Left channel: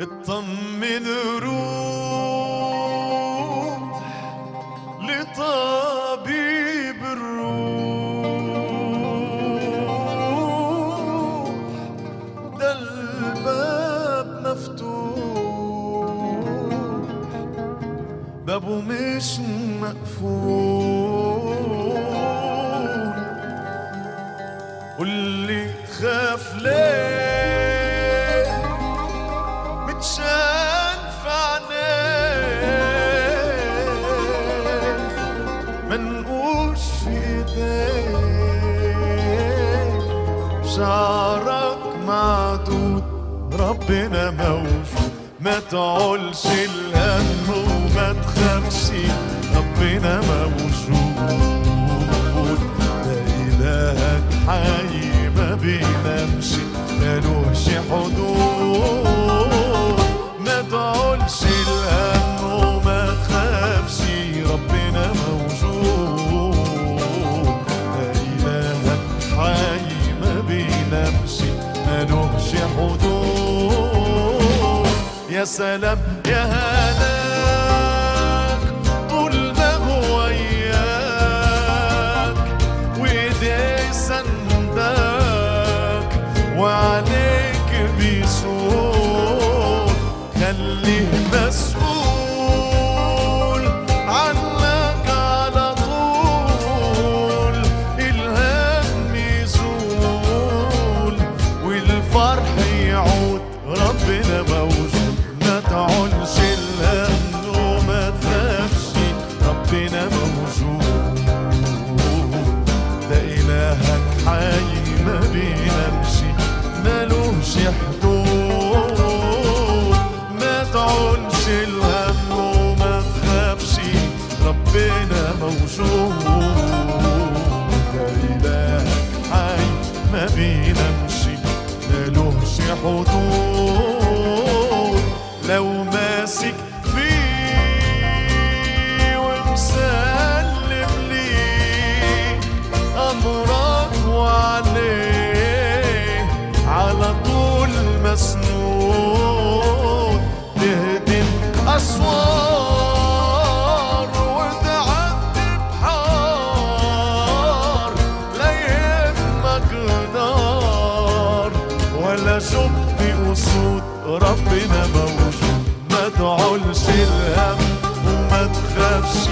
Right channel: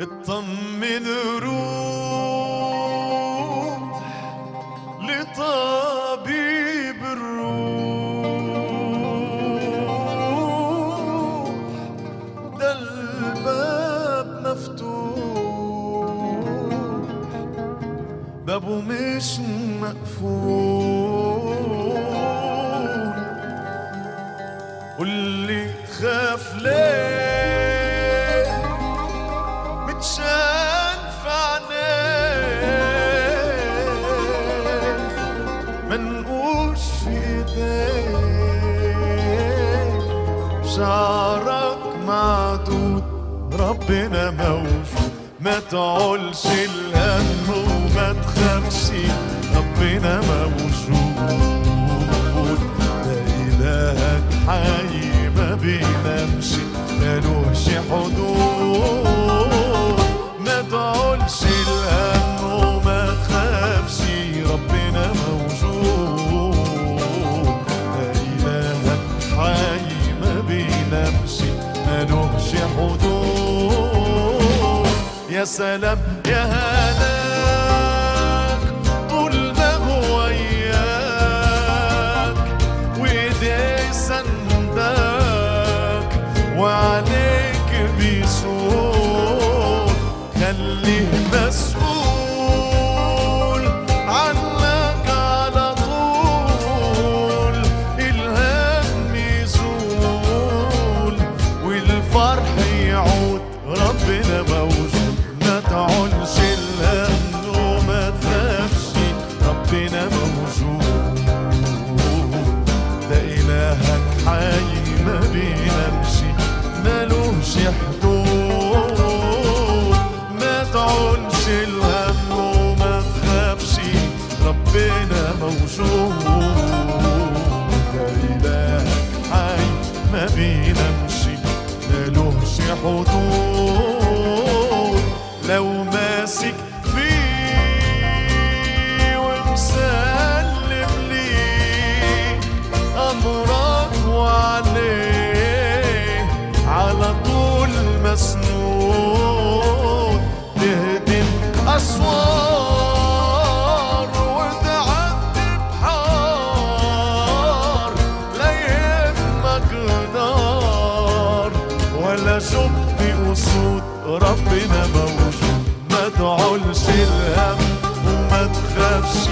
اطمن روح لطبيب الروح، ده الباب مفتوح، بابه مش مقفول. قولي تخاف ليه متشان في عينيك، منقوش في ايديك، شعرك معدود ربنا موجود. ما تعولش الهم وما تخافش ربنا موجود. ده إلهك حي ما بينامش مالوش حدود. ما تعولش الهم وما تخافش ربنا موجود. ده إلهك حي ما بينامش مالوش حدود. يا سلام يا هناك طول ما هو وياك، وايديه سندك وعليك بيسود. خليه مسؤول عنك على طول، الهم يزول والفرح يعود. ربنا موجود. ما تعولش الهم وما تخافش ربنا موجود. ده إلهك حي ما بينامش مالوش حدود. ما تعولش الهم وما تخافش ربنا موجود. ده إلهك حي ما بينامش مالوش حدود. لو ماسك فيه ومسلم ليه أمرك وعليه على طول مسنود. تهدم أسوار وتعدي بحار، لا يهمك نار ولا شبت أسود. ربنا موجود. ما تعولش الهم وما تخافش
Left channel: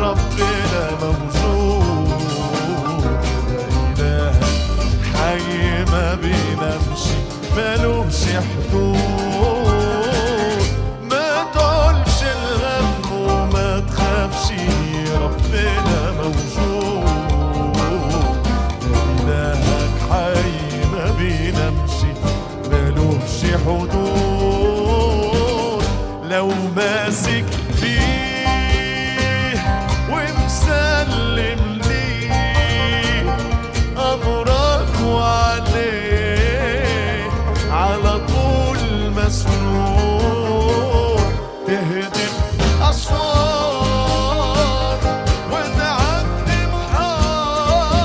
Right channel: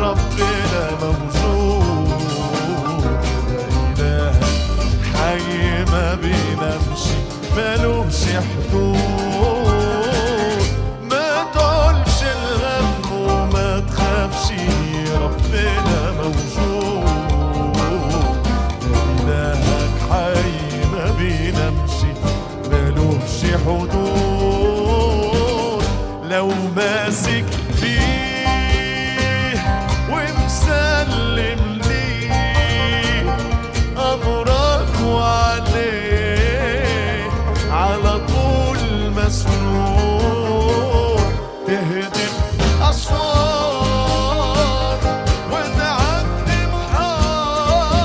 ربنا موجود. ده إلهك حي ما بينامش مالوش حدود. ما تعولش الهم وما تخافش ربنا موجود. ده إلهك حي ما بينامش مالوش حدود. لو ماسك فيه ومسلم ليه أمرك وعليه على طول مسنون. تهدم أسوار وتعدي بحار،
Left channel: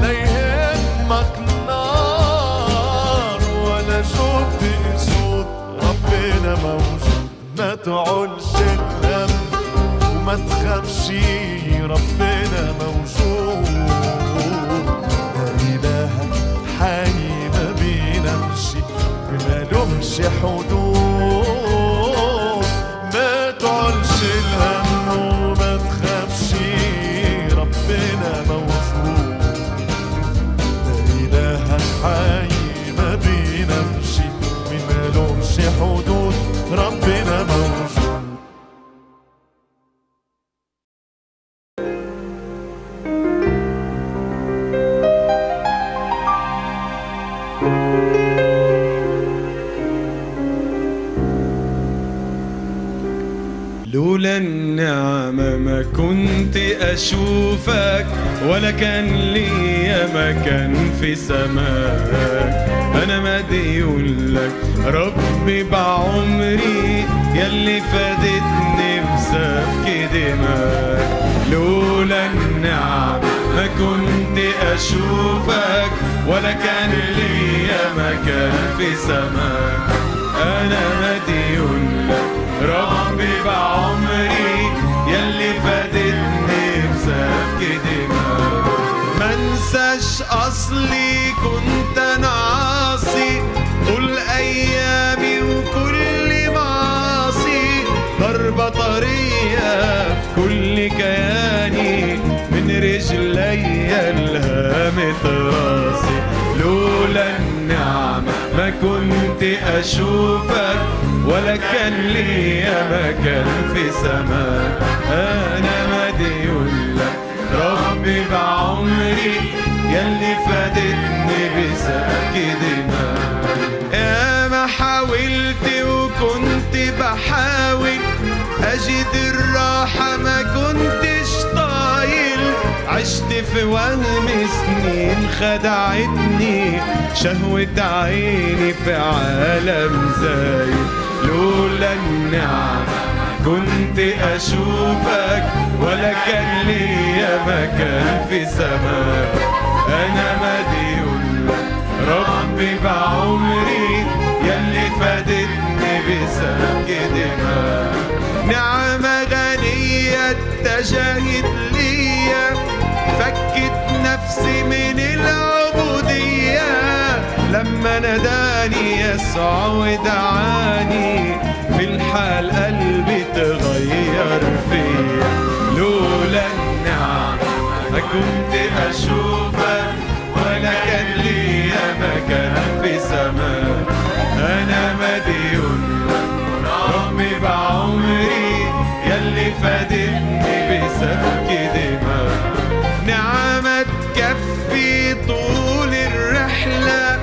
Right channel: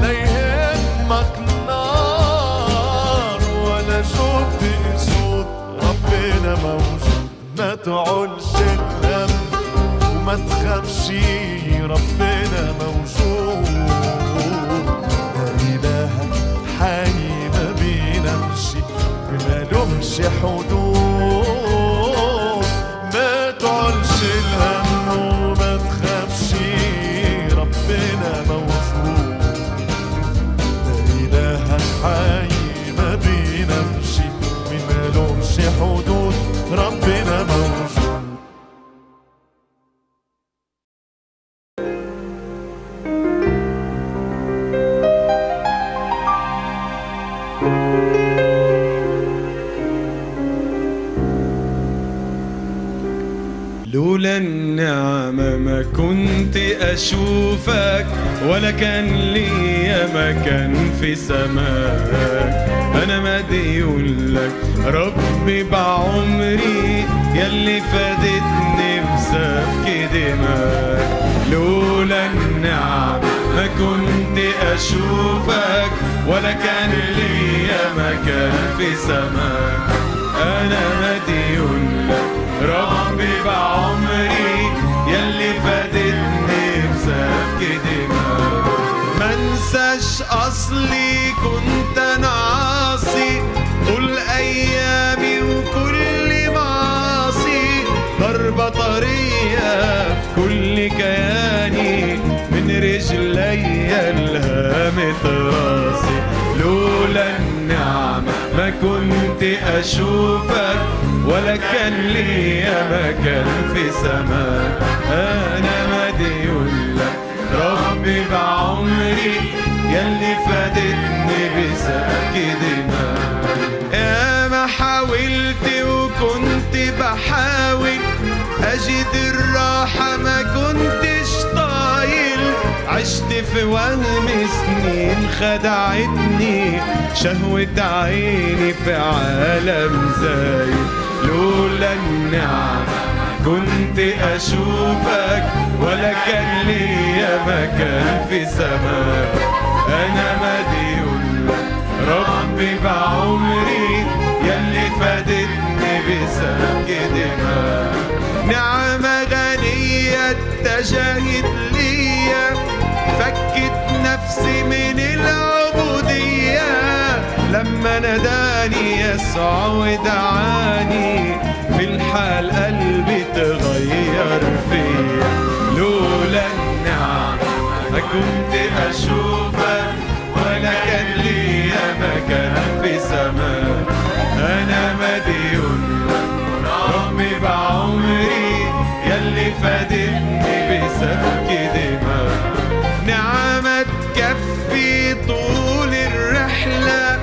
لا يهمك نار ولا شوف اسود. ربنا موجود. ما تعولش الهم وما تخافش ربنا موجود. ده إلهك حي ما بينامش مالوش حدود. ما تعولش الهم وما تخافش ربنا موجود. ده إلهك حي ما بينامش مالوش حدود. ربنا موجود. لولا النعمة ما كنت أشوفك، ولا كان لي مكان في سماك. أنا مديون لك ربي بعمري، ياللي فادتني بسفك دماك. لولا النعمة ما كنت أشوفك، ولا كان لي مكان في سماك. أنا مديون لك ربي بعمري، يلي فادتني بسفك دماء. منساش أصلي كنت أنا عاصي طول أيامي وكل معاصي، ضربة طرية في كل كياني من رجلي لهامة راسي. لولا النعمة ما كنت أشوفك ولا كان ليا مكان في سماك. أنا مديون لك ربي بعمري، يلي فادتني بسفك دماء. يا ما حاولت وكنت بحاول أجد الراحة ما كنتش طايل، عشت في وهم سنين خدعتني شهوة عيني في عالم زايد. لولا النعمة كنت أشوفك ولا كان ليا مكان في سماك. أنا مديون لك ربي بعمري، يلي فادتني بسفك دماء. نعمة غنية اتجهت ليا، فكت نفسي من العبودية لما ناداني يسوع ودعاني، في الحال قلبي تغير فيا. لولا النعمة ما كنت أشوفك ولا كان ليا مكان في سماك. أنا مديون لك ربي بعمري، يلي فادتني بسفك دماء. نعمة تكفي طول الرحلة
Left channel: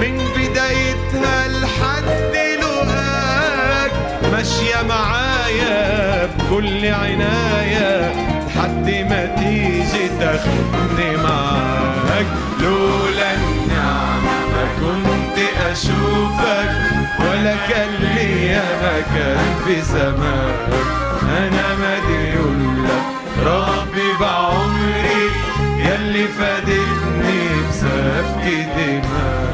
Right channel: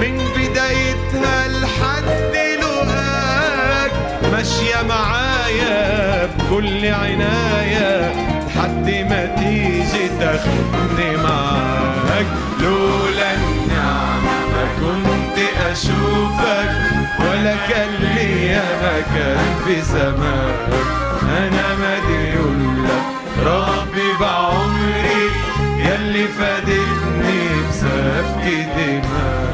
من بدايتها لحد لقاك، ماشية معايا بكل عناية لحد ما تيجي تاخدني معاك. لولا النعمة ما كنت أشوفك ولا كان ليا مكان في سماك. أنا مديون لك ربي بعمري، يلي فادتني بسفك دماء.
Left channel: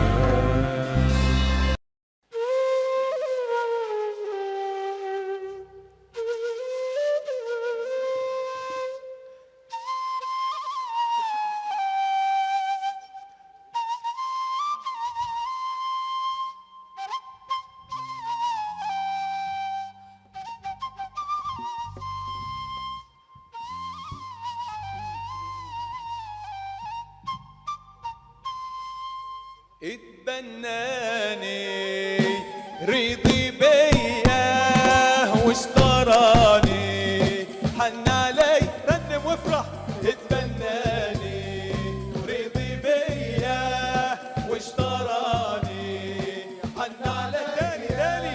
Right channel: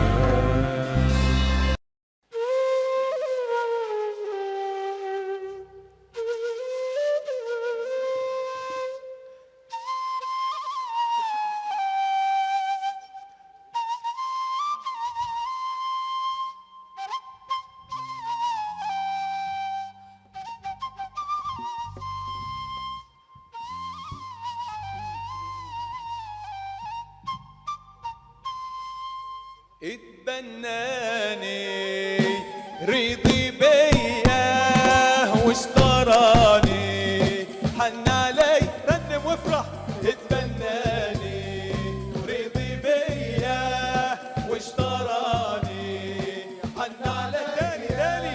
اتبناني رضي بيا واشتراني، حن علي رنم وافرح. اتبناني رضي بيا واشتراني، حن علي تاني تاني.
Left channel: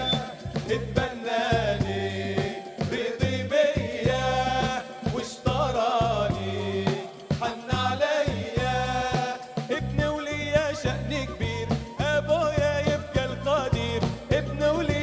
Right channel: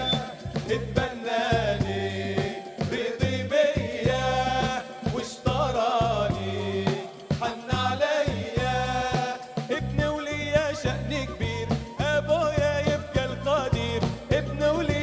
اتبناني رضي بيا واشتراني، حن عليا. ابن وليا شأن كبير، ابويا يبقى القدير. ابن وليا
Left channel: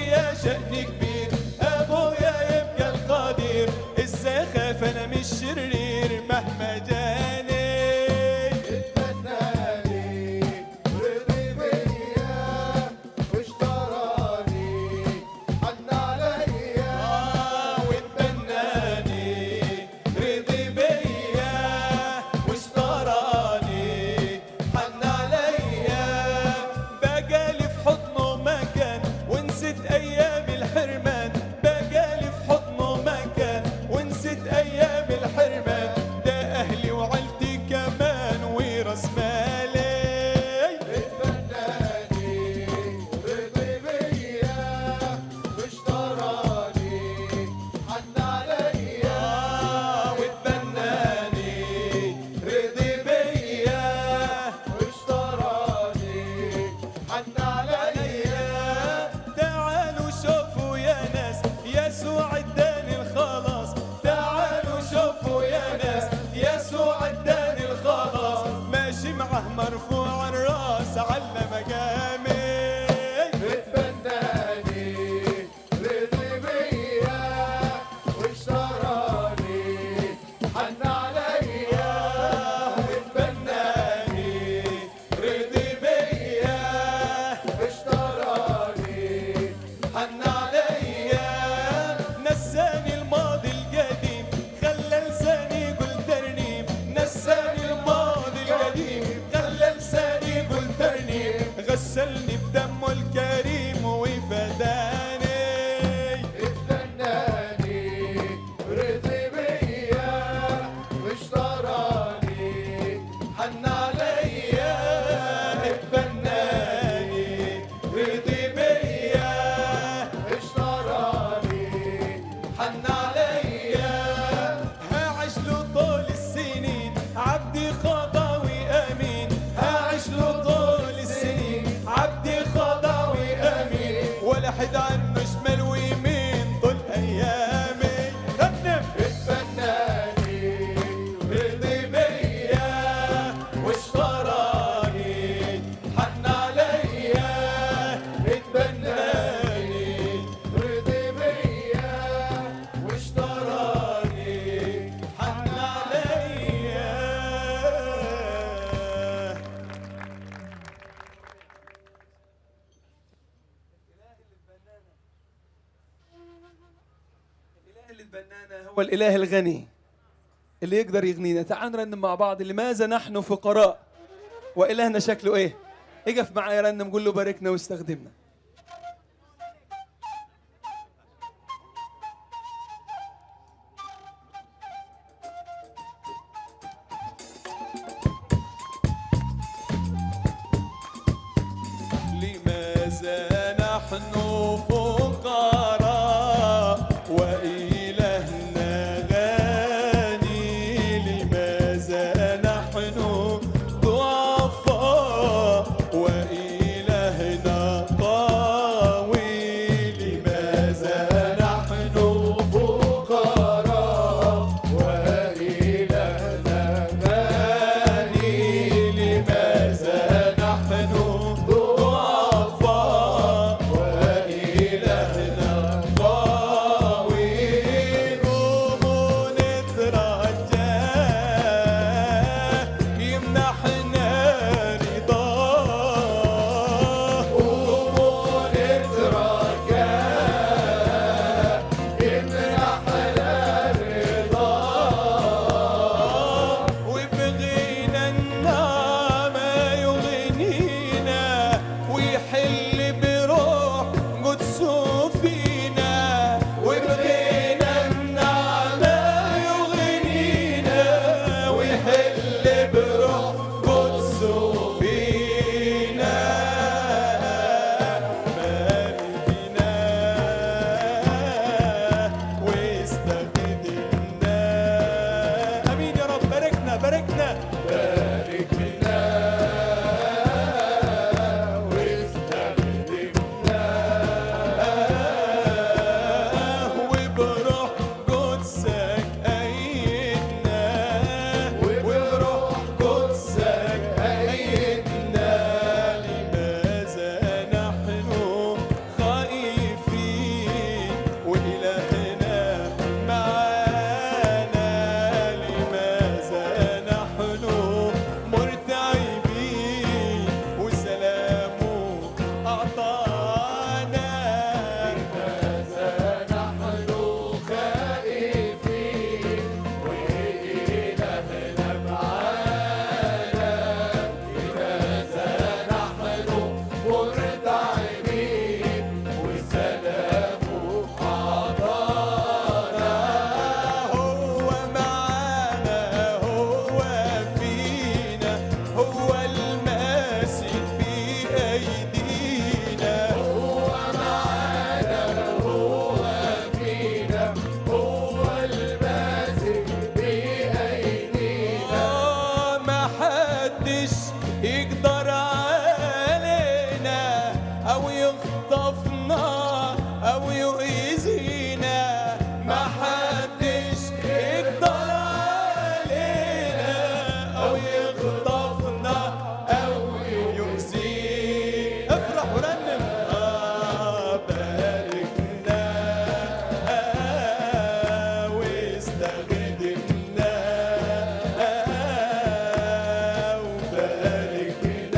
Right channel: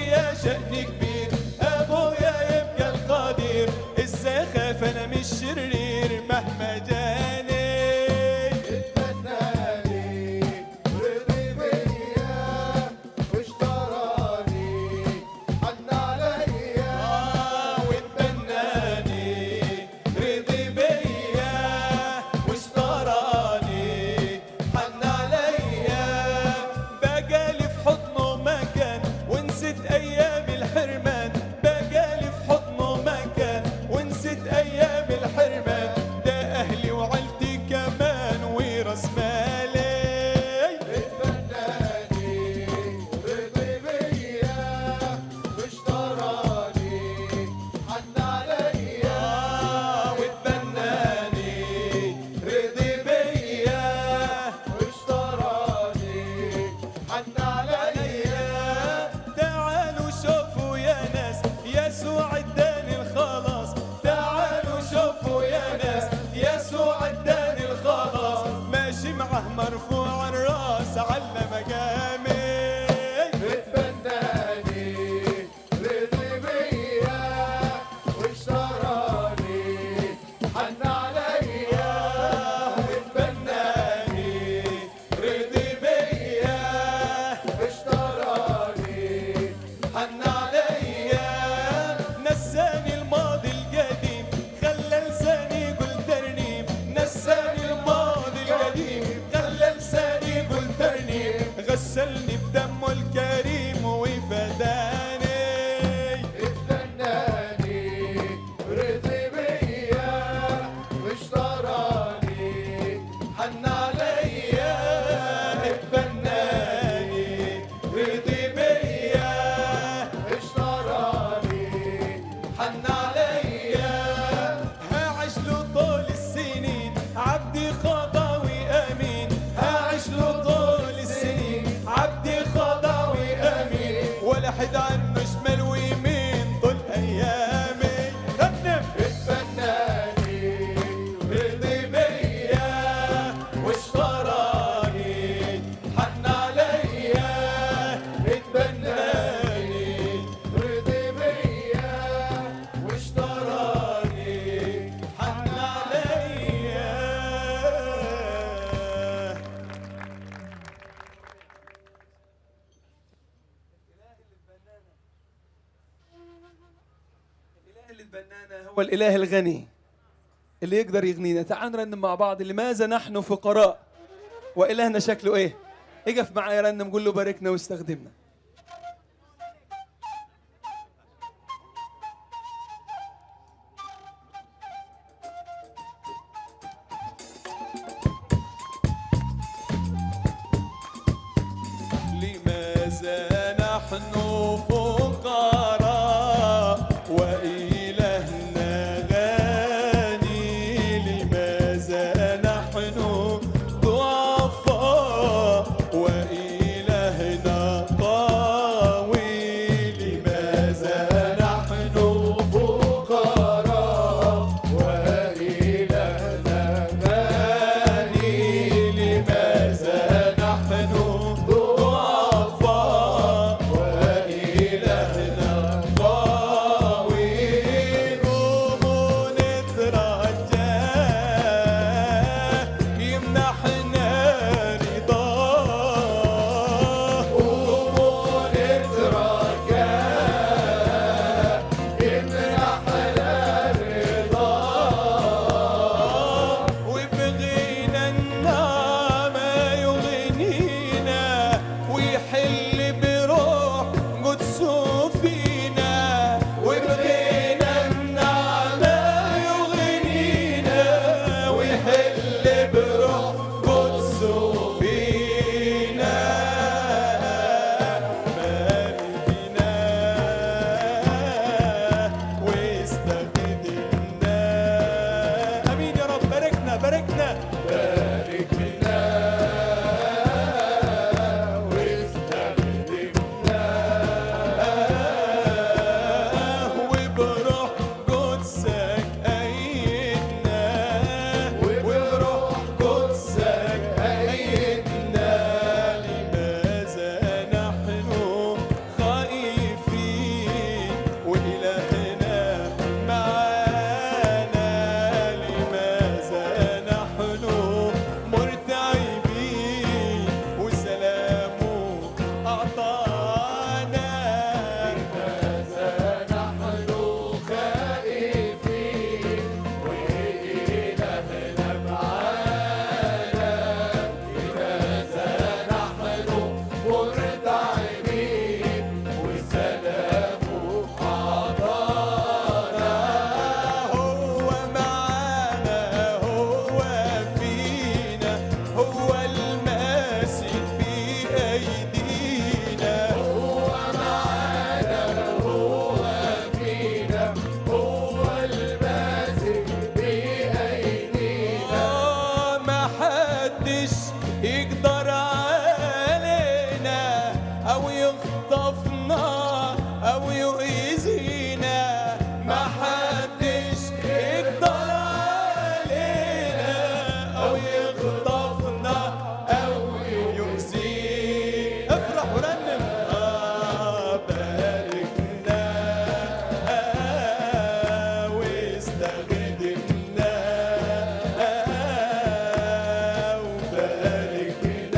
حن عليا اتبناني رضي بيا اشتراني حن عليا هعيش له طول السنين عبدي خضاوي امين هعيش له طول السنين عبدي خضاوي امين ولا حد عنه شمال ويمين طول ايامي غنم اتبناني رضي بيا واشتراني حن عليا اتبناني رضي بيا واشتراني حن عليا الإله اللي اتبنانا هو الإله الغني اللي يقدر يغنينا. تعالوا نرنم مع بعض لماذا نحن فقراء وإلهنا شكله إيه. اقف معايا رنم قول له باركنا واستخدمنا. لماذا نحن فقراء وإلهنا غني لماذا نحن ضعفاء وإلهنا قوي لماذا نحن فقراء وإلهنا غني لماذا نحن ضعفاء وإلهنا قوي قوم نترجى يمنحنا رضاه قوم نترجى يمنحنا رضاه وبغينا النعمة يغنينا ويحل بروح قدسه فينا وبغينا النعمة يغنينا ويحل بروح قدسه فينا باركنا واستخدمنا امين يا رب باركنا باركنا باركنا واستخدمنا وبروح قدسك أيدنا وبروح قدسك أيدنا لماذا نحن خائفين وإلهنا معانا لماذا نحن مرتعبين وسلامه أعطانا لماذا نحن خائفين وإلهنا معانا لماذا نحن مرتعبين وسلامه أعطانا هو معانا هو فينا هو الماسك بأيدينا هو معانا هو فينا هو الماسك بأيدينا ما حدش يقدر علينا أو يخطفنا أو يؤذينا ما حدش يقدر علينا أو يخطفنا أو يؤذينا افرح ورنم باركنا واستخدمنا وباركنا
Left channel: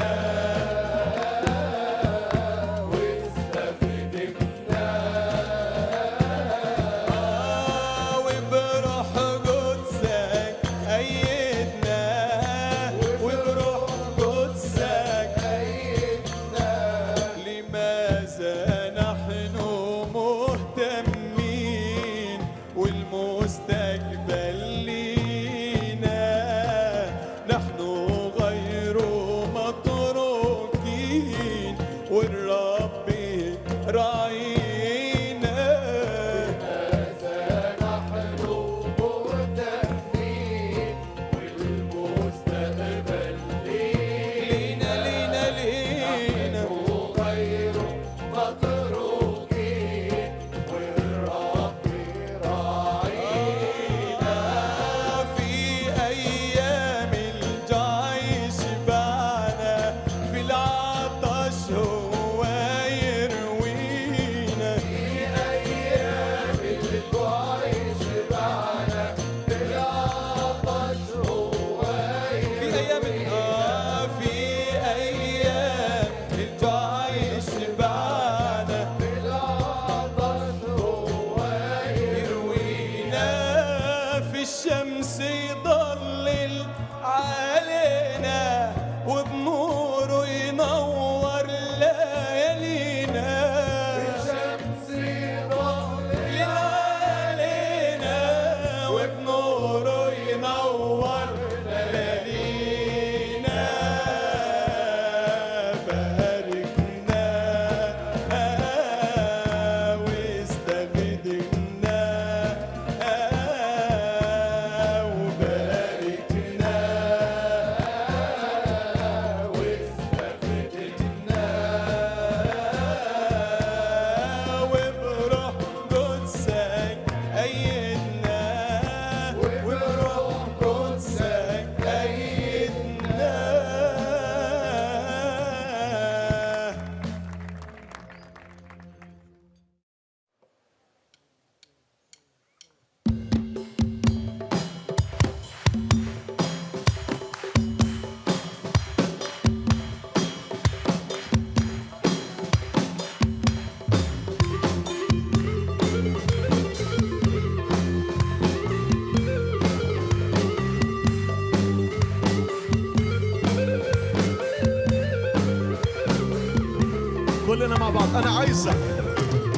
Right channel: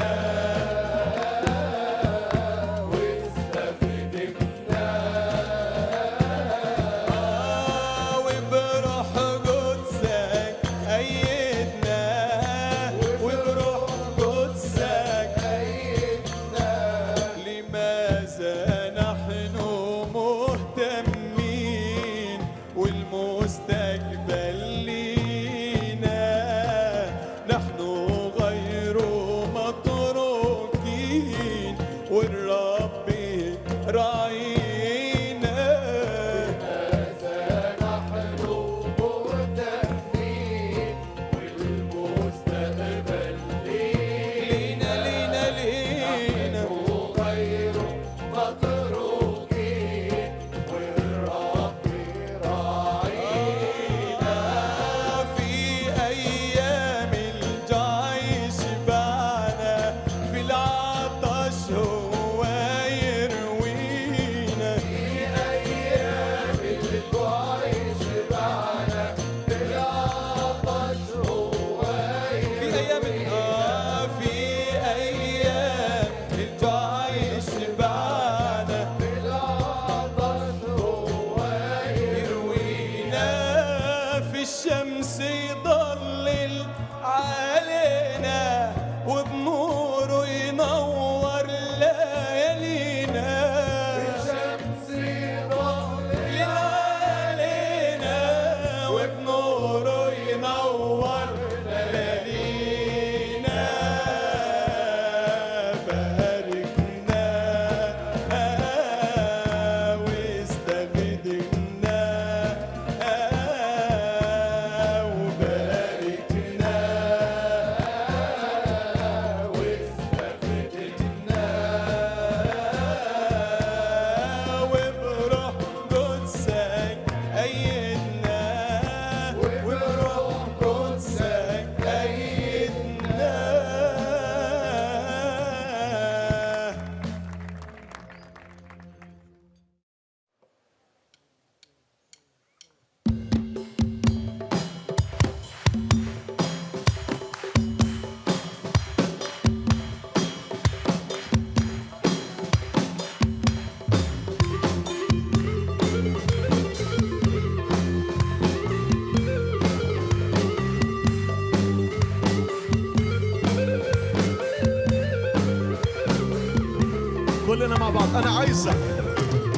كلنا مع بعض. أنا عايزك،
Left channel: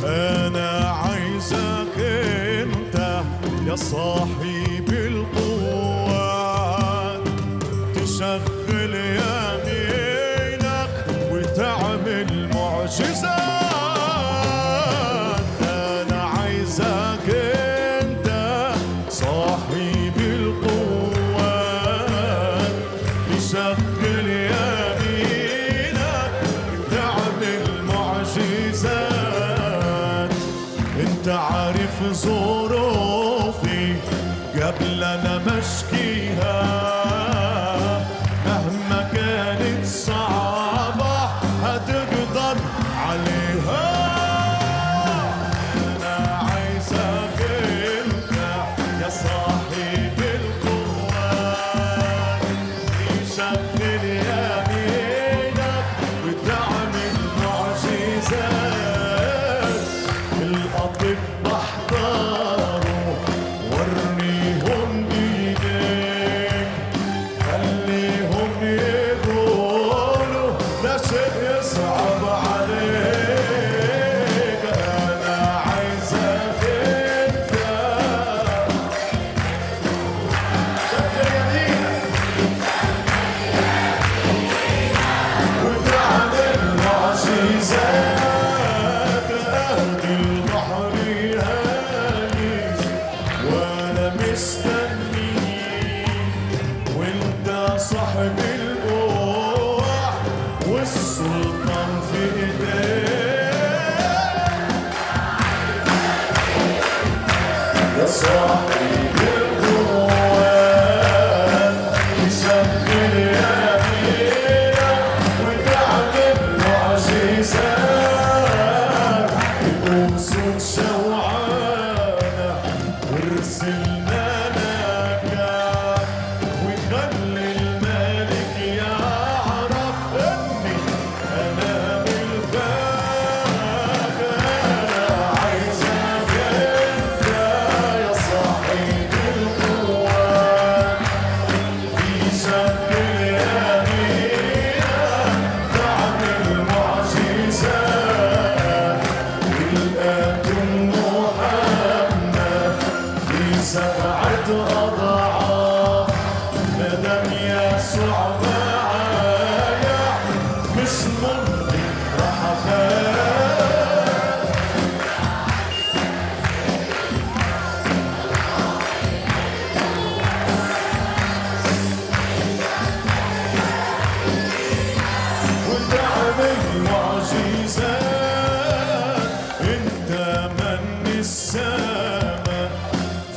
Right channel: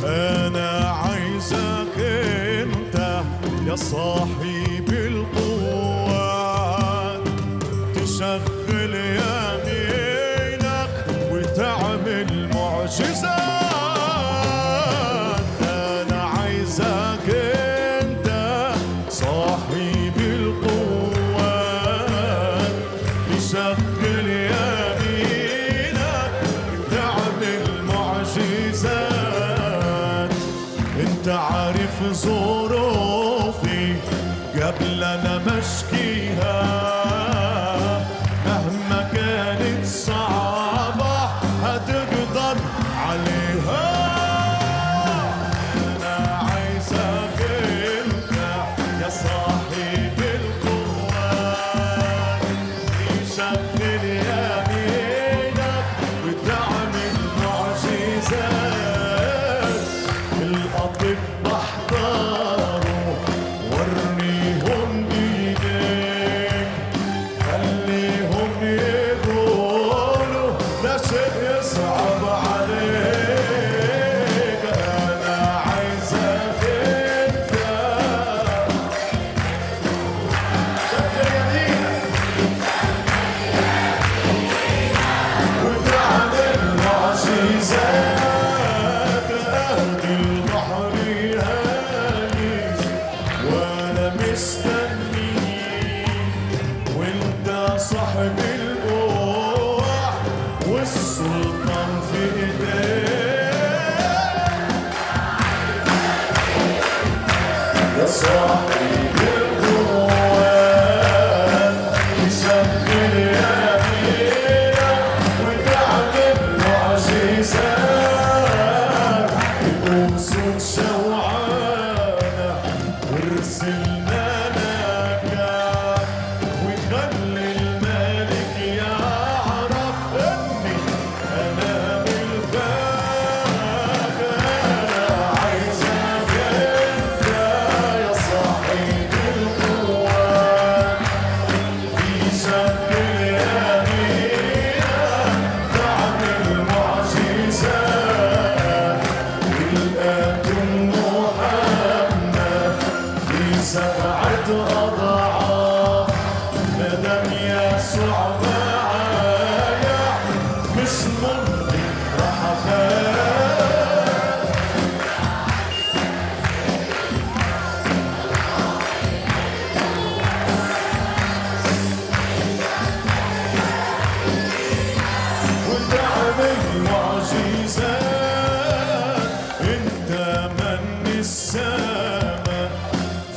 أنا عايزك أنت يا صاحب القوة تشغل يمينك وتعمل معجزات. أنا عايزك أنت صاحب القوة تشغل يمينك وتعمل معجزات. انت عارف ظروفي قبل انا مشكيها، مهما كانت صعبة هتقدر عليها. انا عايزك انت يا صاحب القوة تشغل يمينك وتعمل معجزات. الأطباء احضروا وريهم ايديك، خليهم يقولوا لا شيء يصعب عليك. أنا عايزك انت شغل يمينك وتعمل معجزات. أهدي البحر هايج وأنا مستنيك، وأنت صاحب القوة والسلطان في إيديك. يا صاحب القوة تشغل يمينك وتعمل معجزات. تقوم صوت شوعانة وارسل ملكك وخلي الملك يعرف اني انا ملكك. انا عايزك انت يا صاحب القوة تشغل يمينك تعمل معجزات. الآتم محمد في 7 أضعاف، مادام يسوع معايا مش ممكن راح أخاف. وتعمل معجزات. انت من السماء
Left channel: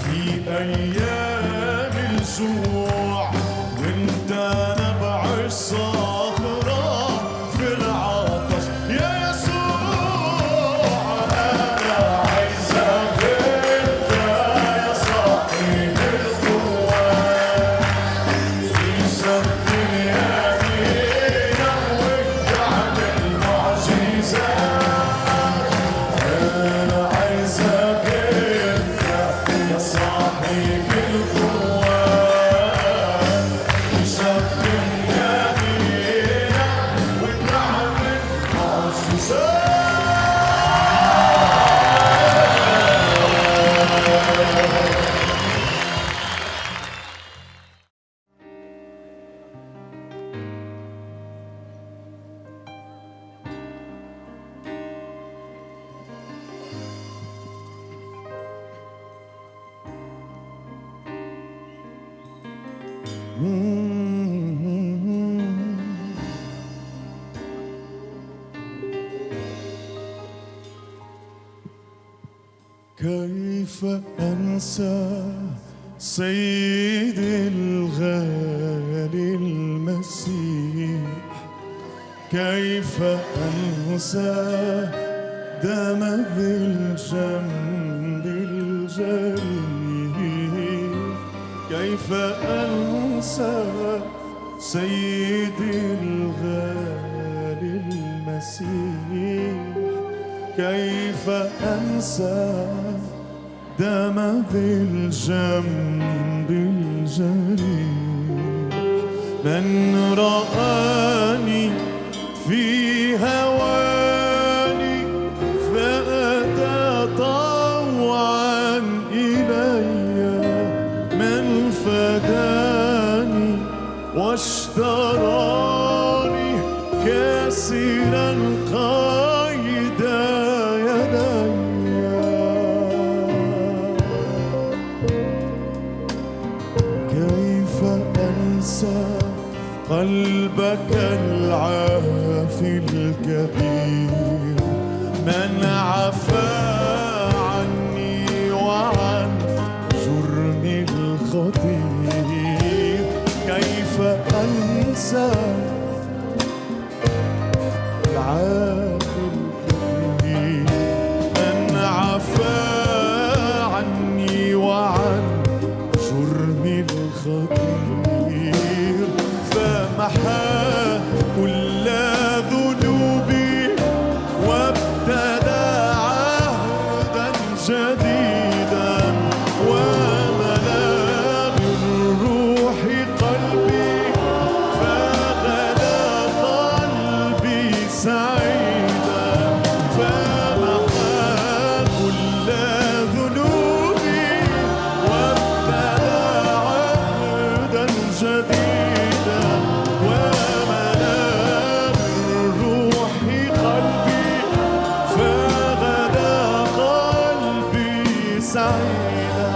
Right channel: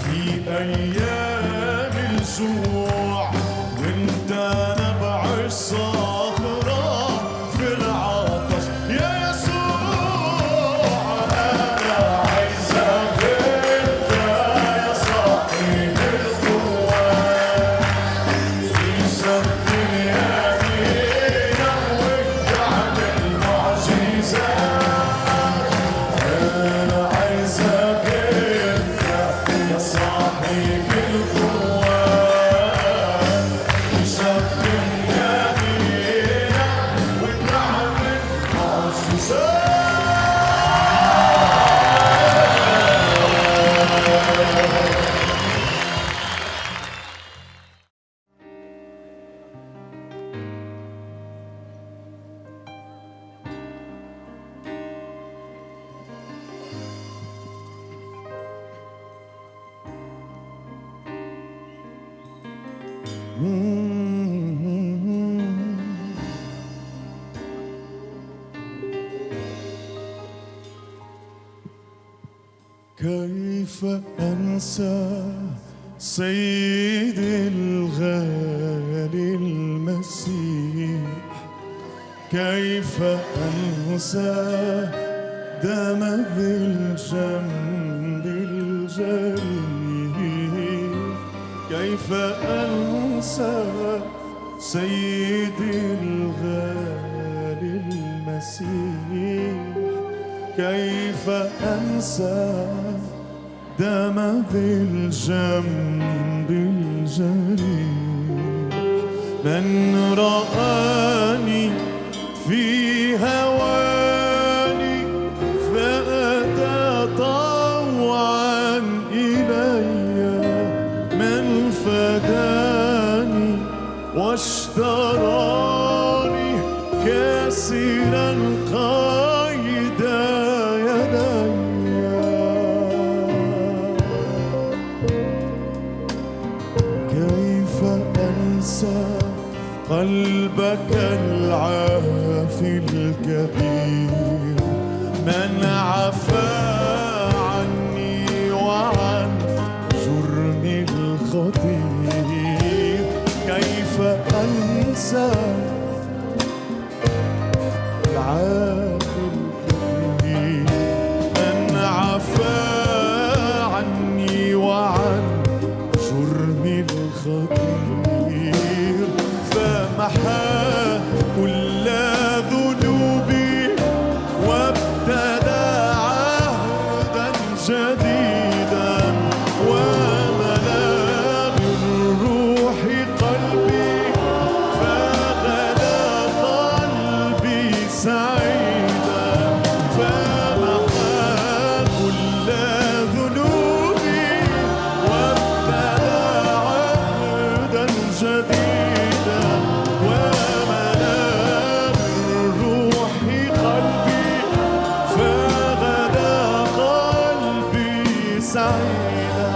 في ايام الجوع، وانت نبع الصخرة في العطش يا يسوع. انا عايزك انت يا صاحب القوة تشغل يمينك وتعمل معجزات. أنا عايزك أنت يا صاحب القوة تشغل يمينك وتعمل معجزات. كيف أنسى سيدي الغالي المسيح، كيف أنسى دم بالجنب الجريح، كيف أنسى سيدي الغالي المسيح، كيف أنسى دم بالجنب الجريح. من رآني في هواه كثيرا قيد يدي كيف أنسى قلبك العافي الكبير من عفا عني وعن جرمي الخطير كيف أنسى العافي الكبير من عفا عني وعن جرمي الخطير فمحى كل ذنوبي وابتدى عهدا جديدا وملأ بالروح قلبي فغدا قلبي سعيدا فمحى كل ذنوبي وابتدى عهدا جديدا وملأ بالروح قلبي فغدا قلبي سعيدا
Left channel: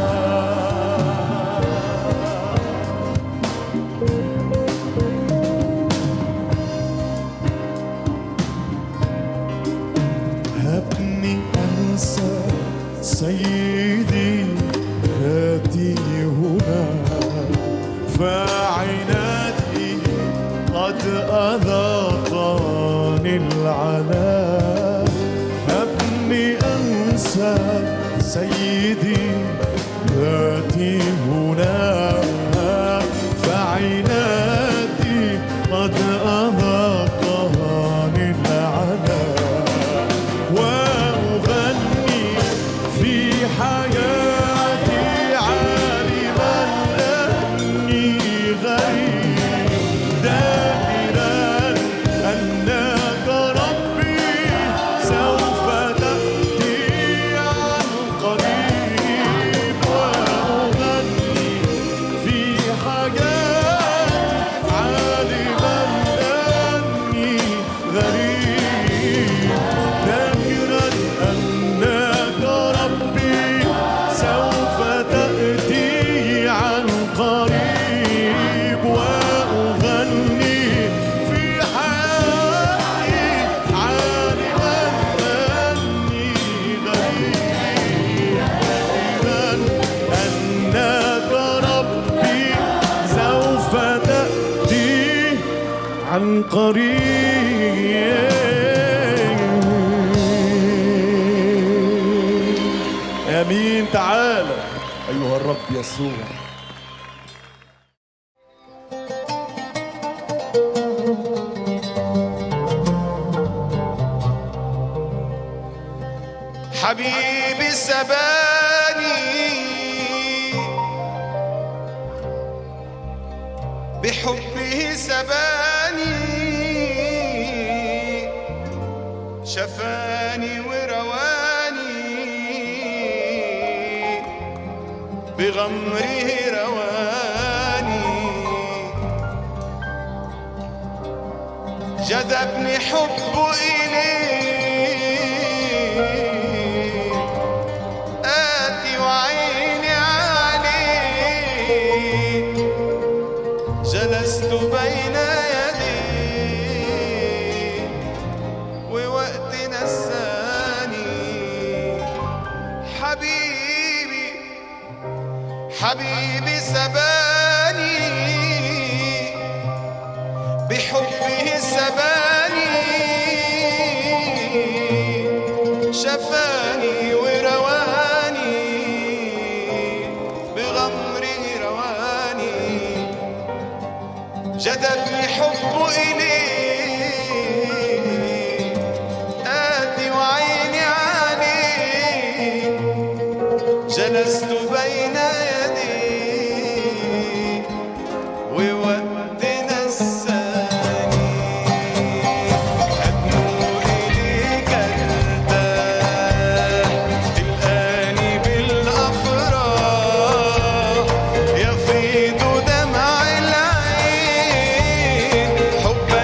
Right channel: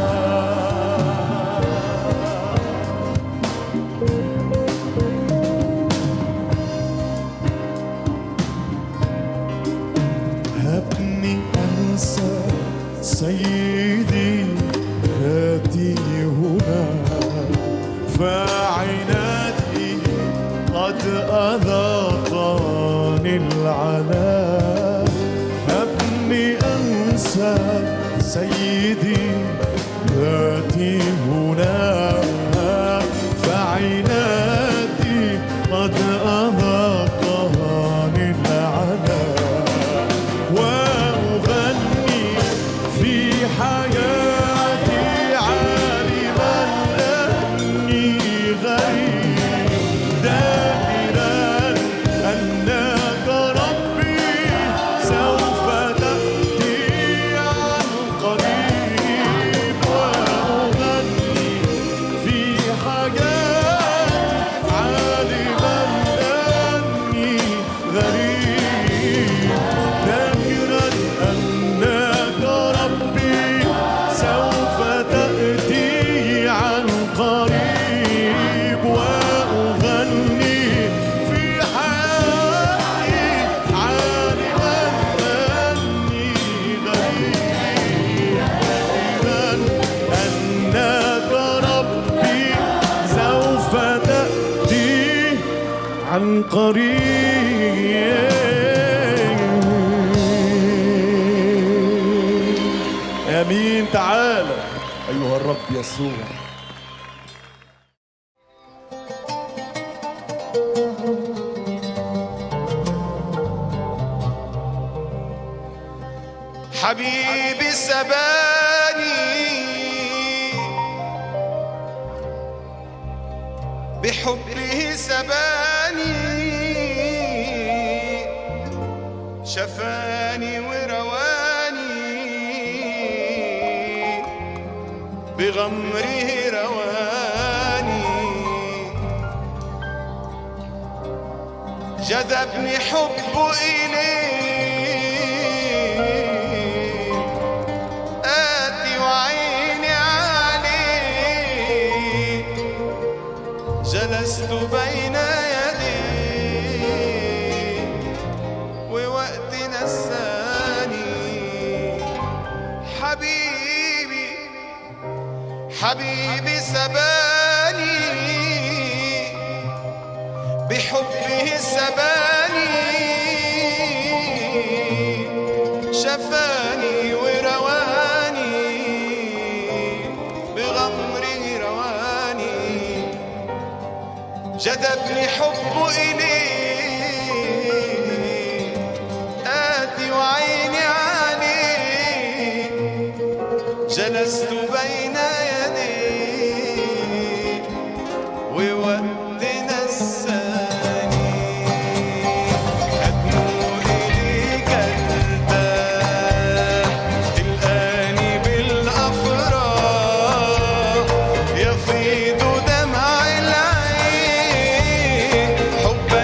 هبني أنسى سيدي هاتي هنا فعنادي قد أذاقني العناء هبني أنسى سيدي هاتي هنا فعنادي قد أذاقني العناء وأغني في حياتي عالما أني غريب دائرا أنك ربي سوف تأتي عن قريب وأغني في حياتي عالما أني غريب ذاكرا أنك ربي سوف تأتي عن قريب وأغني في حياتي عالما أني غريب ذاكرا أنك ربي سوف تأتي عن قريب آمين تعالى أيها الرب يسوع حبيبي سباني بحبه سباني شفاني ورواني بغمره رواني جذبني حبه إليه آتي وعيني عليه جلست بين يديه ووقت نساني حبيبي حبيبي سباني بحبه سباني شفاني ورواني بغمره رواني جذبني حبه إليه آتي وعيني عليه جلست بين يديه ووقت نساني أدنو إليك ارتاح تلقاني بالأفراح يفيض دمع العين حبا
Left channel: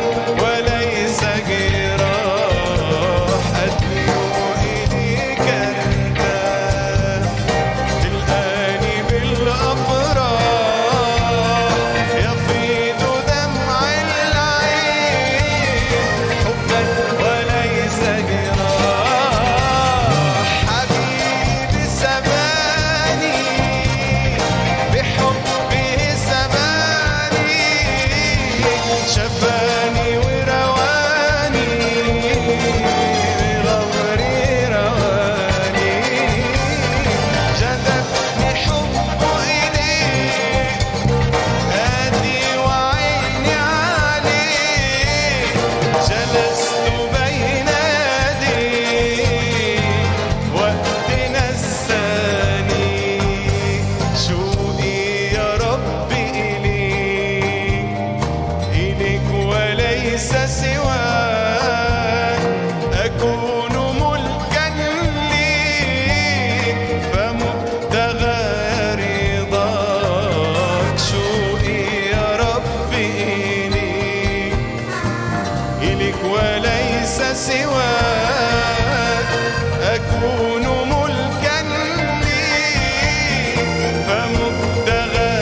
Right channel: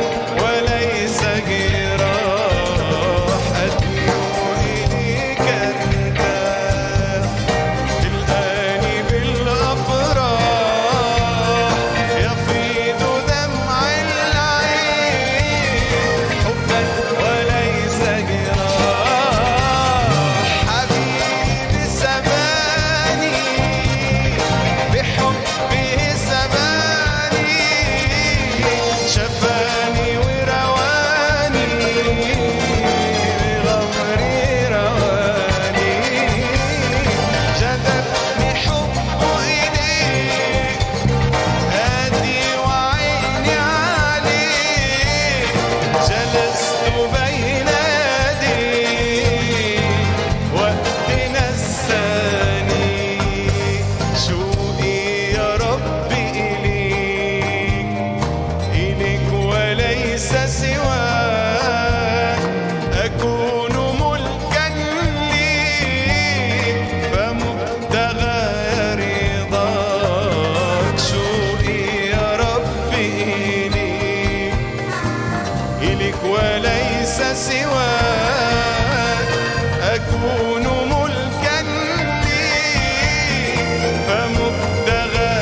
وليس سواك أكون ملكا ليك فمبتغى رضاك شوقي يا ربي إليك وليس سواك أكون ملكا ليك فمبتغى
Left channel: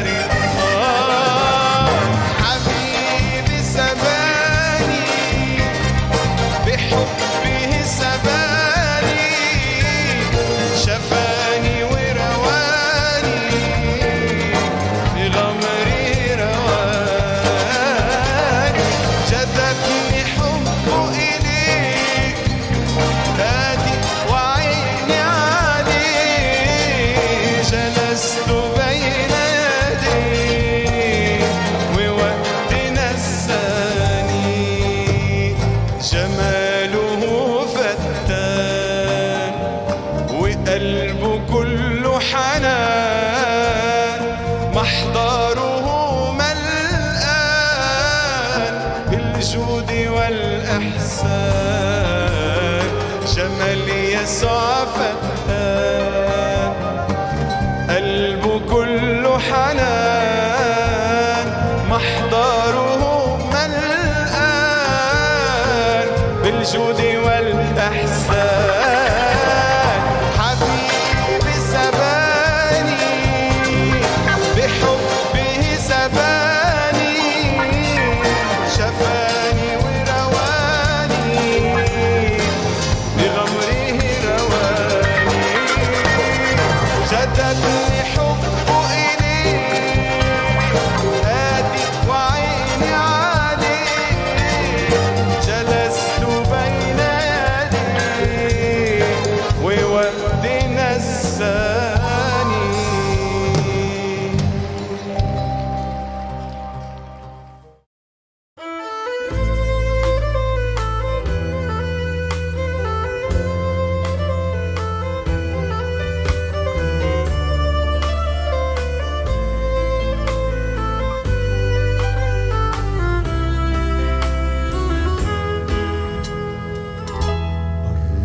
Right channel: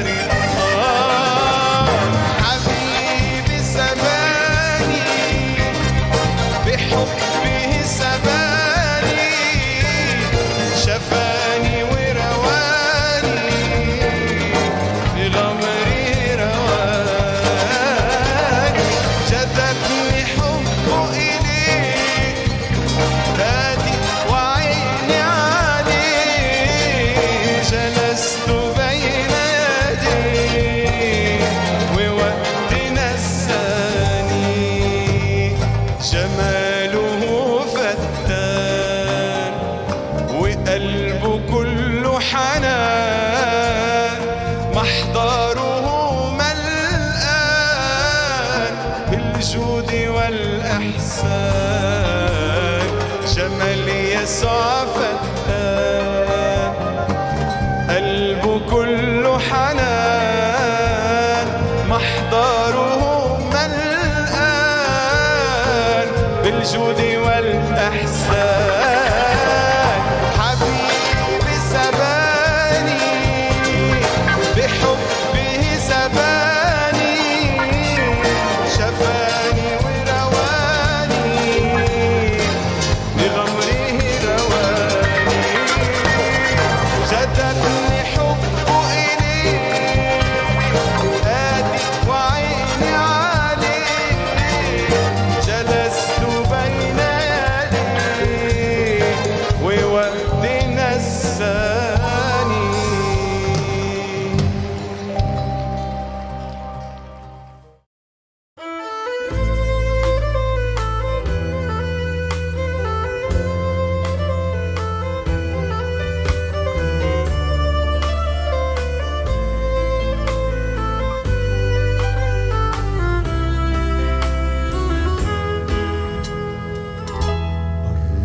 رضاك حبيبي سباني بحبه سباني شفاني ورواني بغمري رواني جذبني حبه إليك هادي وعيني عليك جلست بين يديك ووقت نساني جماله فتان وقلبه كله حنان محضره ملآن بالجود والإحسان جمال يسوع فتان قلبه كله حنان محضره ملآن بالجود والإحسان حبيبي سباني بحبه سباني شفاني ورواني بغمره رواني جذبني حبه إليك هادي وعيني عليك جلست بين يديك ووقت نساني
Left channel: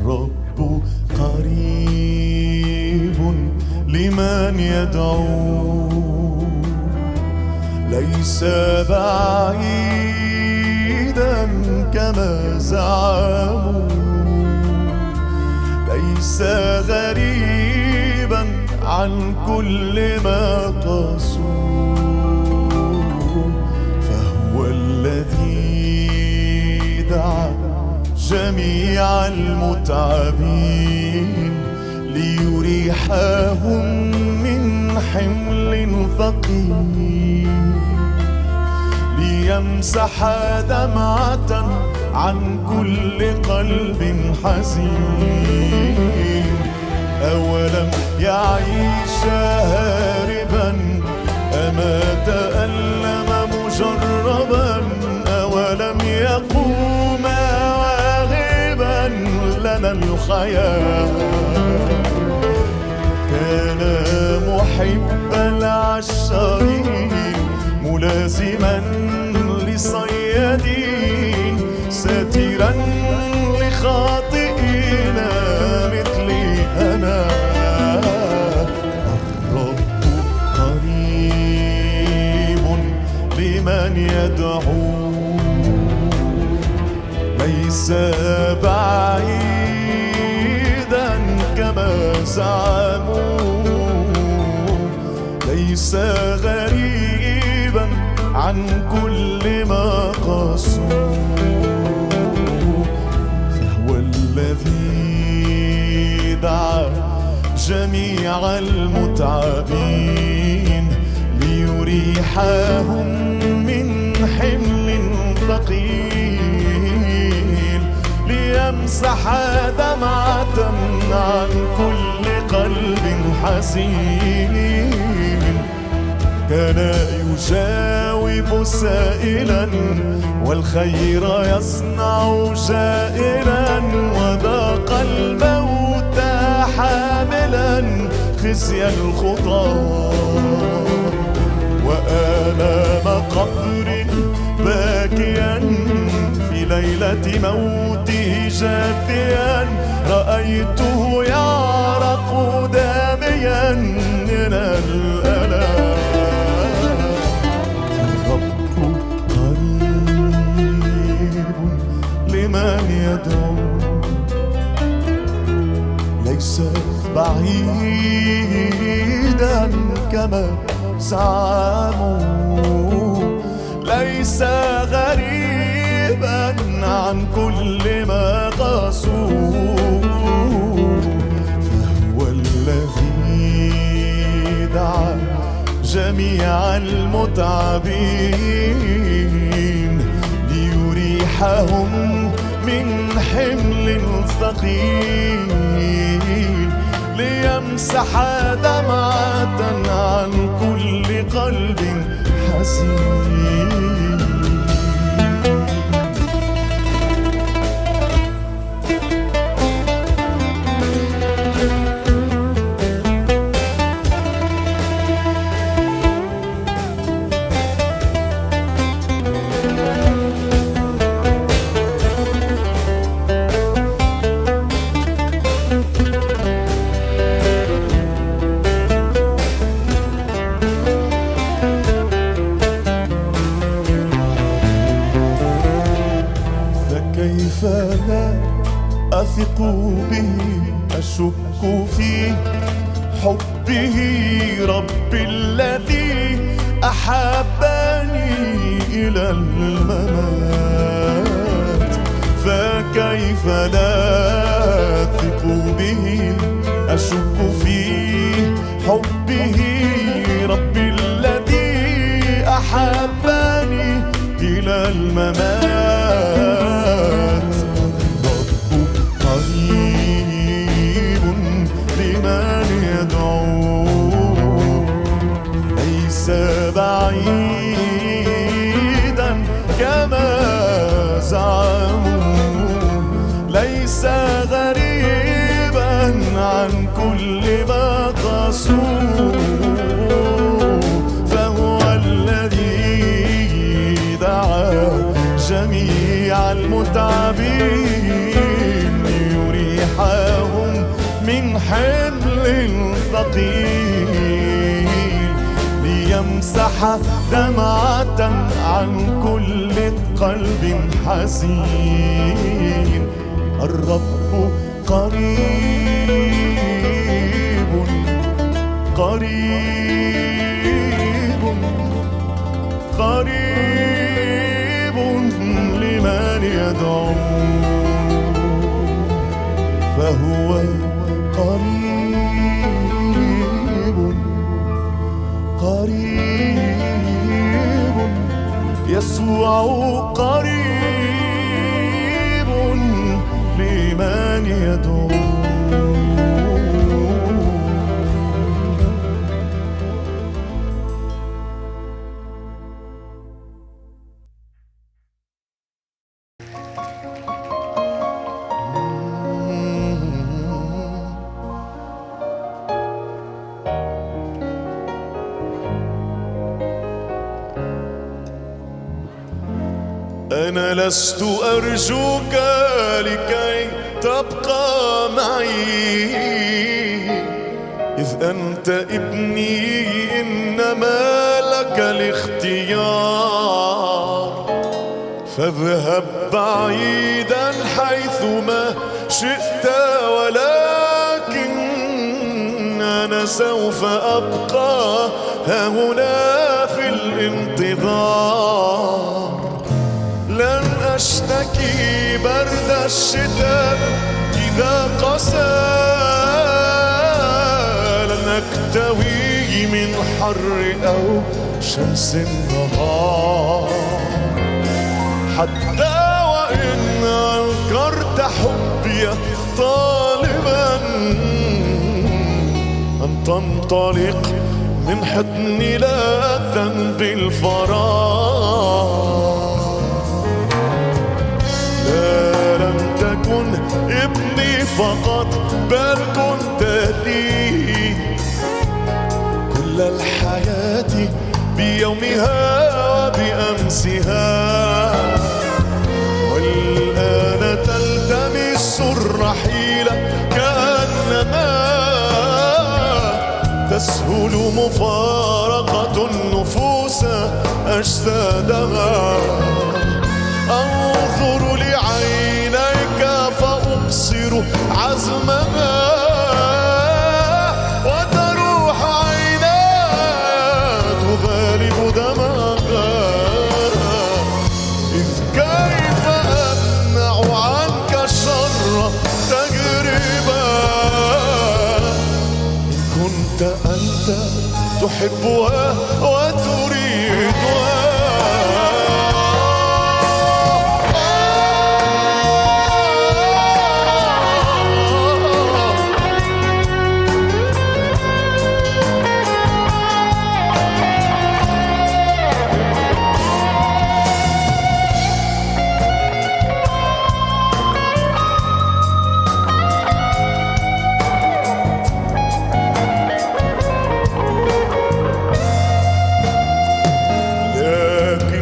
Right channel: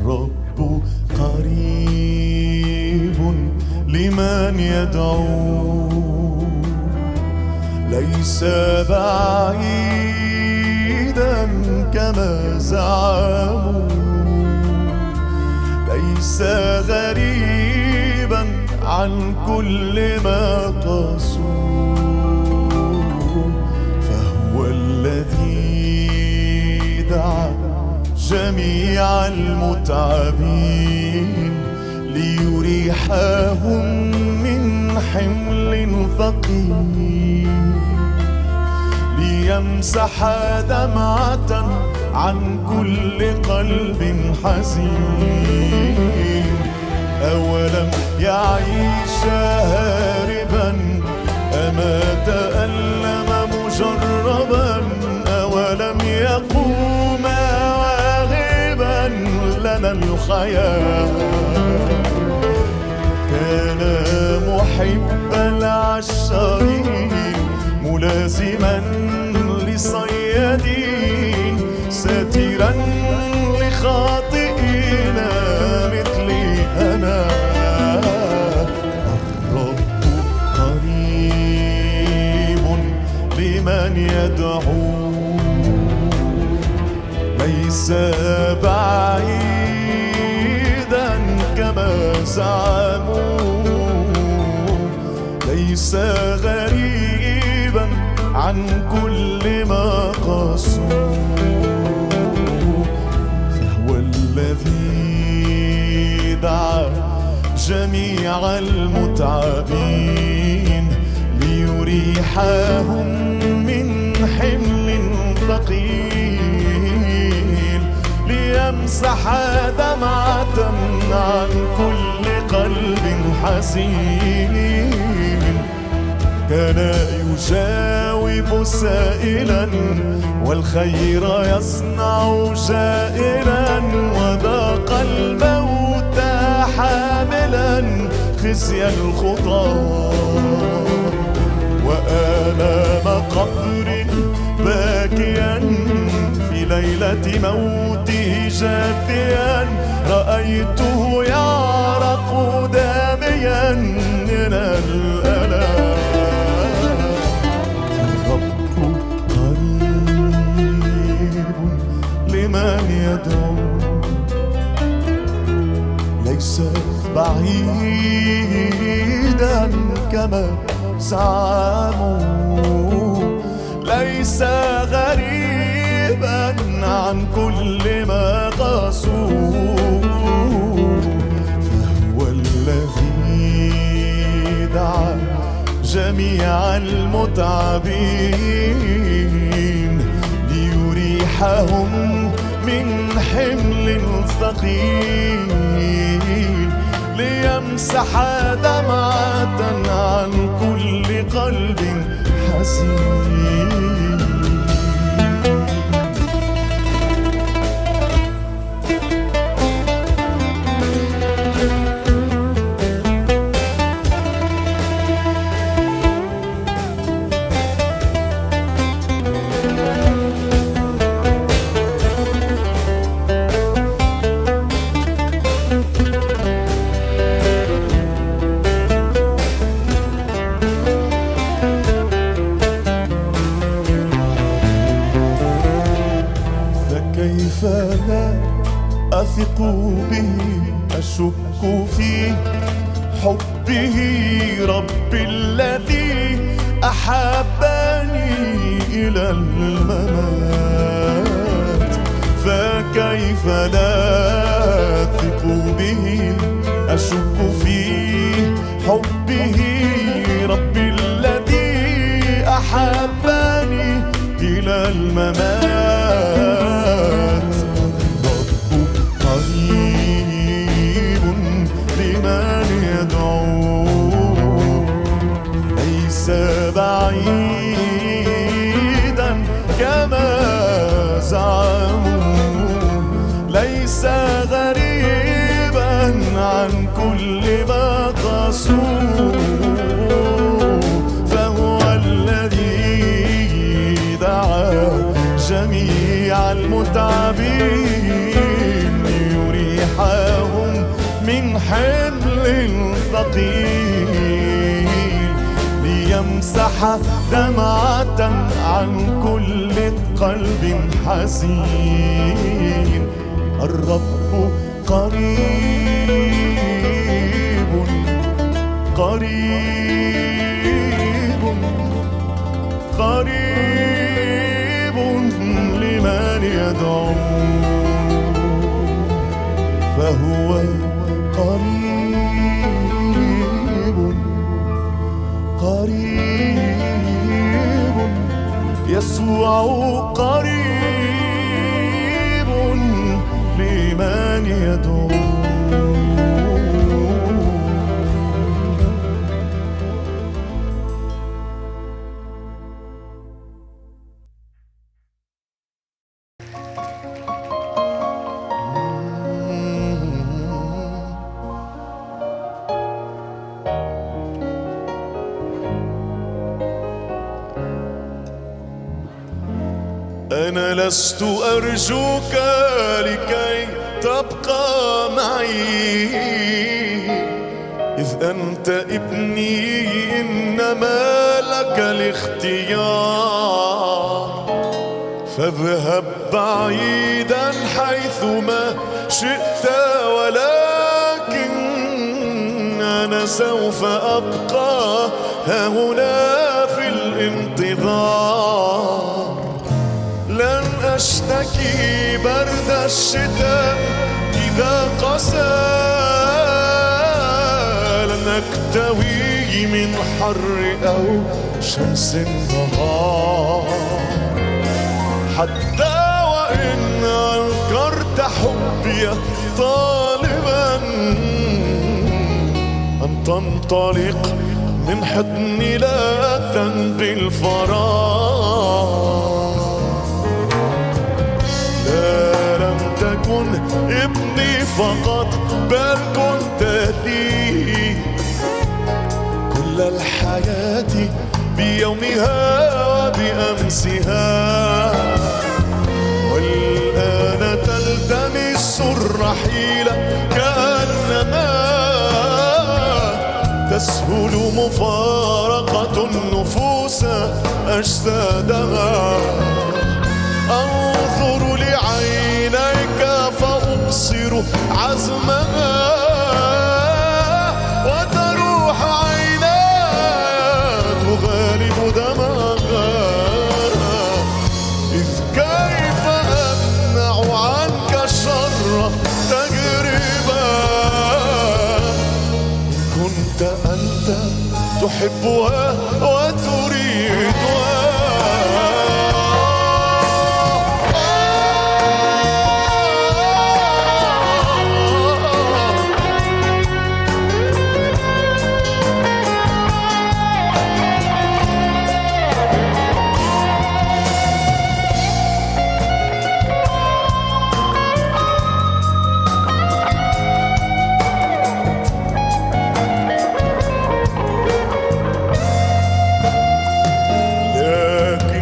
الرب قريب لمن يدعو ليس بعيدا كما زعموا ليس غريبا عن كل ما قاسوا فهو الذي دعا جميع المتعبين ليريحهم من حمل ثقيل ليمسح دمعة عن كل قلب حزين أولم يعيش هاربا أما تألم مجربا أولم يقوم واهبا لنا الحياة كان محب العشارين ملازما لصيادين ساترا لخاطئين مثلي أنا الرب قريب لمن يدعو ليس بعيدا كما زعموا ليس غريبا عن كل ما قاسوا فهو الذي دعا جميع المتعبين ليريحهم من حمل ثقيل ليمسح دمعة عن كل قلب حزين كان يجاوب سائلا والخير يصنع جائلا وذاق الموت حاملا خزي الخطى وآلام قبر باكيا ليلة موته جاثيا رأيته يعرق داميا من الألم. الرب قريب لمن يدعو ليس بعيدا كما زعموا، ليس غريبا عن كل ما قاسوه، فهو الذي دعا جميع المتعبين ليريحهم من حمل ثقيل، ليمسح دمعة عن كل قلب حزين. كيف لا أثق به أشك في حبه ربي الذي أحبني إلى الممات. فكيف لا أثق به أشك في حبه ربي الذي أحبني إلى الممات. قريب لمن يدعو ليس بعيدا كما زعموا، ليس غريبا عن كل ما قاسوه، فهو الذي دعا جميع المتعبين ليريحهم من حمل ثقيل، ليمسح دمعة عن كل قلب حزين. الرب قريب قريب قريب لمن يدعو، فهو قريب قريب. يسوع قريب لمن يدعو. أنا لست أرجوك لكي تبقى معي، إذ أنت ابني إنما لك الاختيار. فاذهب بعيدا حيثما شئت، ولكن أنا سوف أبقى هنا في الانتظار. لن أشتكي برد الشتاء إذا قسى، لن أكتوي من حر أو شمس النهار. حتى وإن أنكرت حبي طالبا أن تنطلق من حضني لاذا بالفراغ. لم تكن ابني فقط بل كنت لي كل الحياة بيومها وبأمسها. والآن رحيله كأنما تسهل مفارقة النفوس أجسادها. أنظر لعينيك فأبصر عزمها وتروح عيناها تغالب دمها. إذ كيف أمنع عنك شر تجربة إن كنت أنت تحبها وتريدها.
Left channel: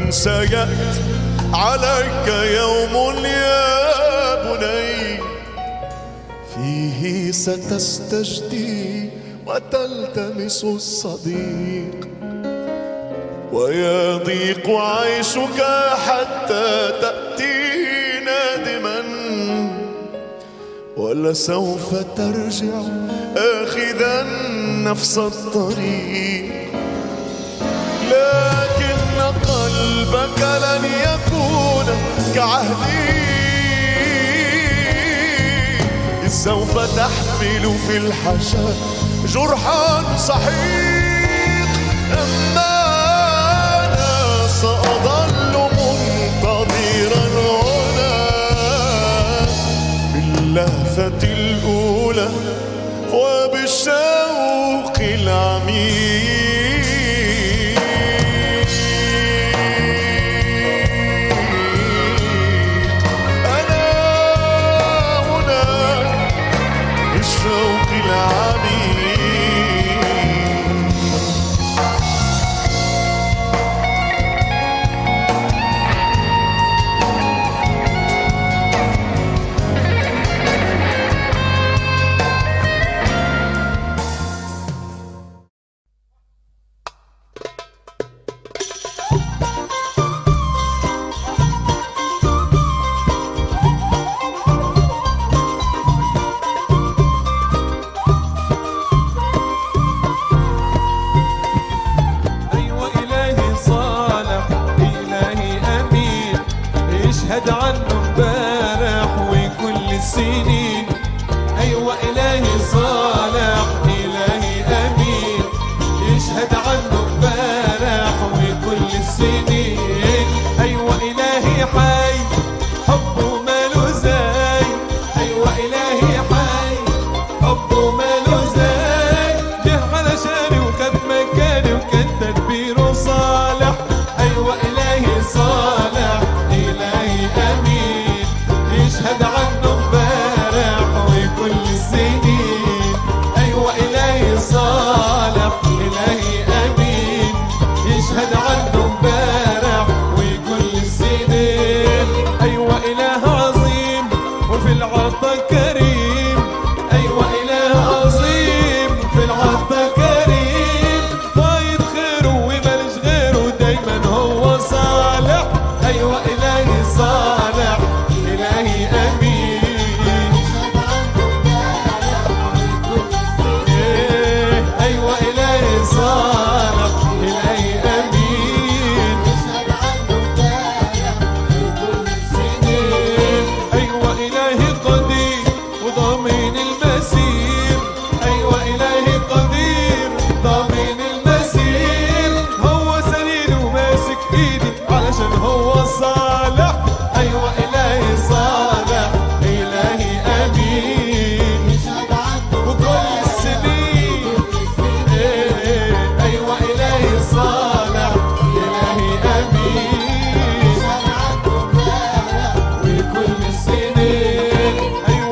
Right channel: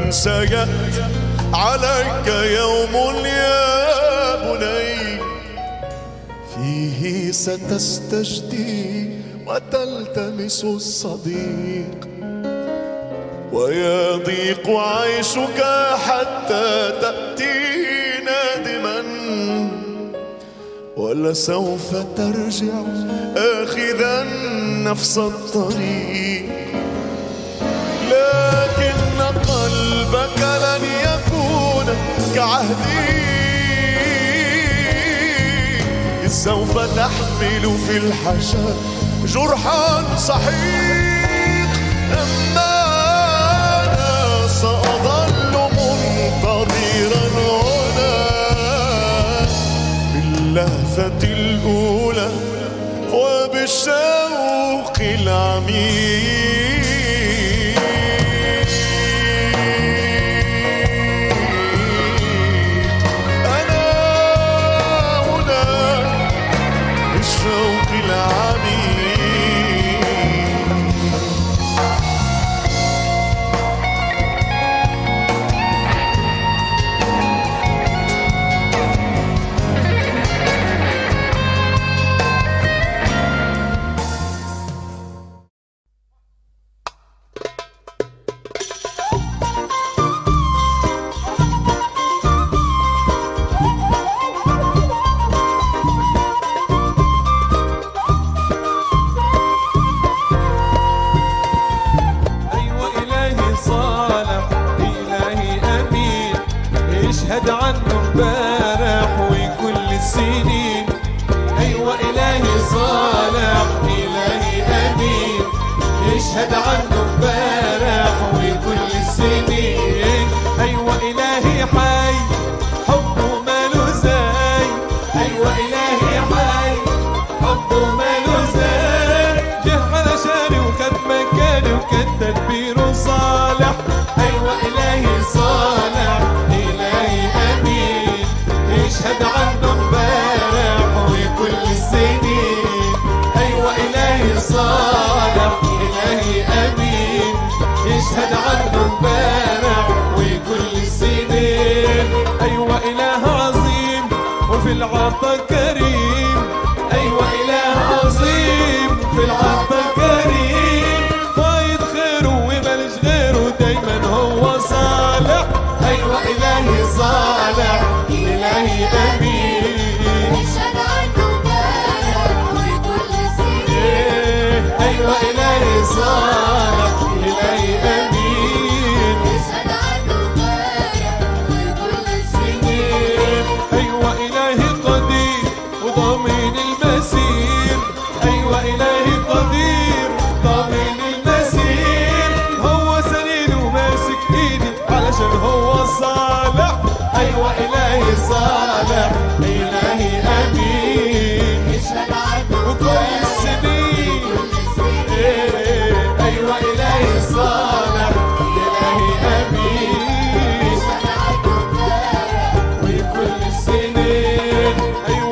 سيأتي عليك يوم يا بني فيه ستستجدي وتلتمس الصديق ويضيق عيشك حتى تأتي نادما ولسوف ترجع آخذا نفس الطريق. لكن قلبك لن يكون كعهدي إذ سوف تحمل في الحشا جرحا صحيح. أما أنا سأظل منتظرا هنا باللهفة الأولى وبالشوق العميق. الشوق العميق اشهد عنه امبارح وكل السنين. ايوه الهي صالح الهي امين اشهد عنه امبارح وكل السنين. ايوه الهي حي حبه ماله زي. ايوه الهي حي حبه ماله زي. جه علشاني وكان مكاني وكان تدبيره صالح. ايوه الهي صالح الهي امين يشهد عنه امبارح وكل السنين. ايوه الهي صالح الهي امين يشهد عنه امبارح وكل السنين. ايوه اله عظيم وفي العطا كريم. ايوه اله عظيم في العطا كريم فايض خيره ومالش غيره دايما هو صالح. ايوه الهي صالح الهي امين ايوه الهي صالح الهي امين ايوه الهي قدير وضامن المسير. ايوه الهي قدير ضامن المسير هو سنين وماسك ايدي علشان هو صالح. ايوه الهي صالح الهي امين وكل السنين. ايوه الهي صالح الهي امين وكل السنين. ايوه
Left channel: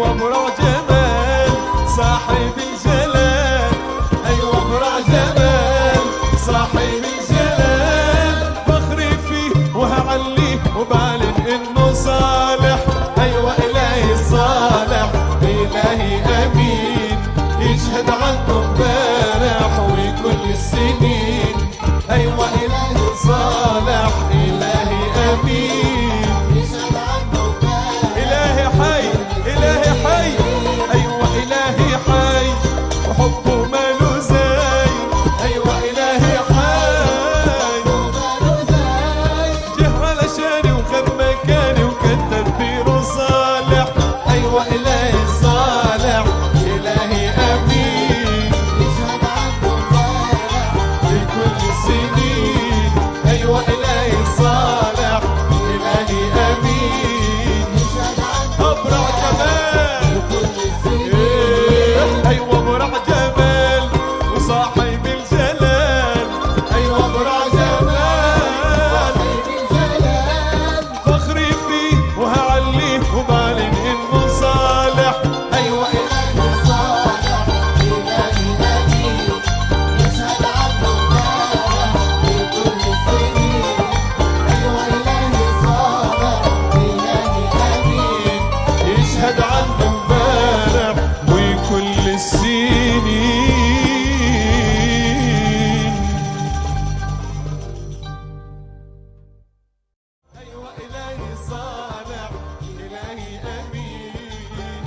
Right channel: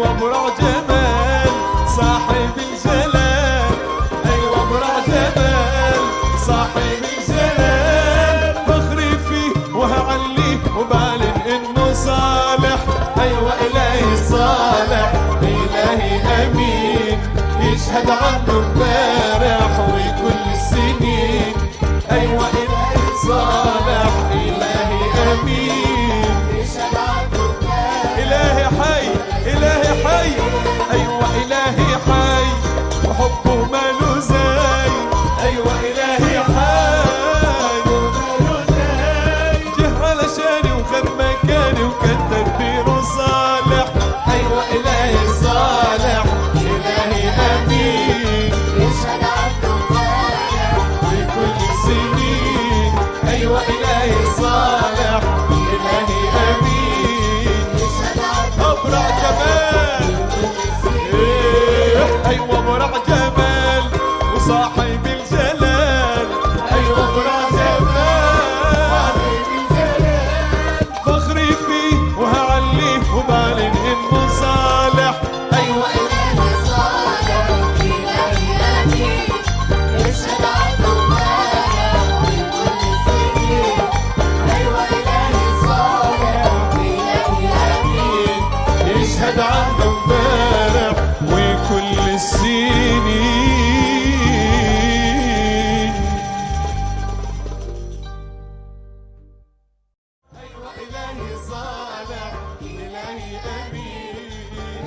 يشهد عنه امبارح وكل السنين. أيوة إلهي صالح إلهي أمين، إلهي حي إلهي حي. أيوة إلهي حي وحبه ماله زي. أيوة إلهي حي جه علشاني وخد مكاني وكان تدبيره صالح. أيوة إلهي صالح إلهي أمين في كل السنين. أيوة إلهي صالح إلهي أمين. أبرع جمال أيوة أبرع جمال وصاحب الجلال. أيوة أبرع جمال فخري فيه وهعليه وبعلن إنه صالح. أيوة إلهي صالح إلهي أمين يشهد عنه امبارح وكل السنين. أيوة إلهي صالح إلهي أمين يشهد عنه امبارح وكل السنين. أيوة إلهي صالح إلهي أمين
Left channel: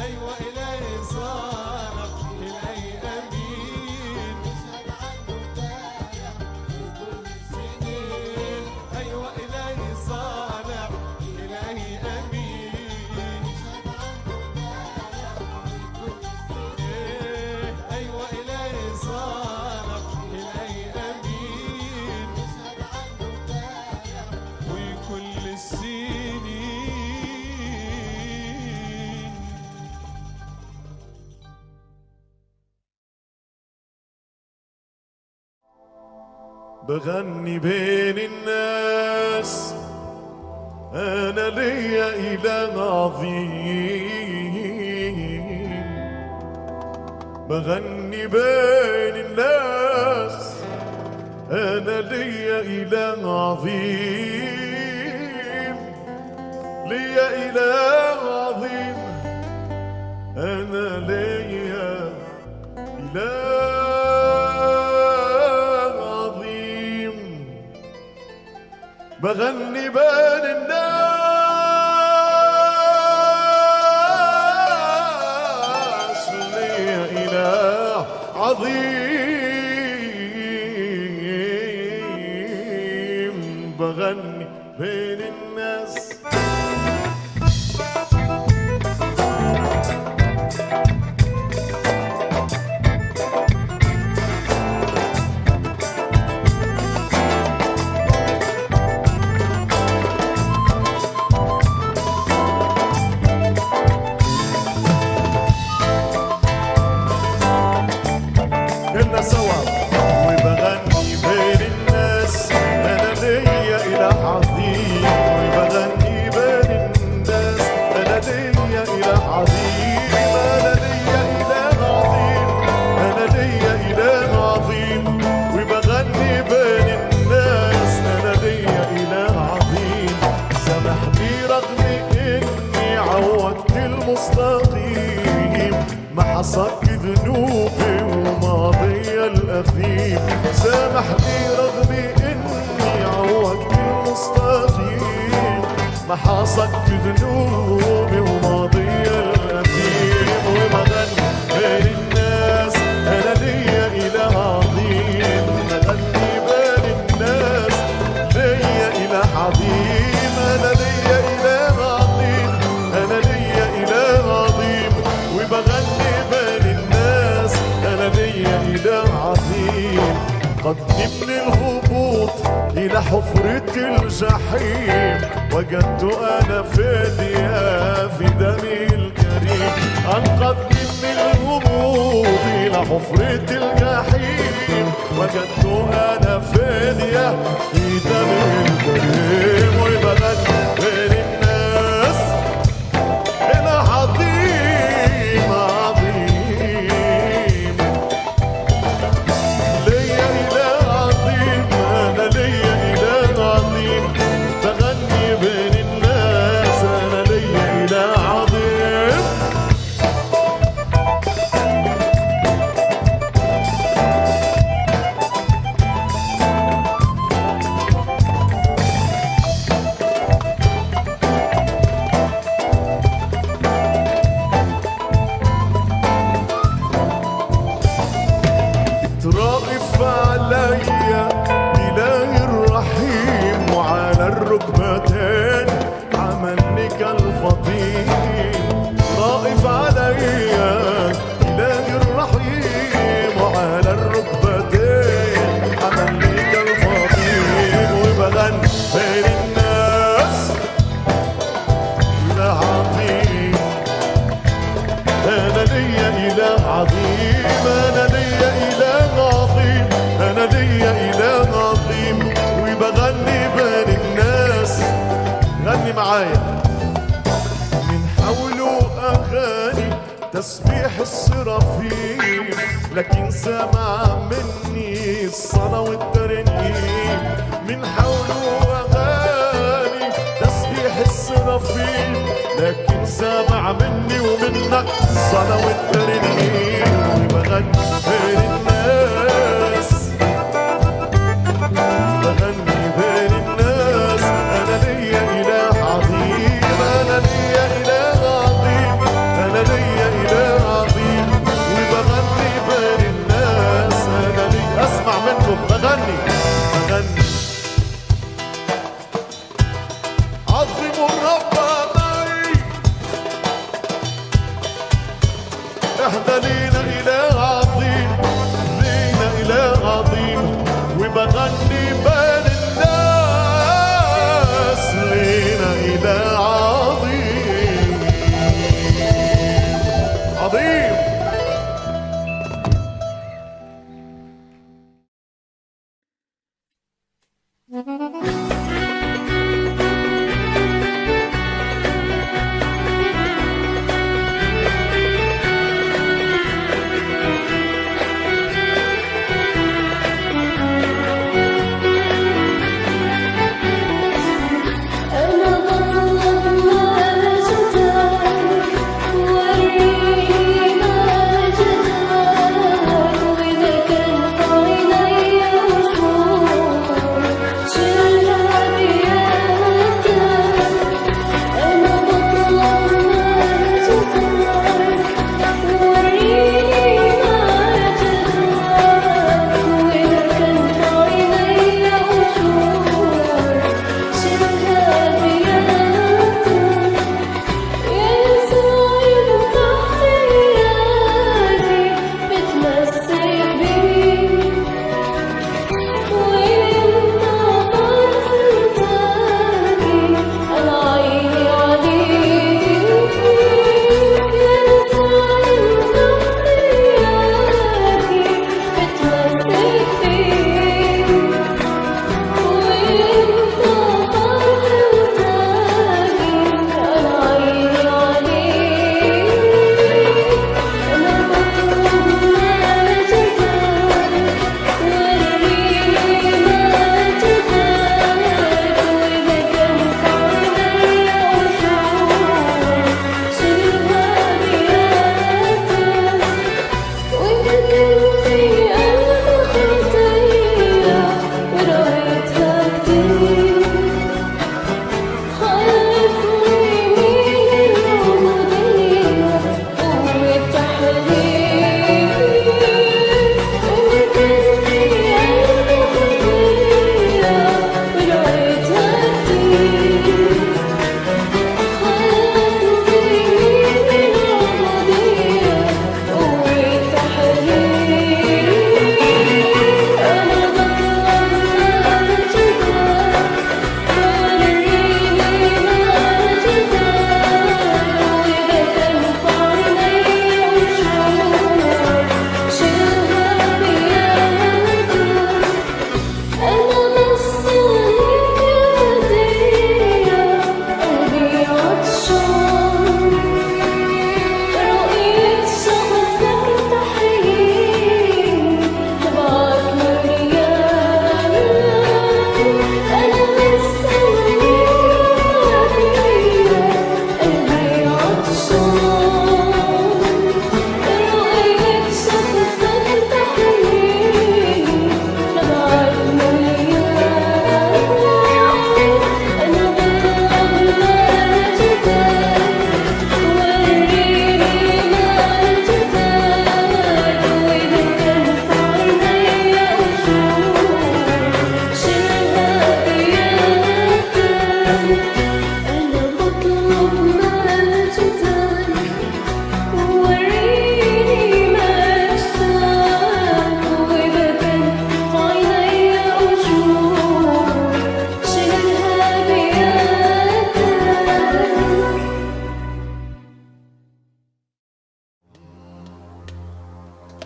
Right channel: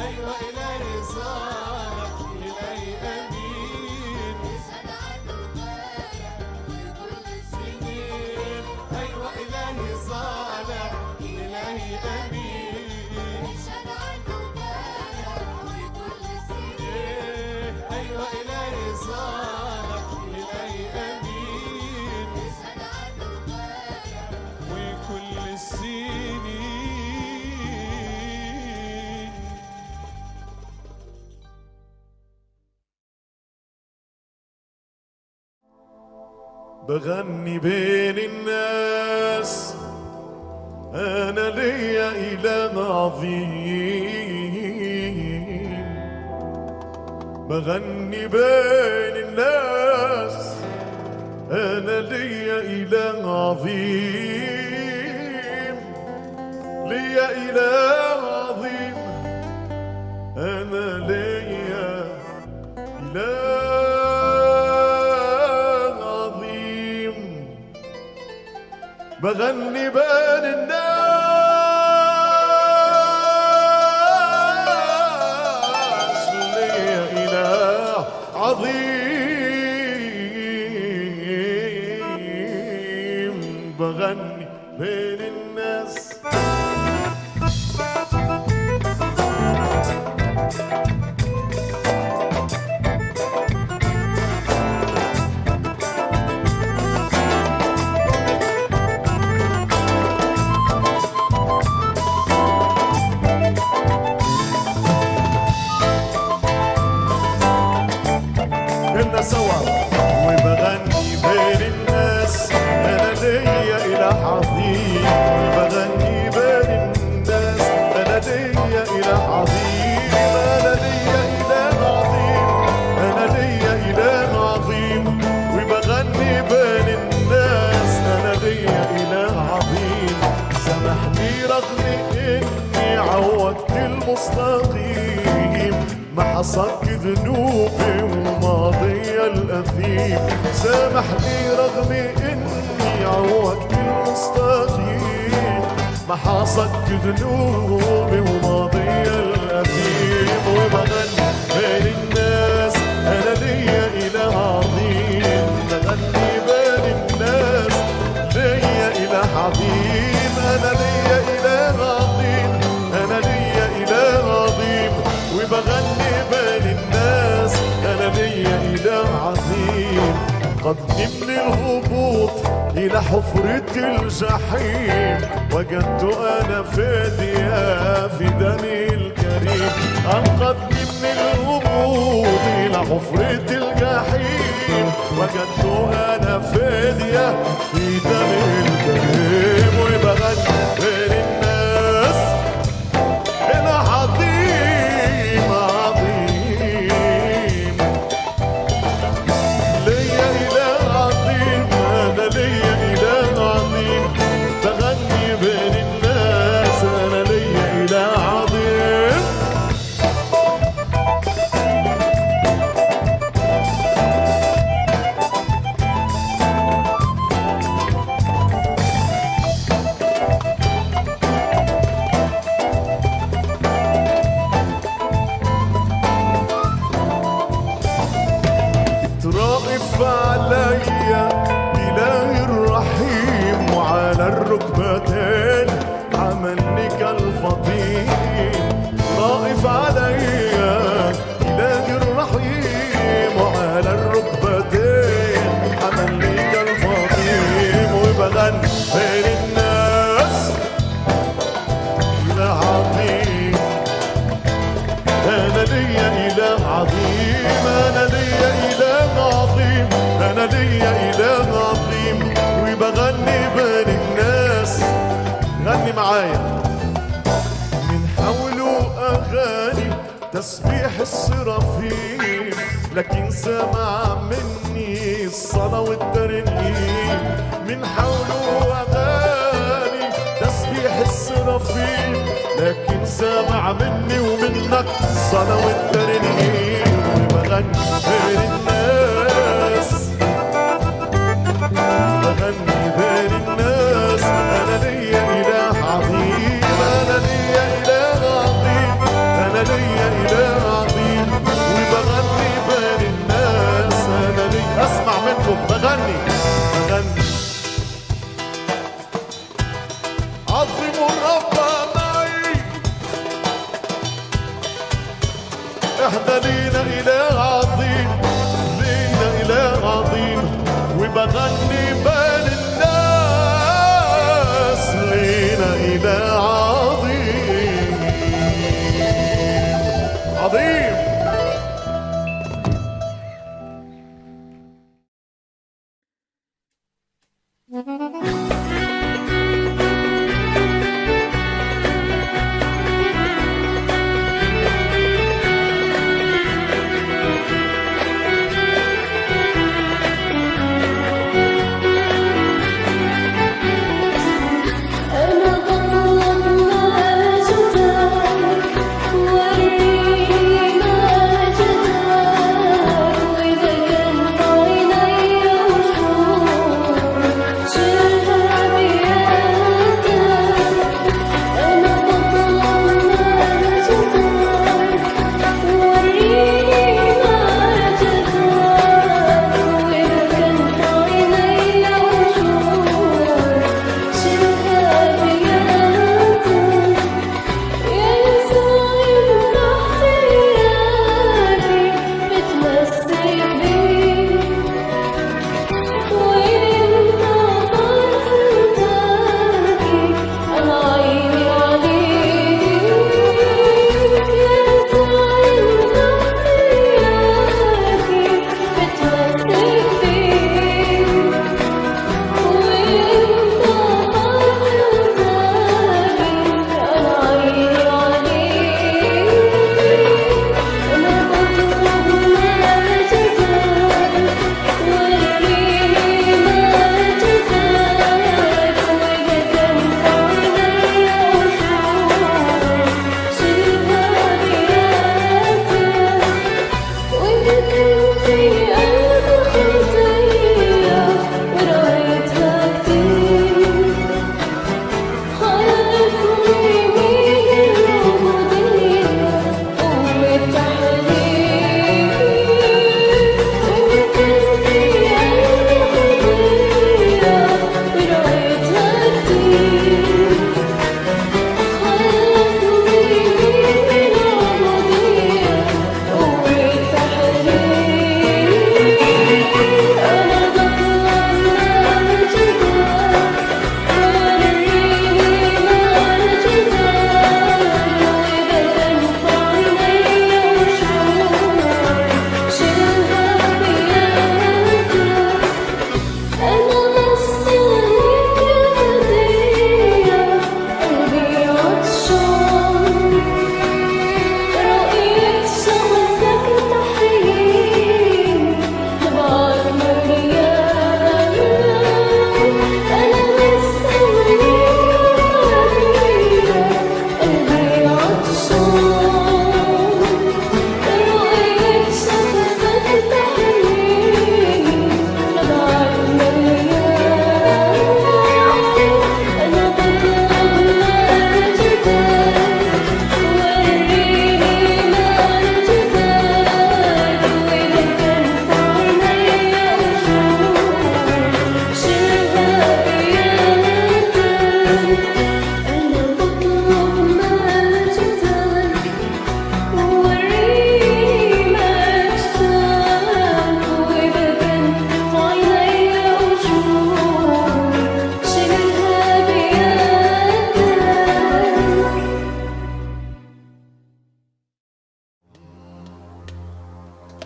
أيوة إلهي صالح إلهي أمين. أيوة إلهي صالح إلهي أمين. أيوة إلهي صالح إلهي أمين وكل السنين. بغني بين الناس أنا ليا إله عظيم. بغني بين الناس أنا ليا إله عظيم. ليا إله عظيم أنا ليا إله عظيم. بغني بين الناس ليا إله عظيم. بغني بين الناس كلنا سوا. وبغني بين الناس أنا ليا إله عظيم. وبغني بين الناس أنا ليا إله عظيم. أنا ليا إله عظيم أنا ليا إله عظيم. وبغني بين الناس أنا ليا إله عظيم. سامحني رغم إني عوجت المستقيم. ما حصدت ذنوبي وماضي الأثيم. سامحني رغم إني عوجت المستقيم. ما حصدت ذنوبي وماضي الأثيم. وبغني بين الناس أنا ليا إله عظيم. بغني بين الناس ليا إله عظيم. أنا ليا إله عظيم أنا ليا إله عظيم. وبغني بين الناس أنا ليا إله عظيم. قدني من الهبوط إلى حفرة الجحيم. وجدت أنا فدية في دمي الكريم. أنقذني من الهبوط إلى حفرة الجحيم. وجدت أنا فدية في دمي الكريم. وبغني بين الناس إله عظيم عظيم. ليا إله عظيم أنا ليا إله عظيم. بغني بين الناس أنا ليا إله عظيم. غني معايا. من حوله أغاني تسبيح السرافيم، لكن سمع مني الصلاة والترنيم. من حوله أغاني تسبيح السرافيم، لكن سمع مني ومنك الصلاة والترنيم. وبغني بين الناس، بغني بين الناس، أنا ليا إله عظيم، أنا ليا إله عظيم، أنا ليا إله عظيم. وبغني بين الناس، أنا ليا. أسمع منكم بغني عظموا الرب معي، احنا لينا إله عظيم، لينا إله عظيم. وبغني بين الناس، لينا إله عظيم عظيم.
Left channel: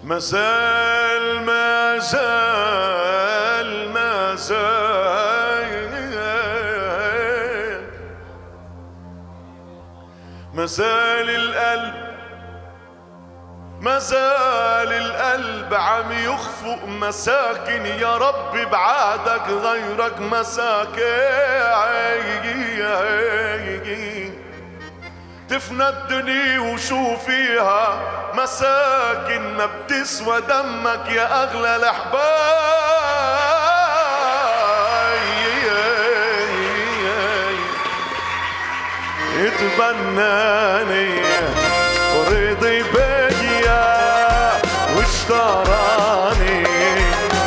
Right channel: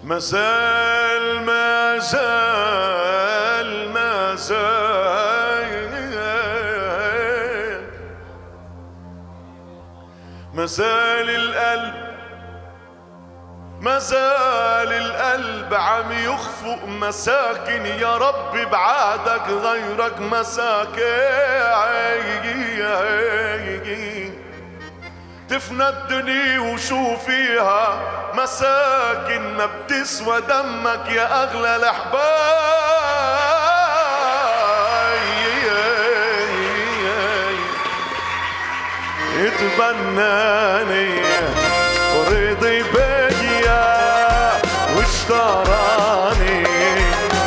مازال مازال مازال مازال القلب عم يخفق مساكن، يا رب بعادك غيرك مساكن. تفنى الدنيا وشو فيها مساكن، ما بتسوى دمك يا أغلى الأحباب. اتبناني ورضي بيا واشتراني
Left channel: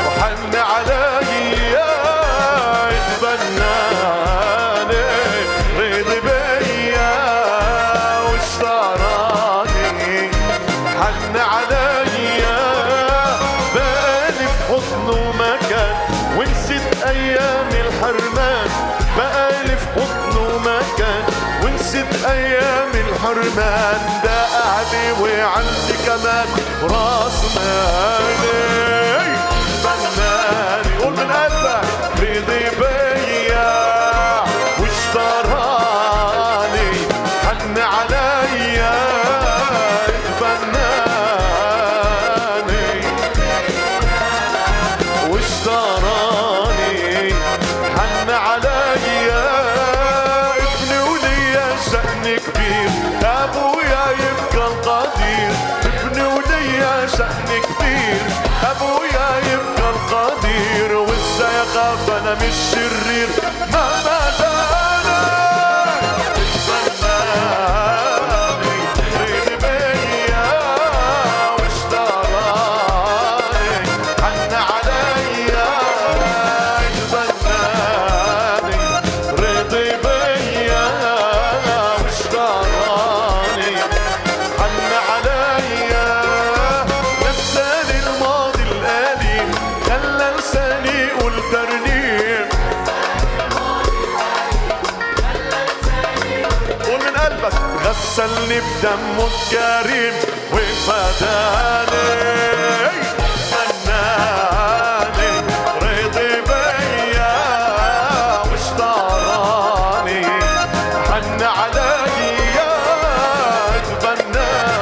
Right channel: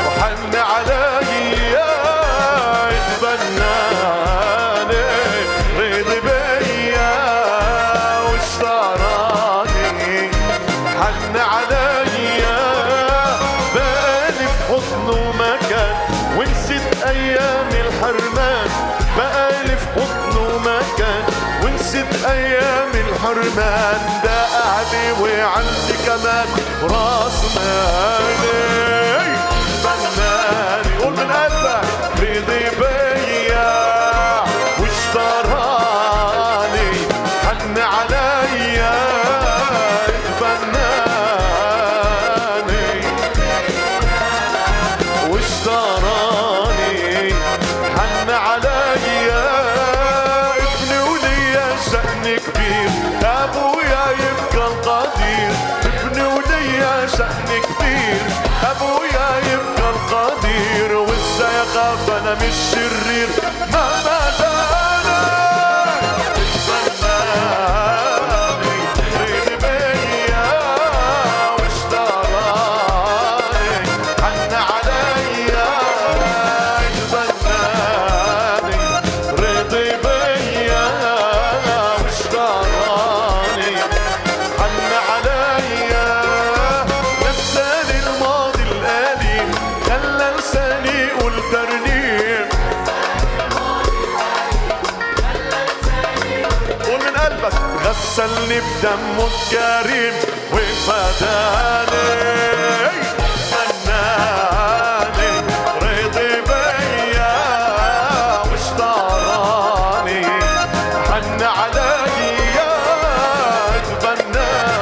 وحن عليا. اتبناني رضي بيا واشتراني حن عليا. بقالي في حضنه مكان ونسيت ايام الحرمان. بقالي في حضنه مكان ونسيت ايام الحرمان. ده قعدي وعندي كمان راس مالي. بناني قول من قلبك رضي بيا واشتراني حن عليا. بناني واشتراني حن عليا. كبير ابويا يبقى القدير. ابني وليا شأن كبير ابويا يبقى القدير. وازاي اخاف انا مش شرير مهما جانا. اتبناني رضي بيا واشتراني حن عليا. اتبناني رضي بيا واشتراني حن عليا. نساني الماضي الأليم خلى لساني يقول ترنيم. قول من قلبك غسلني بدمه الكريم وفداني. بناني رضي بيا واشتراني حن عليا. اتبناني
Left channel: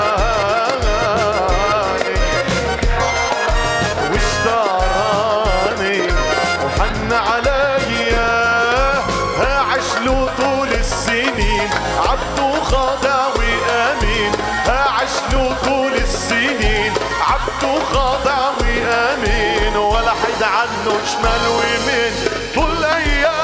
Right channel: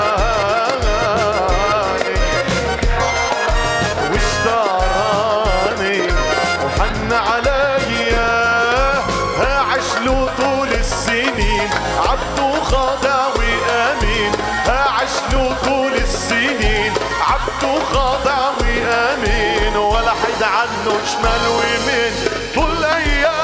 واشتراني وحن عليا. هعيش له طول السنين عبد وخاضع وامين. هعيش له طول السنين عبد وخاضع وامين. ولا حد عنه شمال ويمين طول ايامه.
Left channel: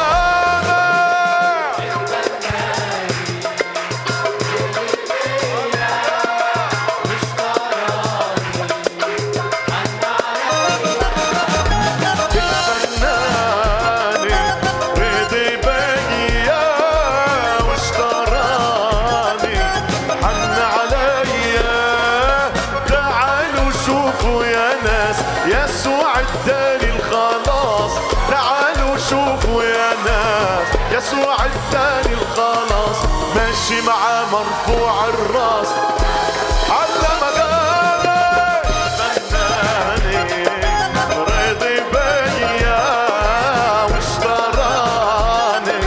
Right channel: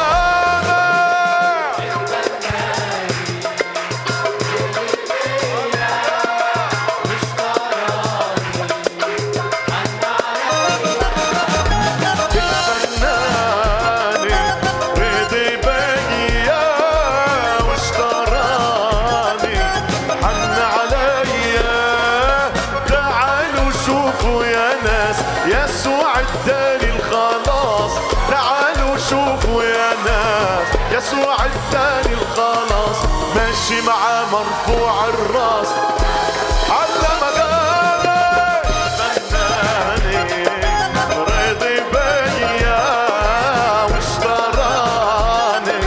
يسوع اداني الخلاص. تعالوا شوفوا يا ناس يسوع اداني الخلاص. ماشي معاه مرفوع الراس على مقامي. بناني رضي بيا واشتراني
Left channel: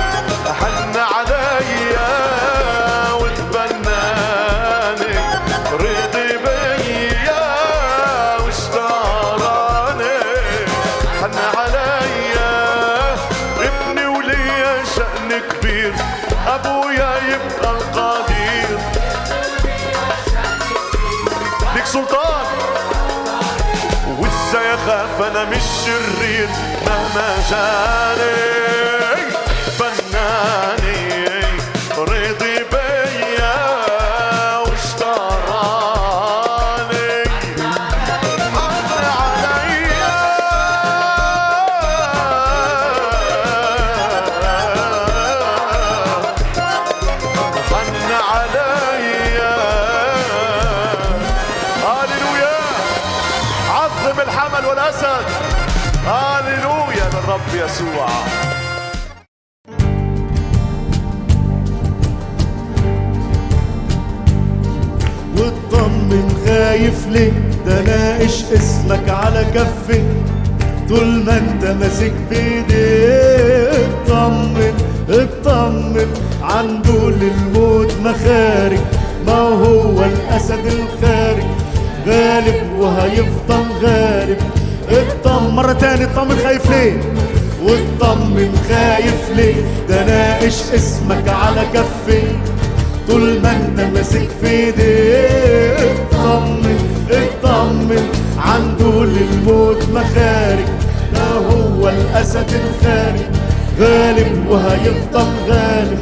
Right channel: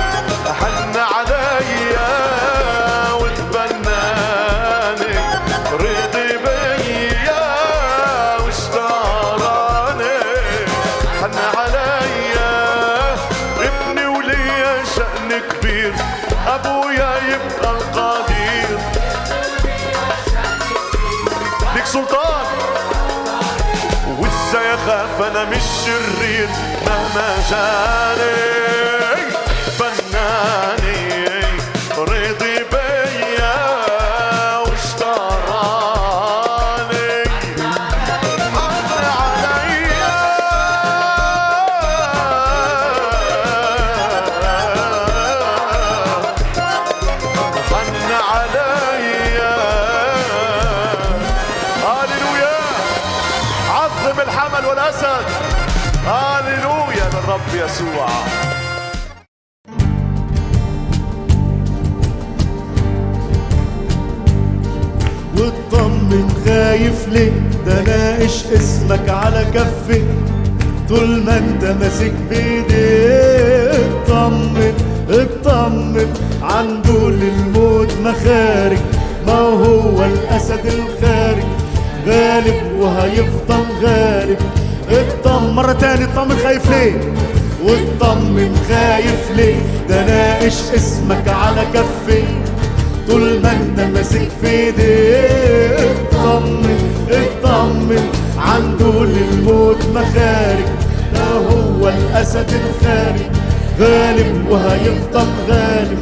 حن عليا. واتبناني رضي بيا واشتراني حن عليا. ابني وليا شأن كبير ابويا يبقى القدير. ليك سلطان وازاي اخاف انا مش شرير مهما جاني. بناني رضي بيا واشتراني حن عليا. حن عليا. هاليلويا. عظم الحمل والاسد. هاليلويا للرب يسوع. واطمن خايف ليه ده ناقش اسمك على كفي طول ما انت ماسك بايديك. اطمن عنده للموت مخارج هو الأسد الخارج غالب وهيفضل غالب. اطمن مرة تاني، اطمن خايف ليه؟ واطمن خايف ليه؟ ده ناقش اسمك على كفي طول ما انت ماسك في ايديه. اطمن اطمن عنده للموت مخارج، ده هو الأسد الخارج غالب وهيفضل غالب.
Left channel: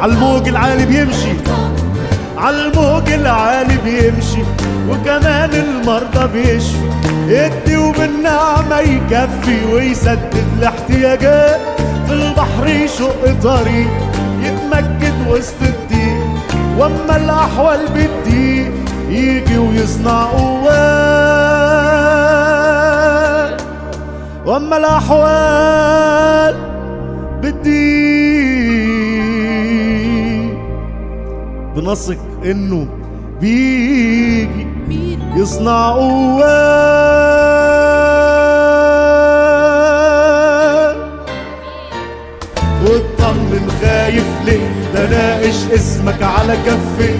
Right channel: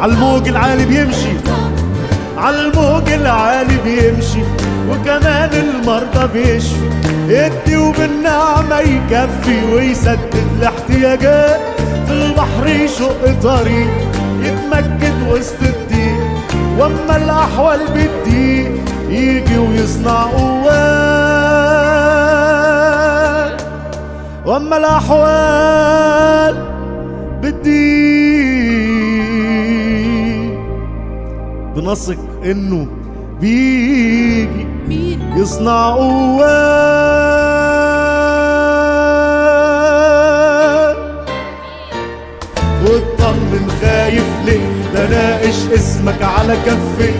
عالموج العالي بيمشي، عالموج العالي بيمشي، وكمان المرضى بيشفي، يدي وبالنعمة يكفي ويسدد الاحتياجات. في البحر يشق طريق يتمجد وسط الضيق، واما الاحوال بتضيق يجي ويصنع قوات. واما الاحوال بتضيق بنثق انه بيجي يصنع قوات. واطمن خايف ليه؟ ده ناقش اسمك على كفي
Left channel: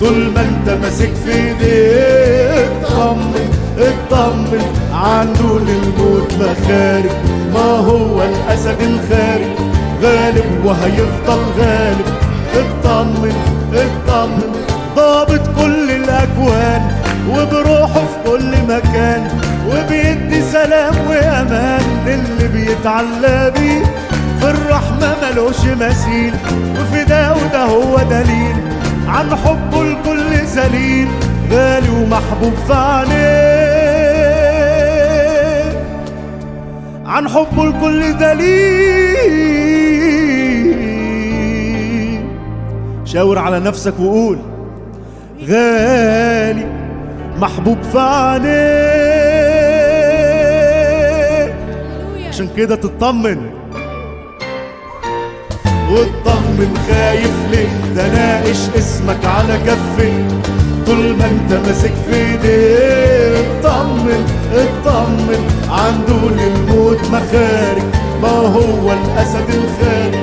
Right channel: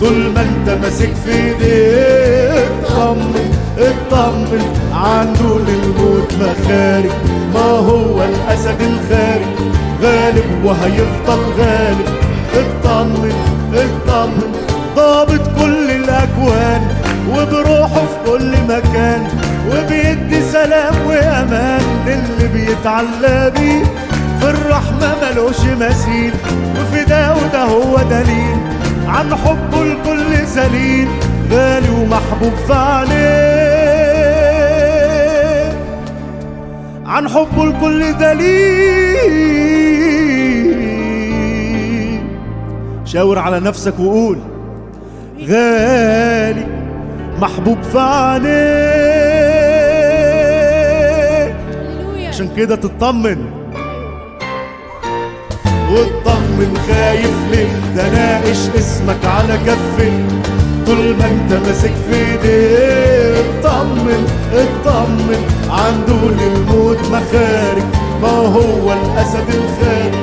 طول ما انت ماسك في ايديه. اطمن اطمن عنده للموت مخارج، ما هو الاسد الخارج غالب وهيفضل غالب. اطمن اطمن ضابط كل الاكوان وبروحه في كل مكان، وبيدي سلام وامان للي بيتعلى بيه. في الرحمة ملوش مثيل، وفي ده هو دليل عن حبه الكل ذليل، غالي ومحبوب في عينيه. عن حبه الكل دليل. شاور على نفسك وقول غالي محبوب في عينيه. عشان كده تطمن واطمن خايف ليه؟ ده ناقش اسمك على كفي طول ما انت ماسك في ايديه. اطمن اطمن عنده للموت مخارج، ما هو الاسد الخارج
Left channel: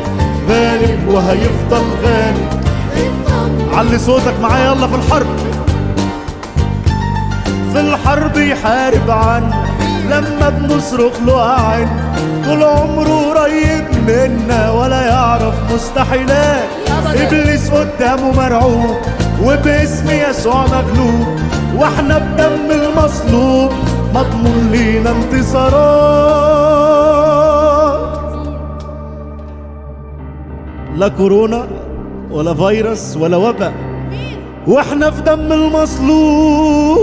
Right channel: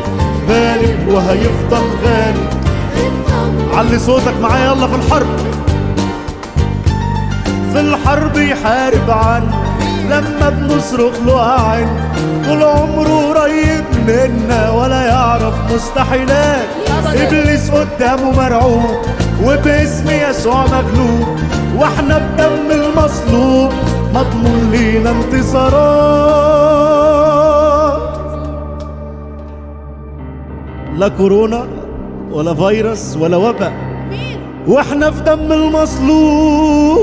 غالب وهيفضل غالب. علي صوتك معايا يلا. في الحرب، في الحرب يحارب عنا لما بنصرخ له أعن، طول عمره قريب منا ولا يعرف مستحيلات. إبليس قدامه مرعوب وباسم يسوع مغلوب، واحنا بدم المصلوب مضمون لينا انتصارات. لا كورونا ولا فيروس ولا وباء، واحنا في دم المصلوب.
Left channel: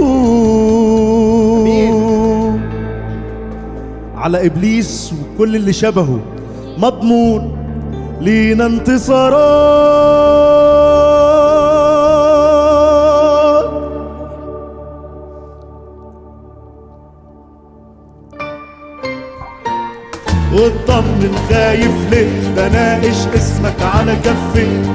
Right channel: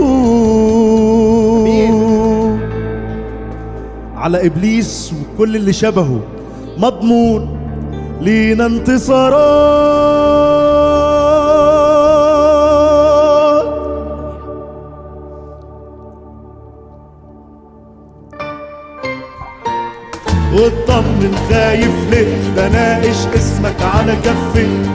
على ابليس وكل اللي شبهه مضمون لينا انتصارات. واطمن خايف ليه؟ ده ناقش اسمك على كفي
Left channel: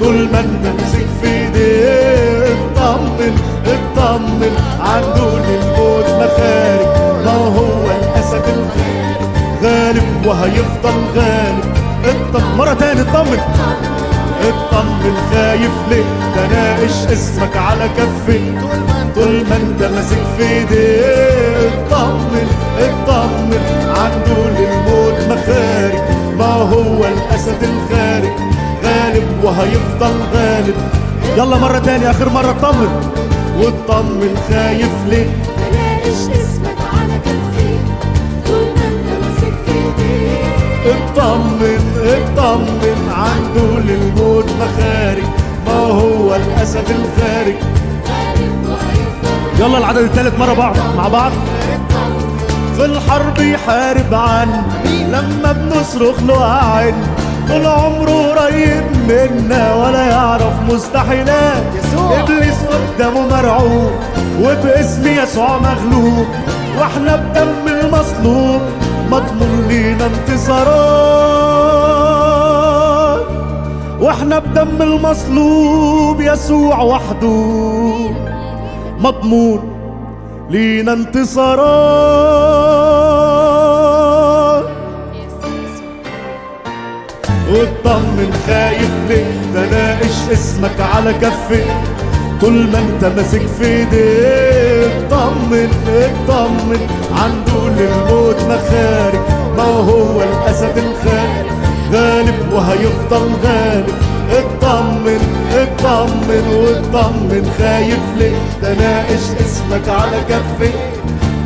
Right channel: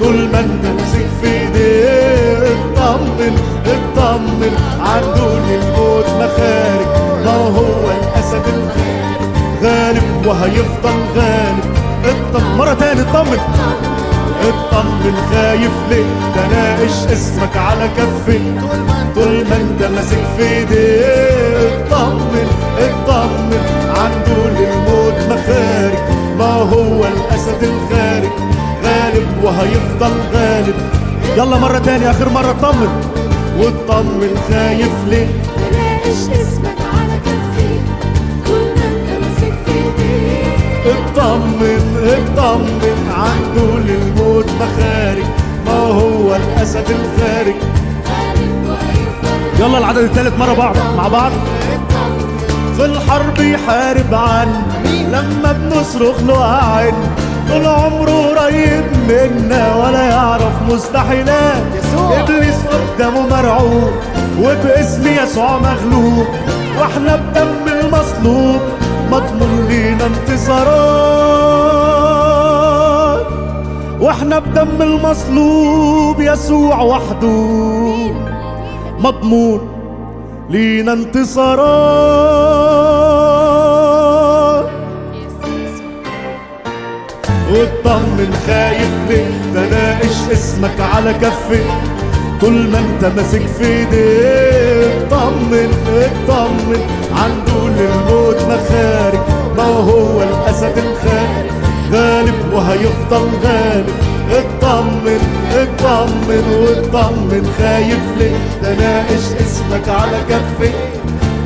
طول ما انت ماسك في ايديه. اطمن اطمن عنده للموت مخارج، ما هو الاسد الخارج غالب وهيفضل غالب. اطمن مرة تاني، اطمن اطمن خايف ليه؟ ده ناقش اسمك على كفي طول ما انت ماسك في ايديه. اطمن اطمن عنده للموت مخارج، ما هو الاسد الخارج غالب وهيفضل غالب. يلا مرة تاني اخر مرة، اطمن واطمن خايف ليه؟ بلاقيش اسمك على كفي طول ما انت ماسك في ايديه. اطمن اطمن عنده للموت مخارج، ما هو الاسد الخارج. يلا العدد الثالث مرة بعض مع بعض. في الحرب يحارب عنا لما بنصرخ له أعن، طول عمره قريب منا ولا يعرف مستحيلات. ابليس قدامه مرعوب وباسم يسوع مغلوب، واحنا بدم المصلوب مضمون لينا انتصارات. واحنا بدم المصلوب يسوع وحده مضمون لينا انتصارات. واطمن خايف ليه؟ ده ناقش اسمك على كفي طول ما انت ماسك في ايديه. اطمن اطمن عنده للموت مخارج، ما هو الاسد الخارج غالب وهيفضل غالب. اطمن اطمن واطمن خايف ليه؟ ده ناقش اسمك على كفي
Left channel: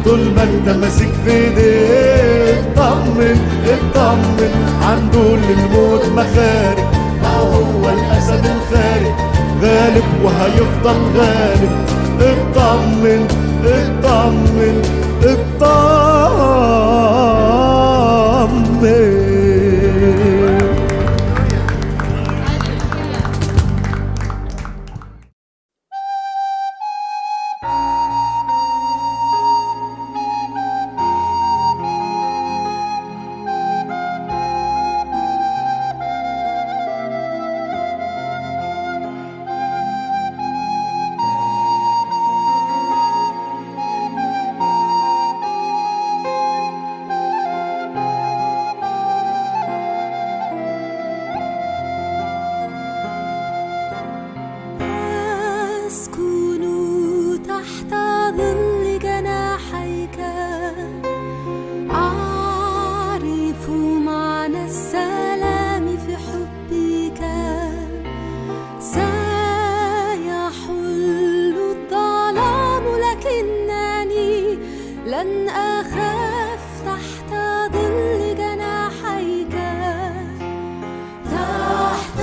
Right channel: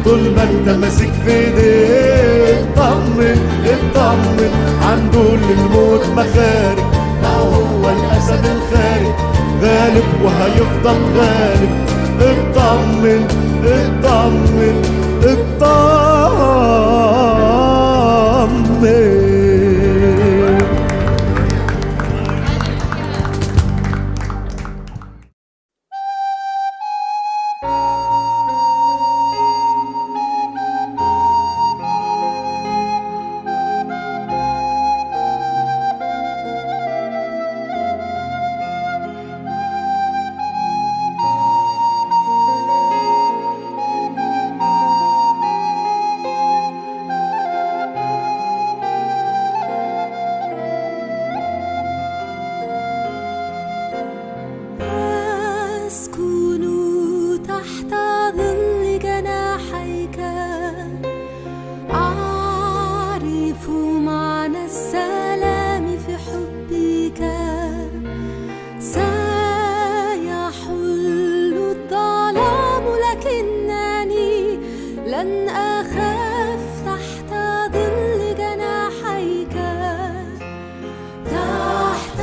طول ما انت ماسك في ايديه. اطمن اطمن عنده للموت مخارج، ما هو الاسد الخارج غالب وهيفضل غالب. اطمن اطمن اطمن. أسكن تحت ظل جناحيك، أعرف معنى السلام في حبك. سيحل الظلام لكنني لن أخاف تحت ظل جناحيك. تحت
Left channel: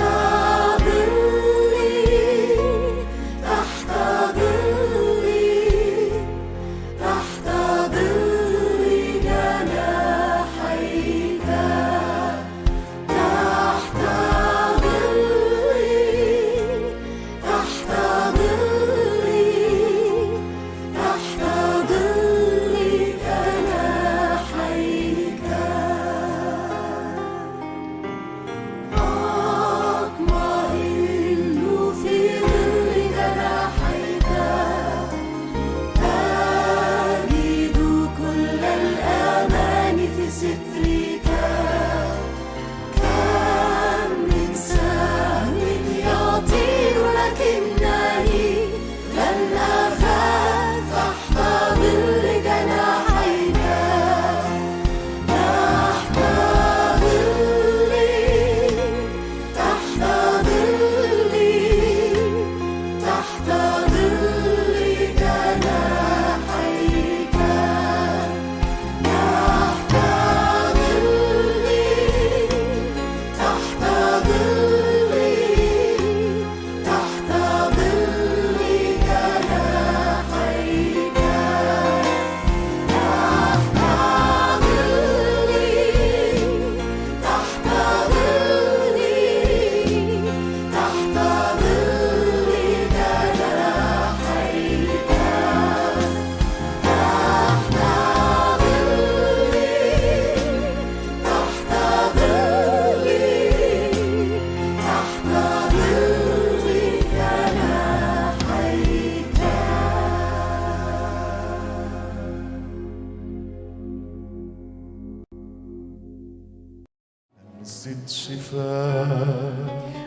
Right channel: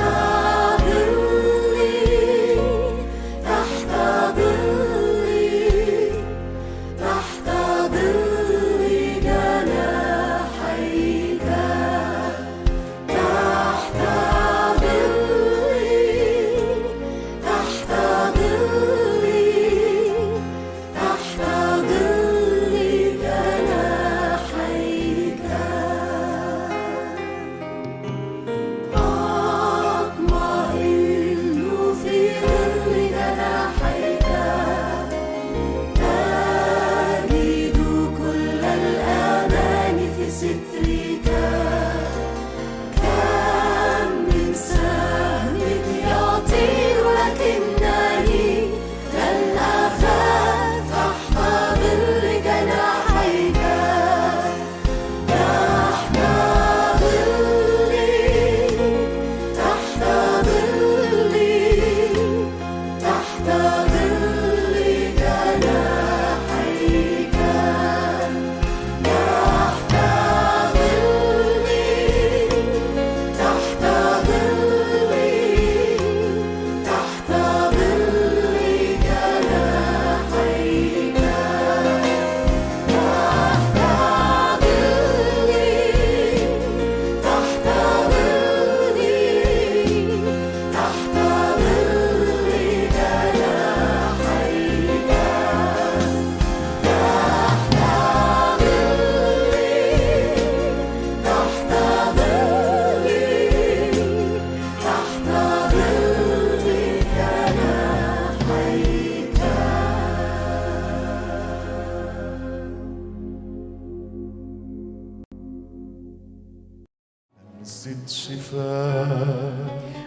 لمسة شفاء،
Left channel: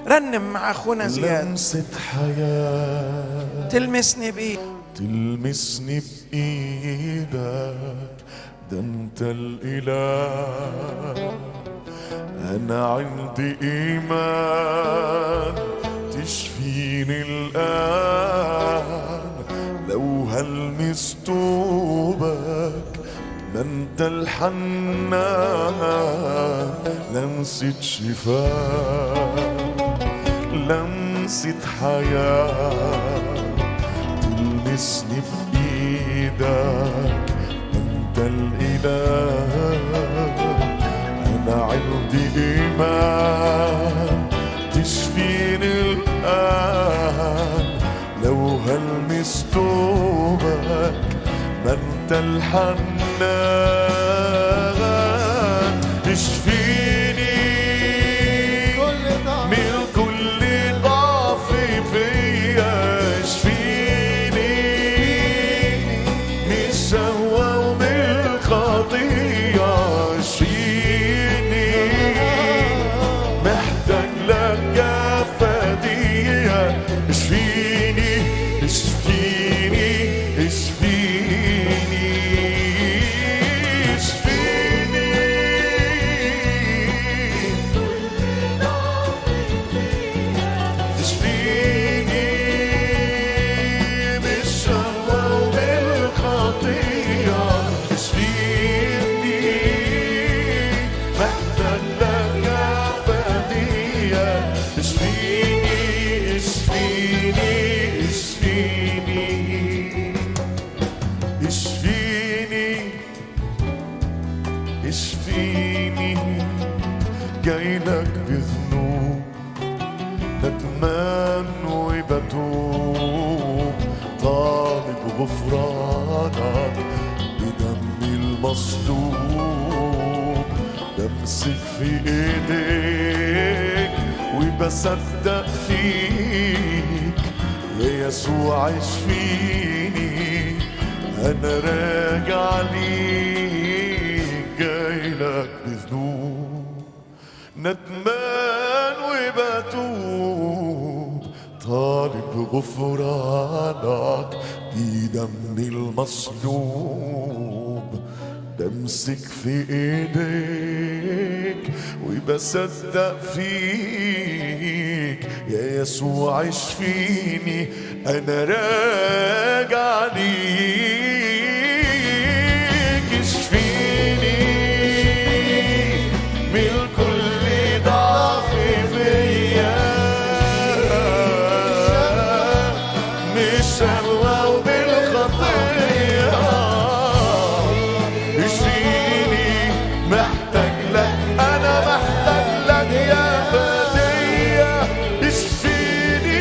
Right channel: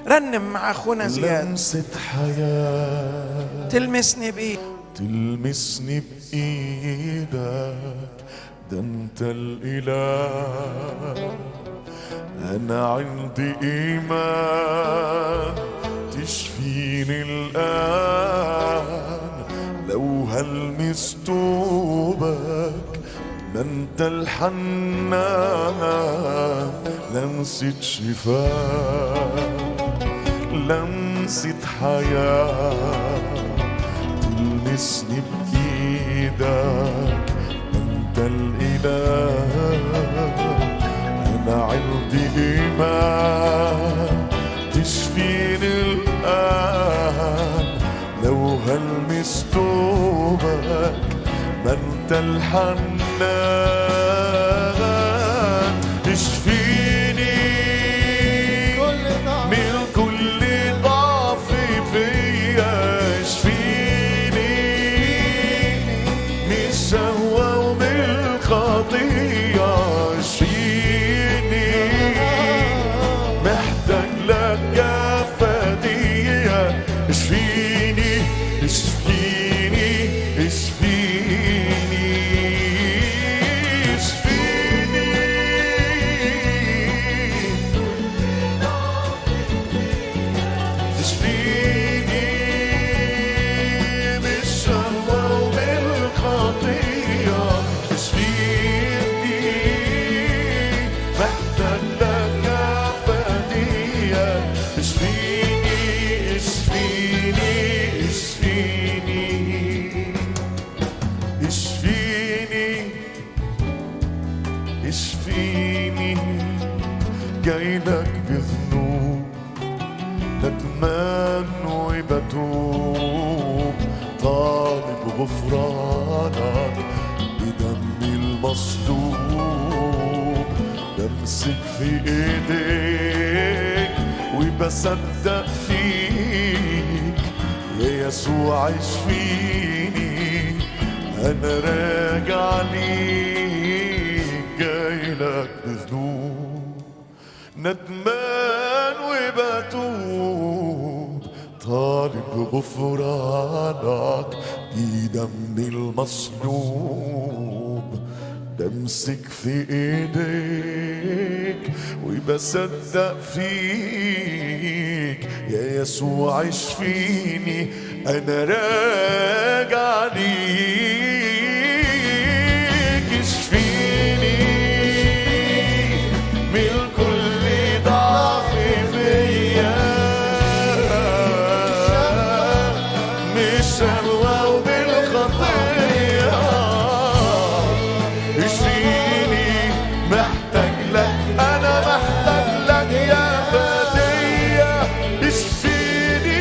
رنم مع اخونا زياد. لمسة حياة تلمسني بايد، تلمسني بإيدك، ده انت الإله. أنا عندي إيمان تشفيني الآن، لو هلمس توبك ما انت الحنان. لمسة شفاء، لمسة حياة، تلمسني بإيدك انت الإله. أنا عندي إيمان تشفيني الآن، لو هلمس توبك ما انت الحنان. تشفيني من كل ضعف فيا، اشفيني من الشهوة ومن الخطية، اشفيني جايلك بذنوب ندمان وبتوب طالب غفرانك بدم المصلوب بمسك في ايديك وبصدق فيك يا يسوع اشفيني انا راجع ليك جايلك بذنوب ندمان وبتوب طالب غفرانك بدم المصلوب بمسك في ايديك وبصدق فيك يا يسوع اشفيني انا راجع ليك اشفيني من كل ضعف فيا مش شهوة وبالخطية اشفيني محتاج لك انا محتاج لك يا فدية اشفيني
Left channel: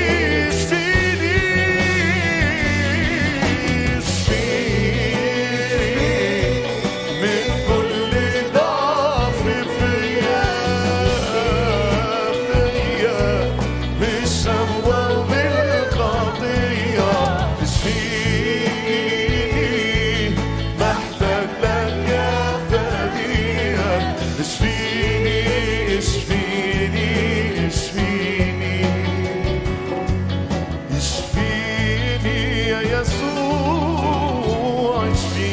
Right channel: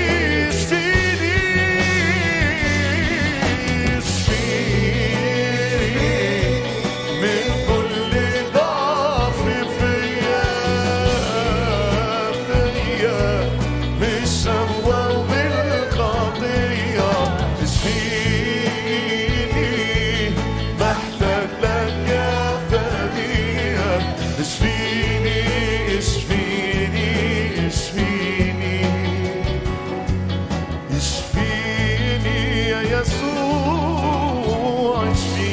اشفيني اشفيني من كل ضعف فيا مش شهوة وبالخطية اشفيني محتاج لك يا فدية اشفيني اشفيني اشفيني اشفيني يا يسوع اشفيني.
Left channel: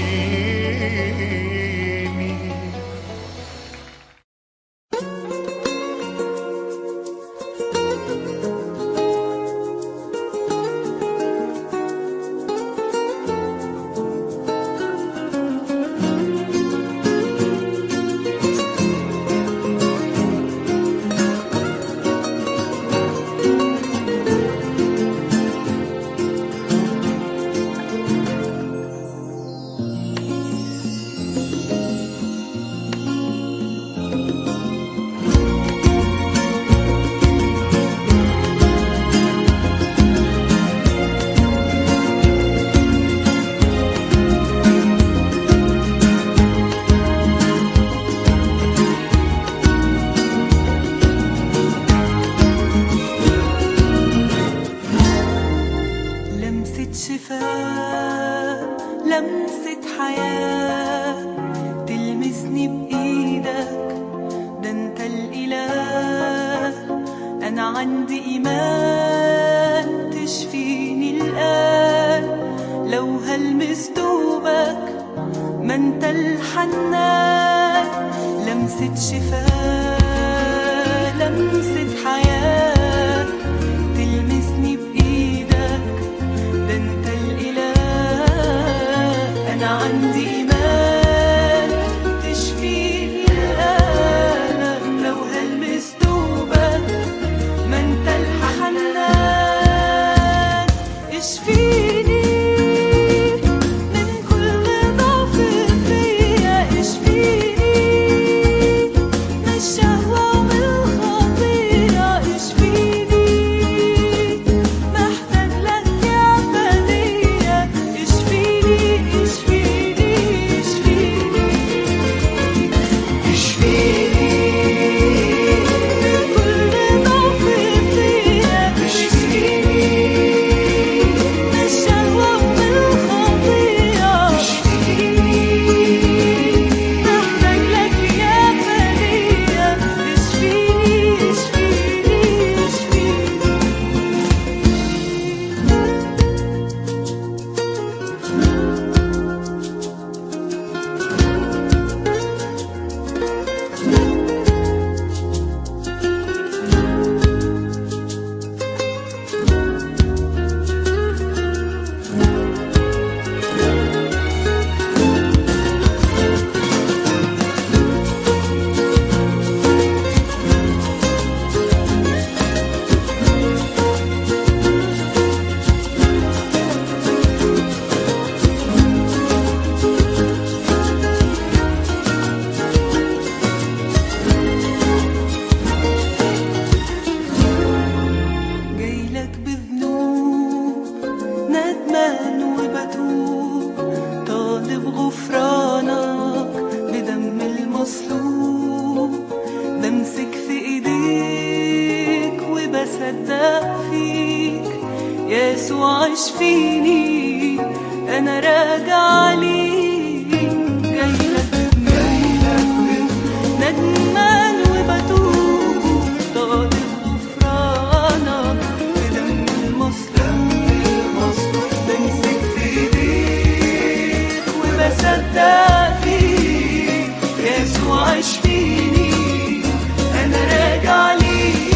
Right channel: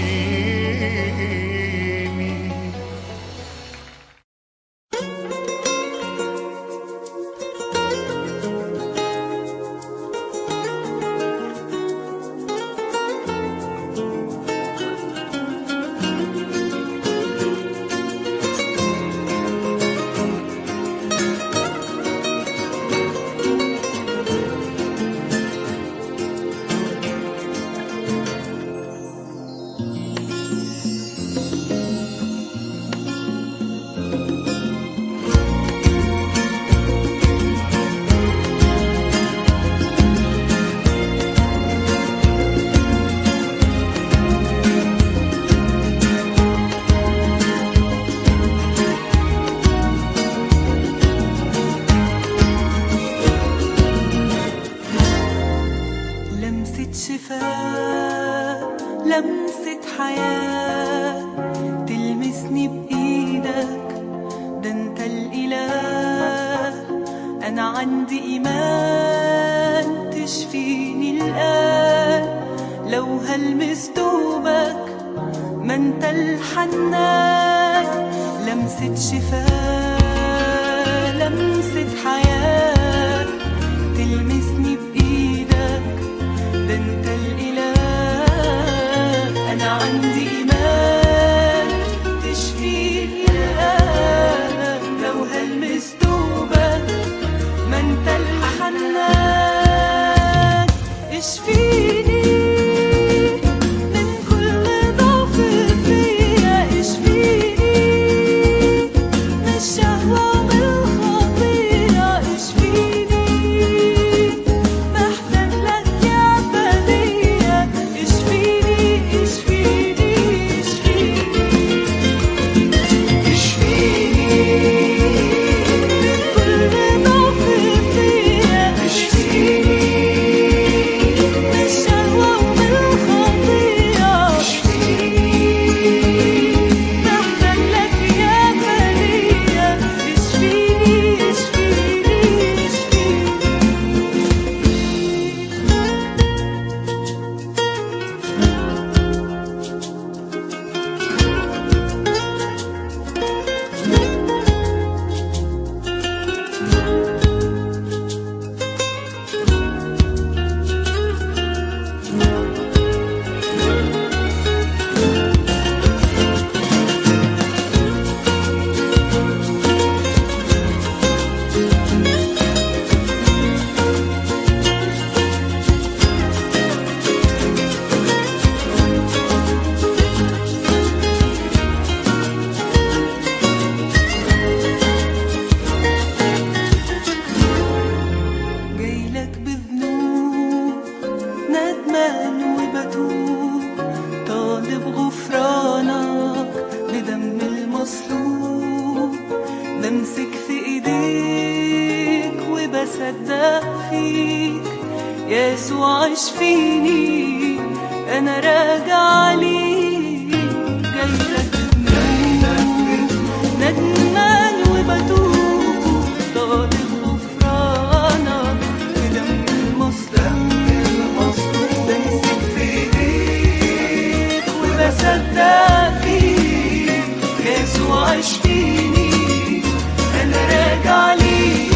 لمسة شفاء لمسة حياة تلمسني بإيدك ده انت الإله أنا عندي إيمان تشفيني الآن لو هلمس دوبك ما انت الحنان لمسة شفاء لمسة حياة تلمسني بإيدك ده انت الإله أنا عندي إيمان تشفيني الآن لو هلمس دوبك ما انت الحنان اشفيني من كل ضعف فيا اشفيني من الشهوة والخطية اشفيني محتاج لك يا فدية اشفيني اشفيني وبصدق فيك يسوع اشفيني، انا راجع ليك جايلك بذنوب ندمان وبتوب طالب غفرانك بدم المصلوب بمسك في ايديك وبصدق فيك يسوع اشفيني، انا راجع ليك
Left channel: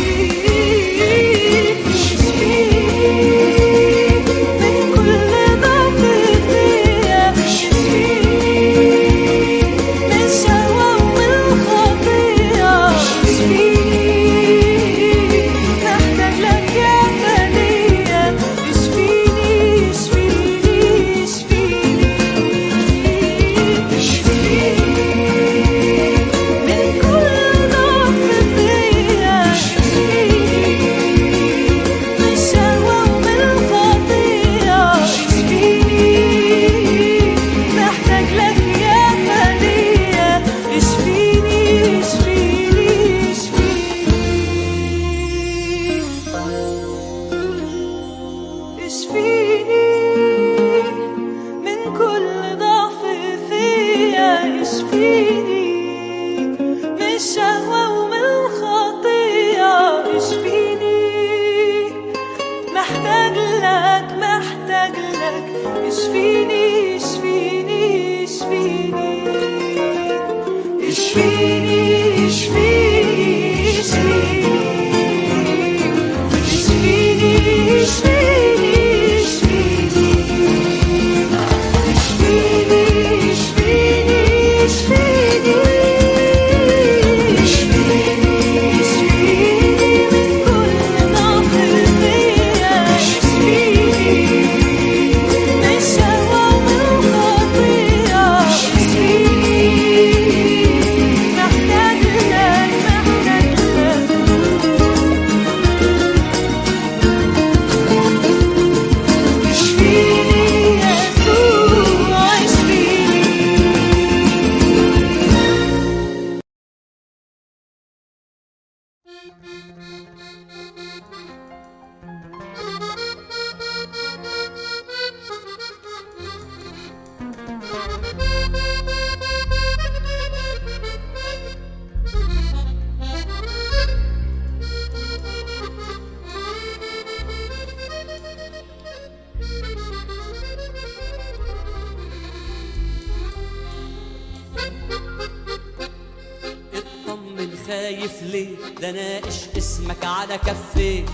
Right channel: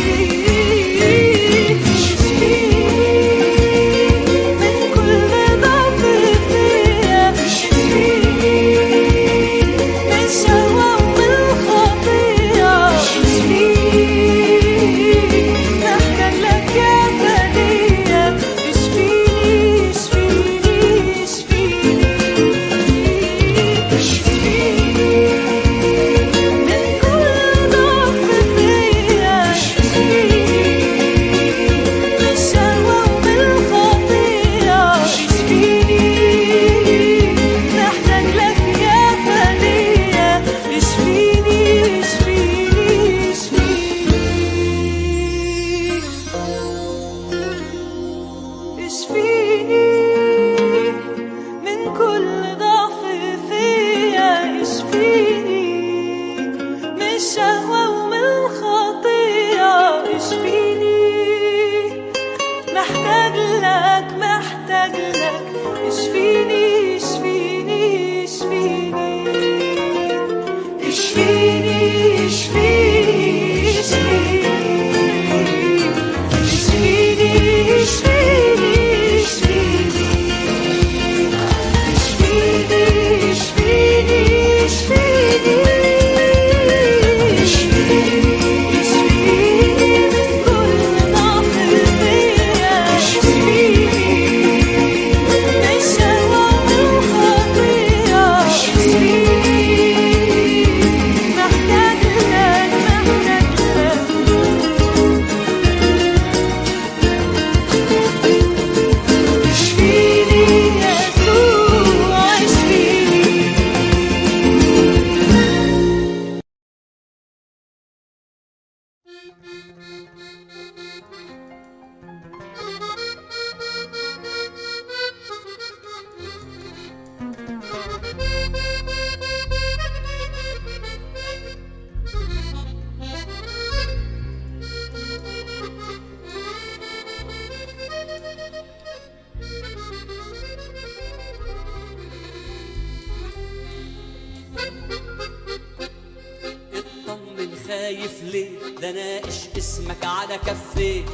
خايف ليه؟ ده ناقش اسمك على كفيه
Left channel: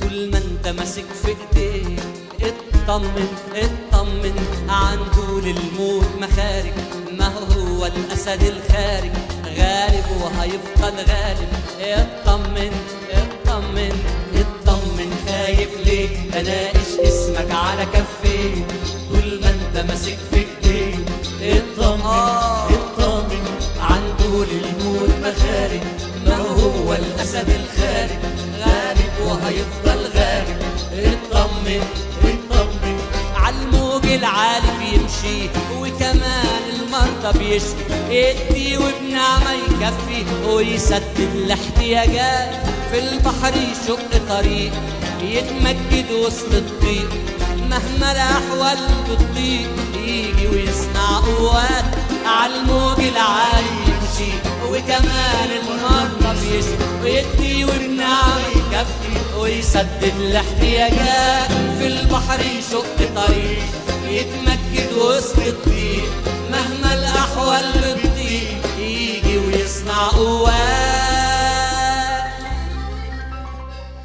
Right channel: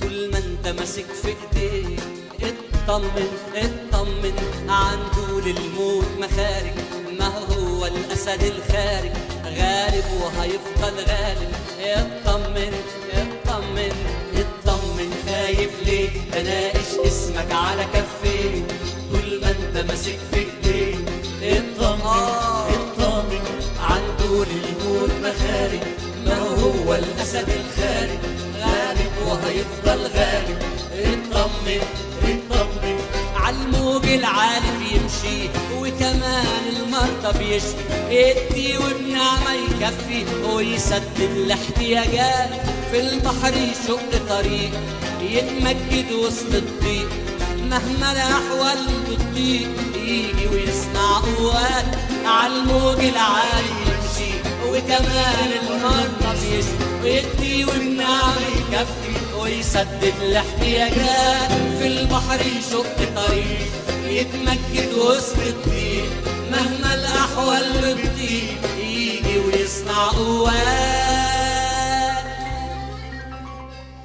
طول ما انت ماسك في ايديه. اطمن اطمن عنده للموت مخارج، ما هو الاسد الخارج غالب وهيفضل غالب. اطمن اطمن اطمن خايف ليه؟ ده ناقش اسمك على كفيه طول ما انت ماسك في ايديه. اطمن اطمن عنده للموت مخارج، ما هو الاسد الخارج غالب وهيفضل غالب. اطمن اطمن عالموج العالي بيمشي وكمان المرضى بيشفي، ادي وبنعمة يكفي ويسدد الاحتياجات. في البحر يشق طريق يتمجد وسط الضيق، مهما الاحوال بتضيق يجي ويصنع قوات. عالموج العالي يمشي وكمان المرضى بيشفي، ويدي وبنعمة يكفي ويسدد الاحتياجات. في البحر يشق طريق يتمجد وسط الضيق، مهما الاحوال بتضيق يجي ويصنع قوات.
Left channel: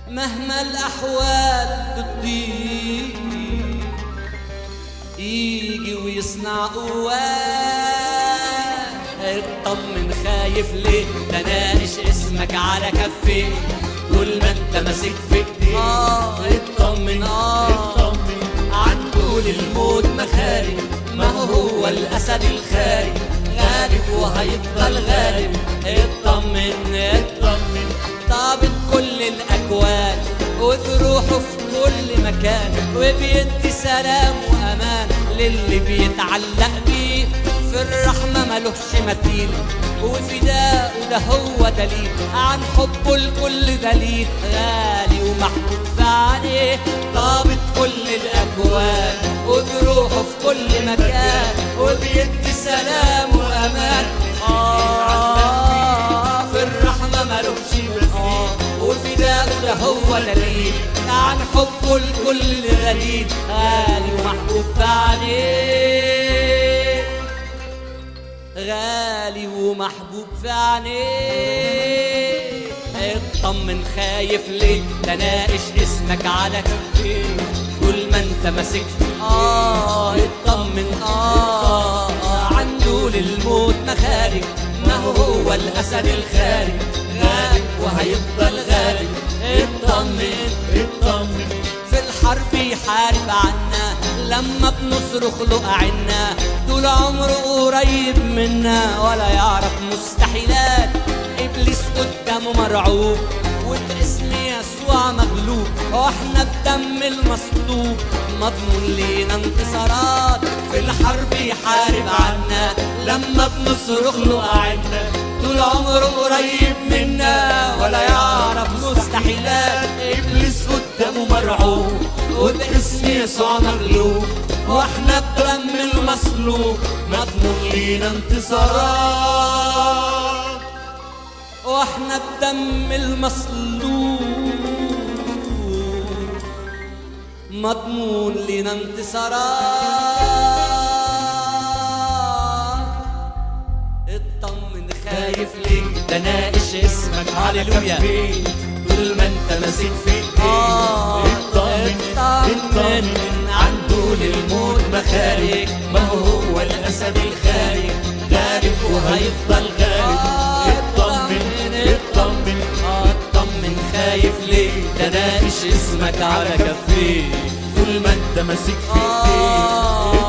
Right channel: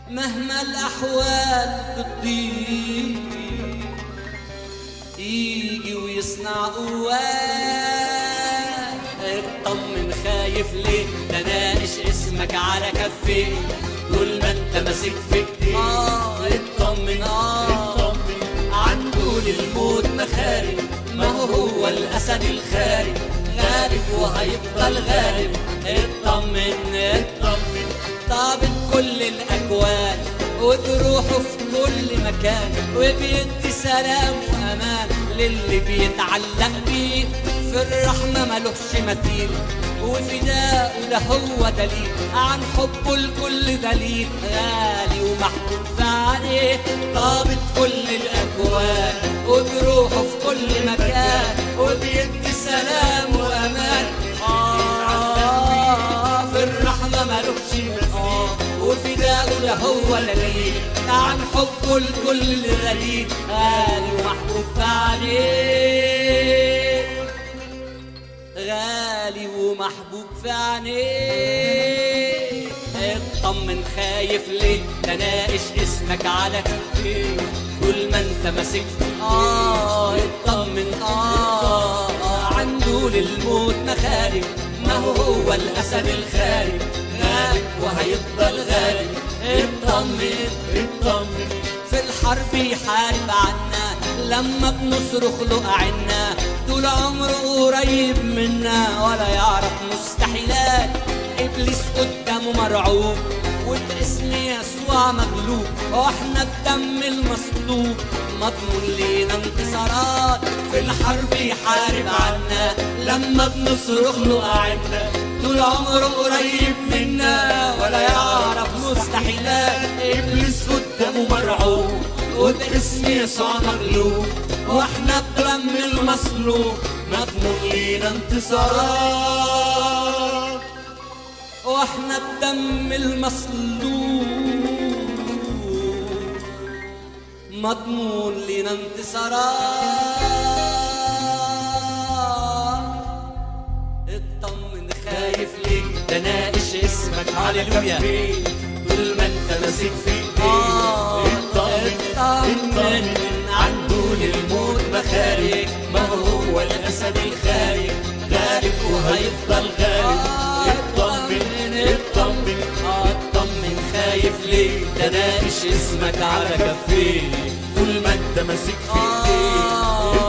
مهما الاحوال بتضيق يجي ويصنع قوات. اطمن خايف ليه؟ ده ناقش اسمك على كفيه طول ما انت ماسك في ايديه. اطمن اطمن عنده للموت مخارج، ما هو الاسد الخارج غالب وهيفضل غالب. اطمن اطمن ضابط كل الاكوان وتروحه في كل مكان، وبيدي سلام وامان للي بيتعلق بيه. في الرحمة ملوش مثيل، وفداء ده هو دليل عن حبه الكل دليل، غالي ومحبوب في عينيه ضابط كل الأكوان، وبروحه في كل مكان وبيدي سلام وأمان. في الرحمة ملوش مثيل، وفداء ده هو دليل عن حبه الكل دليل، غالي ومحبوب في عينيه، غالي ومحبوب في عينيه. اطمن خايف ليه، ده ناقش اسمك على كفيه طول ما انت ماسك. اطمن عنده للموت مخارج، ما هو الاسد الخارج، غالب وهيفضل غالب. اطمن اطمن، في الحرب يحارب عنا لما بنصرخ له أعنا، طول عمره قريب منا ولا يعرف مستحيلات. إبليس قدامه مرعوب وباسم يسوع مغلوب، واحنا بدم المصلوب مضمون لينا انتصارات. في الحرب يحارب عنا لما بنصرخ له أعنا، طول عمره قريب منا ولا يعرف مستحيلات. إبليس قدامه مرعوب وباسم يسوع مغلوب، واحنا بدم المصلوب مضمون لينا انتصارات، واحنا بدم المصلوب مضمون لينا انتصارات. اطمن خايف ليه، ده ناقش اسمك هاليلويا طول ما انت ماسك في ايديه. اطمن عنده للموت مخارج، ما هو الاسد الخارج، غالب وهيفضل غالب. اطمن اطمن اطمن خايف ليه، ده ناقش اسمك على كفيه طول ما انت ماسك في ايديه.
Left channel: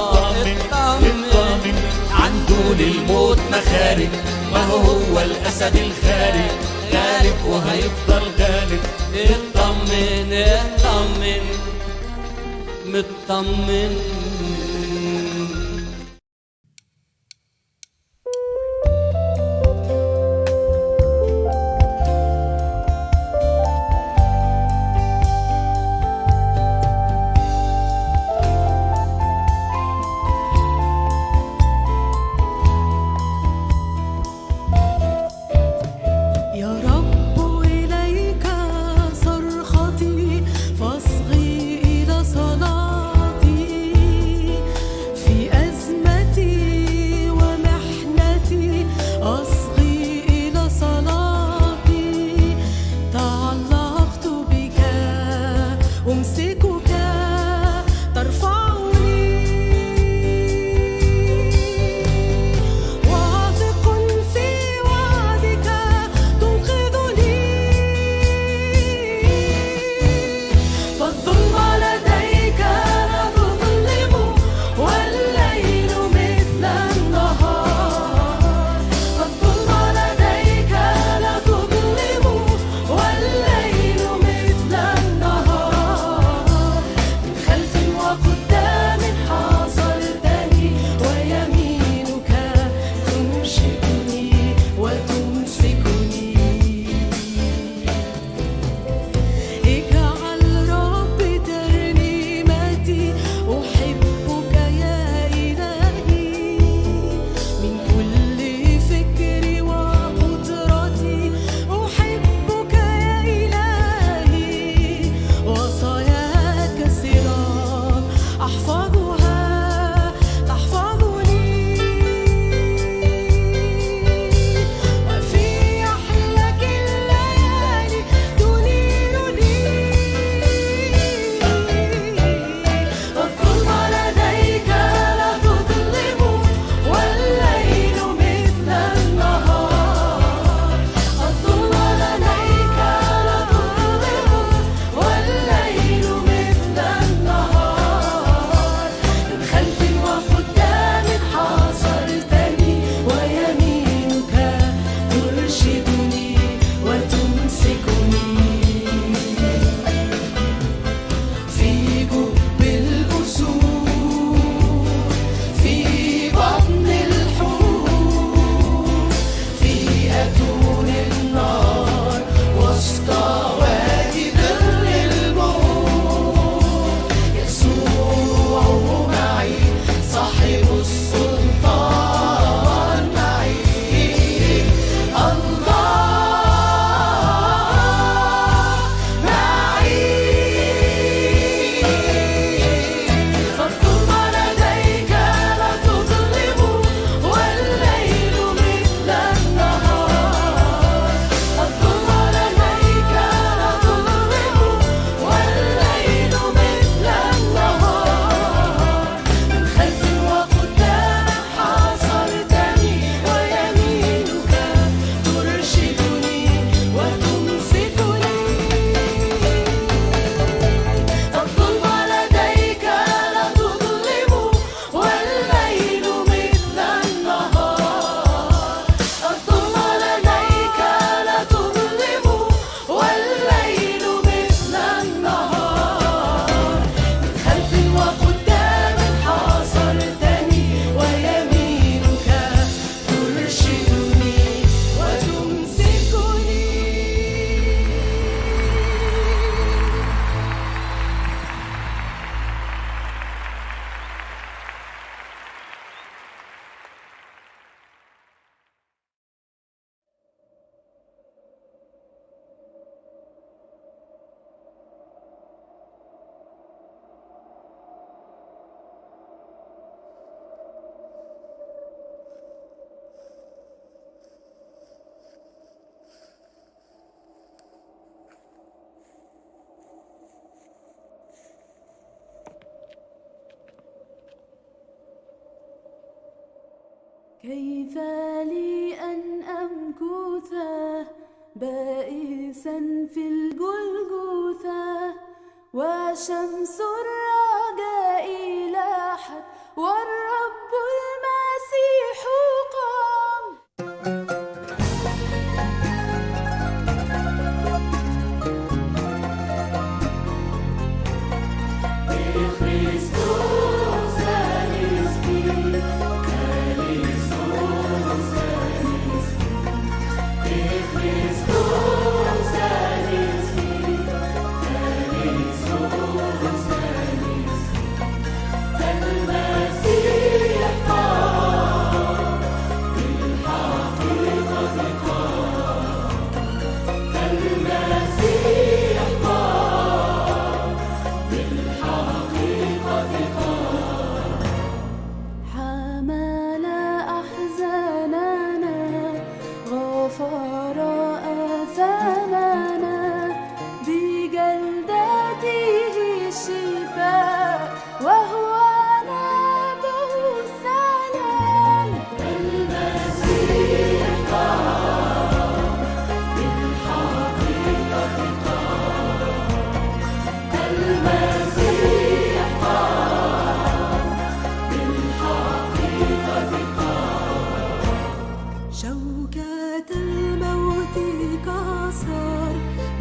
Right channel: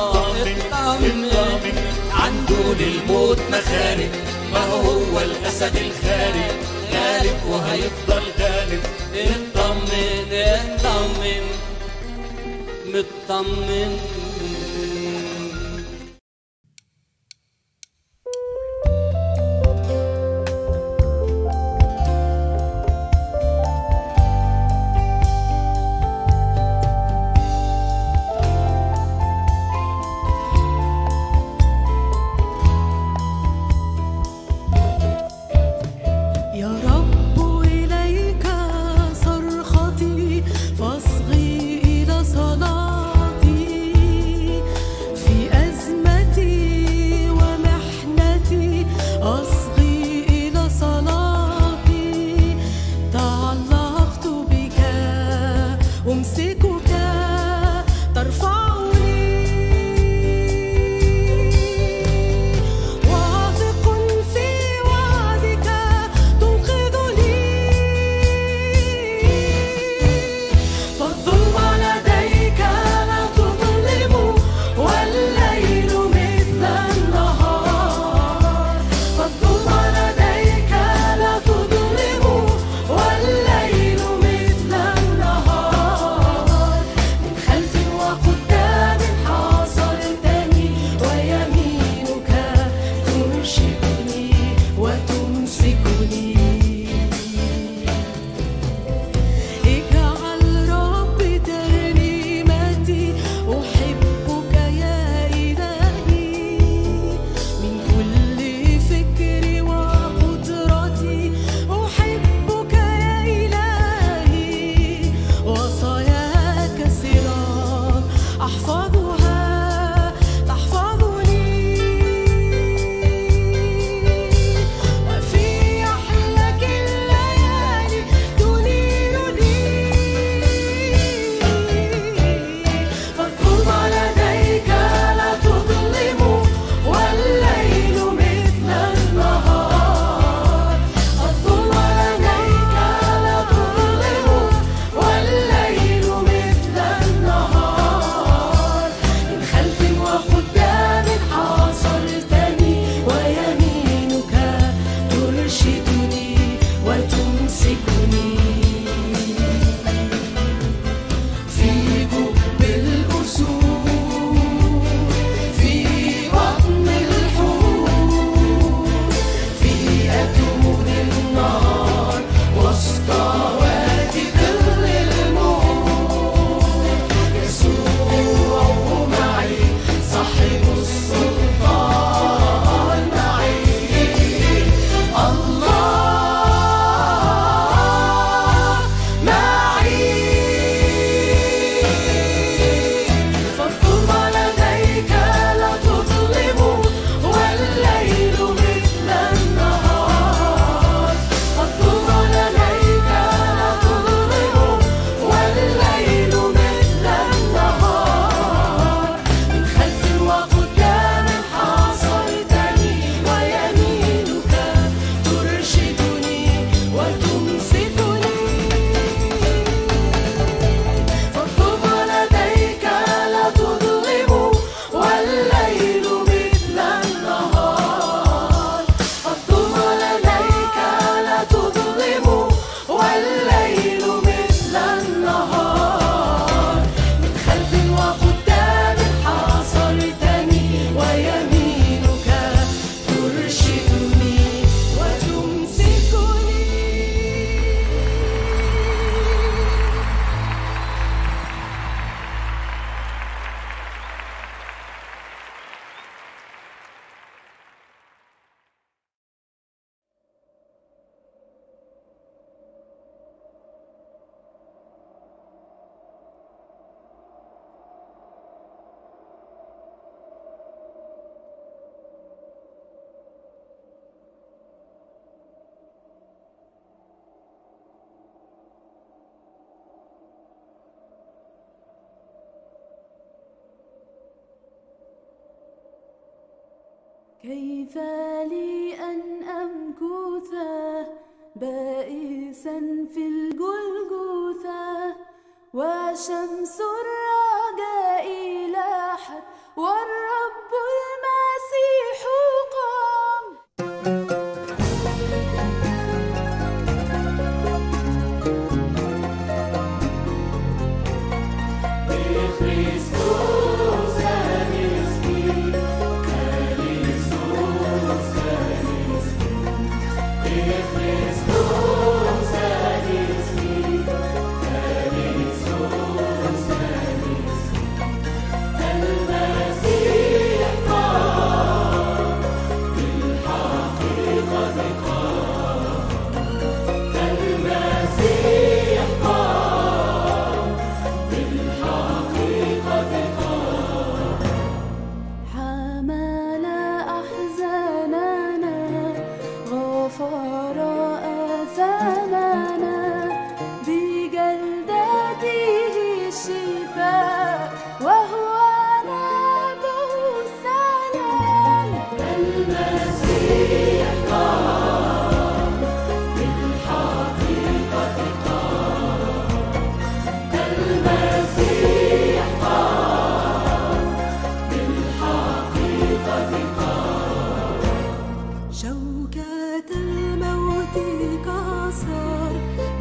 اطمن عنده للموت مخارج، ما هو الاسد الخارج، غالب وهيفضل غالب. اطمن اطمن مطمن. يا رب إليك صرختي، فاصغي إلى صلاتي. كيف لي أن أمكث بائسا في الجلجثة وشمس الرجاء لاحت والرب المسيح قام. حمل أحزاننا غفر آثامنا بجلدته الشفاء وهو نبع السلام. المسيح قام بالحقيقة قام. المسيح قام بالحقيقة قام. شوكة الموت كسر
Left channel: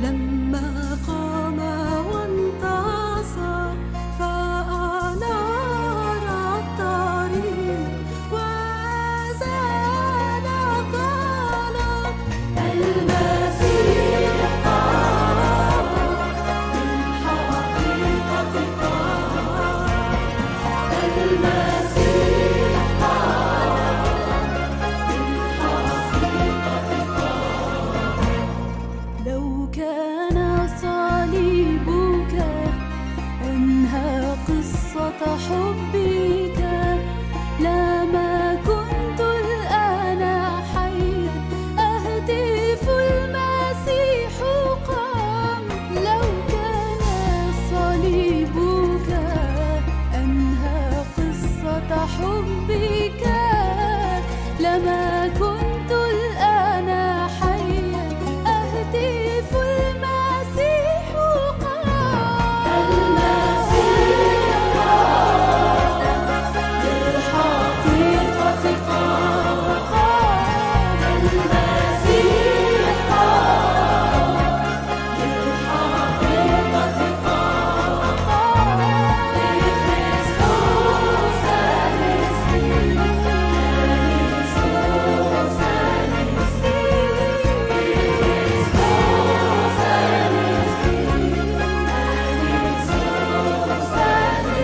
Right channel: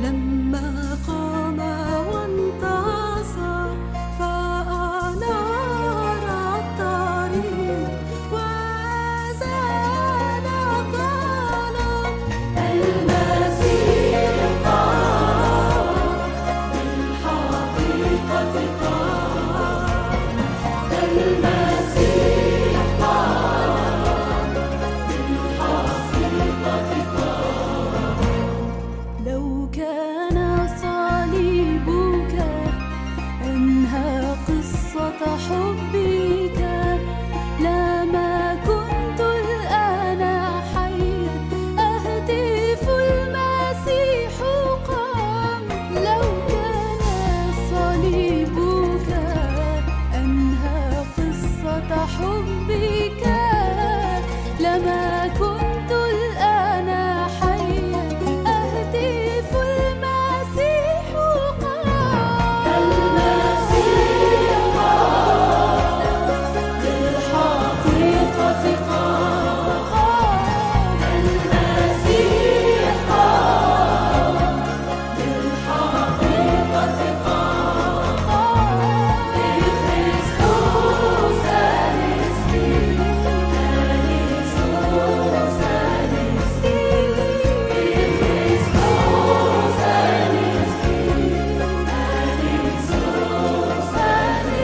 لما قام وانتصر فأنار الطريق وزال الظلام. المسيح قام بالحقيقة قام. المسيح قام بالحقيقة قام. لو كان صليبك أنهى قصة حبك لما كنت الآن حيا أهتف المسيح قام. لو كان صليبك أنهى قصة حبك لما كنت الآن حيا أهتف المسيح قام. المسيح قام بالحقيقة قام. المسيح قام بالحقيقة قام. كريستوس أنستي كريستوس أنستي كريستوس أنستي كريستوس أنستي.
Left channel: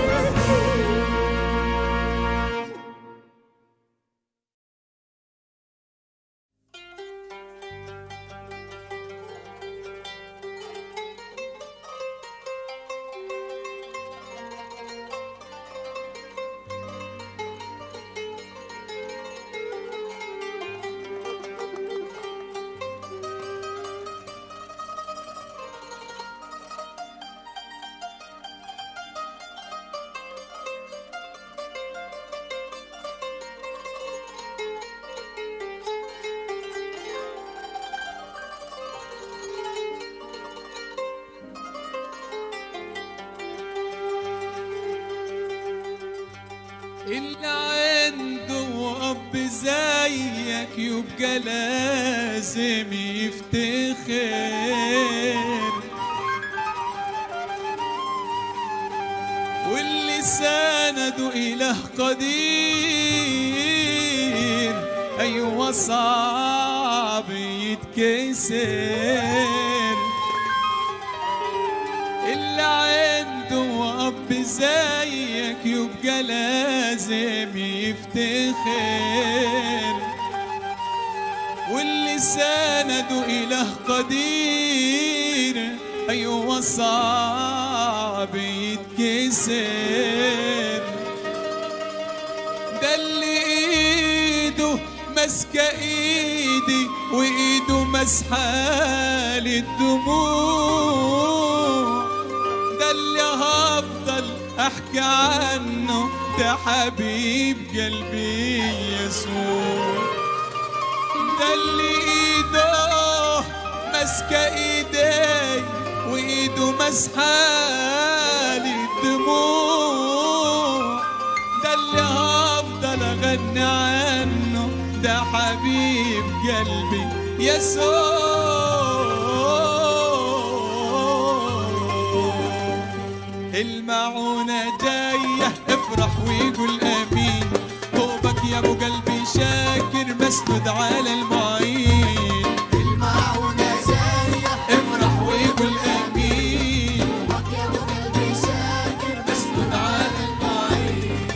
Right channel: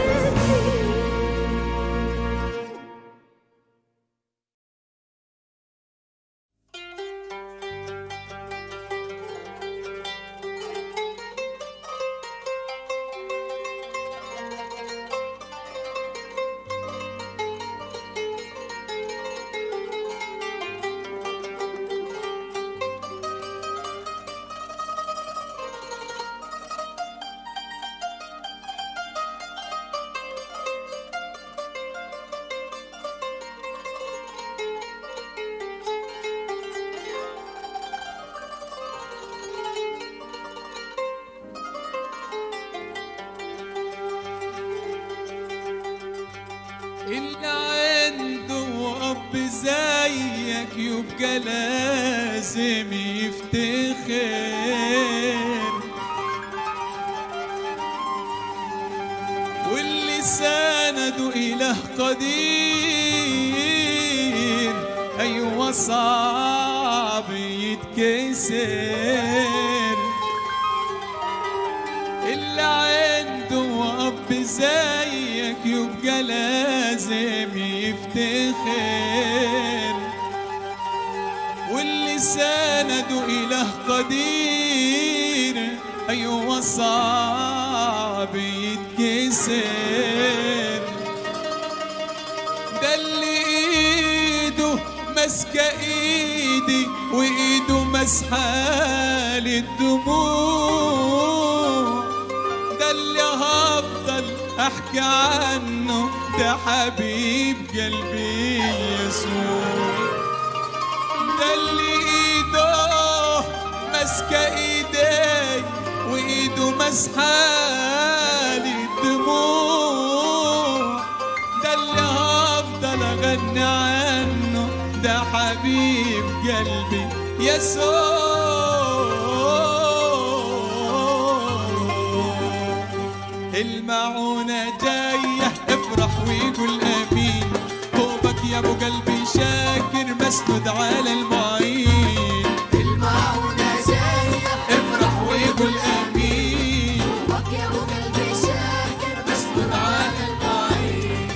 اللي عنده أب زيك يبقى لازم يفتخر، واللي سنده إله قدير أيوة صعب يتكسر. اللي عنده أب زيك يبقى لازم يفتخر، واللي سنده إله قدير أيوة صعب يتكسر. ده اللي إيده ماسكة إيدي وإيده مسحة للدموع، ده اللي هفضل أحكي عنه ده حبيب قلبي يسوع، ده اللي ايده ماسكه ايدي وايده مسحالي الدموع، ده اللي هفضل اغني عنه، ده حبيب قلبي يسوع. المعونة جاية افرح وقول امين، طوبك يا ابو قلبي شاكر مسند على المعين. المعونة جاية افرح وقول امين، طوبك يا ابو قلبي شاكر مسند على المعين.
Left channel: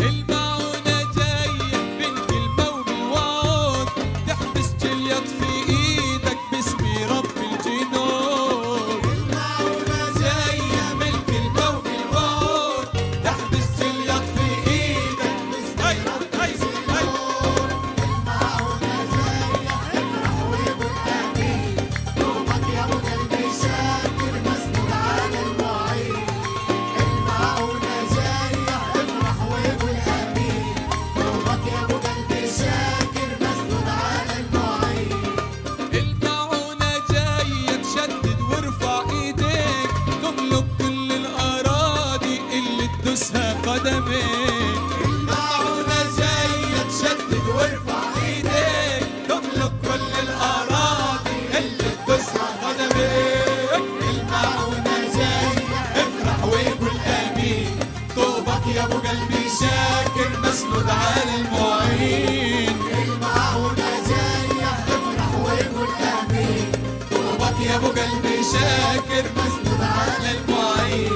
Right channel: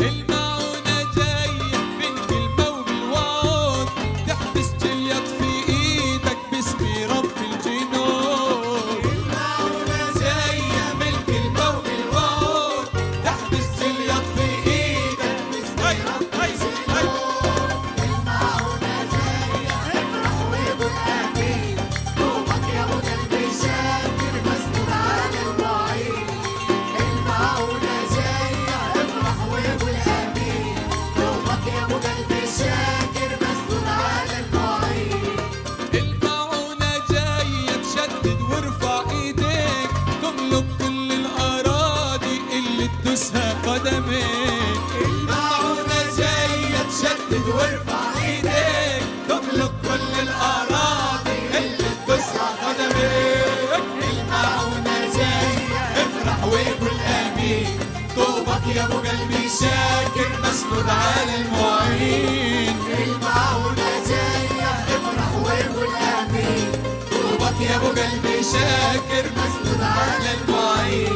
المعونة جاية بالكلمة وبالوعود، تحبس جليط في ايدك باسم رب الجنود. المعونة جاية بالكلمة وبالوعود، تحبس جليط في ايدك باسم رب الجنود. المعونة جاية افرح وقول امين، طوبك يا ابو قلبي شاكر مسند على المعين. المعونة جاية افرح وقول امين، طوبك يا ابو قلبي شاكر مسند على المعين. المعونة جاية تشدد وارفع ايديك، تملك كل الاراضي اللي تدوسها قدميك. المعونة جاية تشدد وارفع ايديك، تملك كل الاراضي اللي تدوسها قدميك. المعونة جاية افرح وقول امين، طوبك يا ابو قلبي شاكر مسند على المعين. المعونة جاية افرح وقول امين، طوبك يا ابو قلبي شاكر مسند على المعين.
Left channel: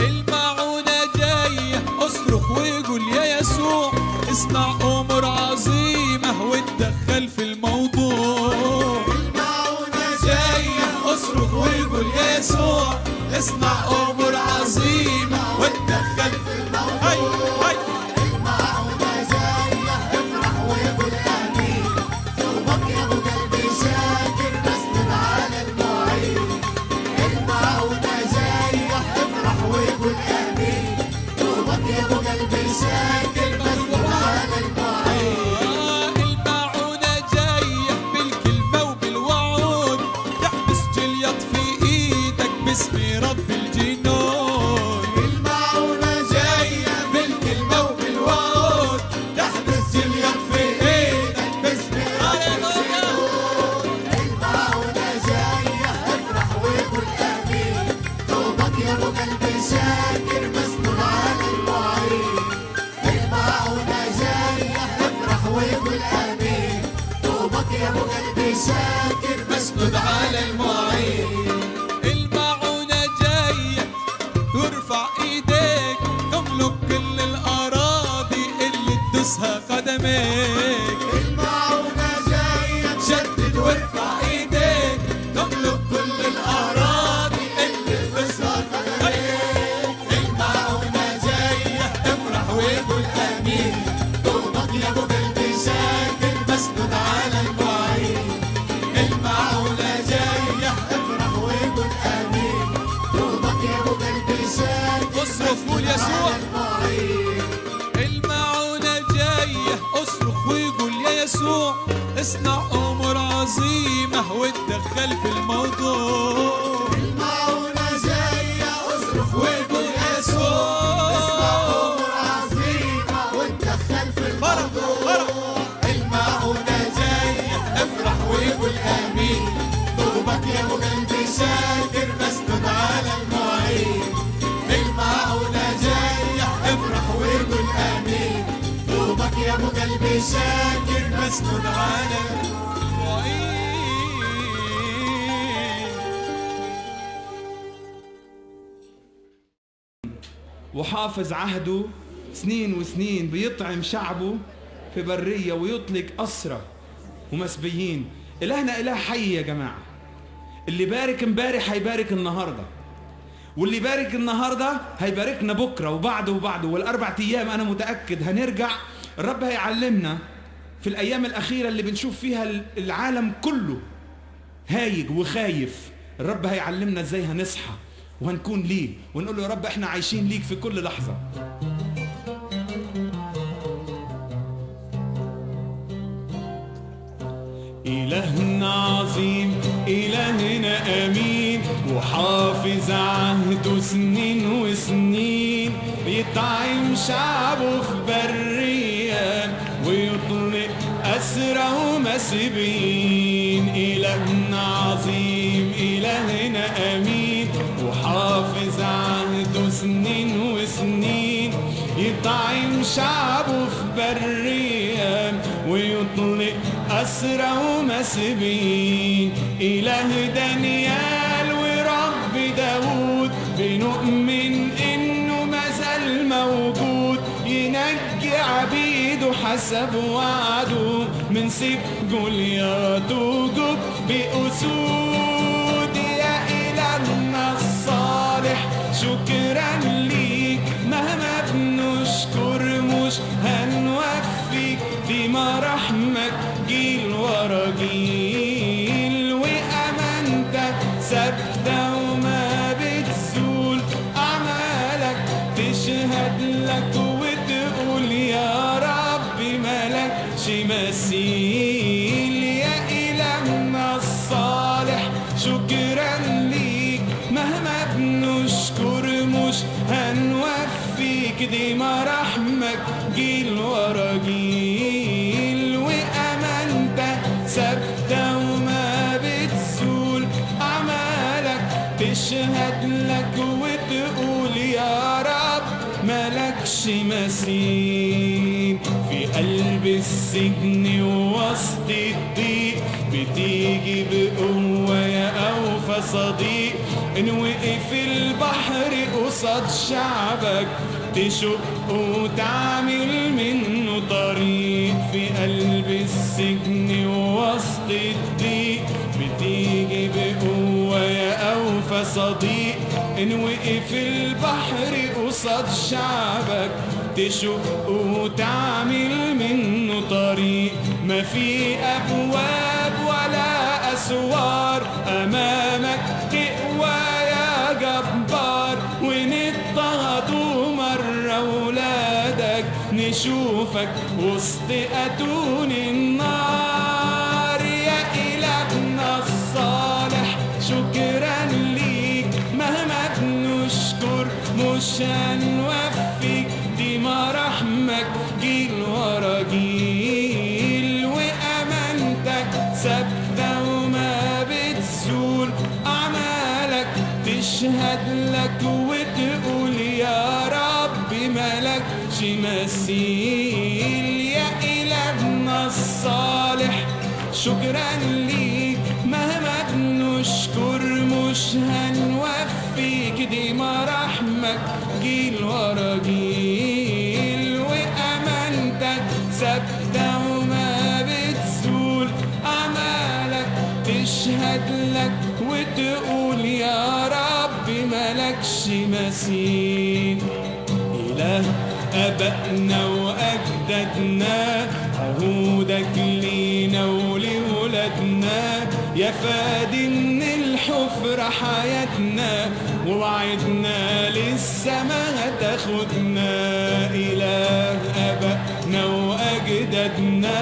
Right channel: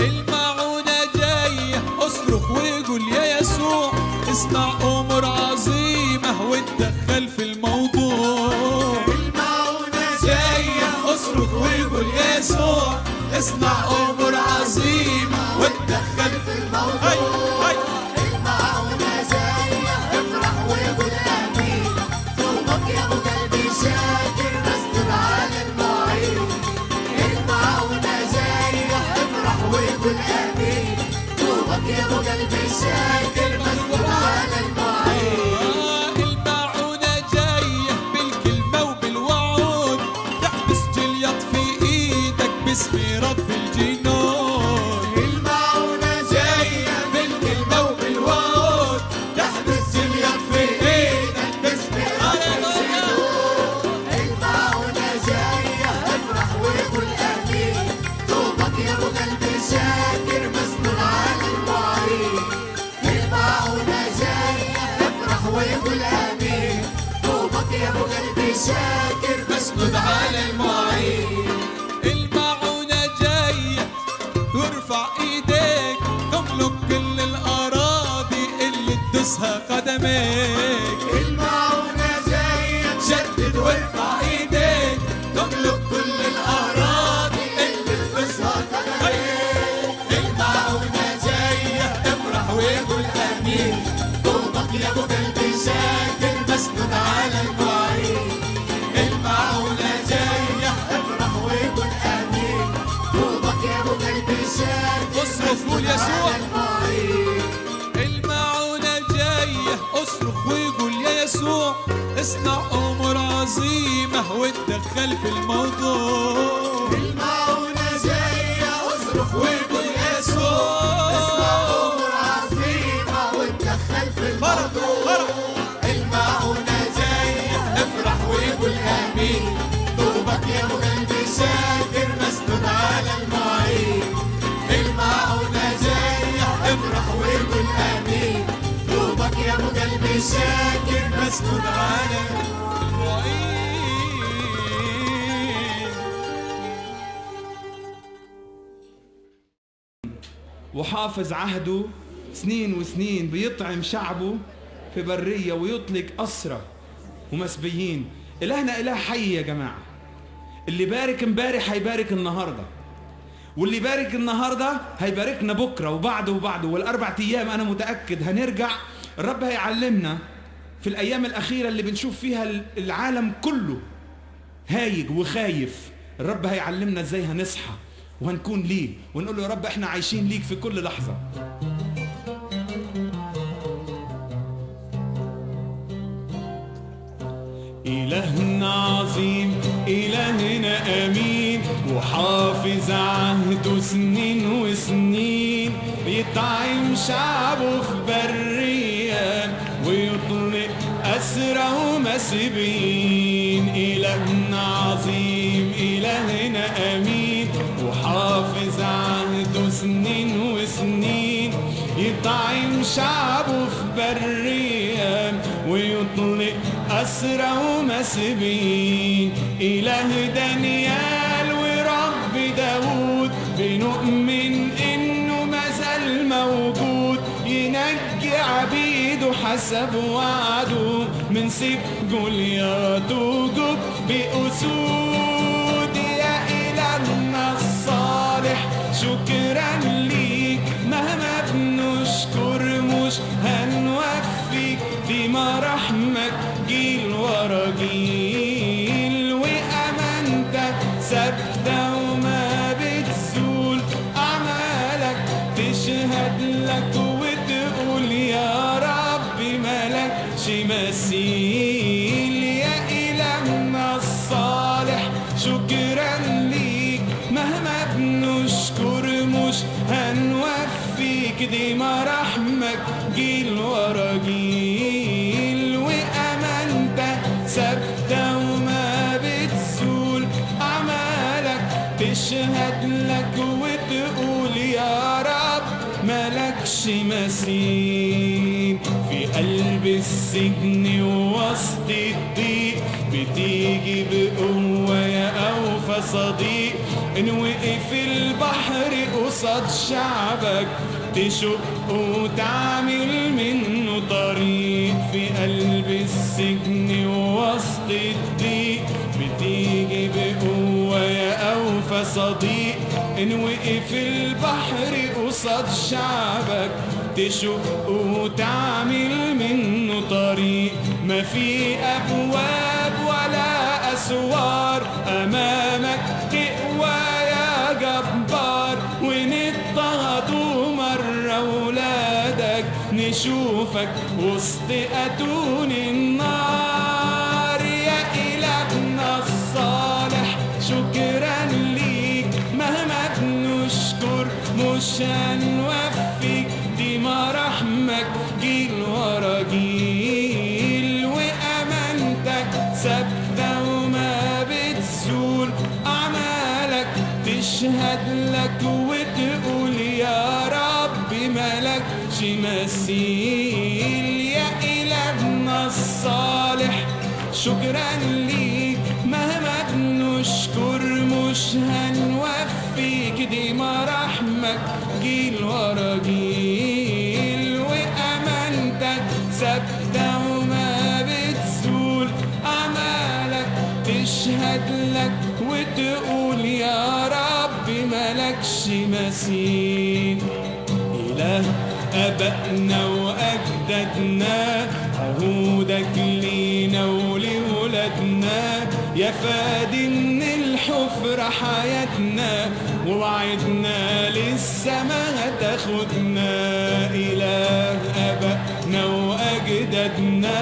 المعونة جاية اصرخ وقول يا يسوع، اصنع امور عظيمة واتدخل في الموضوع. المعونة جاية اصرخ وقول يا يسوع، اصنع امور عظيمة واتدخل في الموضوع. المعونة جاية افرح وقول امين، طوبك يا ابو قلبي شاكر مسند على المعين. المعونة جاية افرح وقول امين، طوبك يا ابو قلبي شاكر مسند على المعين. المعونة جاية بالكلمة وبالوعود، تحبس جليط في ايدك باسم رب الجنود. المعونة جاية بالكلمة وبالوعود، تحبس جليط في ايدك باسم رب الجنود. المعونة جاية افرح وقول امين، طوبك يا ابو قلبي شاكر مسند على المعين. المعونة جاية افرح وقول امين، طوبك يا ابو قلبي شاكر مسند على المعين. المعونة جاية وارفع ايديك، تملك كل الاراضي اللي تدوسها قدميك. المعونة جاية تشدد وارفع ايديك، تملك كل الاراضي اللي تدوسها قدميك. المعونة جاية افرح وقول امين، طوبك يا ابو قلبي شاكر مسند على المعين. المعونة جاية افرح وقول امين، طوبك يا ابو قلبي شاكر اصرخ قول يسوع. المعونة جاية اصرخ وقول يا يسوع، اصنع امور عظيمة واتدخل في الموضوع. المعونة جاية اصرخ وقول يا يسوع، اصنع امور عظيمة واتدخل في الموضوع. المعونة جاية افرح وقول امين، طوبك يا ابو قلبي شاكر مسند على المعين. المعونة جاية افرح وقول امين، طوبك يا ابو قلبي شاكر مسند على المعين. وحافظ عهده سنين وسنين، بيطعم شعبه في برية ويطلق أسرى ومسبيين. إلهنا إله حي يا جماعة، اللي بارك امبارح هيبارك النهاردة، واللي بارك النهاردة هيباركنا بكرة وبعده وبعده، والأربع أيام أنا متأكد هنرجع. الرب هيعلمنا في الأيام الأخيرة اللي بنشوف فيها العالم كله هايج وخايف، الرب هيعلمنا إزاي هنصحى وهنكون ليه ونقول له يا رب احنا عايشين ليك في كل لحظة. إلهنا أمين وحافظ عهده سنين وسنين، بيطعم شعبه في برية ويطلق أسرى ومسبين. إلهنا عظيم إلهنا أمين وحافظ عهده سنين وسنين، يطعم شعبه في برية ويطلق أسرى ومسبين. إله دانيال ورب داود بنؤمن إنه مازال موجود، ينجي عبيده حسب وعده من سيف جولياط وجب بأسود. يا إلهنا الصالح شكرا ليك، مهما بنشكر مش هنوفيك، دي مراحمك جيل ورا جيل، وأمانتك ثابتة وما بتزول، أعمالك تشهد لك وتقول يا رب ملكش مثيل. يا إلهنا الصالح شكرا ليك، مهما بنشكر مش هنوفيك، دي مراحمك جيل ورا جيل، وأمانتك ثابتة وما بتزول، أعمالك تشهد لك وتقول يا رب ملكش مثيل. في قلب السجن ووسط الضيق بتيجي بقوة يا أوفى صديق، إن وقف البحر قصاد شعبك تشق وتعمل منه طريق. في قلب السجن ووسط الضيق بتيجي بقوة يا أوفى صديق، إن وقف البحر قصاد شعبك تشق وتعمل منه طريق. ما في أبواب ولا أسوار أمامك تقوى يا جبار، ونضطهدوا مرة ولادك نشوفك وسط أتون النار. يا إلهنا الصالح شكرا ليك، مهما بنشكر مش هنوفيك، دي مراحمك جيل ورا جيل، وأمانتك ثابتة وما بتزول، أعمالك تشهد لك وتقول يا رب ملكش مثيل. يا إلهنا الصالح شكرا ليك، مهما بنشكر مش هنوفيك، دي مراحمك جيل ورا جيل، وأمانتك ثابتة وما بتزول، أعمالك تشهد لك وتقول يا رب ملكش مثيل. إله أبائنا وأجدادنا عهودك لينا ولولادنا، يا فادي من الحفرة حياتنا ووعدنا للسما هتاخدنا. إله أبائنا وأجدادنا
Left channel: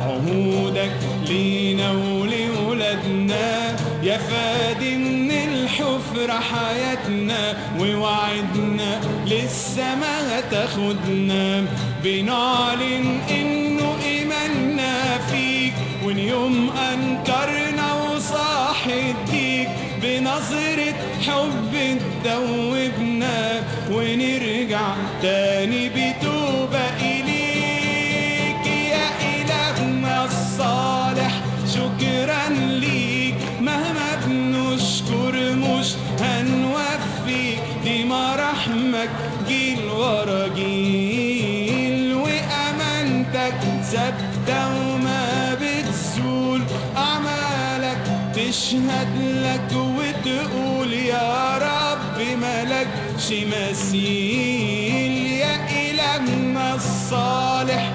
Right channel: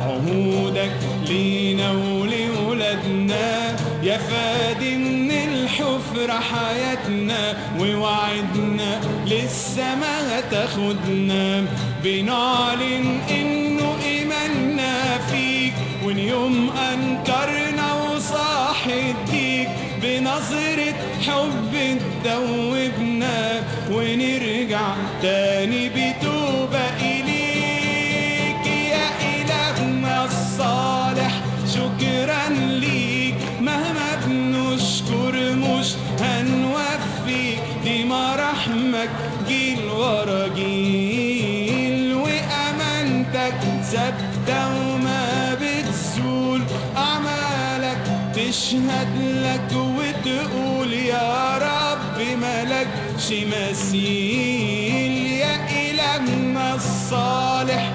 عهودك لينا ولولادنا، يا فادي من الحفرة حياتنا ووعدنا للسما هتاخدنا. بنعلن إنه إيماننا فيك، وإن يوم أنكرنا وصاح الديك بنظرة حب تدوبنا، ونرجع تاني بتوبة إليك. يا إلهنا الصالح شكرا ليك، مهما بنشكر مش هنوفيك، دي مراحمك جيل ورا جيل، وأمانتك ثابتة وما بتزول، أعمالك تشهد لك وتقول يا رب ملكش مثيل. يا إلهنا الصالح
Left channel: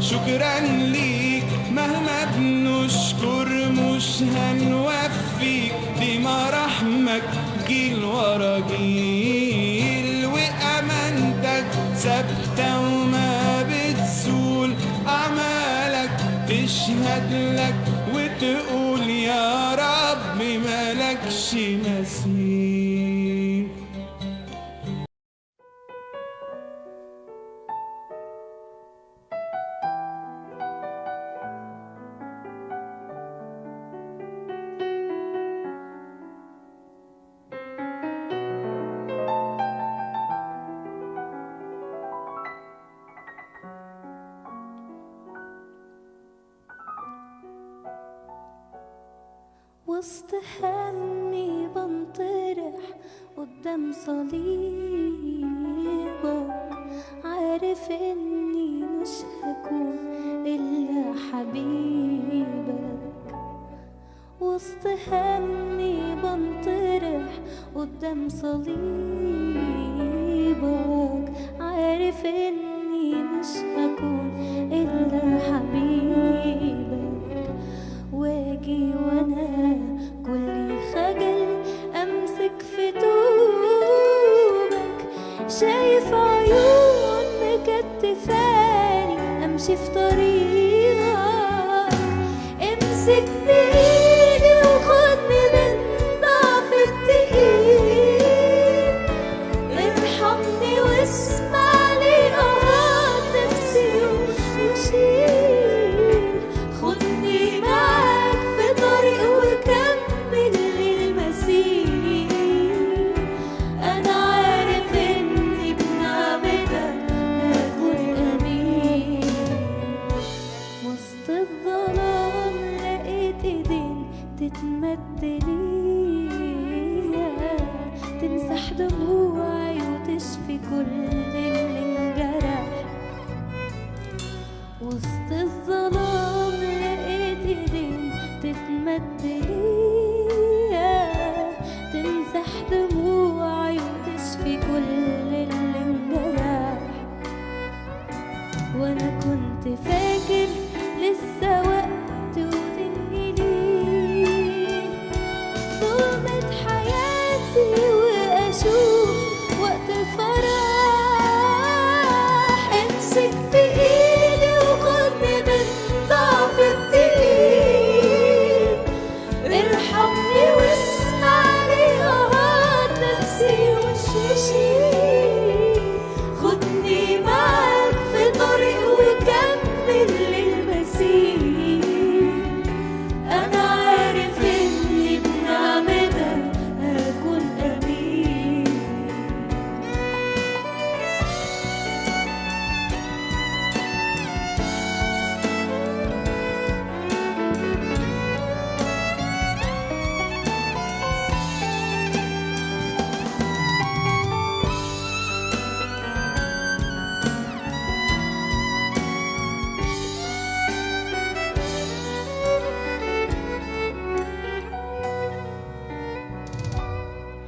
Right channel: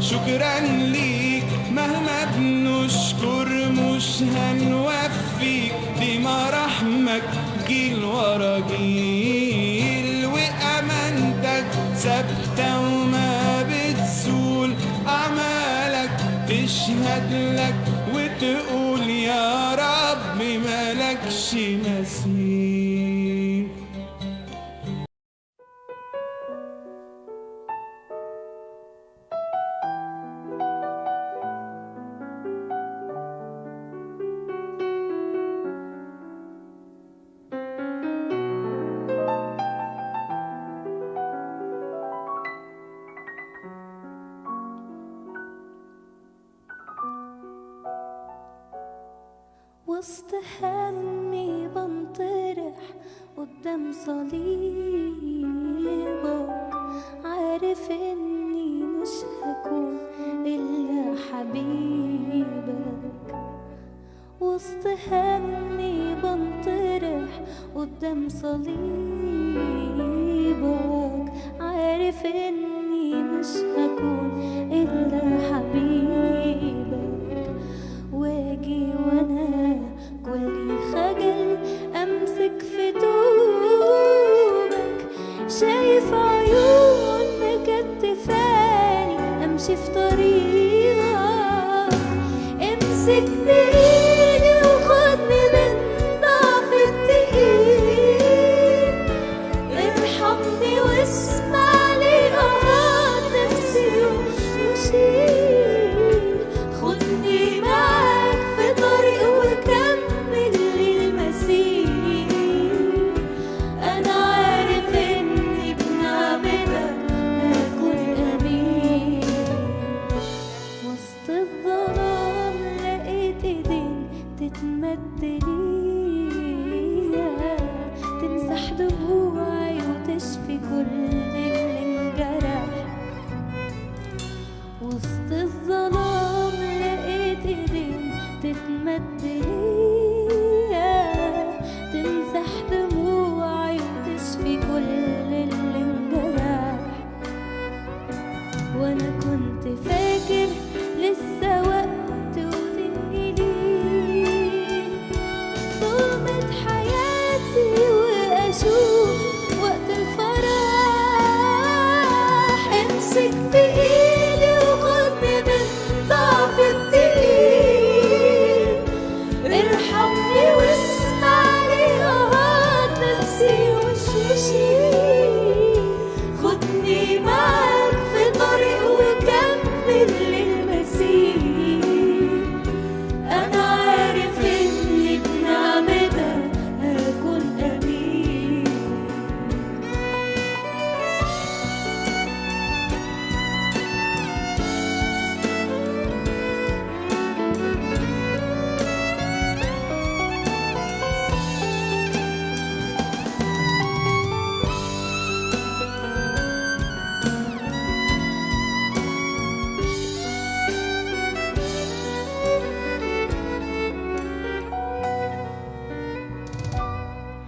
شكرا ليك، مهما بنشكر مش هنوفيك، دي مراحمك جيل ورا جيل، وأمانتك ثابتة وما بتزول، أعمالك تشهد لك وتقول يا رب وسط همي بنطرح قدام صليبك، عارف اني مش هكون الا حبيبك. وسط همي بنطرح قدام صليبك، عارف اني مش هكون الا حبيبك. واجي وانا كلي خجل امسك في دوبك، شايف عيون مكتفاني امشي في طريقك. امسك بايدي وخدني من ضعف الدقيق، ارحمني واسمع لي اهات نفسي وشيل. خدني معاك في طريق وكمل للمسير. انا عارف اني بنعمتك هكون امين. وسط الظلام لقيت ايدين تتمد ليا، تمسح دموعي وتشفي كل اللي انجرح. وسط الظلام لقيت ايدين تتمد ليا، تمسح دموعي وتشفي كل اللي انجرح. وانا كنت فاكر لسه وقت وتنجلي ظلمة حياتي واشوف وقت الفرح. امسك في ايدي وخدني من ضعف الدقيق، ارحمني واسمع لي اهات نفسي وشيل. خدني معاك في طريق وكمل للمسير. انا عارف اني بنعمتك هكون امين.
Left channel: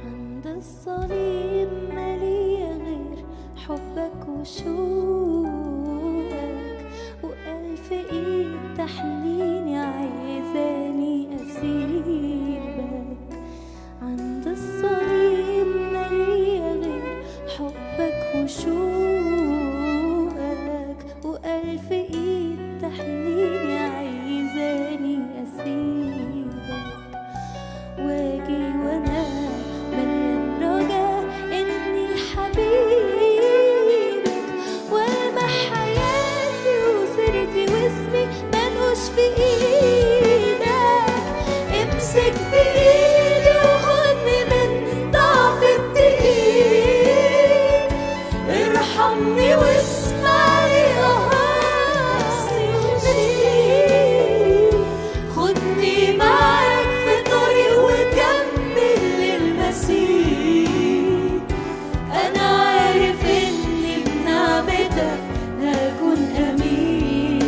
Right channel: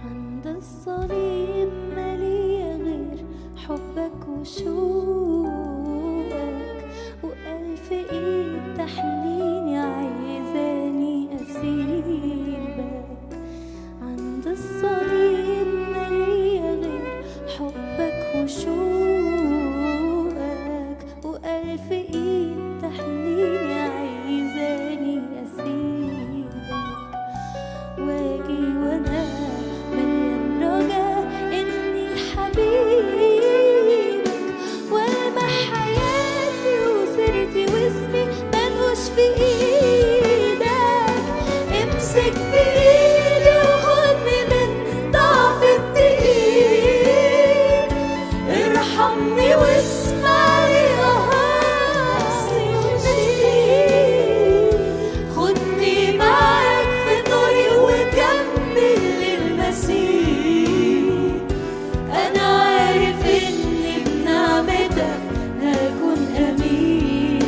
عند الصليب مالية غير حبك وشوقك، وألف إيد تحنيني عايزاني أسيبك. عند الصليب مالية غير حبك وشوقك، وألف إيد تحنيني عايزاني أسيبك. واجي وانا مليان رجا اني حبيبك، والمح حياتي وسيرتي واسمي ملوش في ايدك. امسك بايدي وخدني من ضعف الدقيق، ارحمني واسمع لي اهاتي وشيل. خدني معاك في طريق وكمل للمسير. انا عارف اني بنعمتك هكون امين.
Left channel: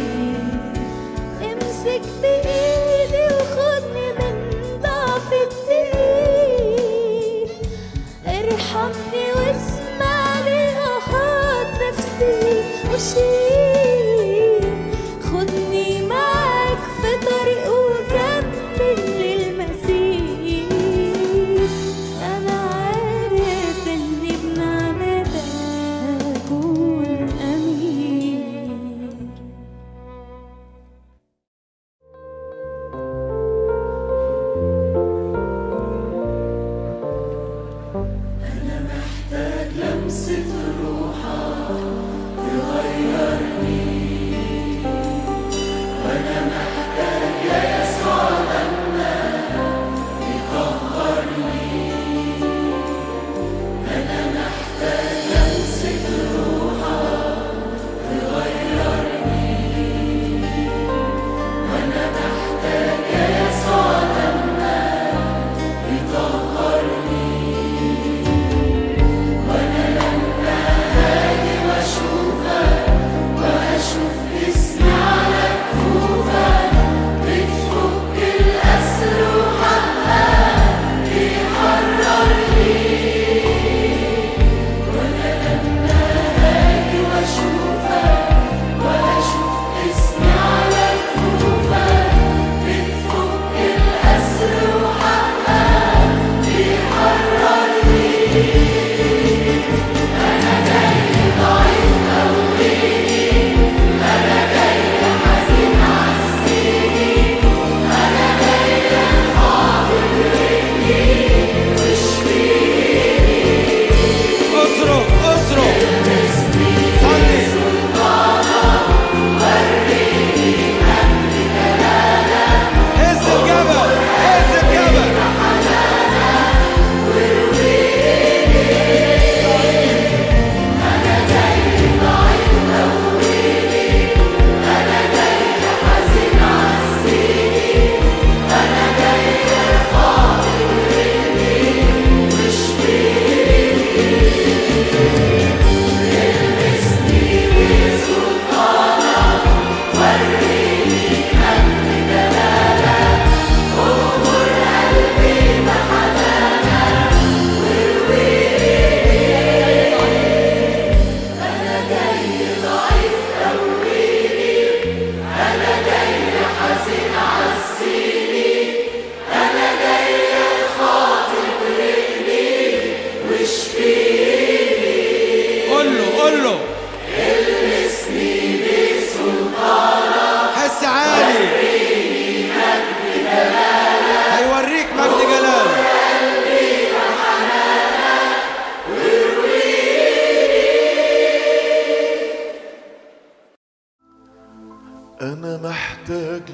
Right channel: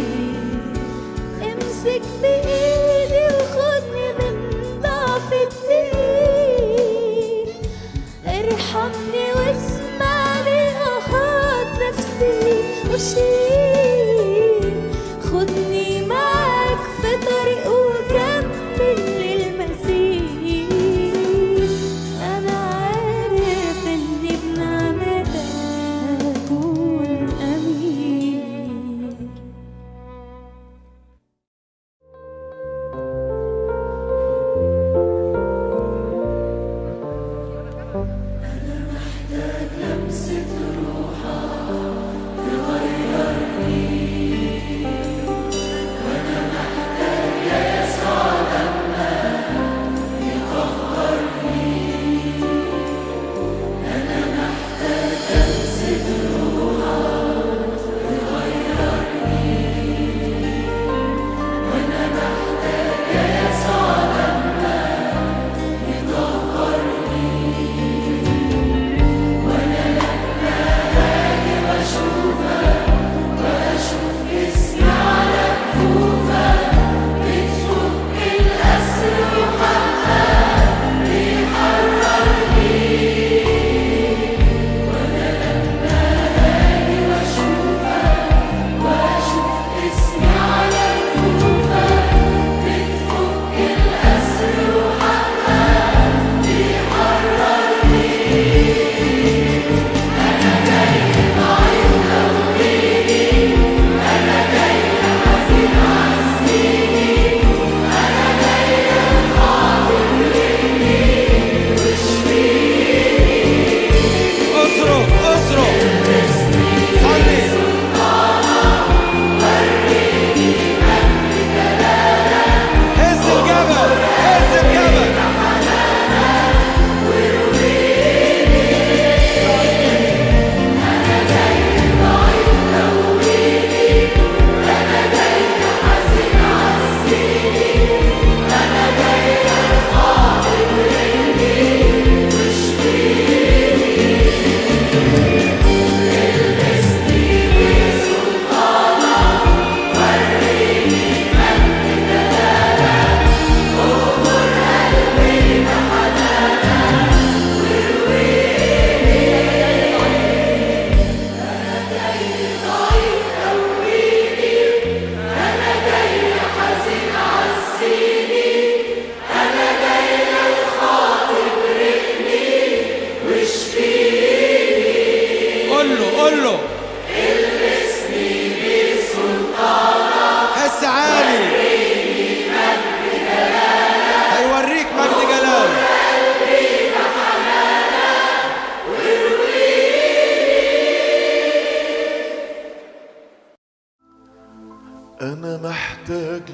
امسك بايدي وخدني من ضعف الدقيق، ارحمني واسمع لي اهات نفسي وشيل. خدني معاك في طريق وكمل للمسير. انا عارف اني بنعمتك هكون امين.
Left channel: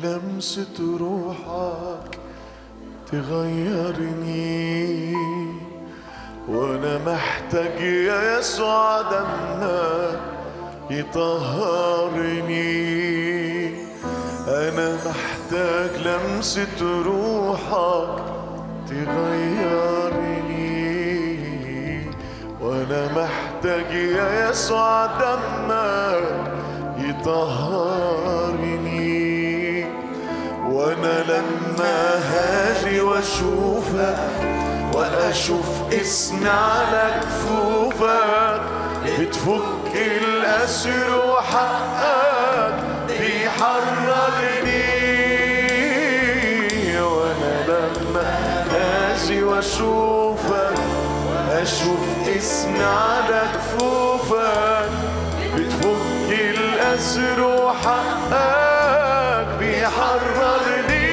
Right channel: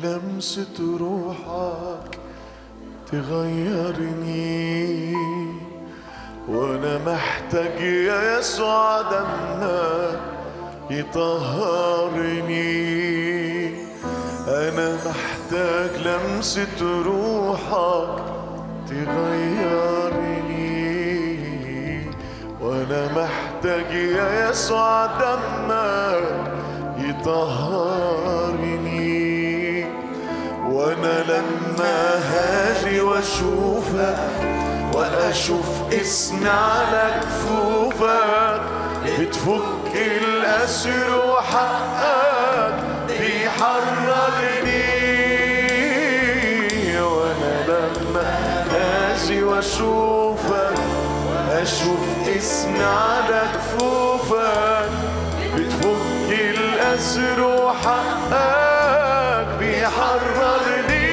لمسة روحك تغيرني، وانا محتاج يا يسوع دمك يطهرني. انا محتاج لمسة روحك تغيرني، وانا محتاج يا يسوع دمك يطهرني. وانا لما هاجي واشوفك واشوف اسمي على كفوفك بتفك الاسر وحقك بيحررني. وانا لما هاجي واشوفك اشوف اسمي على كفوفك بتفك الاسر وحقك بيحررني.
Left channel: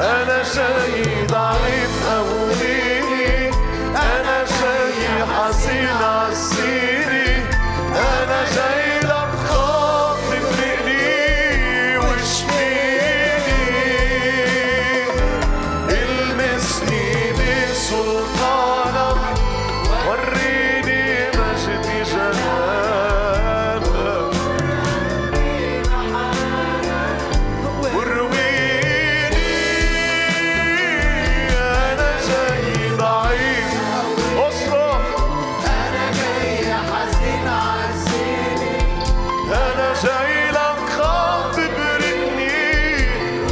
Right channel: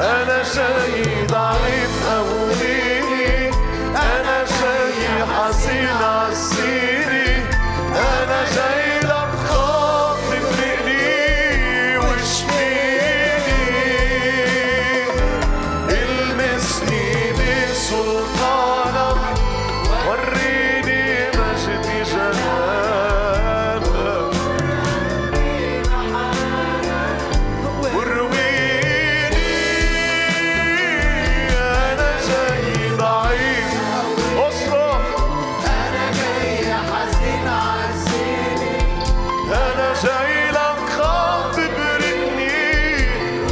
انا شاي ضعيف قوي، انا شاي حزين عالسيري، انا جاي لك خاطب رقني واشفيني. المسني بسلطانك وريني مجد جلالك، ورويني. انا جاي ضعيف اصرخ، انا جاي حزين عالسيري، انا جاي لك خاطب رقني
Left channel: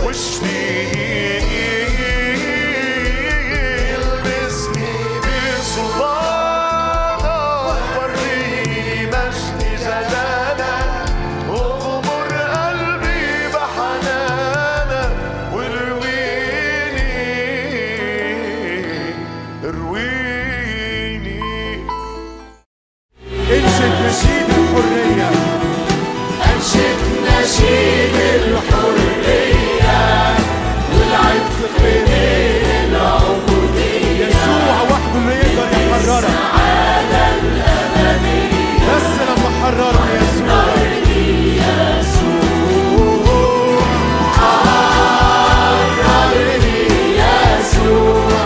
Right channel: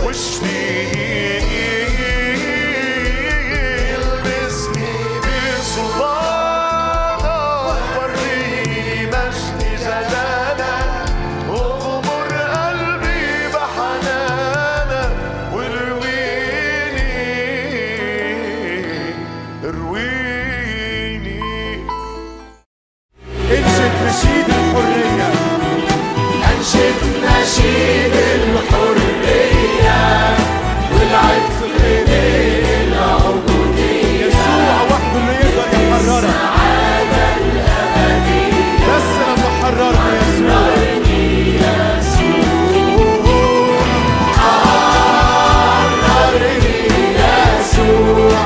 واشفيني. البسني بسلطانك وريني مجد جلالك، اغمر قلبي بحنانك وارويني ارويني. انشد نشيد الحرية، انشد نشيد الحرية والعتق من العبودية. يسوع وحده اللي يقدر يحررك، بس لما حررني يسوع. حررني يسوع،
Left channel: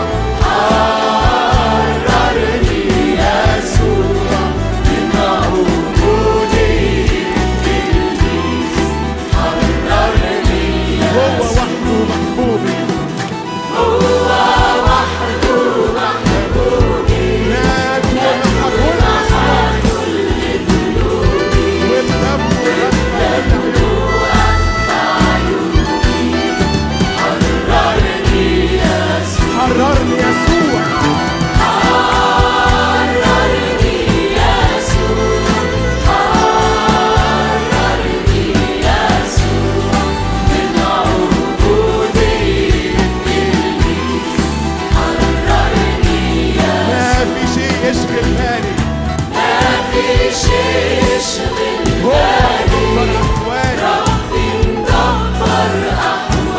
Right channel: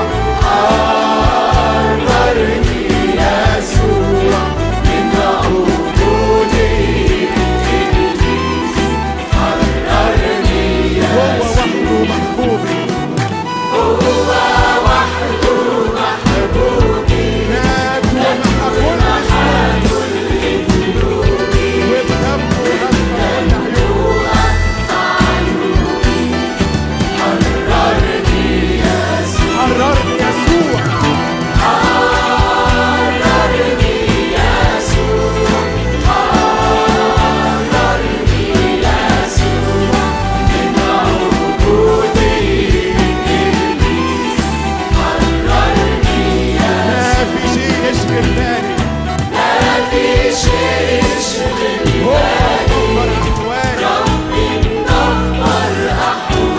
حررني يسوع من عبودية إبليس. حررني هو وحده محبوبي، مات ومحى كل الذنوب، والدم غطى كل عيوب. حررني يسوع، ما في شيء يشغل بالي، هو مدبر أحوالي.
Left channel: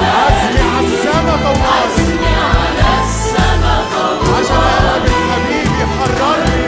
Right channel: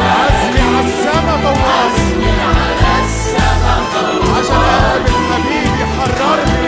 عزمي على السما طوالي، عشان اقابل حبيبي حررني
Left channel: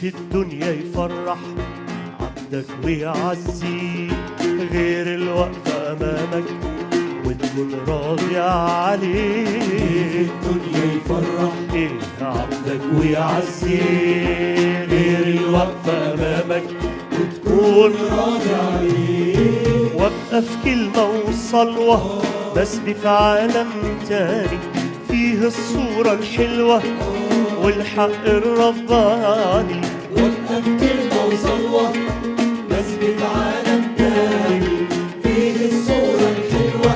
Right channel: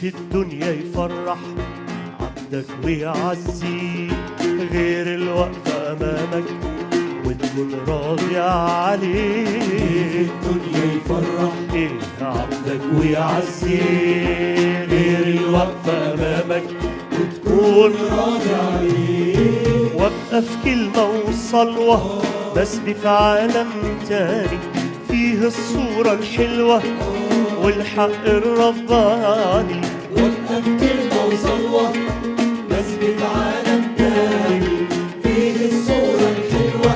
في الدنيا يفرح عبدك ويعزيك غير الوقفة أمامك وتكون راضي عليك. الدنيا يفرح عبدك ويعزيك غير الوقفة أمامك وتكون راضي عليك. وابقى في كلمة وصلوة بسبي في عالم تاني فيه الصورة الحلوة والحق الرباني. وابقى في كلمة وصلوة بسبي في عالم تاني فيه الصورة الحلوة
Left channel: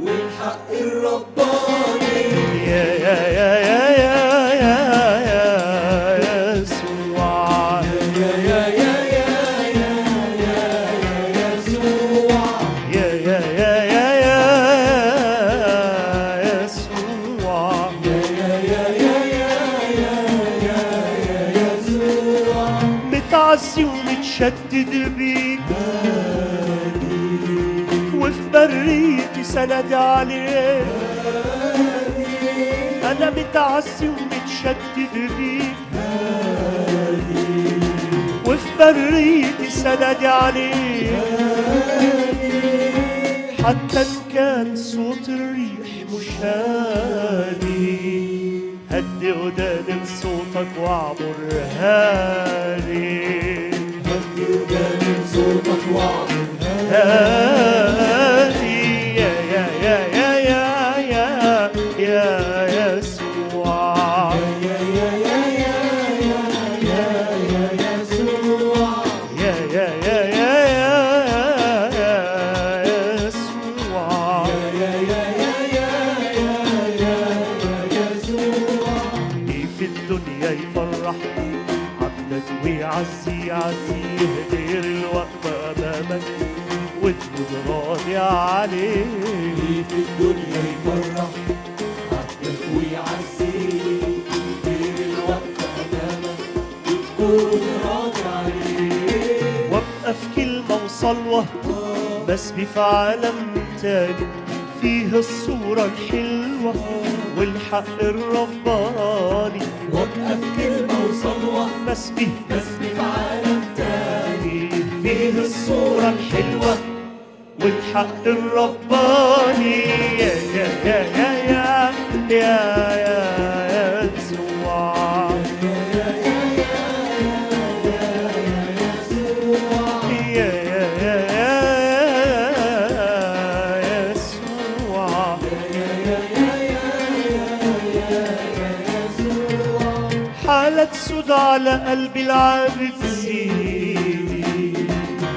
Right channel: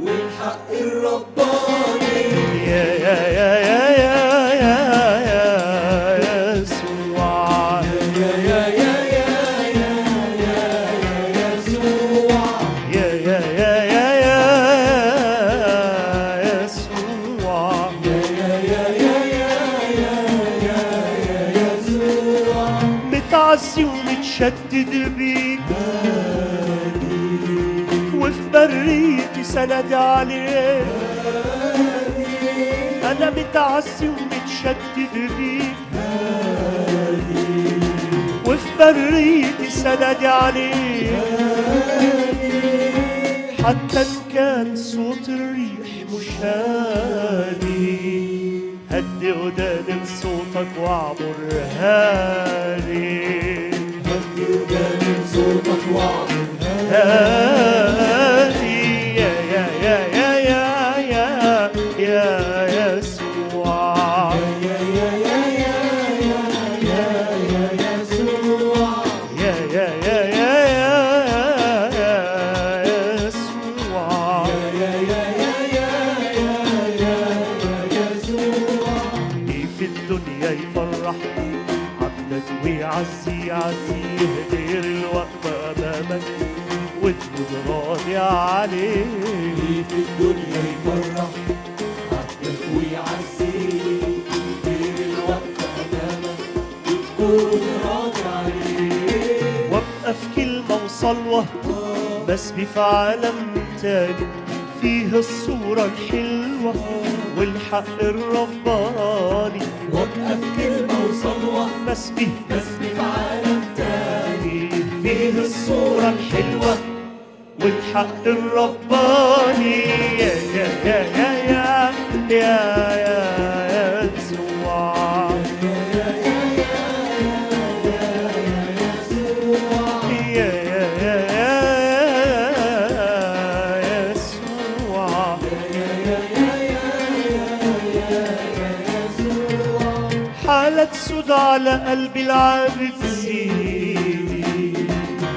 والحق الرباني. يا يا يا يا يا يا يا يسوع يا يا يا يا يا يا يا يسوع يا يا يا يا يا يسوع يا يا يا يا يا يا يا يسوع. متعزي ومتشدد بيك وفي بريتي سند عليك. أنا متعزي ومتشدد بيك وفي بريتي سند عليك. حتى إن كان صوت الريح مش هادي هدي وداني لصوتك واعبر هادي. هدي وداني لصوتك واعبر هادي يا يا يا يا يا يا يا يسوع يا يا يا يا يا يا يا يسوع يا يا يا يا يا يسوع يا يا يا يا يا يا يسوع. في الدنيا يفرح عبدك ويعزي عزيه غير الوقفة أمامك وتكون راضي عليه. في الدنيا يفرح عبدك ويعزيك غير الوقفة أمامك وتكون راضي عليك. وابقى في كلمة وصلوة بسبي في عالم تاني فيه الصورة الحلوة والحق الرباني. وابقى في كلمة وصلوة بسبي بسبي في عالم تاني فيه الصورة الحلوة والحق الرباني. يا يا يا يا يا يا يسوع يا يا يا يسوع. حالة سود على قلبي العابد سيدي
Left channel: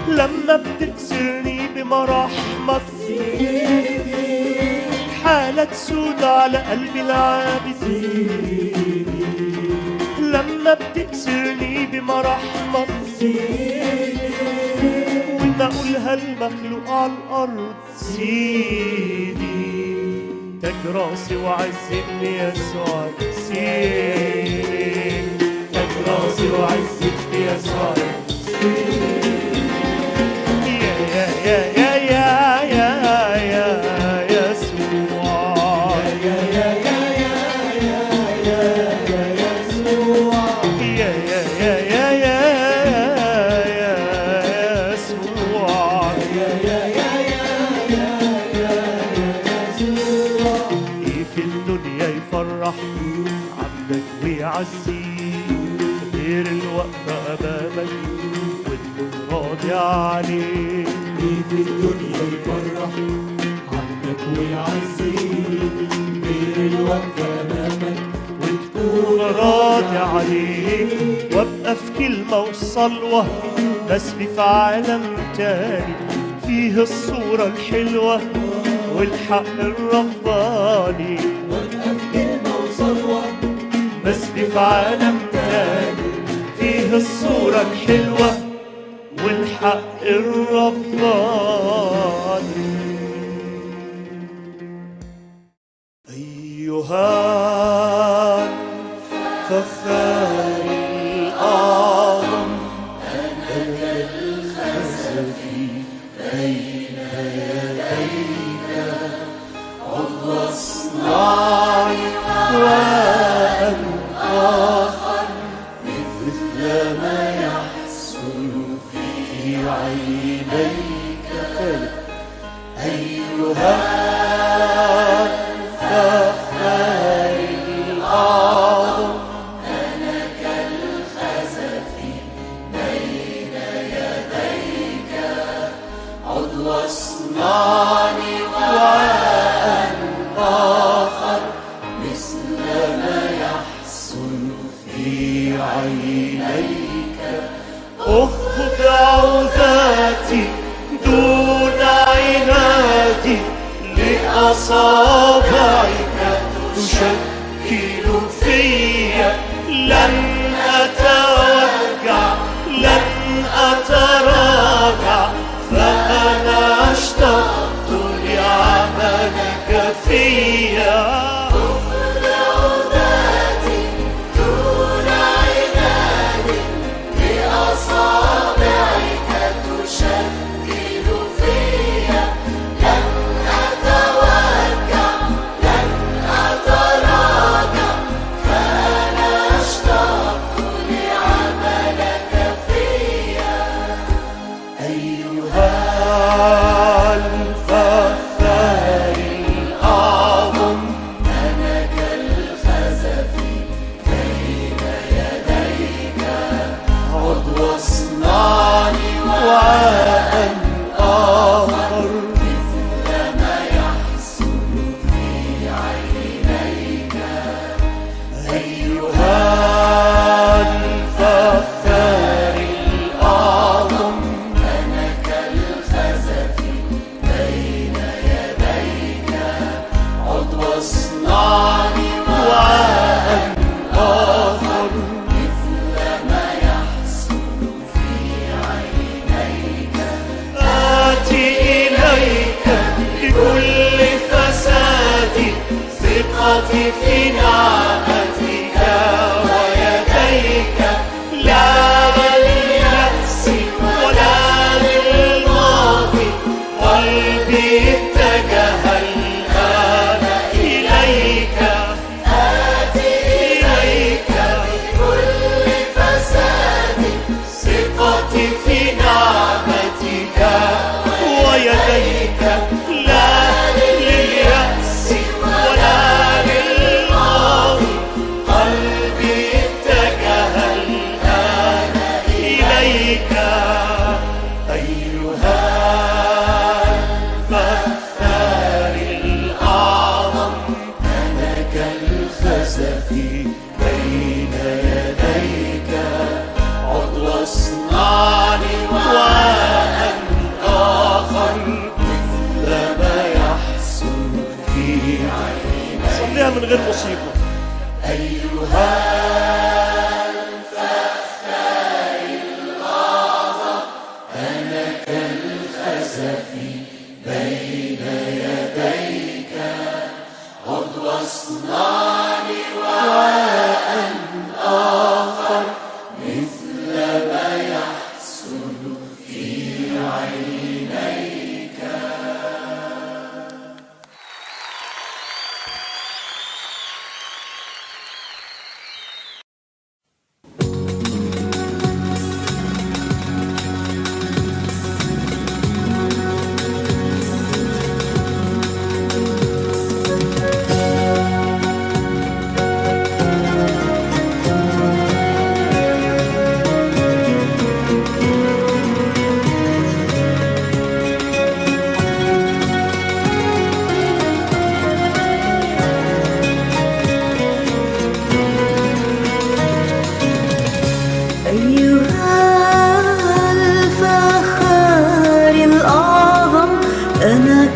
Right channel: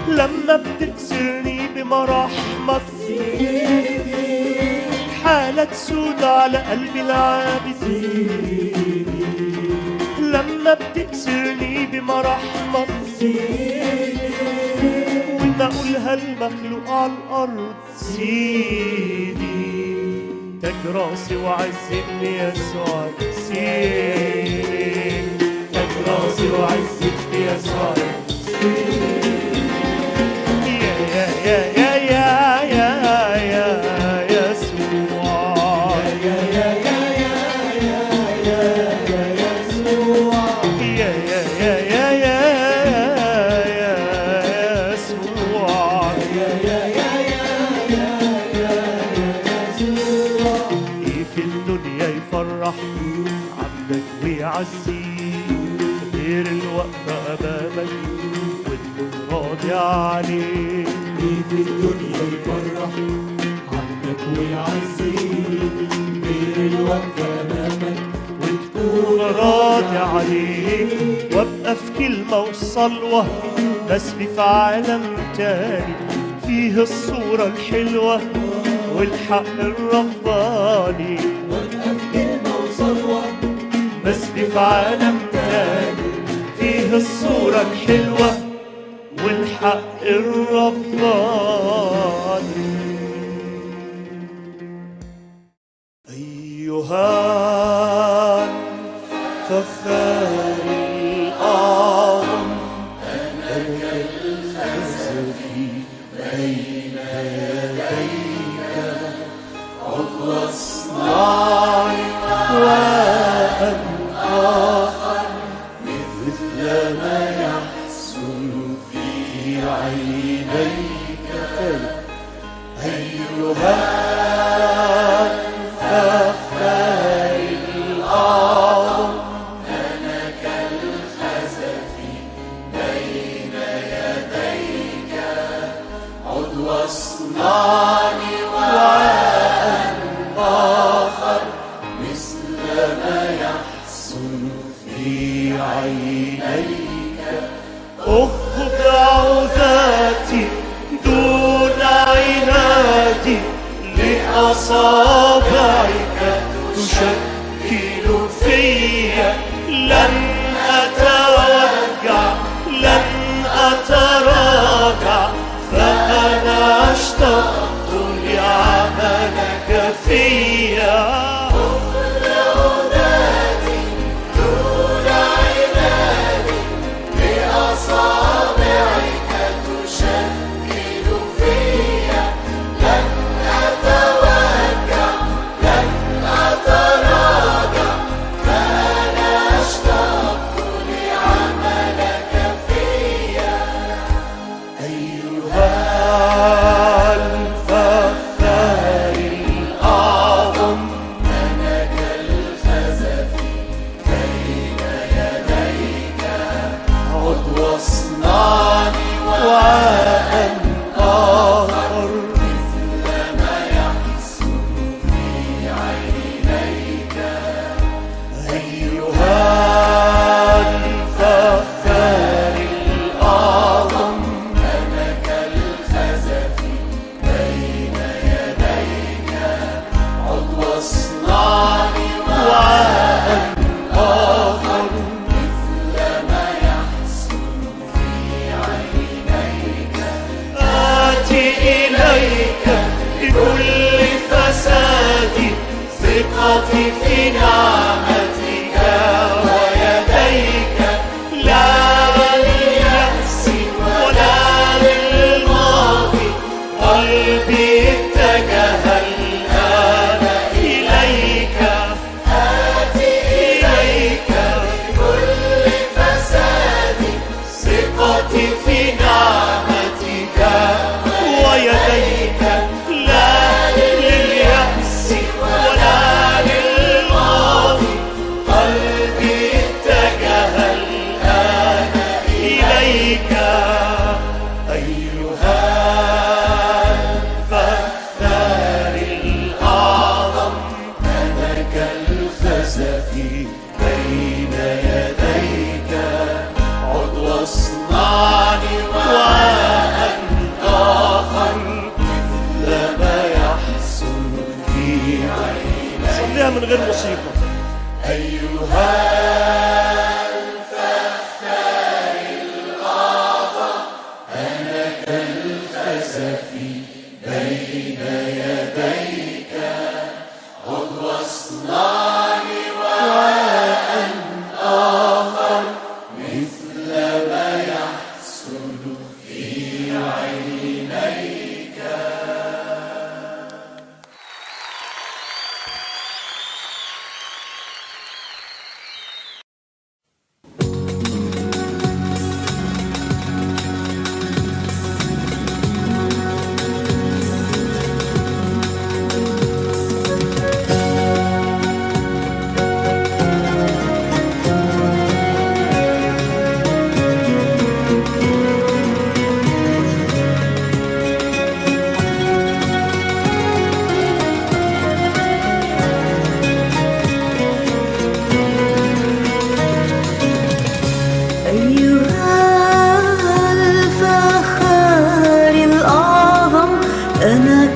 لما بتكسرني بمراحمك. حالة سود على قلبي العابد لما بتكسرني بمراحمك. وانا اقولها المخلوق على الارض سيدي تاج راسي وعزتني يسوع سيدي تاج راسي وعزتني يسوع يا يا يا يا يا يا يسوع يا يا يا يا يا يا يسوع يا يا يا يا يا يسوع يا يا يا يا يا يسوع. في الدنيا يفرح عبدك ويعزيك غير الوقفة أمامك وتكون راضي عليك. في الدنيا يفرح عبدك ويعزيك غير الوقفة أمامك وتكون راضي عليك. وابقى في كلمة وصلوة بسبي في عالم تاني فيه الصورة الحلوة والحق الرباني. وابقى في كلمة وصلوة بسبي في عالم تاني فيه الصورة الحلوة والحق الرباني. أيها الفخار الأعظم أنا الخزفي بين يديك عضو اصنعي وأن آخر مثل ما يحصل في عينيك. أيها الفخار الأعظم أنا كالخزف بين يديك عضو اصنعني وأن آخر مثل ما يحصل في عينيك. أخضع ذاتي دون عنادي لأصابعك تشكل فيا. لن أتوجع لن أتراجع فأنا اشتقت لعملك فيا. ثقتي في نعمتك ويديك لا لليأس ولا للماضي. قلبي اتجه الآن إليك. آتي إليك بكل فسادي ثقتي في نعمتك ويديك لا لليأس ولا للماضي. قلبي اتجه الآن إليك. أيها الفخار الأعظم أنا كالخزف بين يديك عضو اصنعني وأن آخر مثل ما يحصل في عينيك. صليها من غير موسيقى. أيها الفخار الأعظم أنا كالخزف بين يديك عضو اصنعني وأن آخر مثل ما يحصل في عينيك.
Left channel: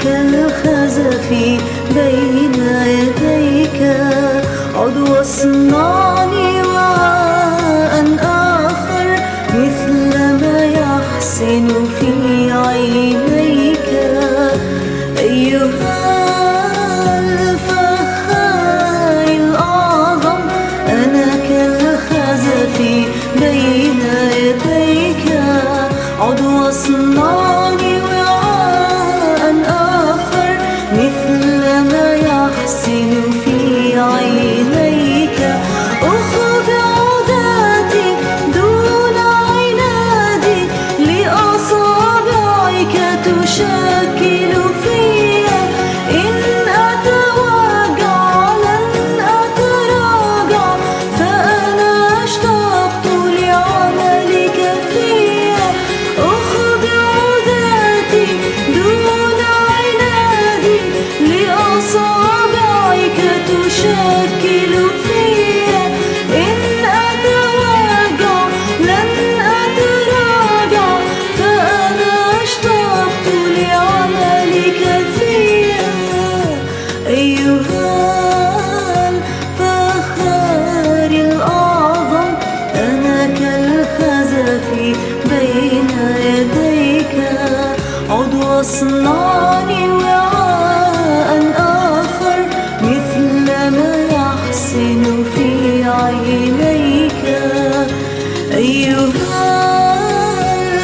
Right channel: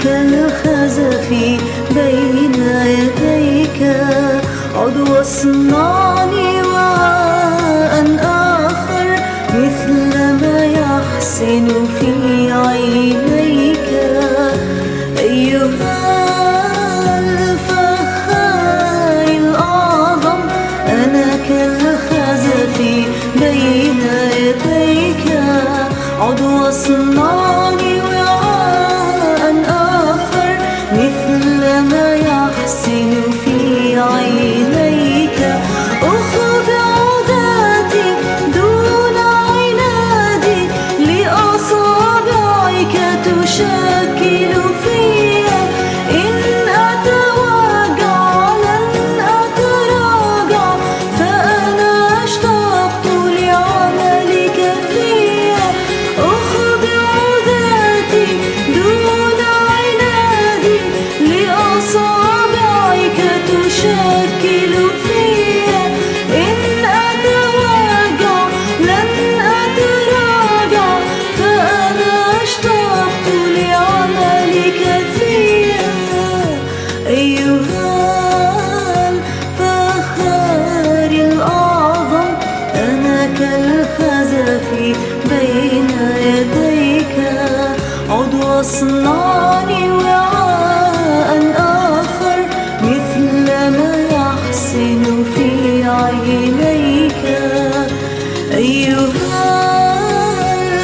كالخزف بين يديك عضو اصنعني وعاء آخر مثل ما يحصل عضو صنعني وعاء آخر مثل ما يحسن في عينيك. أخذ عوداتي دون عنادي لأصابعك تشكل فيا. إن أتوجع لن أتراجع فأنا اشتقت لعملك فيا. أخذ عوداتي دون عنادي لأصابعك تشكل فيا. إن أتوجع لن أتراجع فأنا اشتقت لعملك فيا. أيها الفخار الأعظم أنا كالخزف بين يديك. عضو صنعني وعاء آخر مثل ما يحسن في عينيك. أيها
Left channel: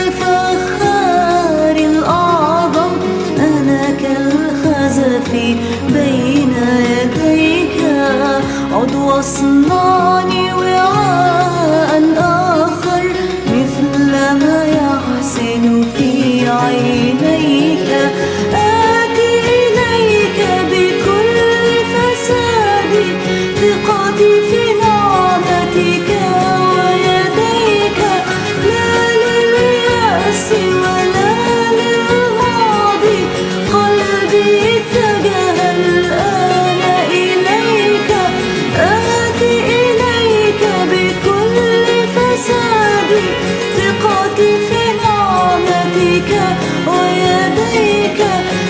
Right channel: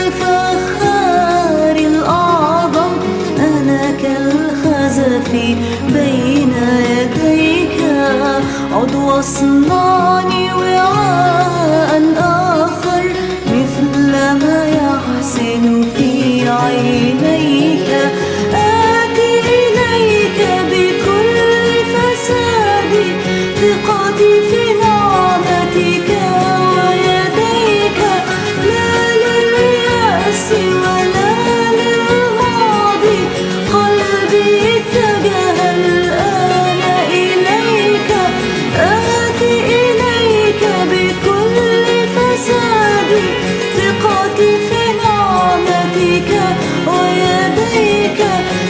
الفخار الأعظم أنا كالخزف بين يديك. عضو صنعني وعاء آخر مثل ما يحسن في عينيك. آتي إليك بكل فسادي ثقتي في نعمتك ويديك. لا لليأس ولا للماضي قلبي اتجه الآن إليك. آتي إليك بكل فسادي ثقتي في نعمتك ويديك.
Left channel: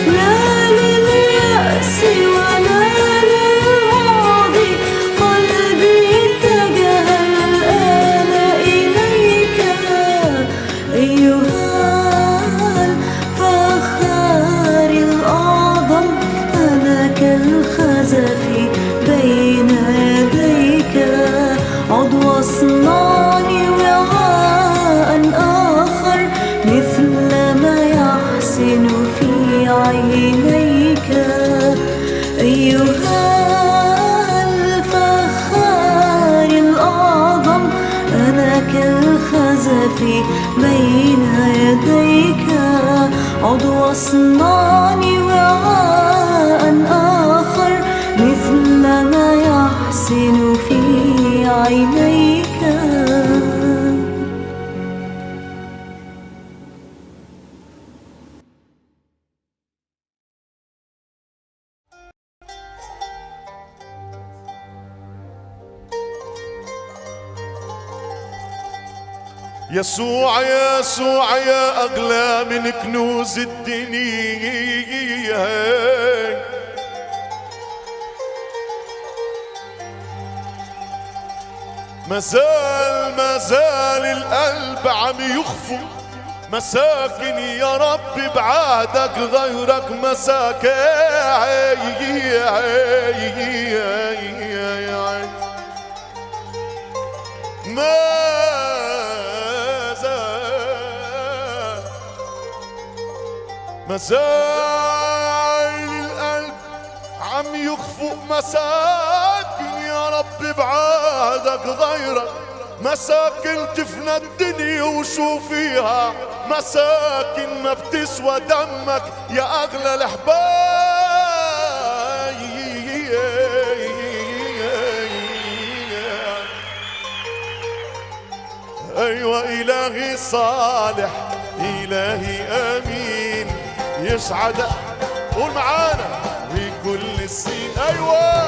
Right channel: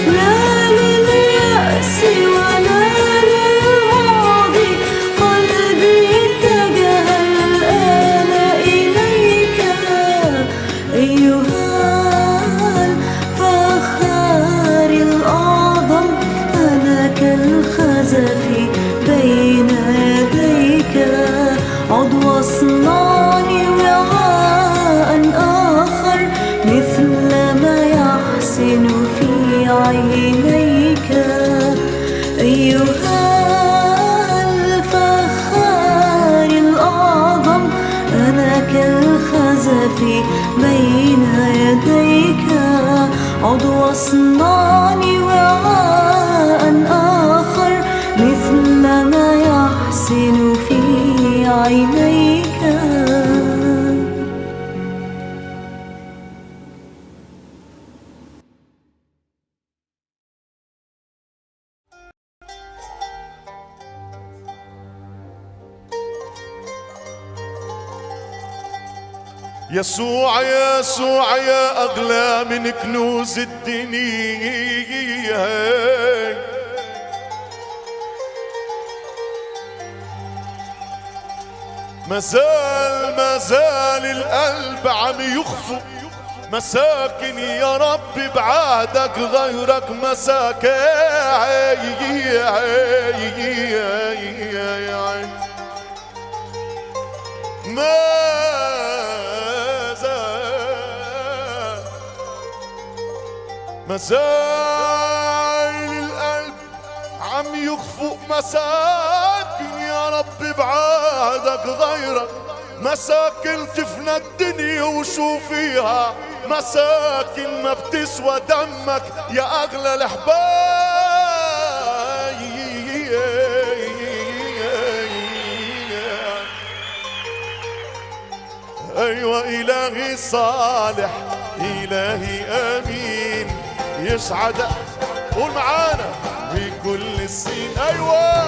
لا لليأس ولا للماضي قلبي اتجه الآن إليك. أيها الفخار الأعظم أنا كالخزف بين يديك. عضو صنعني وعاء آخر مثل ما يحسن في عينيك. أيها الفخار الأعظم أنا كالخزف بين يديك. عضو صنعني وعاء آخر مثل ما يحسن في عينيك. يسوع يسوع يا أغلى من كنوز الدنيا. مازال القلب عم يخفو مساكن يا رب بعهدك غيرك مساكن. مازال القلب عم يخفق مساكن يا رب بعهدك غيرك مساكن تفنى الدنيا وشو فيها. مساكن ما بتسوى دمك يا أغلى الأحباب. أيوة إلهي صالح إلهي أمين يسعد. قول معانا بكل السنين. أيوة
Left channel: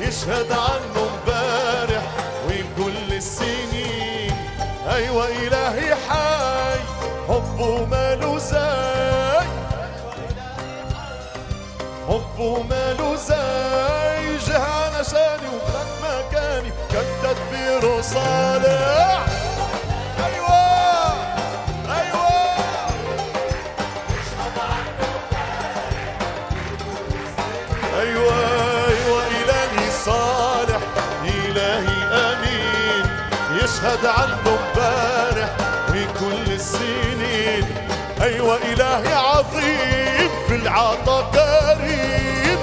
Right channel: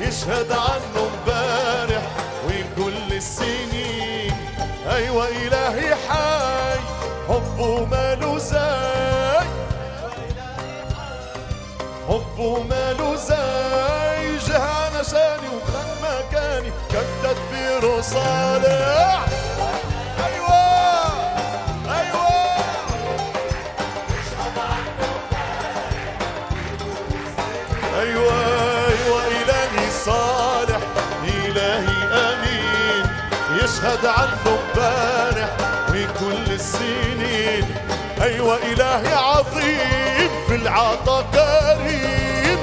يشهد عنه امبارح وكل السنين. أيوة إلهي حي حبه ماله زي. حبه ماله زي جه علشاني وخد مكاني كان تدبيره صالح. أيوة أيوة أيوة أيوة إلهي صالح إلهي أمين يشهد عنه امبارح وكل السنين. أيوة إلهي عظيم في العطا كريم،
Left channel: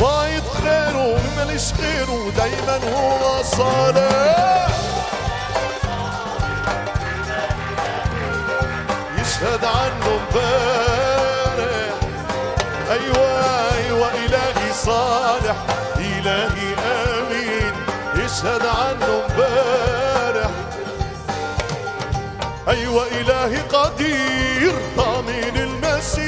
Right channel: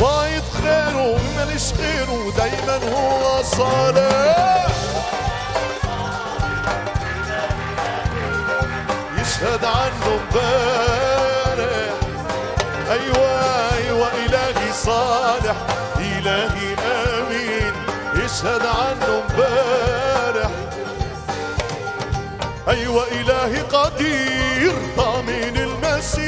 فايض خيره ماليش غيره دايما هو صالح. يشهد عنه امبارح، أيوة إلهي صالح إلهي آمين. يشهد عنه امبارح، أيوة إلهي قدير ضامن المسير.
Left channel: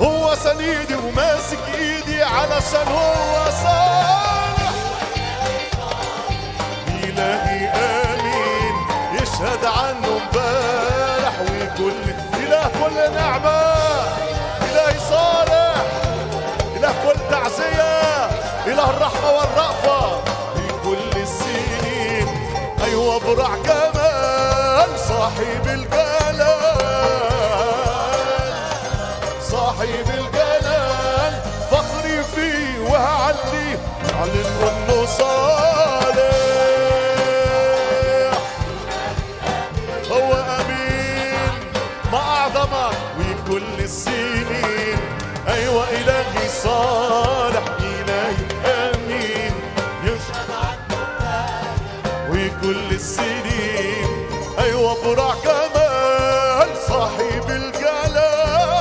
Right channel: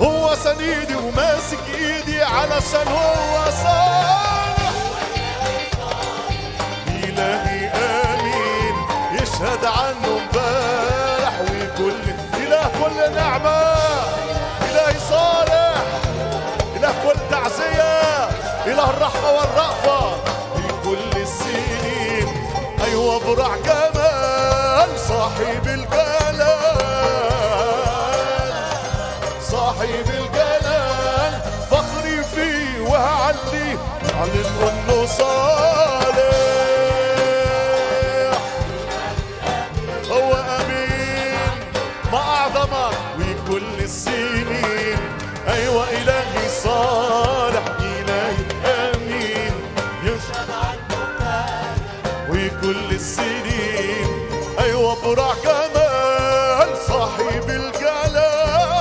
هو سندي وماسك ايدي علشان هو صالح. إلهي آمين. يشهد عنه امبارح وكل إله كل نعمة، إلهي صالح، إله كل تعزية، إله الرحمة والرأفة في كل السنين. أيوة برع جمال صاحب الجلال، صاحب الجلال فخري فيه وهعلي أعلن إنه صالح. هو أمين ما أعظمك وكل السنين. أيوة إلهي صالح إلهي آمين. يشهد عنه وكل السنين. أيوة برع كمال صاحب الجلال،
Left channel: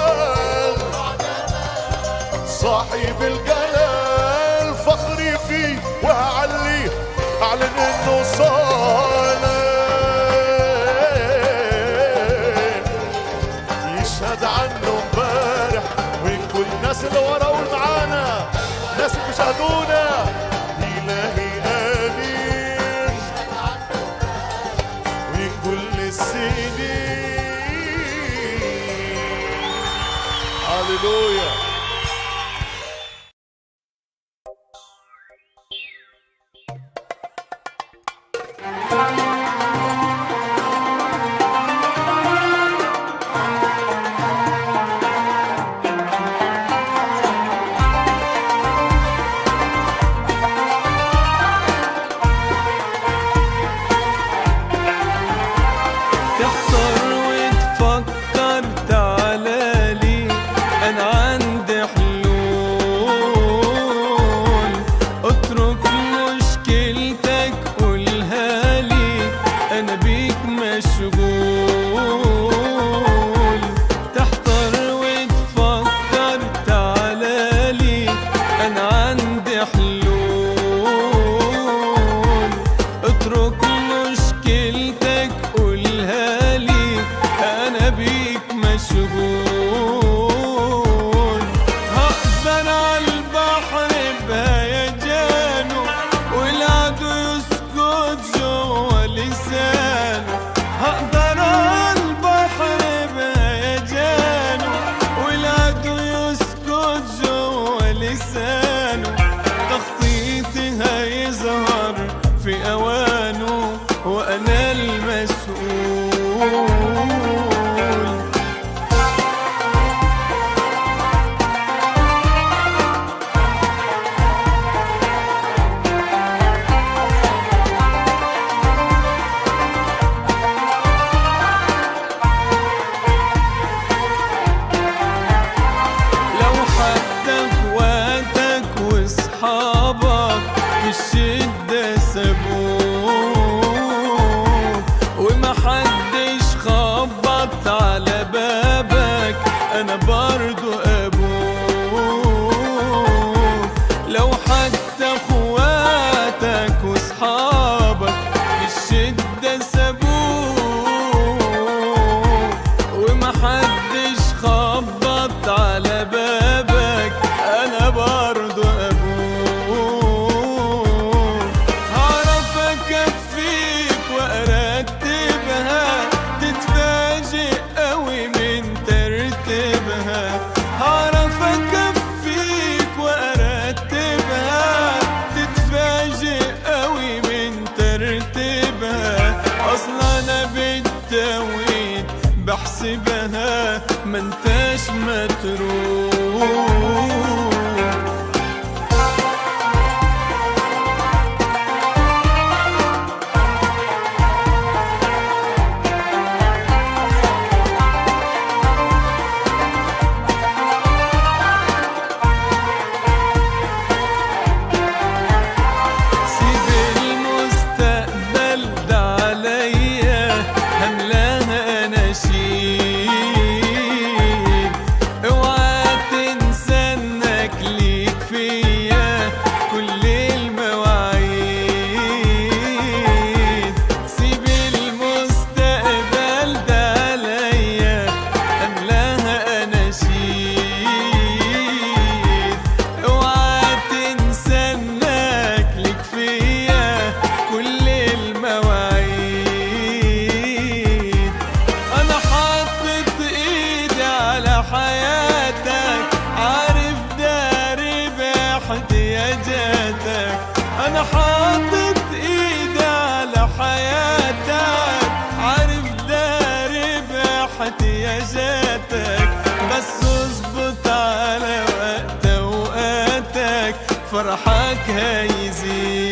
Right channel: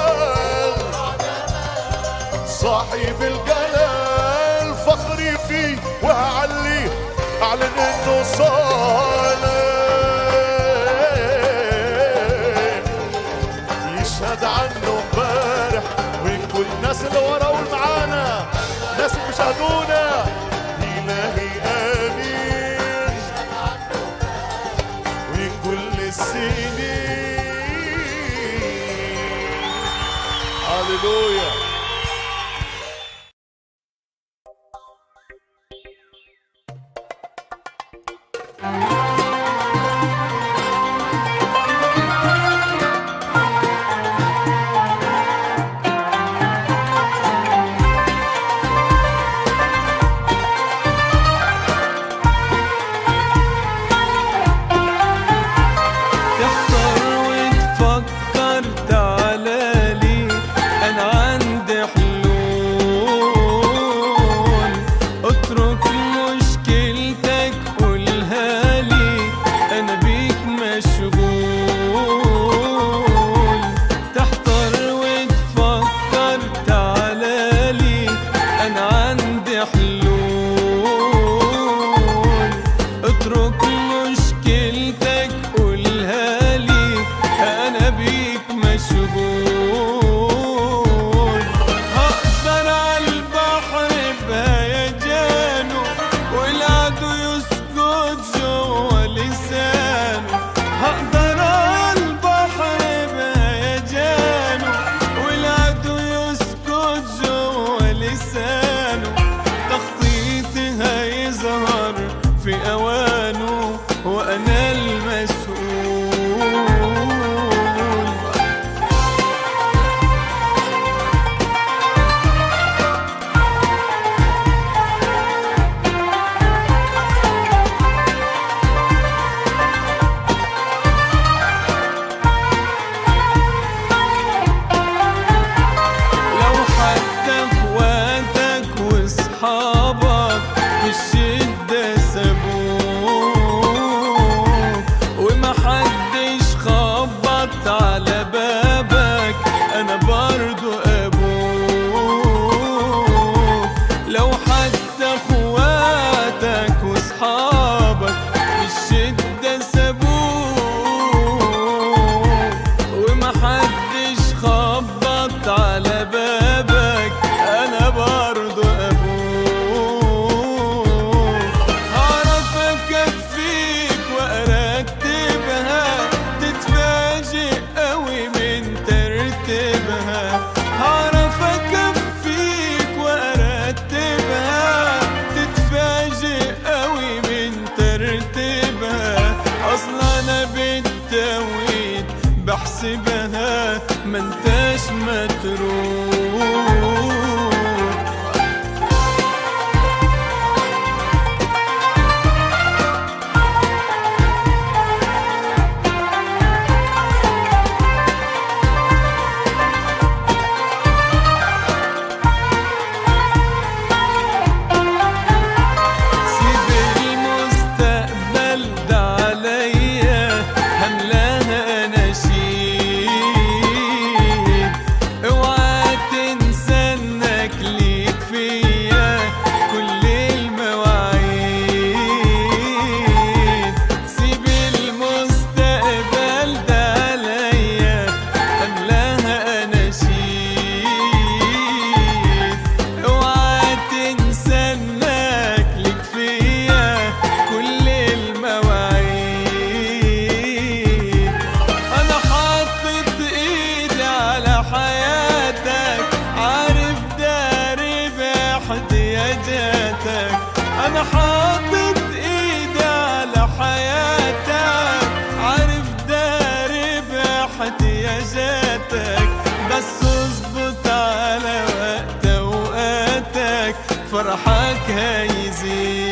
صاحب الجلال فخري فيه وهعليه أعلن إنه صالح. يشهد عنه امبارح وكل الناس اللي ورا والمعانا، الناس اللي بيشاهدونا. إلهي آمين وكل السنين. هاليلويا. تحتار وتفكر تعالالي، أنا عندي حلول. اترك مشكلتك قولها لي، أنا بيك مشغول. تحتار وتفكر تعالالي، أنا عندي حلول. اترك مشكلتك قولها لي، أنا بيك مشغول. هقدر عالبحر بهيجانه، والعدو يسكت جوا لسانه. هقدر عالبحر بهيجانه، والعدو يسكت جوا لسانه. تخطيطي هيظهر في أوانه، وأنا المسؤول. لو حتى اخواتك واصحابك في الشدة سابوك، ومحدش خبط على بابك، أنا برضو أبوك. لو حتى اخواتك واصحابك في الشدة سابوك، ومحدش خبط على بابك، أنا برضو أبوك. هعرف أكفيك وأرتبها، تتفاجئ قوي من ترتيبها. هعرف أكفيك وأرتبها، تتفاجئ قوي من ترتيبها. أصلا أنا بالتوقيت بحسبها ما انتش متروك. أنا حاطط إيدي على حياتك، عارف داري باحتياجاتك، بس اظبط على وقت أوقاتك فرحك هيزيد.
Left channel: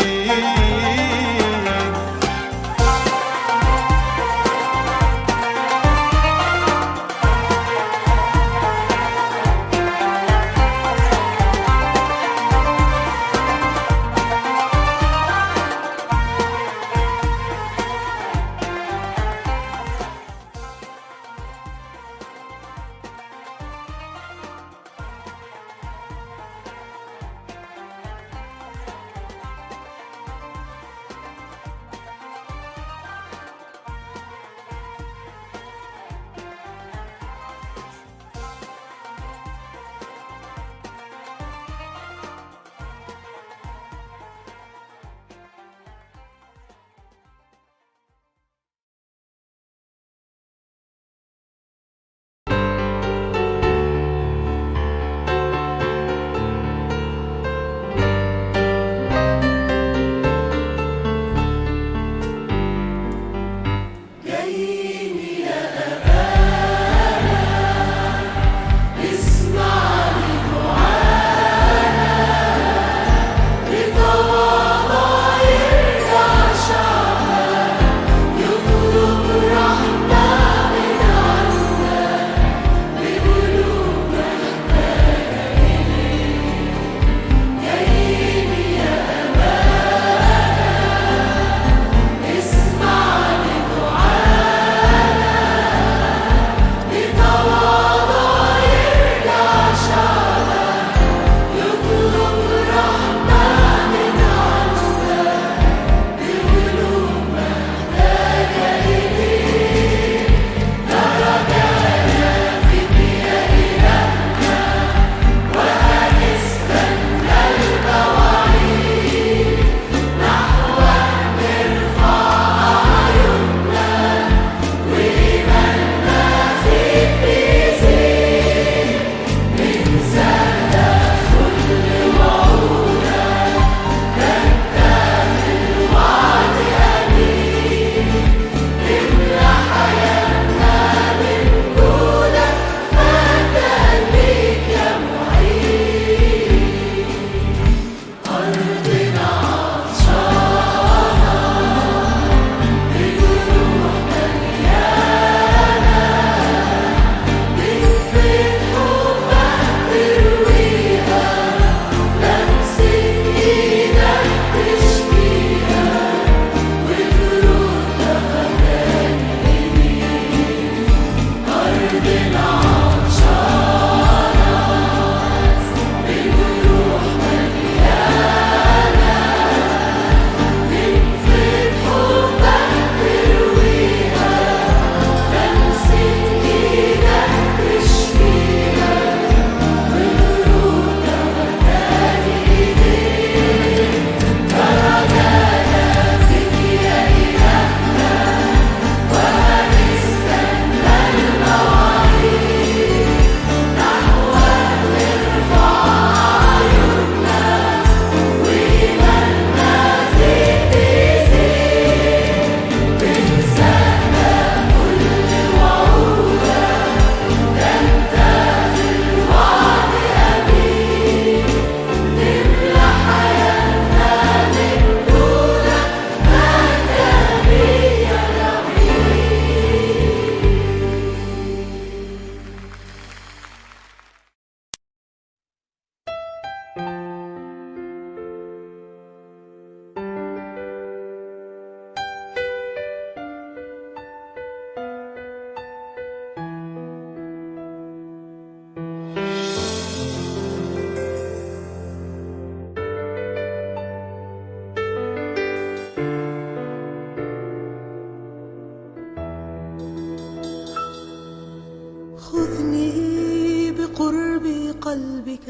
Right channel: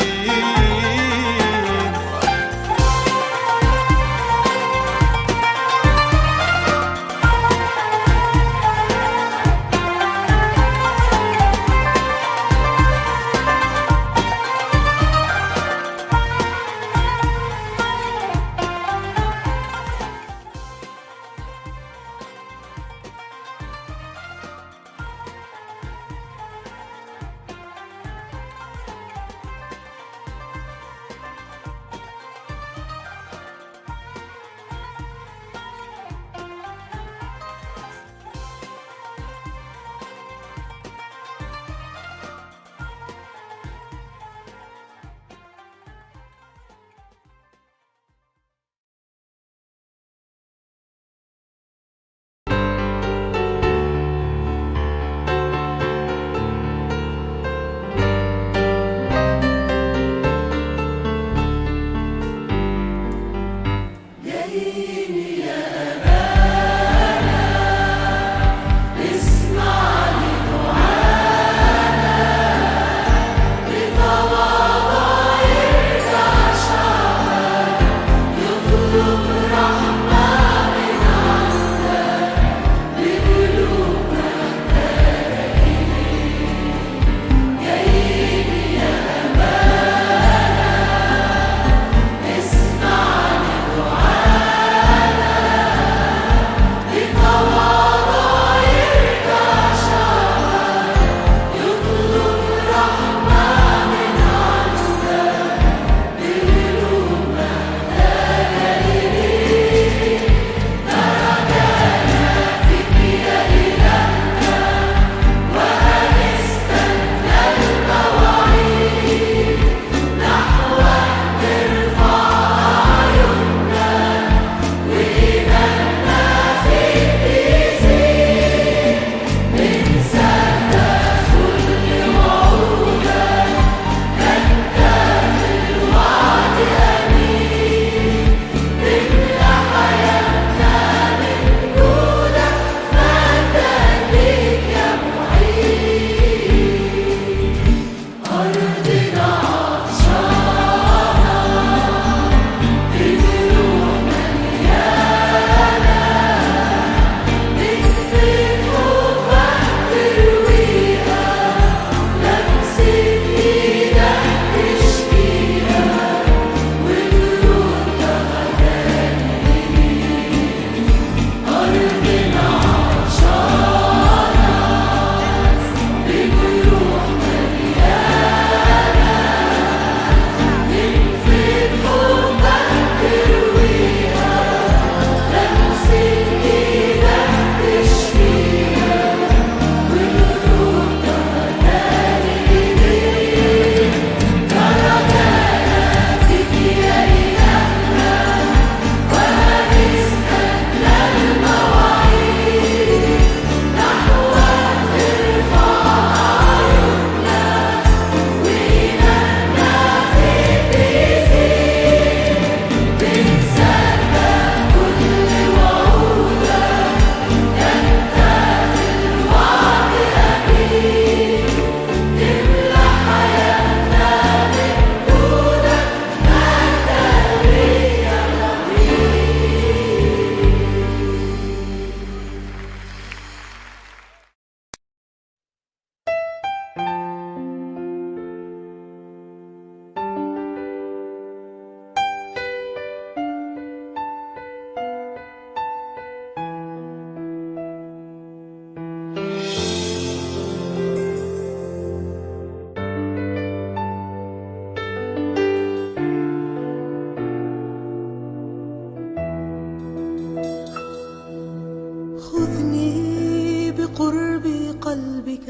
بقرب قلبك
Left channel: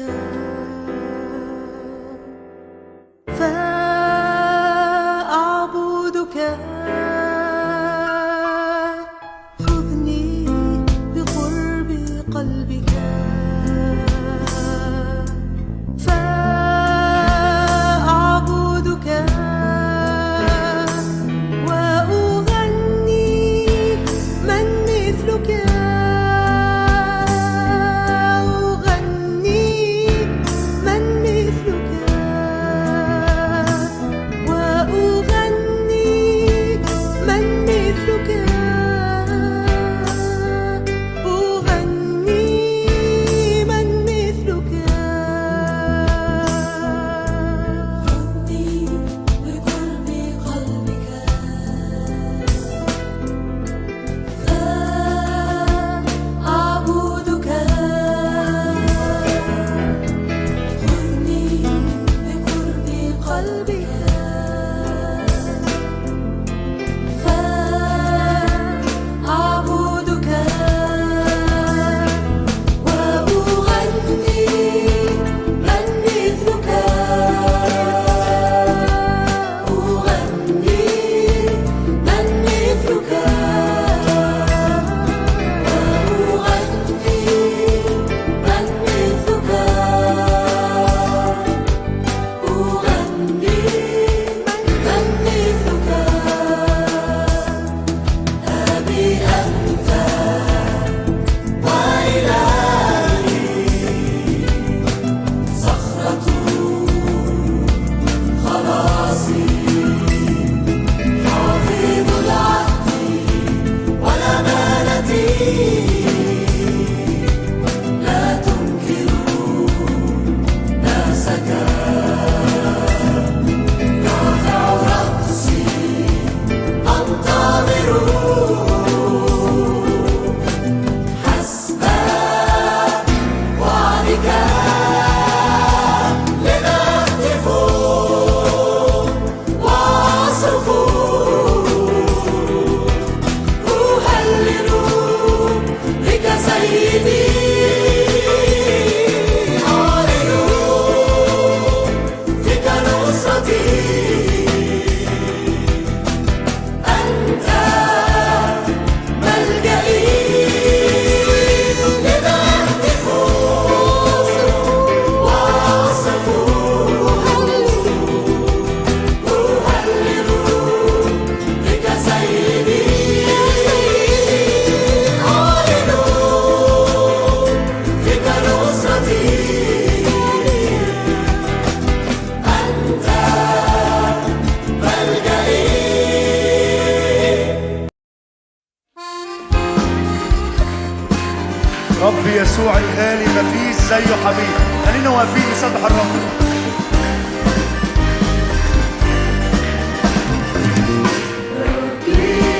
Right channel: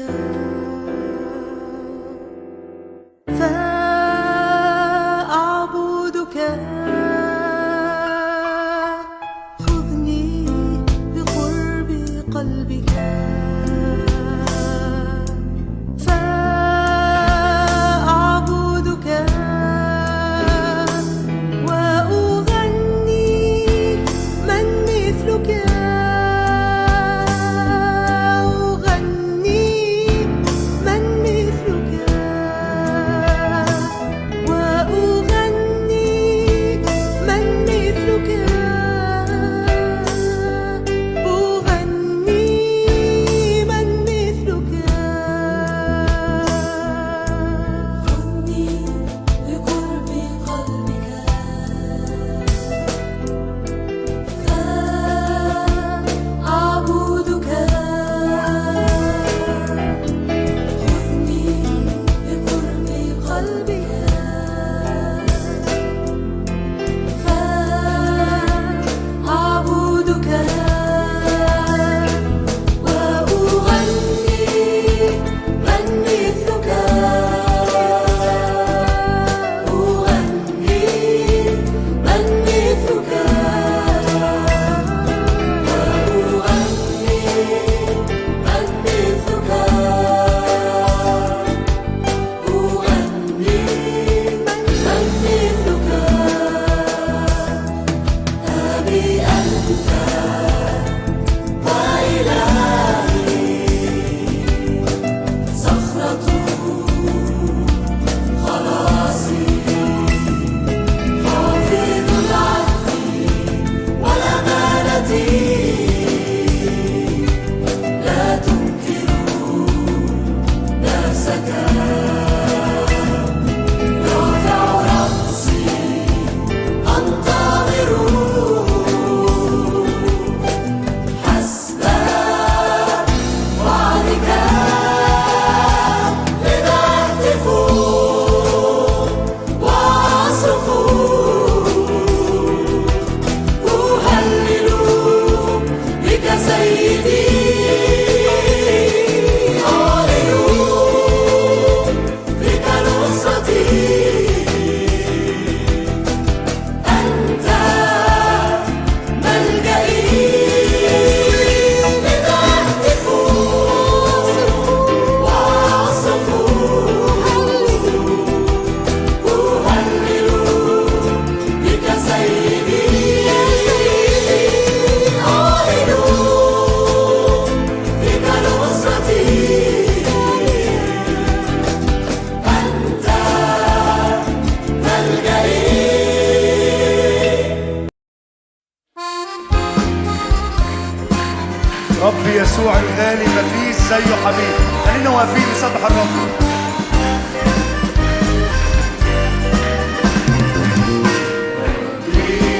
فأعبدك خذني بقرب قلبك فأعبدك وأغني من مثلك رب يسوع الغالي مفيش زيه حبيب. خلينا واقفين نسبح الرب.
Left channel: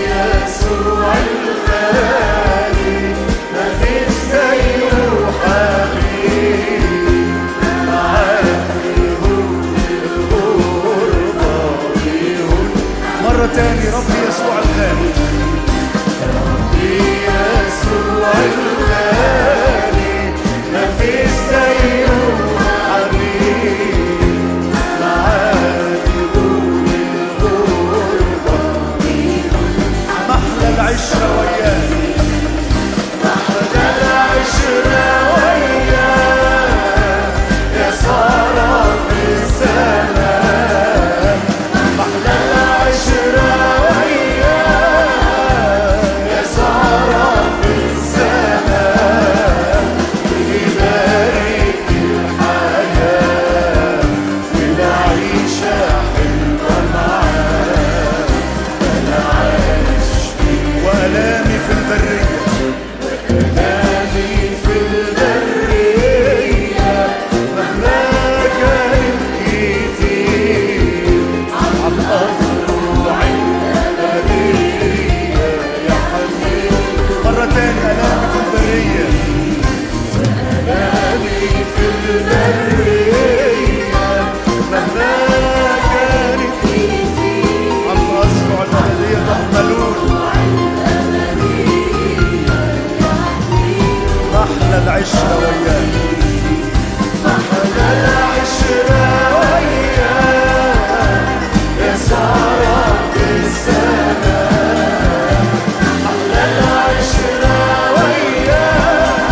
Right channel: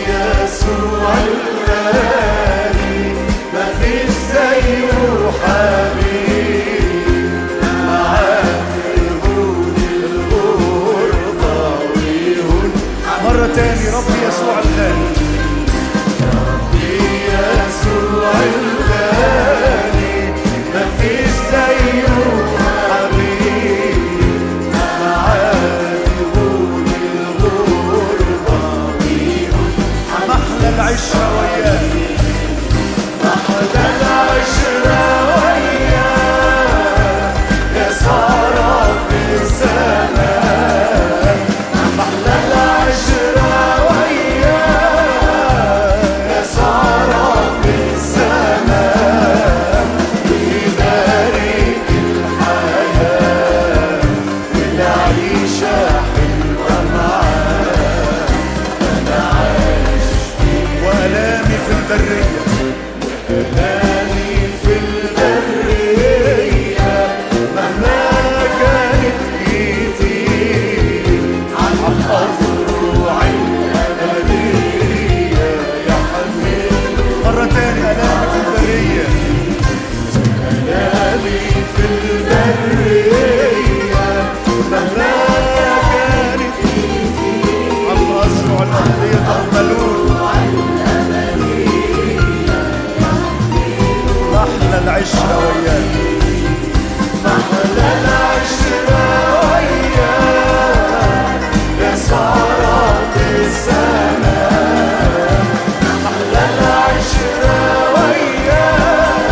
يسوع الغالي مفيش زيه حبيب، معاه يهون الغربة ويهون. مرة تاني رب يسوع الغالي، يسوع الغالي مفيش زيه حبيب، معاه يهون الغربة محلى العشرة وياه، محلى العشرة وياه يا سارة في السماء، محلى العشرة وياه يا سارة في السماء، يبارك الحياة والعيشة حلوة معاه. أنا عايش وألامي في البرية، وألامي في البرية مهما كانت كتير، عالأزرع الأبدية يا حبيبي. مرة تاني ألامي في البرية، ألامي في البرية مهما كانت كتير، عالأزرع الأبدية تحملون. محلى محلى العشرة وياك، محلى العشرة وياك يا سهرة السماء، محلى العشرة وياك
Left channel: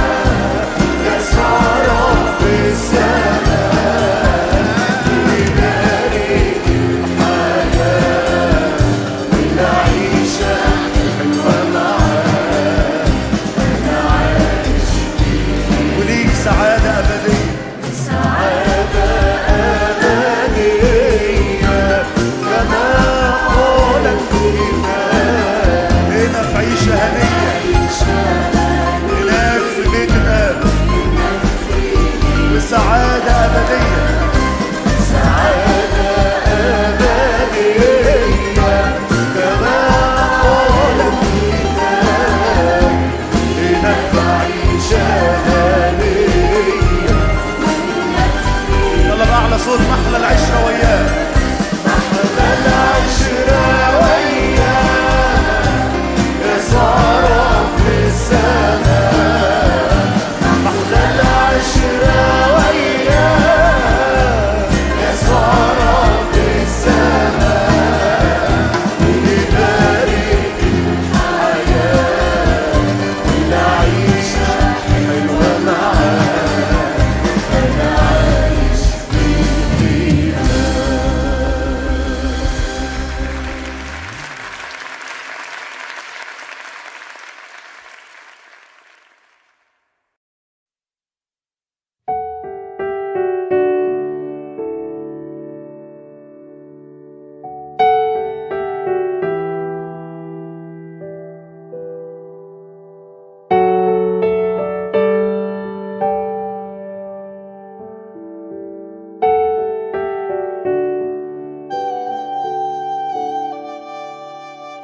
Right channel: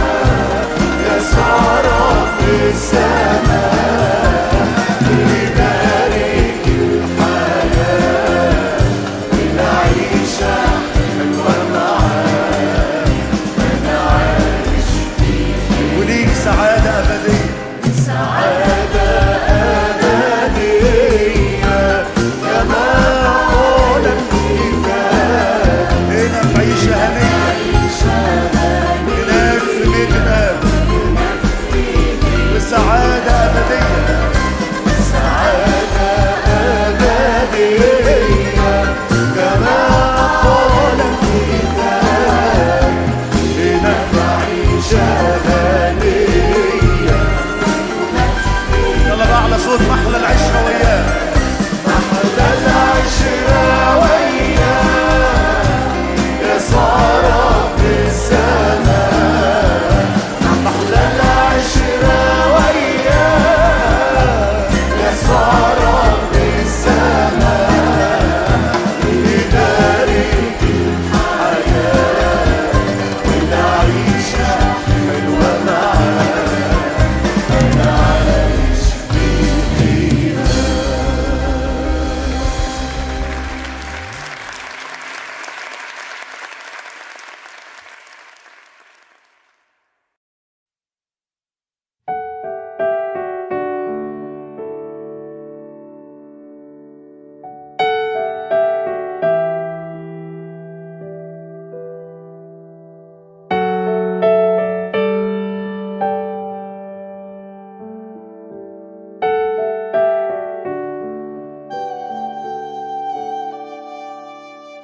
يا سهرة السماء، يبارك الحياة والعيشة حلوة معاك، أنا عايش وليك سعادة أبدية، سعادة أبدية كما قال الكتاب، هنا في عيشة هنية، هناك في بيت الآب، وسعادة أبدية، سعادة أبدية كما قال الكتاب، هناك في عيشة هنية. يلا بقى على صوت محلى العشرة وياه، محلى العشرة وياه يا سهرة في السماء، محلى العشرة وياه يا سهرة في السماء، يبارك الحياة والعيشة حلوة معاك، أنا عايش في طيبة.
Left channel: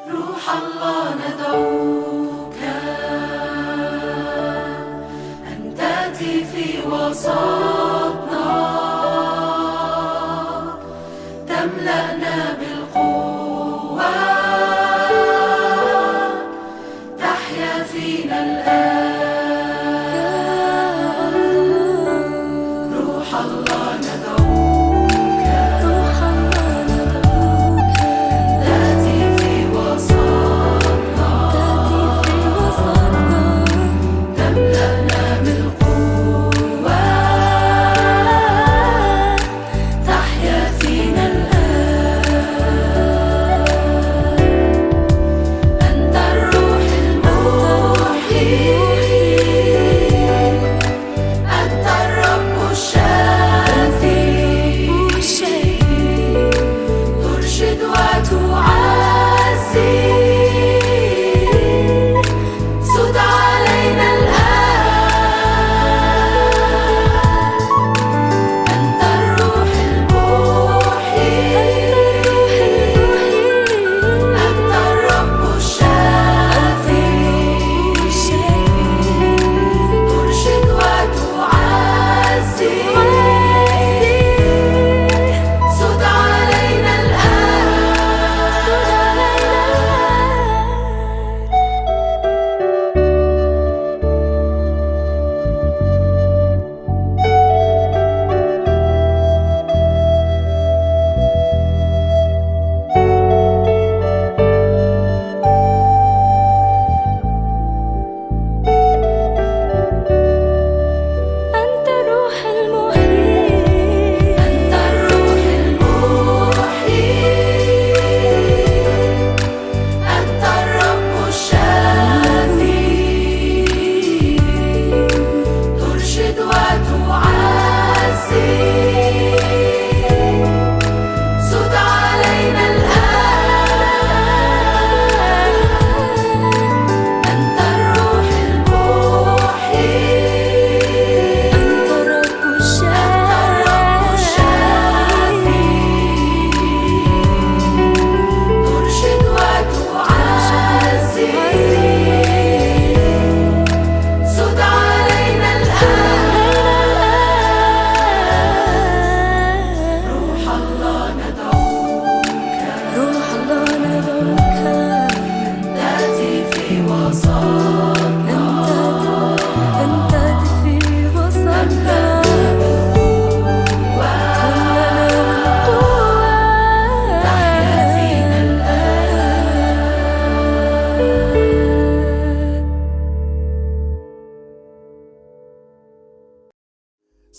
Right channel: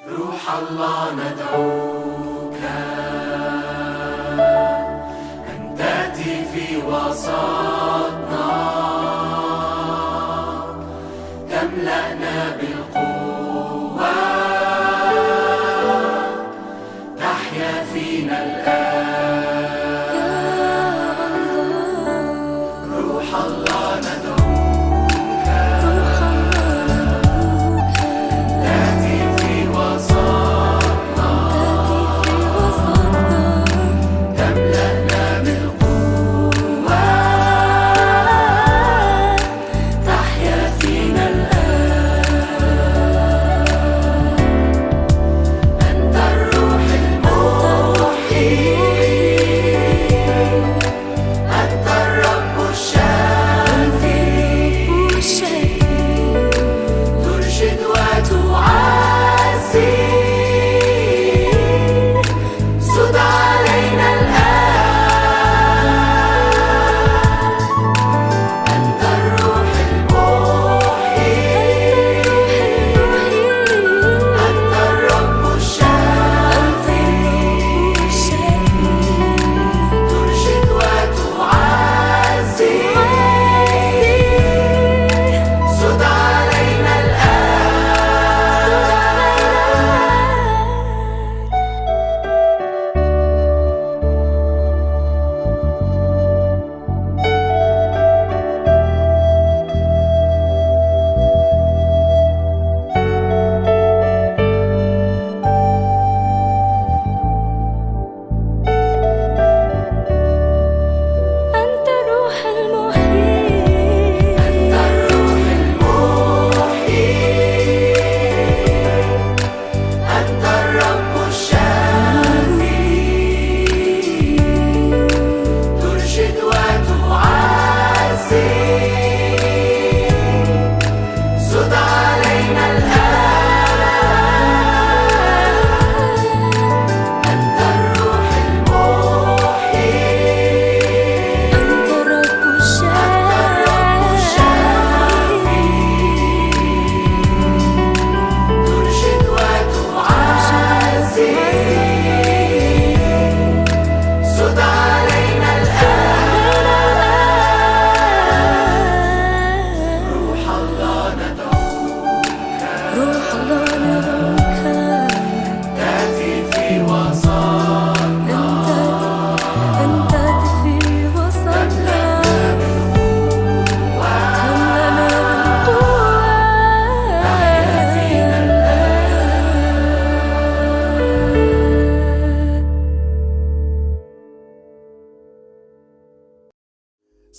روح الله ندعوك أن تأتي في وسطنا، تملأنا بالقوة، تحيا فينا الآن. روح الله ندعوك، روح الله ندعوك، تأتي في وسطنا، تأتي في وسطنا، تملأنا بالقوة، تحيا فينا الآن.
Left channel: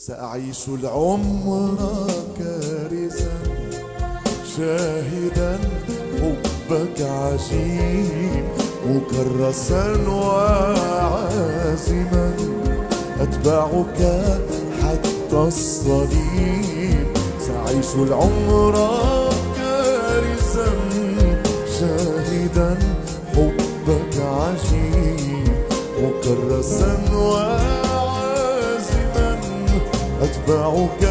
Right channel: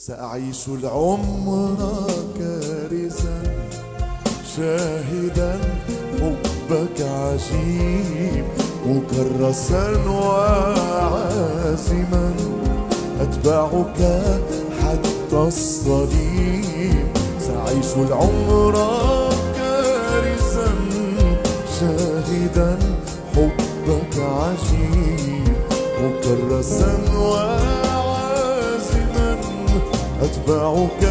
سأعيش العمر كارثا شاهدا حبك عجيب مكرسا وعازما أتبعك حتى الصليب. سأعيش العمر كارثا شاهدا حبك عجيب مكرسا وعازما أتبعك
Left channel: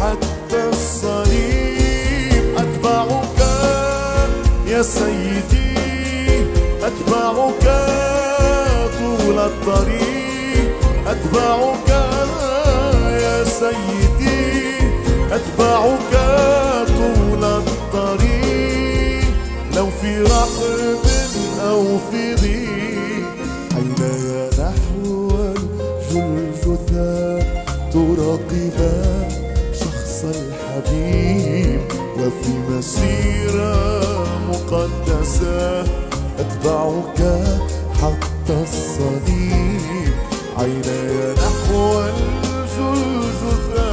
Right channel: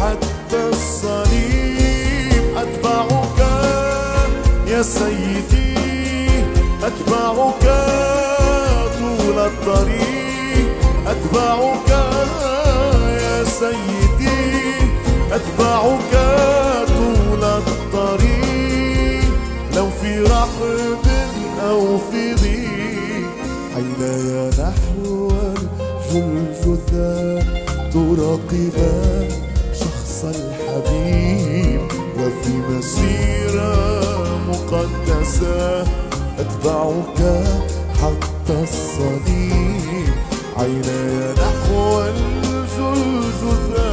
حتى الصليب. أتبعك يا سيدي أتبعك طول الطريق. أتبعك يا سيدي أتبعك طول الطريق. لو في رحب أو في ضيق عيناي نحو الجلجثة تراقبا شخص الحبيب. وفي مسيرة مقدسة أتبعك حتى الصليب. عيناي نحو الجلجثة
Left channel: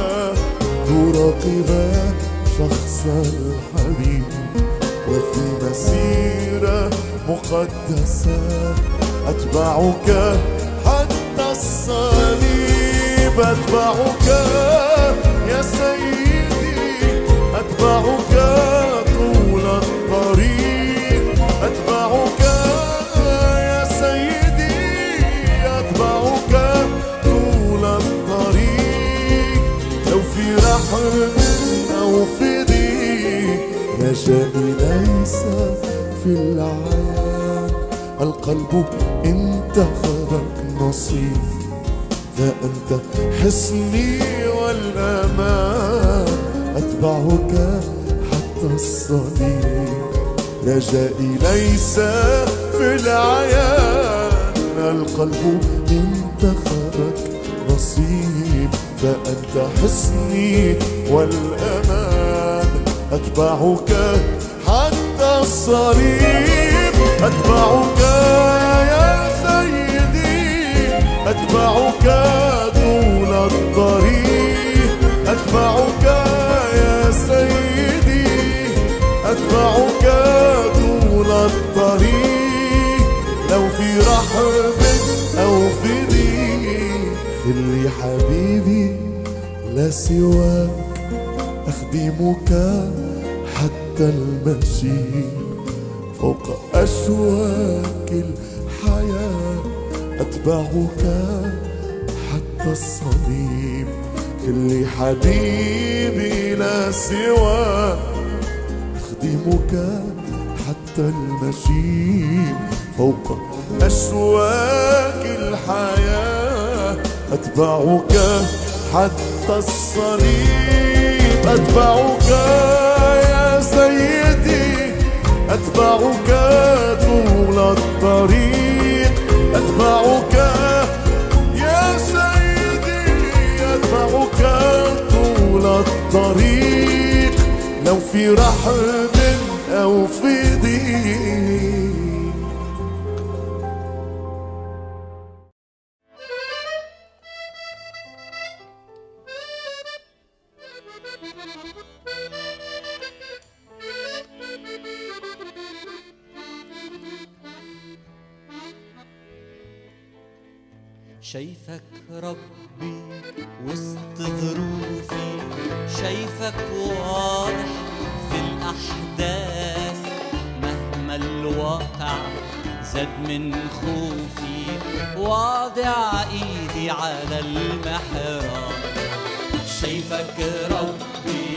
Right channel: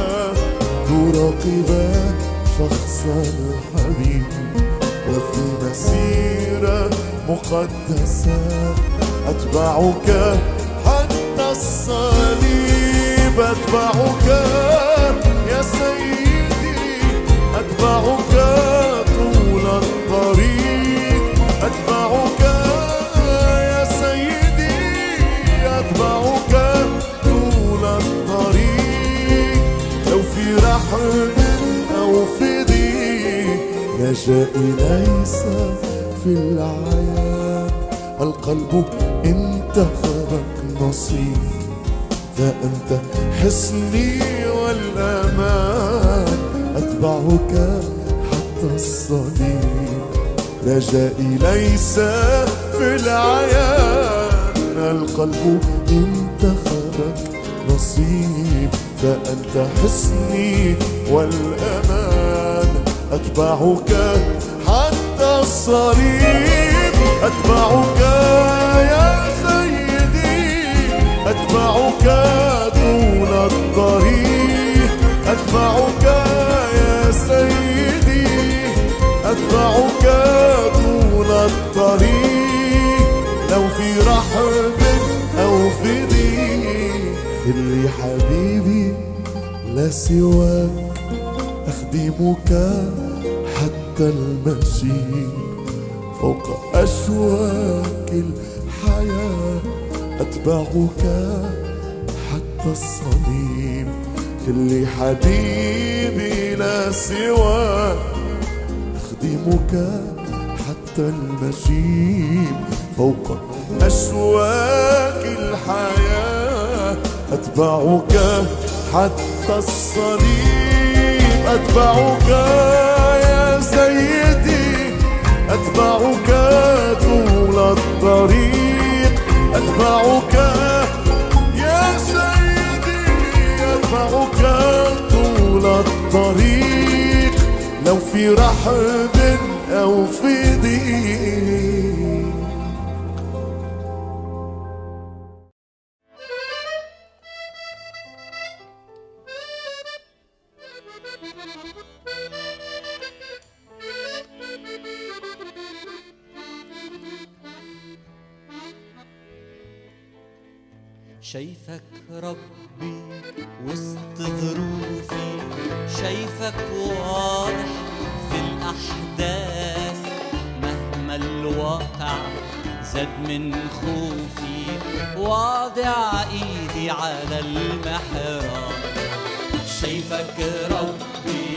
تراقبا شخص الحبيب. وفي مسيرة مقدسة أتبعك حتى الصليب. أتبعك يا سيدي أتبعك طول الطريق. أتبعك يا سيدي أتبعك طول الطريق. لو في رحم أو في ضيق رجائي ليس في العيان. القلب انتخبك نصيب فأنت حصني والأمان. أتبعك حتى الصليب رجائي ليس في العيان. القلب انتخبك نصيب فأنت حصني والأمان. أتبعك حتى الصليب. أتبعك يا سيدي أتبعك طول الطريق. أتبعك يا سيدي أتبعك طول الطريق. لو في رحب أو في ضيق خلي حبيبي لا سواك. أخدمك حتى المشي فوق أشواك الحياة. أتبعك حتى الصليب. خلي حبيبي لا سواك. أخدمك حتى المشي فوق أشواك الحياة. أتبعك حتى الصليب. أتبعك يا سيدي أتبعك طول الطريق. أتبعك يا سيدي أتبعك طول الطريق. لو في رحب أو في ضيق. شايفك ربي وسط ظروفي. شايفك واضح في الأحداث مهما الواقع زاد من خوفي. واضع ايدي على المحراب. شايفك ربي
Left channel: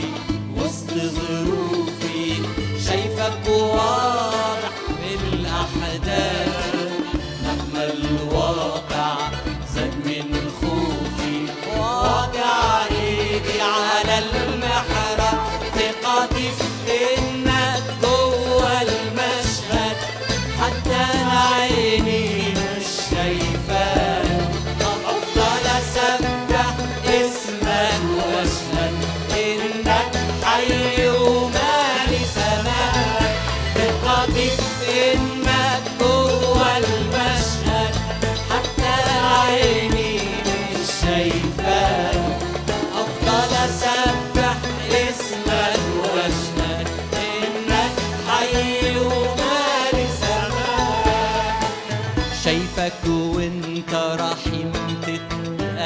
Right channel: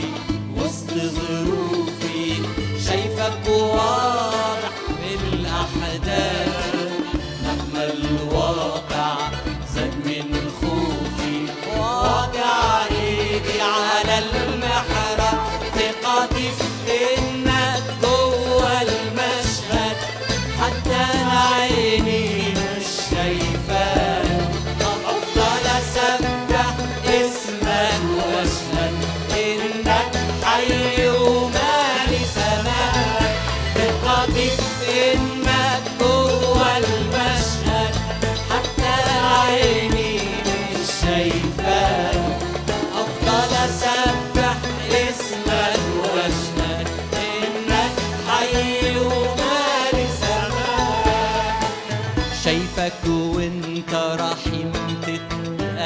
وسط ظروفي. شايفك واضح في الأحداث مهما الواقع زاد من خوفي. واضع ايدي على المحراب. ثقتي في انك جوه المشهد حتى عيني مش شايفاك. افضل اسبح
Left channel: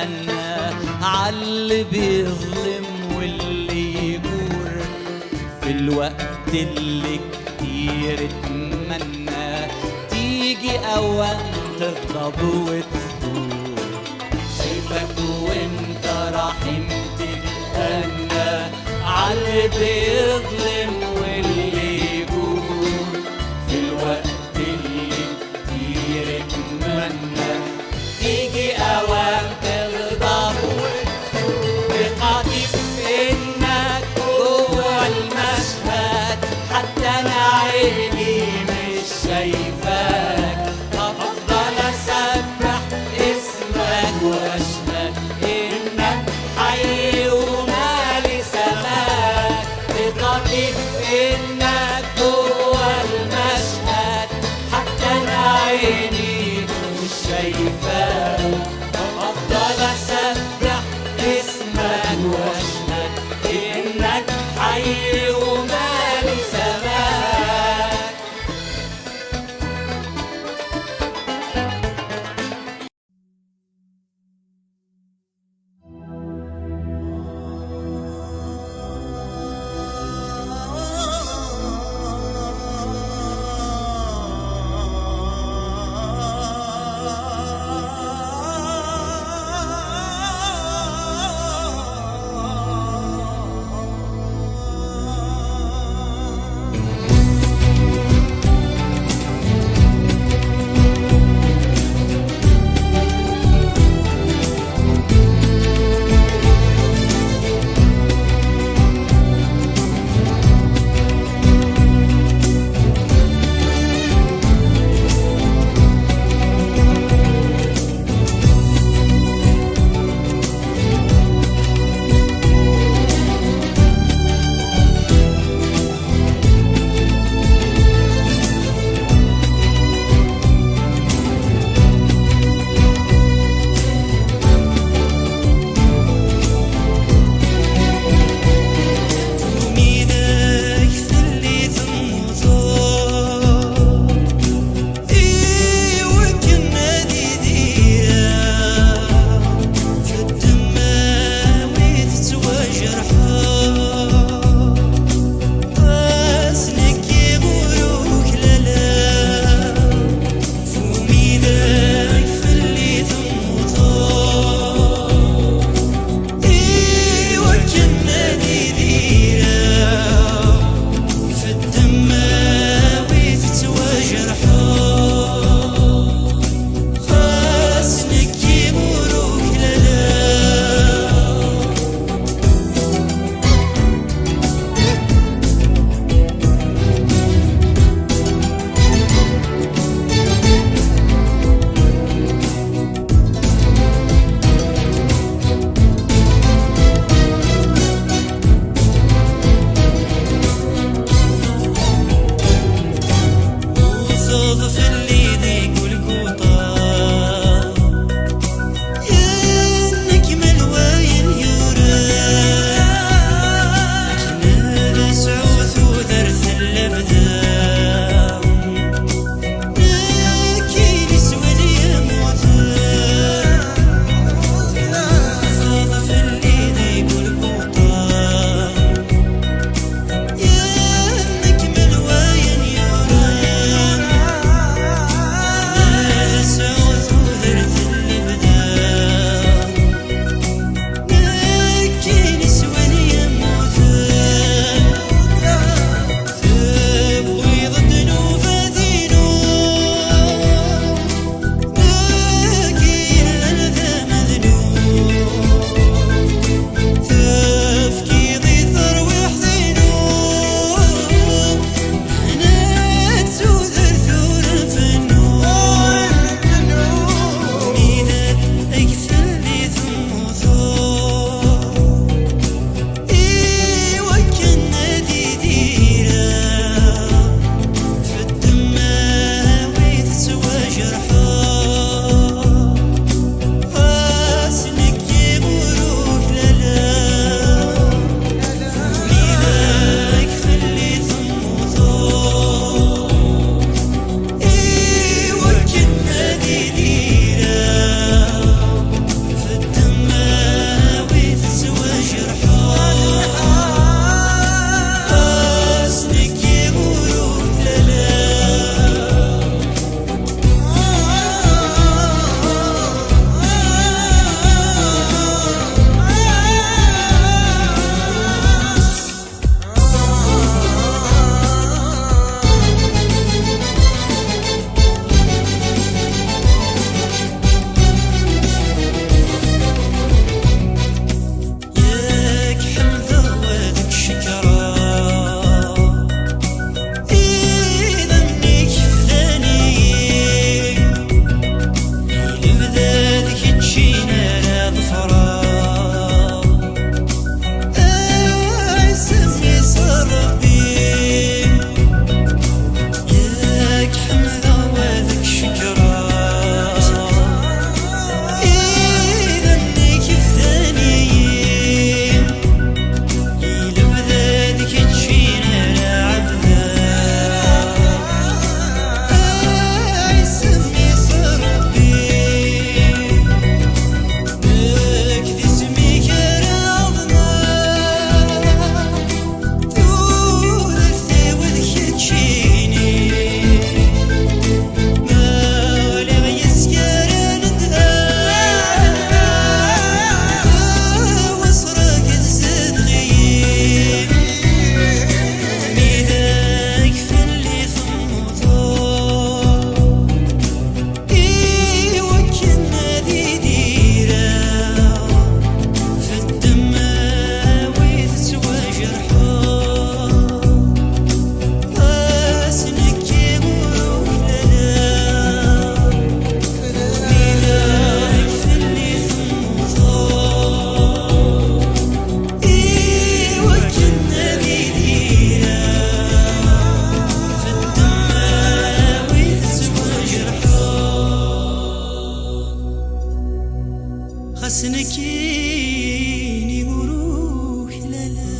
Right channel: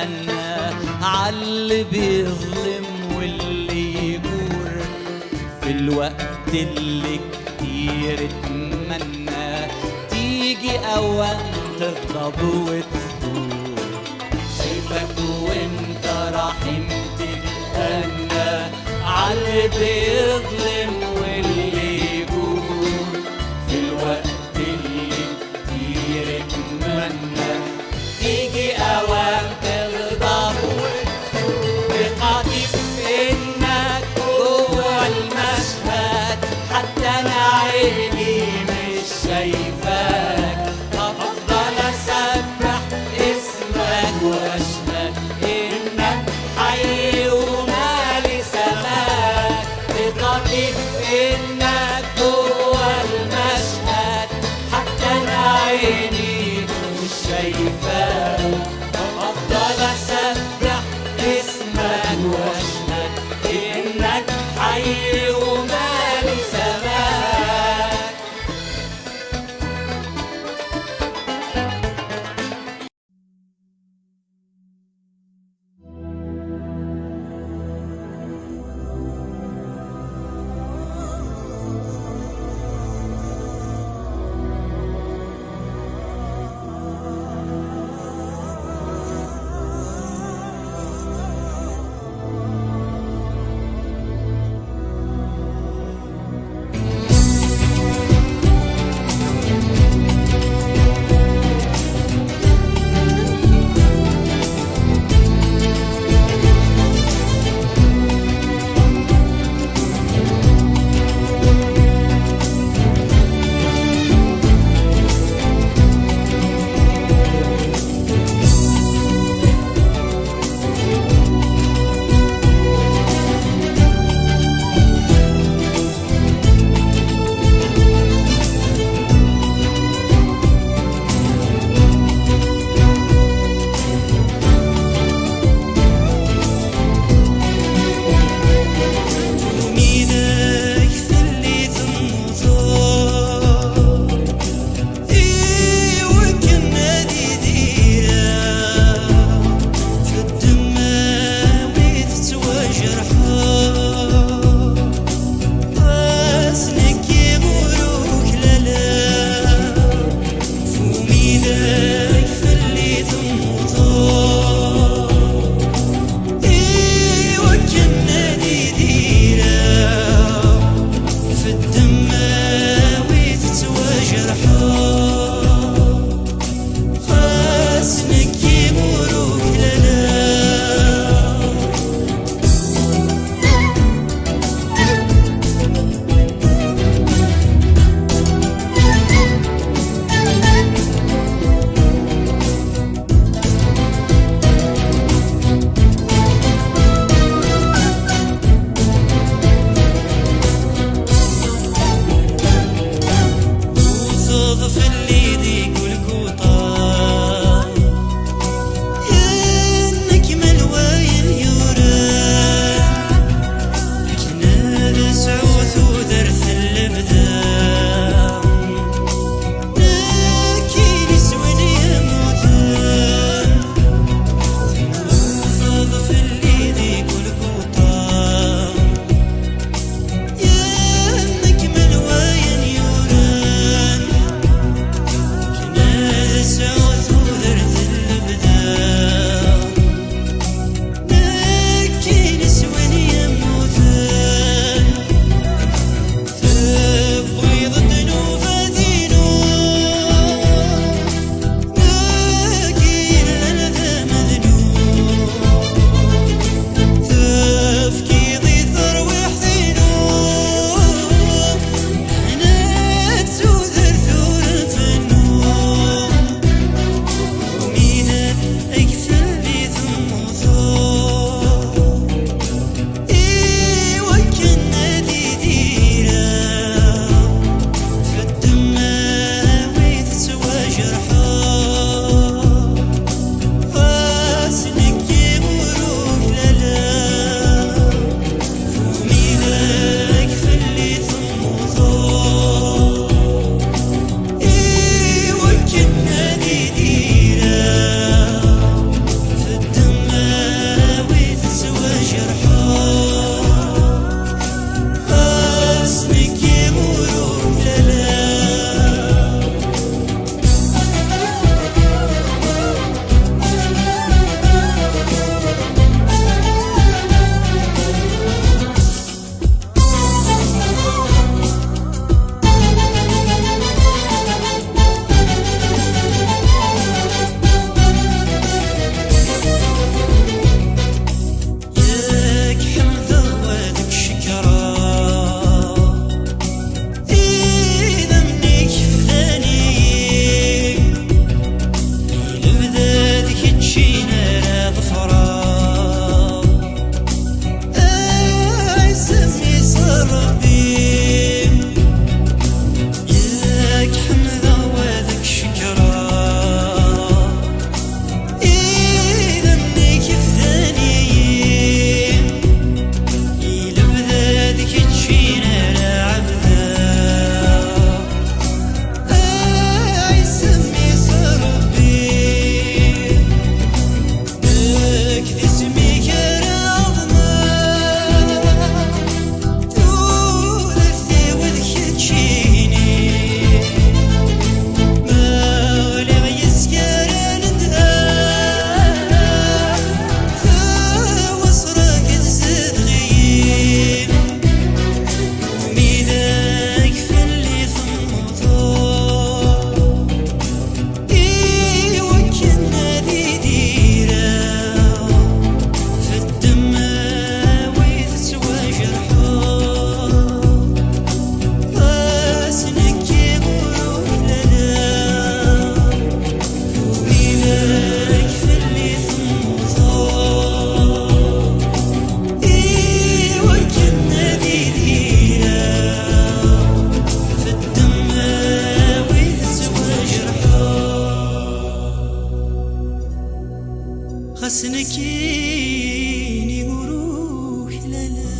تتأنى عاللي بيظلم واللي يجور في الوقت اللي كتير اتمنى تيجي أوام تغضب وتثور. شايفك وانت رحيم تتأنى عاللي بيظلم واللي يجور في الوقت اللي كتير اتمنى تيجي أوام تغضب وتثور. ثقتي في إنك جوا المشهد حتى أنا عيني مش شايفاك، أفضل أسبح اسمك وأشهد إنك حي ومالي سماك. ثقتي سنكيني وروح للا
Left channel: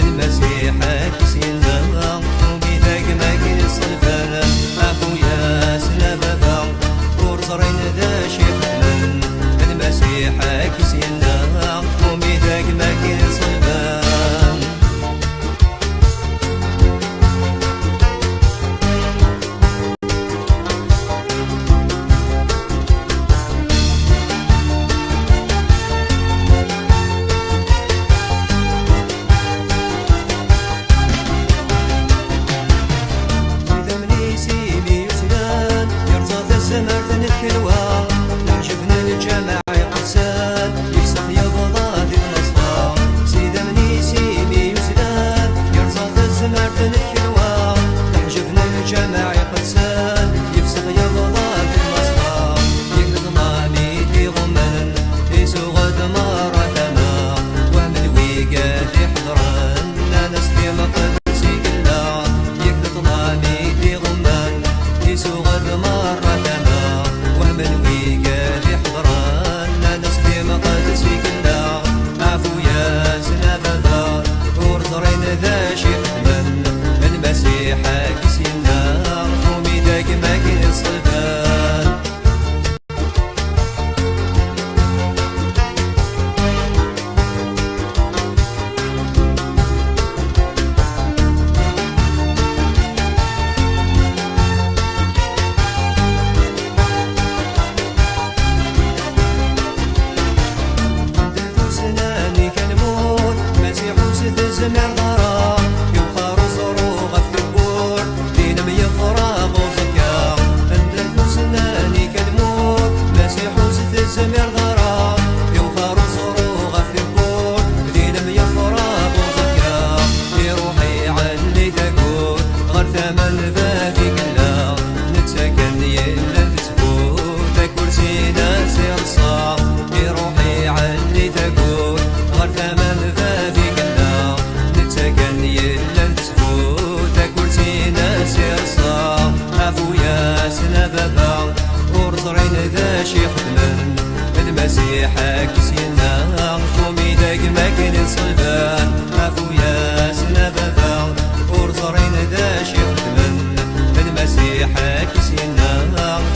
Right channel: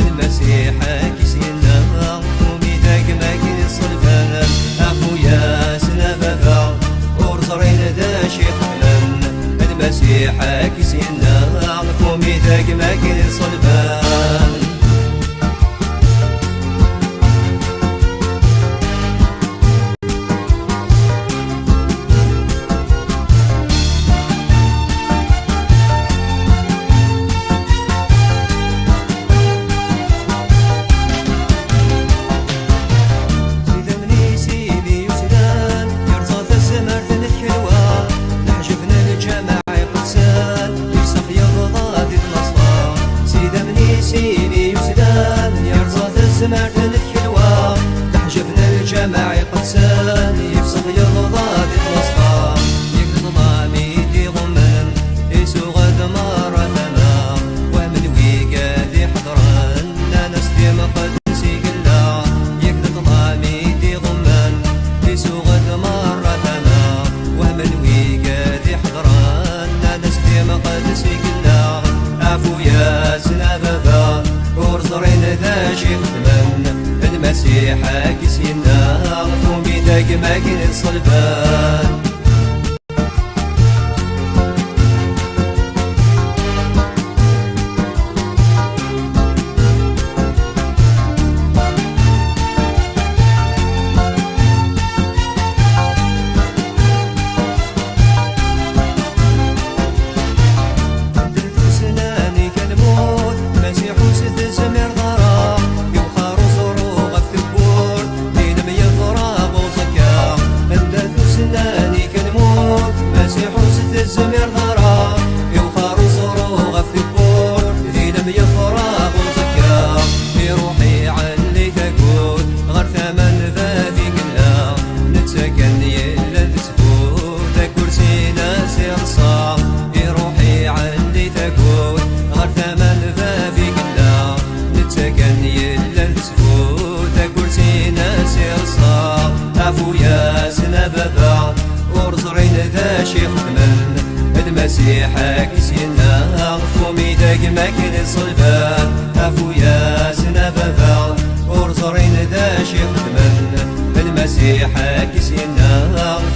المسيح كسينا وبيدك ماكين الصلفان أخويا سنبابا ورزرين ذا شيخ من المسيح كسينا وبيدك ماكين الصلفان سمرتن الكلوى نعجبنا الجماعة يقتسال يفسخ يبضى ذي المصفى سيدا مني سيني يسدان يرزاط الزمرتن الكلوى نعجبنا الجماعة يقتسال يفسخ يبضى ذي المصفى يقضى بيدي غمن يسوغ دمار تمام ومن ويقاد يحضرن ناس دي مقدسي قلا يقضى بيدي غمن يسوغ دمار تمام ومن ويقاد يحضرن ناس دي مقدسي قلا عفويا زنابا ورزرين ذا شيخ ثمن المسيح كسينا وبيدك ماكين الصلبان الزمير ضرا يوخر زروغ الثبور لينم يفراغ وزكا اندث سناني كالموت مسيح وسد الزمير ضرا يوخر زروغ الثبور لينم يفراغ وزكا في روحي علي تقول غير ثمن بابي قلا نتسكن يلا تثبوت كرسي ناس يرصا في روحي علي تقول غير ثمن بابي قلا سكن يلا تثبوت كرسي ناس يرصا عفويا سنبابا ورزرين ذا شيخ ثمن المسيح كسينا وميدك ماكين الصلبان عفويا سنبابا ورزرين ذا شيخ ثمن المسيح كسينا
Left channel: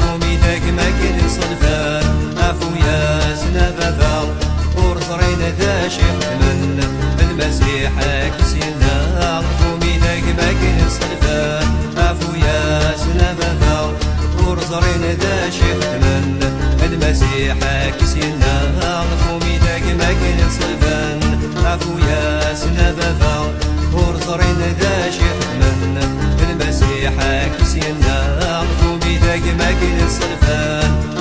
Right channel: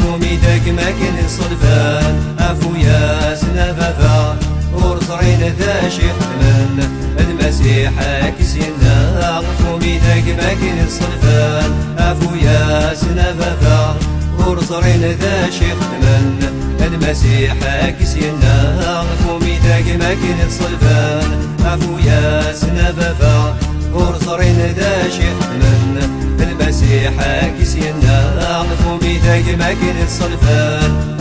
وميدك ماكين الصلبان عفويا سنبابا ورزرين ذا شيخ ثمن المسيح كسينا وميدك ماكين الصلبان عفويا سنبابا ورزرين ذا شيخ ثمن المسيح كسينا وميدك ماكين الصلبان عفويا سنبابا ورزرين ذا شيخ ثمن المسيح كسينا وميدك ماكين الصلبان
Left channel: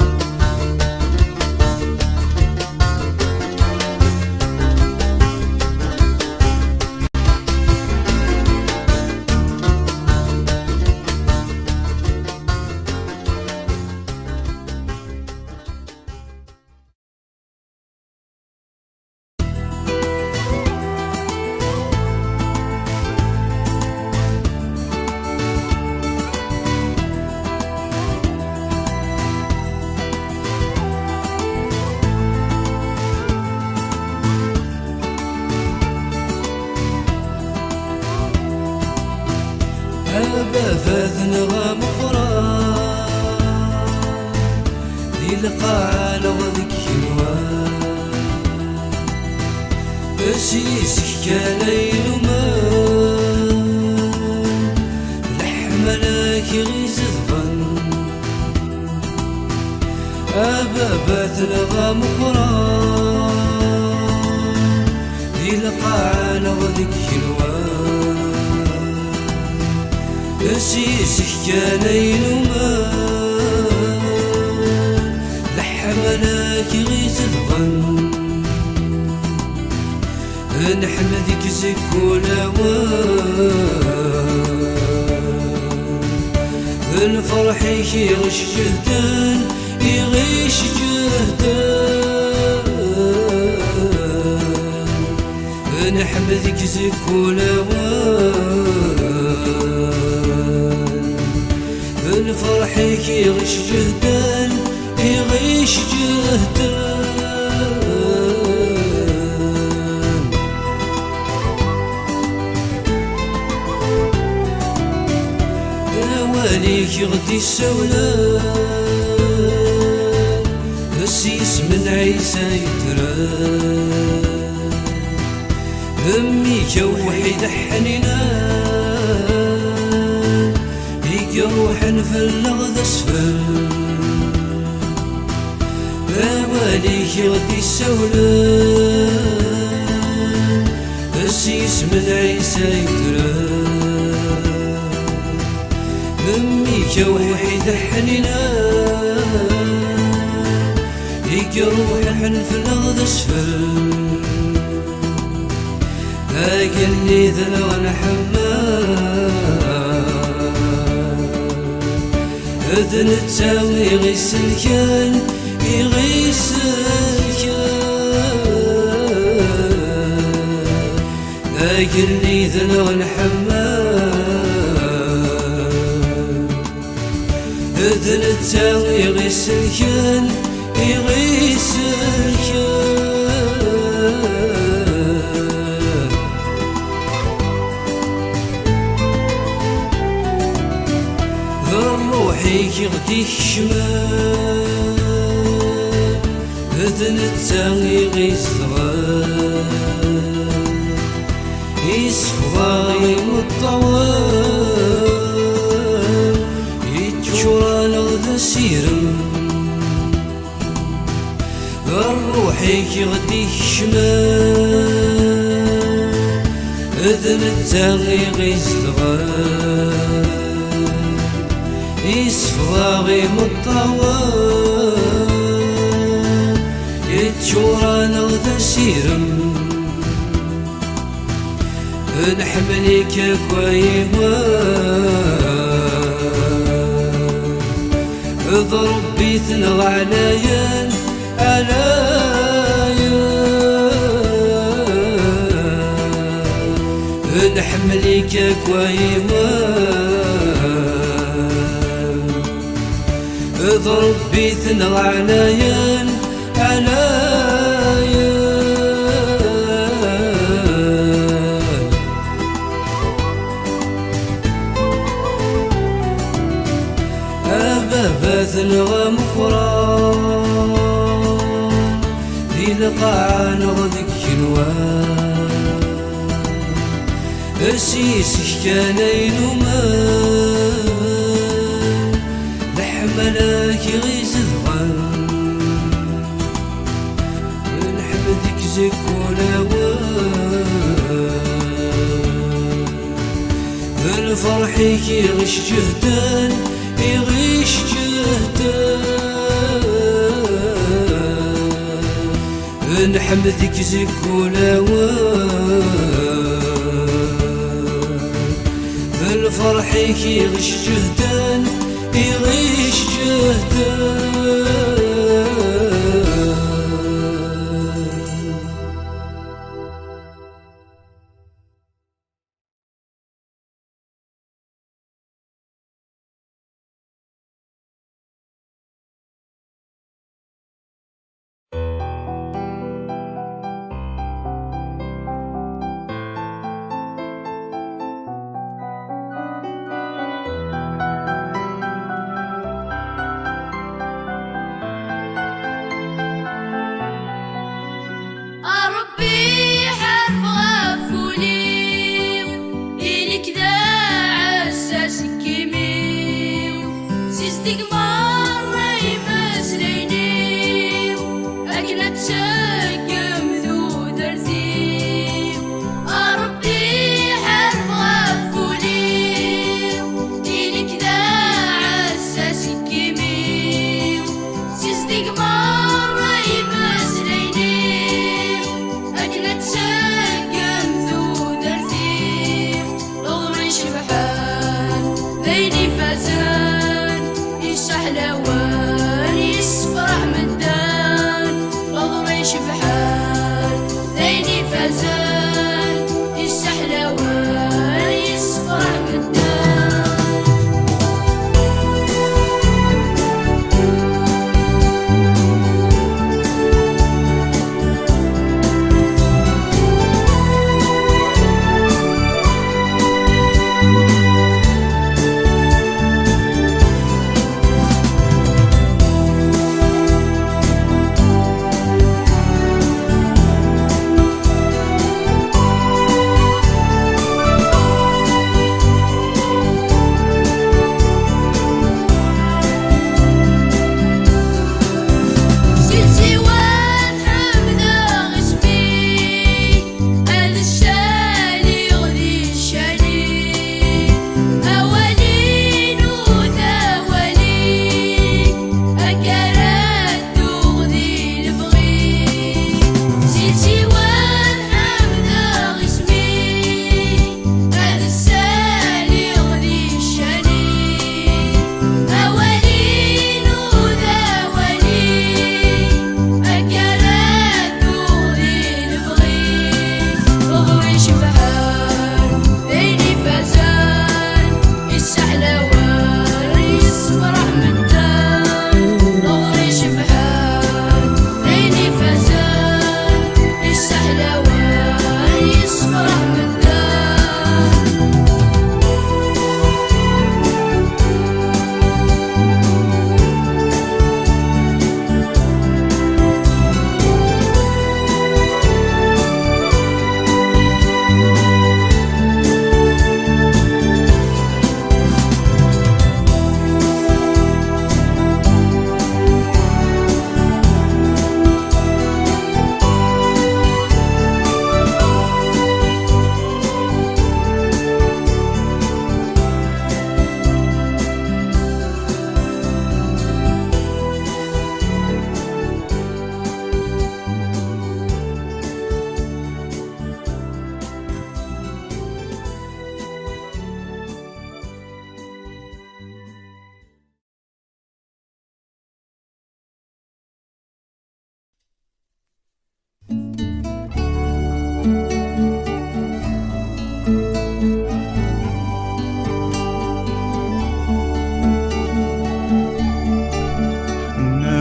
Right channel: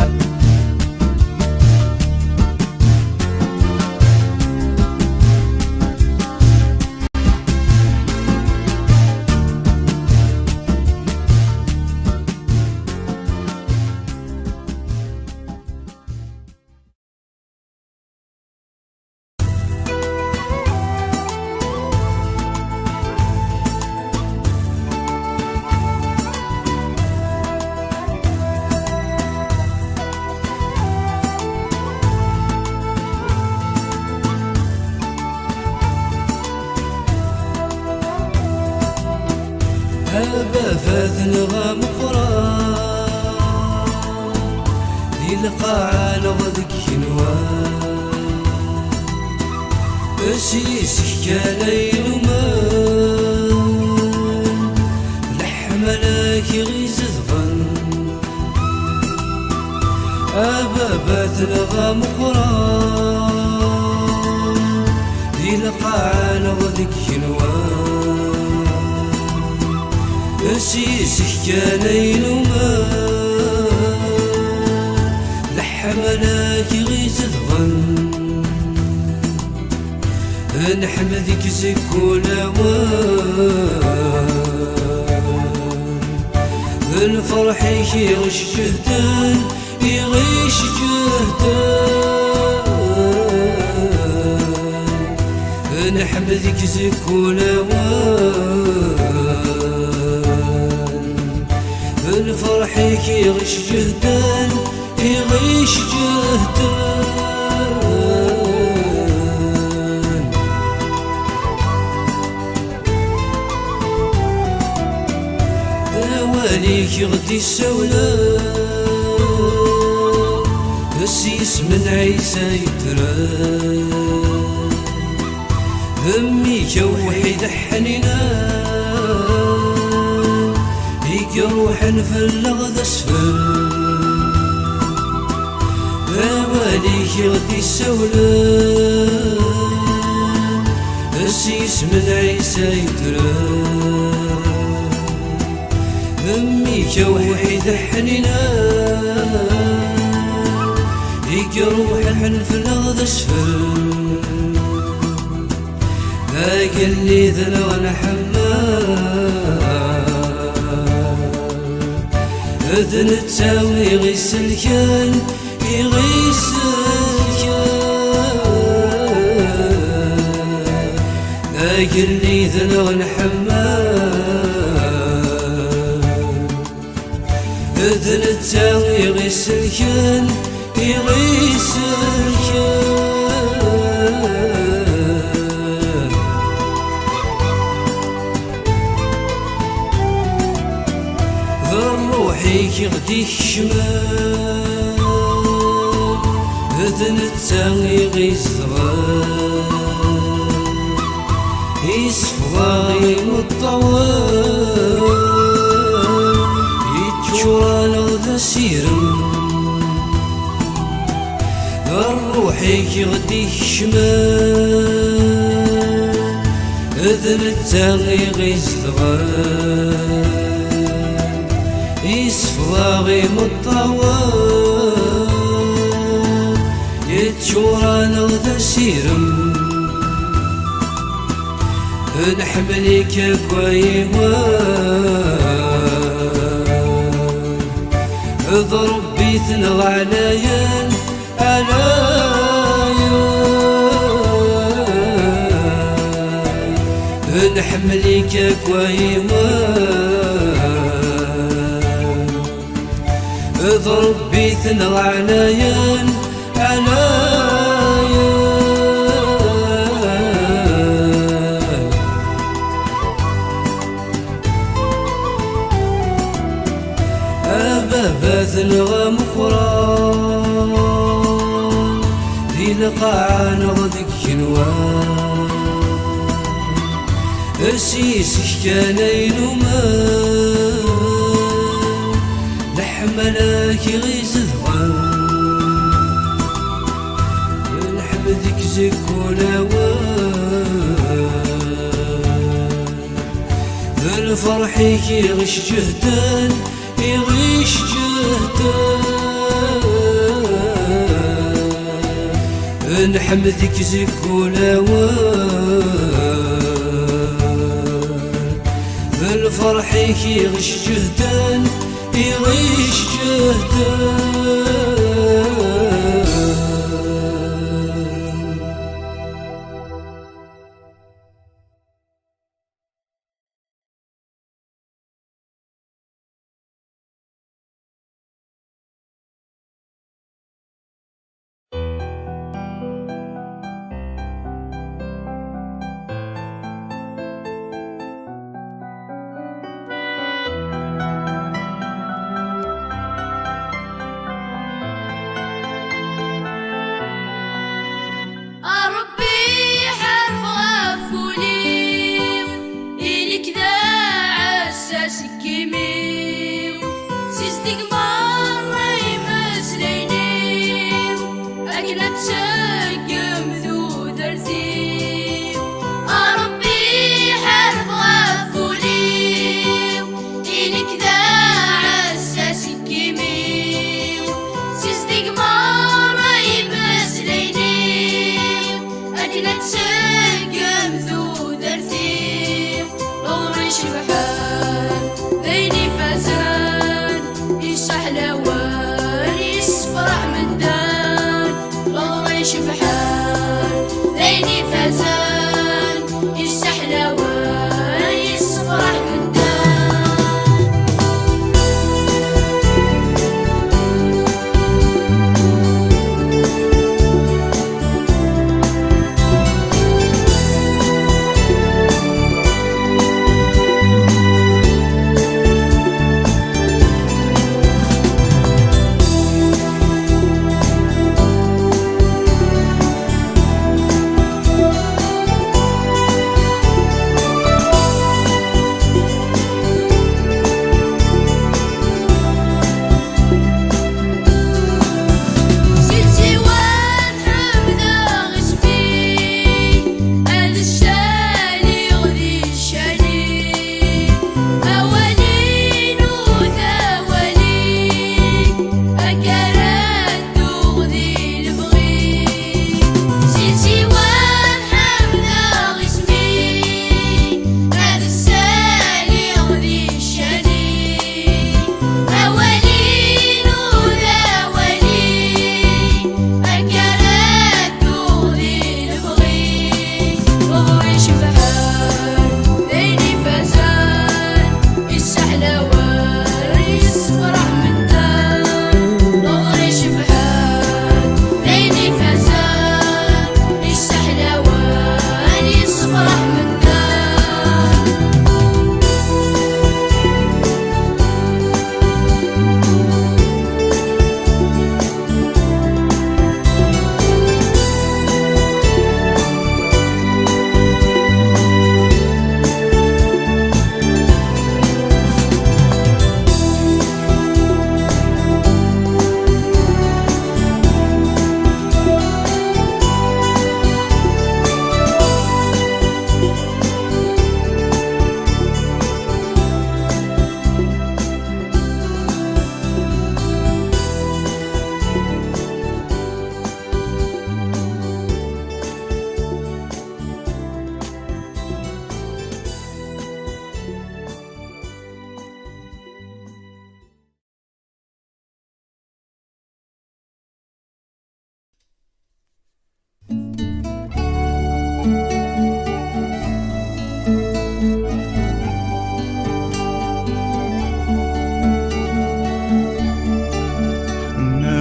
فاذن غام قران ذي القاع لغذك حلوان أسيسك كالين ومان لحملك غيز الظن أبابات الغام قران ذي القاع لغذك حلوان سيسك كان ينوما لحملاك غيز الغن نحمدك زكونا الفرح يغش جهدان يغيش جهدان نحمدك زكونا الفرح يغش جهدان يغيش جهدان دواليك غدي السولان السيس من عيسى يتران أميك وحيد حنينان يروح نفلغ ذا اسفل دواليك غدي السولان السيس من عيسى يتران أميك وحيد حنينان يروح نفلغ ذا اسفل قال لي ذا وانا حمام اذن تساوي غيس الكان يغيس الكان قال لي ذا وانا حمام اذن تساوي غيس الكان يغيس الكان روحي غدي الشمال اذن التاغي غيزغان يصفغاي مطوال يتشوران غدا سيرم روحي غدي الشمال اذن التاغي غيزغان يصفغاغي مطوال يتشوران غدا سيرم نحملك كويوان اضرب بيثن غعنايان عنايان نحملك كويوان اضرب بيثن غعنايان عنايان أبابات الغمقران ذي لقاع نغذك جنوان السيسك كان ينومان لحملاك غيز الغن نحمدك زكونا الفرح يغش جهدان يغيش جهدان نحمدك زكونا الفرح يغش جهدان يغيش جهدان السحلوان يصفع من دان الغريش بحال ذيني فزان السحلوان يصفع من دان.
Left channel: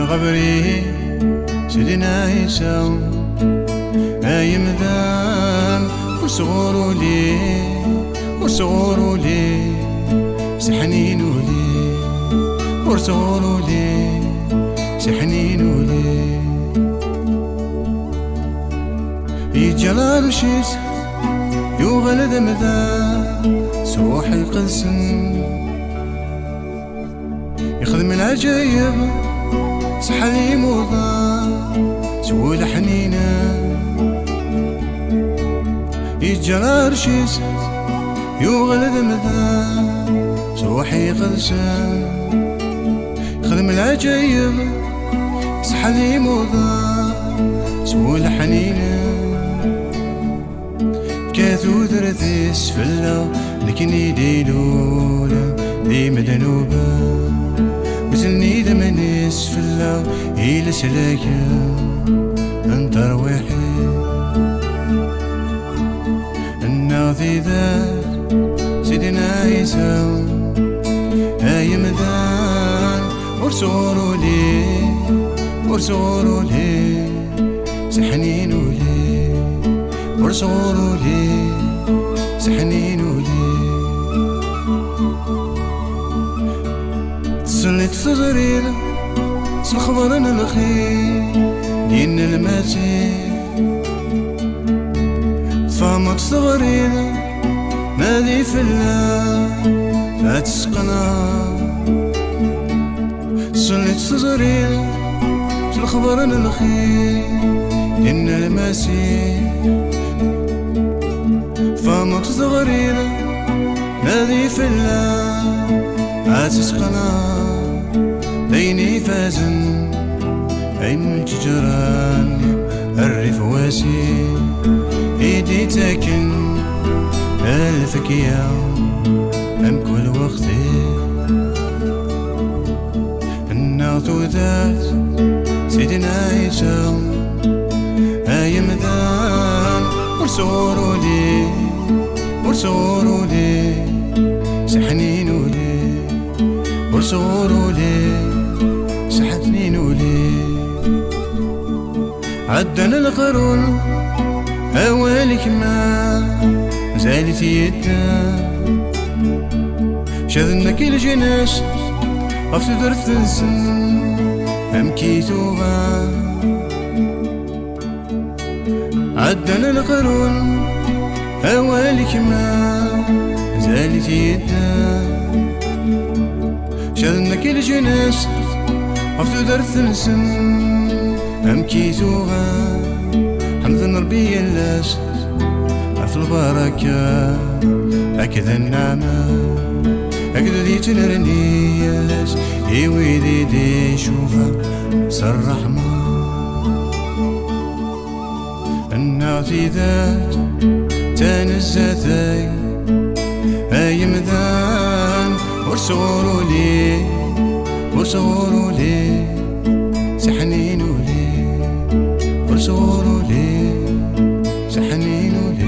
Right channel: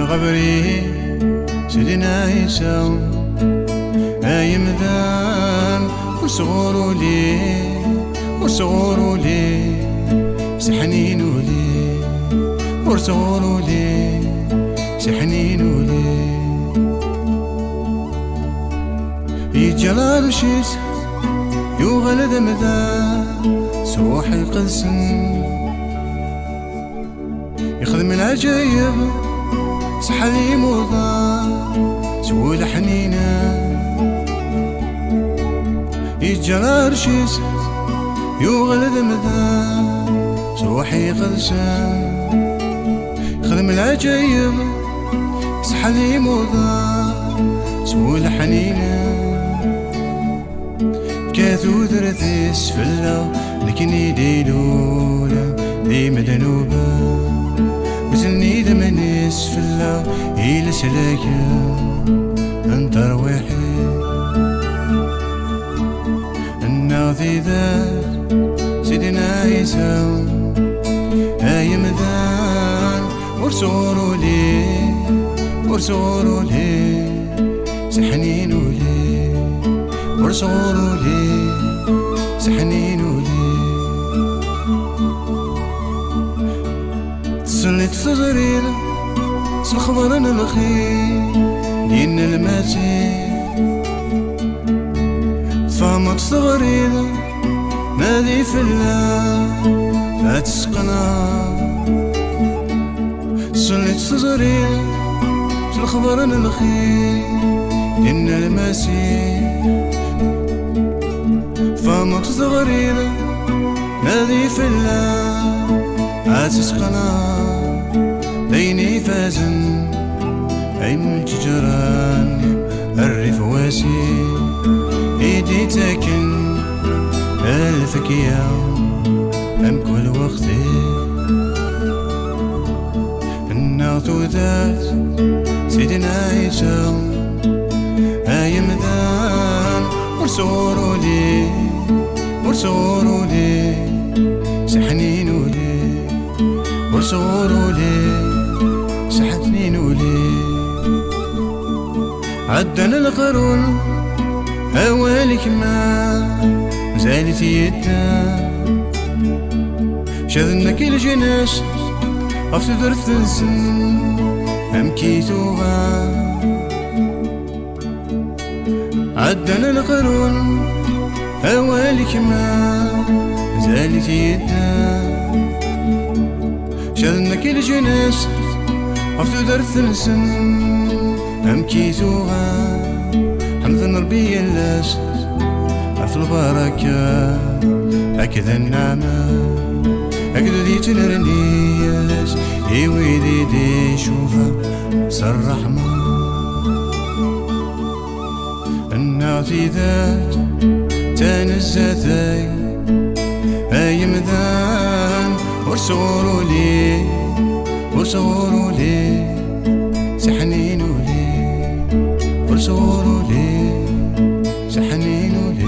غبري سيدنا عيسى أي مذام وصغور لي وصغور لي سحنين لي وصغور لي سحنين لي يجلال شيس يغلد مذام سروح القسم يخدم العجايب سحلي موضة سول حنينة يتجرى رشيس يغلد مذا سروحي قدسان يخدم العجايب سحلي موضة سول حنينة كاثو ثرثي سفلة لكن يديلولا دي مدنوبة وزني دمن يسفلا إلى سلاكا أنت روحي الناضي ذات سيدنا عيسى أي مذان ورسولو لي ورسولو لي سحنينو لي ورسولو لي سحنينو لي سلت تزرير سالخبر الخير دين المسيح تفهمت صغرير نادي في الله لا تسقنا سلت تزرير سالخبر الخير دين المسيح تفهمت صغرير نادي في الله لا تسقنا ديني فازن أي من الجيران الريف واسي ايدي تاكن الفكية أم كل وقتي ذات سيدنا عيسى أيمدان ورسولو لي ورسولو لي سحنينو لي ورسولو لي سحنينو لي عدنا القرون أولك ما زالت يدا شذنا كل جناس أفتدر الثلثن أمكيتوها عدنا القرون أولك ما زالت يدا شذنا كل جناس أفتدر الثلثن أمكيتوها حمد ربي اللاس في البركة هكذا النعمة هكذا دي تنرني اللاس يويدي دي شوفها سر الرحمة النعتي ذات تنزتي أي مذان ورسولو لي ورسولو لي سحنينو لي ورسولو لي سحنينو لي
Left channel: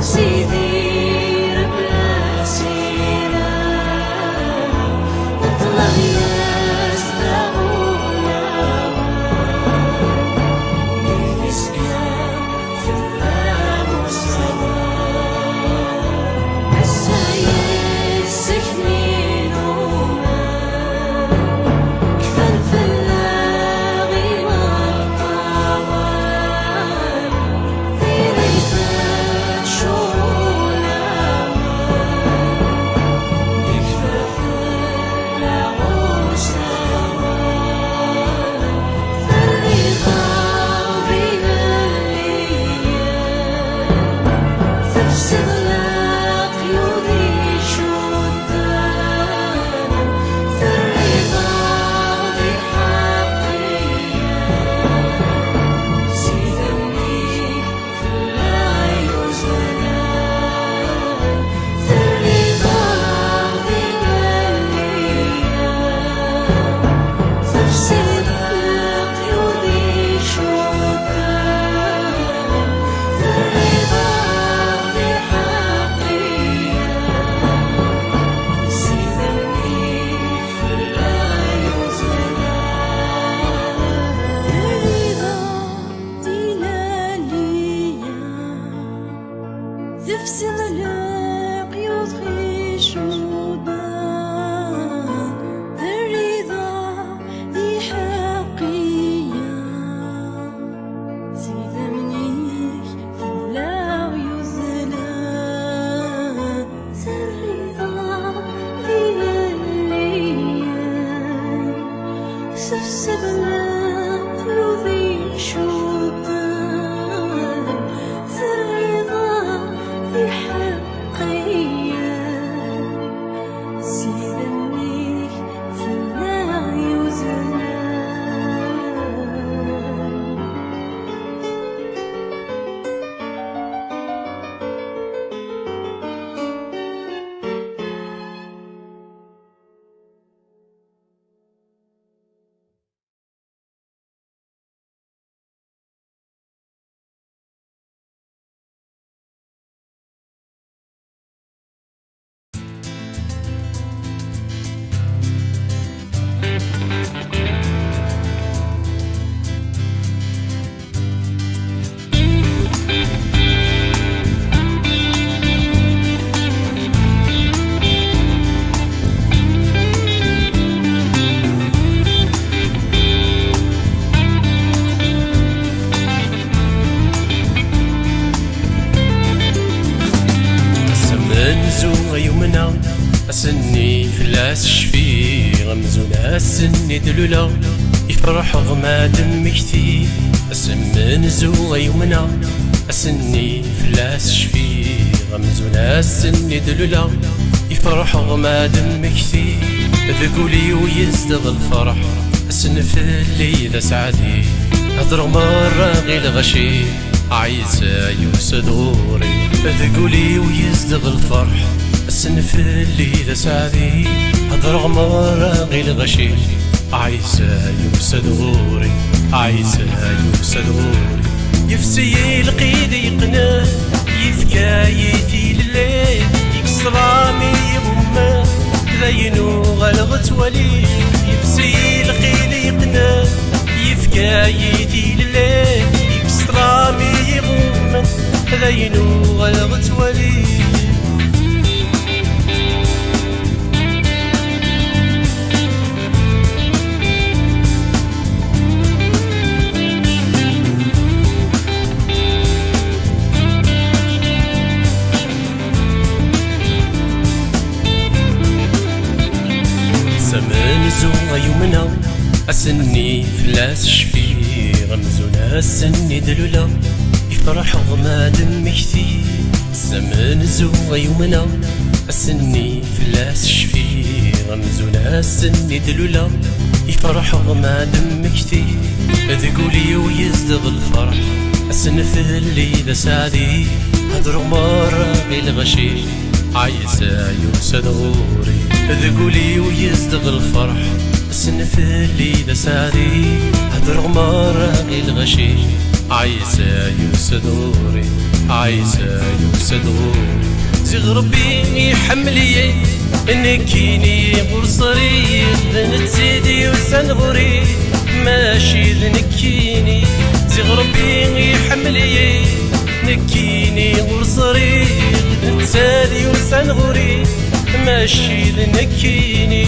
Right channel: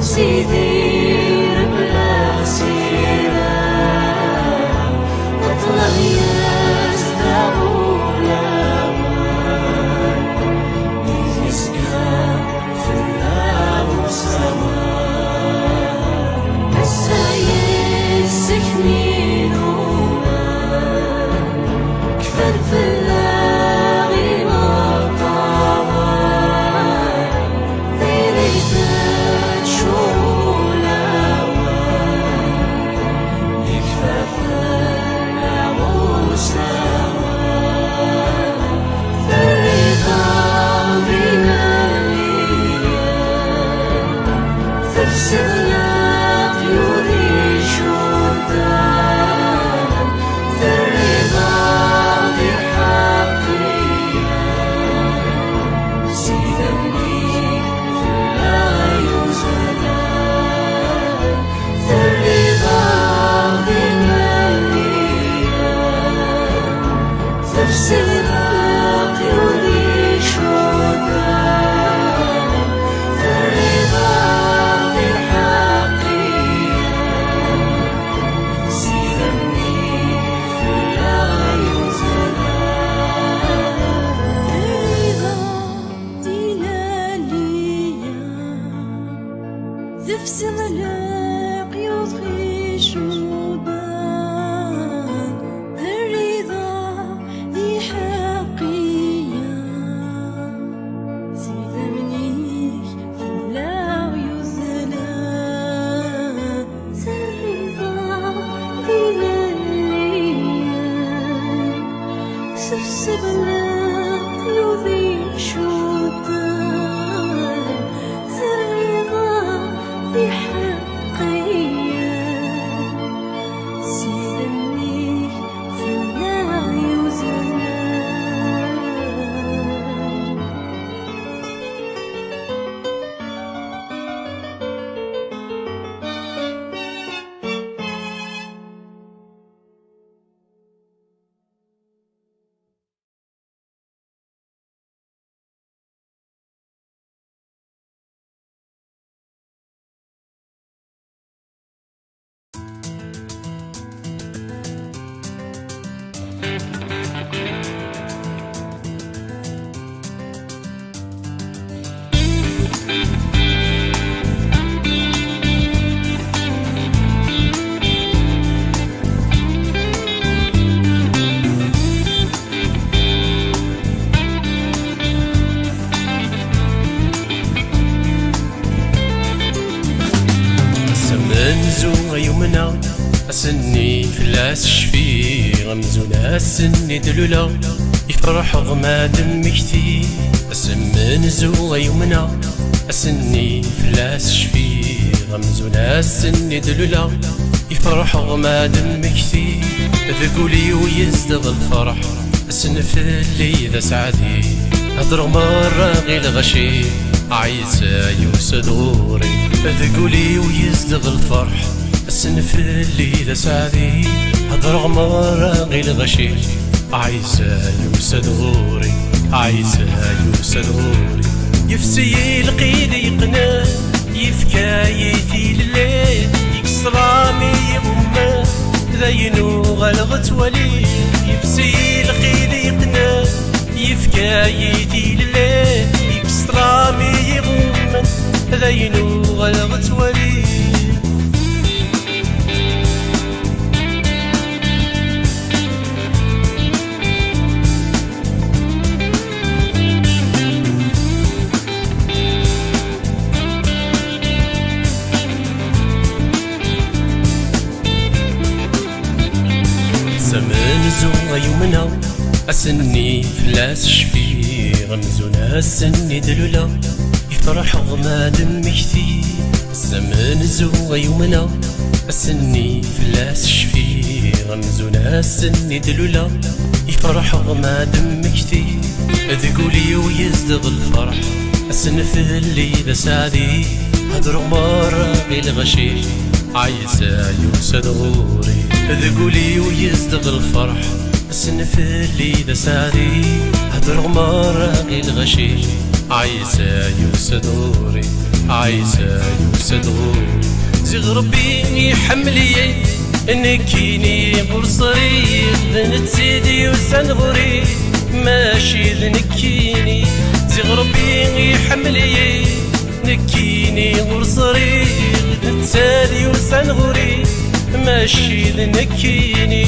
سيدي بلا سيرة واطلع يستغول يسكن في الباب سوا السيد سكنين كفى الفلاغي والطوال في ريثة شهور يكفى فلاغ سوا في الرضا بين الأيام تفسد القيود شدان في الرضا بحقية سيدني لا يزال في الرضا بمليا تفسد القيود شدان في الرضا بحقية سيدني لا يزال الرضا دلالية تفسد القيود شبان الرضا ذي حقية سيدة منيك لا يزال الرضا ذي الليل سفسب القيود شبان الرضا ذي حقية سيدني لا يزال منزو يومنا أسني فلاس شفي غمزونا السني دلولا يفرح غماد مكتي منزو يومنا أسني فلاس شفي غمزونا السني دلولا يفرح غماد مكتي ذقولي ويزدغ الفرح أسنف اللي ذا سعدي هضر مرة غير غشي عيسى يوسد غوري ذقولي ويزدغ الفرح السنف اللي ذا سعدي هضر مرة غير غشي عيسى يوسد غوري عيسى يوسد غوري يفسي القيد يقنا يفكايتي لليل يكسرامي يغمى ذينو غلغت ولي يفسي القيد يقنا يفكايتي لليل يكسرامي يغمى ذينو غلغت ولي سمنزو يومنا أسني فلاس شفي غمزونا السني دلولا يفرح غماد مكتي سمنزو يومنا أسني فلاس شفي غمزونا السني دلولا يفرح غماد مكتي ذقولي ويزدغ الفرح السنف اللي ذا سعدي هضر مرة غير غشي عيسى يوسد غوري ذقولي ويزدغ الفرح السنف اللي ذا سعدي هضر مرة غير غشي عيسى يوسد غوري عايزة يوسدغو زغربي يحملي نكيني برصري ذنتسيدي وسنغري ماشي ذنكيني زغربي يحملي نكيني برصري ذنتسادي وسنغري ماشي ذنكيني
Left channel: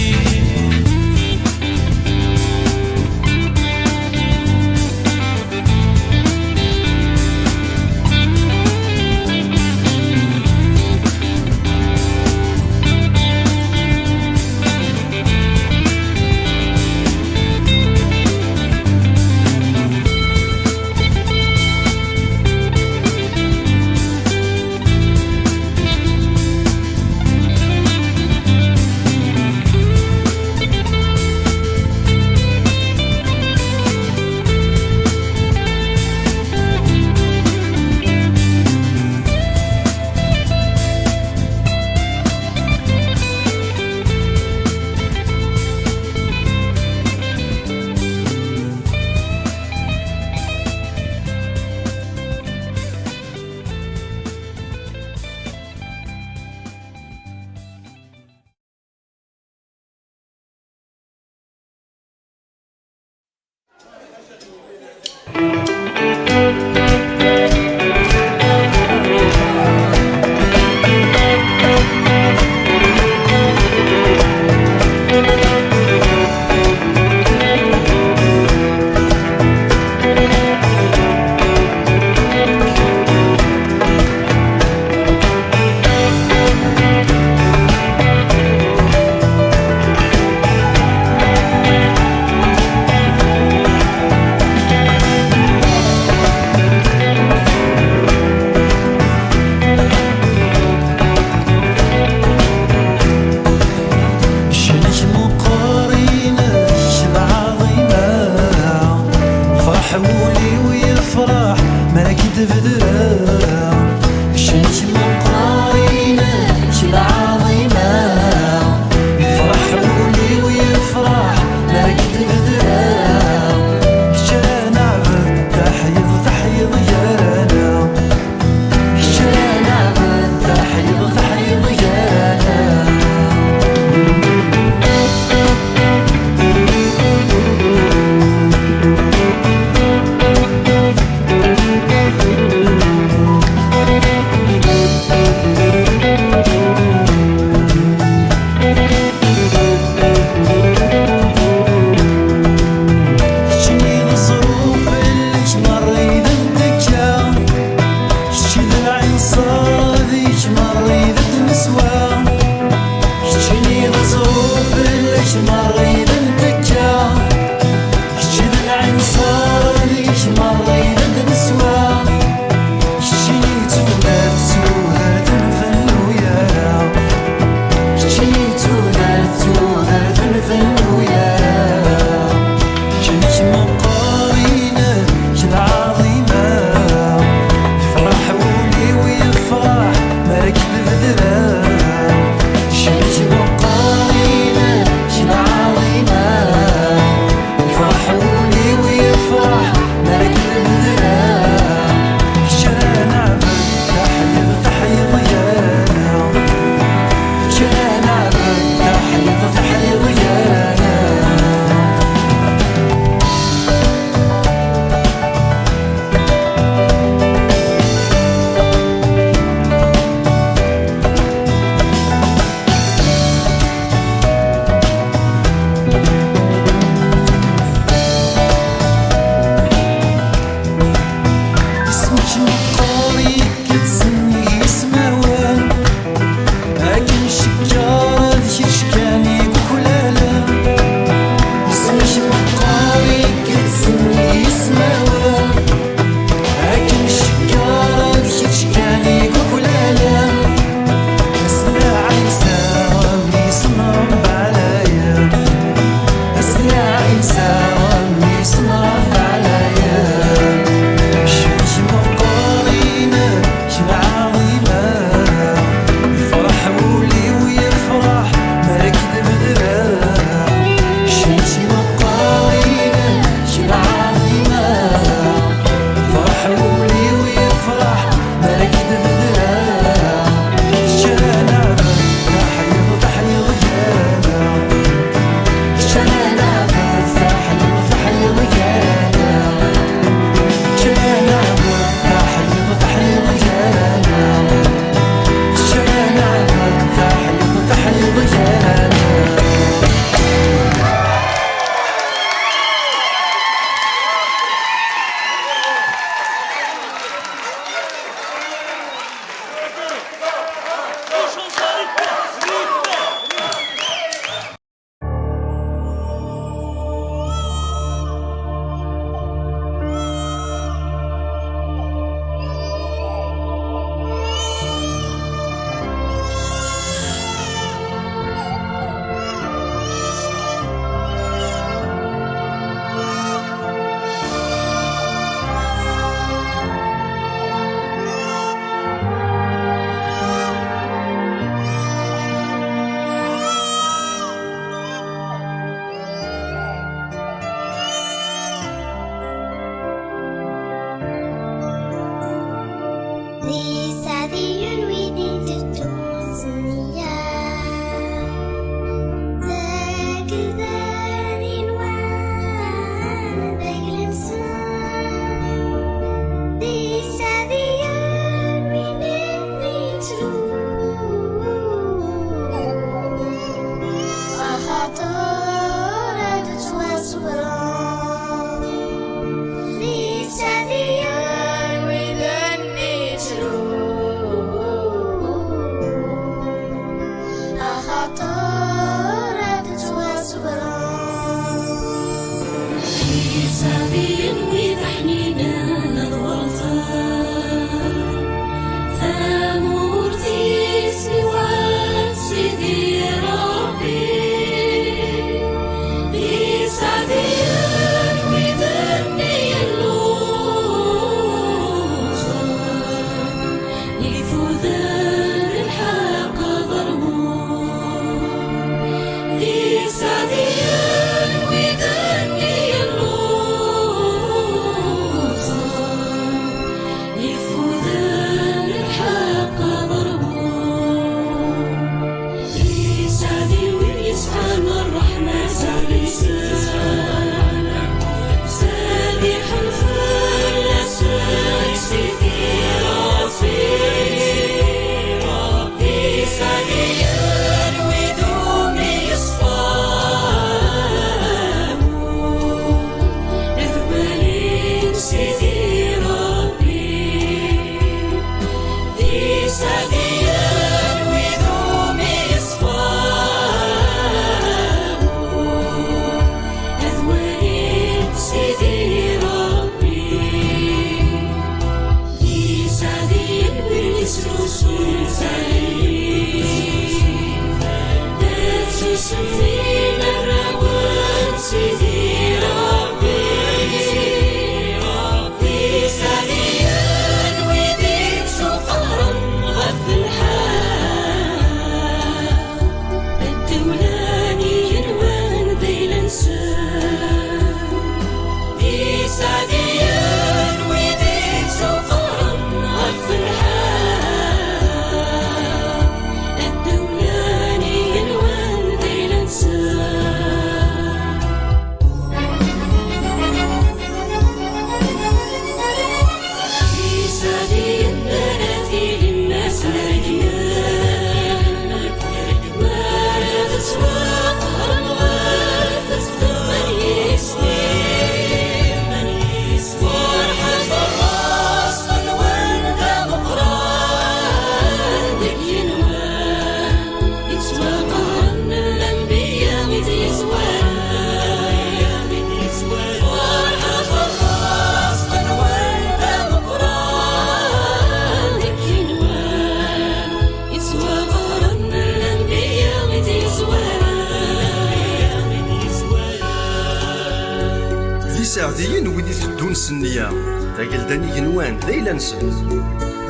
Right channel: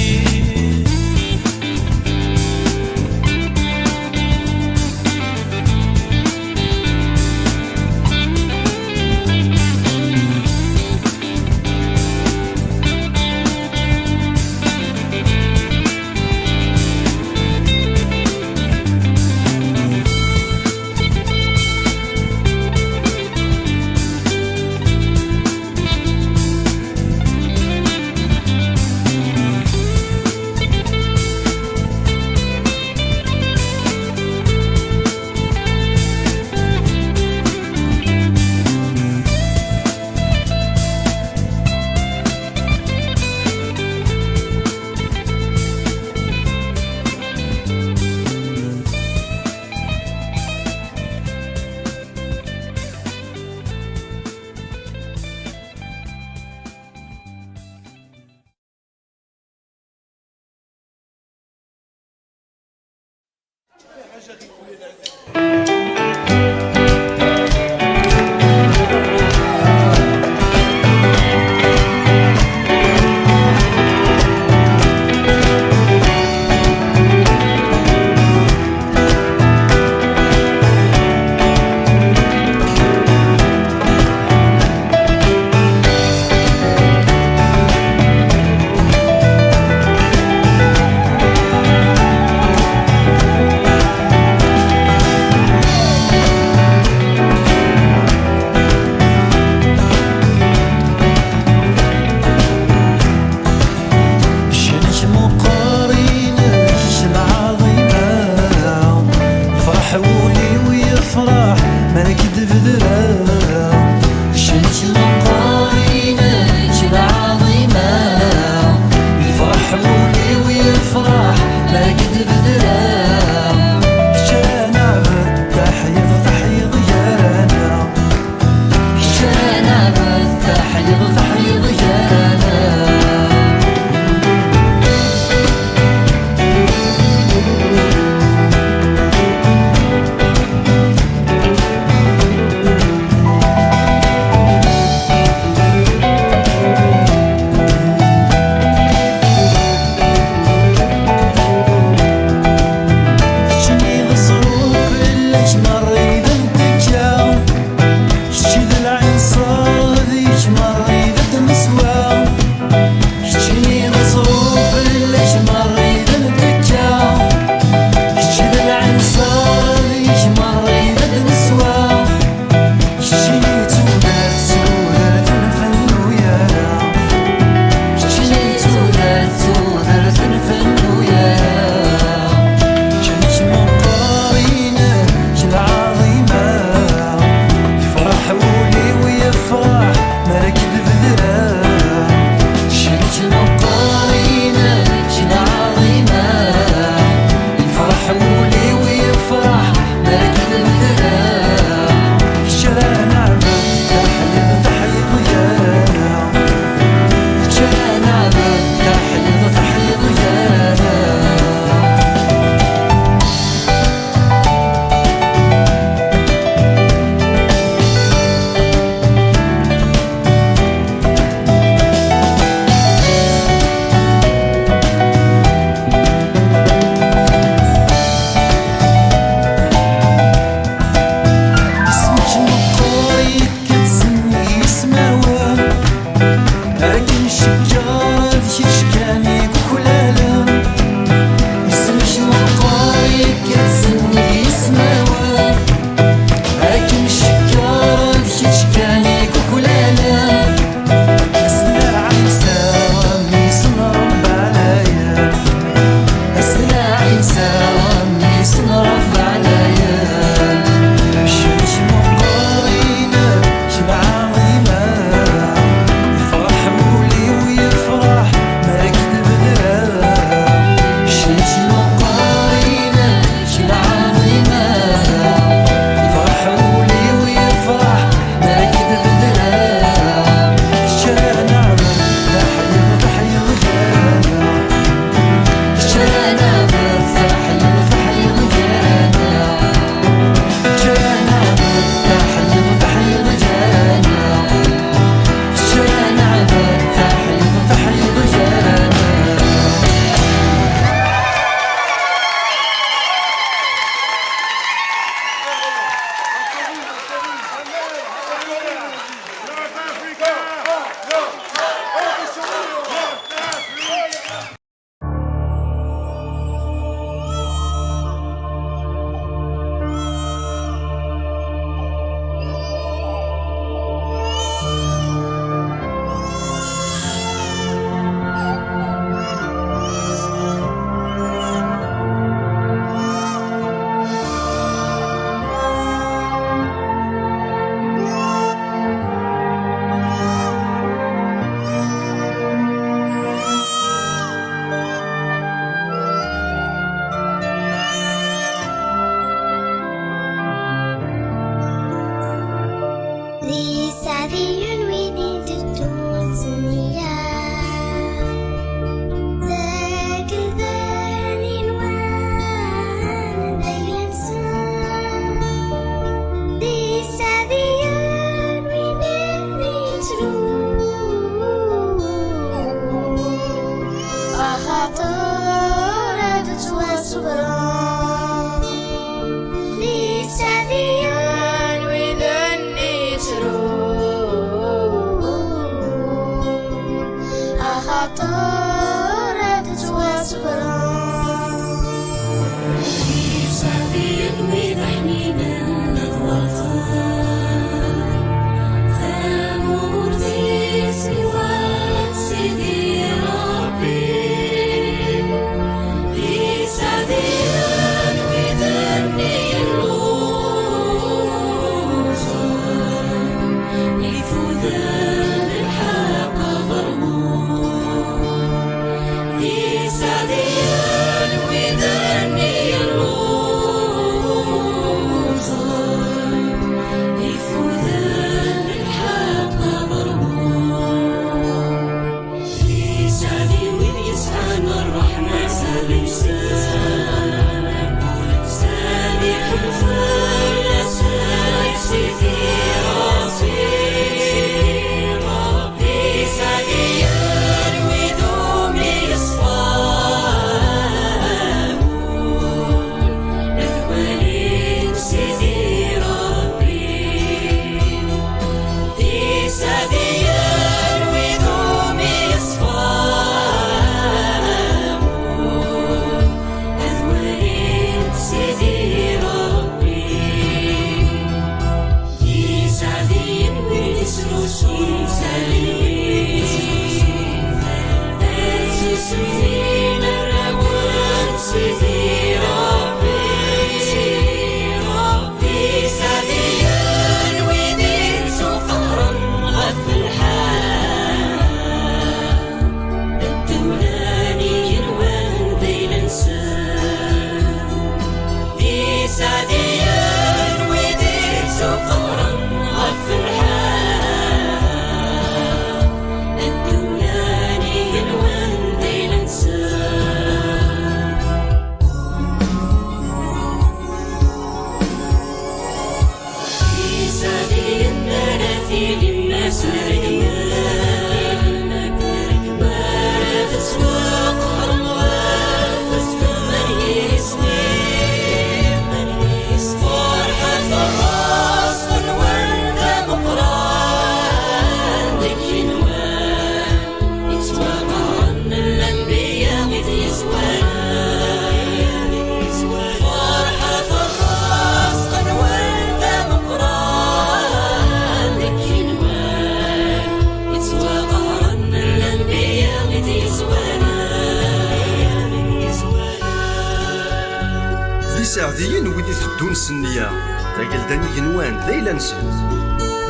سعديين ويدي ثدون سنية تاقلداني ينوان ليلا نسل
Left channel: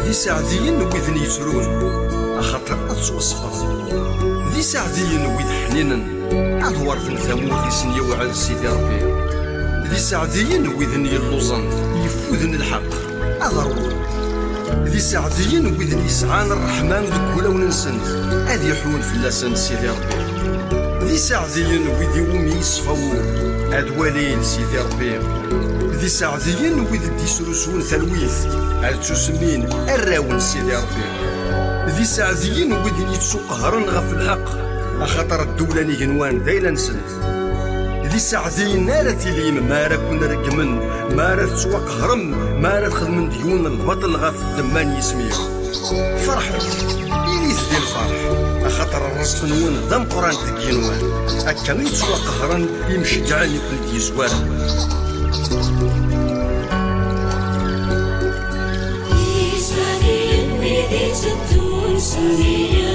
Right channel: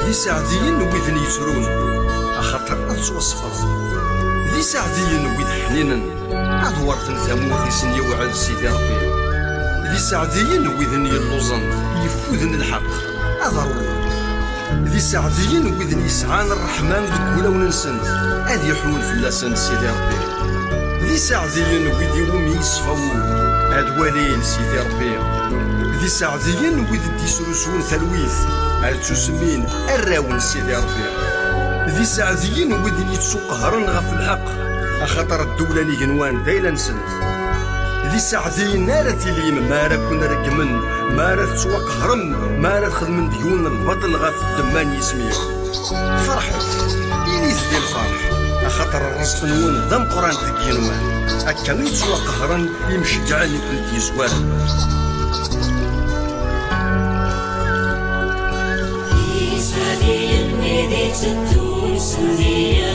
ذي سعديين ويذني يسرون أخطر أدسو الصفر ذي سعديين ويد حنينا أدوار ثمور ذي سنية وعلى سيدي ربي ذي سعديين ويذني اللوزن يفوذن الحق أضروا ذي سعديين ويذني يسعان الرحمن دكولا وننسن أذي يحول في اللسان سيدي ربي ذي سعديين ويدي ومي يصفون أدوالين سيدي ربي ذي سعديين وذي ديسروسون ثلويث أتسمين الراون سيدي ربي ذي سعديين وذي يتسوق هرن غف الحق أخطر الدولة نيجنوان ذيلا نسنت ذي سعديين نارتي ليم ما راه كنا رقمن ما راه تسوق هرم ما راه تخدم ديون البطل غف الدمان يسميه فرحوا إليس ديال الفرح أخطر الرصف نون ذم قران تكينوان أكامي تسوى قهرا يمشجعني كنت يسوارا في سبيل بيدي ستون سنية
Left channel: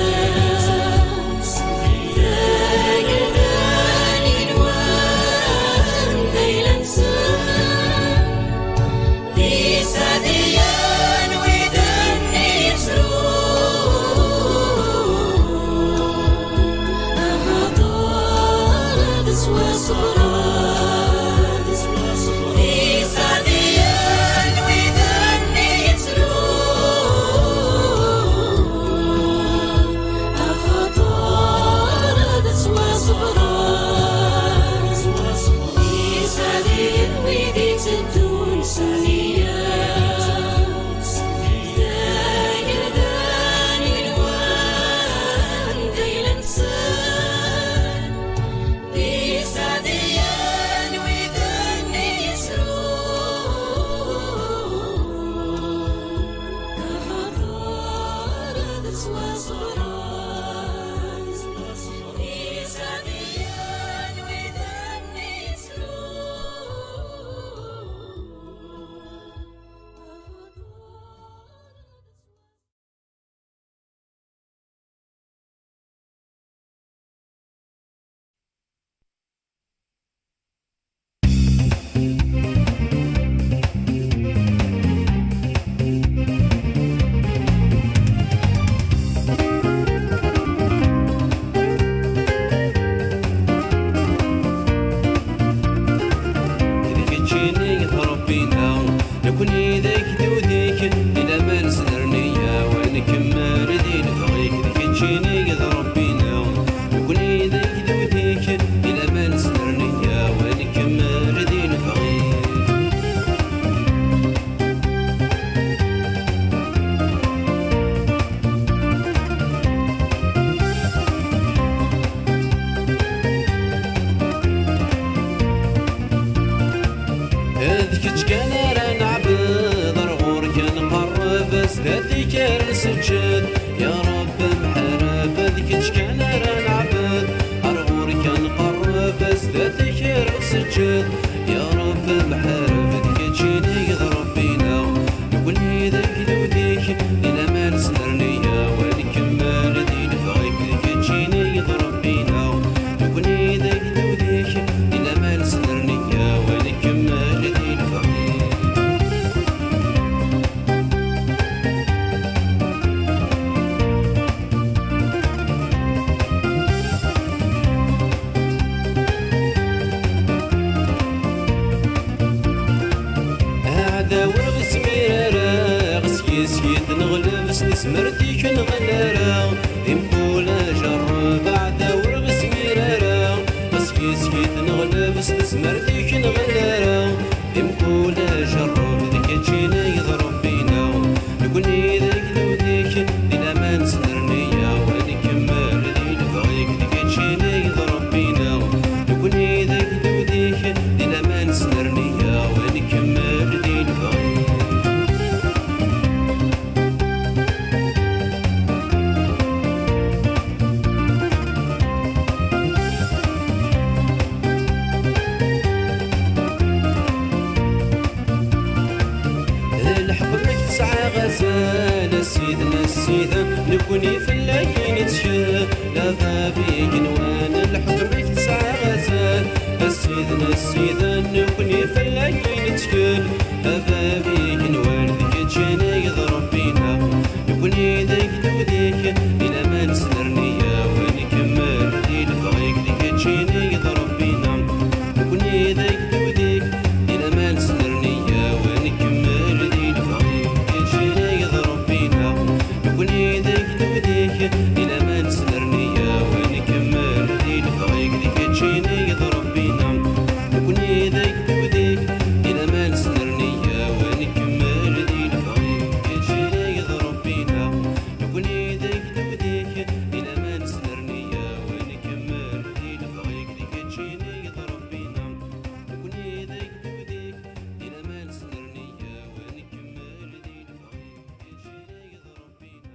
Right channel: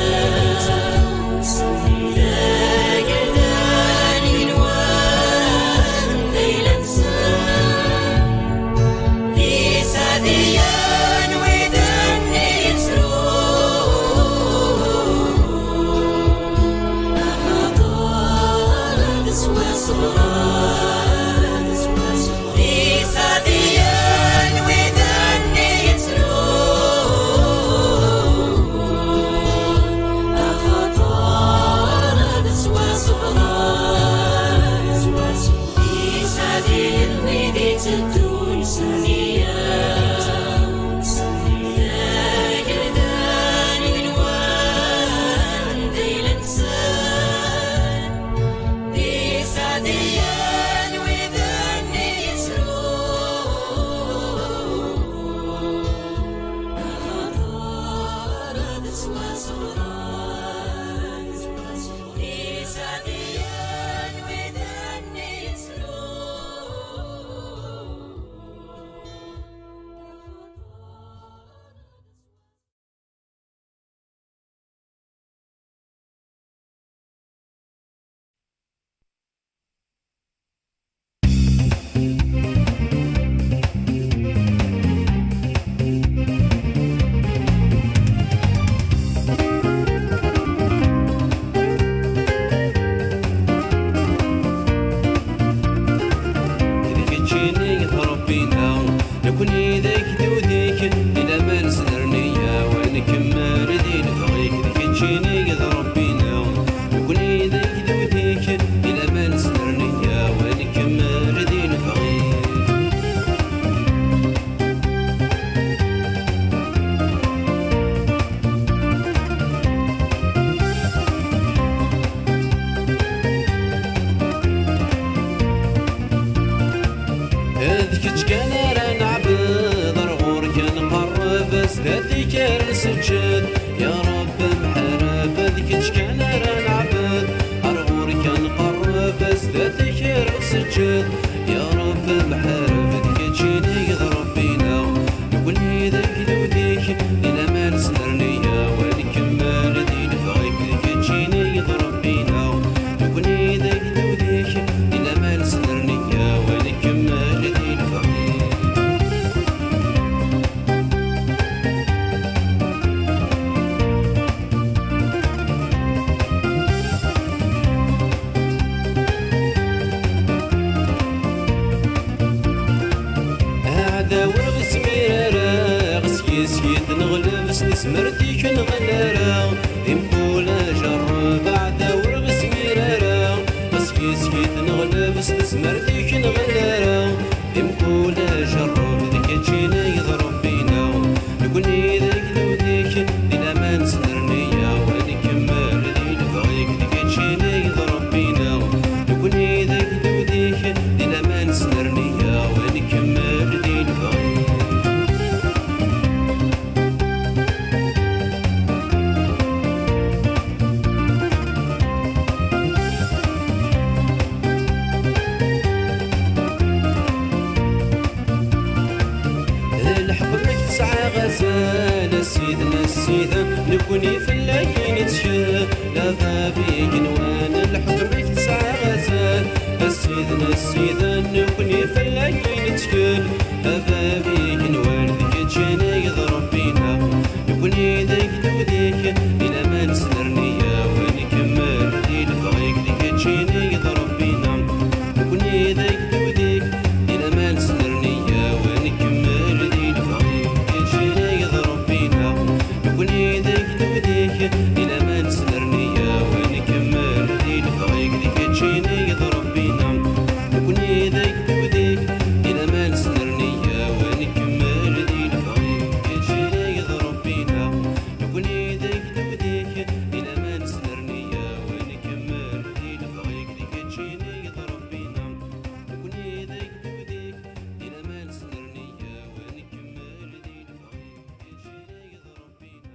سجد يا رب محرف ذيك كان راه نعبد أرغور كان قرب ذاتك سجد يا رب محرف ذيك تجيني يضرب بينا نقولني ذاك ذوديك إلى ما نسنرنيا ونكمل دين فغيك ذيك تجيني يضرب بينا نقولني ذاك ذوديك إلى ما نسنرنيا ونكمل دين فغيك سمرتي كنغنرا يمكولا جرب بعد ورغس ميرارا بس كيسكيت نغلب سمرتي كنغنرا يمكولا جرب ذيك تجينا يضرب بينا نقولني ذاك ذوديك إلى ما نسنرنيا ونكمل دين فغيك ذيك تجينا يضرب بينا نقولني ذاك ذوديك إلى ما نسنرنيا ونكمل دين فغيك غزال سيدنا السيدة نكوني في اللاكين تشاف لا بابي جنوان الحكم تسعى غزال سيدنا السيدة نكوني في اللاكين تشاف لا بابي جنوان ذيك تجينا يضرب بينا نكوني ذيك ذوديك إلى ما نسنرنيا ونكمل دين فغيك ذيك تجينا يضرب بينا نكوني ذيك ذوديك إلى ما نسنرنيا ونكمل دين فغيك نكوني ذيك ذوديك إلى ما نسنرنيا ونكمل دين فغيك ذيك تجيني يضرب بينا نكوني ذيك ذوديك إلى ما نسنرنيا ونكمل دين فغيك تجيني يضرب بينا نكوني ذيك ذوديك إلى ما نسنرنيا ونكمل دين فغيك ذيك تجيني يضرب بينا نكوني ذيك ذوديك إلى ما نسنرنيا ونكمل دين فغيك تجيني يضرب بينا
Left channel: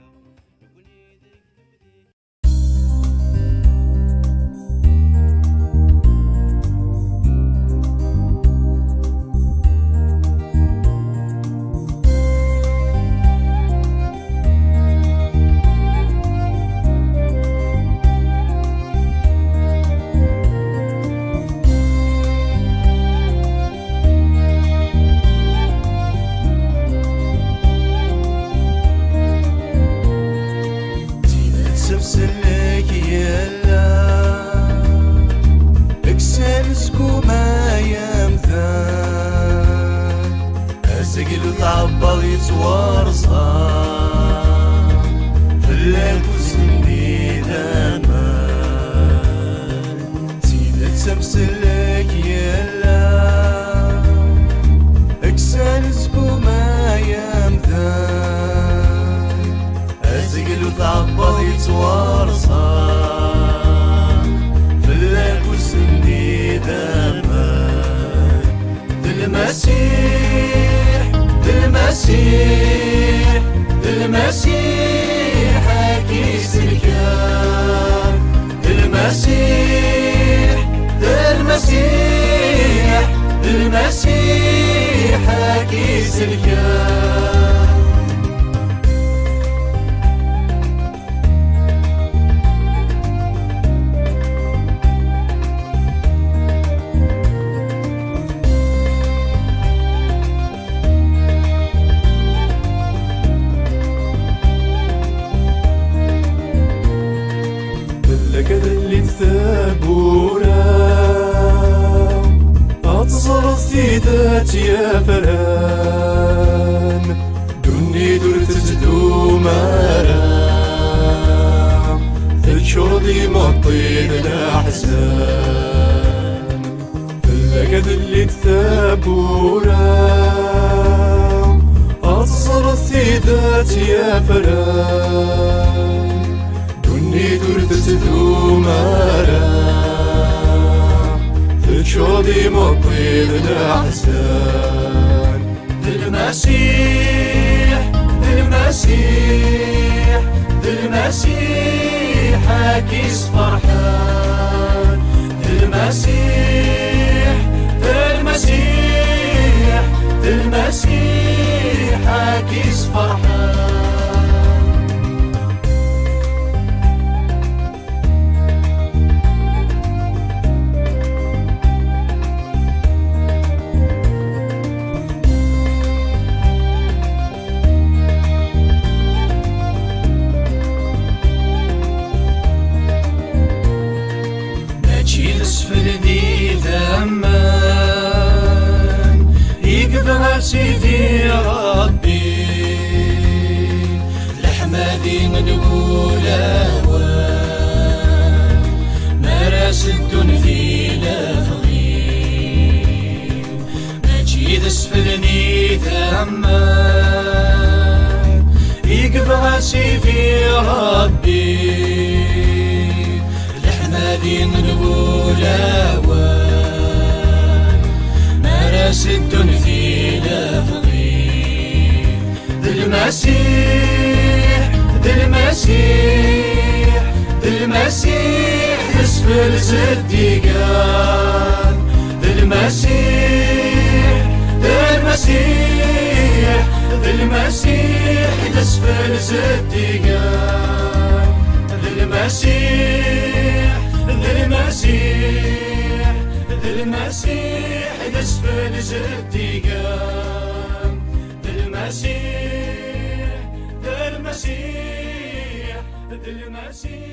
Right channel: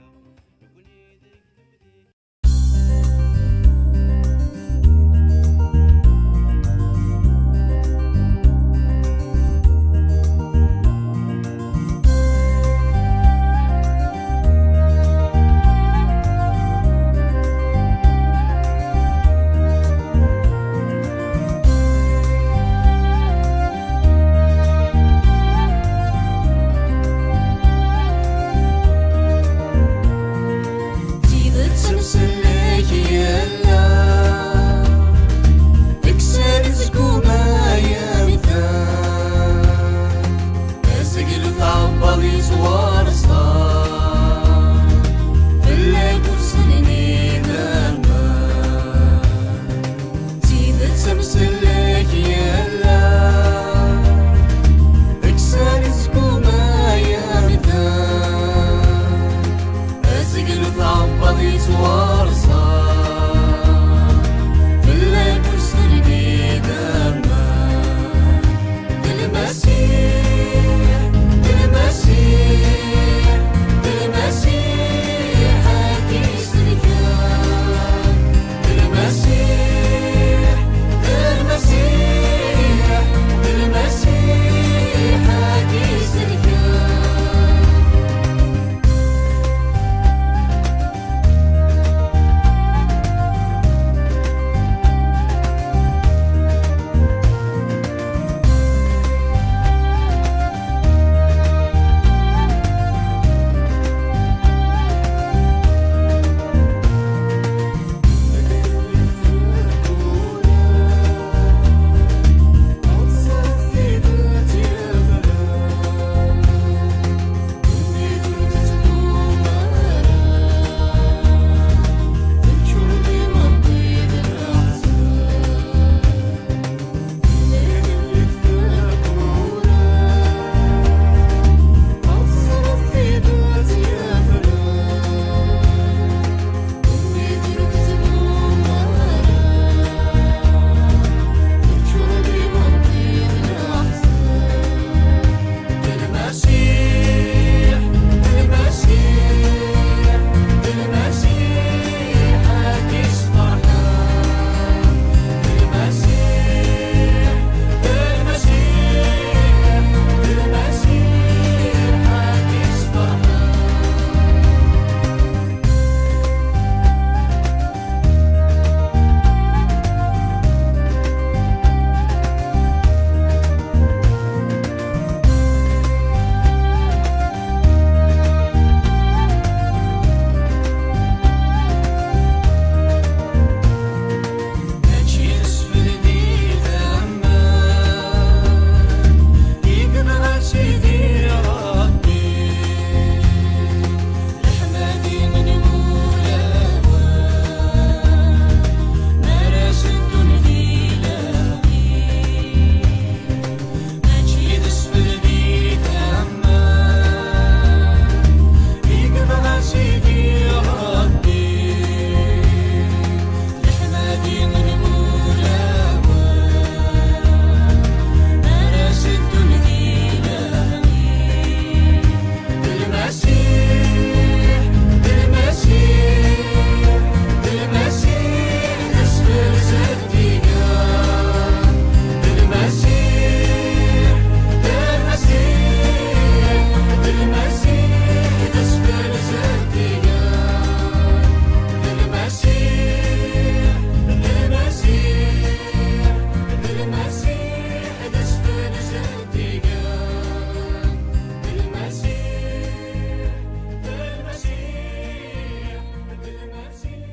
المسيح الزديقان المسيح المسيح المسيح دسفل الزديقان المسيح المسيح المسيح دسفل الزديقان المسيح المسيح المسيح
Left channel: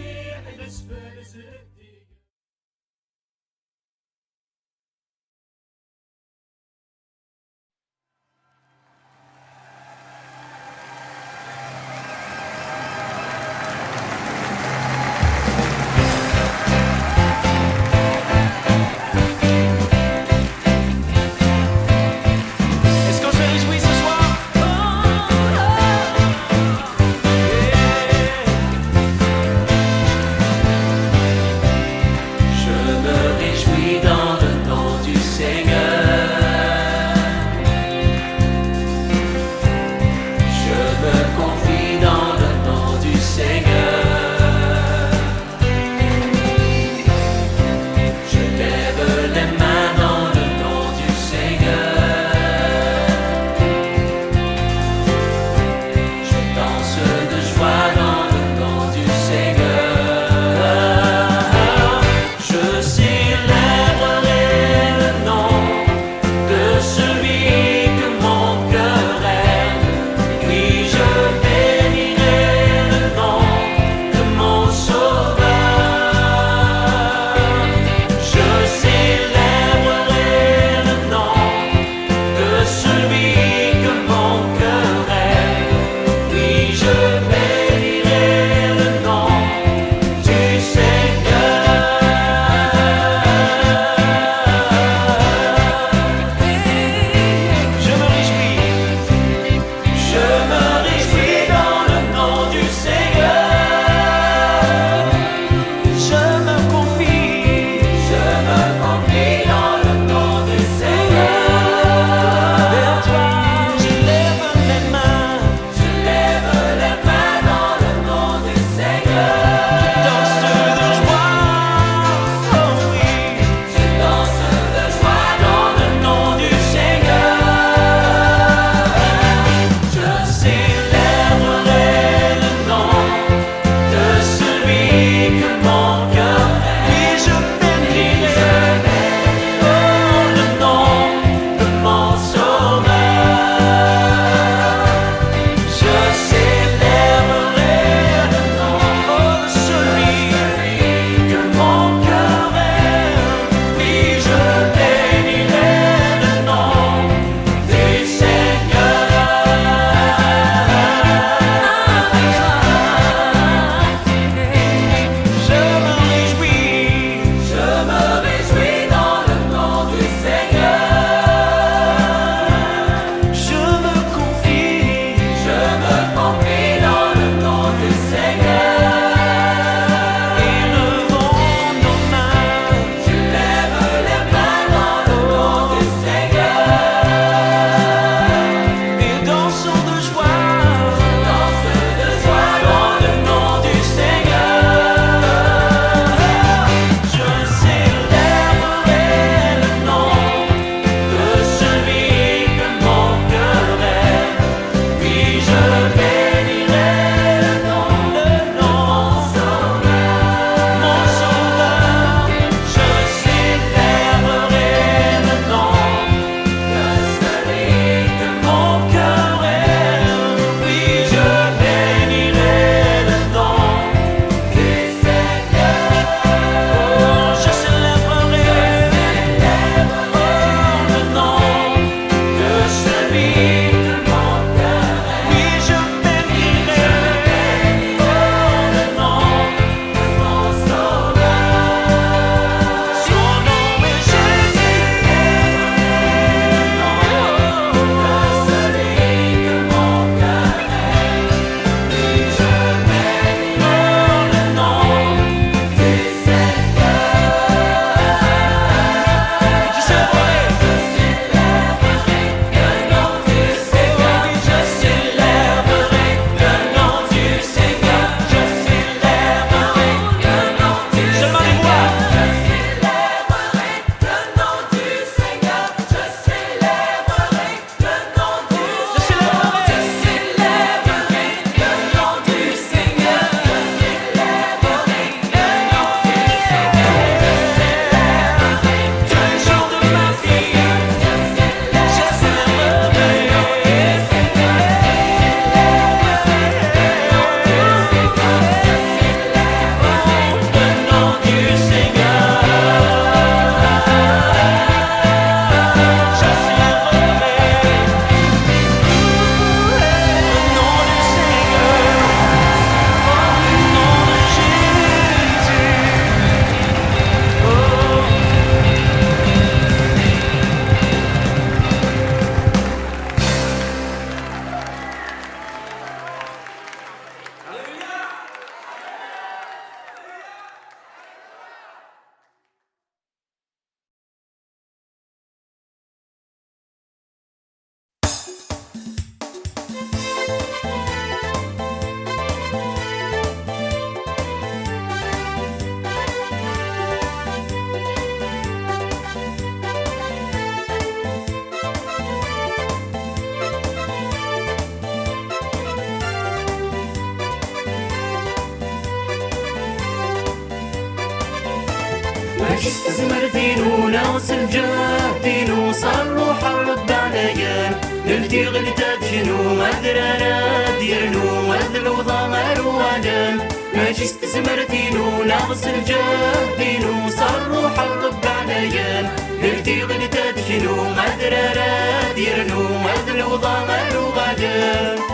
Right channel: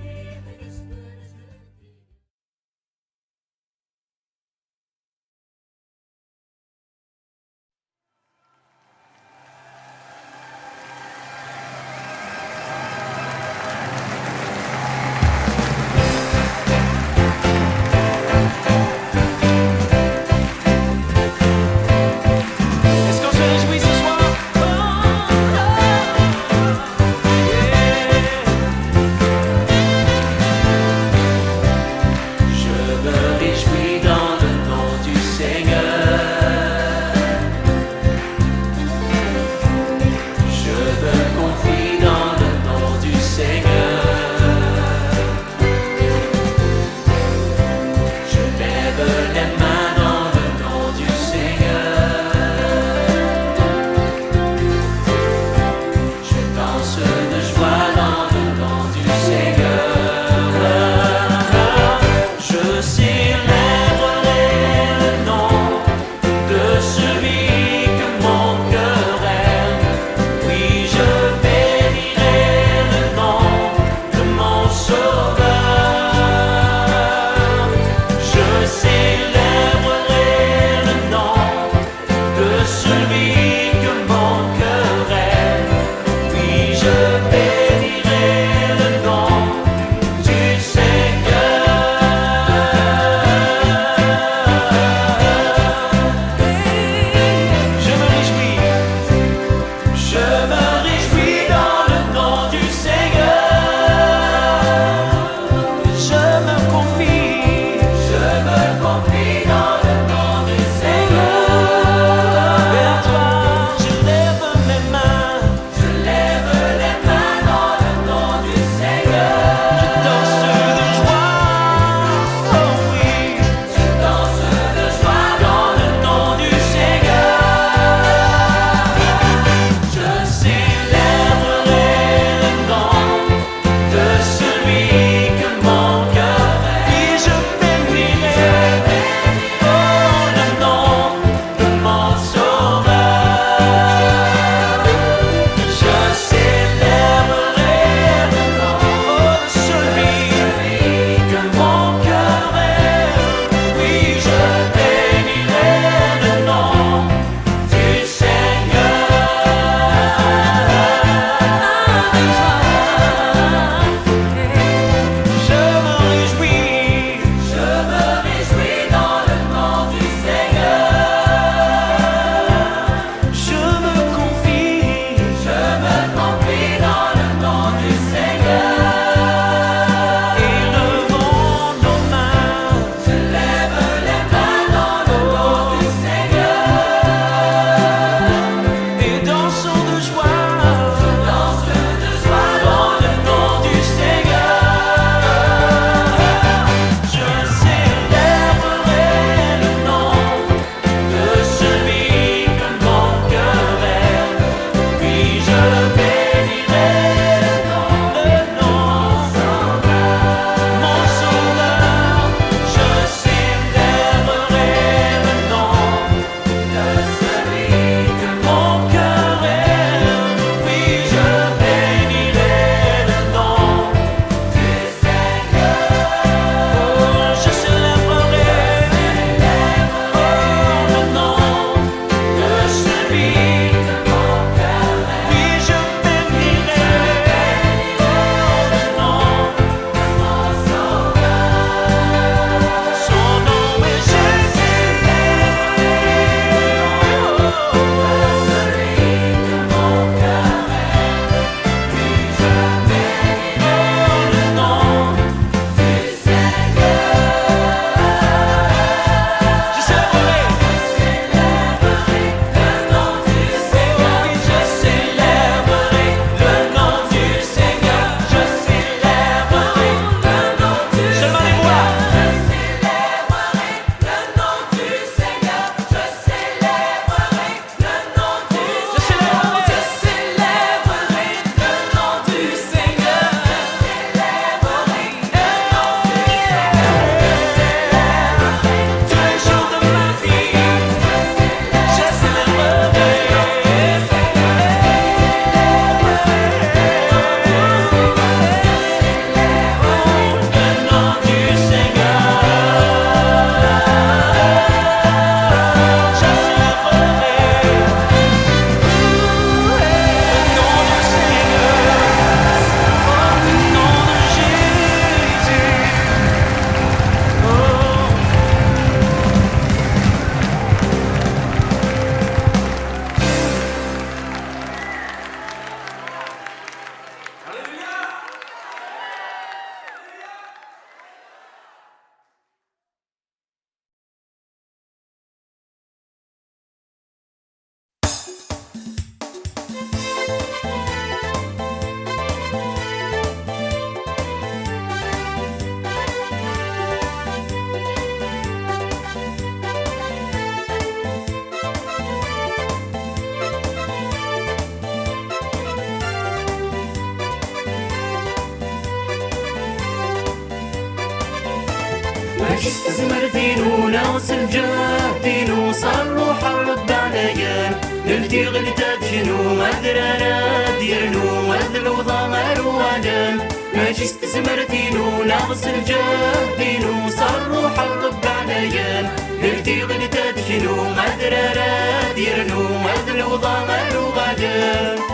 ماشي استزمرتين ونغسل جاهدين وصلوا حرب عليان نلتي غلتات شنو مدرانا ديرنو وذل وضمر وادان ماشي استزمرتين ونغسل جاهدين وصلوا حرب عليان نلتي غلتات شنو مدرانا ديرنو وذل وضمر وادان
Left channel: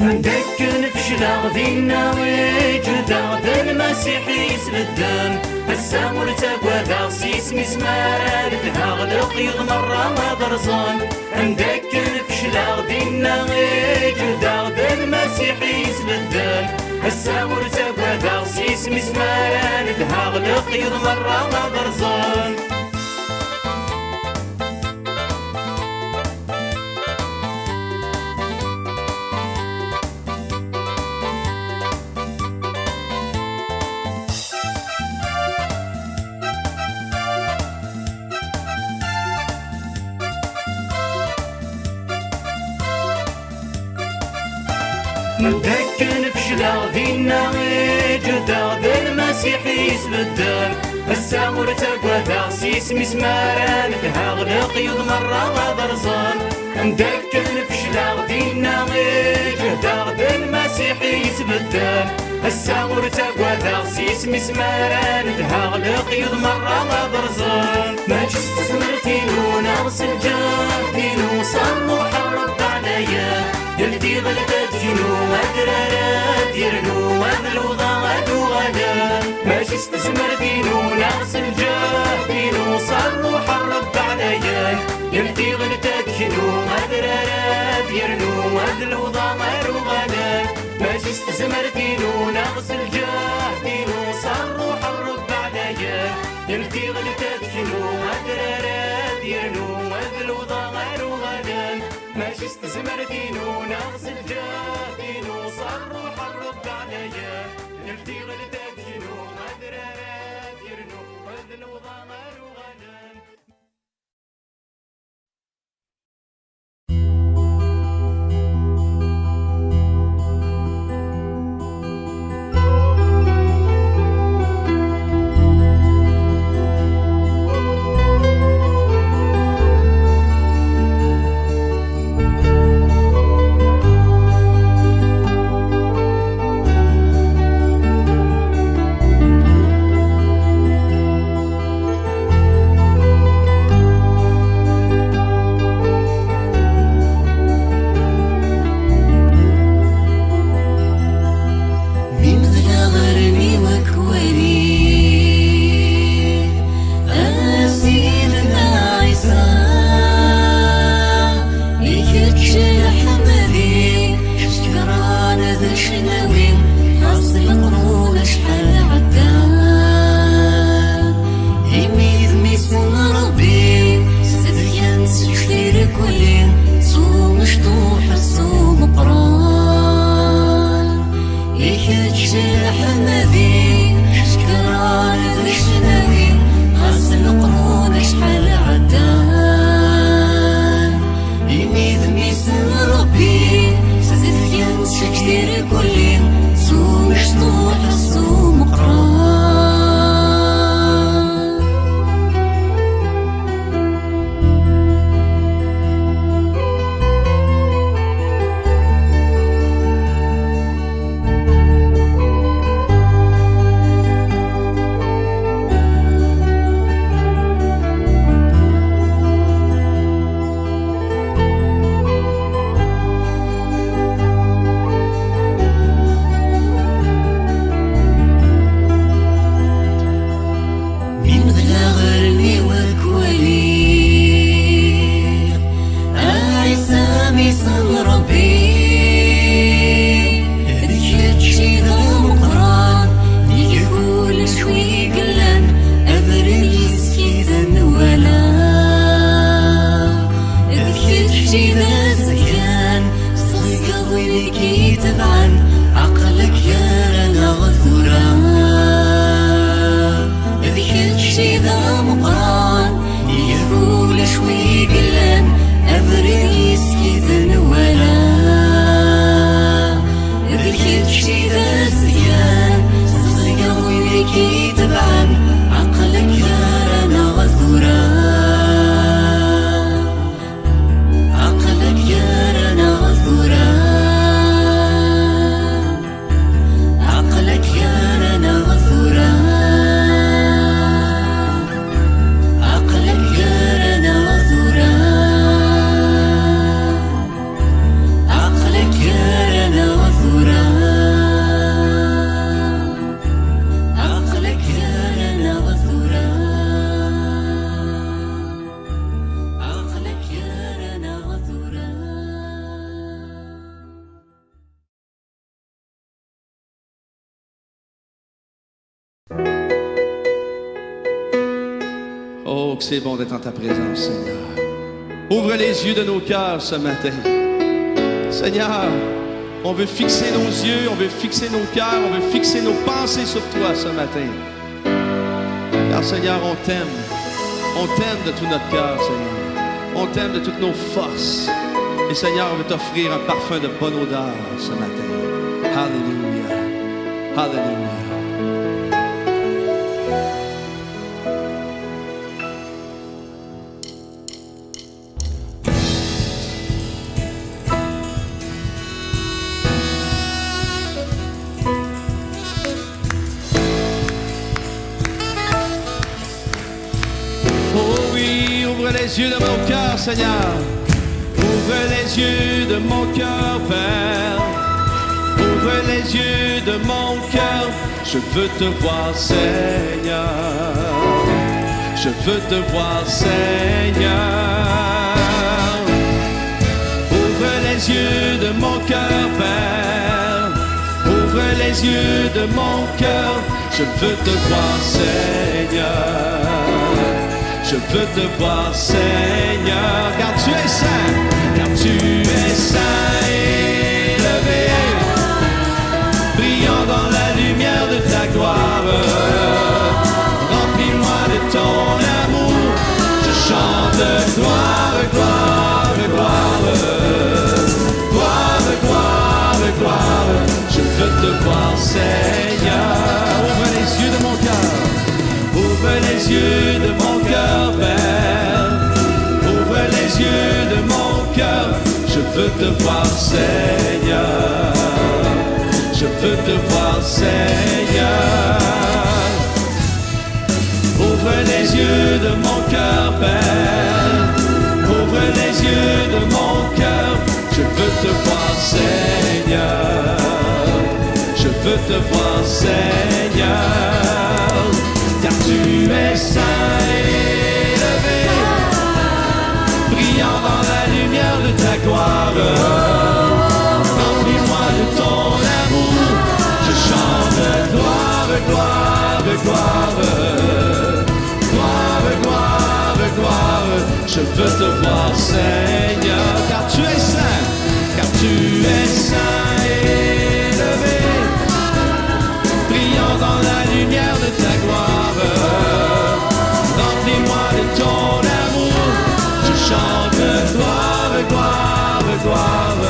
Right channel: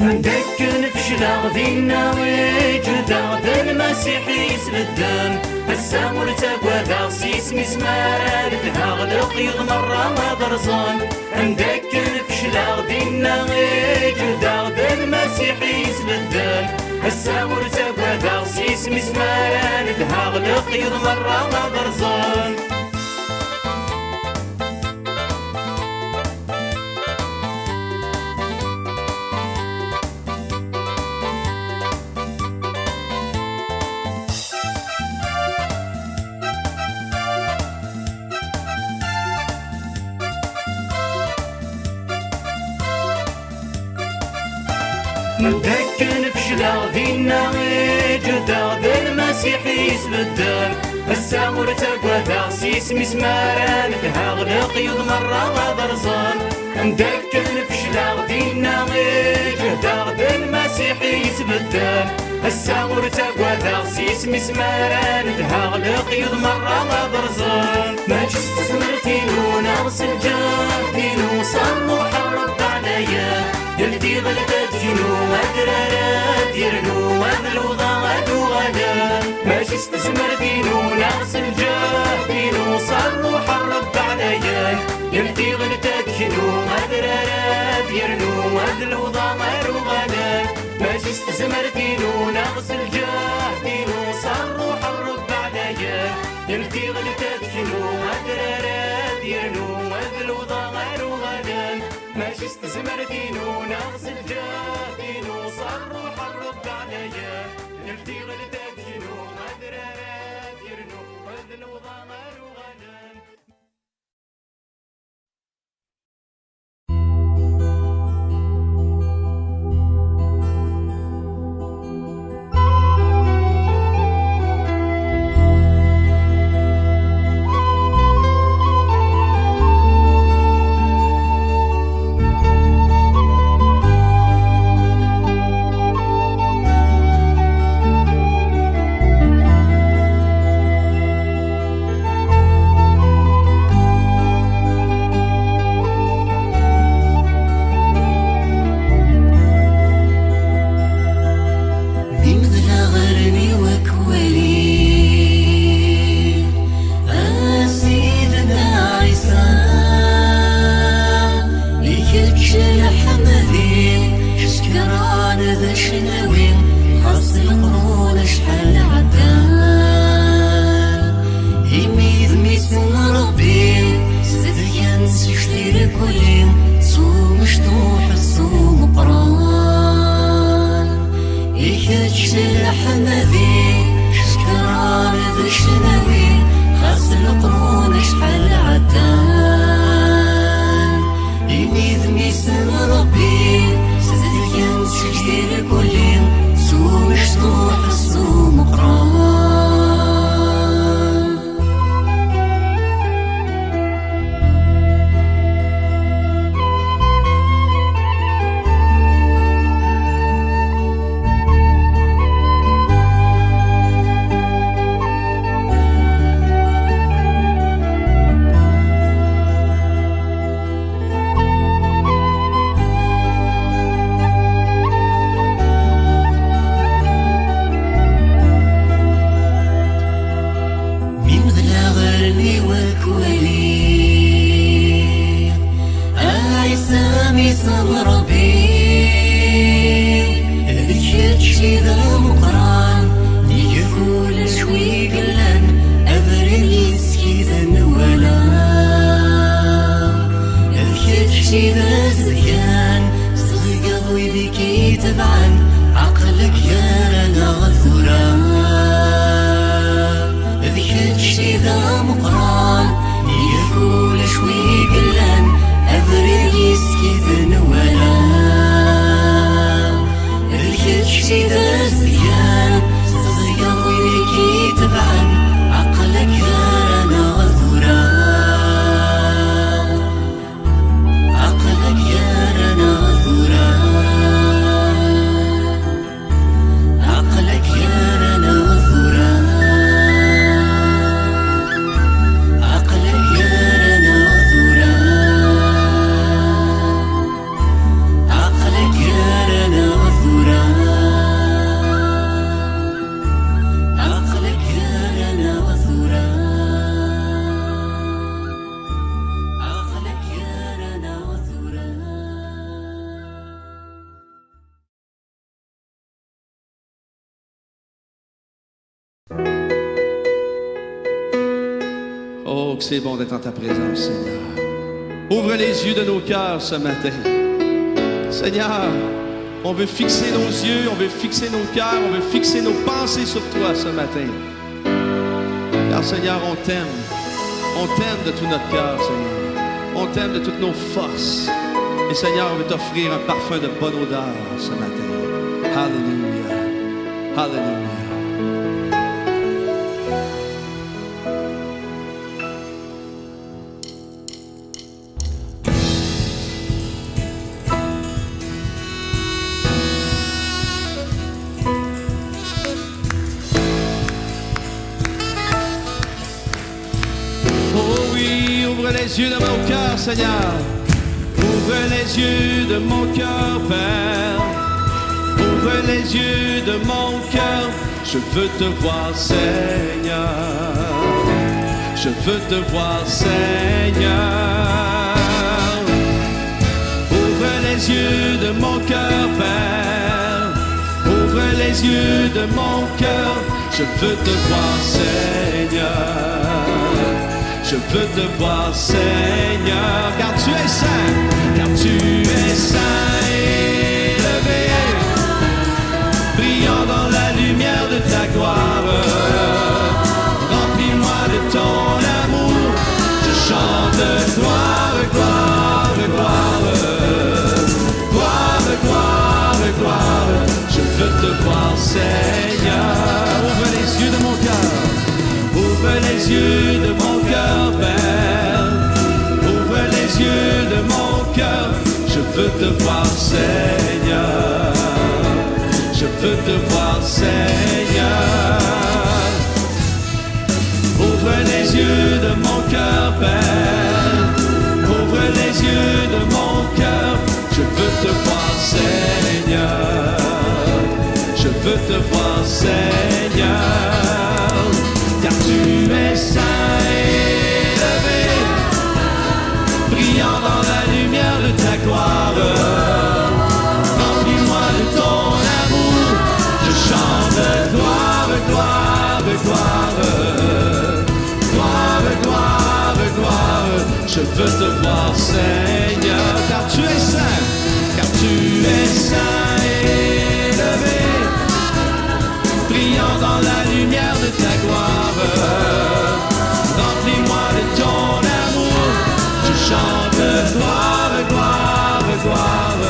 عندك نفشل غدينا ويجدا المسيح يسلدان السامر تقوى ذا سيس مسمار تهاغلق يضمر ما درزان عندك نفشل غدينا ويجدا المسيح يسلدان السامر تقوى ذا سيس مسمار تهاغلق يضمر ما درزان مدك نفشل غدينا ويجدا المسيح يسبدان السامر تقوى ذا سيس مسماران تهاغلق يضمر وضرزان مدك نفشل غدينا ويجدا المسيح يسبدان السامر تقوى ذا سيس مسماران تهاغلق يضمر وضرزان ماشي استثمرتين ونغسل جاهدين وصلوا حرب عليا يلدي غلبت جنو مدرارات يرنو وذل وضغط وغدا ماشي استثمرتين ونغسل جاهدين وصلوا حرب عليا يلدي غلبت جنو مدرارات يرنو وذل وضغط وغدا ماشي استثمرتين ونغسل جاهدين وصلوا حرب عليا يلدي غلبت جنو مدرارات يرنو وذل وضغط وغدا ماشي استثمرتين ونغسل جاهدين وصروا حرب عليا نلتي غلتك جنو مدرارات يرنو وذل وضمر وغدا قلبي بك تبعا عقلك يرانا غفورا ذكر شي ذا مقران يفول شوي قلان أفريس كيف نوالا ذكر شي ذا سيان قلبي بك تبعا عقلك يرانا غفورا عقلك يرانا غفورا عقلك يرانا غفورا عقلك يرانا غفورا عقلك يرانا غفورا عقلك يرانا غفورا عقلك يرانا غفورا. Oh, que c'est bon d'être en ta présence, Seigneur. Ouvre les yeux de nos cœurs ce matin. Seigneur, on veut fixer nos yeux, on veut fixer nos cœurs, on veut fixer nos pensées sur toi ce matin. Car Seigneur, on t'aime. On t'aime de tout notre cœur, Seigneur. On t'aime de toutes nos forces. Et Seigneur, on veut t'offrir un parfum de bonne odeur ce matin. Alléluia. Alléluia. Oh oui, ouvre les yeux de mon cœur, Seigneur. Ouvre les yeux de mon cœur, Père. Ouvre les yeux de mon cœur. Je veux te voir, Seigneur. Je veux te voir, Seigneur. Ouvre les yeux de mon cœur, Père. Ouvre les yeux de mon cœur. Je veux te voir, Seigneur. Je veux te voir, Seigneur, car tu es saint, car tu es saint et élevé, brillant dans la lumière de ta gloire. Remplis-moi de ton amour, je chante gloire, gloire, gloire, gloire, gloire, gloire. Je veux te voir, Seigneur. Ouvre les yeux de mon cœur. Ouvre les yeux de mon cœur, Père. Ouvre les yeux de mon cœur. Je veux te voir, Seigneur. Je veux te voir, Seigneur. Ouvre les yeux de mon cœur, Père. Ouvre les yeux de mon cœur. Je veux te voir, Seigneur. Je veux te voir, Seigneur. Car tu es saint et élevé, brillant dans la lumière de ta gloire. Remplis-moi de ton amour, je chante gloire, gloire, gloire, gloire, gloire, gloire. Je veux te voir, Seigneur, car tu es saint, car tu es saint et élevé, brillant dans la lumière de ta gloire. Remplis-moi de ton amour, je chante gloire, gloire, gloire,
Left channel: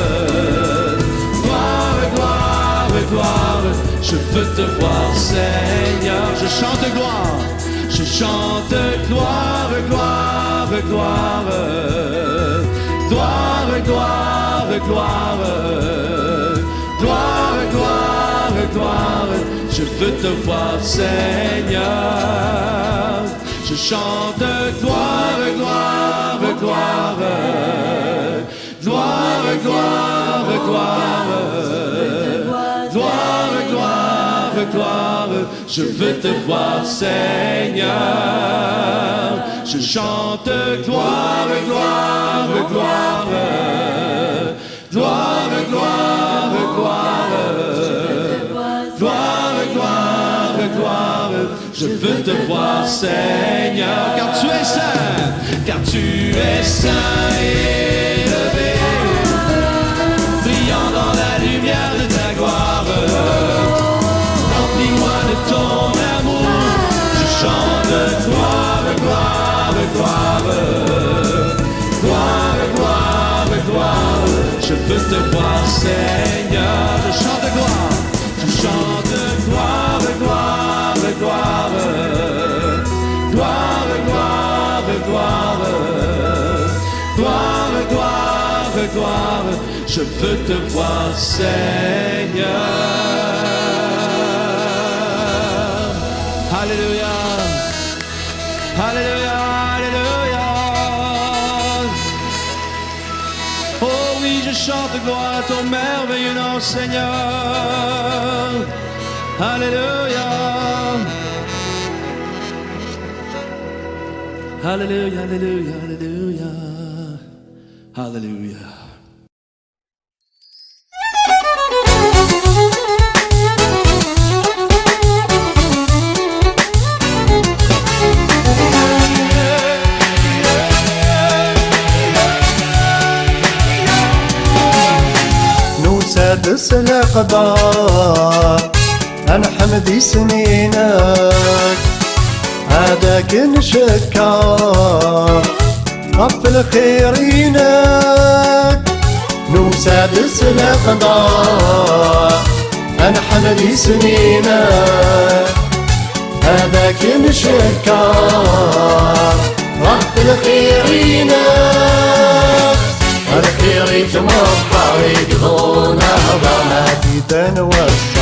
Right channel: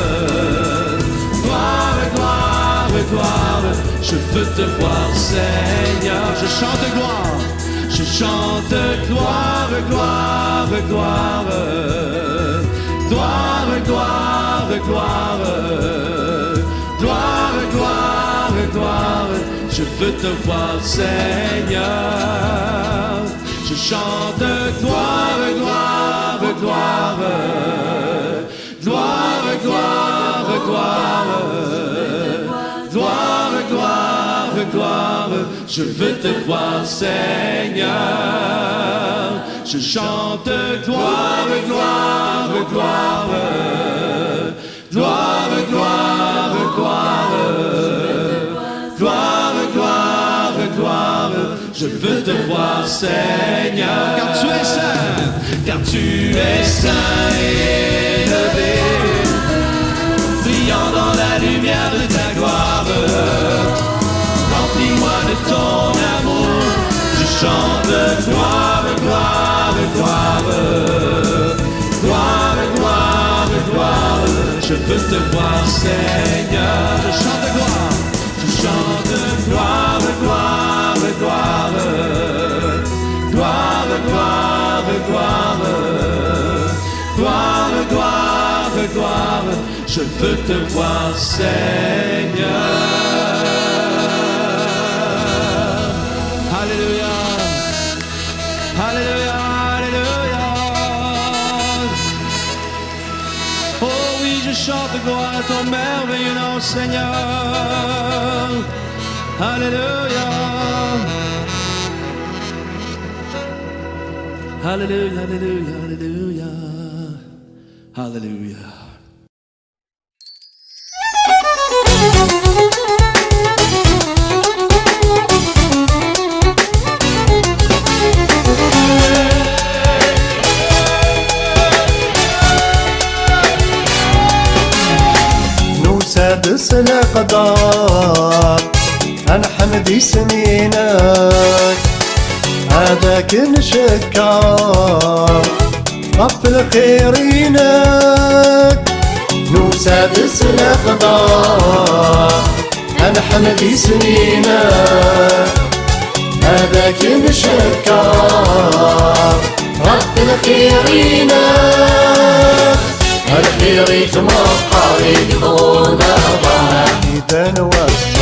gloire, gloire, gloire. Je veux te voir, Seigneur. Je chante gloire, je chante gloire, gloire, gloire, gloire, gloire, gloire, gloire, gloire, gloire. Je veux te voir, Seigneur. Je chante gloire, gloire, gloire, gloire, gloire, gloire, gloire, gloire, gloire. Je veux te voir, Seigneur. Je chante gloire, gloire, gloire, gloire, gloire, gloire, gloire, gloire, gloire. Je veux te voir, Seigneur, car tu es saint, car tu es saint et élevé, brillant te voir, Seigneur. Je chante gloire, je chante gloire, gloire, gloire, gloire, gloire, gloire, gloire, gloire, gloire. Je veux te voir, Seigneur. Alléluia, Alléluia, Alléluia. Oh oui, je chante gloire à ton merveilleux nom, Seigneur. Alléluia. Alléluia, Alléluia, Alléluia. Alléluia. سادس الأقدار أنا حمدي سنينك هذاك نشكر غفل خيرينك نو سادس الأقدار أنا حمدي سنينك هذاك نشكر غفل خيرينك الخيريك مقاريك هنا ضماتي تنوصف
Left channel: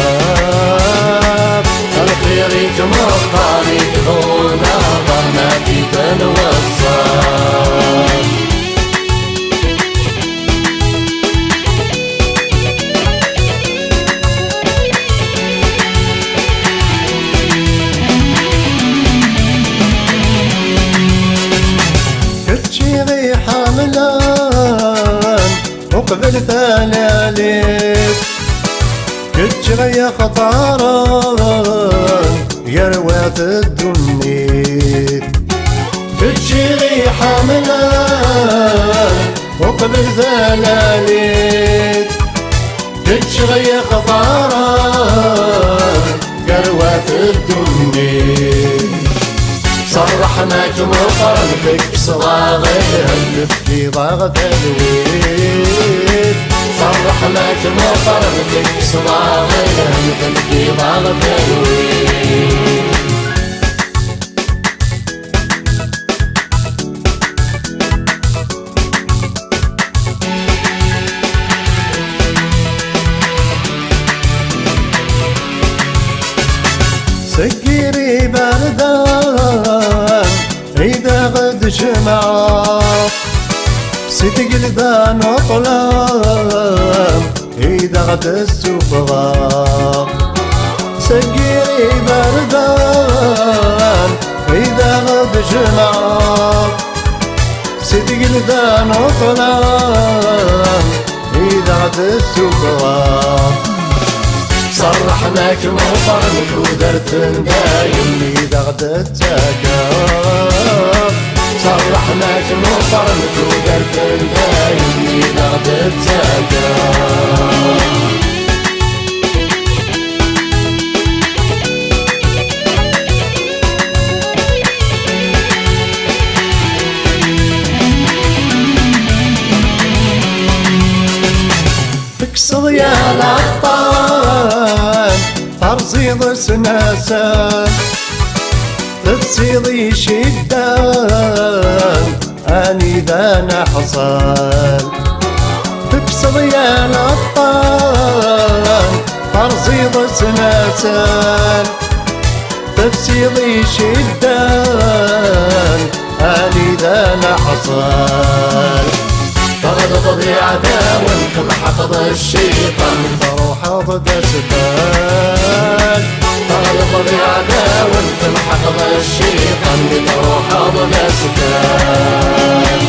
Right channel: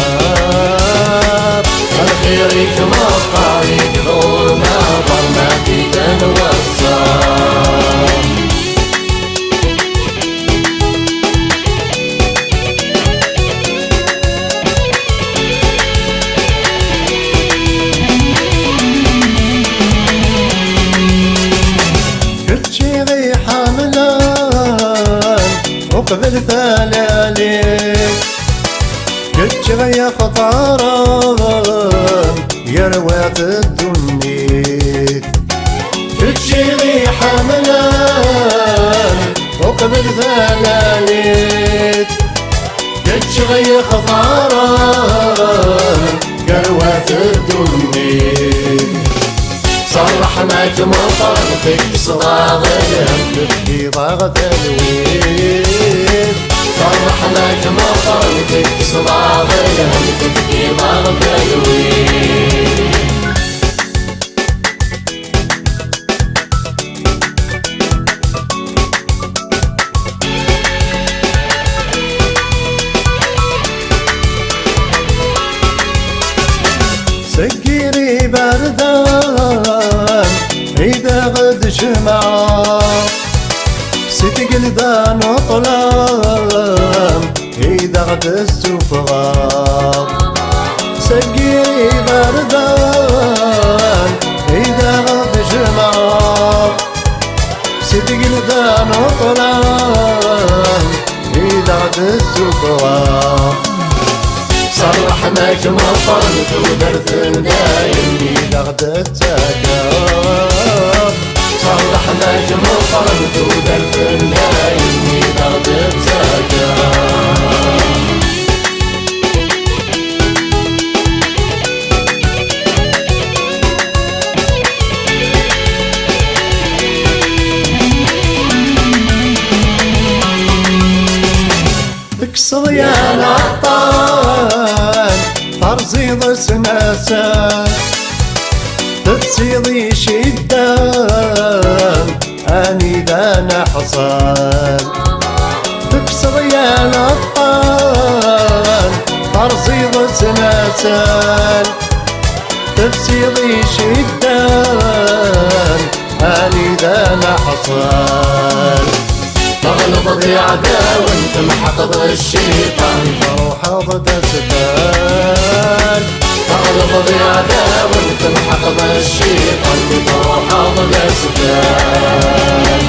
الخيريك مقاريك هنا ضماتي تنوصف كتشي غي حاملان وقبل ثلاليك كتشي غي خطاران يا روات الدنيا كتشي غي حاملان وقبل ثلاليك كتشي غي خطاران يا روات الدنيا صرحناك مقارنتك بصواغلهم تبكي ضاغة الويل صرحناك مقارنتك بصواغلهم تبكي ضاغة الويل سكيري بردان إذا غد جمعات ستقل ذا نطلام إذا غد السفغات سكيري بردان إذا غد جمعات ستقل ذا نطلام إذا غد السفغات صرحناك مقارنك ودرت دايم إذا غدت تكاف صرحناك مقارنك ودرت دايم إذا غدت تكاف تكسر يا العطان ترزيض سناسان تتصيضي شدان اني ذا نحصان تكسر يا العطان ترزيض سناسان تتصيضي شدان اني ذا نحصان تغلط بعداوة تمحق بالشيطان تروح ضد سفال تغلط بعداوة تمحق بالشيطان تروح ضد سفال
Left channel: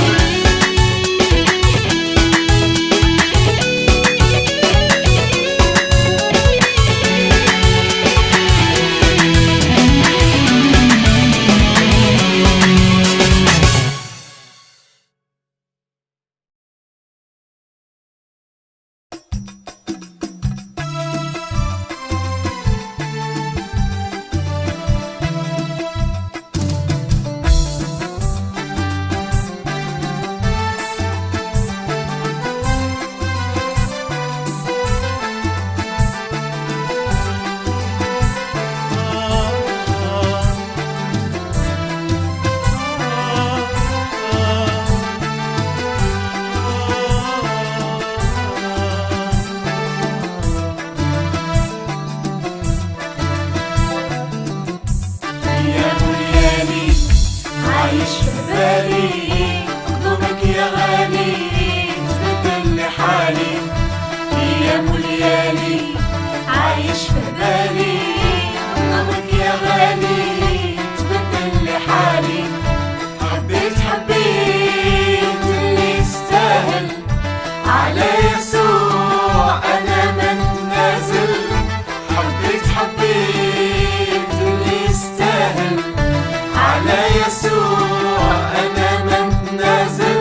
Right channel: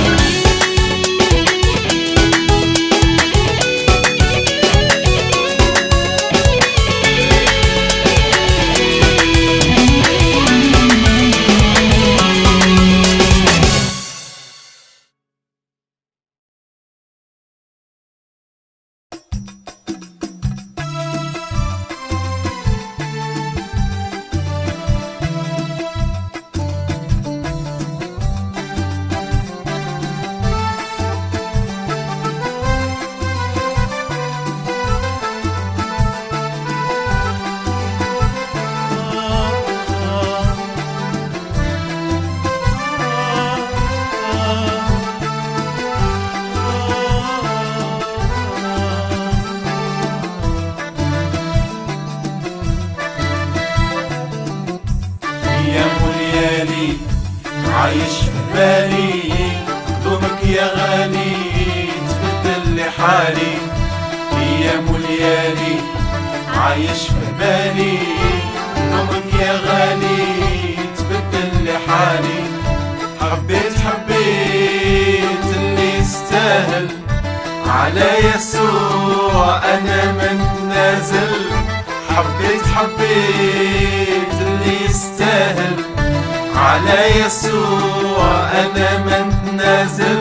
على يسوع أنا من نازل حبيت اللي يستاهل على يسوع أنا من نازل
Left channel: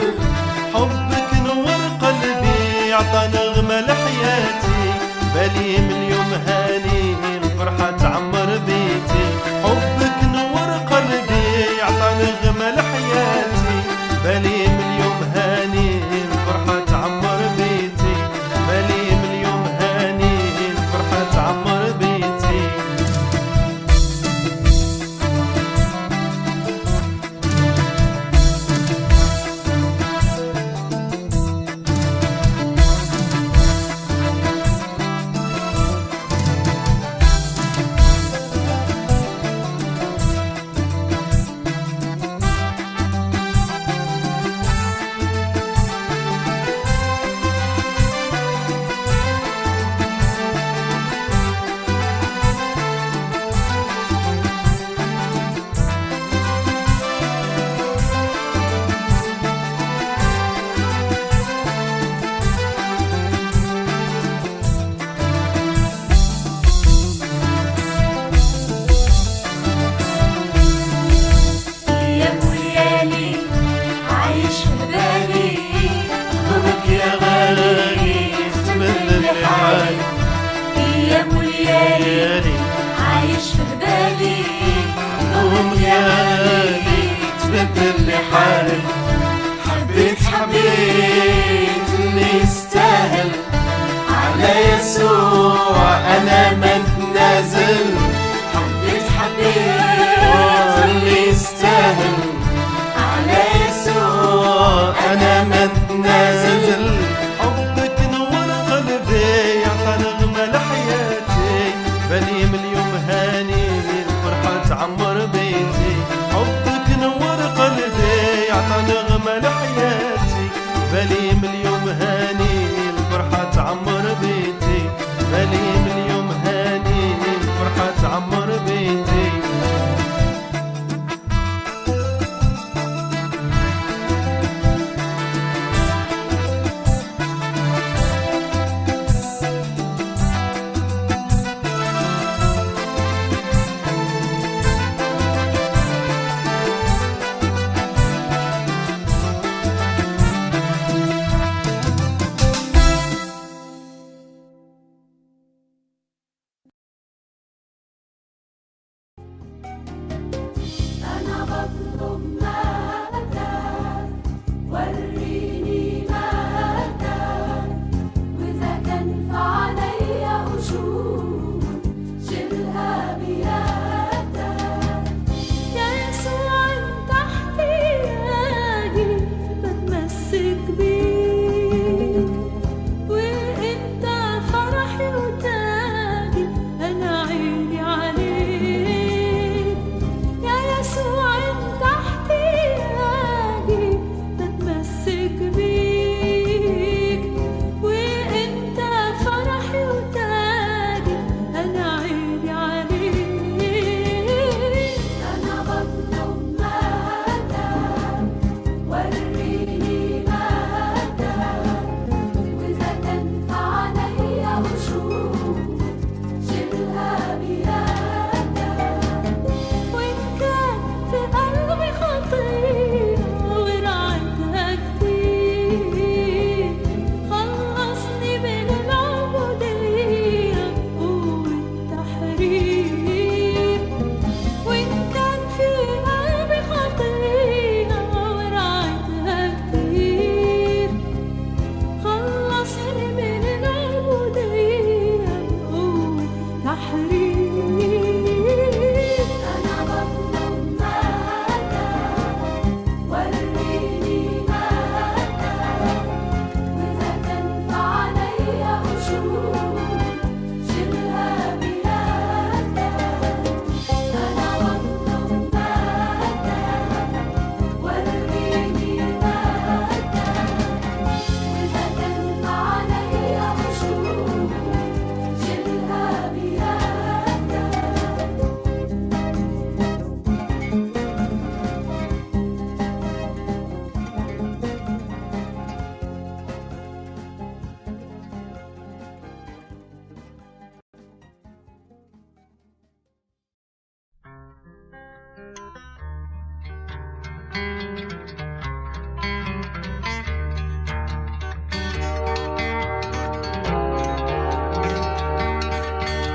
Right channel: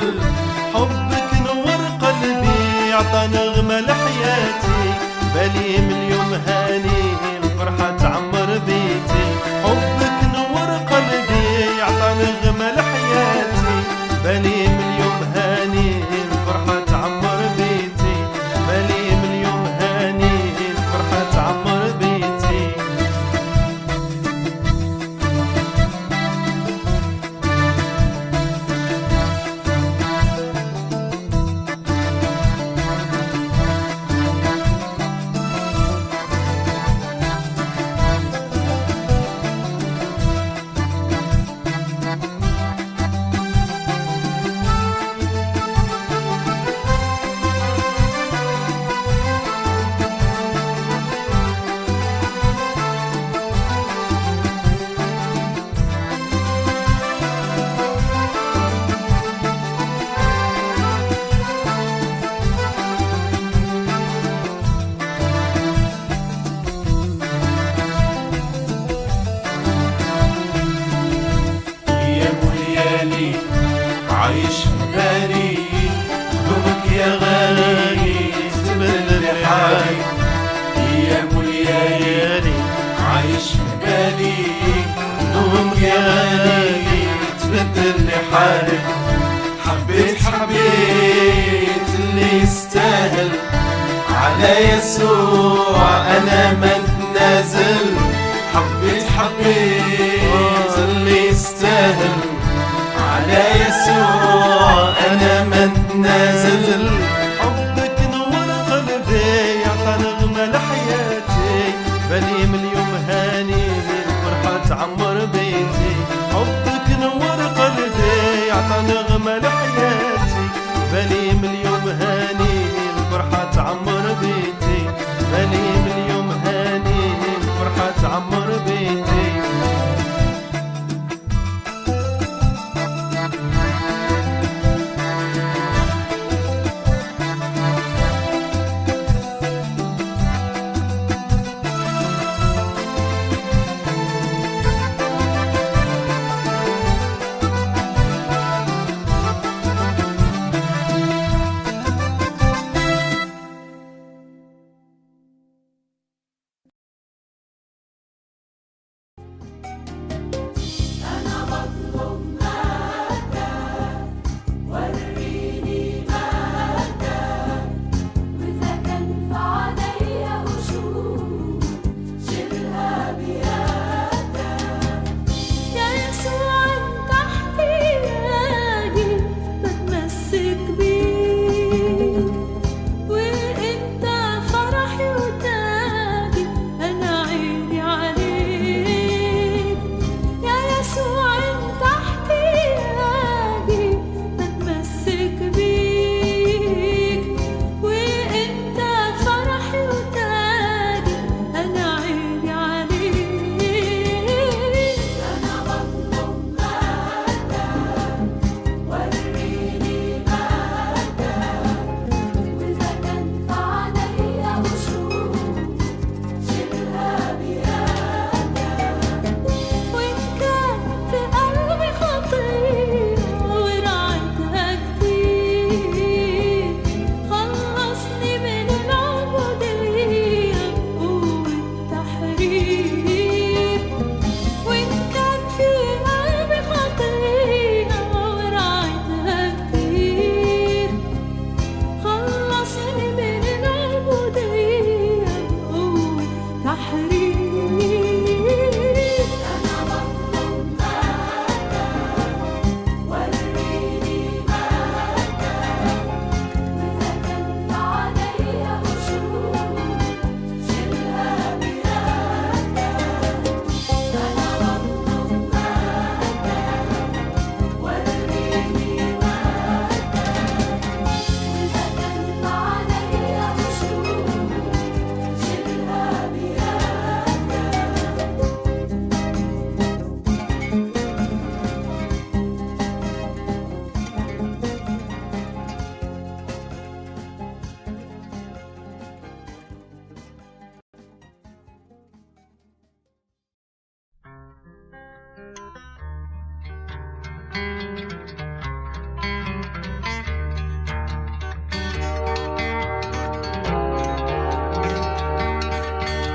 حبك نور قلبي عطى نغمة لحياتي بالي من يوم هاني الفرحة تعمر بيتي حبك نور قلبي عطى نغمة لحياتي بالي من يوم هاني الفرحة تعمر بيتي بالي من يوم هاني الفرحة تعمر بيتي عايش بالي خدومك يا غالي تبدل حالي ايام وليالي عايش بالي خدومك يا غالي تبدل حالي حبيت اللي يستاهل على يسوع انا من نازل حبيت اللي يستاهل على يسوع أنا من نازل حبك نور قلبي عطى نغمة لحياتي بالي من يوم هاني الفرحة تعمر بيتي حبك نور قلبي عطى نغمة لحياتي بالي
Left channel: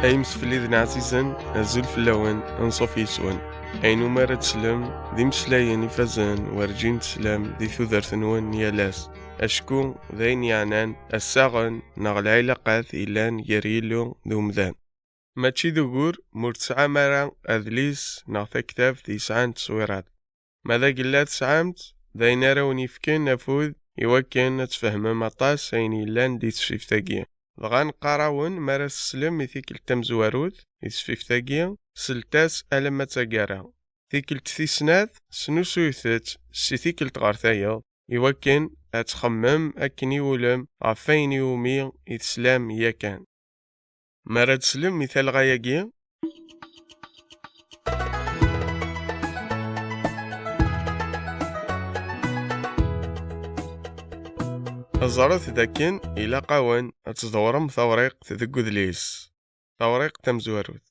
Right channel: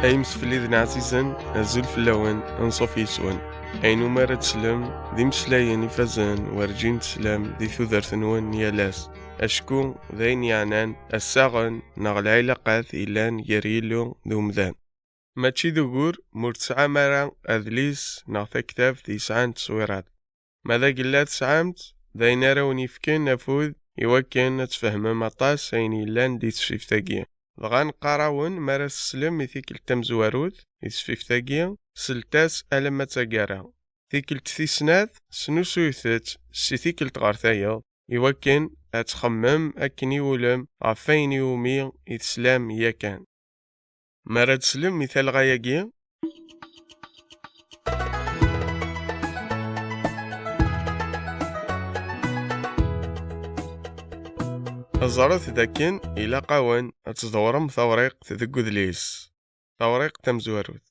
أيمس في الإذن عزيزا أزول في اللون أنصف يسون أينو ما تسلم ذي مسلاين يفزن ورجين تسلم ذي ثوذر ثنون يالاس أشكو ذين يعنان الساغن نغل علاقات إلان يريلو ذو مذان ماتشي ذكور مرتسعة مرة أذليس نغثى كتاب ذي سعان تصويرات ماذا قلات سعامت ذين راوني فكين نفوذ يوكين نتفهم مطاس أين إلان دي تشفيفتاقيا دغان قراون مارس سلم يثيك التمزواروث يتشفيفتاقيا سلتاس ألما تاقارا ثيك التثيسناث سنوسو يثت سيثيك التغارثايا يوكين أتخمم أكن يولم عفين يومي يتسلام ياكان مراد سلم مثال غاياقيا أزارت ذاكين إلى قاون أتزدورم ثوريق تذكو ذليس ثوريق تمزواروث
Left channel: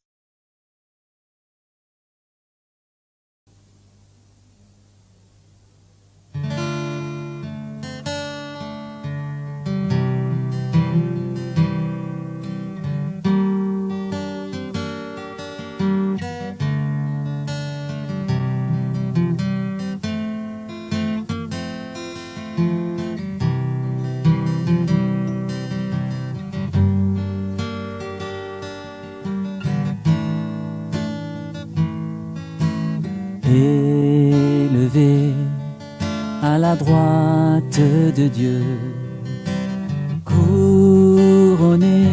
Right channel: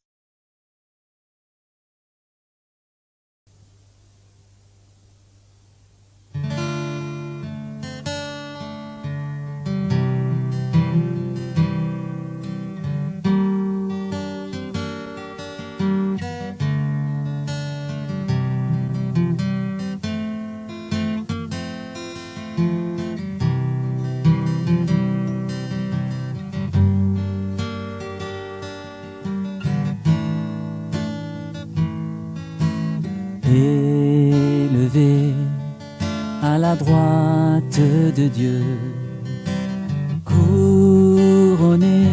Élevé à la droite de Dieu, couronné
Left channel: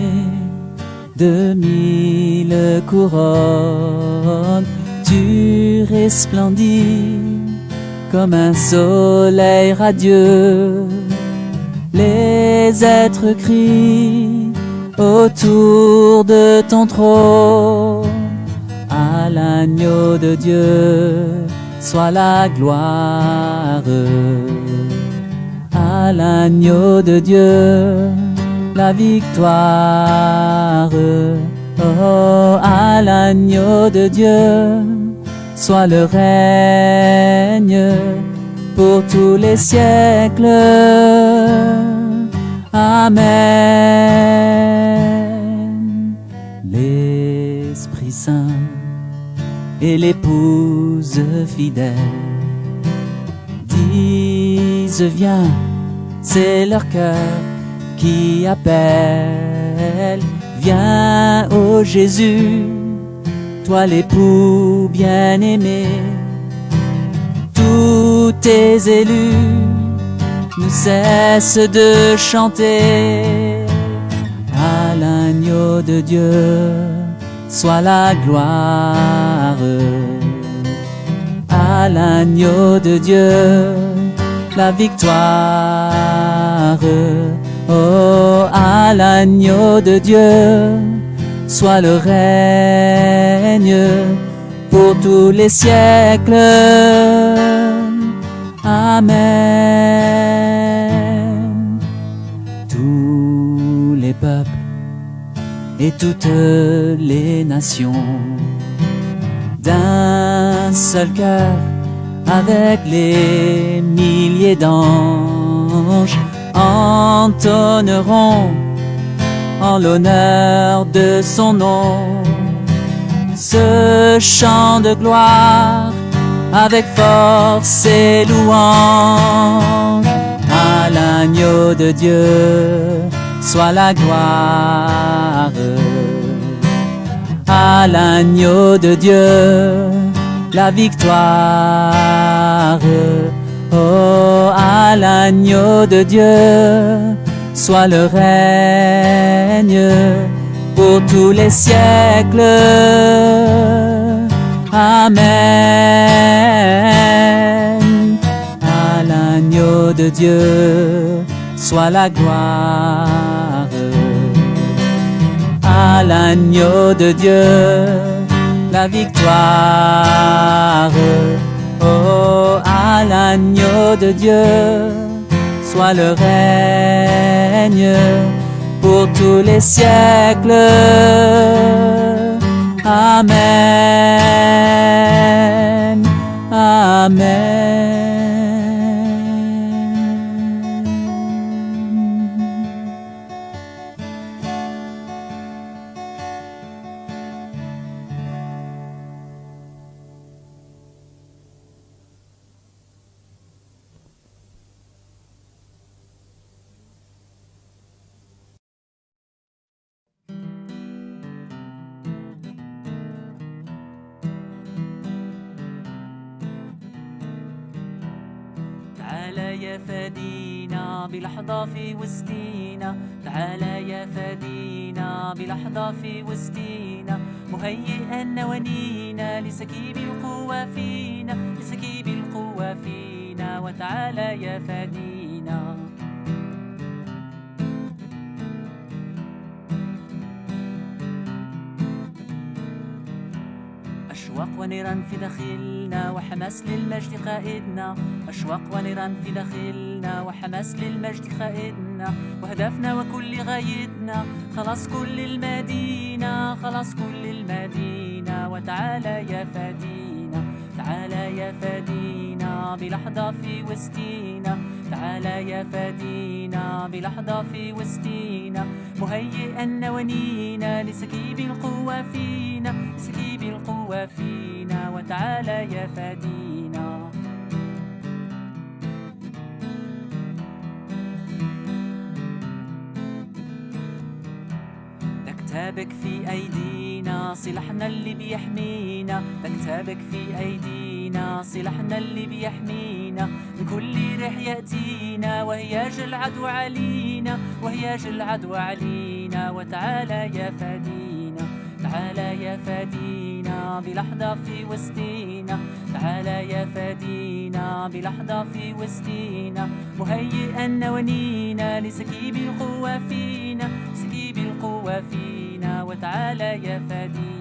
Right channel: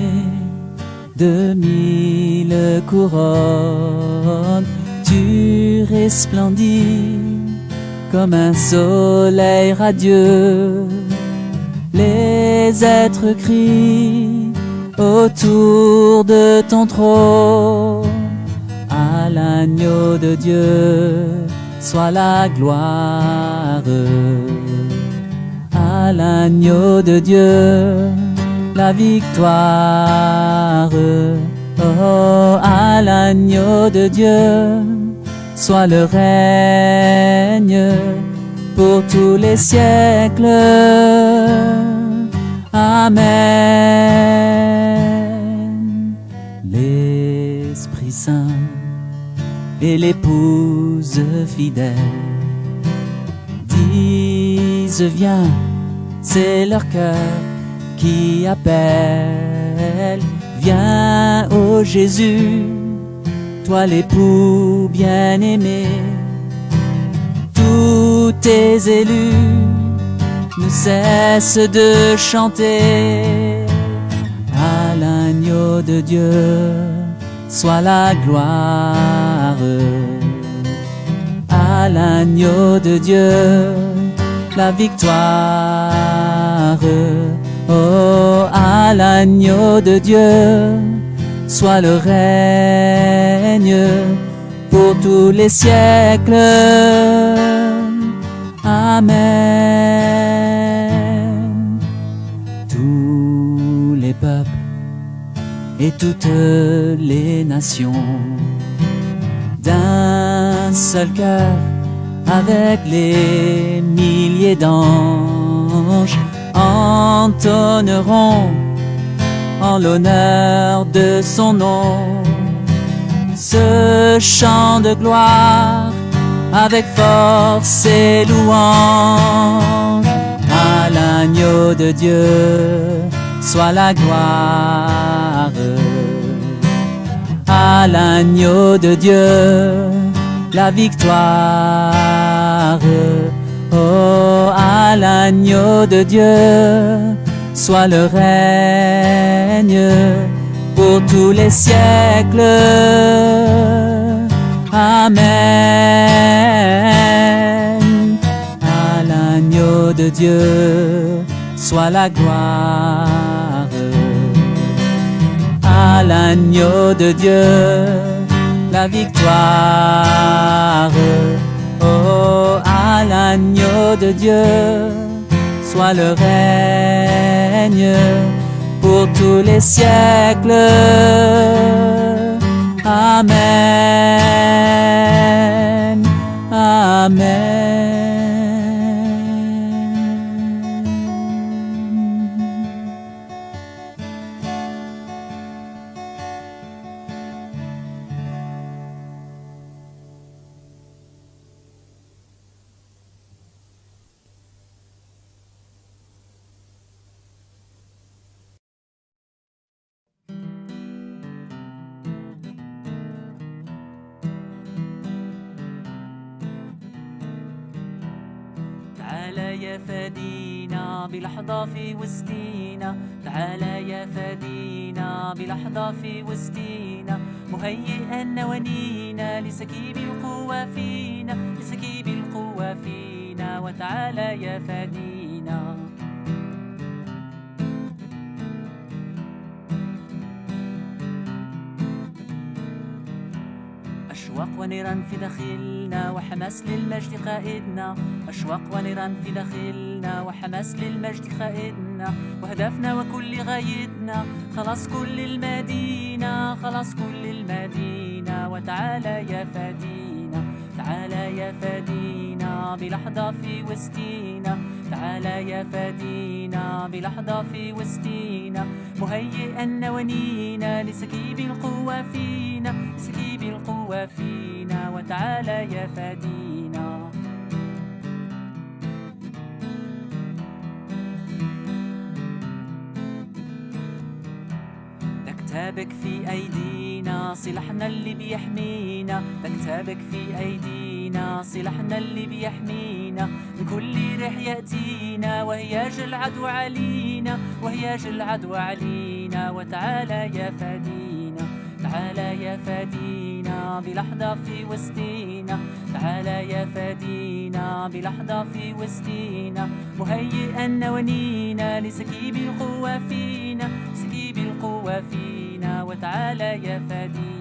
de 1000 couronnes, tu resplendis comme un soleil radieux. Les êtres crient autour de ton trône. À l'agneau de Dieu soit la gloire. À l'agneau de Dieu la victoire. Oh, à l'agneau de Dieu soit le règne pour tous les siècles. Amen. L'Esprit Saint et l'épouse fidèle disent viens, c'est leur cœur qui appelle. Viens, ô Jésus, toi l'époux bien-aimé. Tous tes élus ne cessent de chanter. À l'agneau de Dieu soit la gloire. À l'agneau de Dieu la victoire. Oh, à l'agneau de Dieu soit le règne pour tous les siècles. Amen. Tous les peuples et toutes les nations d'un seul cœur avec les milliers d'anges entonneront en l'honneur de son nom ce chant de gloire avec force et louange. À l'agneau de Dieu soit la gloire. À l'agneau de Dieu la victoire. Oh, à l'agneau de Dieu soit le règne pour tous les siècles. Amen. À l'agneau de Dieu soit la gloire. À l'agneau de Dieu la victoire. Oh, à l'agneau de Dieu soit le règne pour tous les siècles. Amen. Amen. تعالى يا فادينا بلحظة في وسطينا، تعالى يا فادينا بلحظة في وسطينا، مهيئا نوانينا لسكيب القوة فينا، لسكيب القوة فينا، وتعالى يا فادينا. أشواق ونيران في داخلنا وحماس للمجد قائدنا، أشواق ونيران في داخلنا وحماس للمجد قائدنا، وهدفنا وكل غايتنا خلاص كل المدينة، خلاص كل المدينة، وتعالى يا فادينا، تعالى يا فادينا بلحظة في وسطينا، تعالى يا فادينا بلحظة في وسطينا، مهيئا نوانينا لسكيب القوة فينا، لسكيب القوة فينا، وتعالى يا فادينا. كتابك في أيدينا سلاحنا اللي بيحمينا، كتابك في أيدينا سلاحنا اللي بيحمينا، من كل ريح يأتينا وهياج العدو علينا، وهياج العدو علينا، وتعالى يا فادينا، تعالى يا فادينا بلحظة في وسطينا، تعالى يا فادينا بلحظة في وسطينا، مهيئا نوانينا لسكيب القوة فينا، سكيب القوة فينا، وتعالى يا فادينا.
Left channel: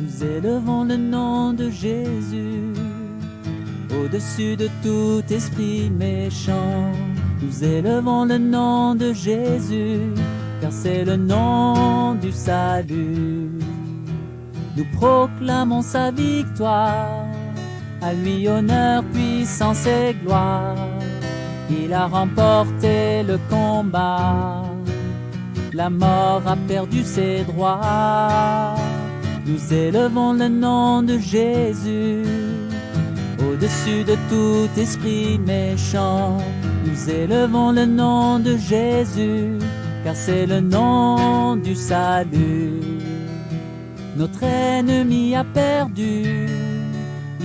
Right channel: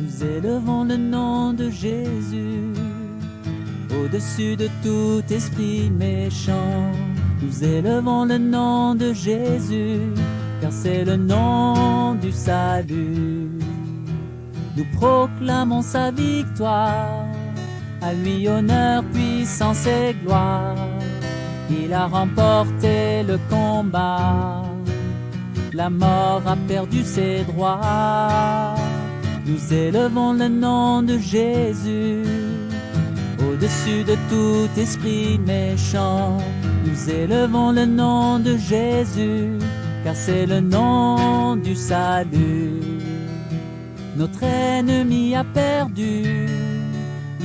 Nous élevons le nom de Jésus au-dessus de tout esprit méchant. Nous élevons le nom de Jésus, car c'est le nom du salut. Nous proclamons sa victoire, à lui honneur, puissance et gloire. Il a remporté le combat, la mort a perdu ses droits. Nous élevons le nom de Jésus au-dessus de tout esprit méchant. Nous élevons le nom de Jésus, car c'est le nom du salut. Notre ennemi a perdu,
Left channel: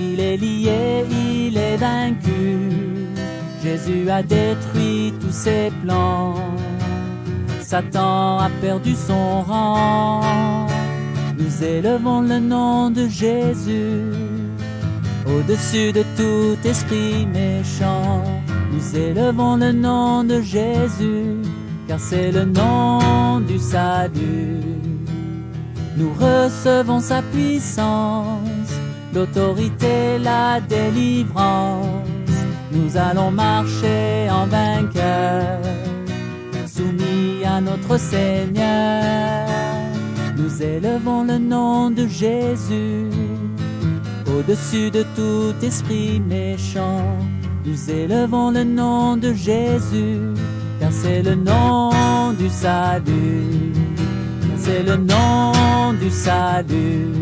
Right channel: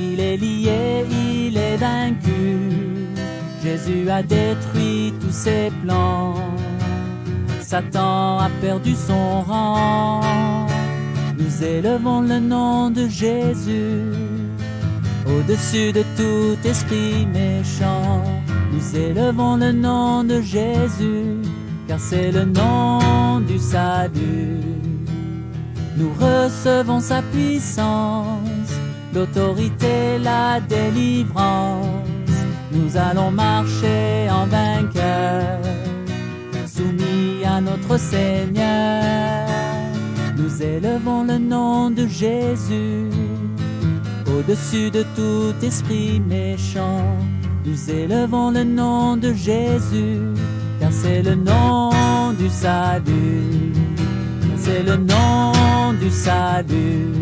il est lié, il est vaincu. Jésus a détruit tous ses plans, Satan a perdu son rang. Nous élevons le nom de Jésus au-dessus de tout esprit méchant. Nous élevons le nom de Jésus, car c'est le nom du salut. Nous recevons sa puissance, l'autorité, la délivrance. Nous allons marcher en vainqueur, soumis à notre Seigneur. Nous élevons le nom de Jésus au-dessus de tout esprit méchant. Nous élevons le nom de Jésus, car c'est le nom du salut. Car c'est le nom du salut.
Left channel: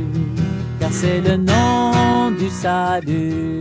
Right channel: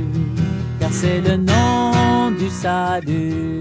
Car c'est le nom du salut.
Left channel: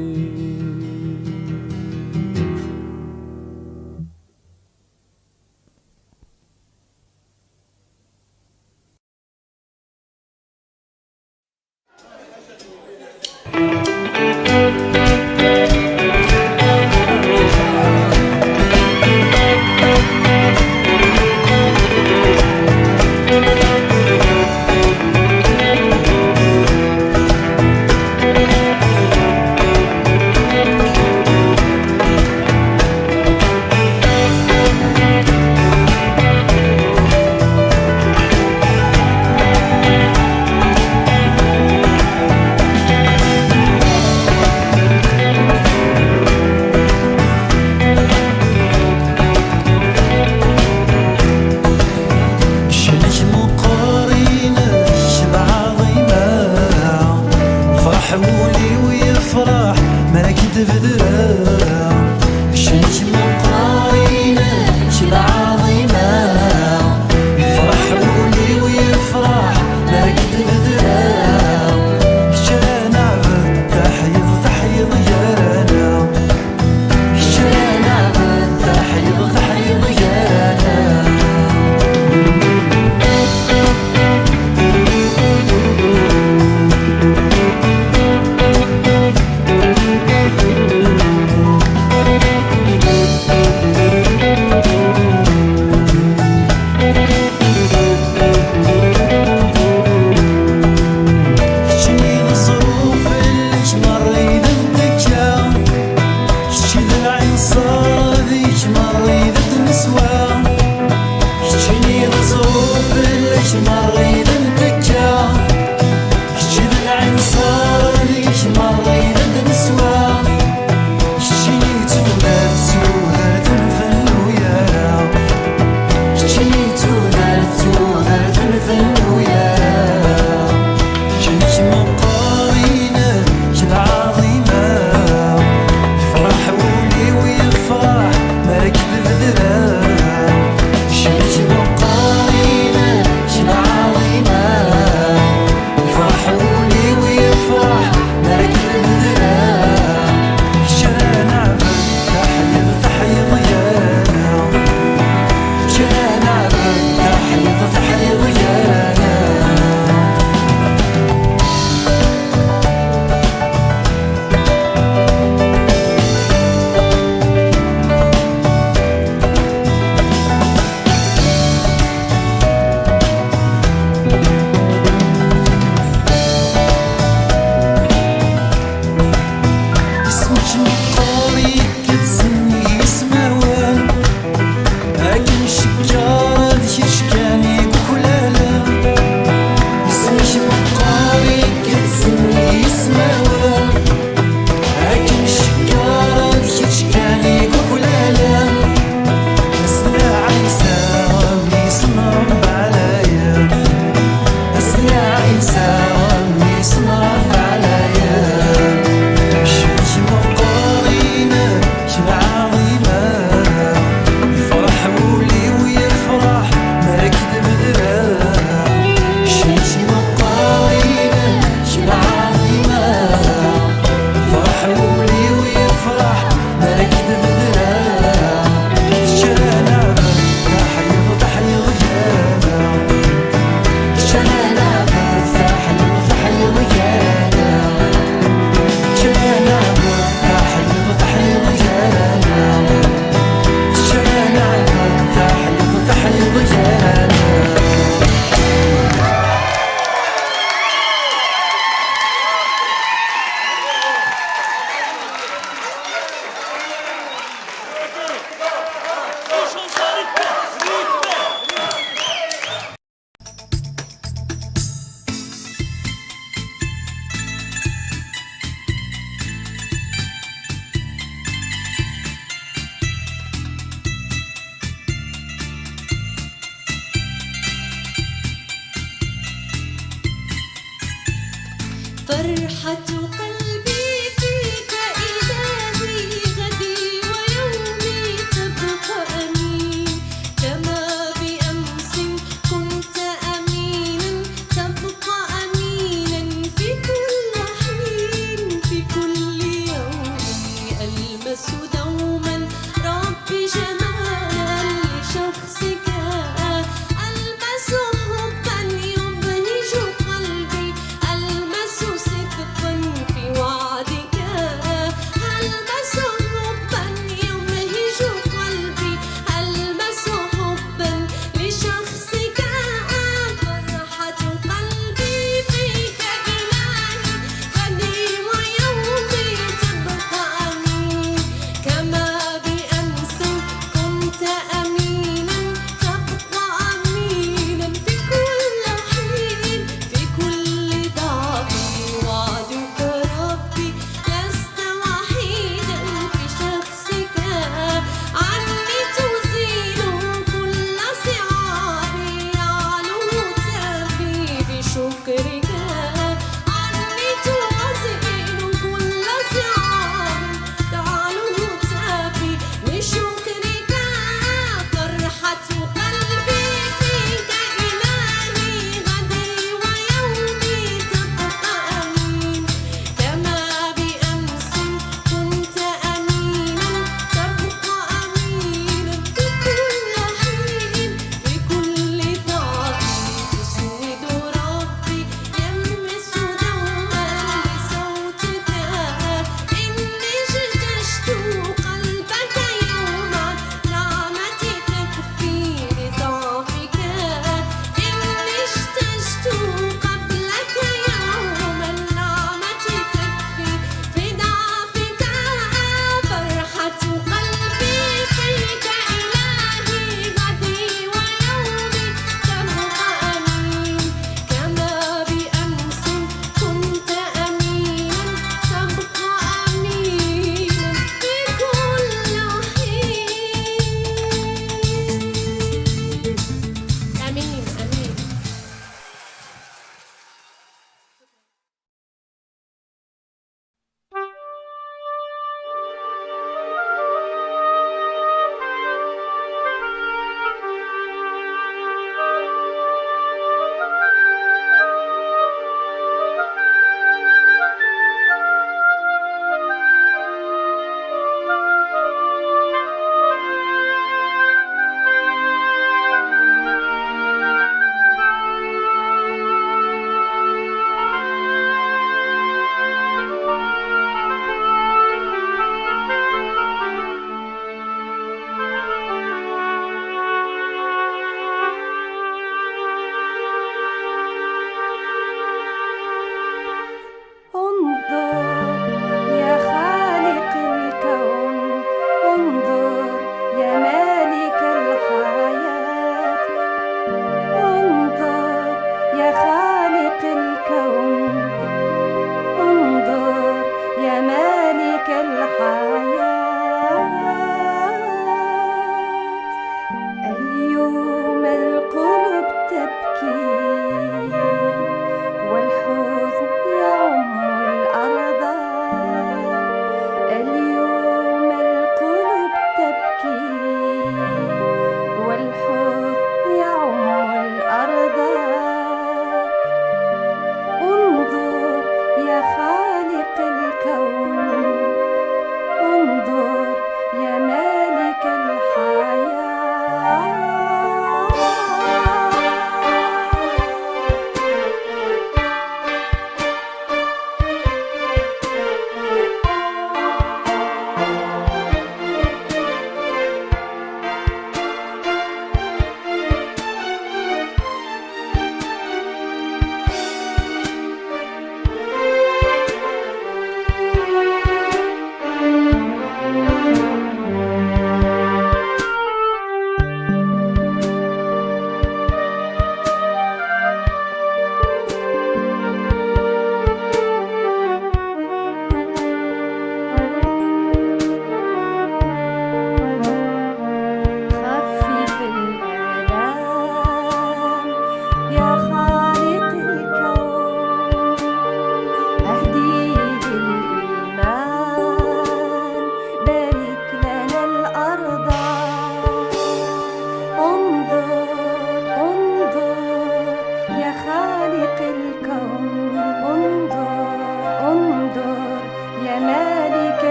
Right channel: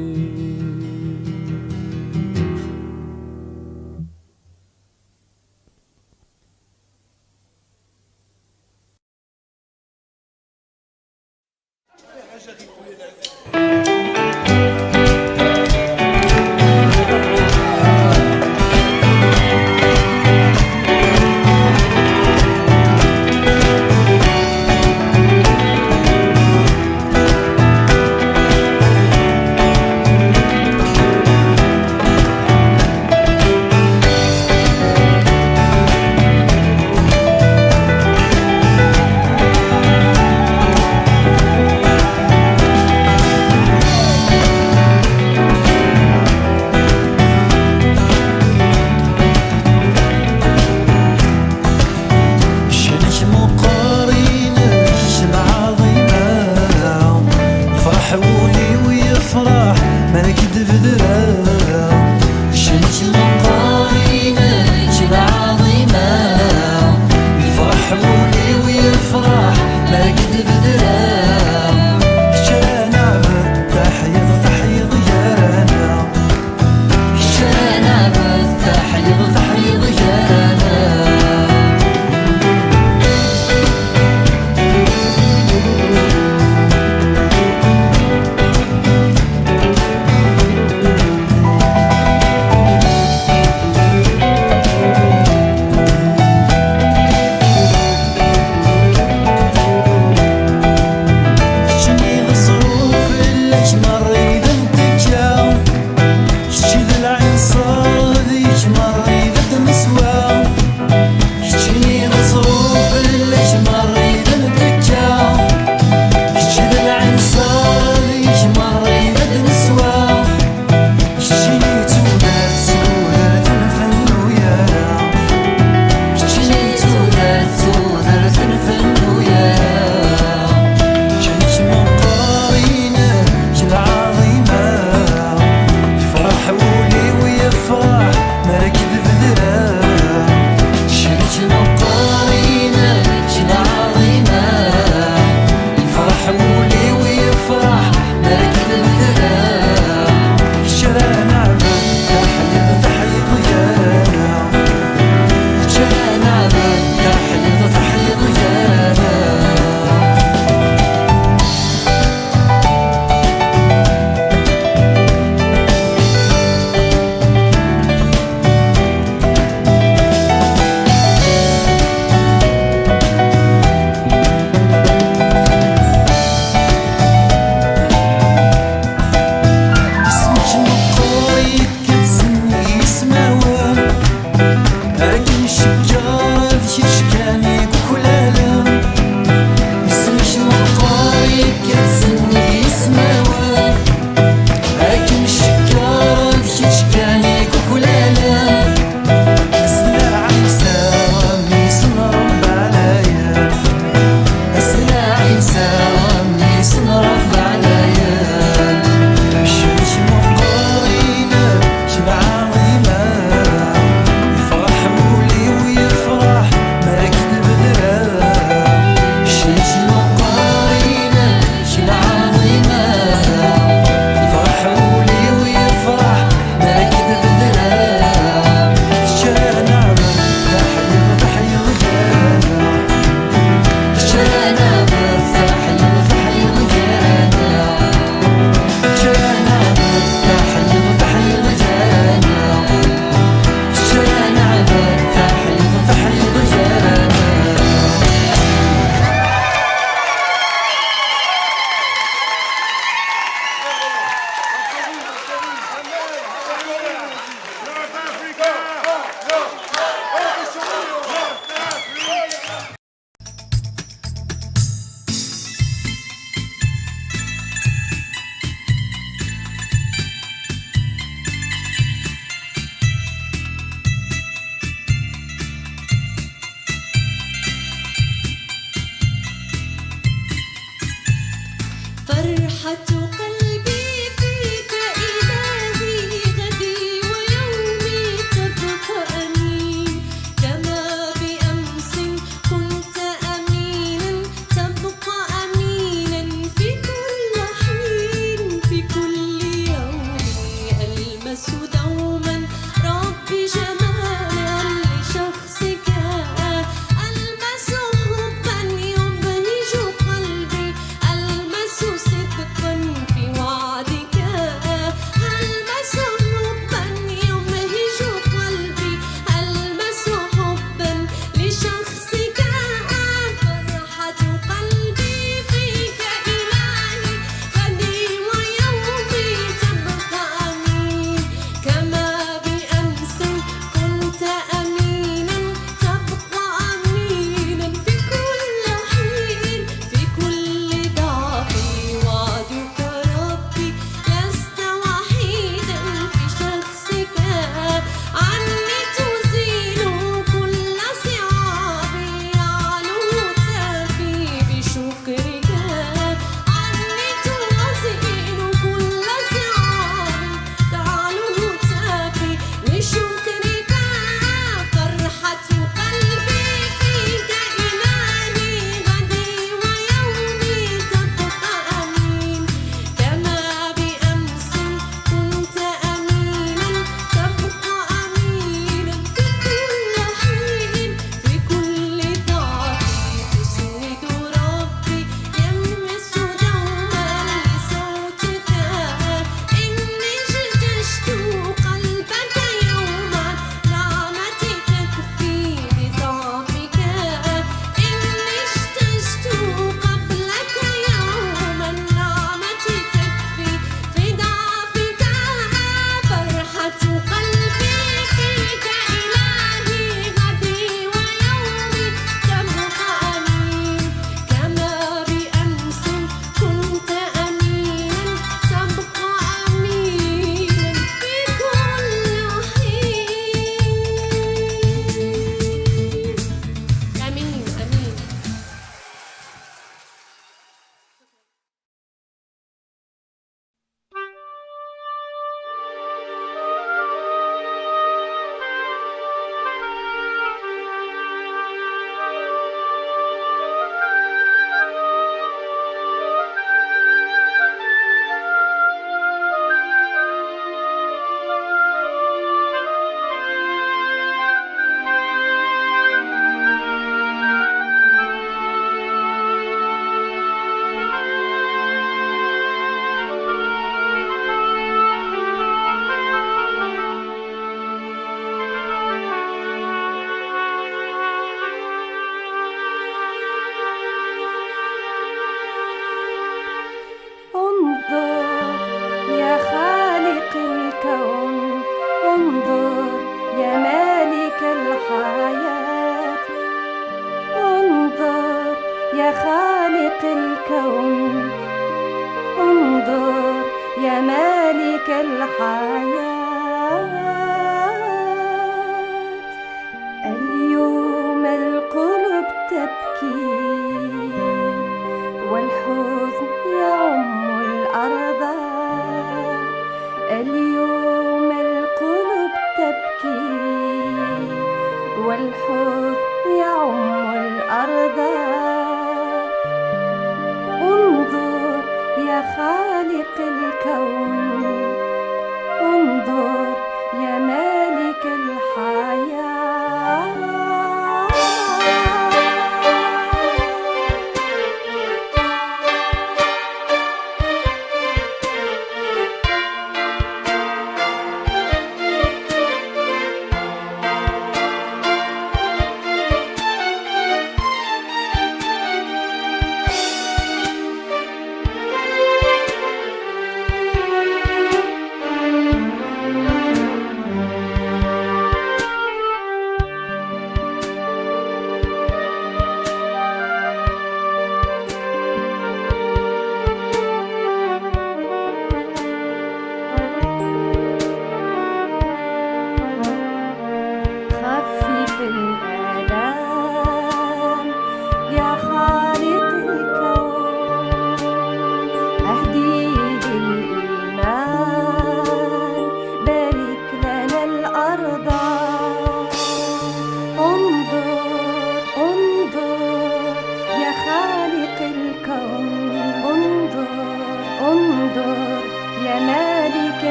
فرحة قلبي فيك إلهي غدي ويومي تبقى أمين كما بأمس كنت أمينا تبقى أمينا في كل حين في كل يوم ألمس دوما ربي جمالا لشخصك ألمس حبا يبهج قلبي ألمس صدقا في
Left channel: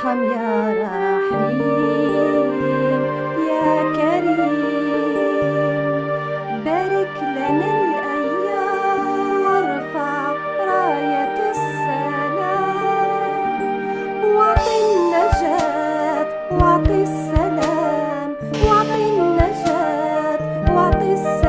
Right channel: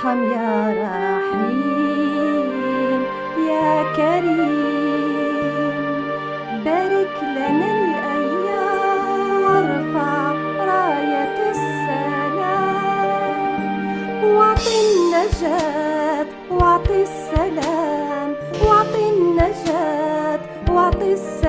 ارحم يا رحيم يا كريم، بارك لنا الأيام وارفع راية السلام، واعطي النجاة واعطي السلام، واعطي النجاة واعطي السلام.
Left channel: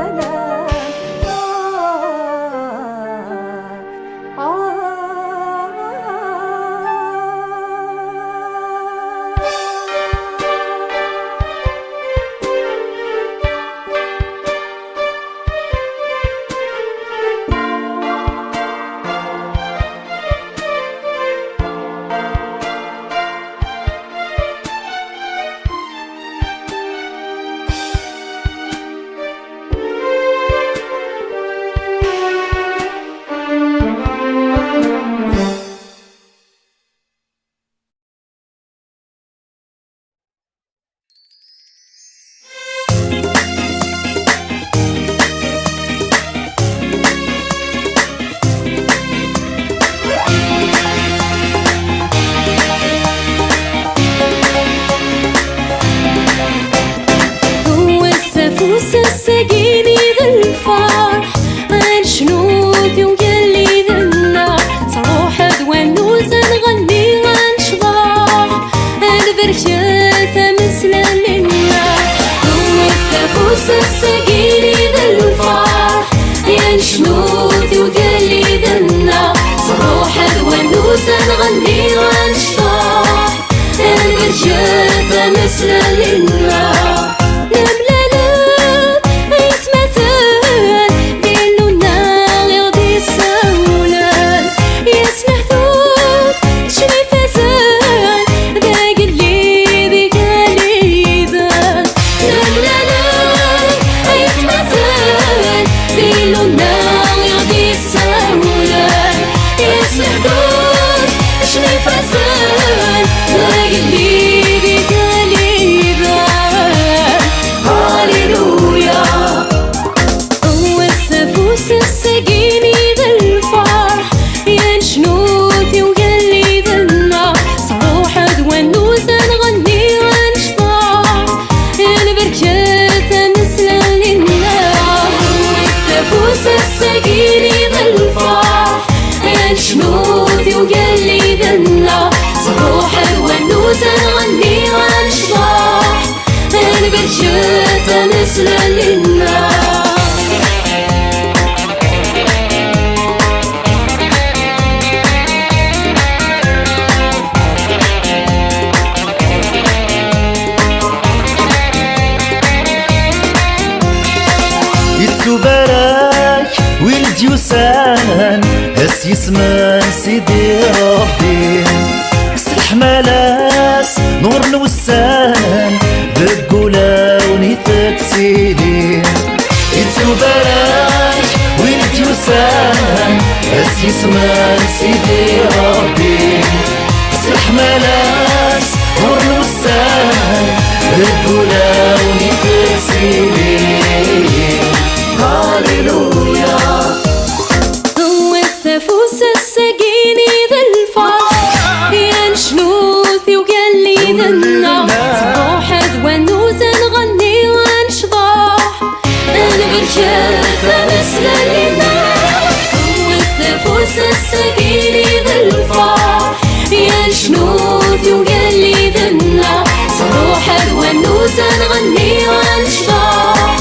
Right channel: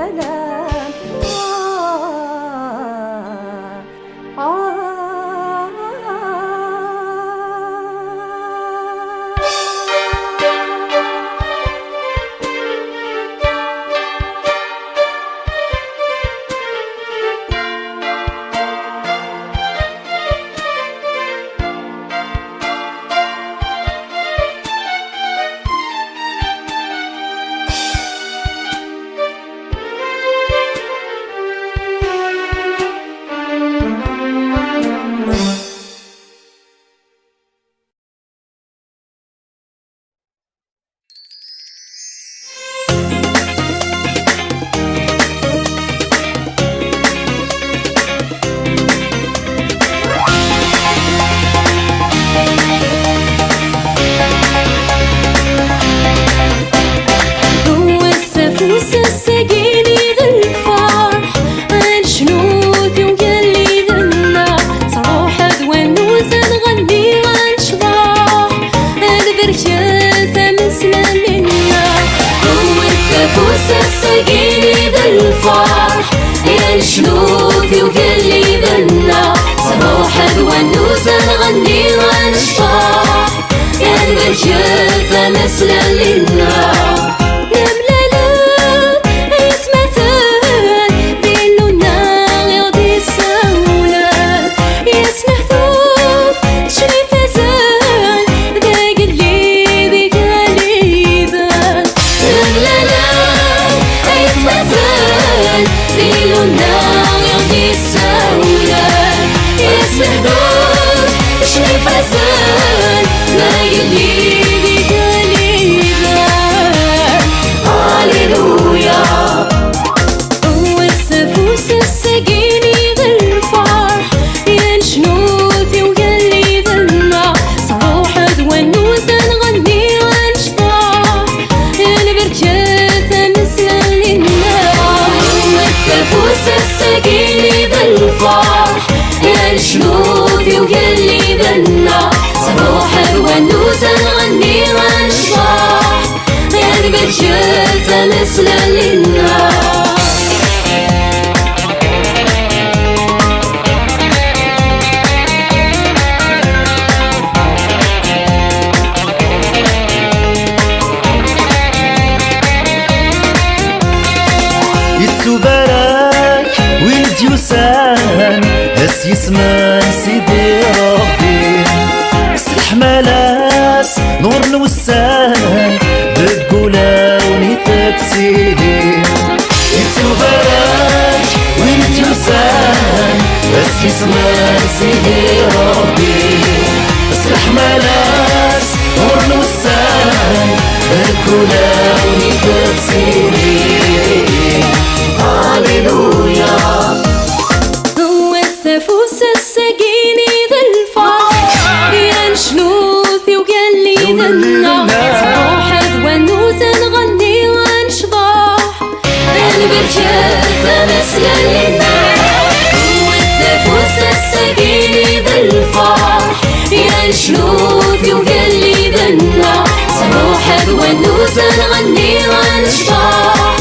سقيني ذا الفرح عن شنوذي وقلي ذا النار، صروح ونوث نغني عن شضاح البرشاثة مثل للنار. والكفوس سقيني ذا الفرح عن شنوذي وقلي ذا النار، صروح ونوث نغني عن شضاح البرشاثة مثل للنار. هس يسمن سيدي ربي صلح ملاس نور الوسان بقولا ونيتك سيدي يتسو بارك ولد يوسان هس يسمن سيدي ربي صلح ملاس نور الوسان بقولا ونيتك سيدي. هاليلويا فوس السقيني ذا الفرح يا شنوثي وقلي ذا النار، روح ونوث نغني ونشضاح البرشاث مثل للنار. والفوس السقيني ذا الفرح يا شنوثي وقلي ذا النار، صروح ونوث نغني ونشضاح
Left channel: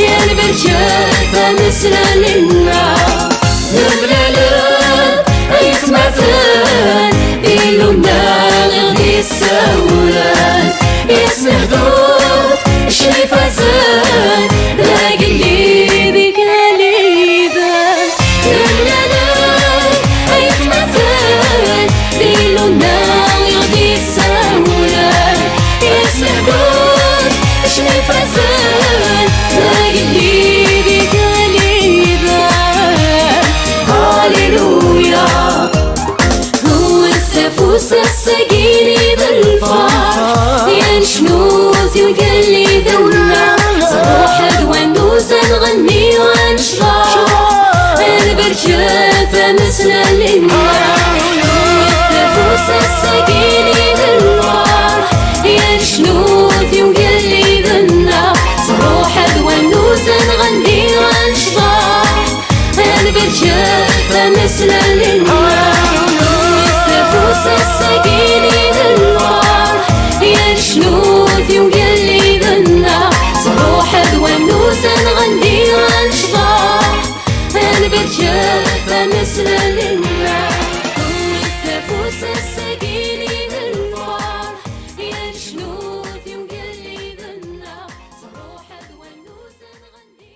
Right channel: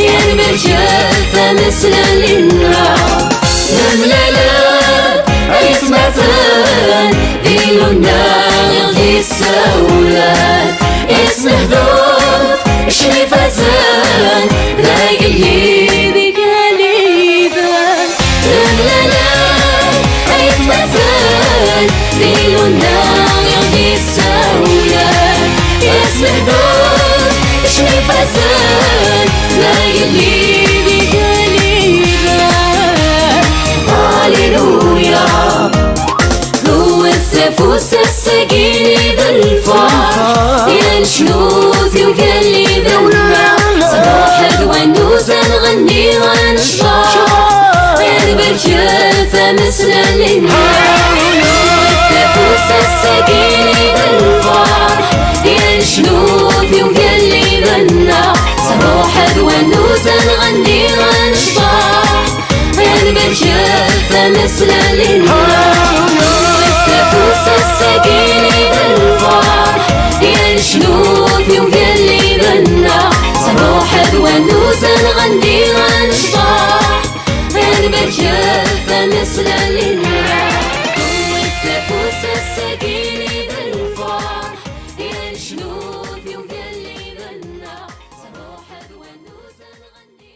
البرشاث مثل للنار. نملالات يتمثل إلو النار يغدي السولان، يسنهدوت شريف أزان لاقي اللي بك ليبان. نملالات يتمثل إلو النار يغدي السولان، يسنهدوت شريف أزان لاقي اللي بك ليبان. هاليلويا هو السفوس السقيني ذا الفرح يا شنوذ ساقيني بالفرح يا الشنوذي وقلي غنى صروح ونوس نغني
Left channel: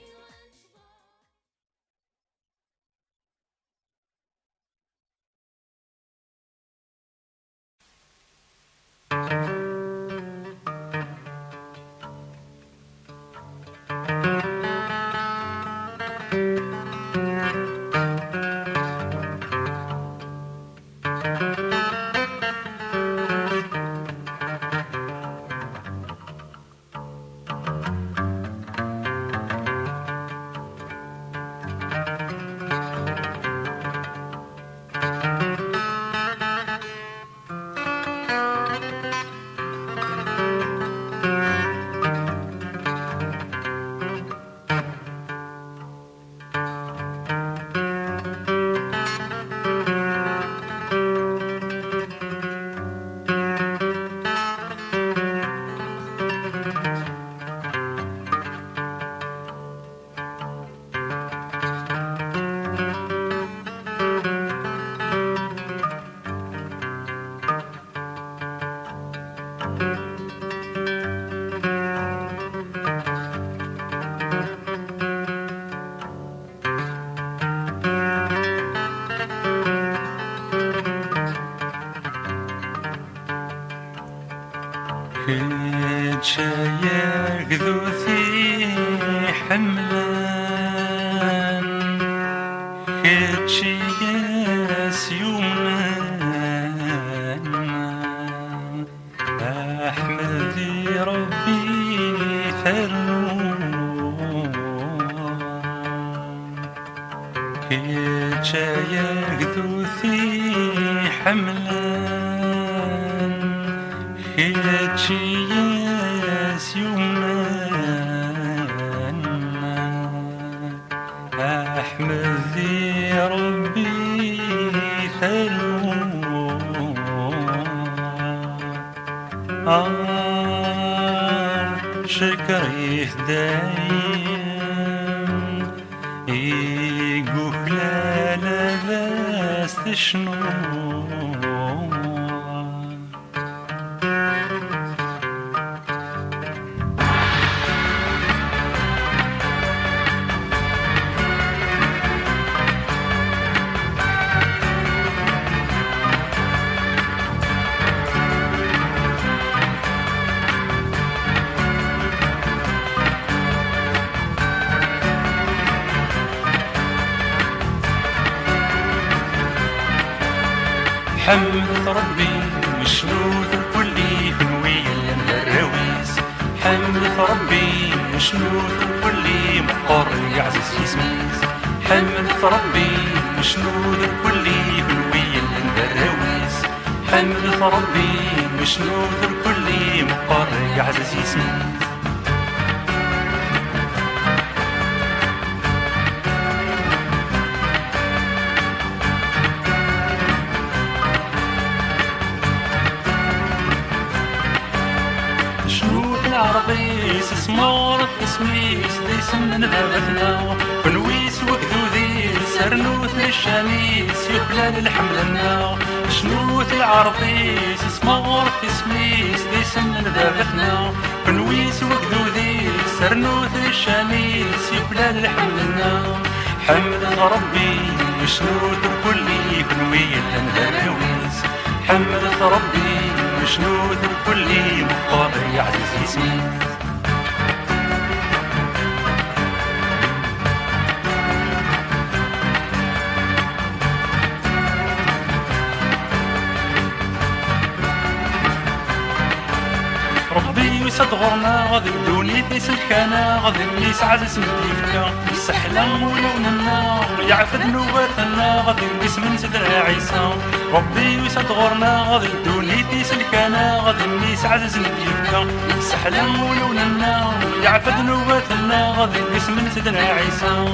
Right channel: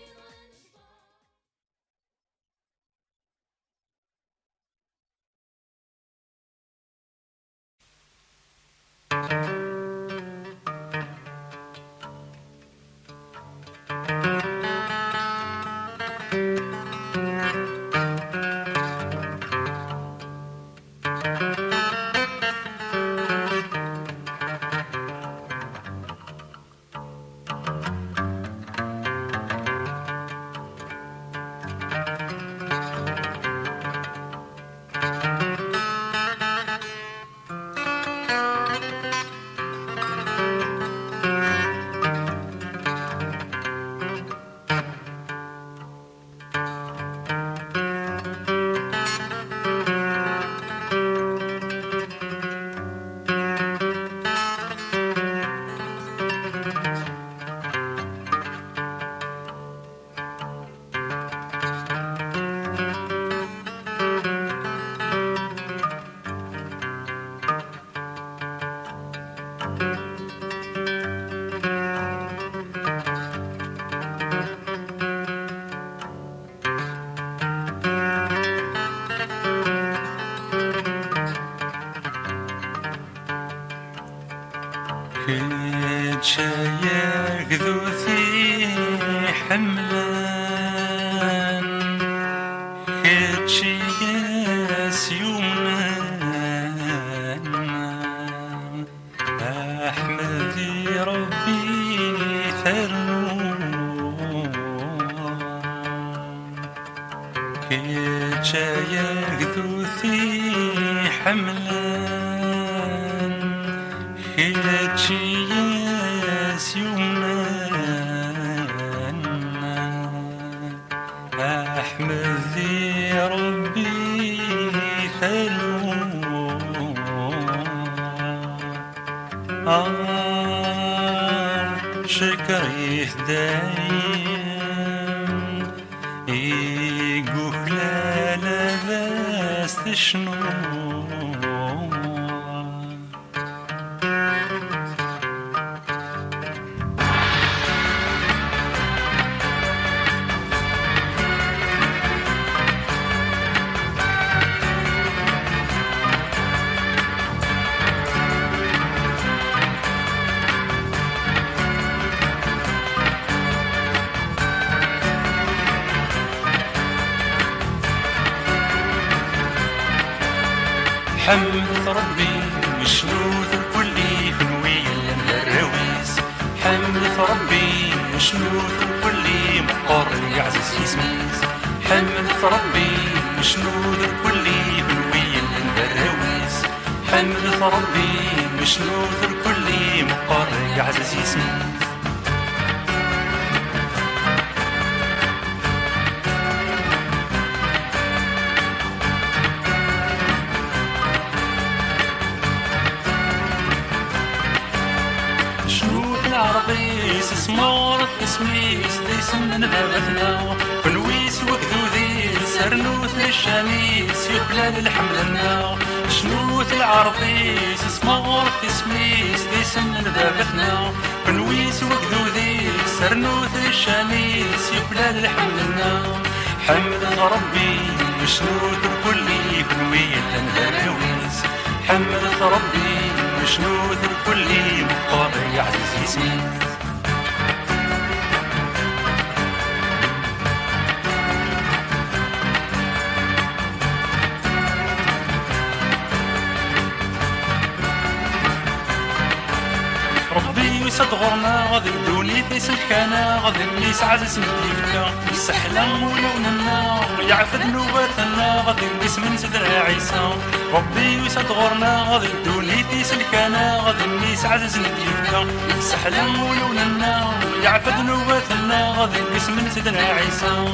كنت شايق ذوثي حملان كنت شياس يومان أحمدي ربي ثرون كنت شايق ذوثي حملان كتشياس يومان أحمدي ربي ثلون شكري دايم يقول لا بس شنو حمد ربي وشنود كلي كنويا الراويس حمد ربي وشنود كلي مقر يعزز يسميس حمد ربي وشنود كلي كنويا الراويس حمد ربي وشنود كلي مقر يعزز يسميس عربيس اسمورت اسميس ديسن بابتنا ونويس وكذوذي سرنوث للشميس يقلال الحملنا شنوث العربيس اسمورت اسميس ديسن بابتنا ونويس وكذوذي سرنوث للشميس يقلال الحملنا حمد ربي وشنوث كلي كنوية الهراويس حمد ربي وشنوث كلي مقر يعزز يسمي ربي يصدغرنا غادي بدوني في سلكانا غادي النيس عزز مديفكا يسحلم ولوننا يعفد نوباتنا غادي النيس من سدرا عيسى ربي يصدغرنا غادي بدوني في سلكانا غادي النيس عزز مديفكا يسحلم ولوننا يعفد نوباتنا غادي النيس من سدرا عيسى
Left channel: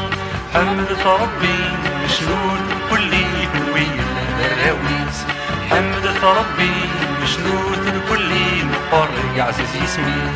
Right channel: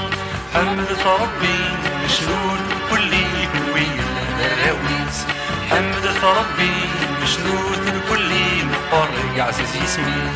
حمد ربي مشلول كلي كنوية الراويس حمد ربي مشلول كلي مقر يعزز يسمي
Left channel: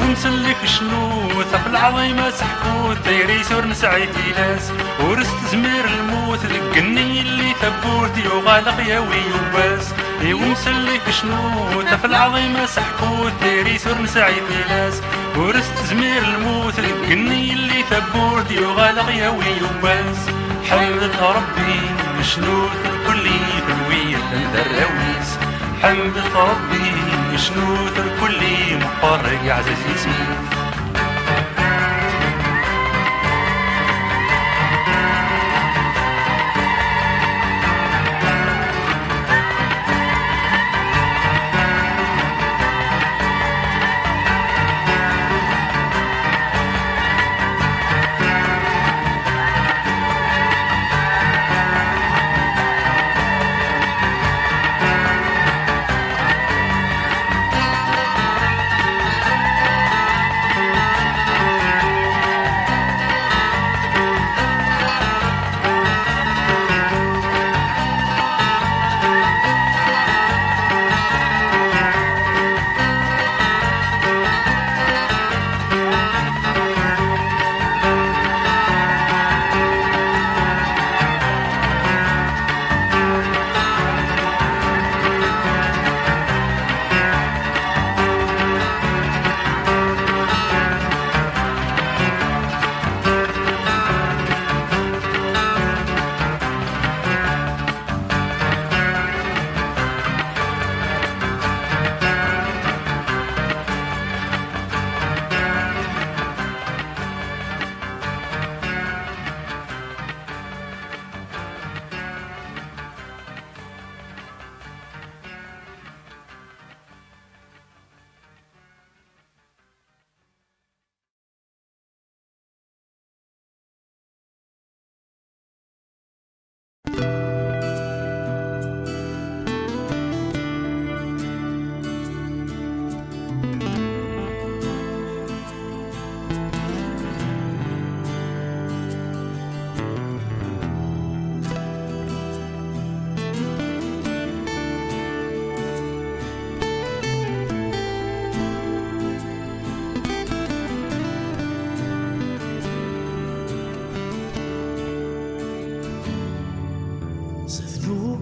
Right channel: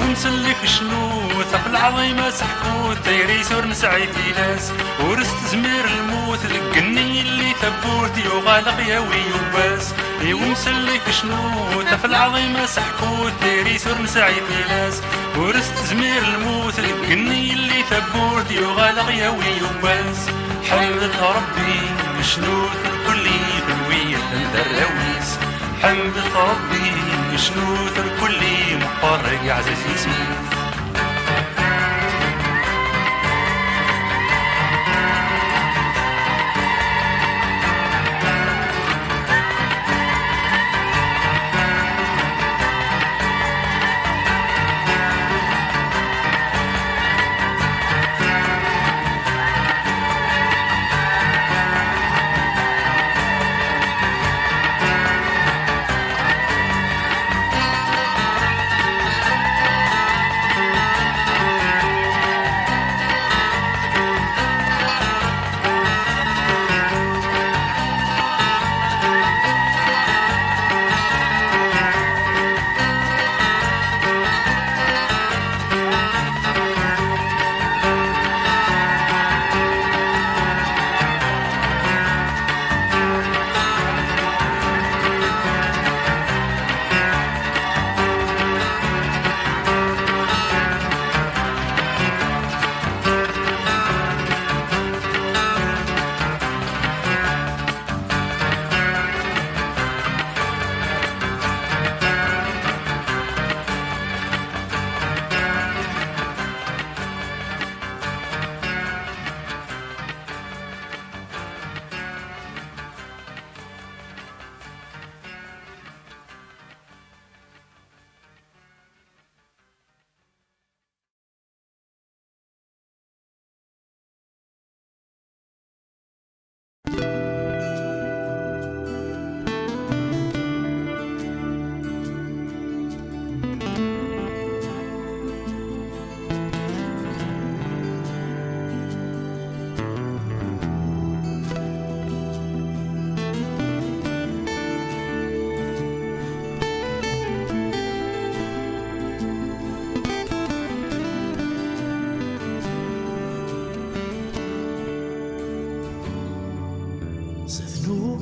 ونسلك شنو في العظيمة سحكوت دايري سور نسعي في ناس ورست زمير الموت ذقني اللي ثبوت يغالق يا ويوباس ونسلك شنو في العظيمة سحكوت دايري سور نسعي في ناس ورست زمير الموت ذقني اللي ثبوت يغالق يا ويوباس حمد ربي مشنوت الكلي ذوية الدراويس حمد ربي مشنوت الكلي مقرق عزيزي سنوت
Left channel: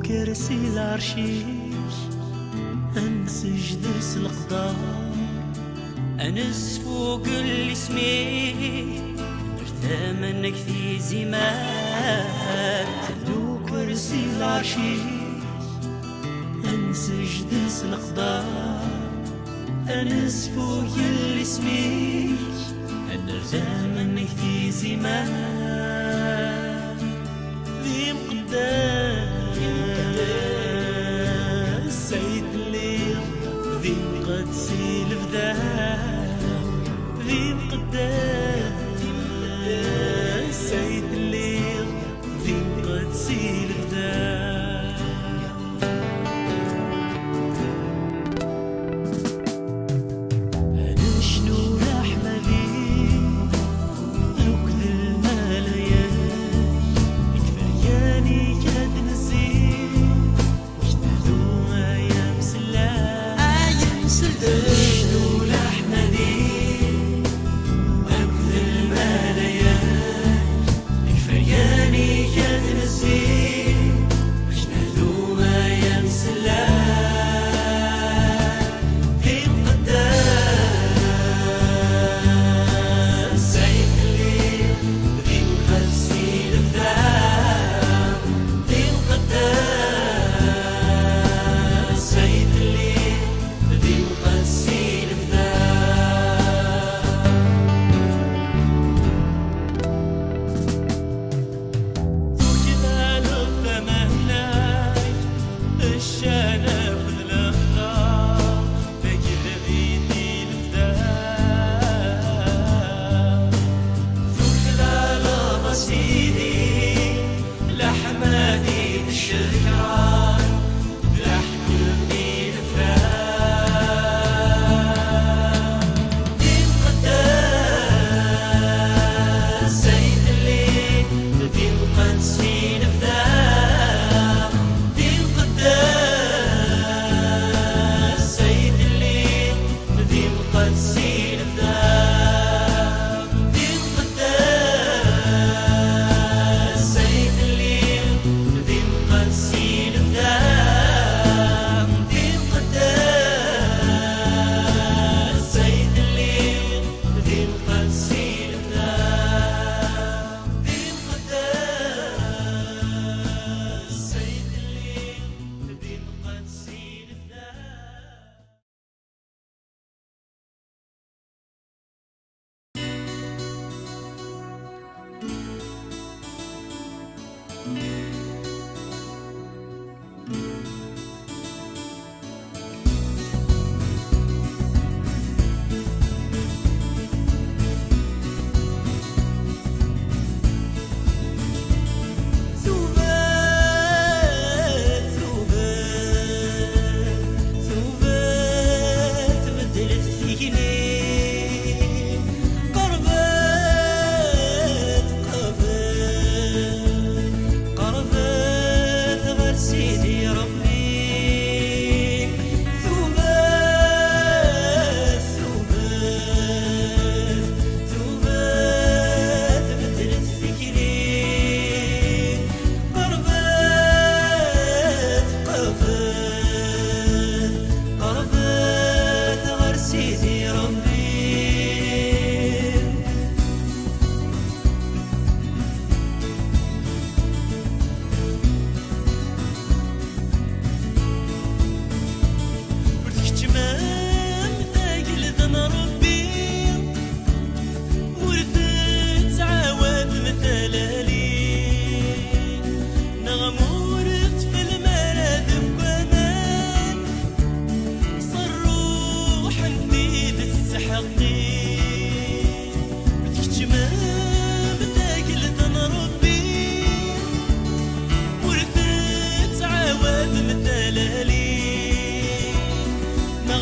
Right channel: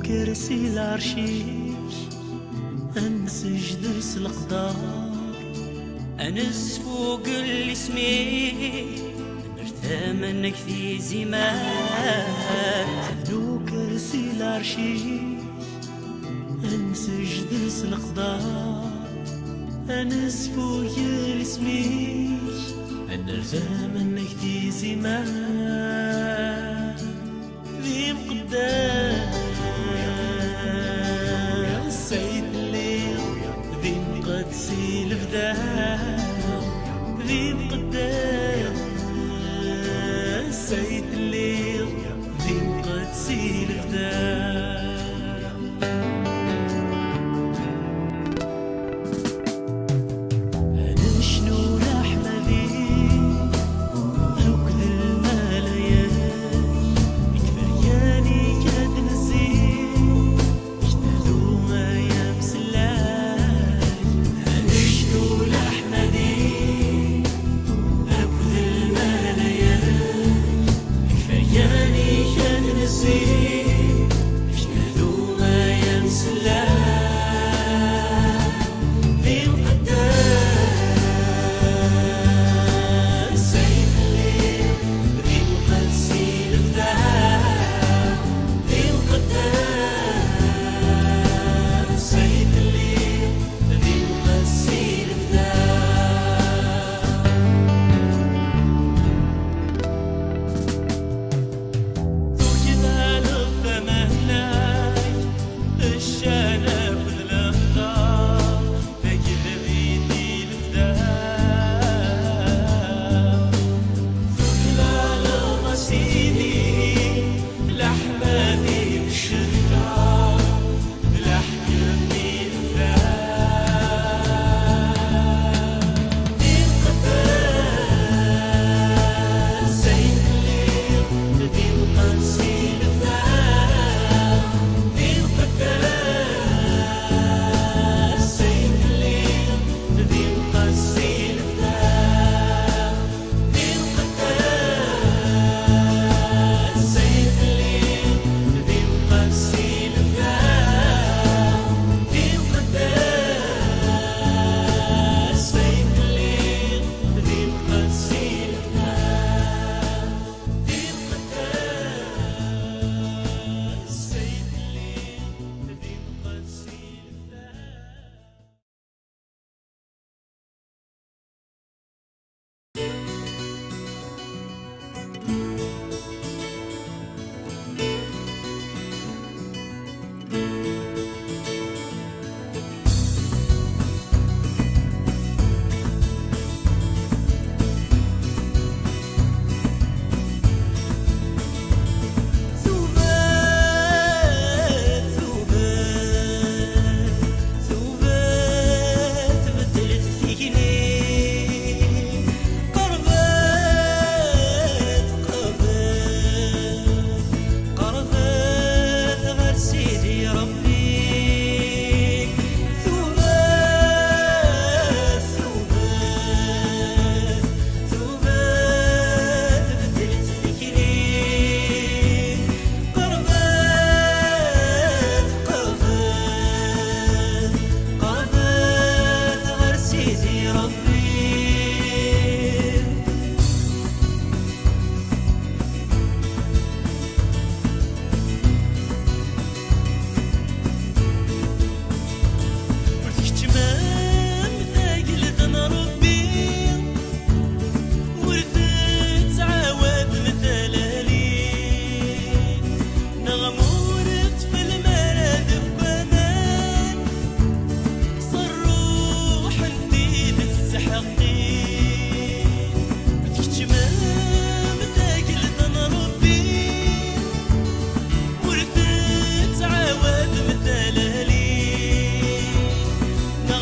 كرسي العرشيش انسج درس القدار انس فوق اللي سميت نرتى منك في زمات تبدو كرسي العرشيش انسج درس القدار انس فوق اللي سميت نرتى منك في زمات ذي مقدار سيد الليل ذي مقدسي البداع ذي مقدس سيد الليل ذي مقدسي البداع أنا شنو رحمة ذي ركض الملايين يكفياني كاد نزيد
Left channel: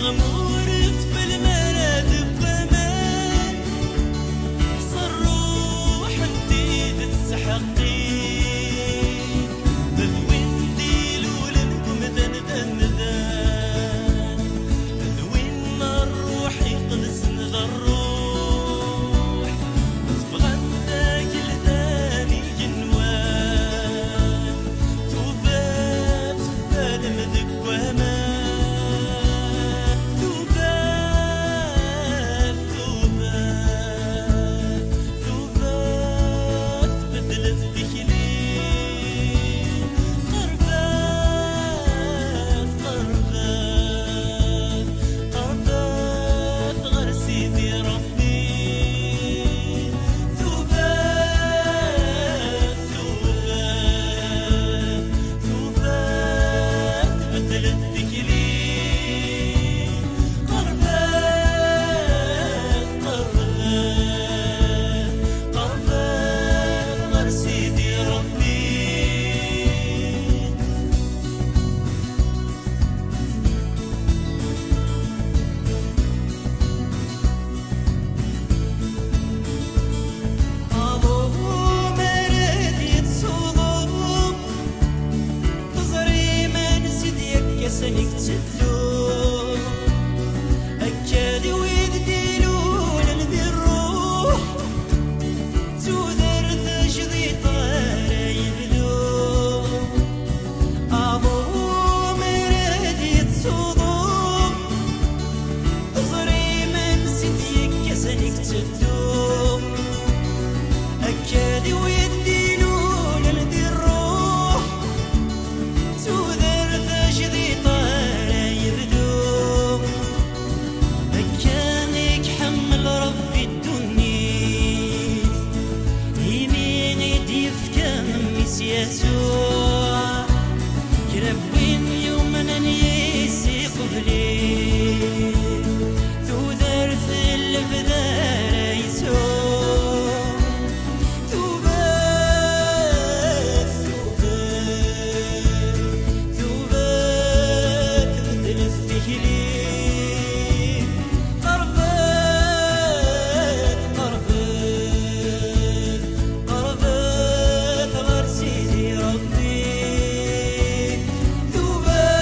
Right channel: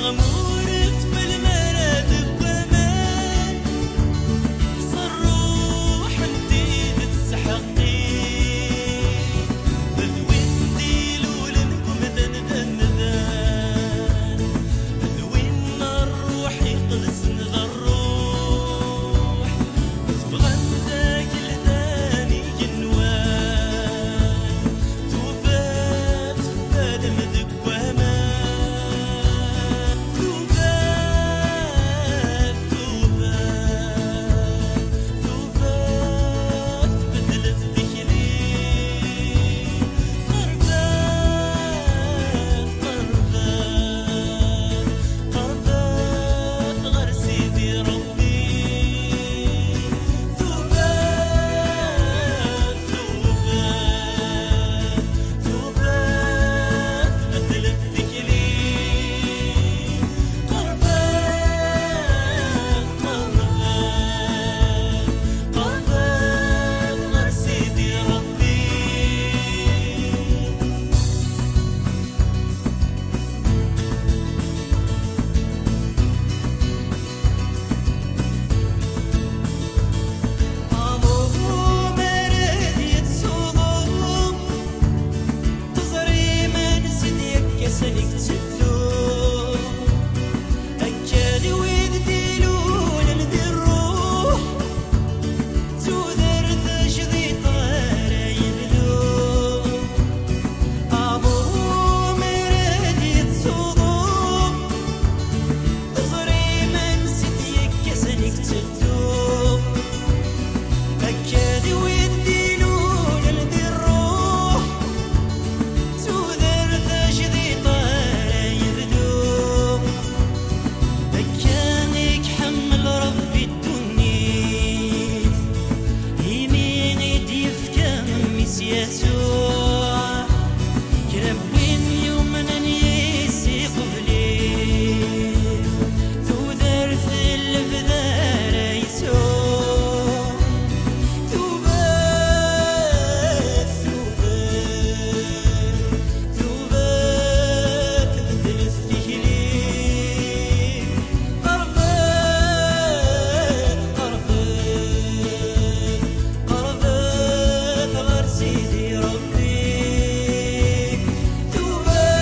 غمورت في المراد بأمان صروح انتي تستحقي بذوين ديلو لنكم ذن بذوين الروح يقلس الروح تبغى ذاك الثاني جنوان توفات بالمذك وهمان توفات بدلت ذكلي قربات غير سيدي ربي توبات بدلت ذكلي قربات غير سيدي ربي أبوه مرد يتصوم تزري من سيديك يسنك تدو أكادي ويديلون لذي الروح تودر تجذي طارا يبدو أبوه مرد يتصوم تزري من سيديك يسنك تدو أكادي ويديلون لذي الروح تودر تجذي طارا يبدو أكانك حمل ربي الدنيا يميني ديفكا ميس يسوع كربين يومنا نيسي قبلي تودر في الفذار يسوع توبات بدلت ذكلي قربات غير سيدي ربي توبات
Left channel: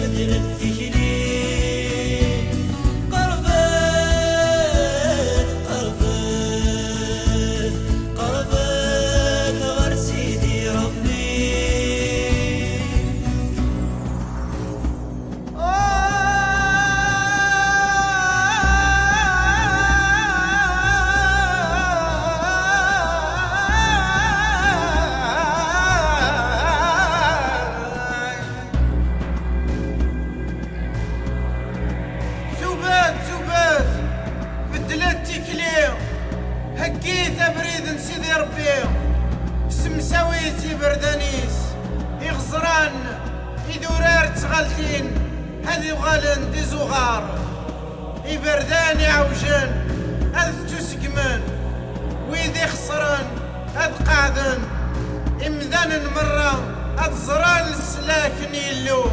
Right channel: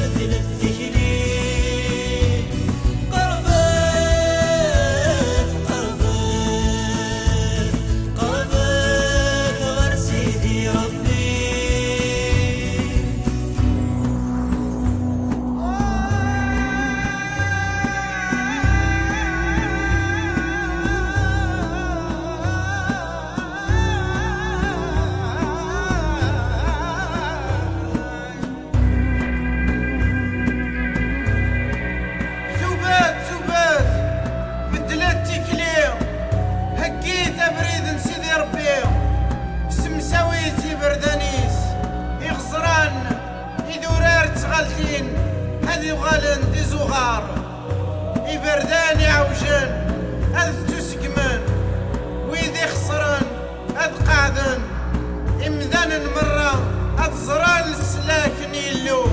بدلت ذكلي قربات غير سيدي ربي توبات بدلت تكلي هكيت بريد نسيدي ربي سمساويتي بردانيس يغزران يدورار تغالتين هذي غالن دي زغار يبرداني عوجن أذ تسقمن ويدي خسران أذ قاعدن إمذان مرة أذ زران السلاكن يلو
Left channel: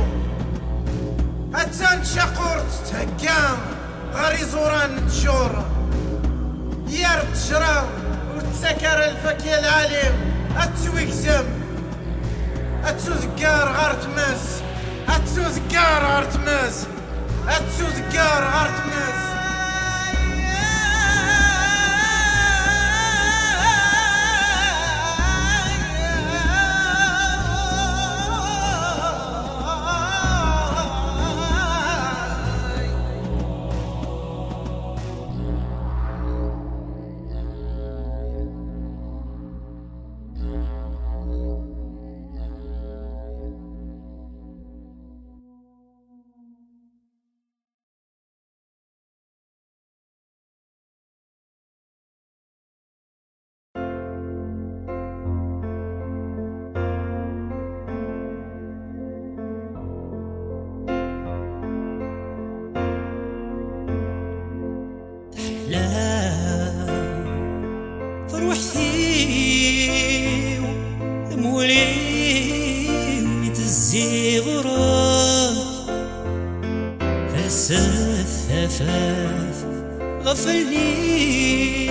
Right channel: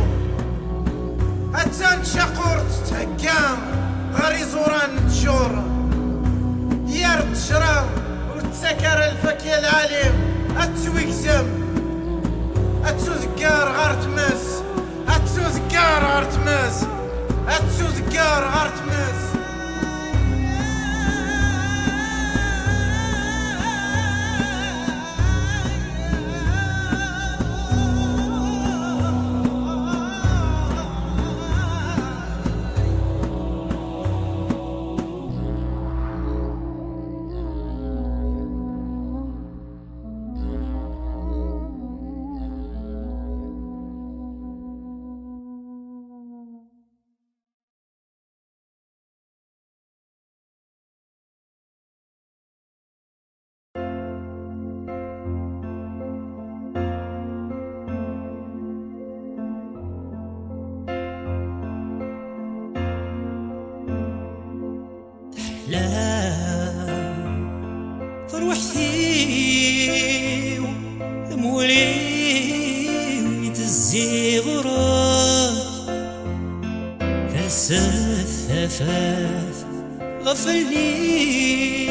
أتان شاقور تتهكام غاري زوران تشور يار تشرا وتسكر الفكي العليم أتسويكزم أتسوزكار غار تمس أتسوزكار غار تمس أتسوزكار غار تمس لا فروحتي مولي ثفاث غفلني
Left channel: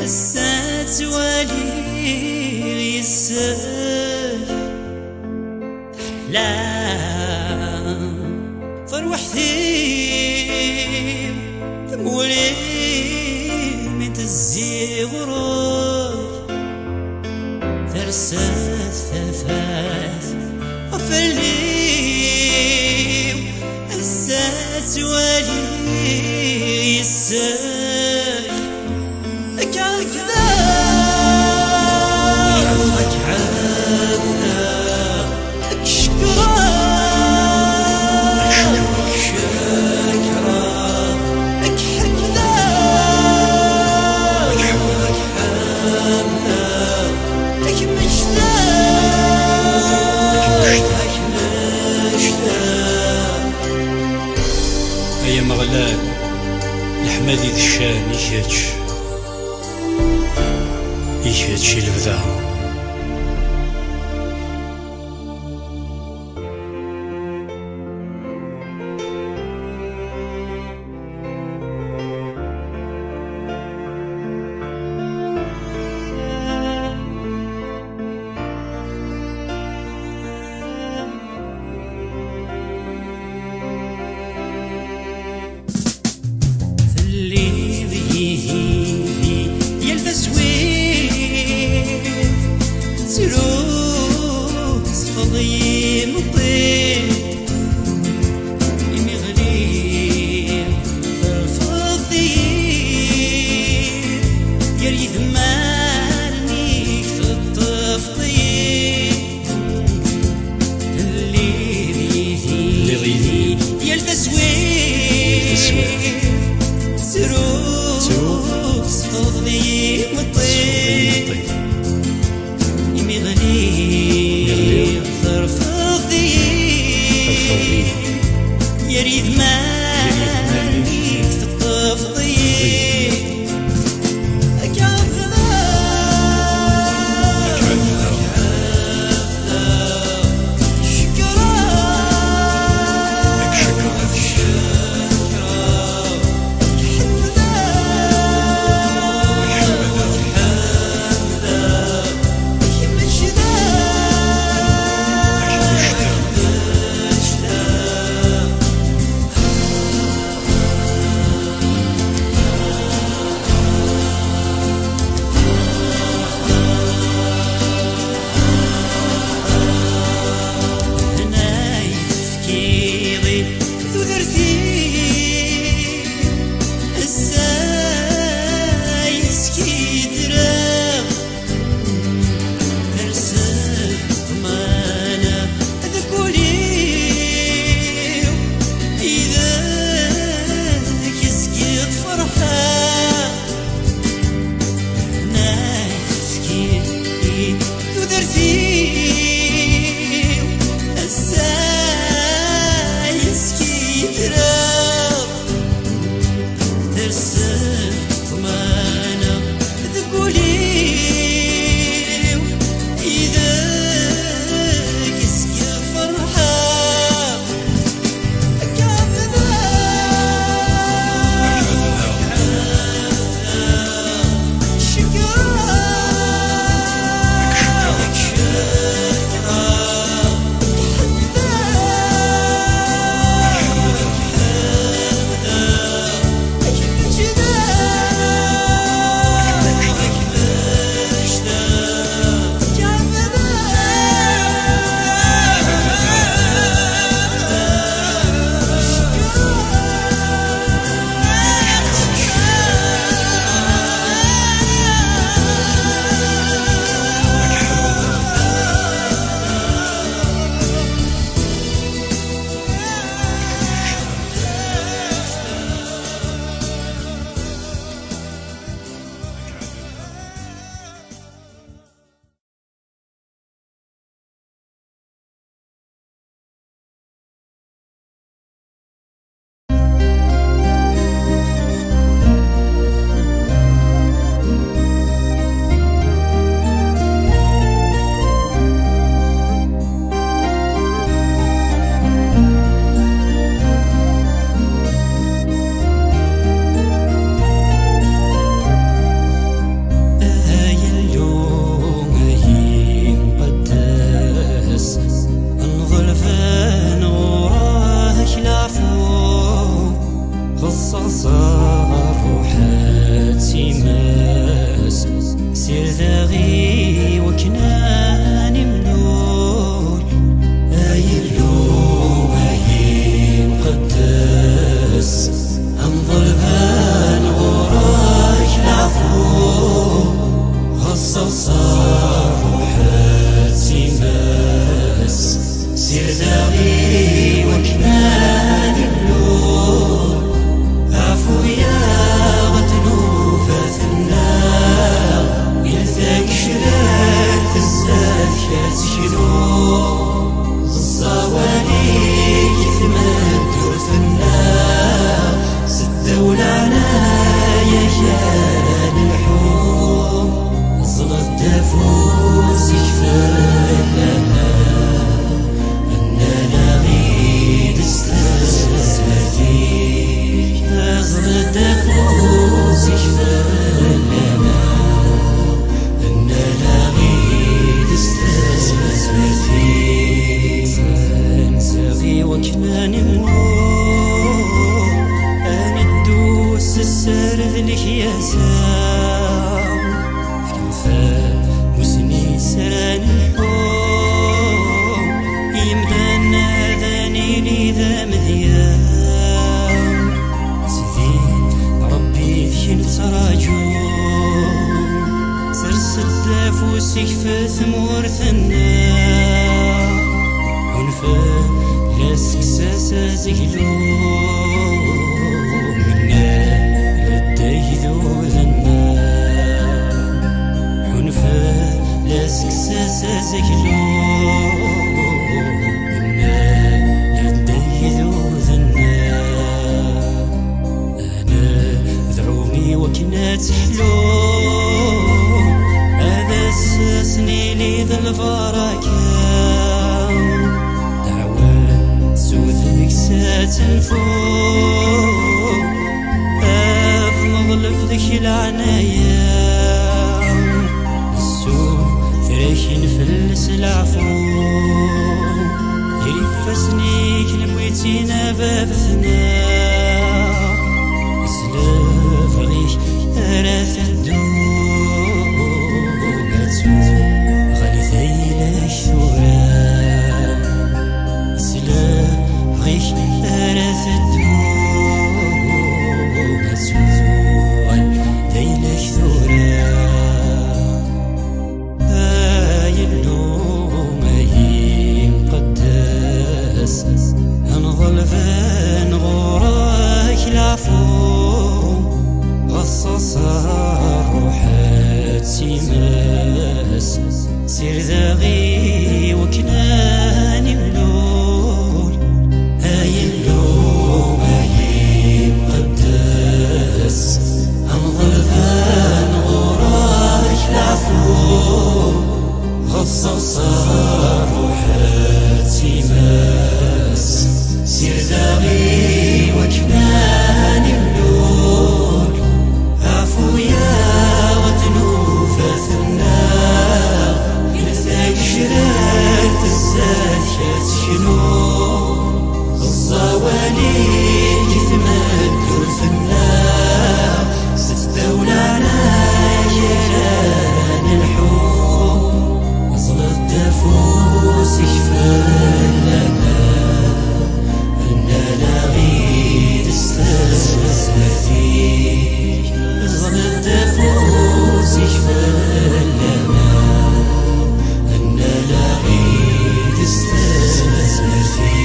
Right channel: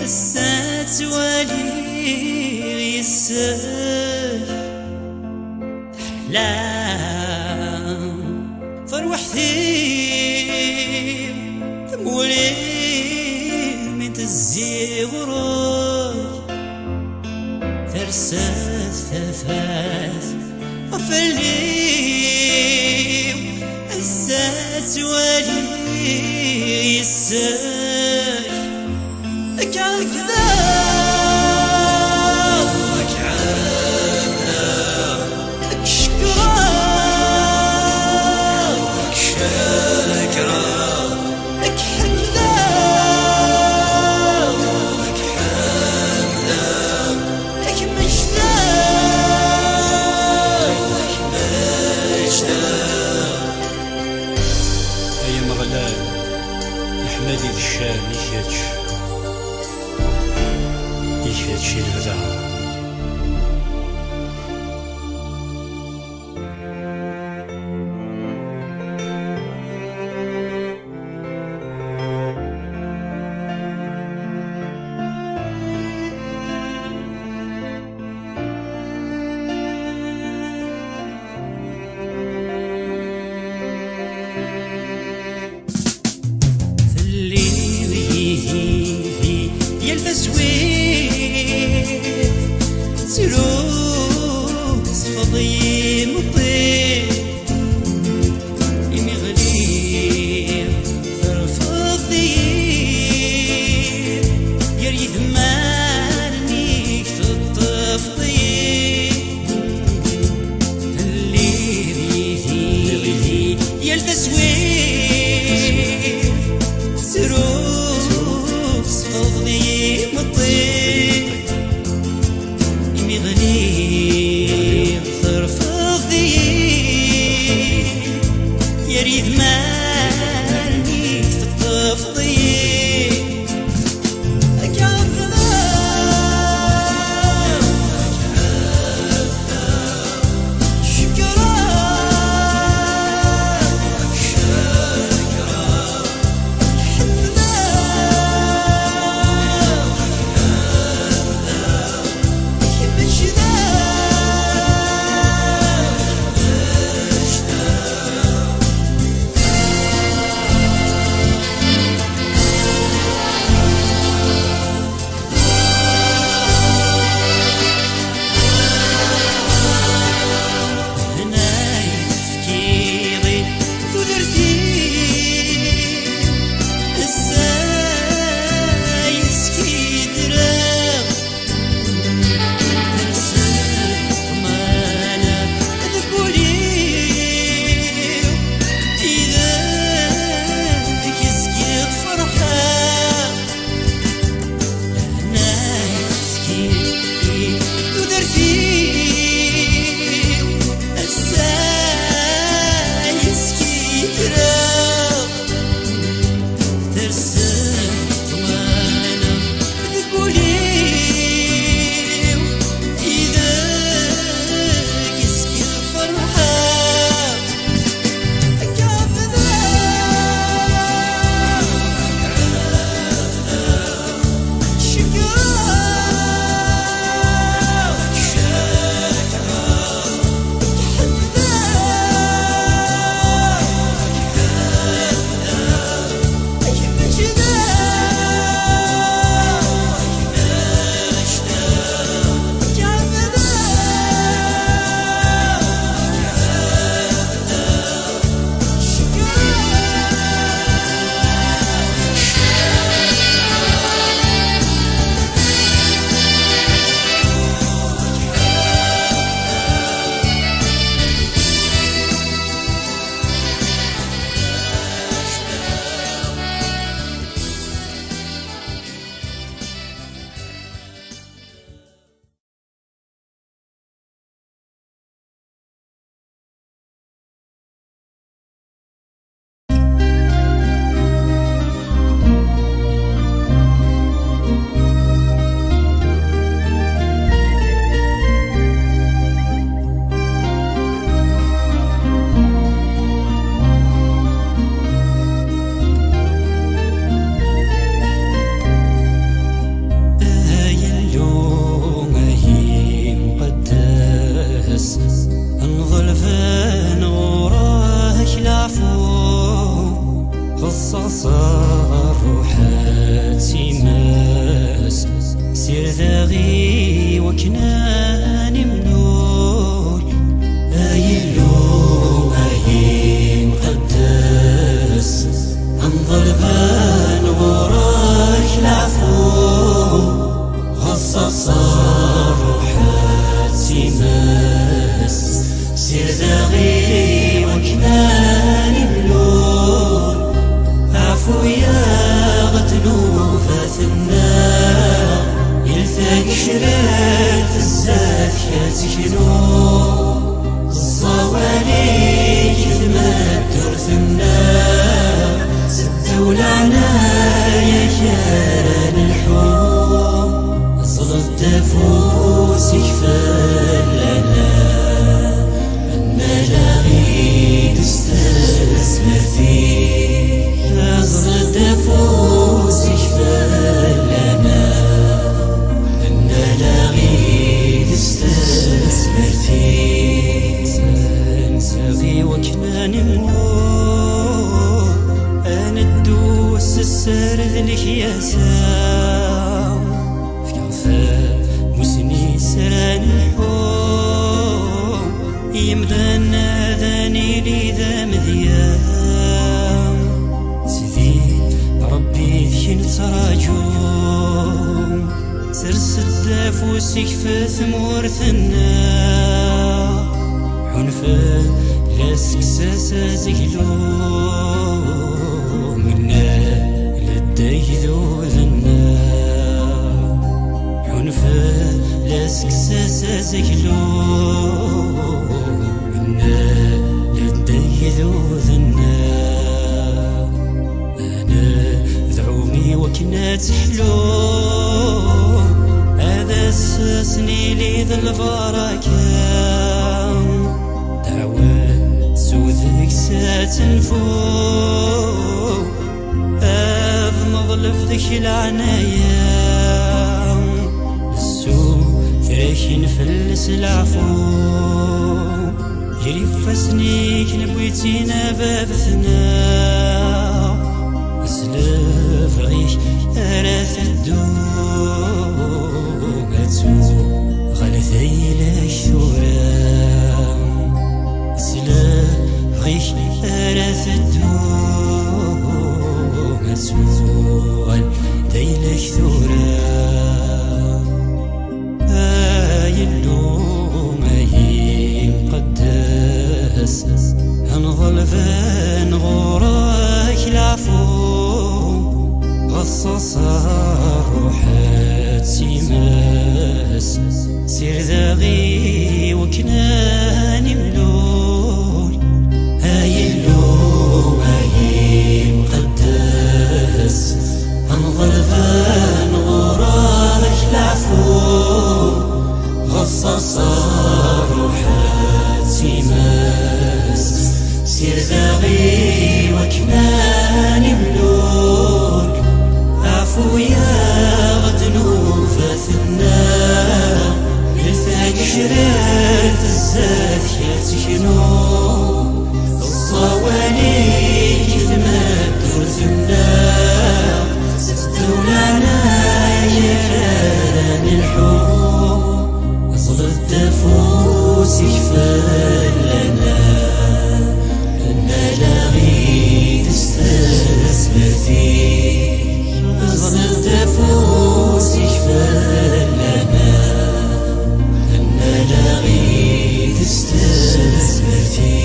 السات والي يسال أحلام فروحتي تمولي من تزي غروج ترسات ثفاث غفلني السات والي يسال يا مغلال الحمادي ذي الشام يشهدش البدا سلوس فضي مطير يمي غليل الفضي يريد مالني في التفضيل اللي يلتسوير سلوس فضي مطير غليل ثرفضي يريد مالي في التفضيل مشنا يساو فكفا مسني سران الحوم يمدنا ذاني لي ذا مديان سيدي ربي ذكي تراجوم سرس الدافوس يكفى ثمور ثنا عنفا لا سكساسا زقلو منا للديذو ذنا عنفا لا سكساسا زقلو منا للديذو ذنا أنا ذعومي وكنا تحلو هذا الساسني لي ذا البركة دعوة سوذك ساتنفو أف مظلف ذك العنايا السوء ثريخين فلس العفو يريف فسنيك نبويتينا بابثنا اسلاف غيش أراث الدوم غلثي لك ثورا اسلاف غيش أراث الدوم غلثي لك ثورا اللوم مقدس هنظل فان غوراك العفو غصص روحات سيماس سير ذاغي وكناني ملول هاي اللوم مقدس هنظل فان غوراك العفو غصص روحات سيماس سير ذاغي وكناني ملول عفو يا غدنو فاثنا يرثاك شرات الزاد يتشنو الصوالي كيف ما تدور فينا ستدولانا يا جيران الحب أصل الدفوس يكفى لنا أن لا غيد استثمر فيك أصل الدفوس يكفى لنا أن لا غيد استثمر فيك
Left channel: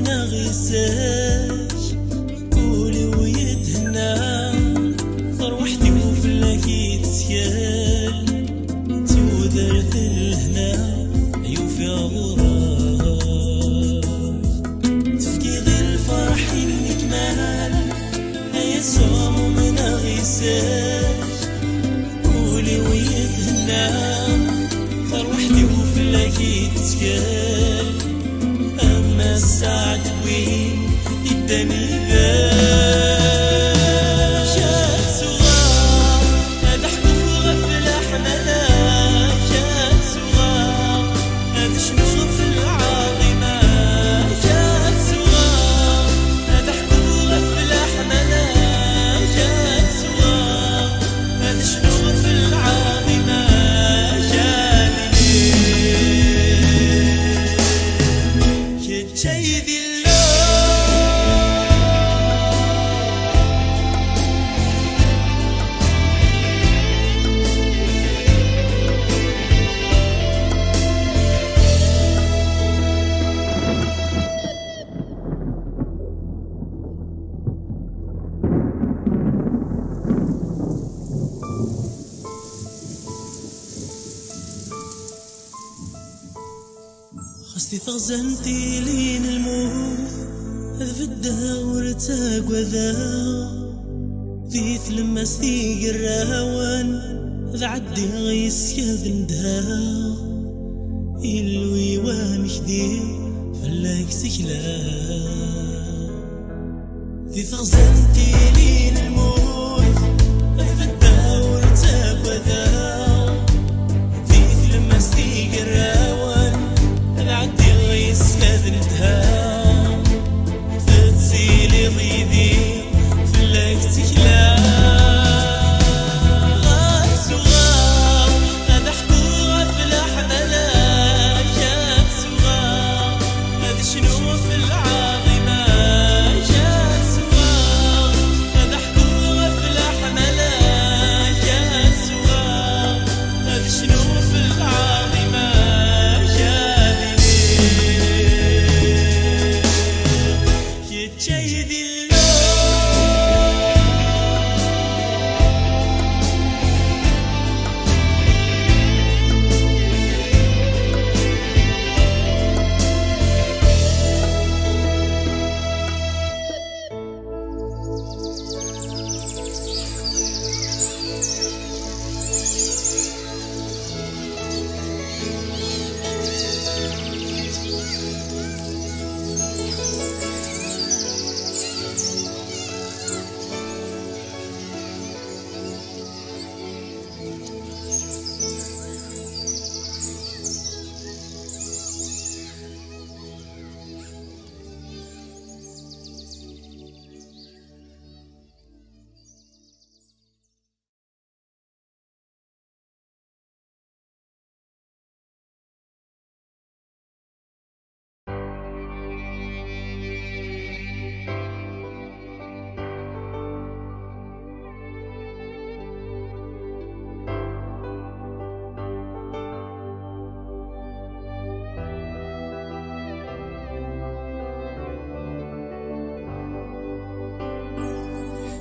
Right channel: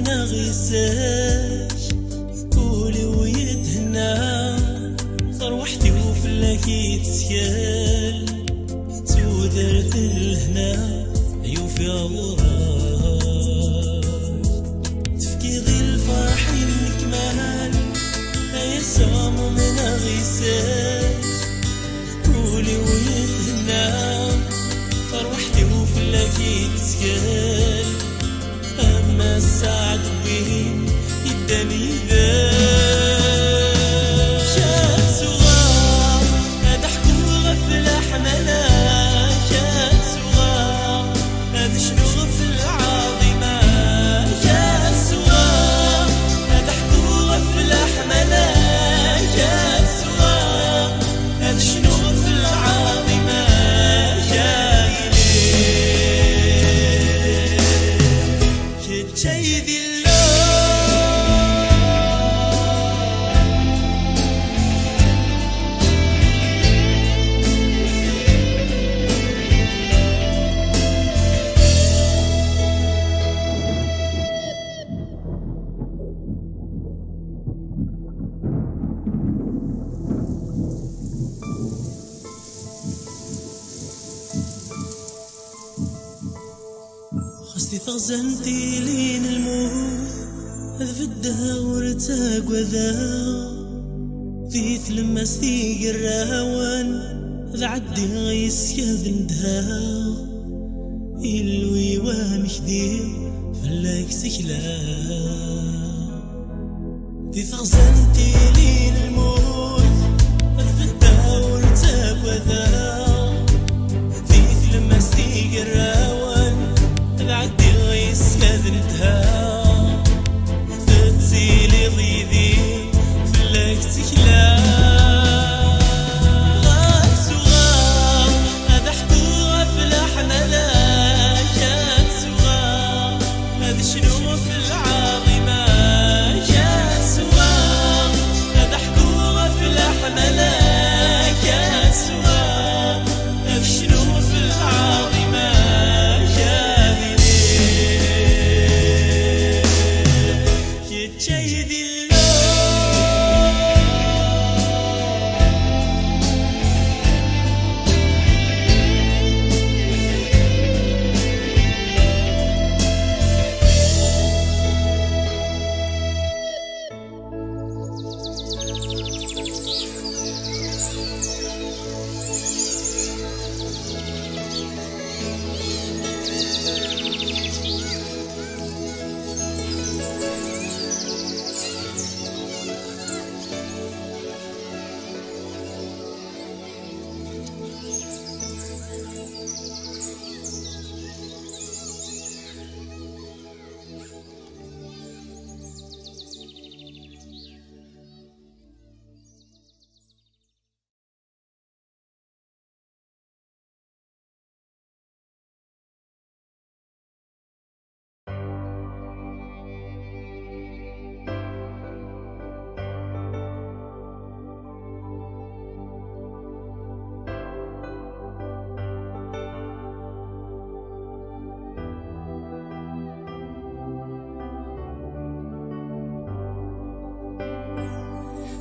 نغيساش قولي ويدهنا صار وحدي وفلاكي تسيال تود ثرث الهنا يوفي غراج تفقيض الفرح المكمال هيا سامو من غيساج قولي ويتهنى فرحتي وفلاكي تسكال أما السعد وين يداني ذا شاب صغار هذا حكم غفل حملا شاب صغار هذا شنو غفل عظيمة شاب صغار هذا حكم غفل حملا شاب صغار هذا شنو غفل عظيمة جايلي كتشيدي خستي تغزنتي لين الموت هذا في الدهور تاقوى ذا ذي تلمستي قراوان هذا عدي غيس يهذن دها إلوي وامشدي فلاك سكلا ذي تغزنتي لين الموت هذا في الدهور تاقوى ذا ذي تلمستي قراوان عدي غيس كذنتها تتسيلي ضيدي فلاك تكلا غاب صغار هذا حكو غفل حملا شاب صغار هذا شنو في العظيمة شاب صغار هذا حكو غفل حملا شاب صغار هذا شنو في العظيمة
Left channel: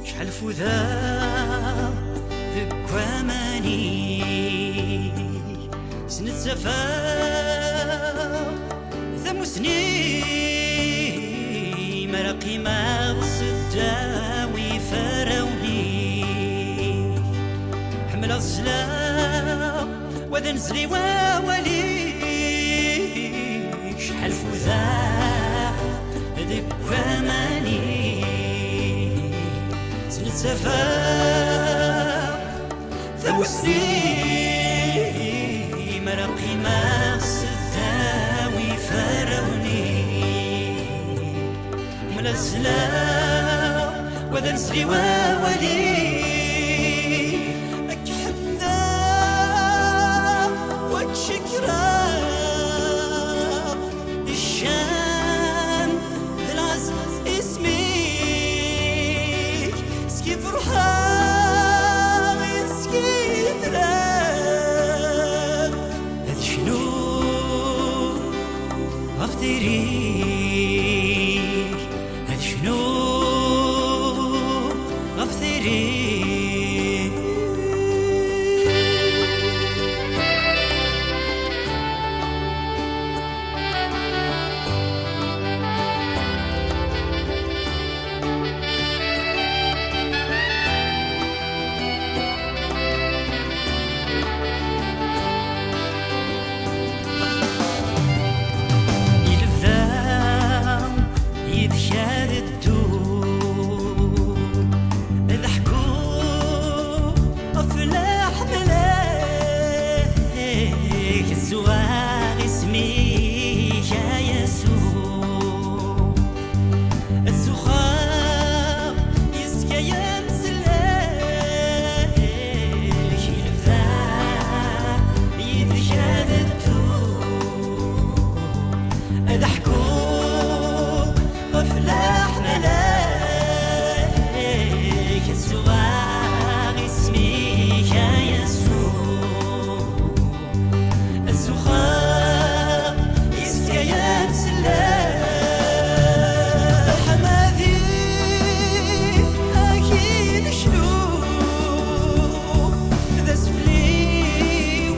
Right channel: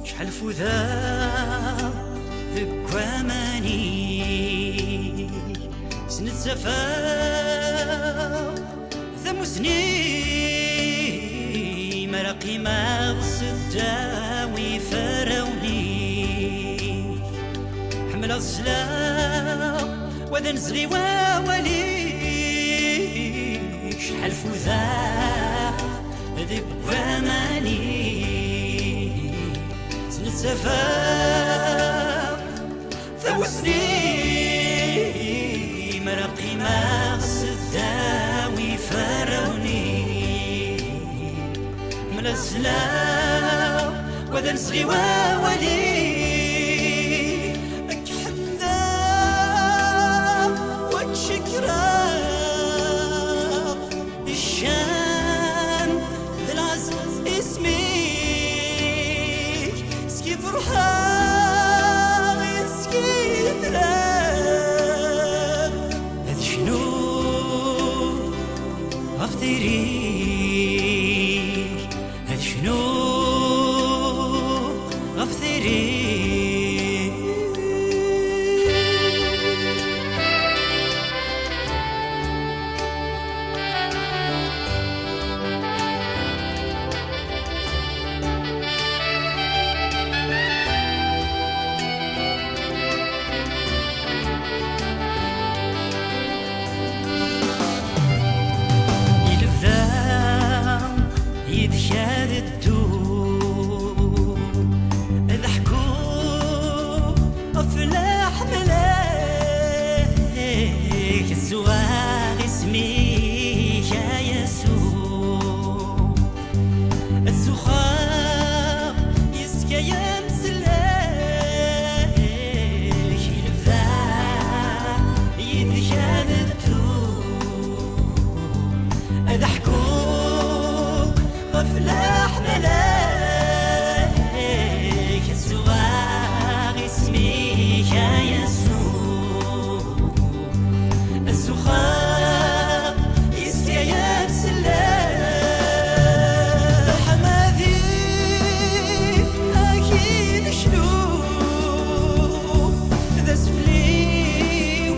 شحال فذا ذك واماني سنة سفا ثمسني مرقي ما صداوي فراوني حمل الصلاة وذا نزلي وولي شحال فذا ذك واماني سفا ثوسني مرقي ما صداوي فروني ملزلا وذا نسري وولي أك حمدا وك شكرا الشان ذا العز اسمي فرحان يسكي تراب هذا شنو غفتريك هذا شنو غفتريك شاردتو ضحكوا أفلاح ملاك الزواغ اسمي يا يسوع الزخار يسكى يمسلاك الفاح يتجادتو ضحكوا أفلاح ملاك الزواغ اسمي يا يسوع الزخار يسكى يمسلاك حمادي أكيد شنو ذا سفلي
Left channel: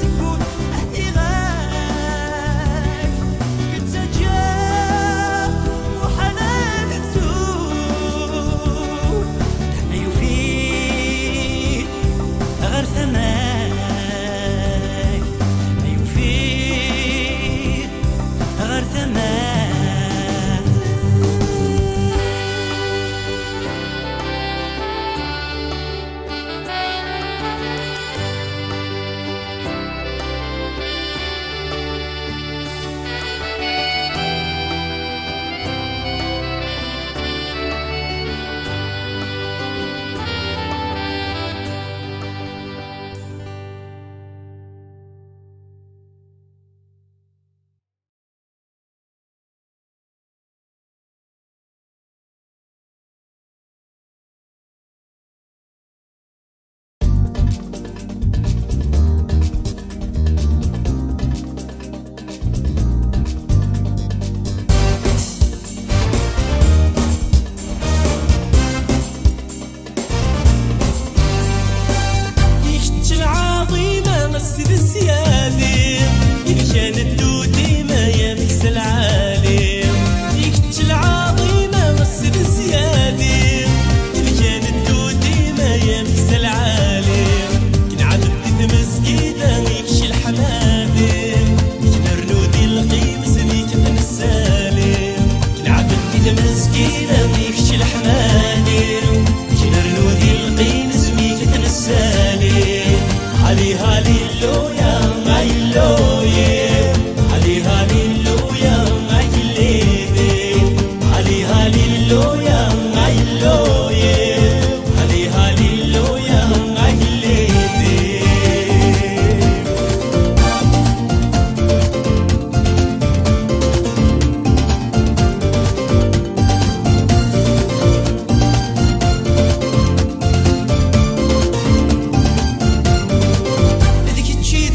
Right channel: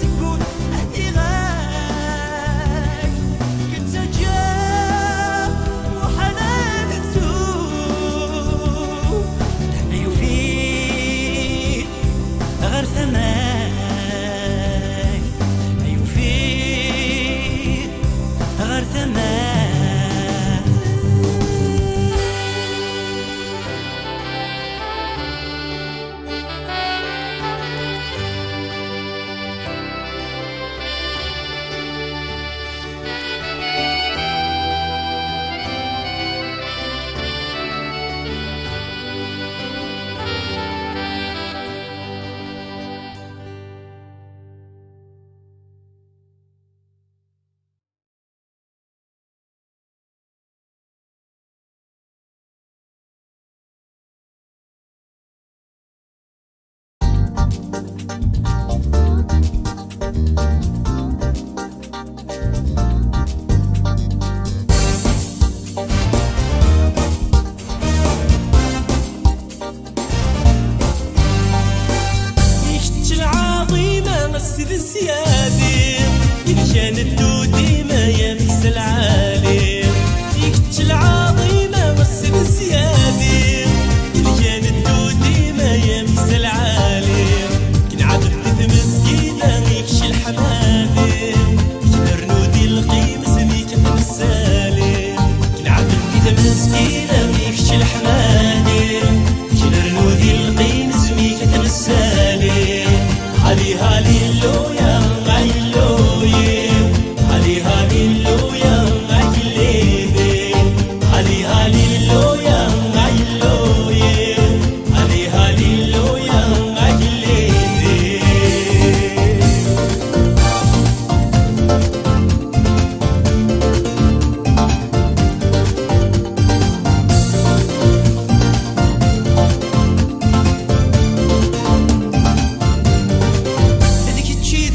سكون إغاك كنت جاب وحنان تسوق يفيد غير ثماك يفيد غير ثماك يشتي العظيمة مسجد السيادي إن كان الدودي ما يمس العالم يشتي العظيمة مسجد السيادي إن كان الدودي ما يمس العالم كن عبد مسجدة يكشي الحمادم كن رنودي القيمس ميكة السالم كن عبد مسجدة يكشي الحمادم كن رنودي القيمس ميكة السالم هالي هاليلويا هاليلويا هالي هاليلويا هاليلويا هالي هاليلويا هاليلويا هالي هاليلويا هاليلويا ذيك تشي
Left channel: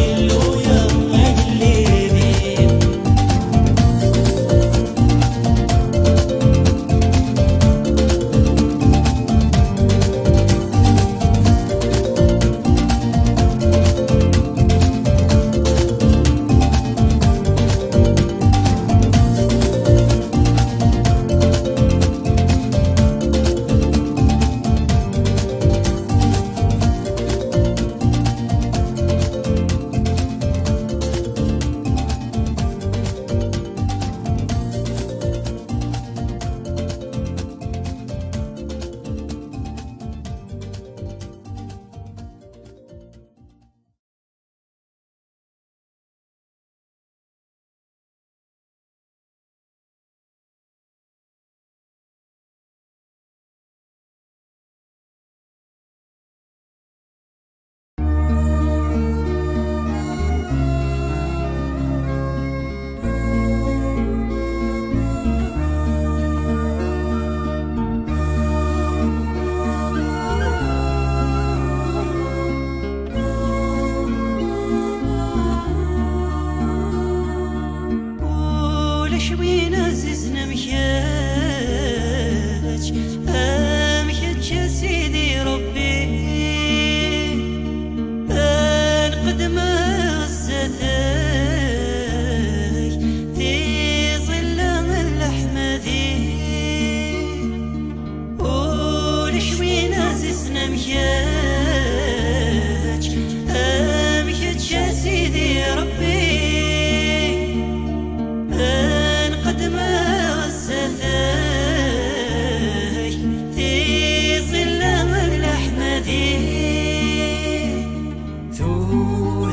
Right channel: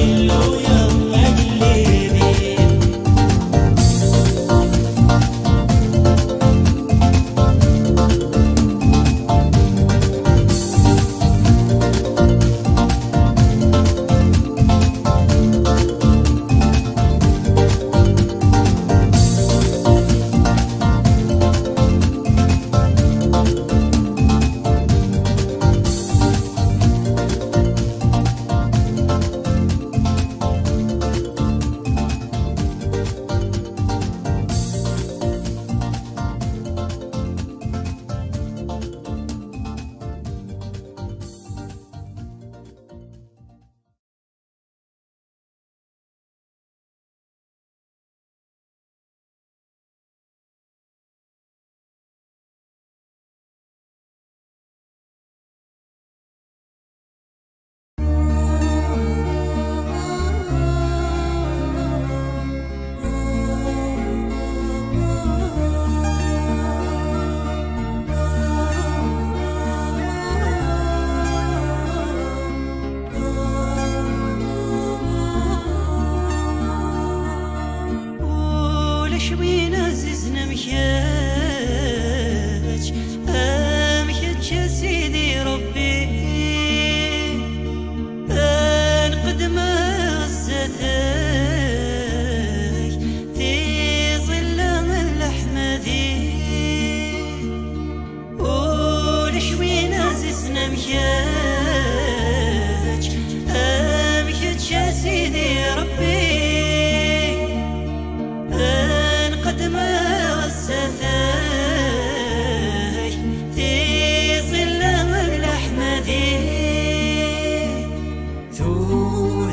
هللويا هلليلي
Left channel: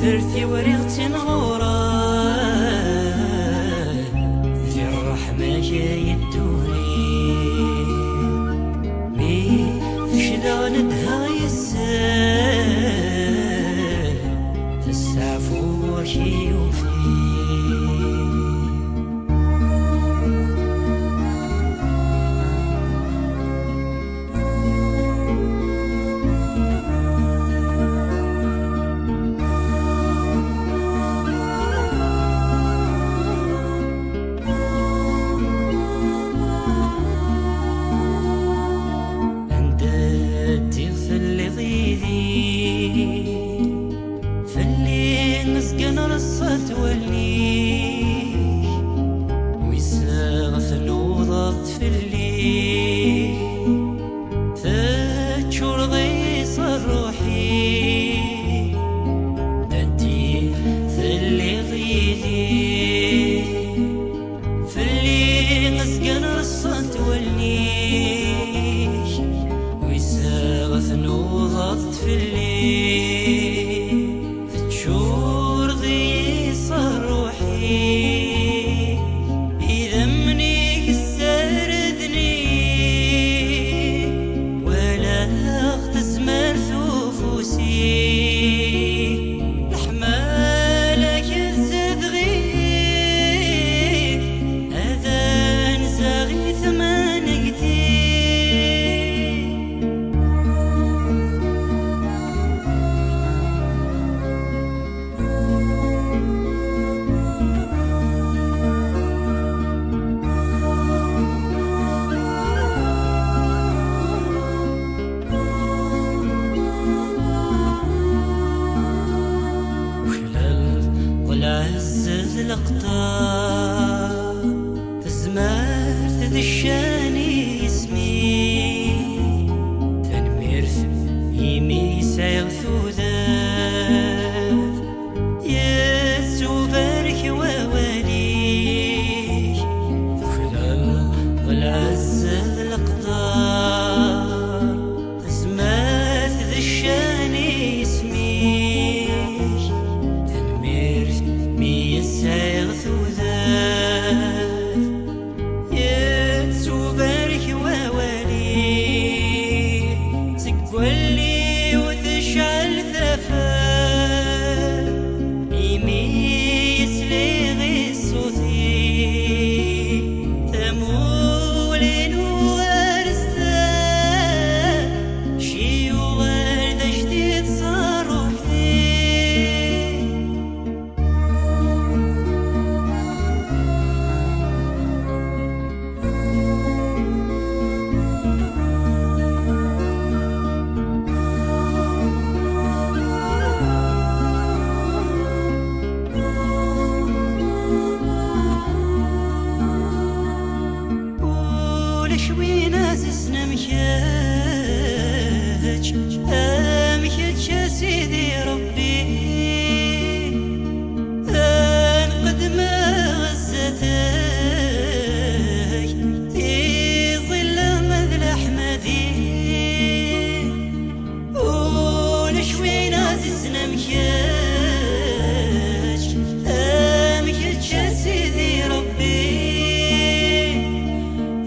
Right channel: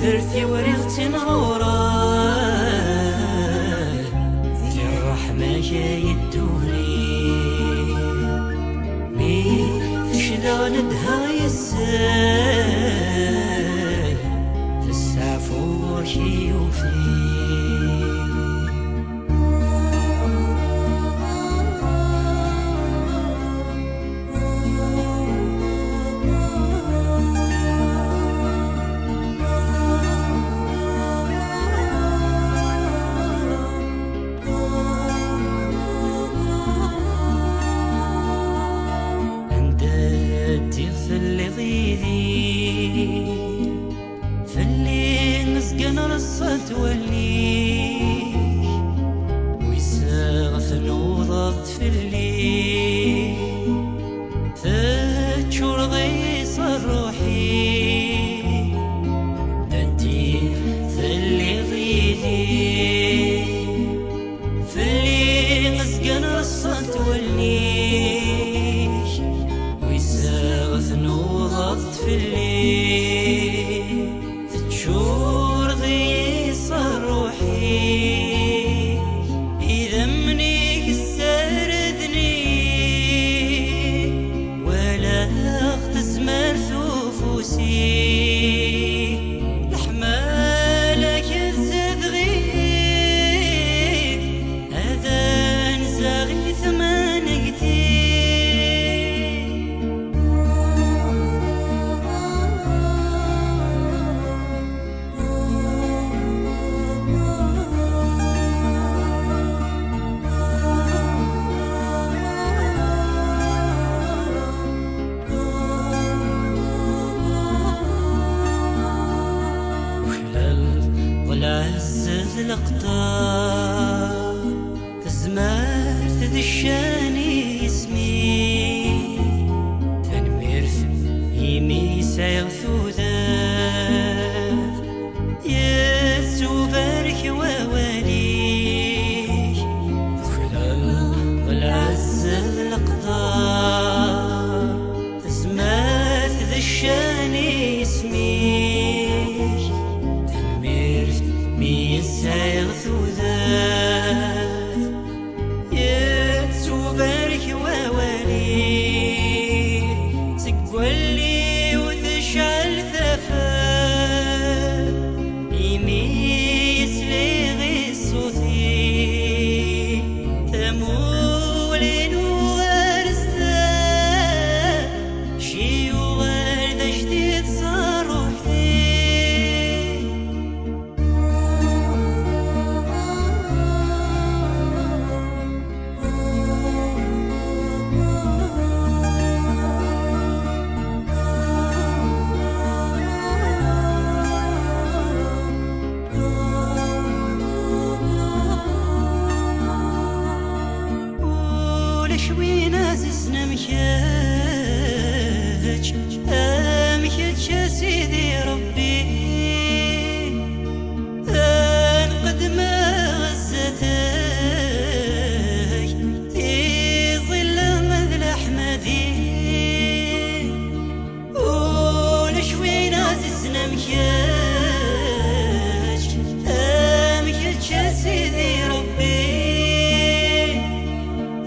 درتي وريختي نغوران في الرحمة جاي الدوري مي تشدا ندها يسال تسعفو وشي يوفي أمشيت يا سيدي ربي أنقدم غزتك في ظل مذل أحمدي ولشوين عززنا مشاش أمشيت يا سيدي ربي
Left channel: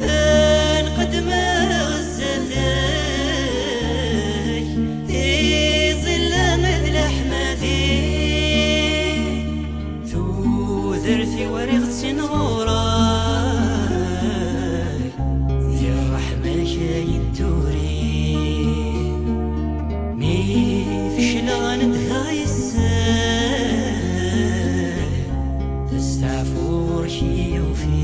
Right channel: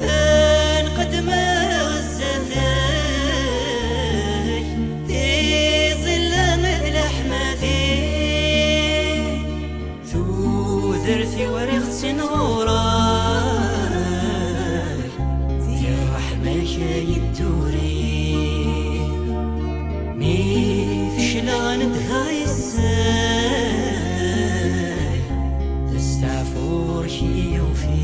أنقدم غزتك في ظل مذل أحمدي ذرثي ورغت نوراك في الرحمة جاي الدوري مي فشلا ندهاي الساي تستعفور شي وفي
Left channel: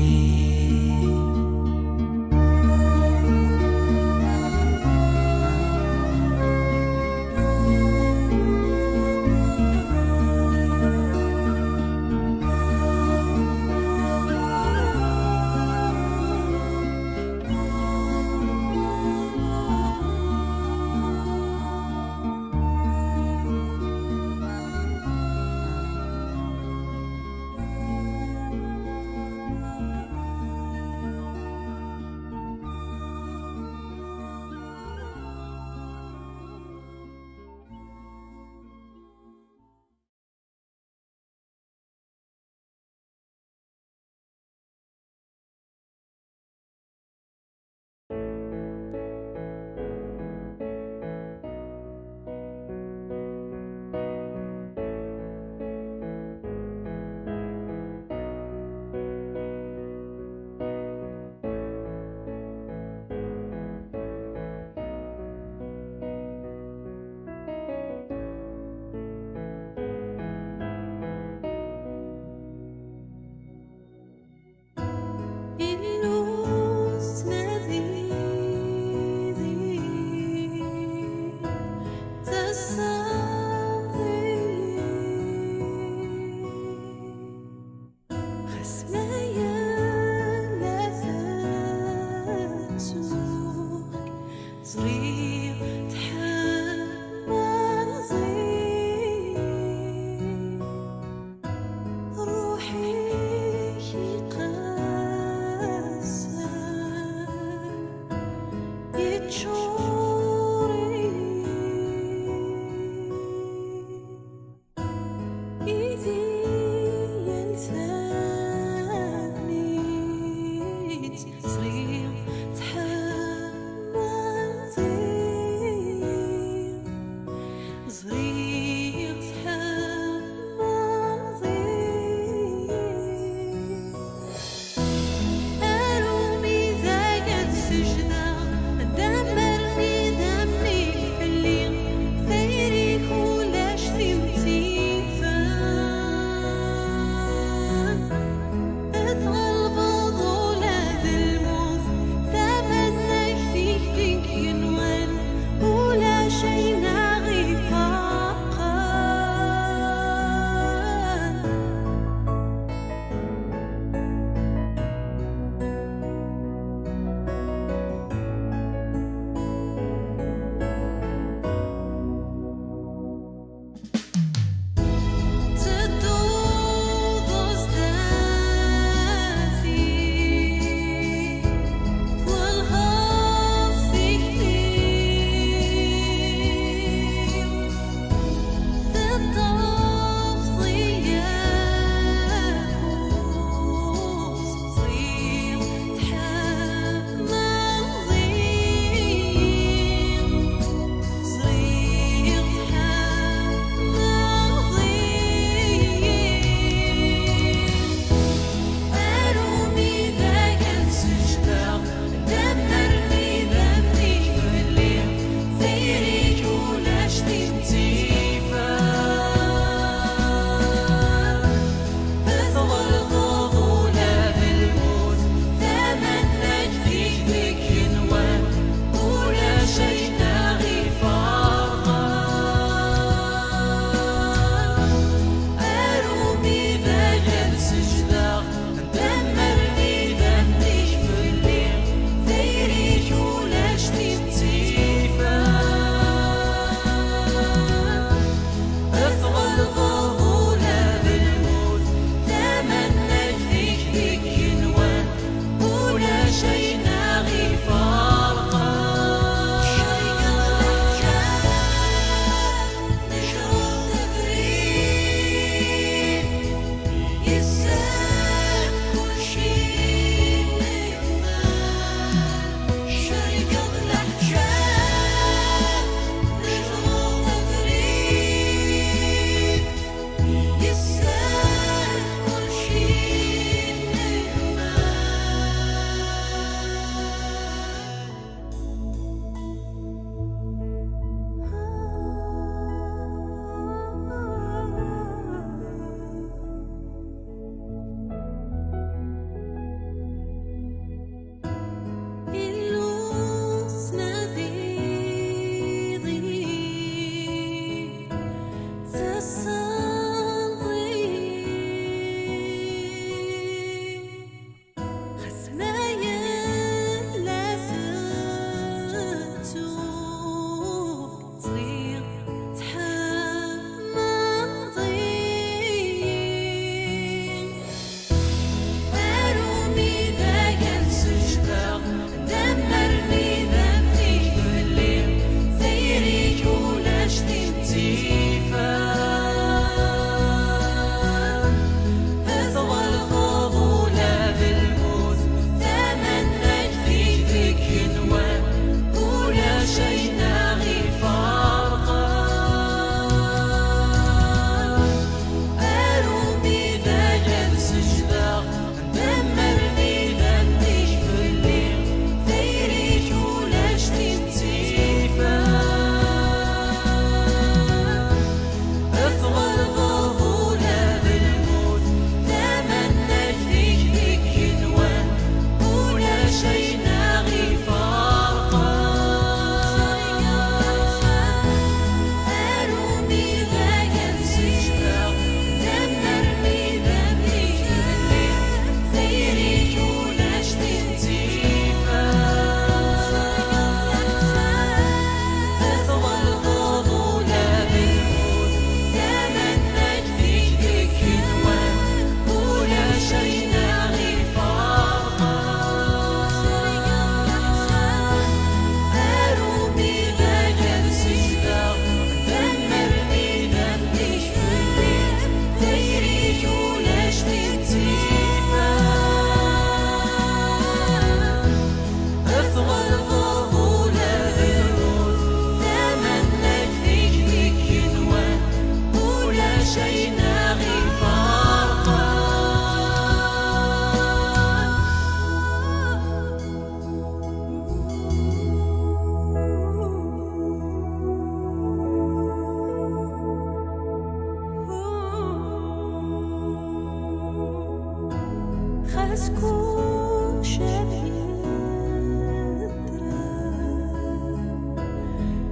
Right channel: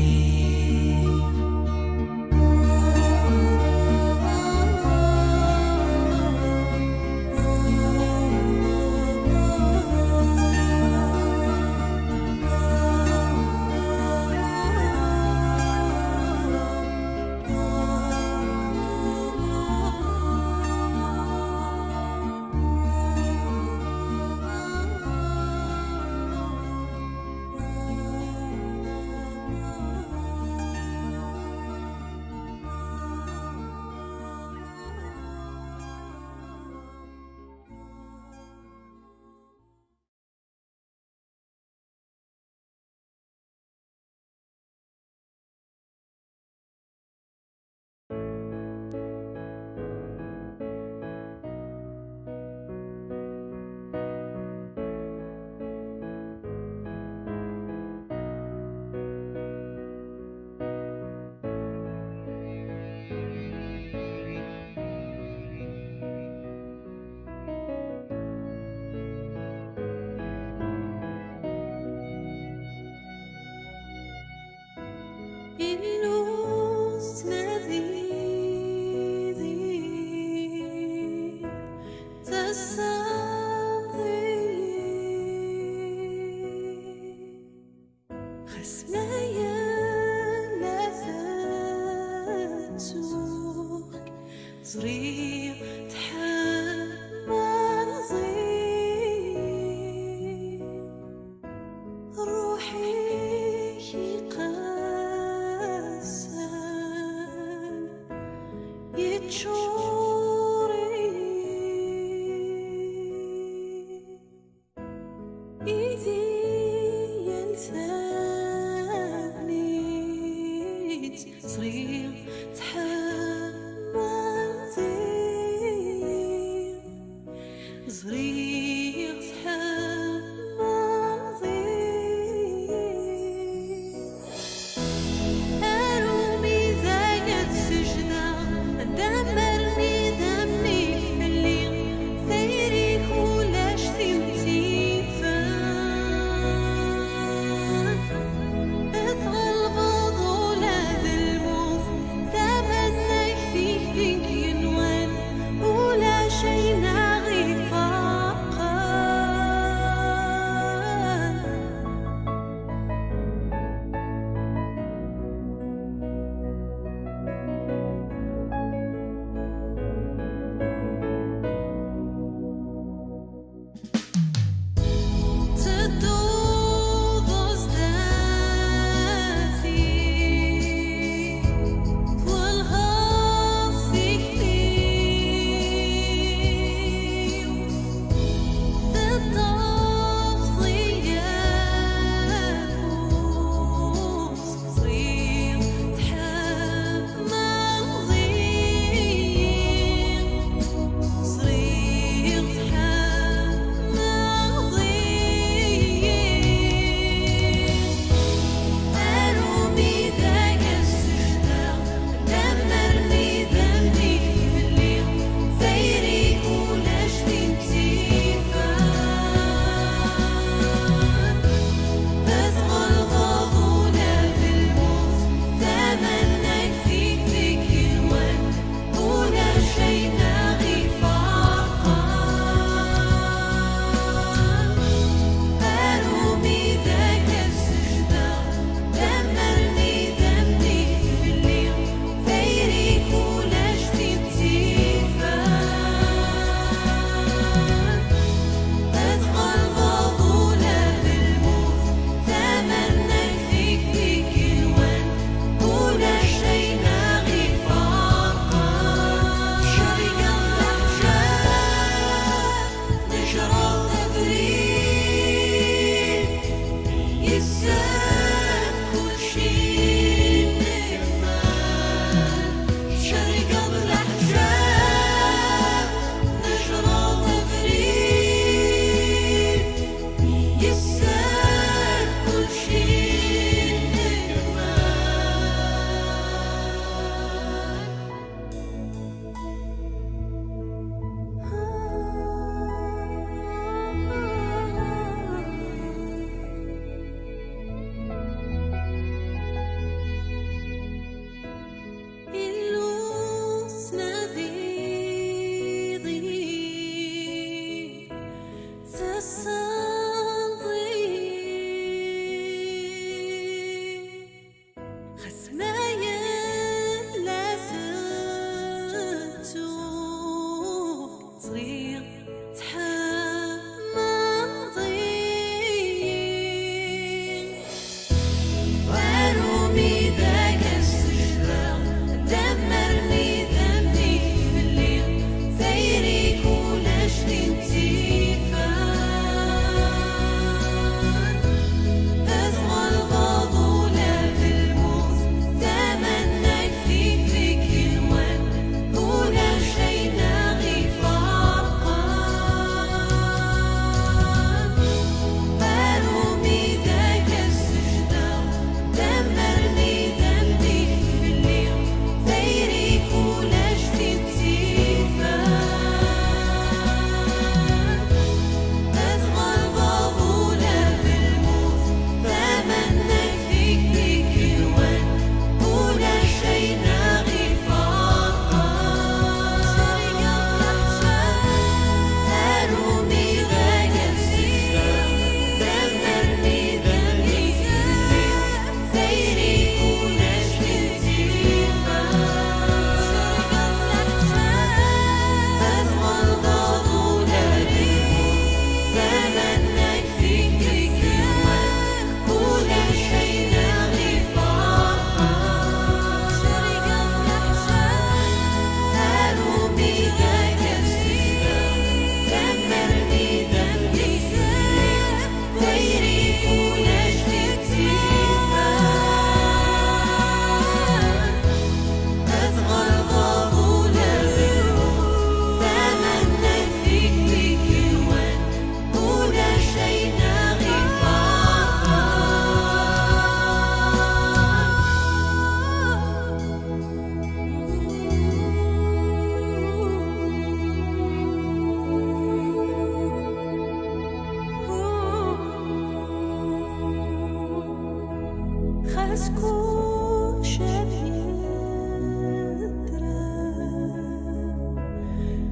أسكو شبيه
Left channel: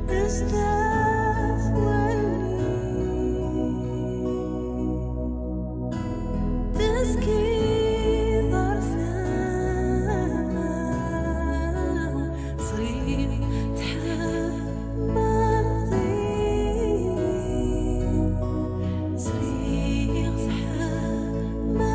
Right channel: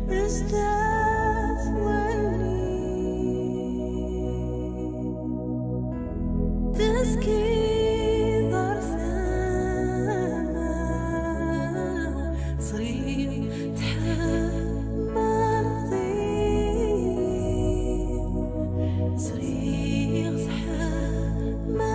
ازداد ولي تسكي ظرفان صغير تحمل صغير تحمل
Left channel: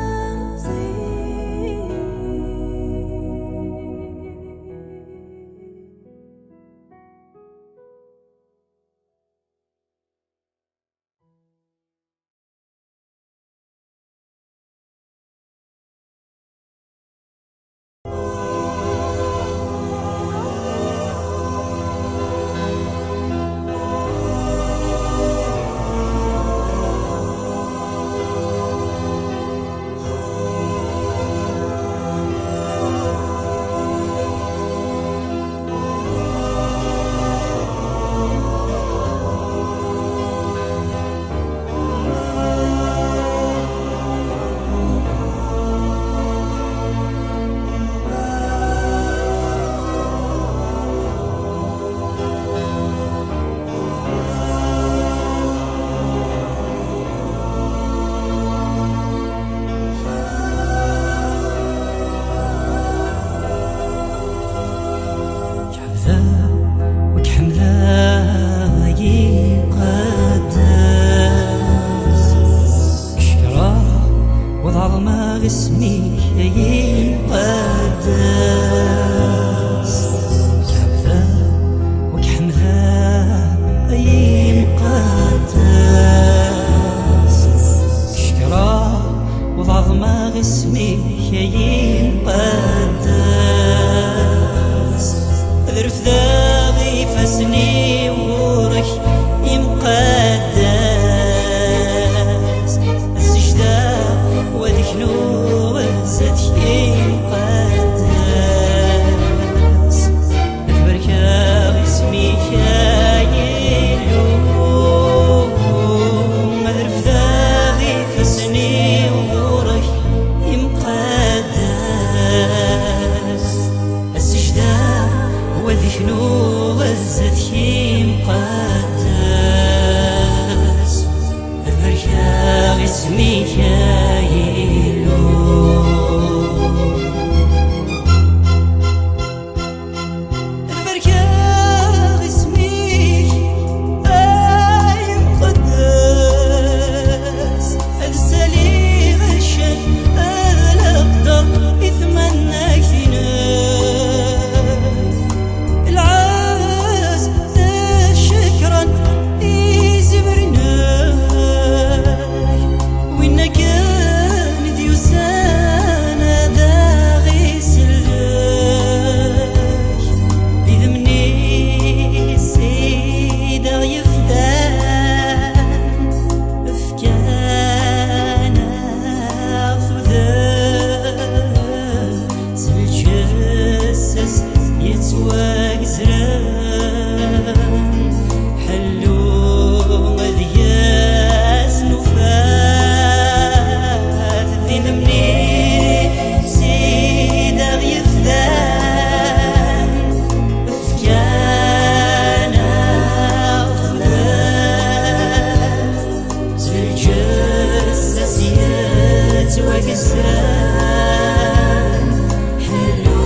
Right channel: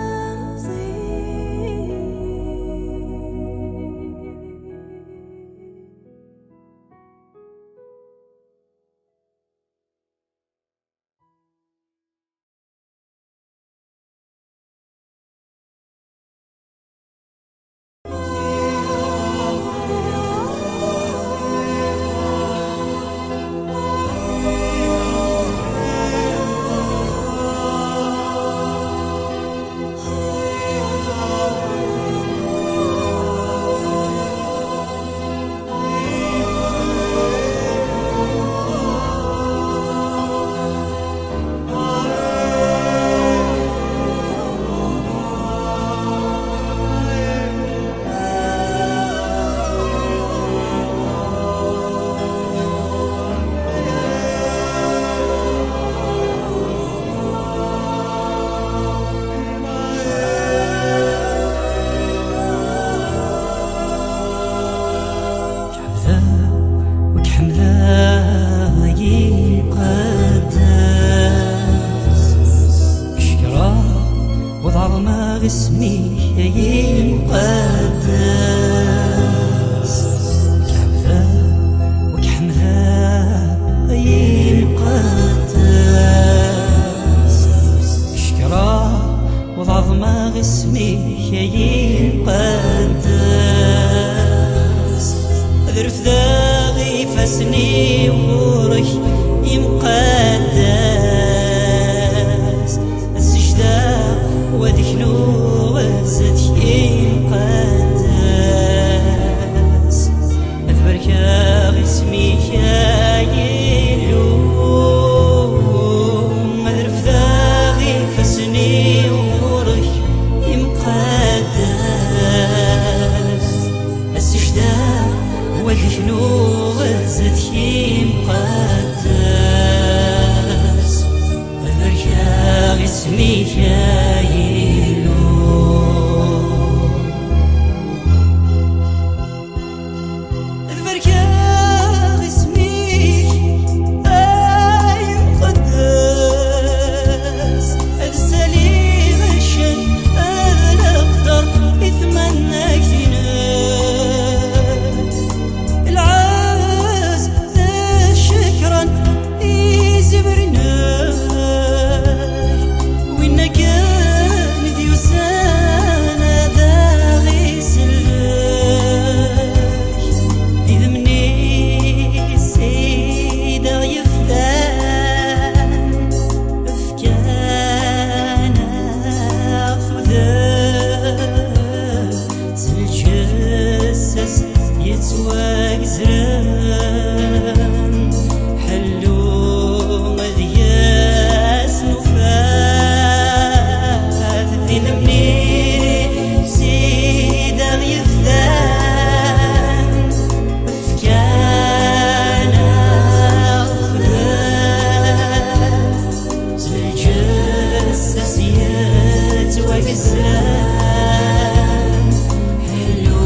وكحملا يقدس شكرا وظلمة اسمي يقدس كحملا وكحملا يقدس شكرا وظلمة اسمي يقدس ذرف ذاغي فسني وغورك يمقدس السجدة وذكنو وزت يقدس أتبركا اسمك يلو ذرف ذاغي فسني وغورك يمقدس السجدة وذكنو وزت يمقدس أذكر اسمك يلو أذكر اسمك يمقدس أدسلي غشت الأقدر يتمناك العاز شكرا يزبرناي وإن كان ديوسانا داغي سلاش يذمني السيدة يفتان أفكانا خذان سلجسس يتواك زران حلو مذياس نفاث ذنبني سيدا يفتان أفكانا خذان سلجسس يتواك زران حلو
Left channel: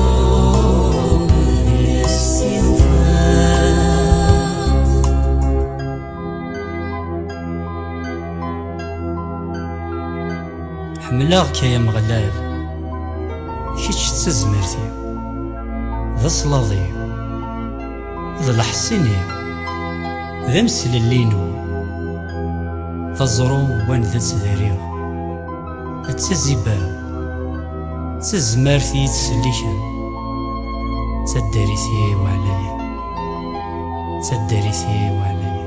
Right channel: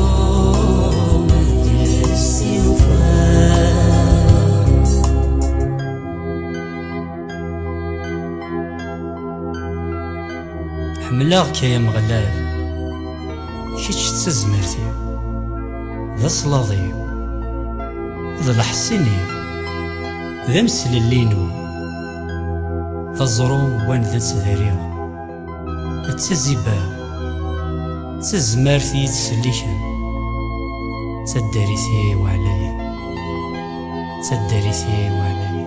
حملاغك يا مغلال شيتش تزمرتي ذا صلاضي ذا الحسيني ذا مسللينو ذا الزروم وان ذا تذاريا التزيبا تزمرتي تسليكن تداريتي وعلالي تداريتي وعلالي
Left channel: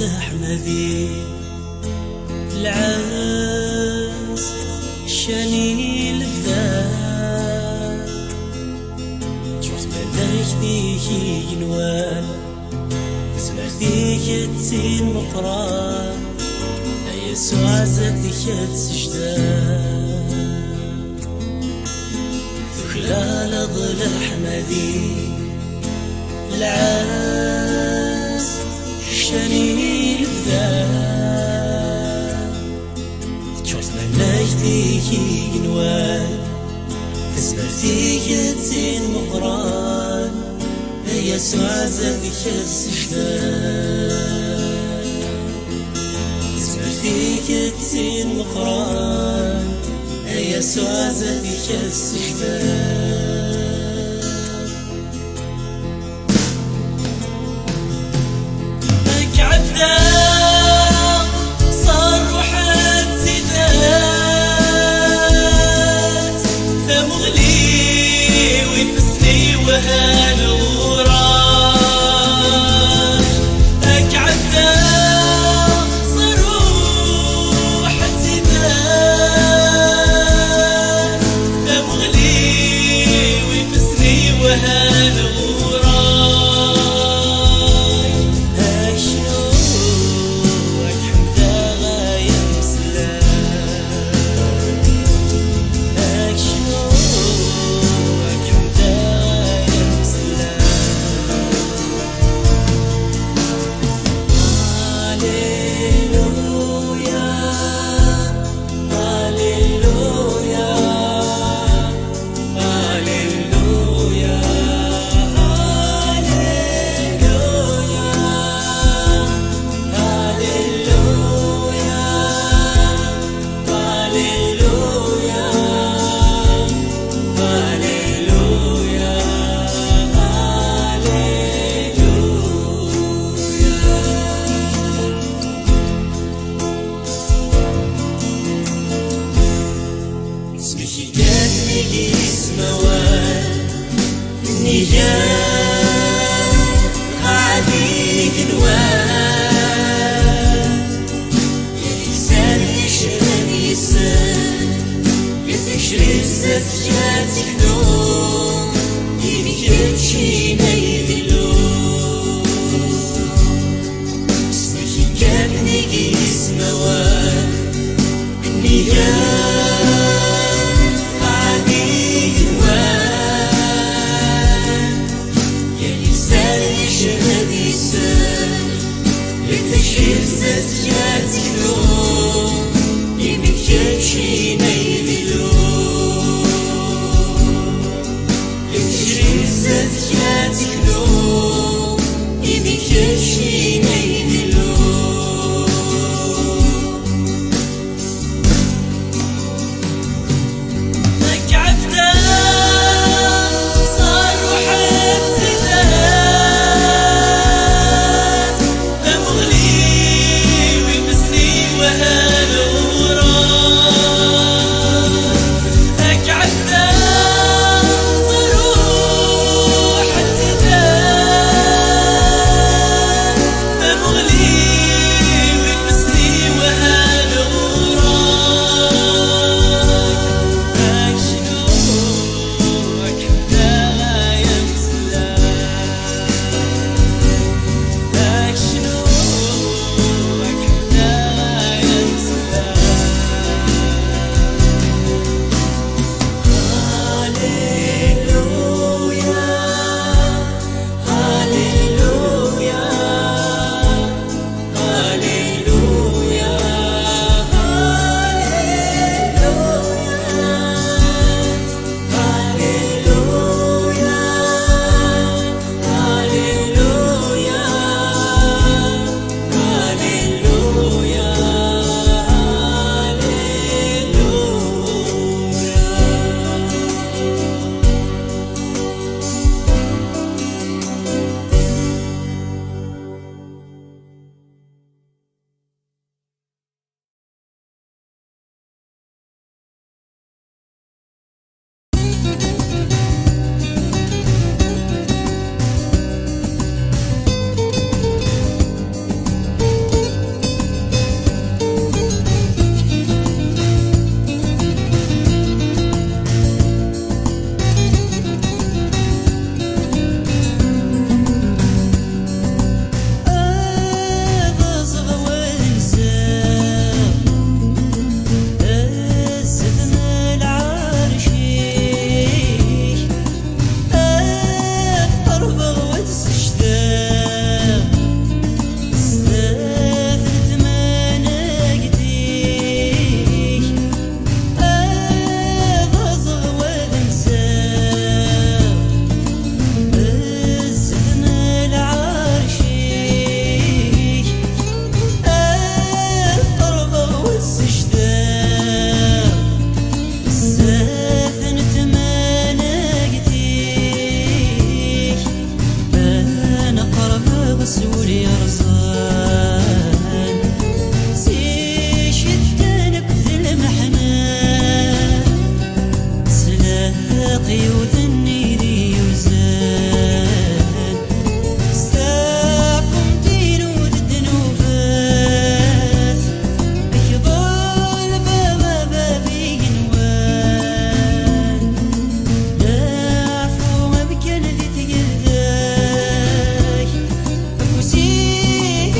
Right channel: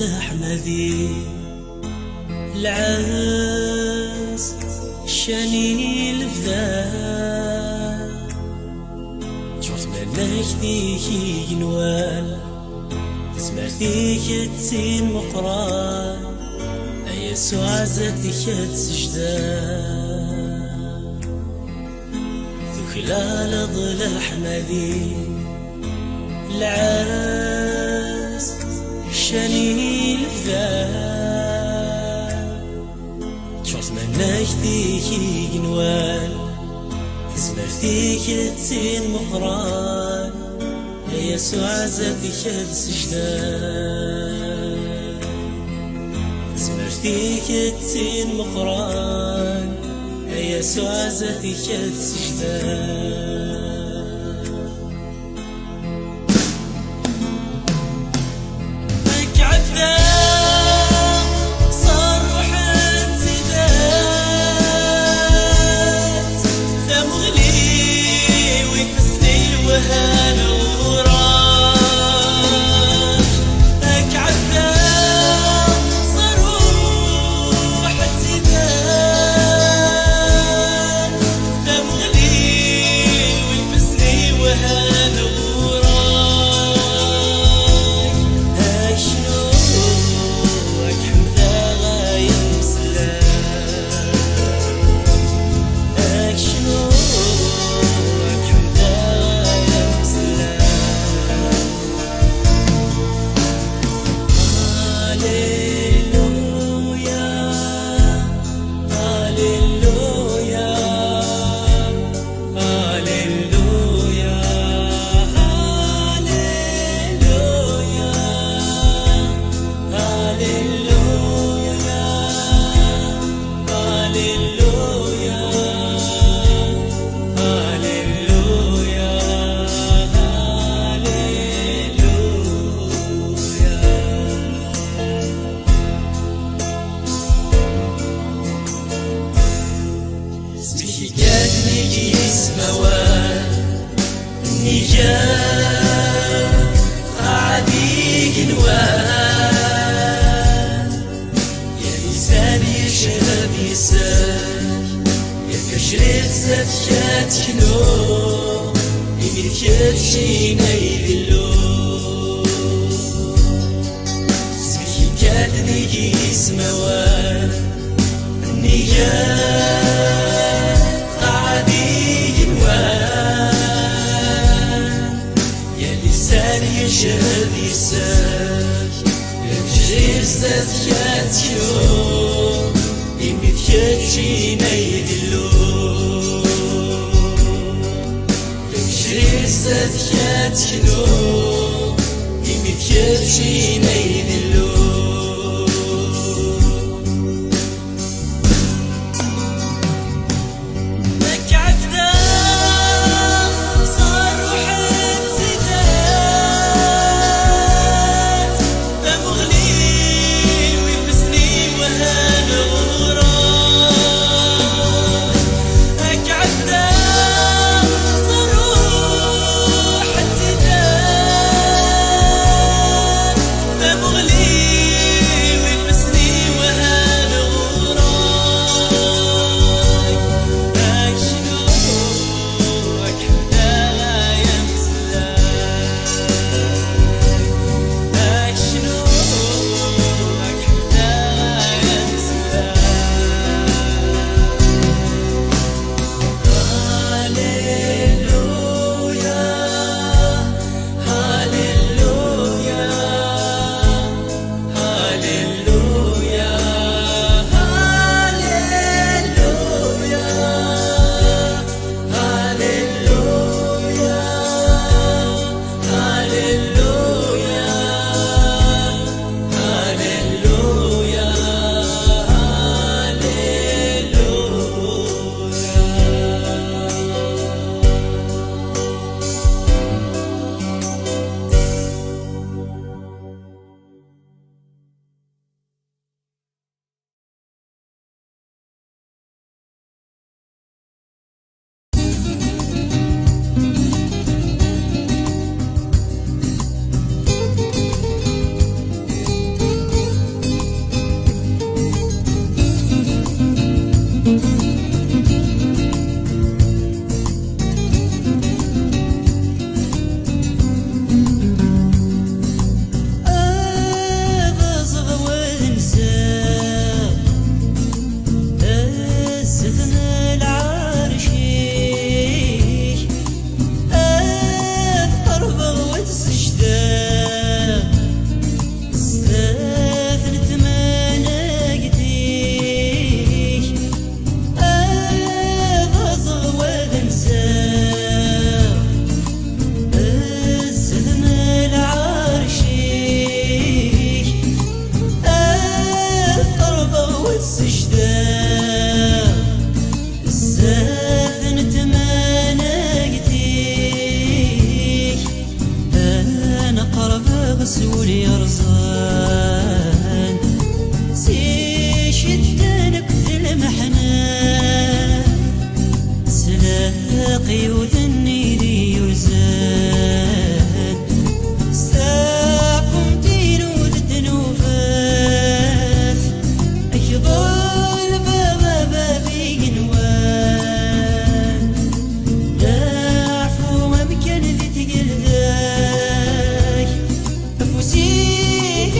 الأحمدي العاس شاني الفداء شوف منك ديكي جنوان سمعتيك تسين مقران يسوع زادك تسجدان ذو خلال ظل أحمدي العاس شاني الفداء تشوف منك ديكي جنوان تسمع فيك تسين مقران يسوع زادك تسجدان تسمع فيك تسين مقران يسوع زادك تسجدان مغلي غسول يرزان سي شدانك ذي المحنان سلاقي وثني ذي يزان ساقم دين وذنوفات أكبر بابا بينوان لا عفو بكن ذي تقلداك أفوسيك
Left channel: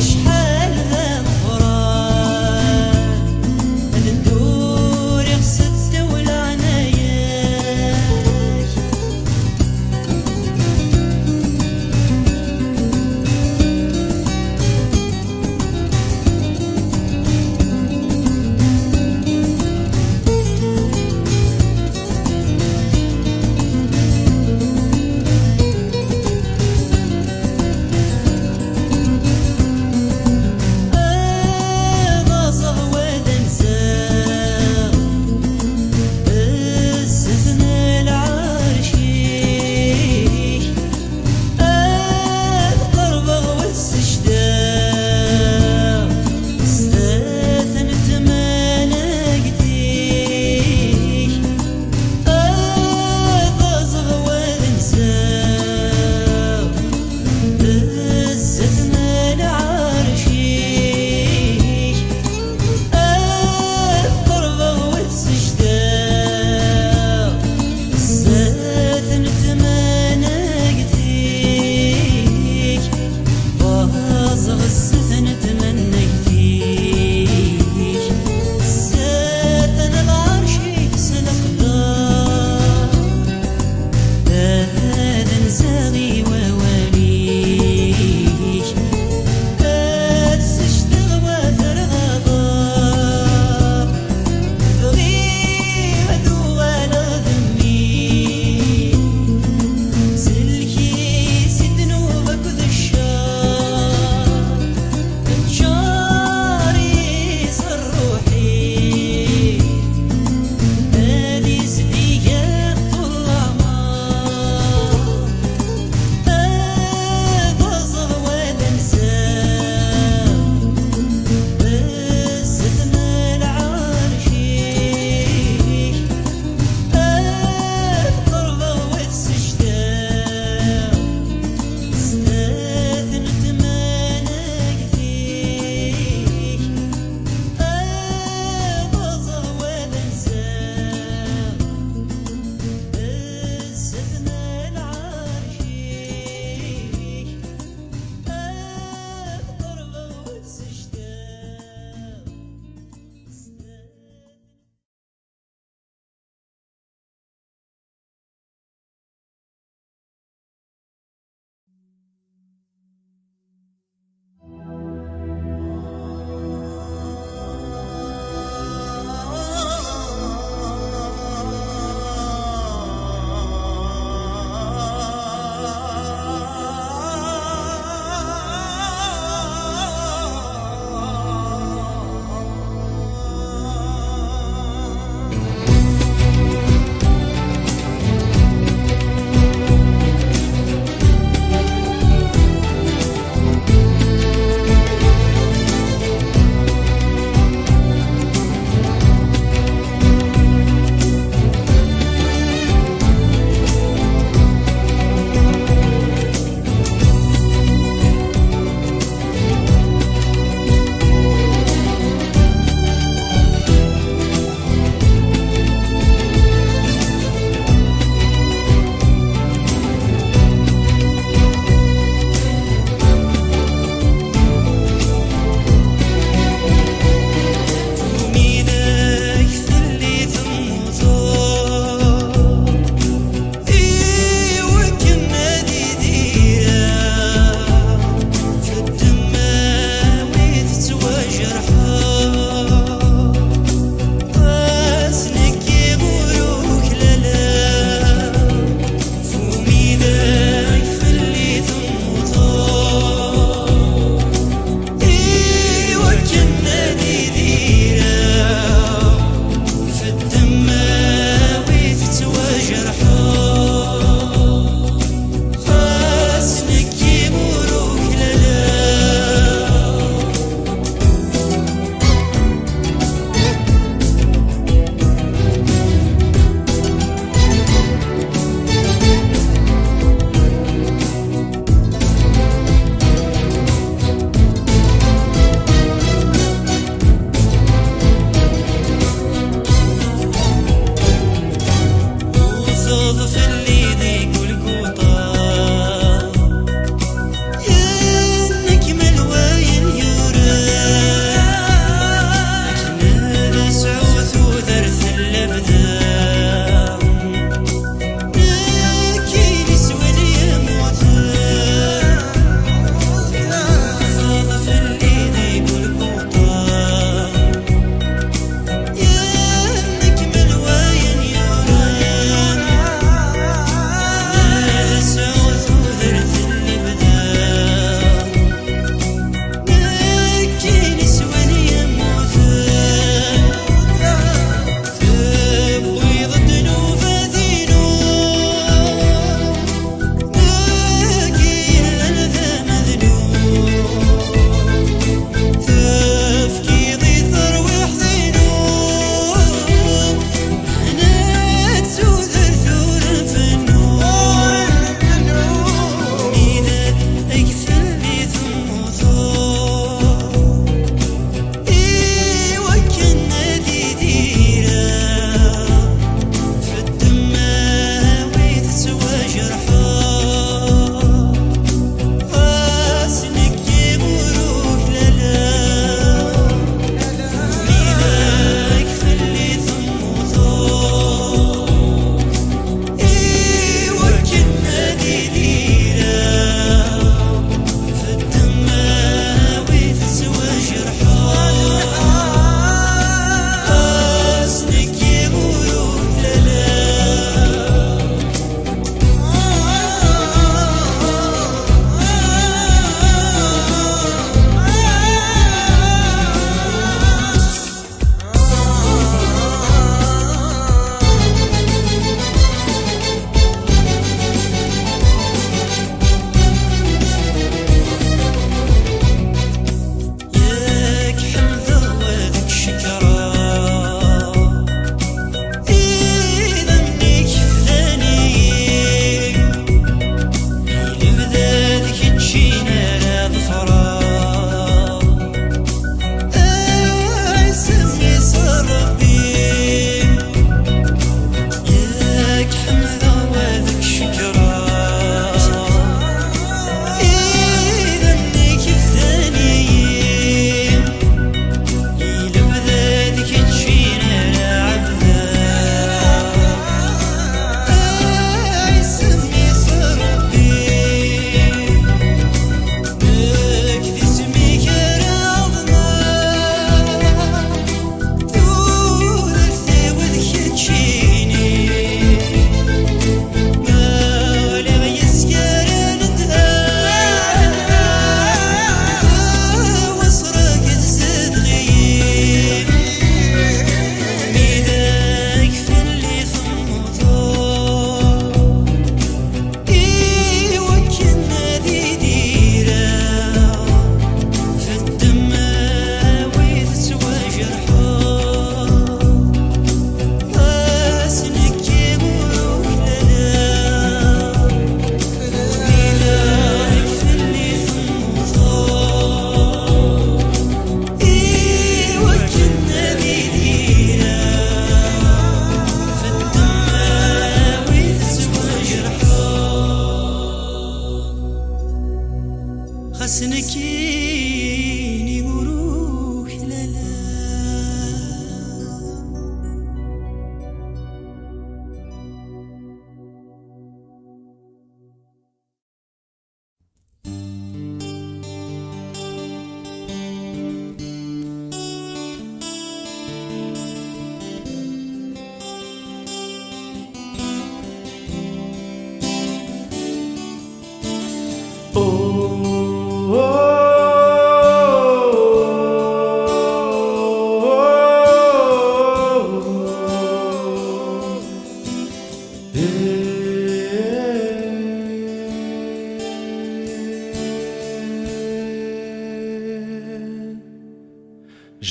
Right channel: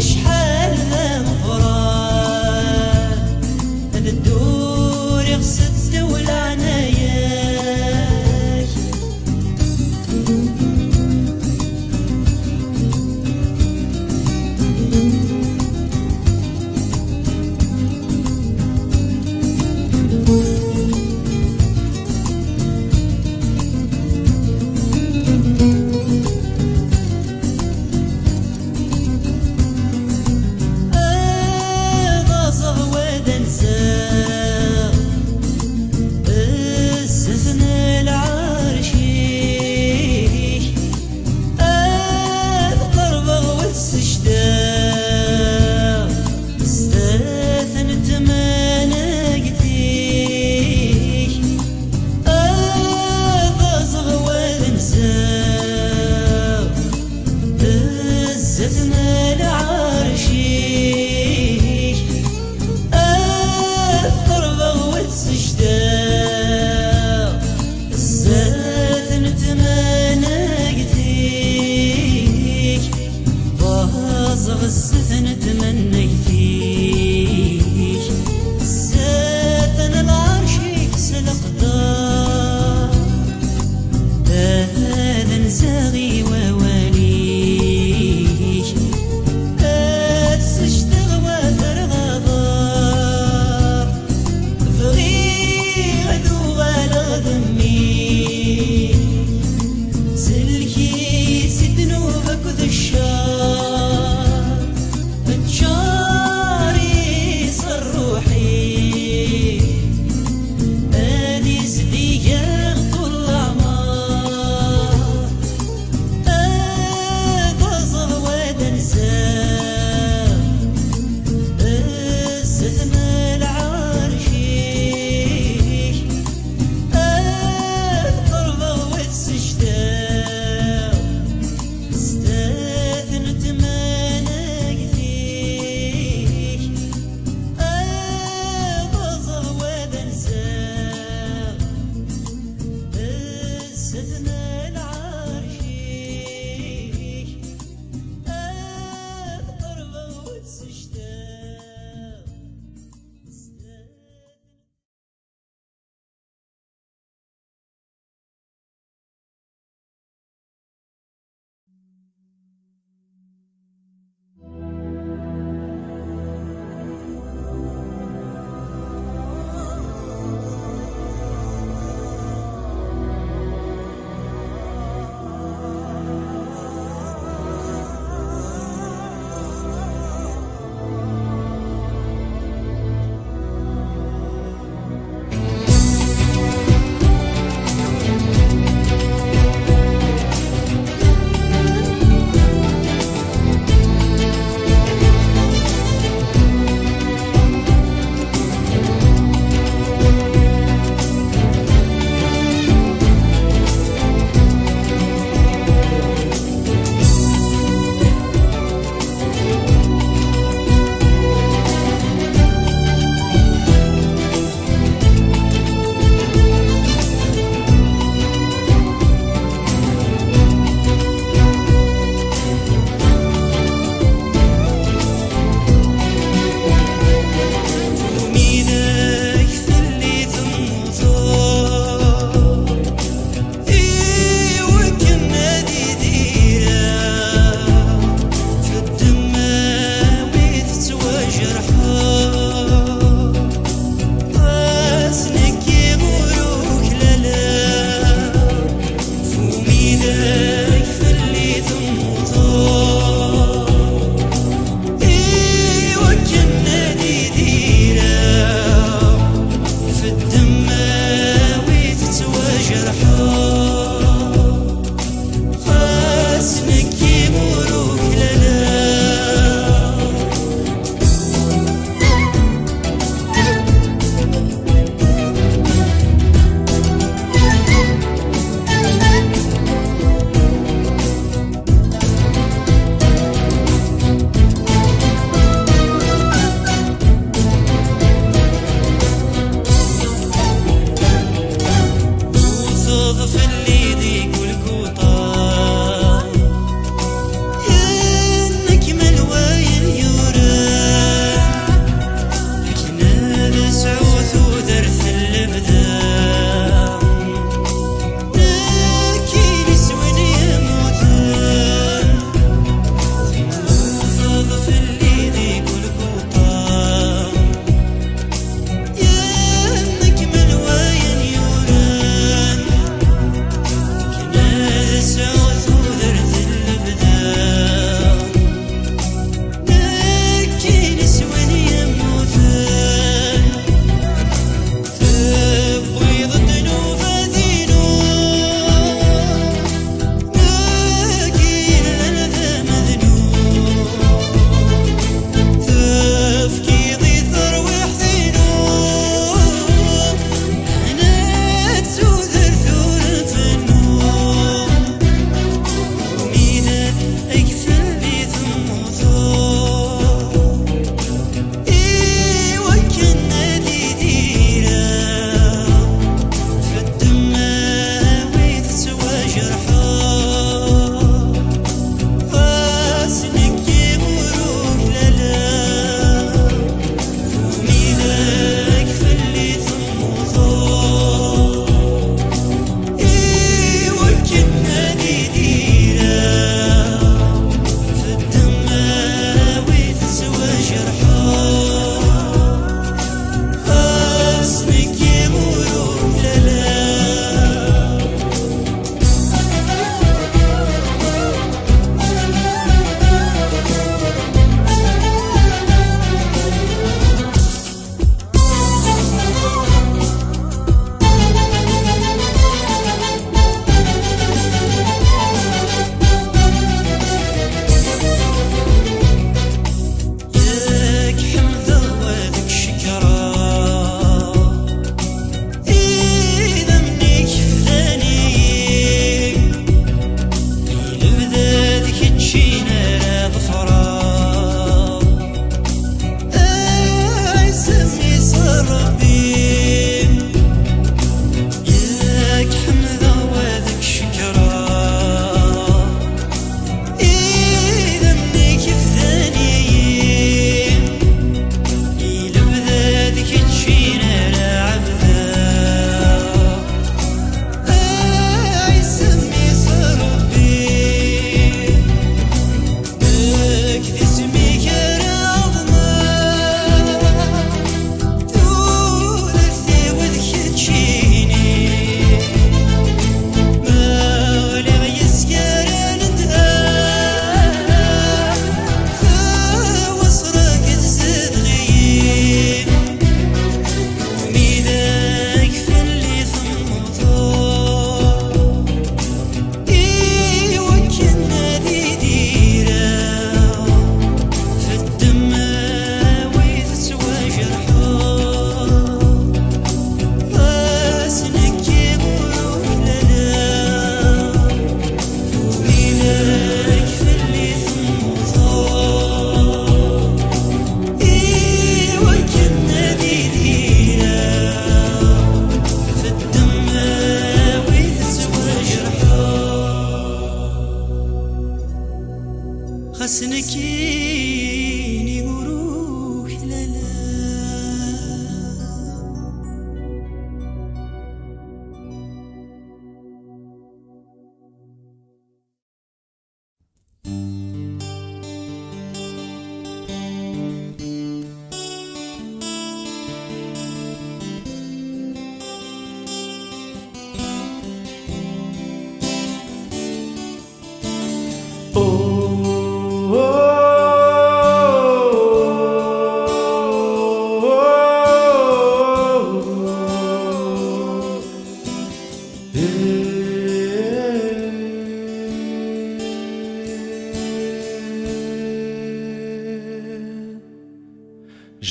سنكيني وروح لا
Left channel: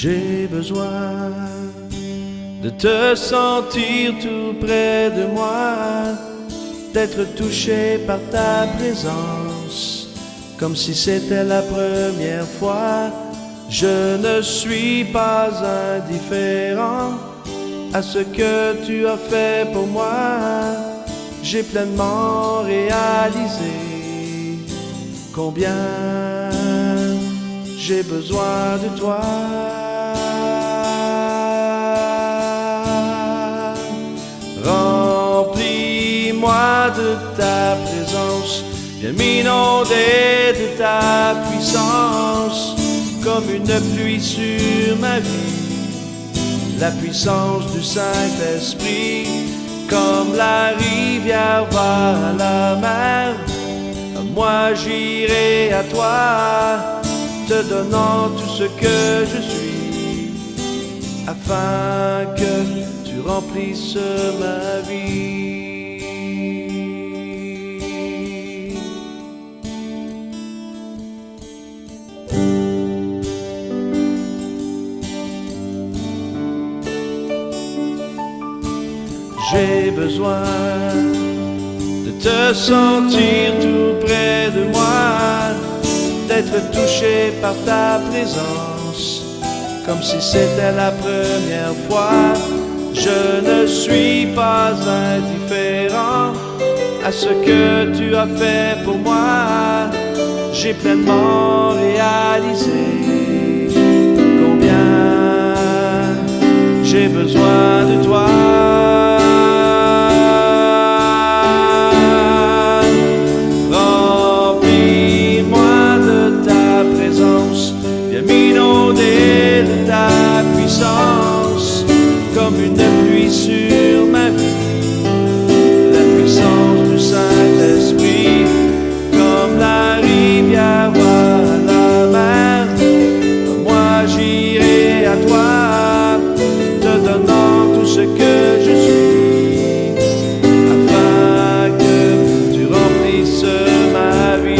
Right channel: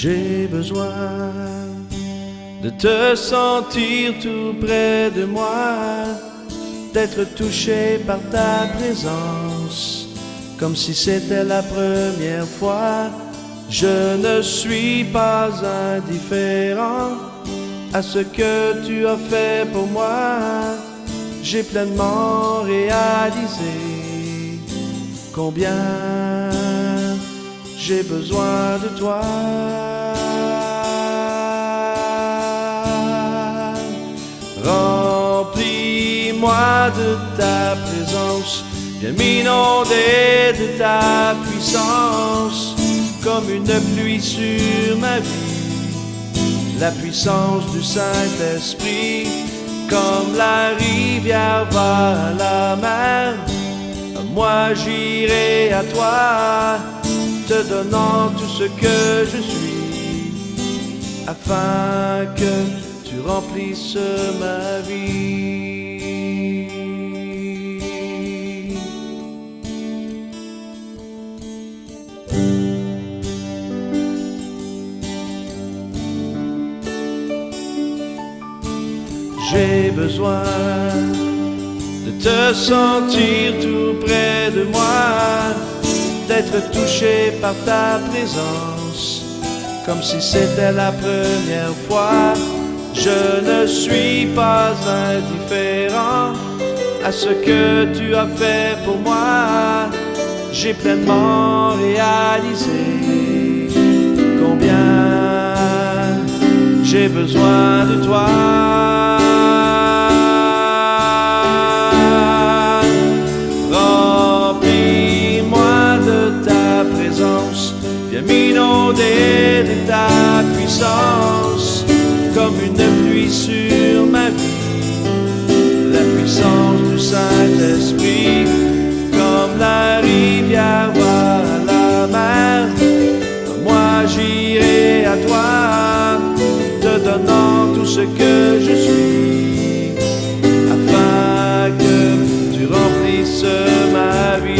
J'ai besoin de te sentir tout près de moi, d'être touché par ta présence, comme si c'était la première fois. Je ne suis pas indifférent à ce que tu as fait pour moi. J'ai pleinement réalisé combien j'ai besoin de toi. Remplis-moi de ta présence, viens m'inonder de ta puissance, comme une pluie sur ma vie, la puissance du Saint-Esprit, comme la rivière va à la mer. Moi j'irai à toi, te donnant tout ce que je suis, afin que tu remplisses ma vie. J'ai besoin de te sentir tout près de moi, d'être touché par ta présence, comme si c'était la première fois. Je ne suis pas indifférent à ce que tu as fait pour moi. J'ai pleinement réalisé combien j'ai besoin de toi. Viens m'inonder de ta puissance, comme une pluie sur ma vie, la puissance du Saint-Esprit, comme la rivière va à la mer. Moi j'irai à toi, te donnant tout ce que je suis, afin que tu remplisses ma vie.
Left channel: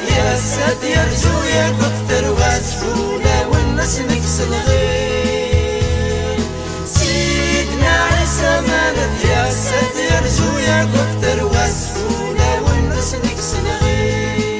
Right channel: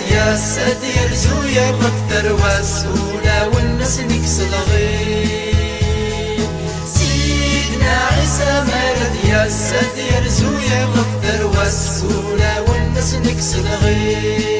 يا السد يرزو يا غفتر وسولا والناس نكسل غير سيدنا عيسى مرض يا السد يرزو يا غفتر وسولا والناس نكسل غير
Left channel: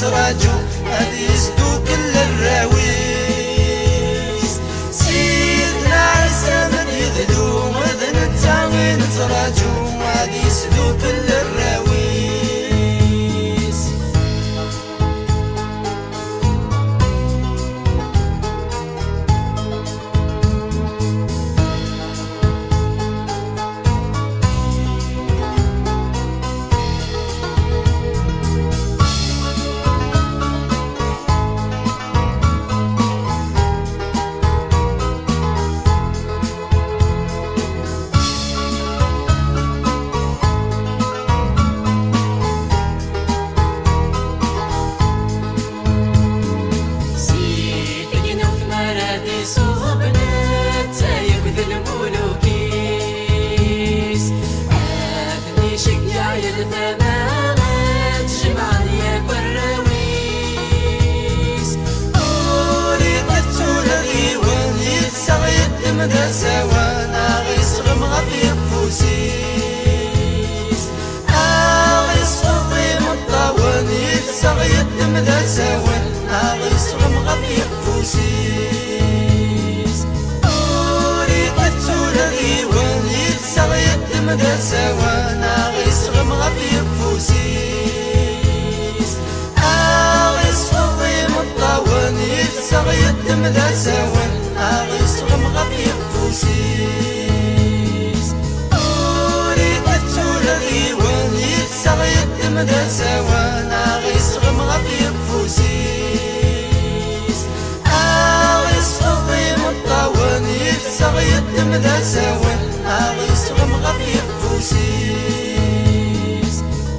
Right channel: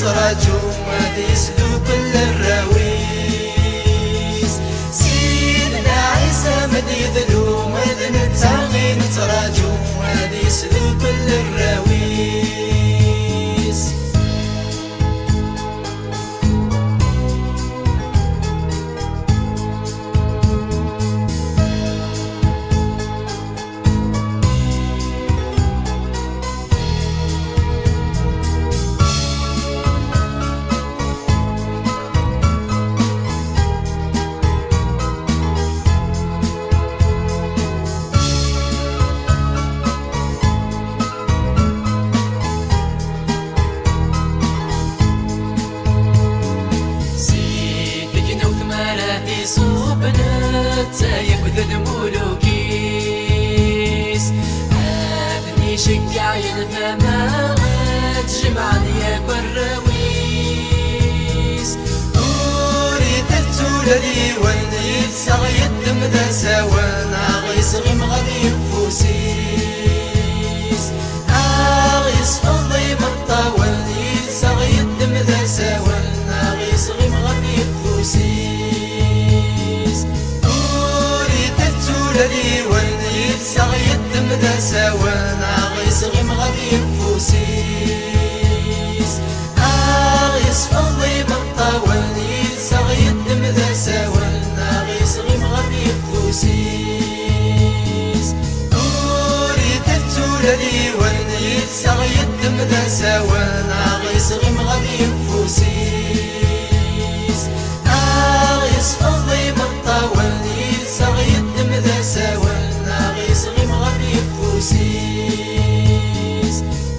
تراجو هذه سلوك الراويس سيدنا عيسى من يذلو وذن التاغين تراجو هذه سلوك الراويس المولوكيس عافني شقع الفمات جمعني يا كراويس وريت التولي وين يتسغي الدم ذا سوانا غيس غمغة في فوسيس غيس فضي مطاوان يتسغي الدم ذا سوانا غيس غمغة في فوسيس الذي وين يتسغي الدم ذا سوانا غيس غمغة في فوسيس غيس فضي مطاوان يتسغي الدم ذا سوانا غيس غمغة في فوسيس وريت الذي وين يتسغي الدم ذا سوانا غيس غمغة في فوسيس غيس فضي مطاوان يتسغي الدم ذا سوانا غيس غمغة في فوسيس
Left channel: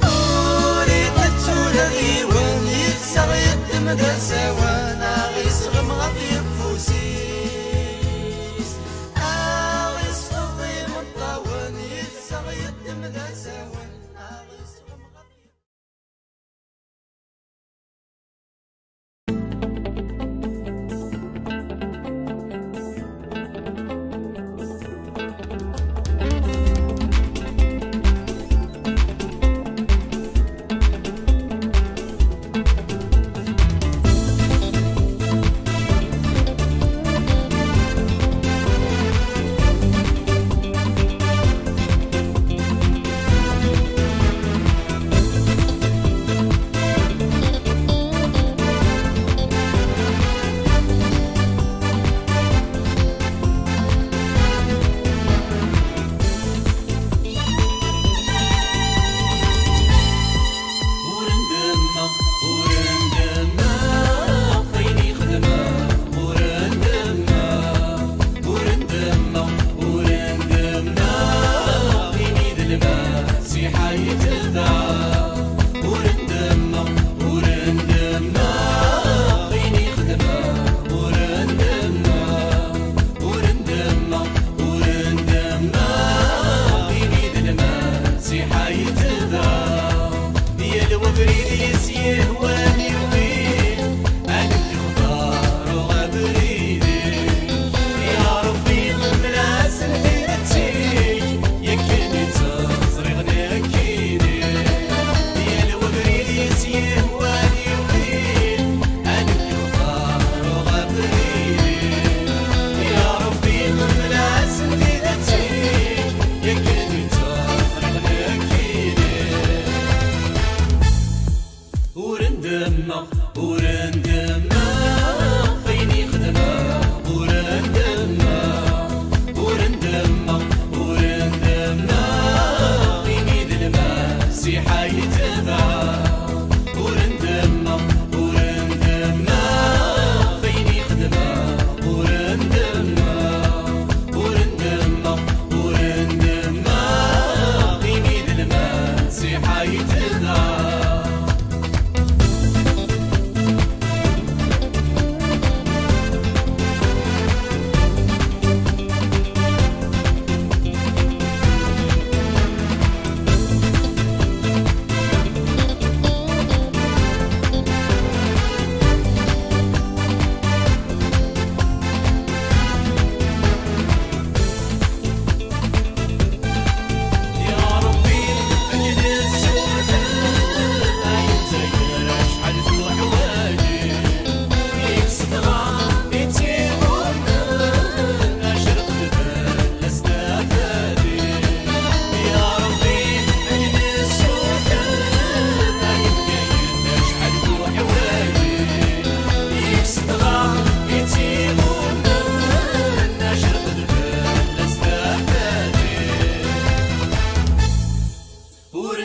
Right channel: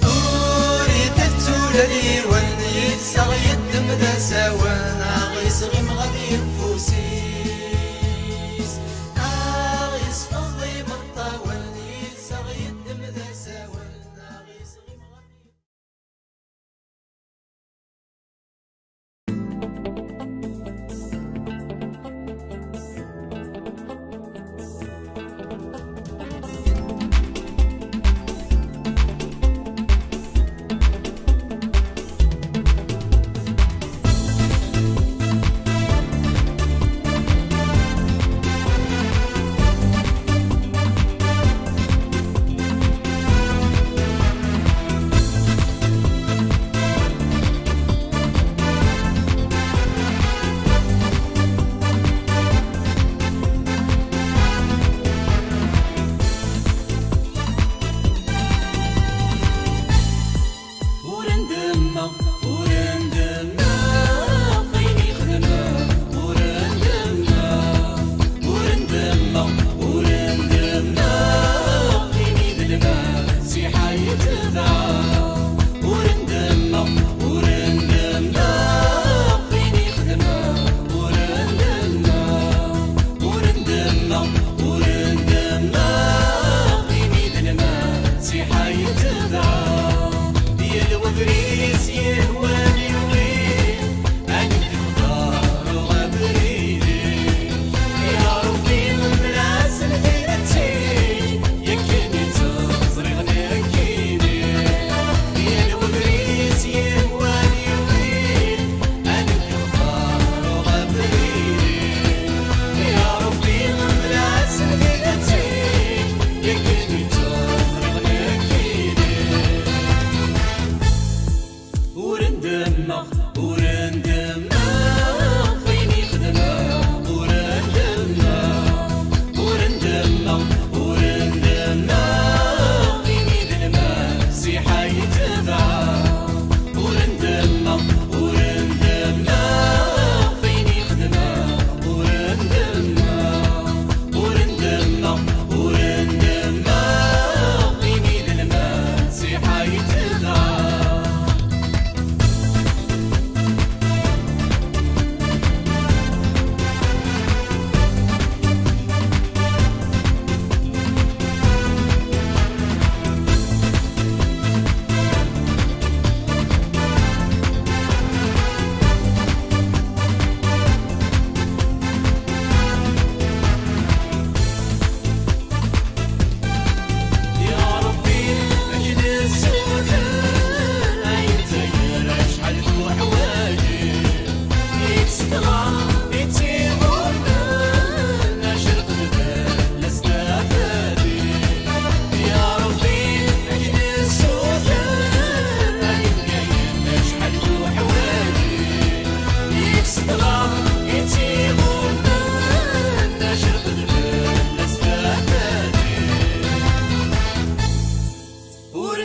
وريت الذي وين يتسغي الدم ذا سوانا غيس غمغة في فوسيس غيس فضي مطاوان يتسغي الدم ذا سوانا غيس غمغة في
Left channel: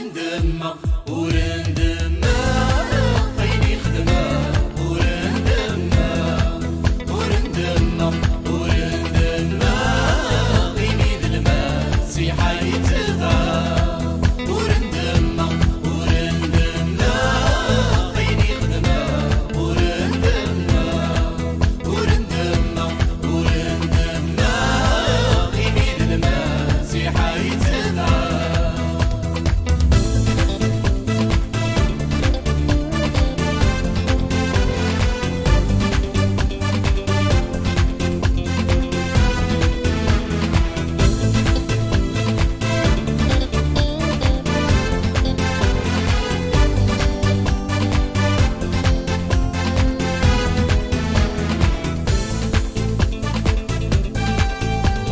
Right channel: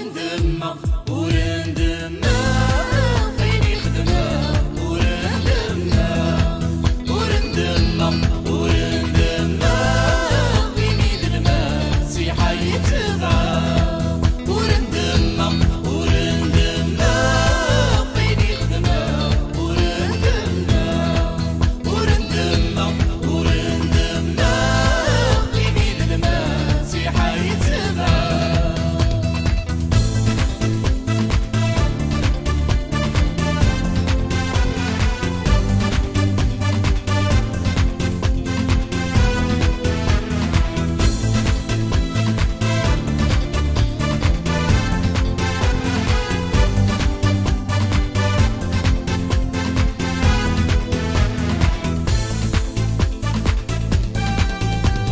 ورندمة ورندمة خيني خدمة ورندمة ورندمة ورندمة خيني ذلمة سيحة يتبع ورندمة ورندمة خيني خدمة ورندمة ورندمة ورندمة خيني ذلمة سيحة يتبع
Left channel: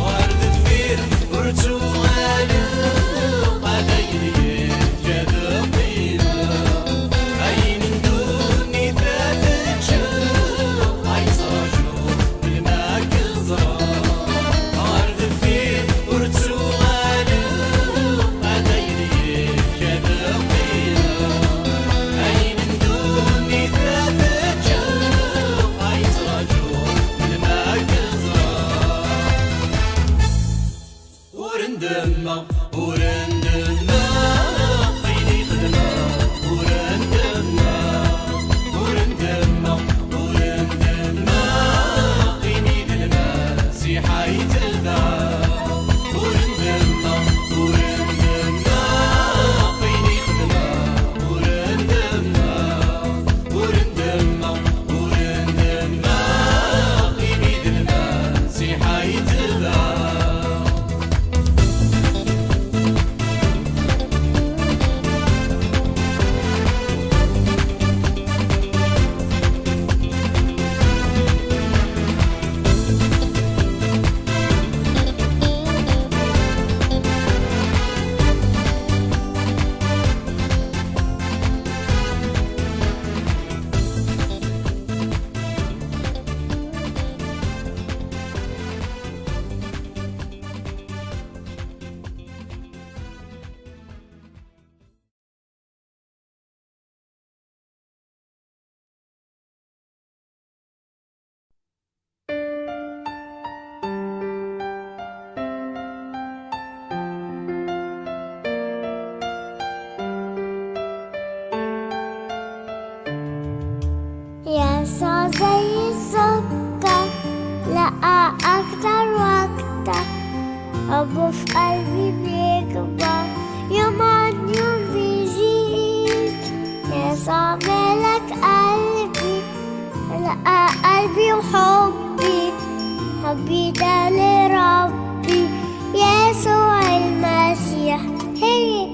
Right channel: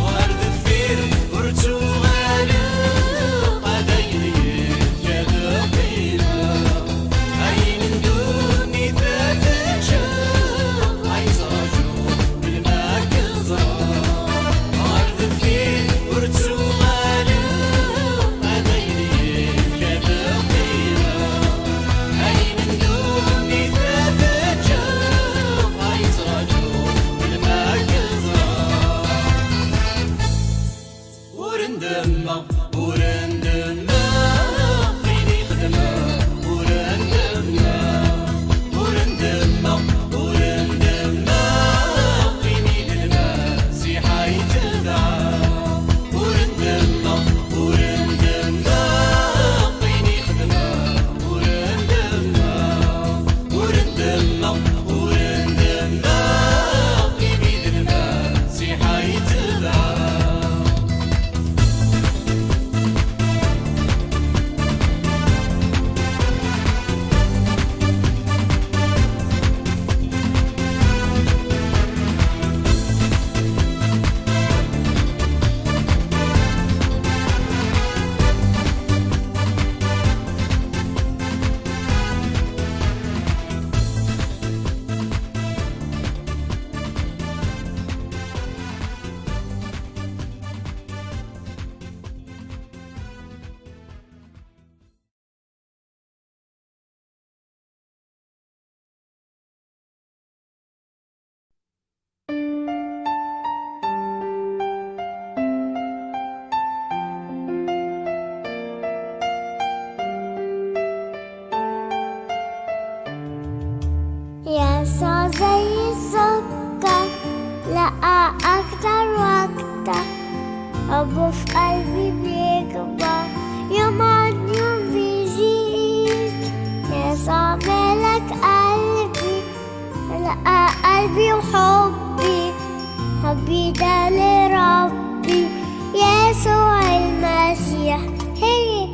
ورد فير برتقال قديري جذبيل عين دوني ثاتشو عيصاجو بالمكزرة ورد فير برتقال قديري جذبيل عين دوني ثاتشو عيصاجو بالمكزرة ورندمة ورندمة خيني خدمة ورندمة ورندمة ورندمة خيني ذلمة سيحة يتبع ورندمة ورندمة خيني خدمة ورندمة ورندمة ورندمة خيني ذلمة سيحة يتبع يسوع زي السكر لقى أكتر وأكتر حبه في قلبي بيكبر يوم عن يوم بيزيد يسوع ملك قلبي لقى قلبي وحبي حبي ده لربي يسوع المسيح هي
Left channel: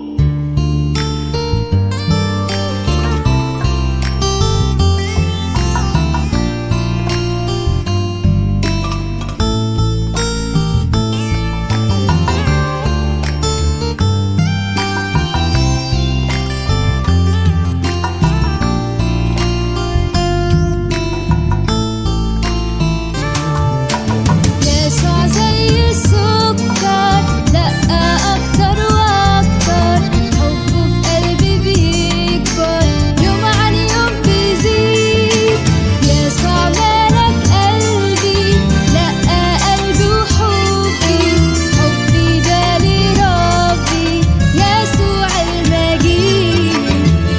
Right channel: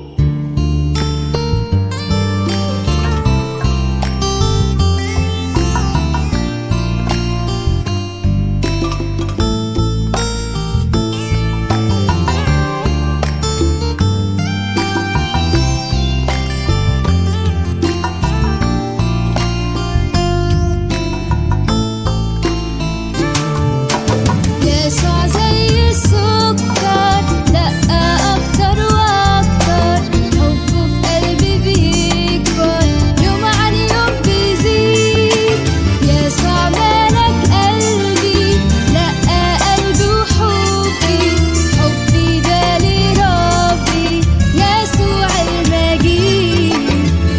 يسوع زي السكر دقة أكتر وأكتر حبه في قلبي بيكبر يوم عن يوم بيزيد يسوع ملك قلبي لقى قلبي وحبي حبي ده لربي يسوع المجيد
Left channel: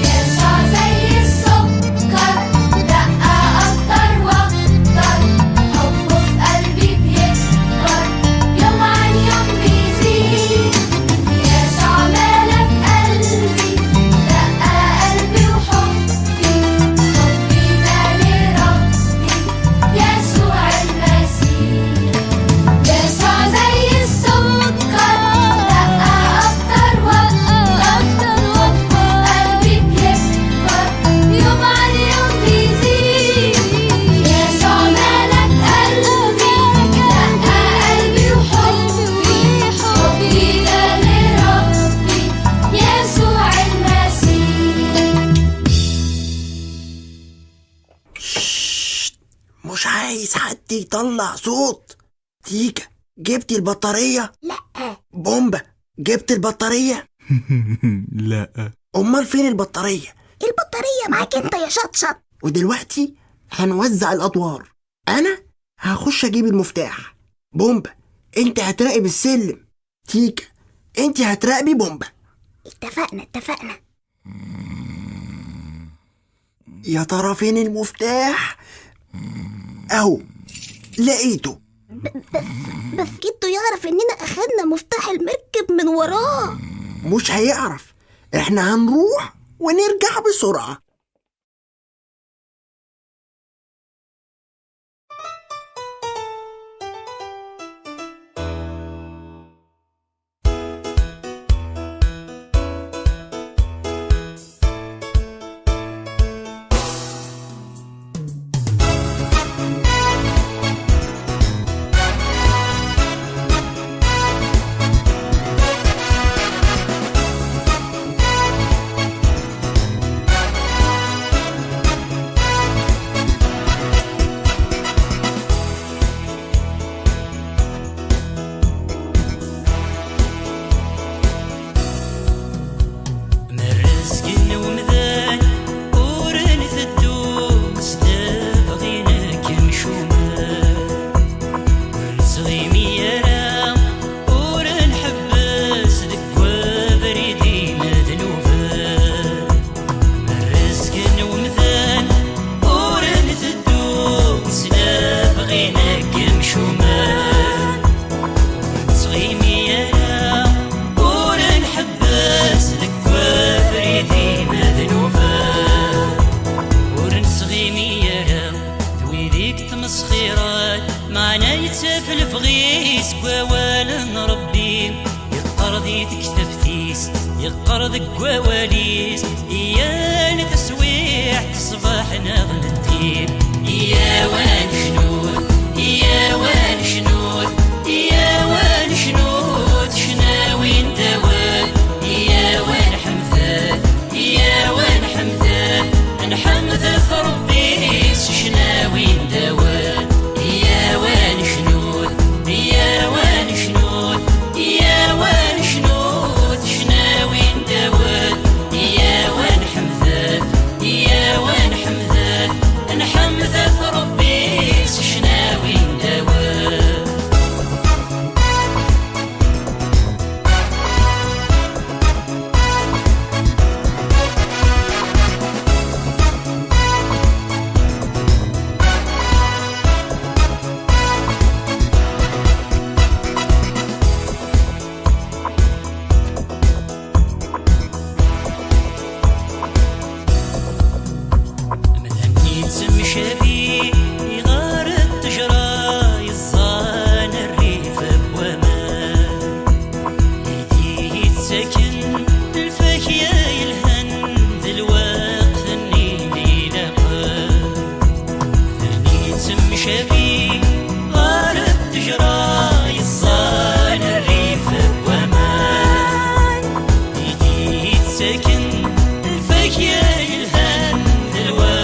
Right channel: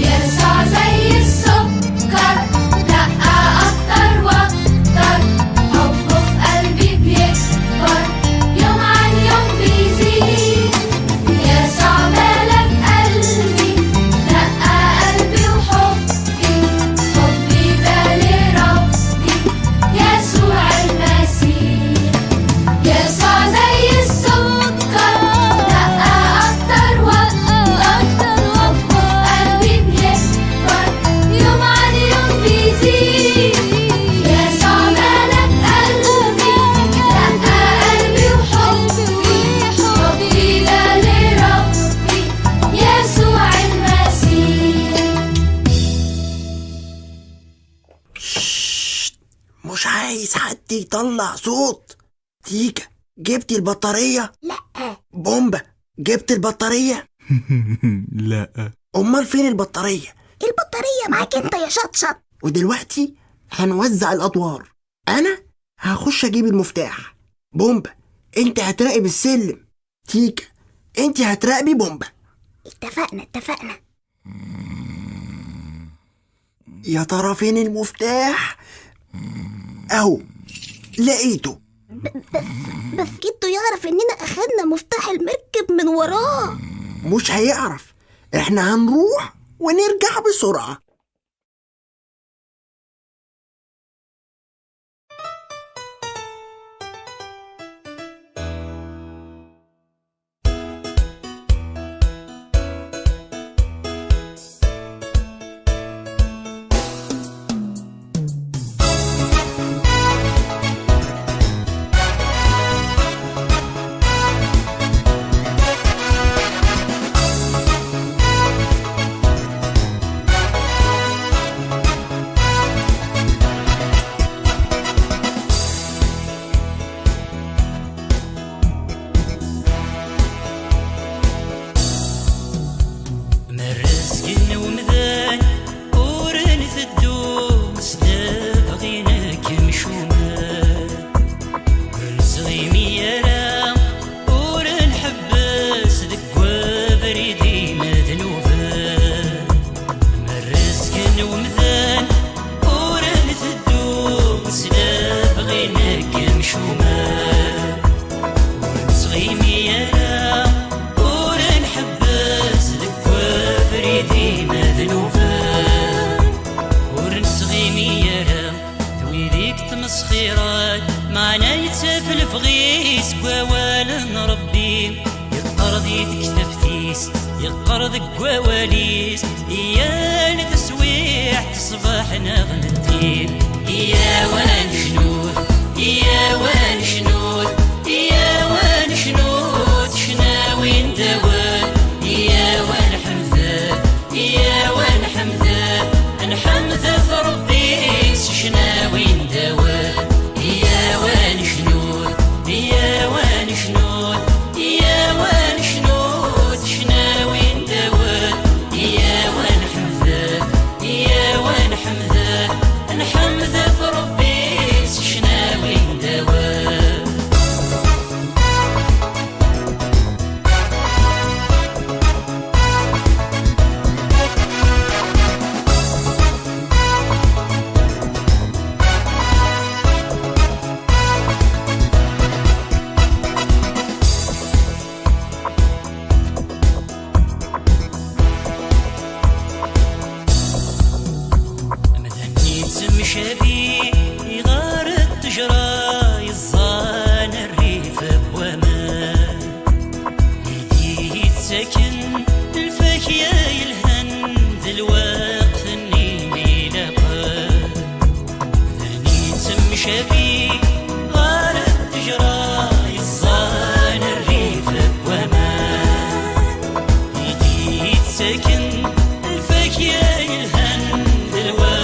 يسوع زي السكر دقة أكتر وأكتر حبه في قلبي بيكبر يوم عن يوم بيزيد يسوع ملك قلبي دقة قلبي وحبي حبي ده لربي يسوع المسيح يسوع زي السكر دقة أكتر وأكتر قلبي بيكبر يوم عن يوم بيزيد يسوع ملك قلبي دقة قلبي وحبي حبي ده لربي يسوع المسيح مش عايز حد يطلع صوت. تيكا جبتي البطارية؟ لا بومبا جبت البطارية؟ لا. امال فين البطارية؟ البطارية معاك انت يا شطشط. ودلوقتي هنوزع الادوار. انا هخش اجيب المفتاح. بومبا انت هتراقب السلم. تيكا انت هتراقبي بومبا. اتفقنا. يا ترى فين المفتاح؟ اهو لقيته. بس جدو يعرف اننا اخدنا مفتاح المركب من وراه. مش هيعرف. احنا هنروح ونرجع بسرعة. يقرض قواليس يا لتسويح تصبح نغن الدين يا وان شنود يا وان شنود يا وان شنود شناوين دواد يا وان حمدان يا وان حمدان نحمد ربي شناوين دواد يا وان شنود يا وان شنود يا وان شنود شناوين دواد يا وان حمدان يا وان حمدان نحمد ربي شناوين دواد شافي يغار التجرى يصان الريف بومان يديه يتسكن الفاكية يلهن ذي الوقت النيني لقى ثاني تم شافي غار التجرى يصان الريف بومان يديه يتسكن الفاكية يلهن ذي الوقت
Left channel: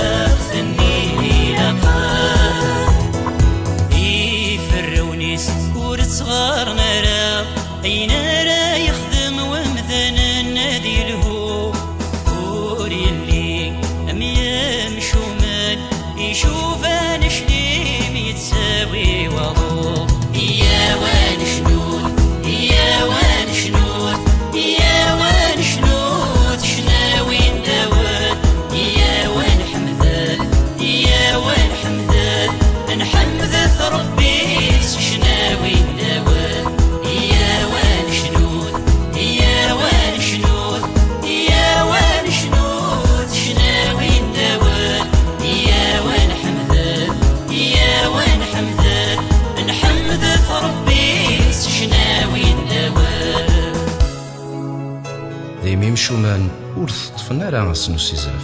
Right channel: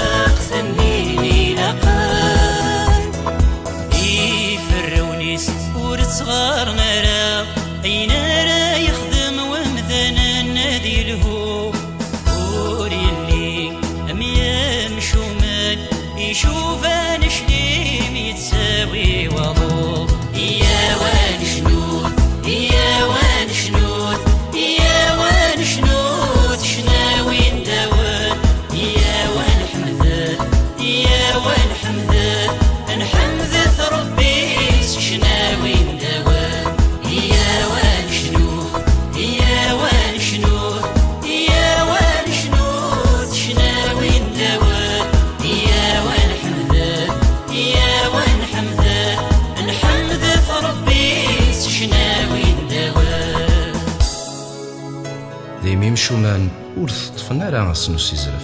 صغار نرى أين راه يخدم ومذن النادي له وري اللي أميام شمال يشوف أنا شليم يتساوي وضوء يا وان شنود يا وان شنود يا وان شنود شناوين دواد يا وان حمدان يا وان حمدان نحمد ربي شناوين دايما مشومان ور تطفنا راه غسنو سيزرف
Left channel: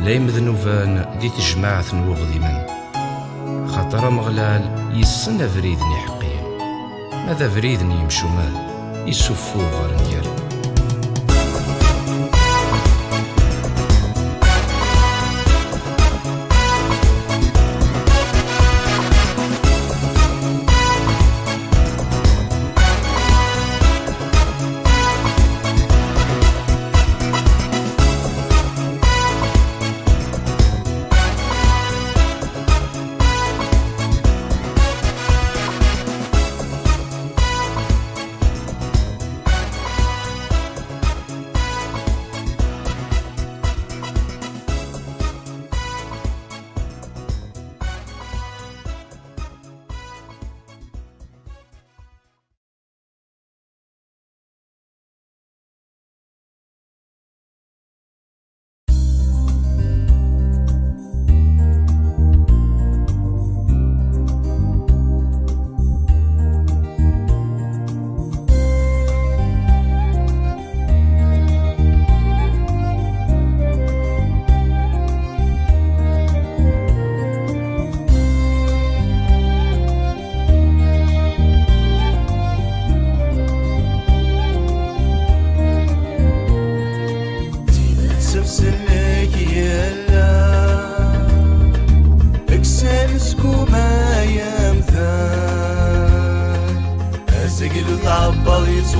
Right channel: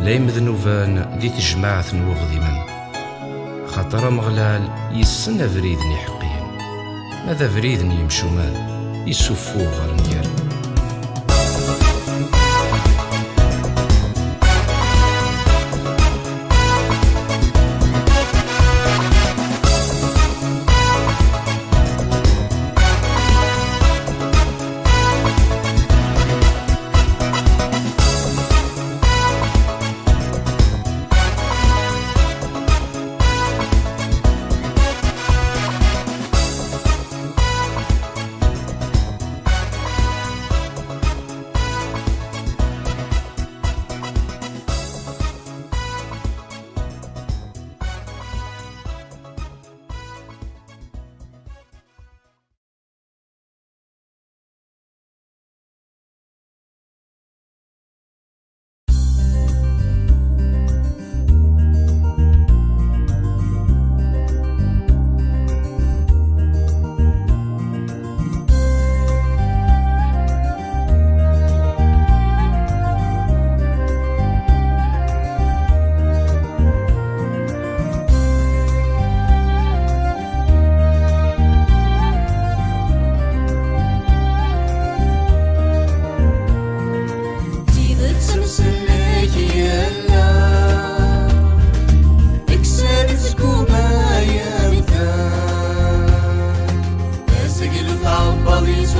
لا يمذنوفان دي تجماعة وغديمن خاطر مغلال يسن فريدني حقين ماذا فريدني يمشومان يسفو غار ندير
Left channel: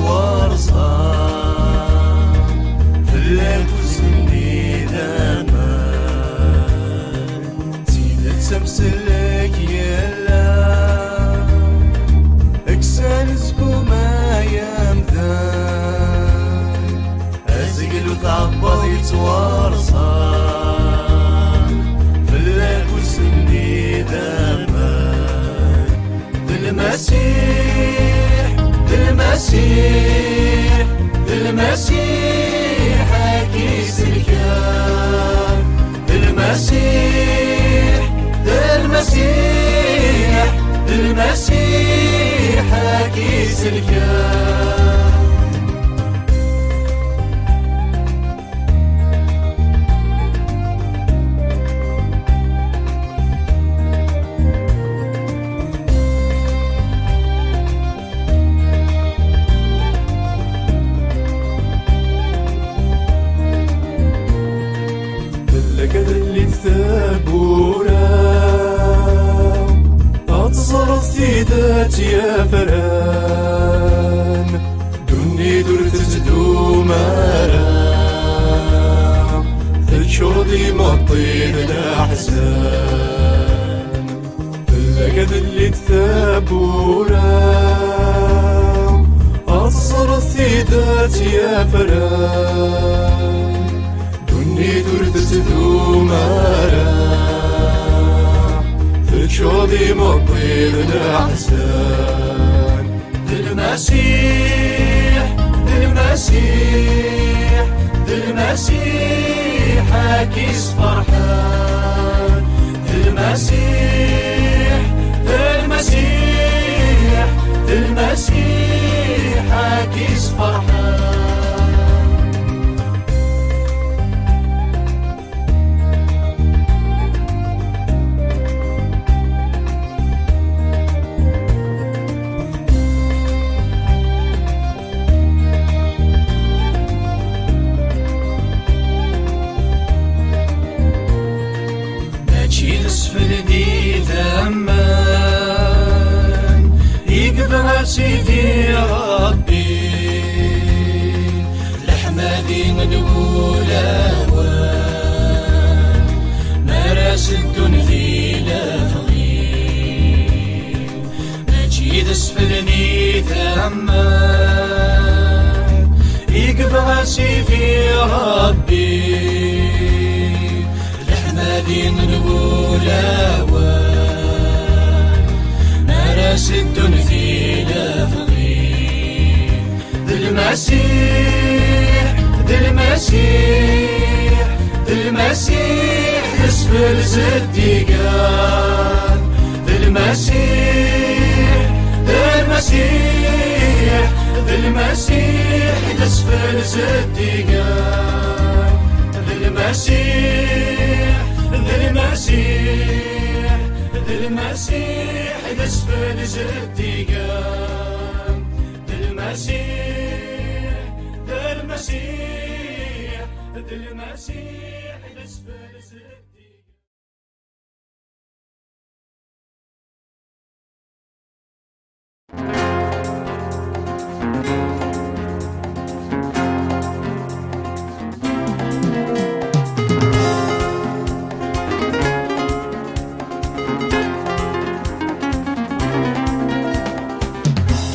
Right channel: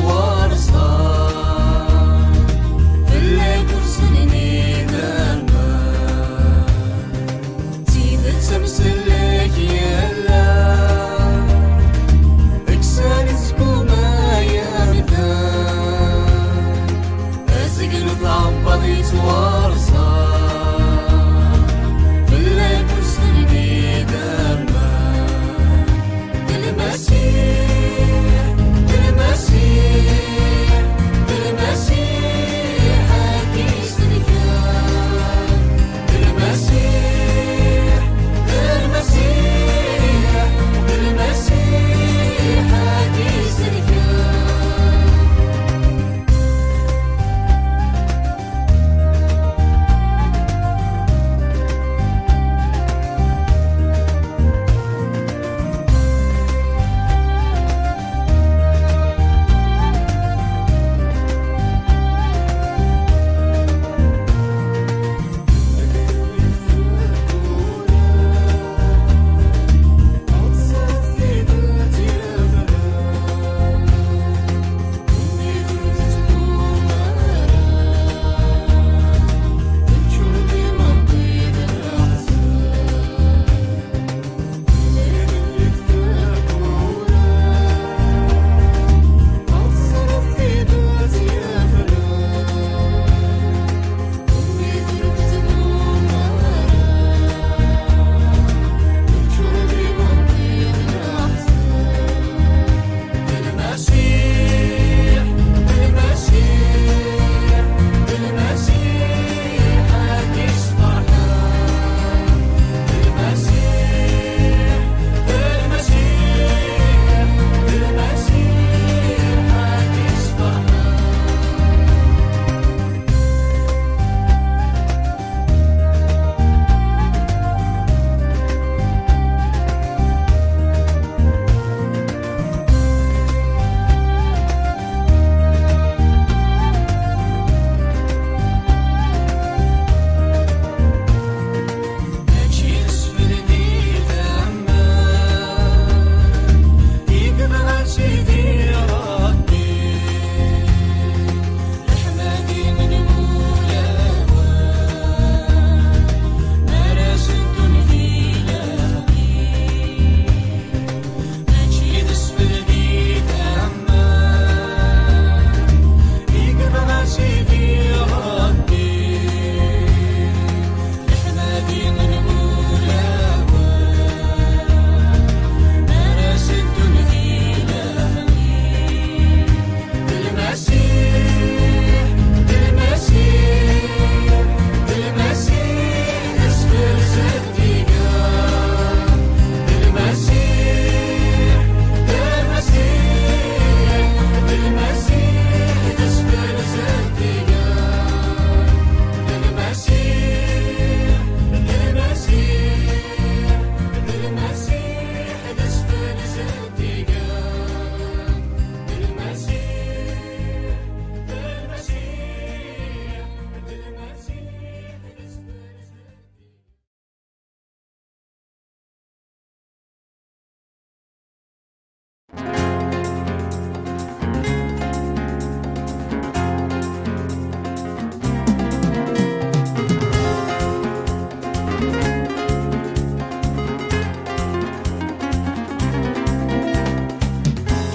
توارصة في الليل وسني ذاما زينة تمثلك يلا اكسان زكوما يمدان ازقل وتعبض يتوارصة في الليل وسني ذاما المسيح المسيح المسيح أكيس الكام المسيح المسيح المسيح أكيس الكام يا فران دني درت تدوم مرام الشوضي مطيد الأحزان لقد اللي تثابونا أصر الثيدات يا فران دني درت تدوم مرام الشوضي مطيد الأحزان المسيح المسيح المسيح أكيس فرحان المسيح المسيح المسيح أكيس فرحان سيدي ربي لحمادي نقول أوان مراس الدنيا في لفغي ماشي اسفلني ثمان يقبع سيدي ربي لحمادي نقول أوان مراس الدنيا في المسيح المسيح المسيح اسفل صديقان المسيح المسيح المسيح اسفل صديقان المسيح المسيح المسيح اسفل صديقان المسيح المسيح المسيح الاسفل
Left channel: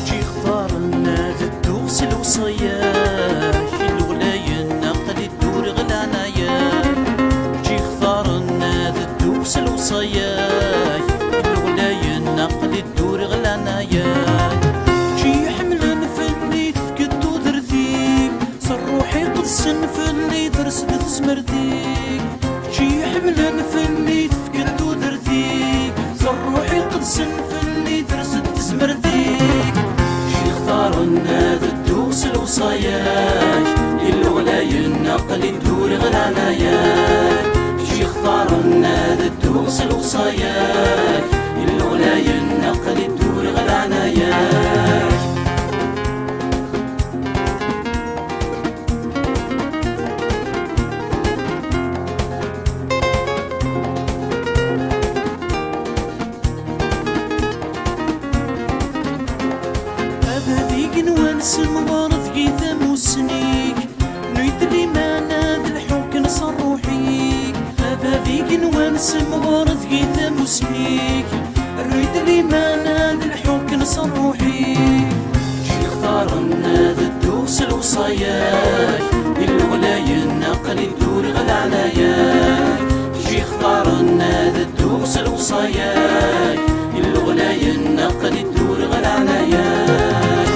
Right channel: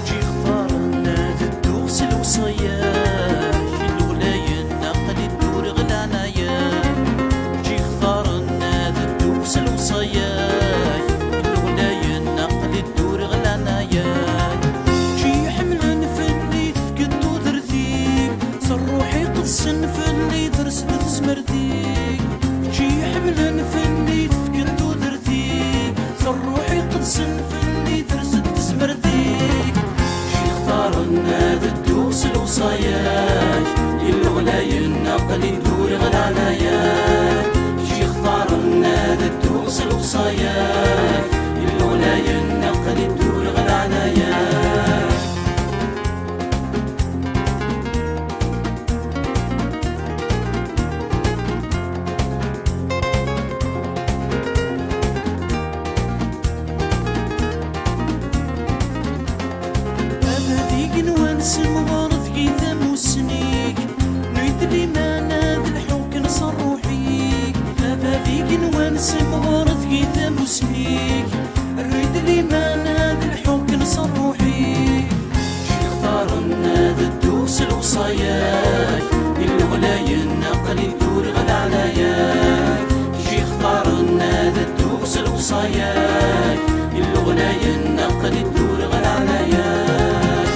جي اختار النادي الدوس الوصياش الولاية النقل الدور غلانايا جي اختار النادي الدوس الوصياش الولاية النقل الدور غلانايا جي حملن فني تفقدو درثيك صر روحي قدسن فني درست تزمرتيك جي حملن فني تفقدو درثيك صر روحي قدسن فني درست تزمرتيك اختار النادي الدوس الوصاياش الولاية النقل الدور غلاناياك جي اختار النادي الدوس الوصاياش الولاية النقل الدور غلاناياك مغارث كيثا موسنيك نويت لي ما ناد الحوك نصر روحيك هذا ذيك نوانس مغارث كيثا موسنيك نويت لي ما ناد الحوك نصر روحيك جي اختار ناد الدوس الوصاياك الولاية نقل الدور غلا علياك جي اختار ناد الدوس الوصاياك الولاية نقل الدور غلا علياك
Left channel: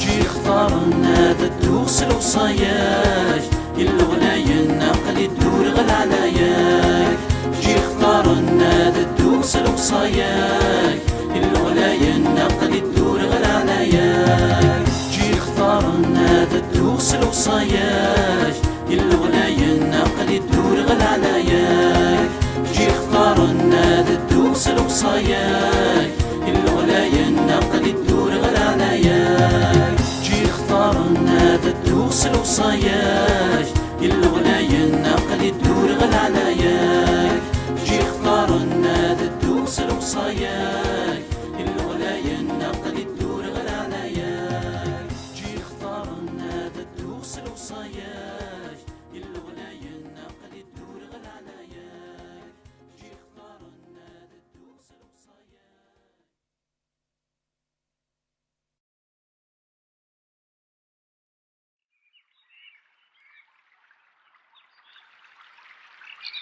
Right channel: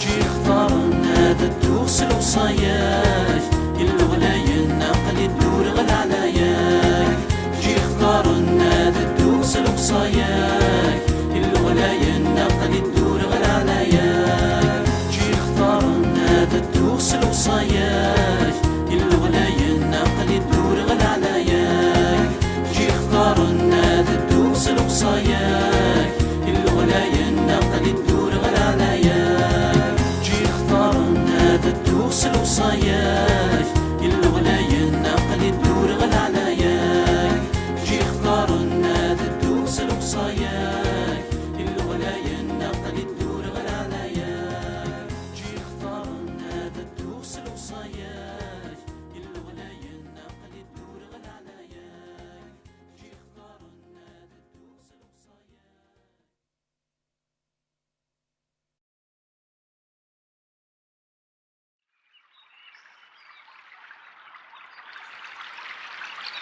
جي اختار ناد الدوس الوصاياك الولاية نقل الدور غلا علياك جي اختار ناد الدوس الوصاياك الولاية نقل الدور غلا علياك جي اختار ناد الدوس الوصاياك الولاية نقل الدور غلا علياك جي اختار ناد الدوس الوصاياك الولاية نقل الدور غلا علياك جي اختار ناد الدوس الوصاياك الولاية نقل الدور غلا علياك جي اختار ناد الدوس الوصاياك الولاية نقل الدور غلا علياك جي اختار ناد الدوس الوصاياك الولاية نقل الدور غلا علياك جي اختار ناد الدوس الوصاياك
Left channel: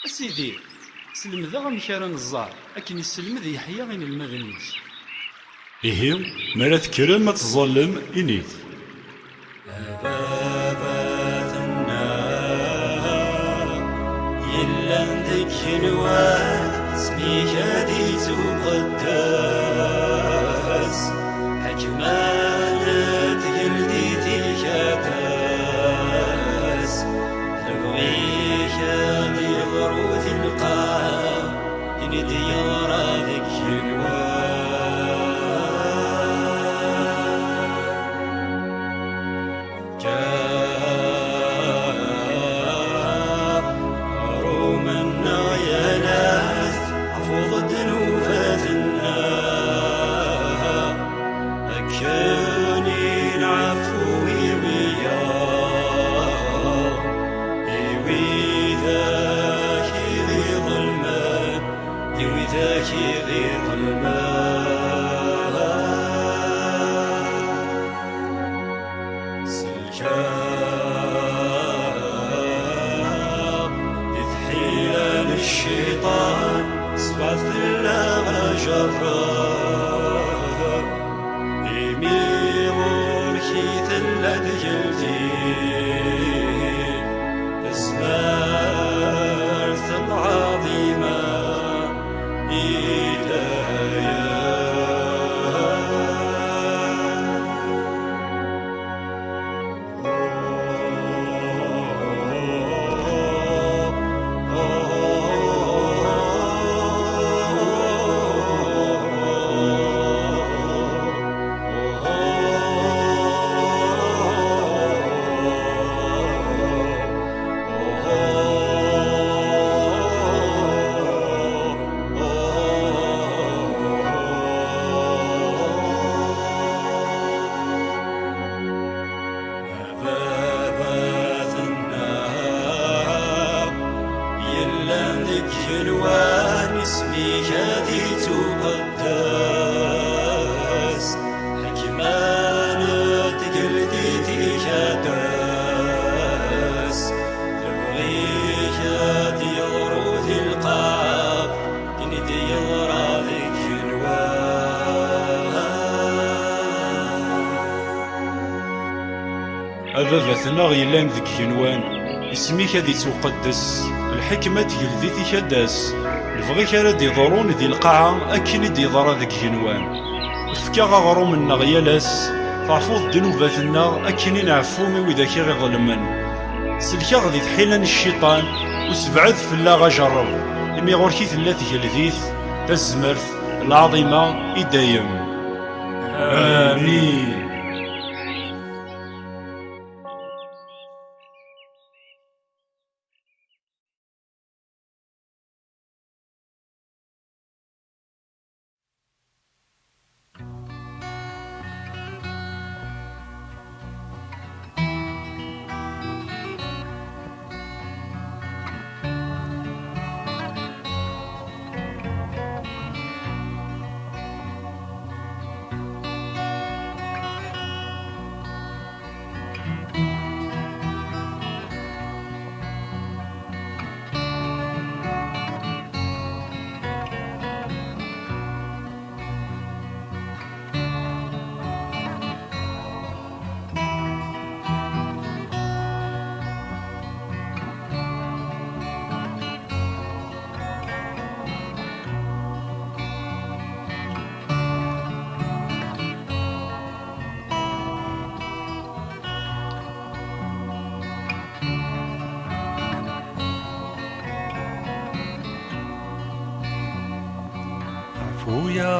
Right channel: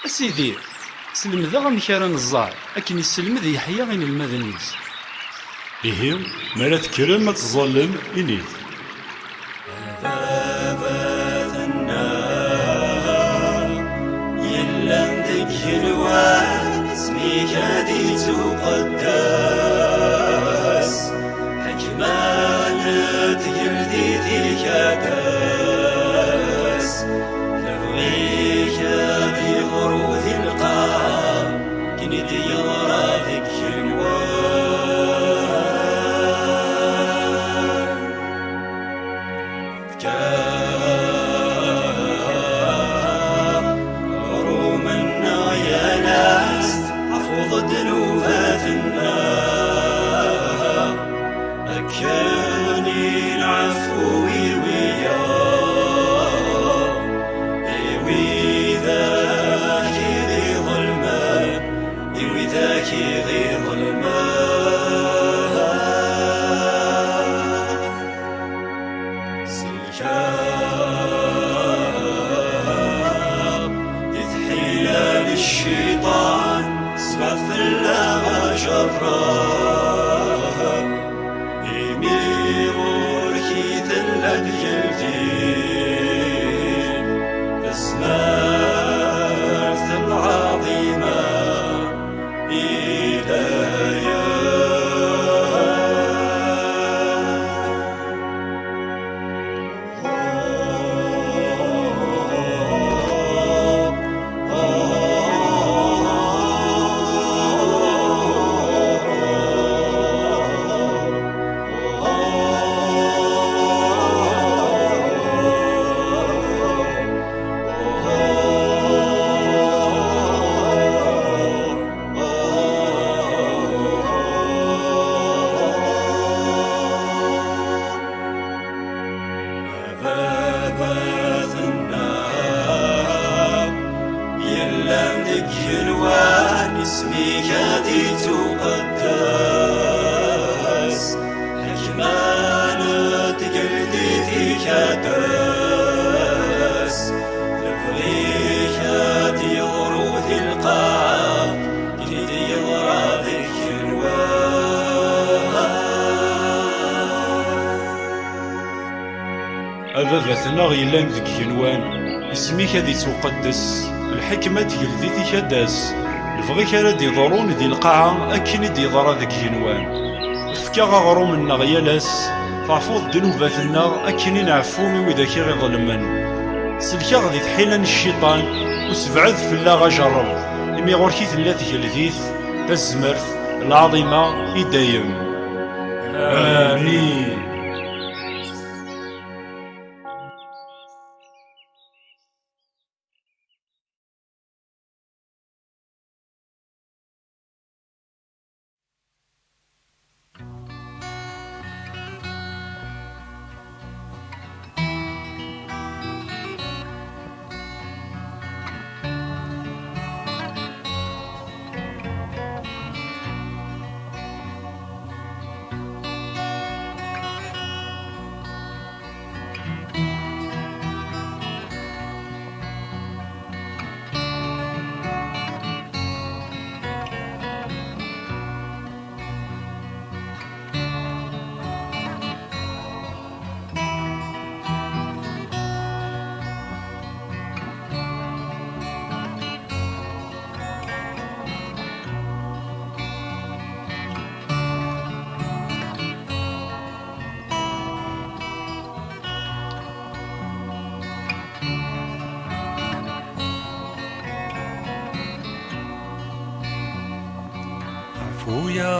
أسيدي سلمذا أمك راه نزار أكن يسلمذ يحيى غين المدنيس إيه مرا تكرم ما تظلم إنيت بابات النار يلا ندك الواد اسميك هادي تقدس حكمانة قلدي تكادس نبغيك هادي غروث القاع كندي يغرى ذك الواد رومنا يا ناس عفوض ذنوباتنا أكاني العفو ويا إيوي ذاك ذي ظلمان إيوي ذاك ذي ظلمان سلكان يتحيل الشيطان سبث الله جراب يميغور كيث الأدجلتين اسمارث العظيمة إيدايا بابات النار يلا ندك الوان اسميك هادي تقدس حكمانة قلدي تكادس نبغيك هادي غروث القاع كندي يغرى ذك الواد أبابتنا غيلان ذك جنوان اسميك هادي تقدس الحكمة تجلدي تكاداس الفغيك راد يضرون ذي القاعة أكن دي ضرا ذك جنوان فكا غروم النغيالاس تعفوض ذنوباتنا أكن نعفومي وذاك غظلمن سلكا غدي تحيلان الشيطان وسبعد في الله غجرب إمي غوركي ثلا تجلديث تزمرت العظيمة إدايم آمين.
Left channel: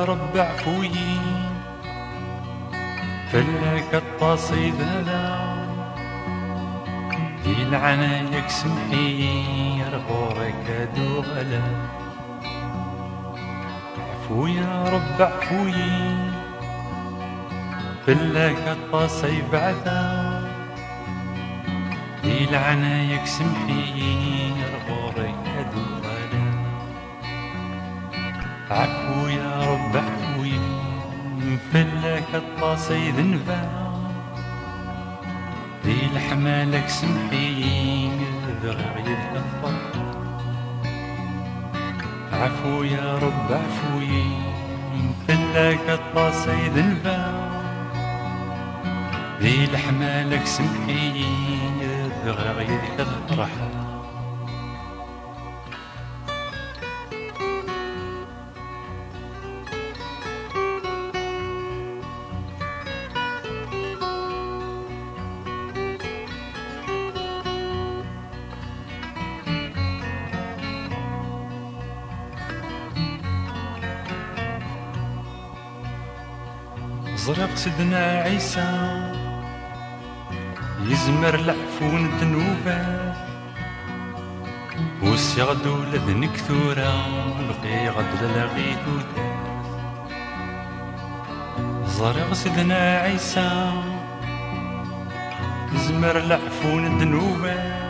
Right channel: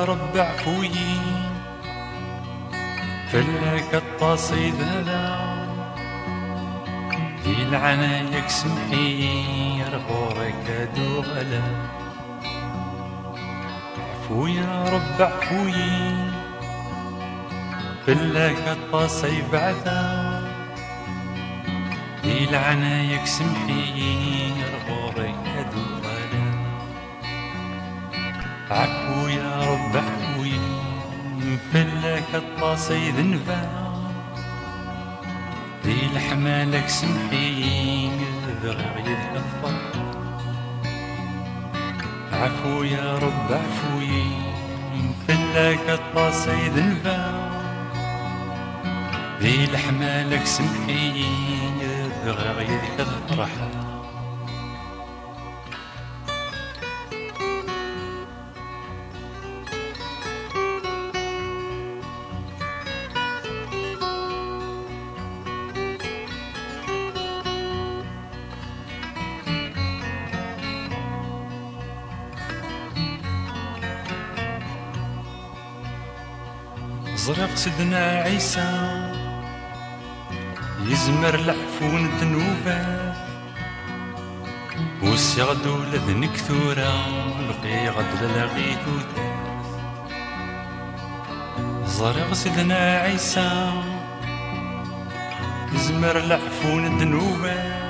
يا رب عفوي فلك التصيد هذا يلعنايك سمحي رغورك دوغلا عفو يا رب عفوي فلك التصيد بعدا يلعنايك سمحي رغورك دوغلا عفو يا رب عفوي فلك التصيد نفع ذي الحمالك سمحي بغير الفرح عفو يا رب عفوي فلك التصيد نفع ذي الحمالك سمحي بغير الفرح زرق سيدنا عيسى يزمر العفون الذنوبات وسيغدو لذن كثورة لقي غد لغيثو زرق سيدنا عيسى يزمر العفون الذنوبات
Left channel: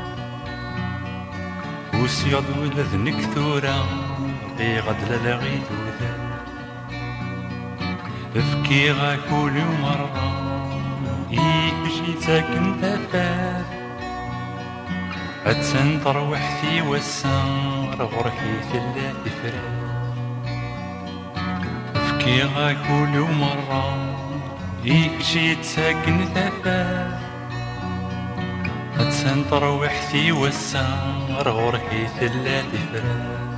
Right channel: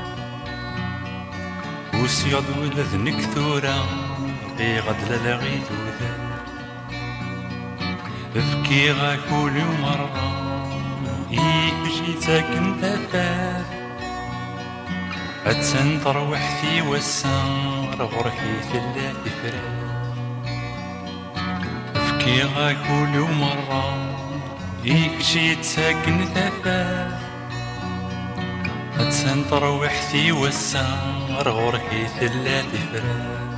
وسيغدو لذن كثورة لقي غد لغيثو افكي غا كل مرة يكشي ساكن تفاف أتسن تروح في والسار غرحي في الله إفراد افكي غا كل مرة يكشي ساكن تفاف أتسن تروح في والسار غرحي في الله إفراد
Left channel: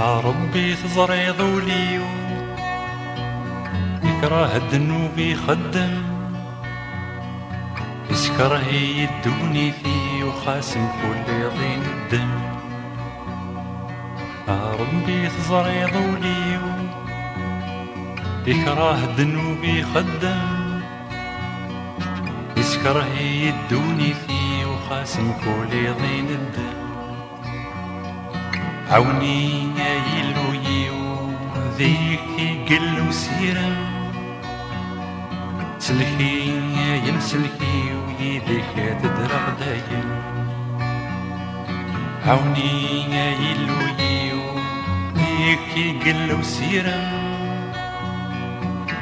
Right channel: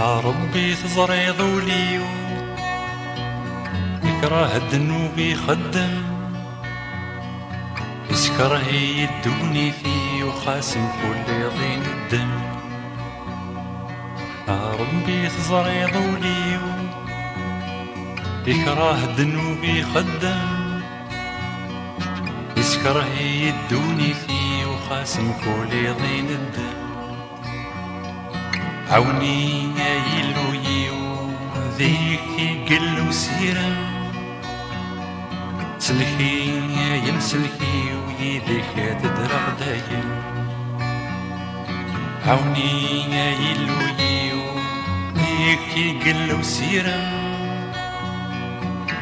يا ربي تزري ذولي يكره الذنوب يخدم يسكره يدوني فيه وخاسم كل يضين الدم يا ربي تزري ذولي يكره الذنوب يخدم يسكره يدوني فيه وخاسم كل يضين الدم عوني يا يلويو ذيك يقلو سيرم سلكي يا يمسلكي ويديك تدرغ دايم عوني يا يلويو ذيك يقلو سيرم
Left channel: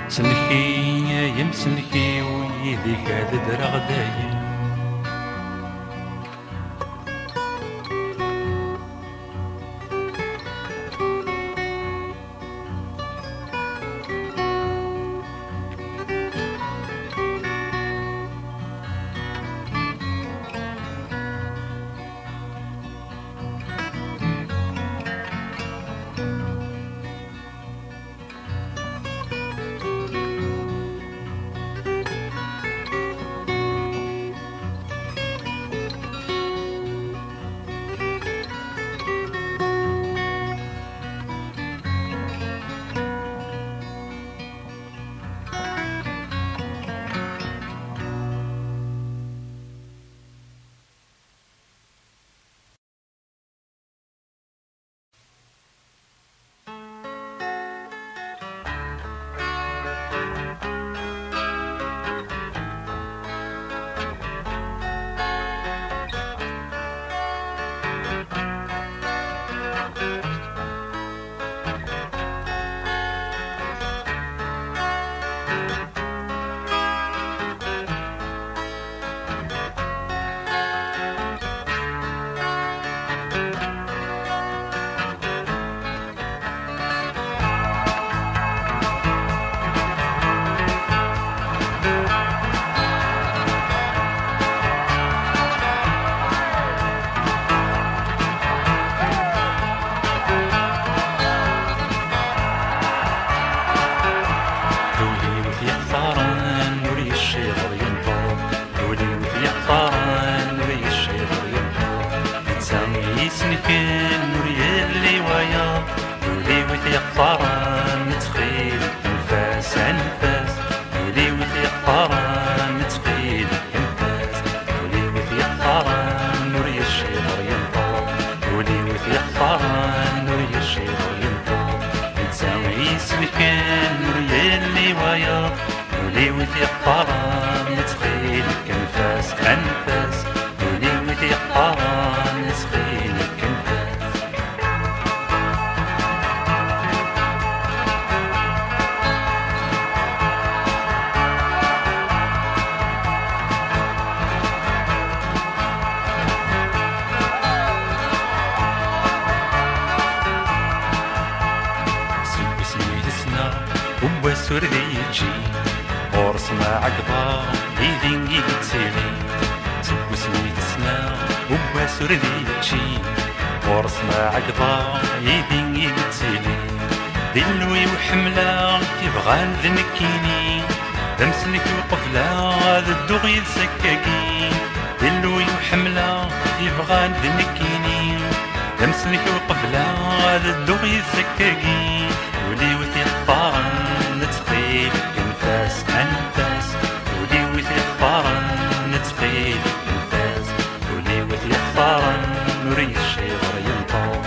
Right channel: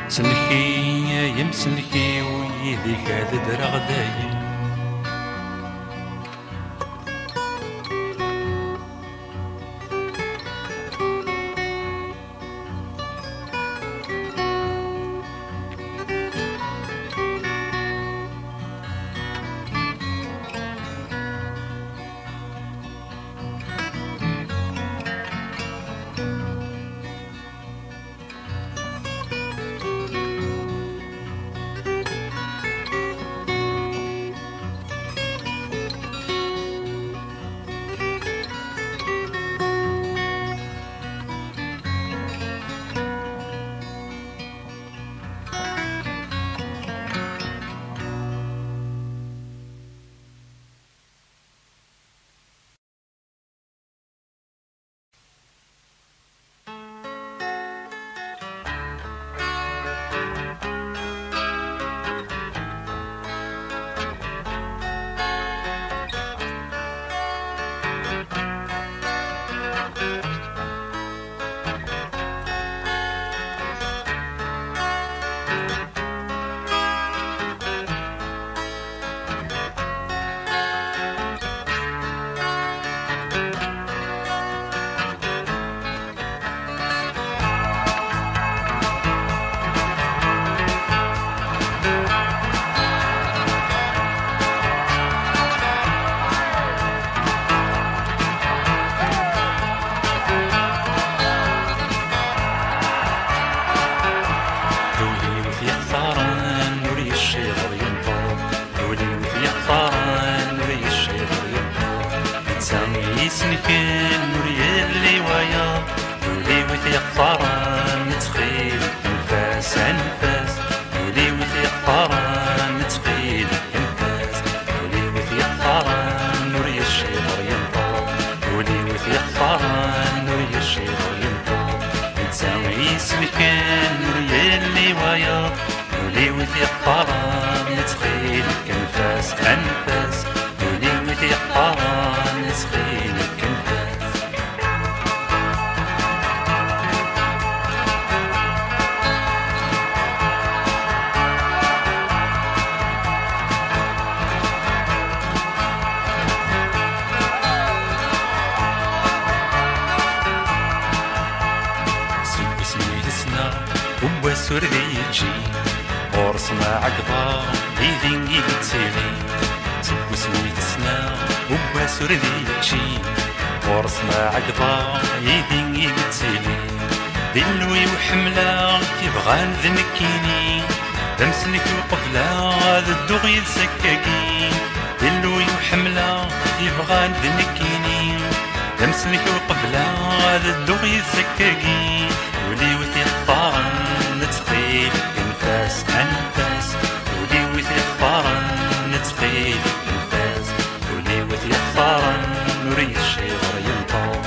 سلكي يا يمسلكي ويديك تدرغ دايم يقطران نتخيل كنفاس أنفاس ولي ويدي يقطران نتخيل كنفاس هو سردي يجي ورس ما عقبا يدين يتسيلي سب سميت السنا هو سردي يجي ورس ما عقبا يدين يتسيلي دلوي وحملة تبغى ذنكيني دمسلك وقفلة هذا الدغي السكاكين دلوي وحملة تبغى ذنكيني دمسلك وقفلة هذا الدغي السكاكين ولي وثي اختارن نتخيل كنفاس أنفاس ولي وثي اختارن نتخيل كنفاس ولي وثي اختارن نوري الشيطر ينطو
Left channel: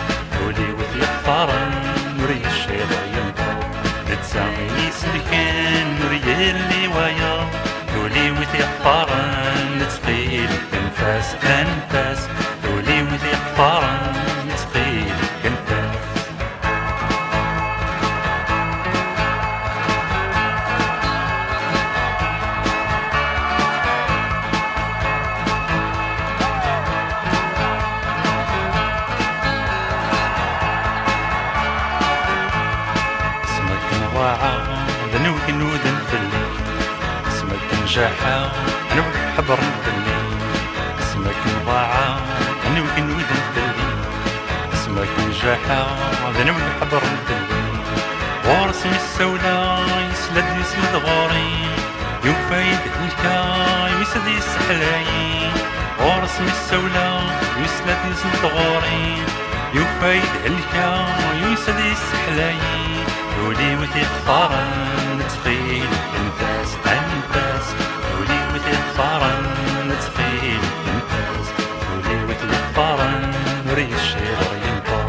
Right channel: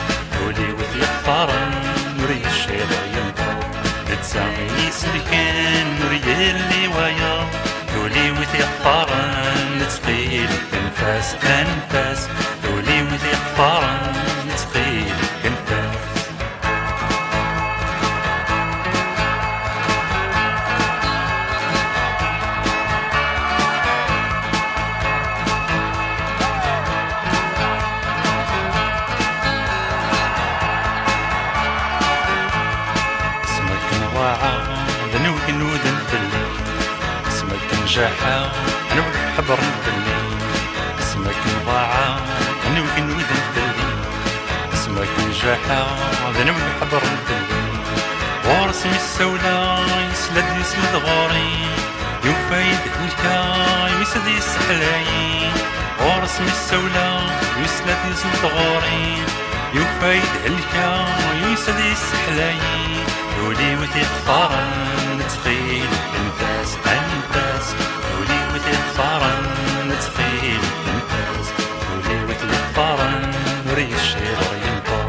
ولي وثي اختارن نوري الشيطر ينطو نتسامي سلكين نوري اللي ويا ولي وثي اختارن نتخيل كنفاس أنفاس ولي وثي اختارن نتخيل كنفاس ذنوك نودن في الليل اسمك نجاحة ذنوك حبر في الليل اسمك نضاعة ذنوك نودن في الليل اسمك نجاحة ذنوك حبر في الليل ورسم السولة يسلد غوري يوفايد الكا يسد يسحلاي ورسم السولة يسلد غوري يوفايد الكا يسد يسحلاي ولي وثي اختارن نتخيل انفاس انفاس ولي وثي اختارن نتخيل انفاس ولي وثي اختارن نوري الشيطر ينطو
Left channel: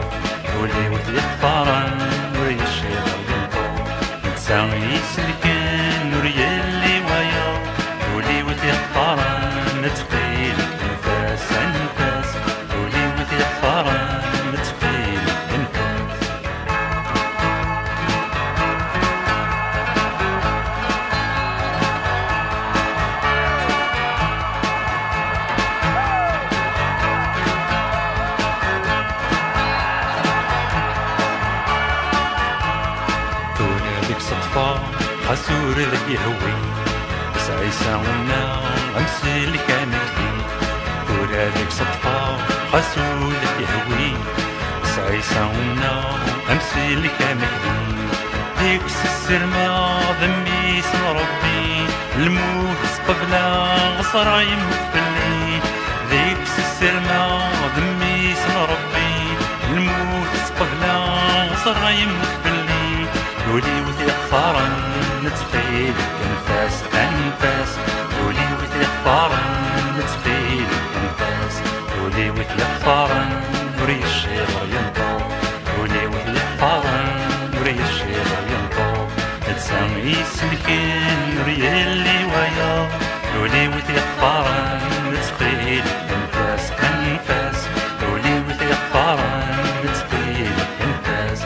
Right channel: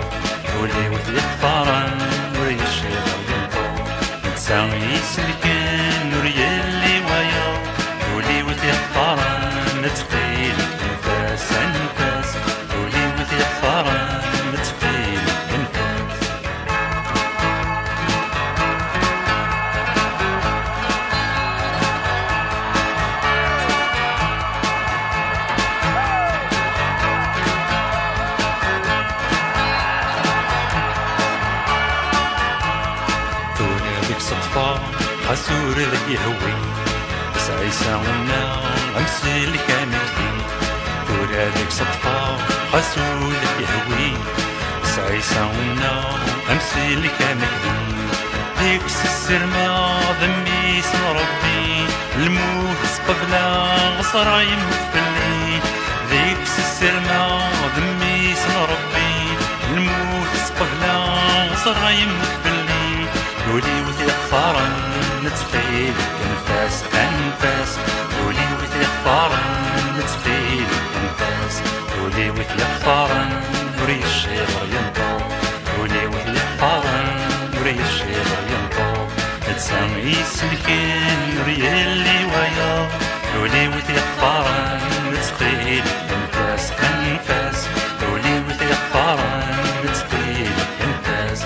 ولي وثي اختارن نوري الشيطر ينطو نتساوي سلكين نوري اللي ويا ولي وثي اختارن نتخيل انفاس انفاس ولي وثي اختارن نتخيل انفاس خسور ذك يهوي بس عيسى ونا أمسي اللي كان جديد دور هذيك صدفة خسور ذك يهوي بس عيسى ونا أمسي اللي كان جديد ديك السرمة ذنبي اسم ربي الموت قبلة غصر يموت في الليل ديك السرمة ذنبي اسم ربي الموت قبلة غصر يموت في الليل ولي وثي اختارن نتخيل كنفاس أنفاس ولي وثي اختارن نتخيل كنفاس ولي وثي اختارن نوري الشيطر ينطو ولي وثي اختارن نوري الشيطر ينطو نتسامي سلكين نوري اللي ويا ولي وثي اختارن نتخيل كنفاس أنفاس ولي وثي اختارن نتخيل كنفاس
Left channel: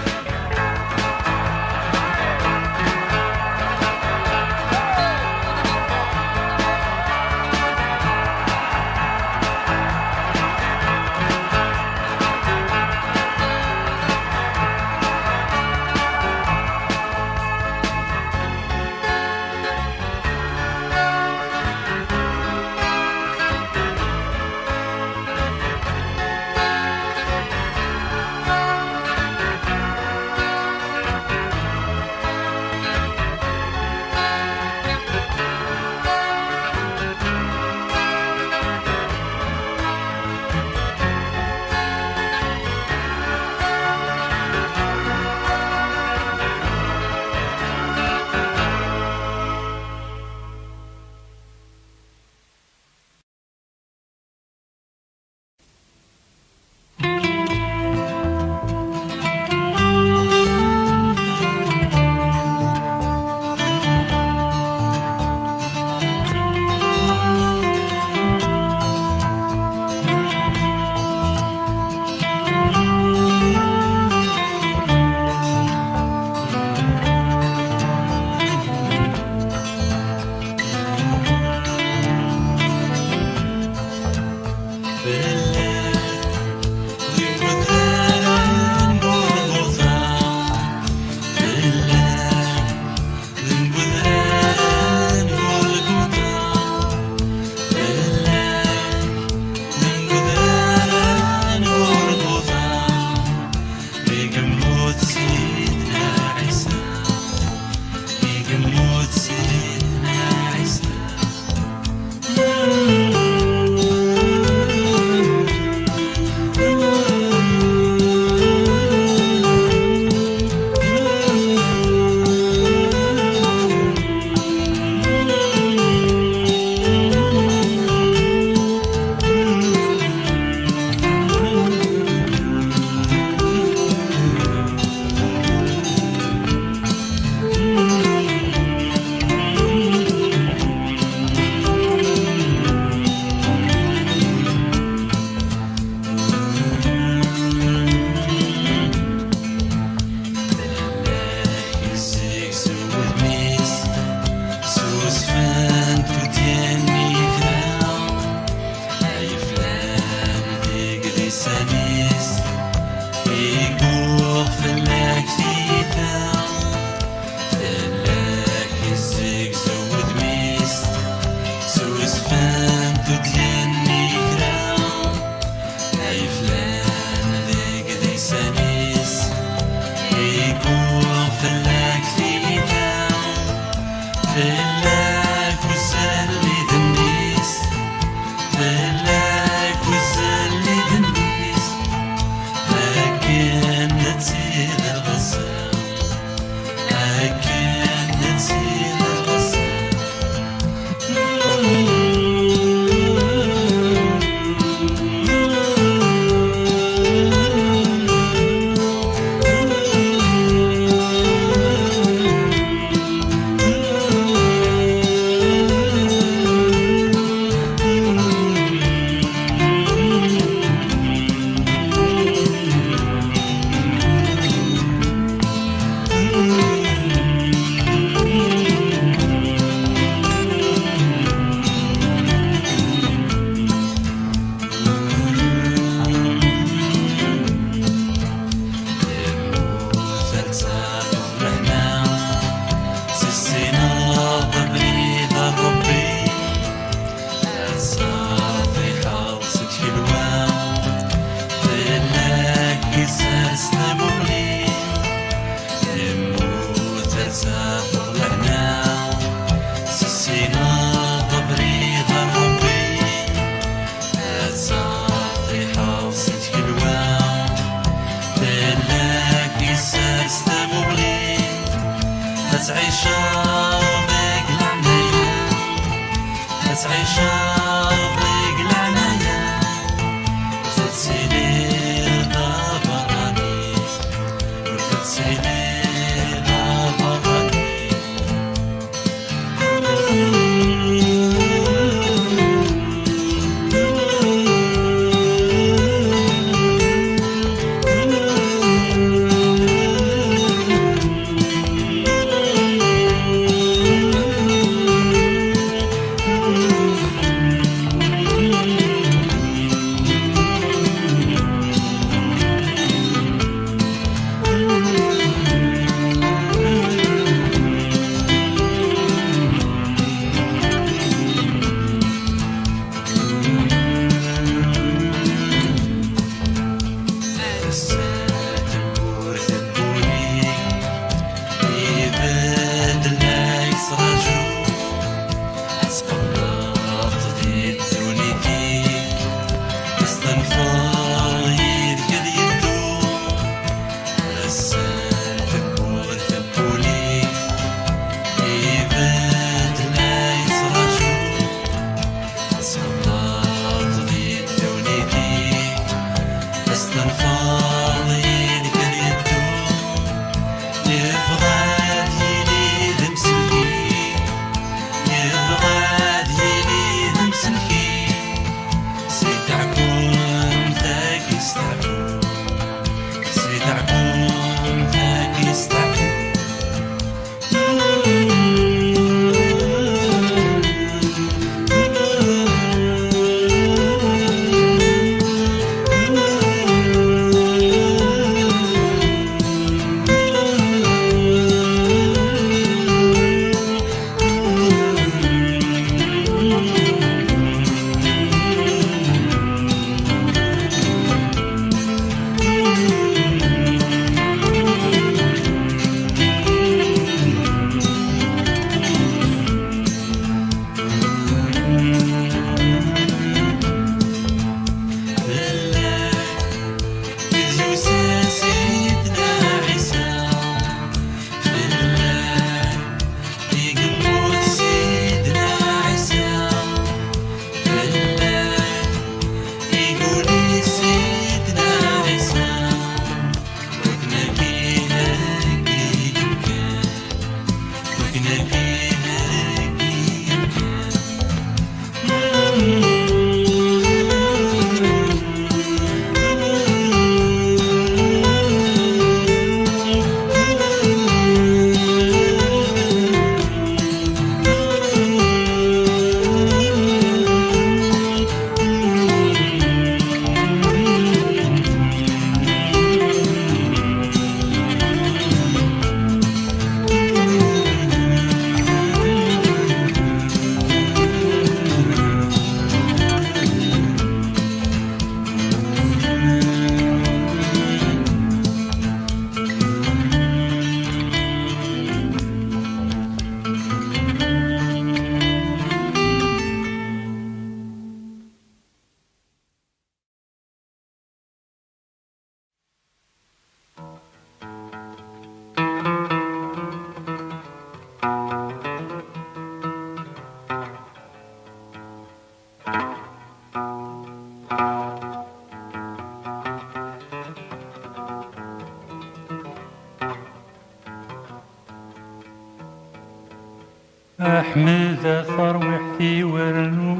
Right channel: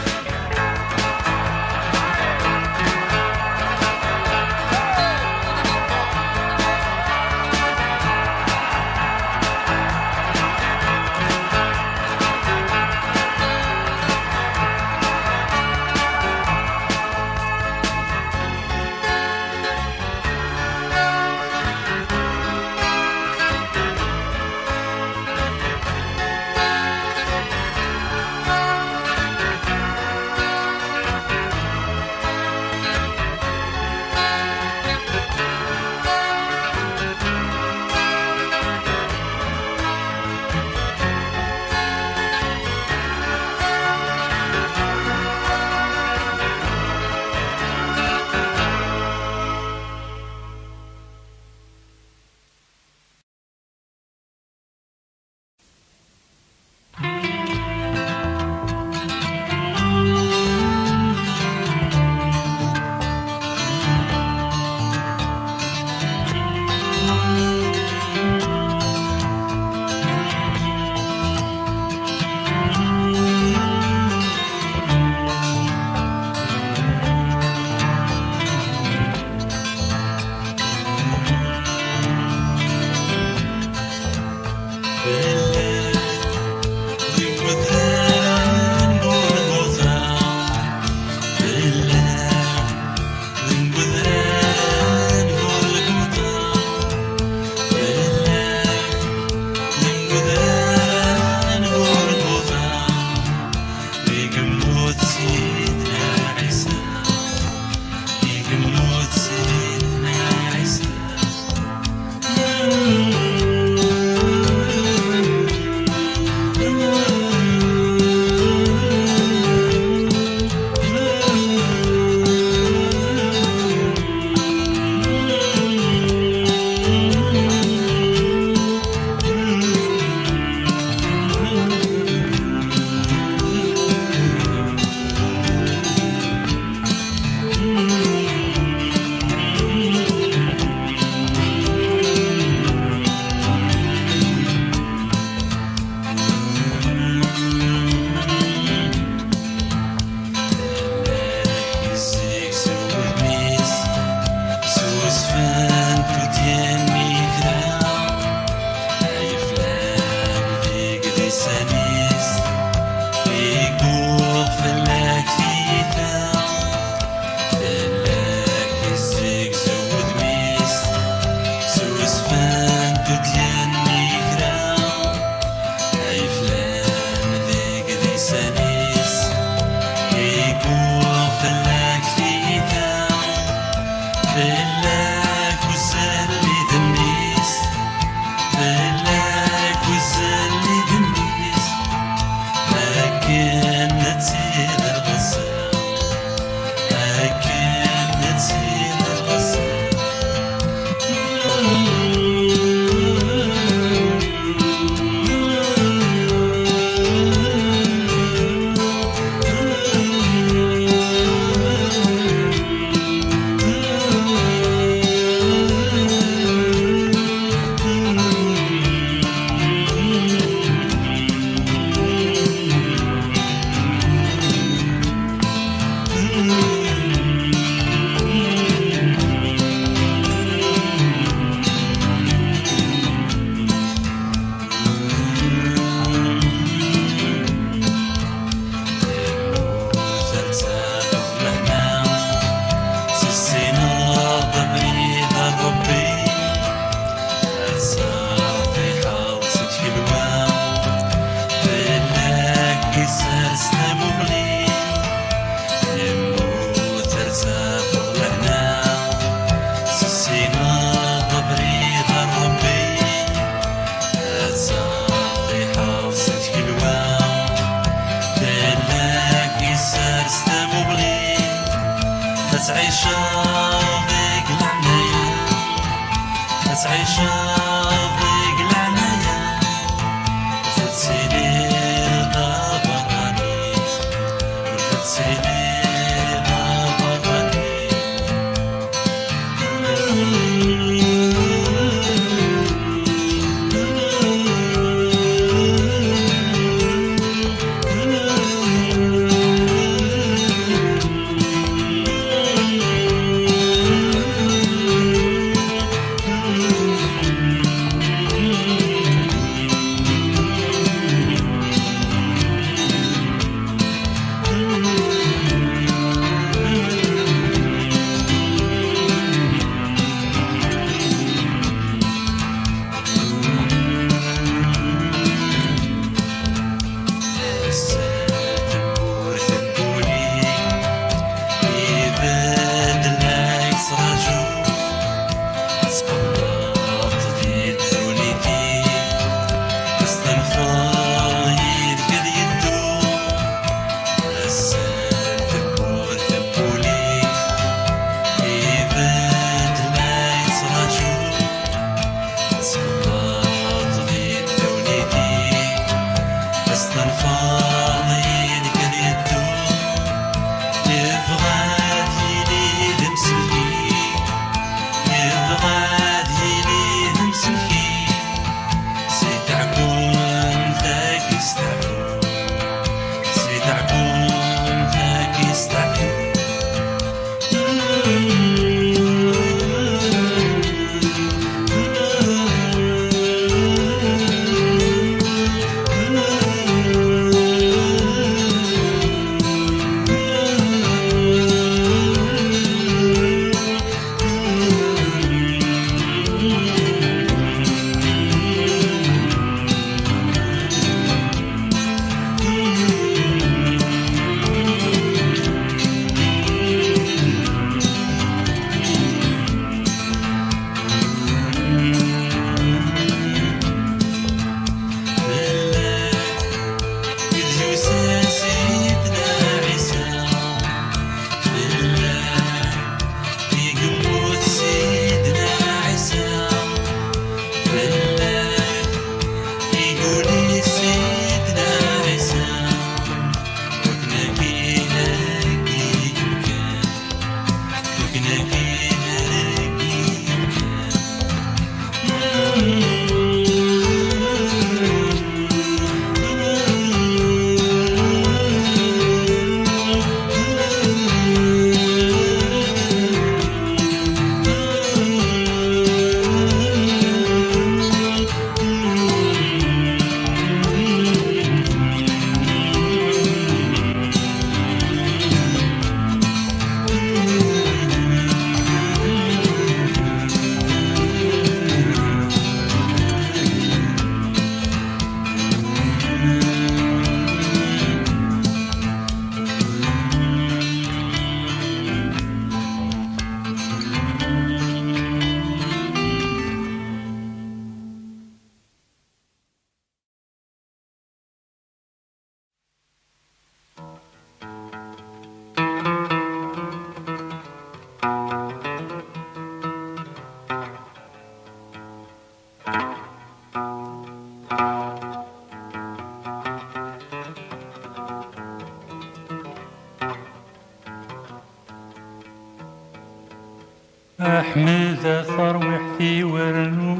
أحمد ثروحتي ورنو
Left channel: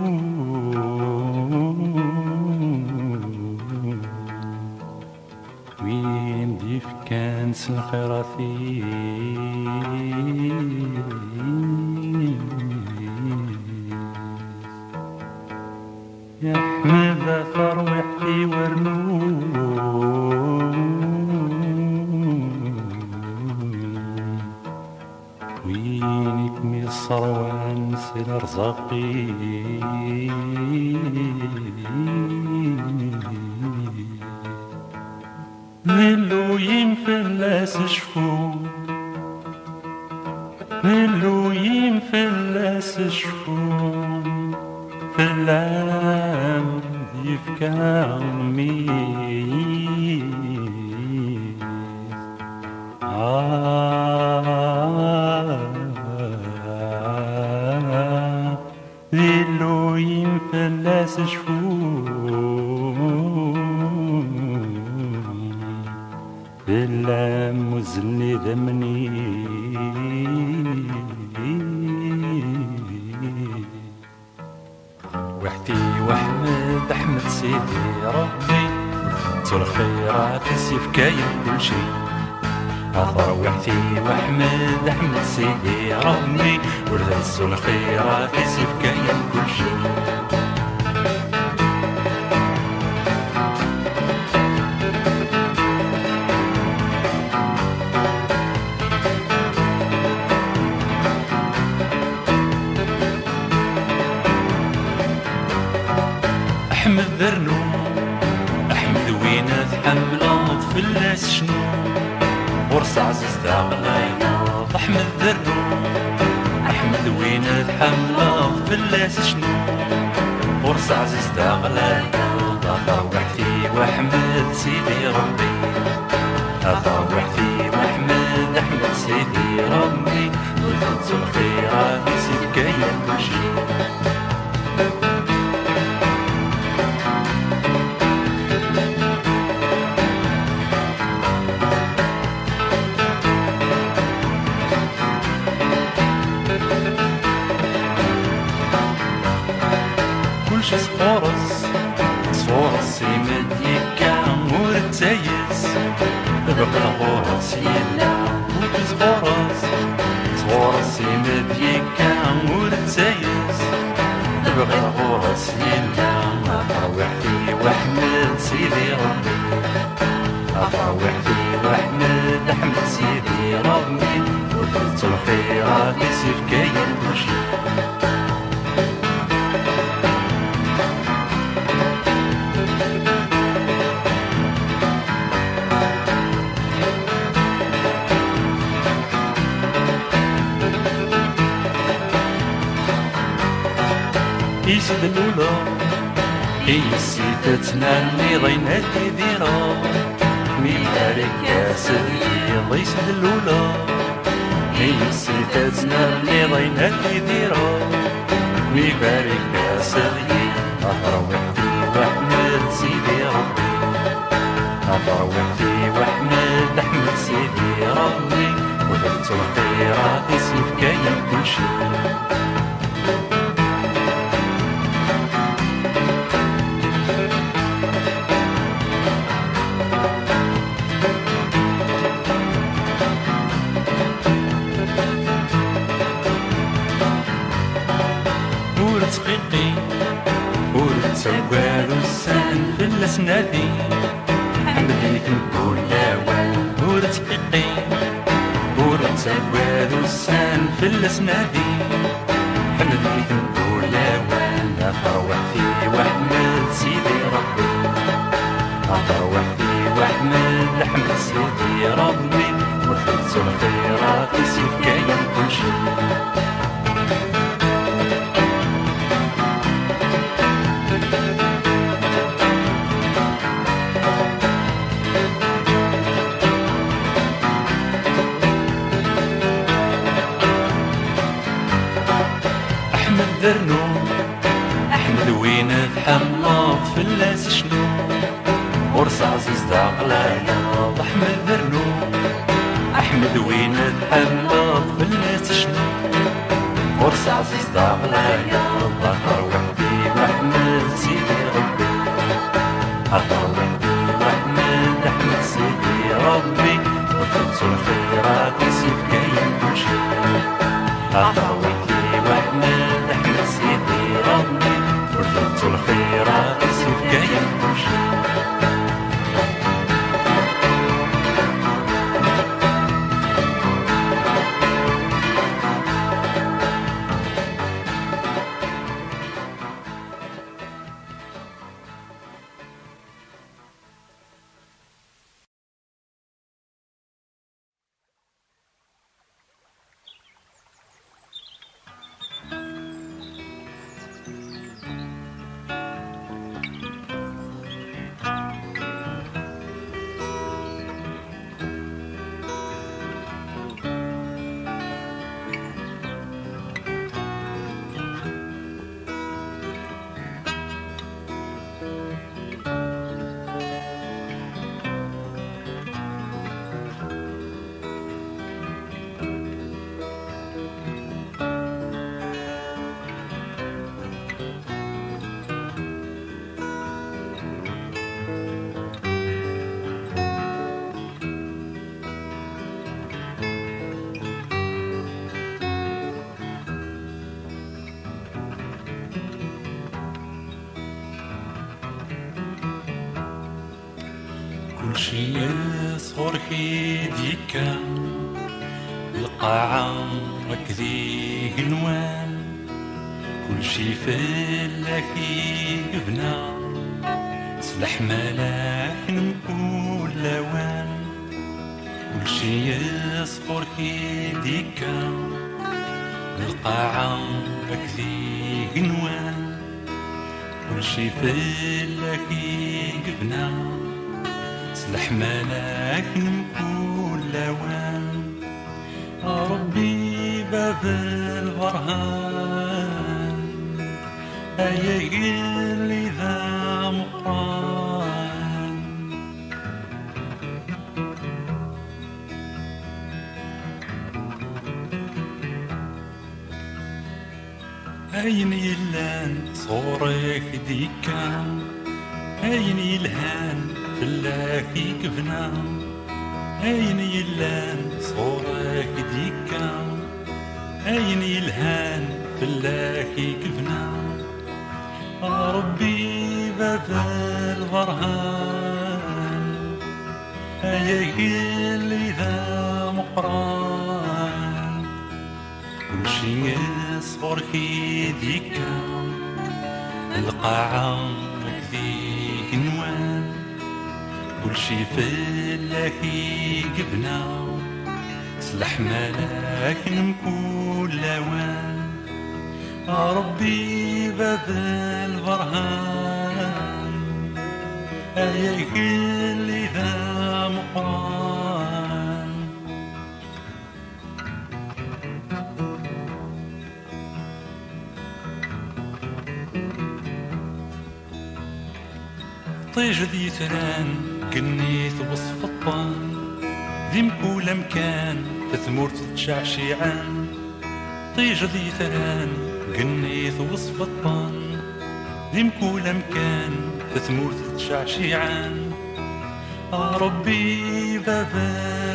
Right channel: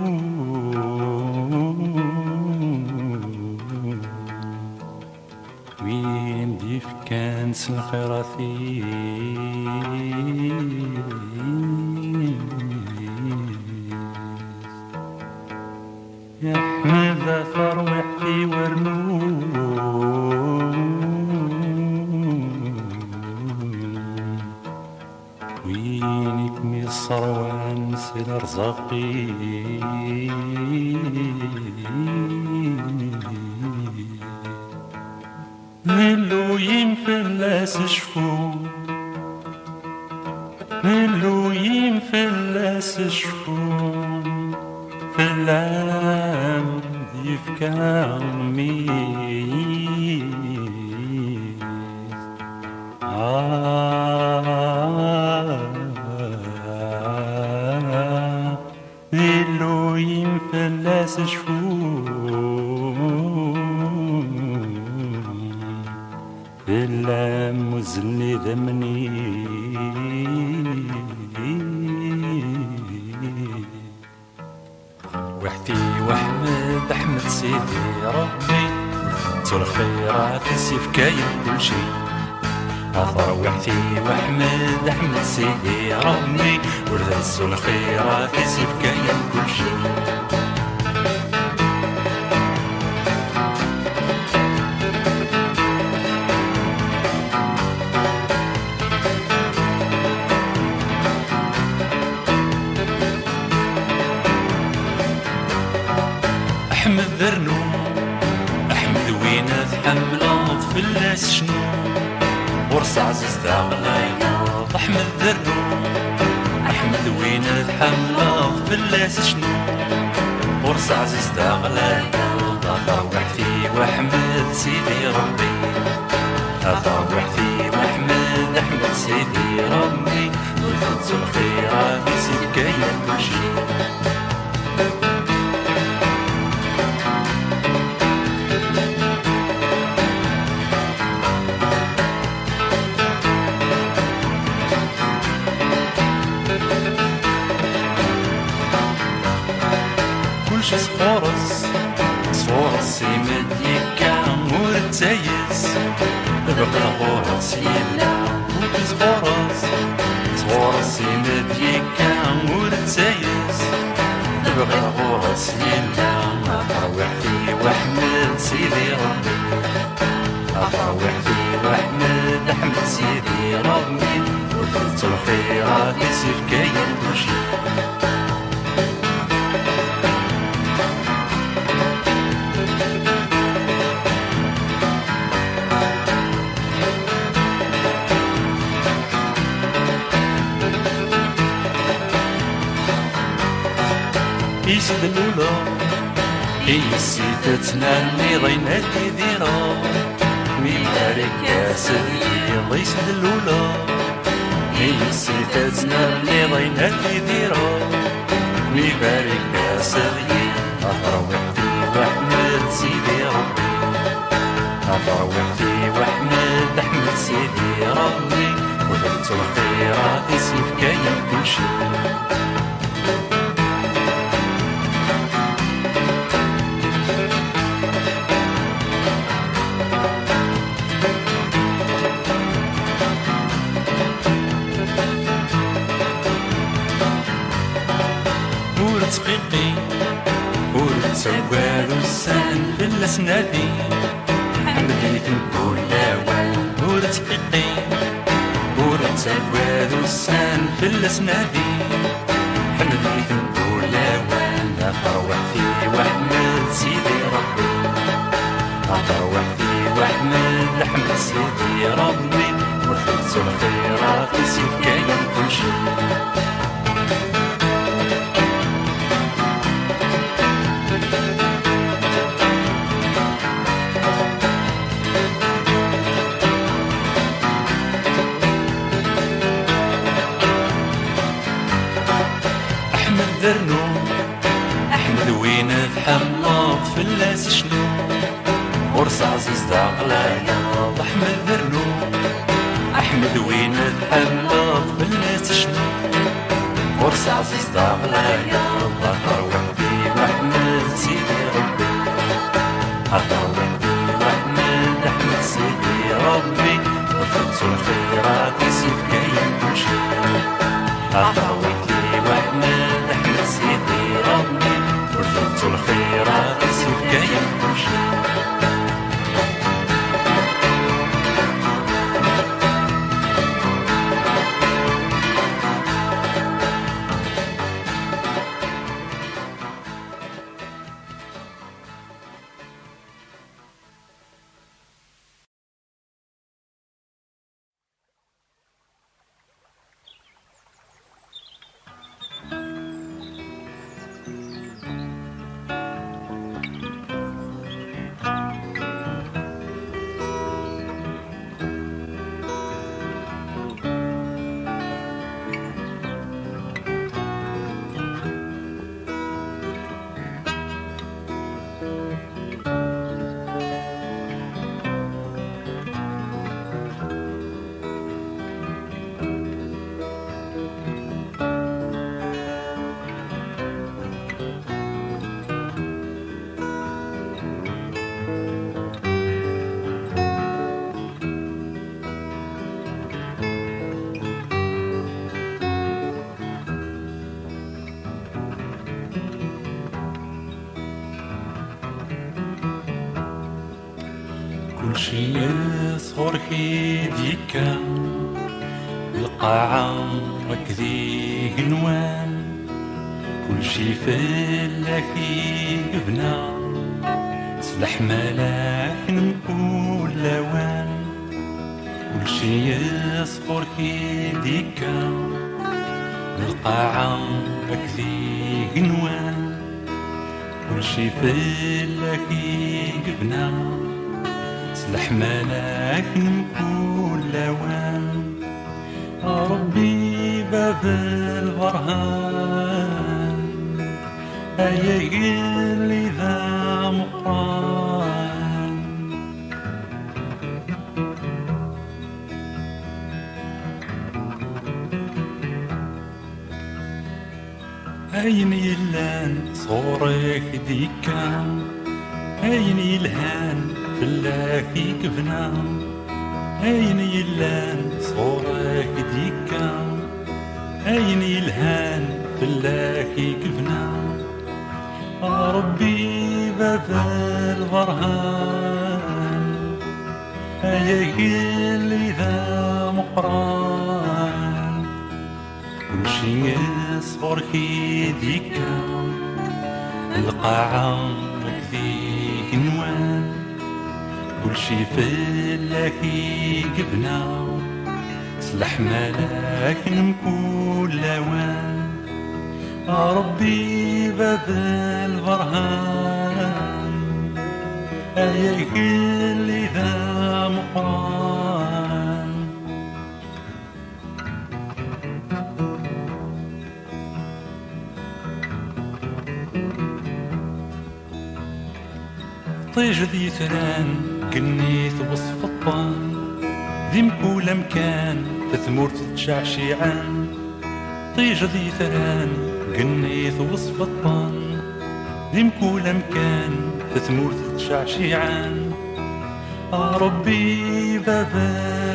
وين ديف كان سنخيراتي يا أحمد ثروحتي ورنو وينك من الصروان سيد رزاقي ملو ينفلس شفو ملو ينفلس شفو فلام يفكر مي ليلو ينفلس شفو إلا مزني ذمني وحدي وحمد أحمد سيدي ربي تول الخيرات السيف كاين كل شي أثر وحدي وحمد أحمد سيدي ربي ورث الخيرات السيف كاين كل شي أحمد ذرنو أحمد وين تحملات فلاس شنو ورص عزيز داغلايا أحمد ذرنو أحمد وين تحملات فلاس شنو ورص عزيز داغلايا ضاغر وحدي وأحمد سيدي ربي ضاغر وحدي وأحمد أحمد سيدي ربي ولفت الخيرات يسيب كاين كل شي كلشي صورس يمديكا ورتايس بقى غورس يلا كلشي صورس يمديكا ورتايس بقى غورس يلا وحدي وأحمد سيدي ربي وحدي وأحمد أحمد سيدي ربي ولفت الخيرات يسيف كاين كل شي يسد الأولى هي السيدتنا اللي ضينا كديرة ميبارك يا سيدي يسد الأولى هي السيدتنا اللي ضينا كديرة ميبارك يا سيدي أثر وحدي وأحمد سيدي ربي أثر وحدي وأحمد أحمد سيدي ربي ولفت الخيرات يسيف كاين كل شي سواد السان في الاسنادي حمديك نقول لاوان ورد حقيقي ورد سواد السان في الاسنادي حمديك نقول لاوان اثر وحدي واحمد سيدي ربي اثر وحدي واحمد احمد سيدي ربي ورثت الخيرات يسيف كاين كل شي ذرنو أحمد وين تحملت فلاس شنو ورث عزيز داغلايا أحمد ذرنو أحمد وين تحملت فلاس شنو مرسى عزيز داغلايا الله وحدي محمد سيدي ربي الله وحدي محمد أحمد سيدي ربي وخلص الخيرات يسيب كاين كلشي الله وحدي محمد أحمد سيدي ربي وخلص الخيرات يسيب كاين كلشي كلشي يصغر كيديكا القاعة ركدي قنوان كلشي فلاكي قبنا سلاح ملاك نقول لوان كلشي يصغر كيديكا القاعة ركدي قنوان كلشي فلاكي قبنا سلاح ملاك نقول لوان ربي باب البرهان هيا قلي ذا مقران أين يلان صورك ديكا أين يلهان فلاكي كفنا أين يلان صورك ديكا أين يلهان فلاكي كفنا ربي باب البرهان هيا قلي ذا مقران كلشي يصغر كيديكا القاعة ركدي قنوان كلشي فلاكي قبنا سلاح ملاك نمكول لوان ربي باب البرهان هيا قلي ذا مقران طيج ذي ثران قنيت وصف الطان ذي مكول مكان تثمر تتشعشعان طيج ذي ثران قنيت وصف الطان ذي مكول مكان تثمر تتشعشعان ربي باب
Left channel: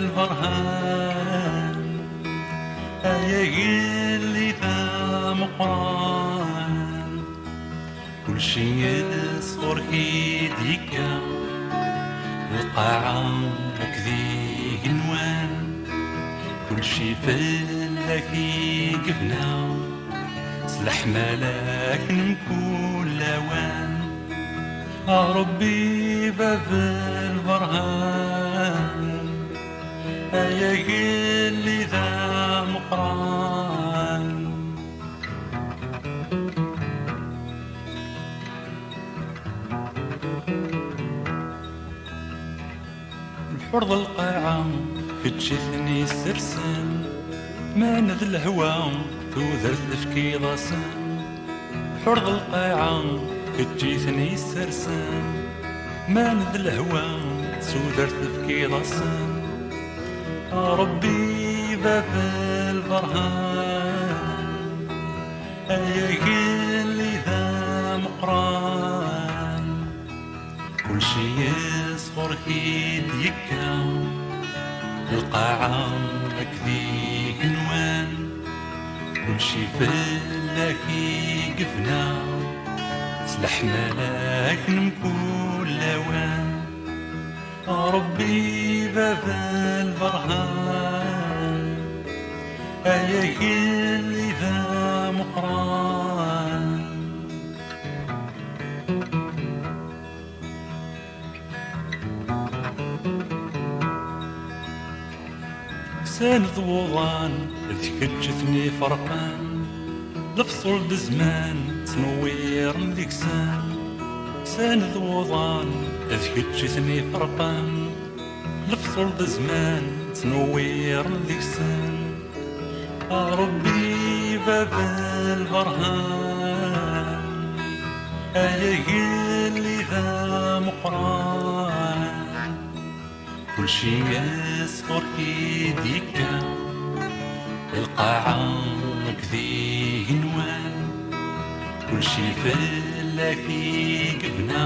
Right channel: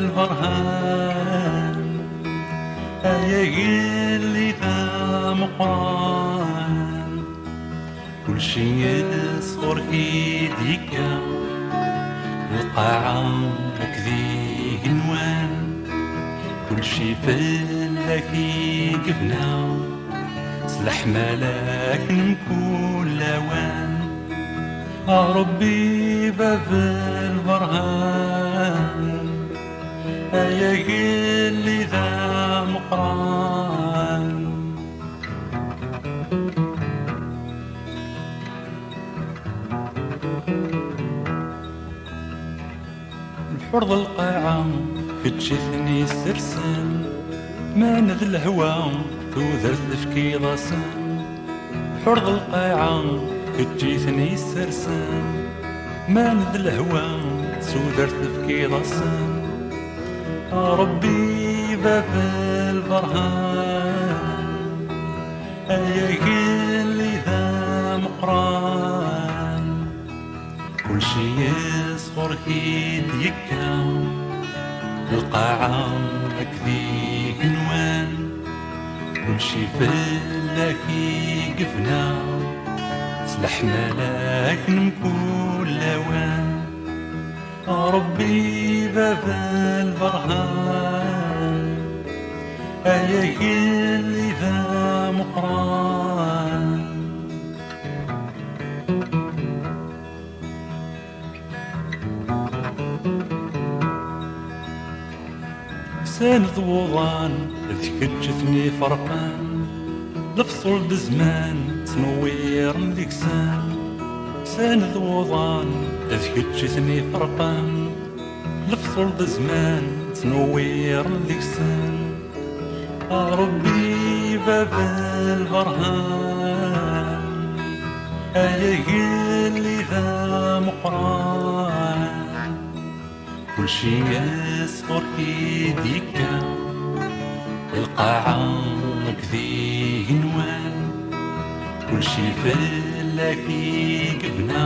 البرهان هيا قلي ذا مقران كلشي يصغر كيديكا القاعة ركدي قنوان كلشي فلاكي قبنا سلاح ملاك نمكول لوان ربي باب البرهان هيا قلي ذا مقران فرض القاعة كتشتني السرسان ما نذ الهوى توذر تفكي راسان فرض القاعة كتجيثني السرسان ما نذ الهوى توذر تفكي راسان ربي باب البرهان اللي ذا مقران كل شي يصفر كيد يكا القاعة أكذيك نوان كل شي فلاكي قفنا سلح ملاك نمكول لوان ربي باب البرهان اللي ذا مقران ساند وضان تكتشفني فرقان لفصل بزمان تنوير مديكسان ساند وضان تكتشفني فرقان لفصل بزمان تنوير مديكسان ربي باب البرهان اللي ذا مقران كل شي يصفر كيديكا القاعة مكذيه نوان كل شي فلاكي قبنا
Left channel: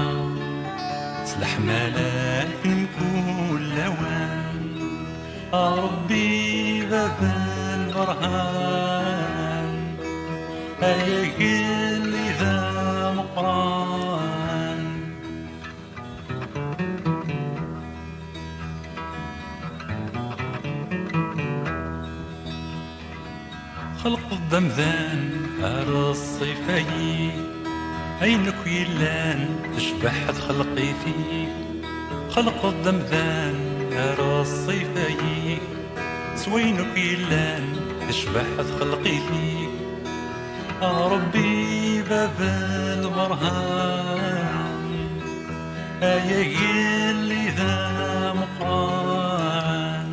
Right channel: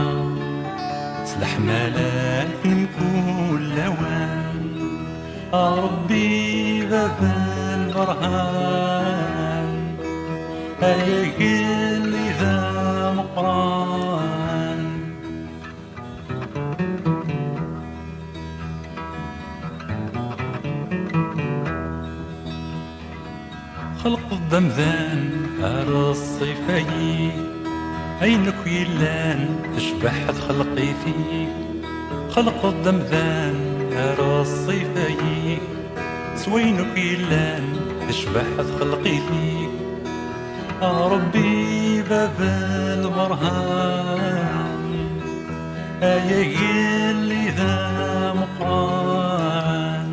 سلح ملاك نكون لوان ربي باب البرهان اللي ذا مقران خلق الضمذان الصيفي عينك يلان تشبح خلقي فيك خلق الضمذان الصيفي سوينك يلان تشبح خلقي فيك ربي باب البرهان اللي ذا مقران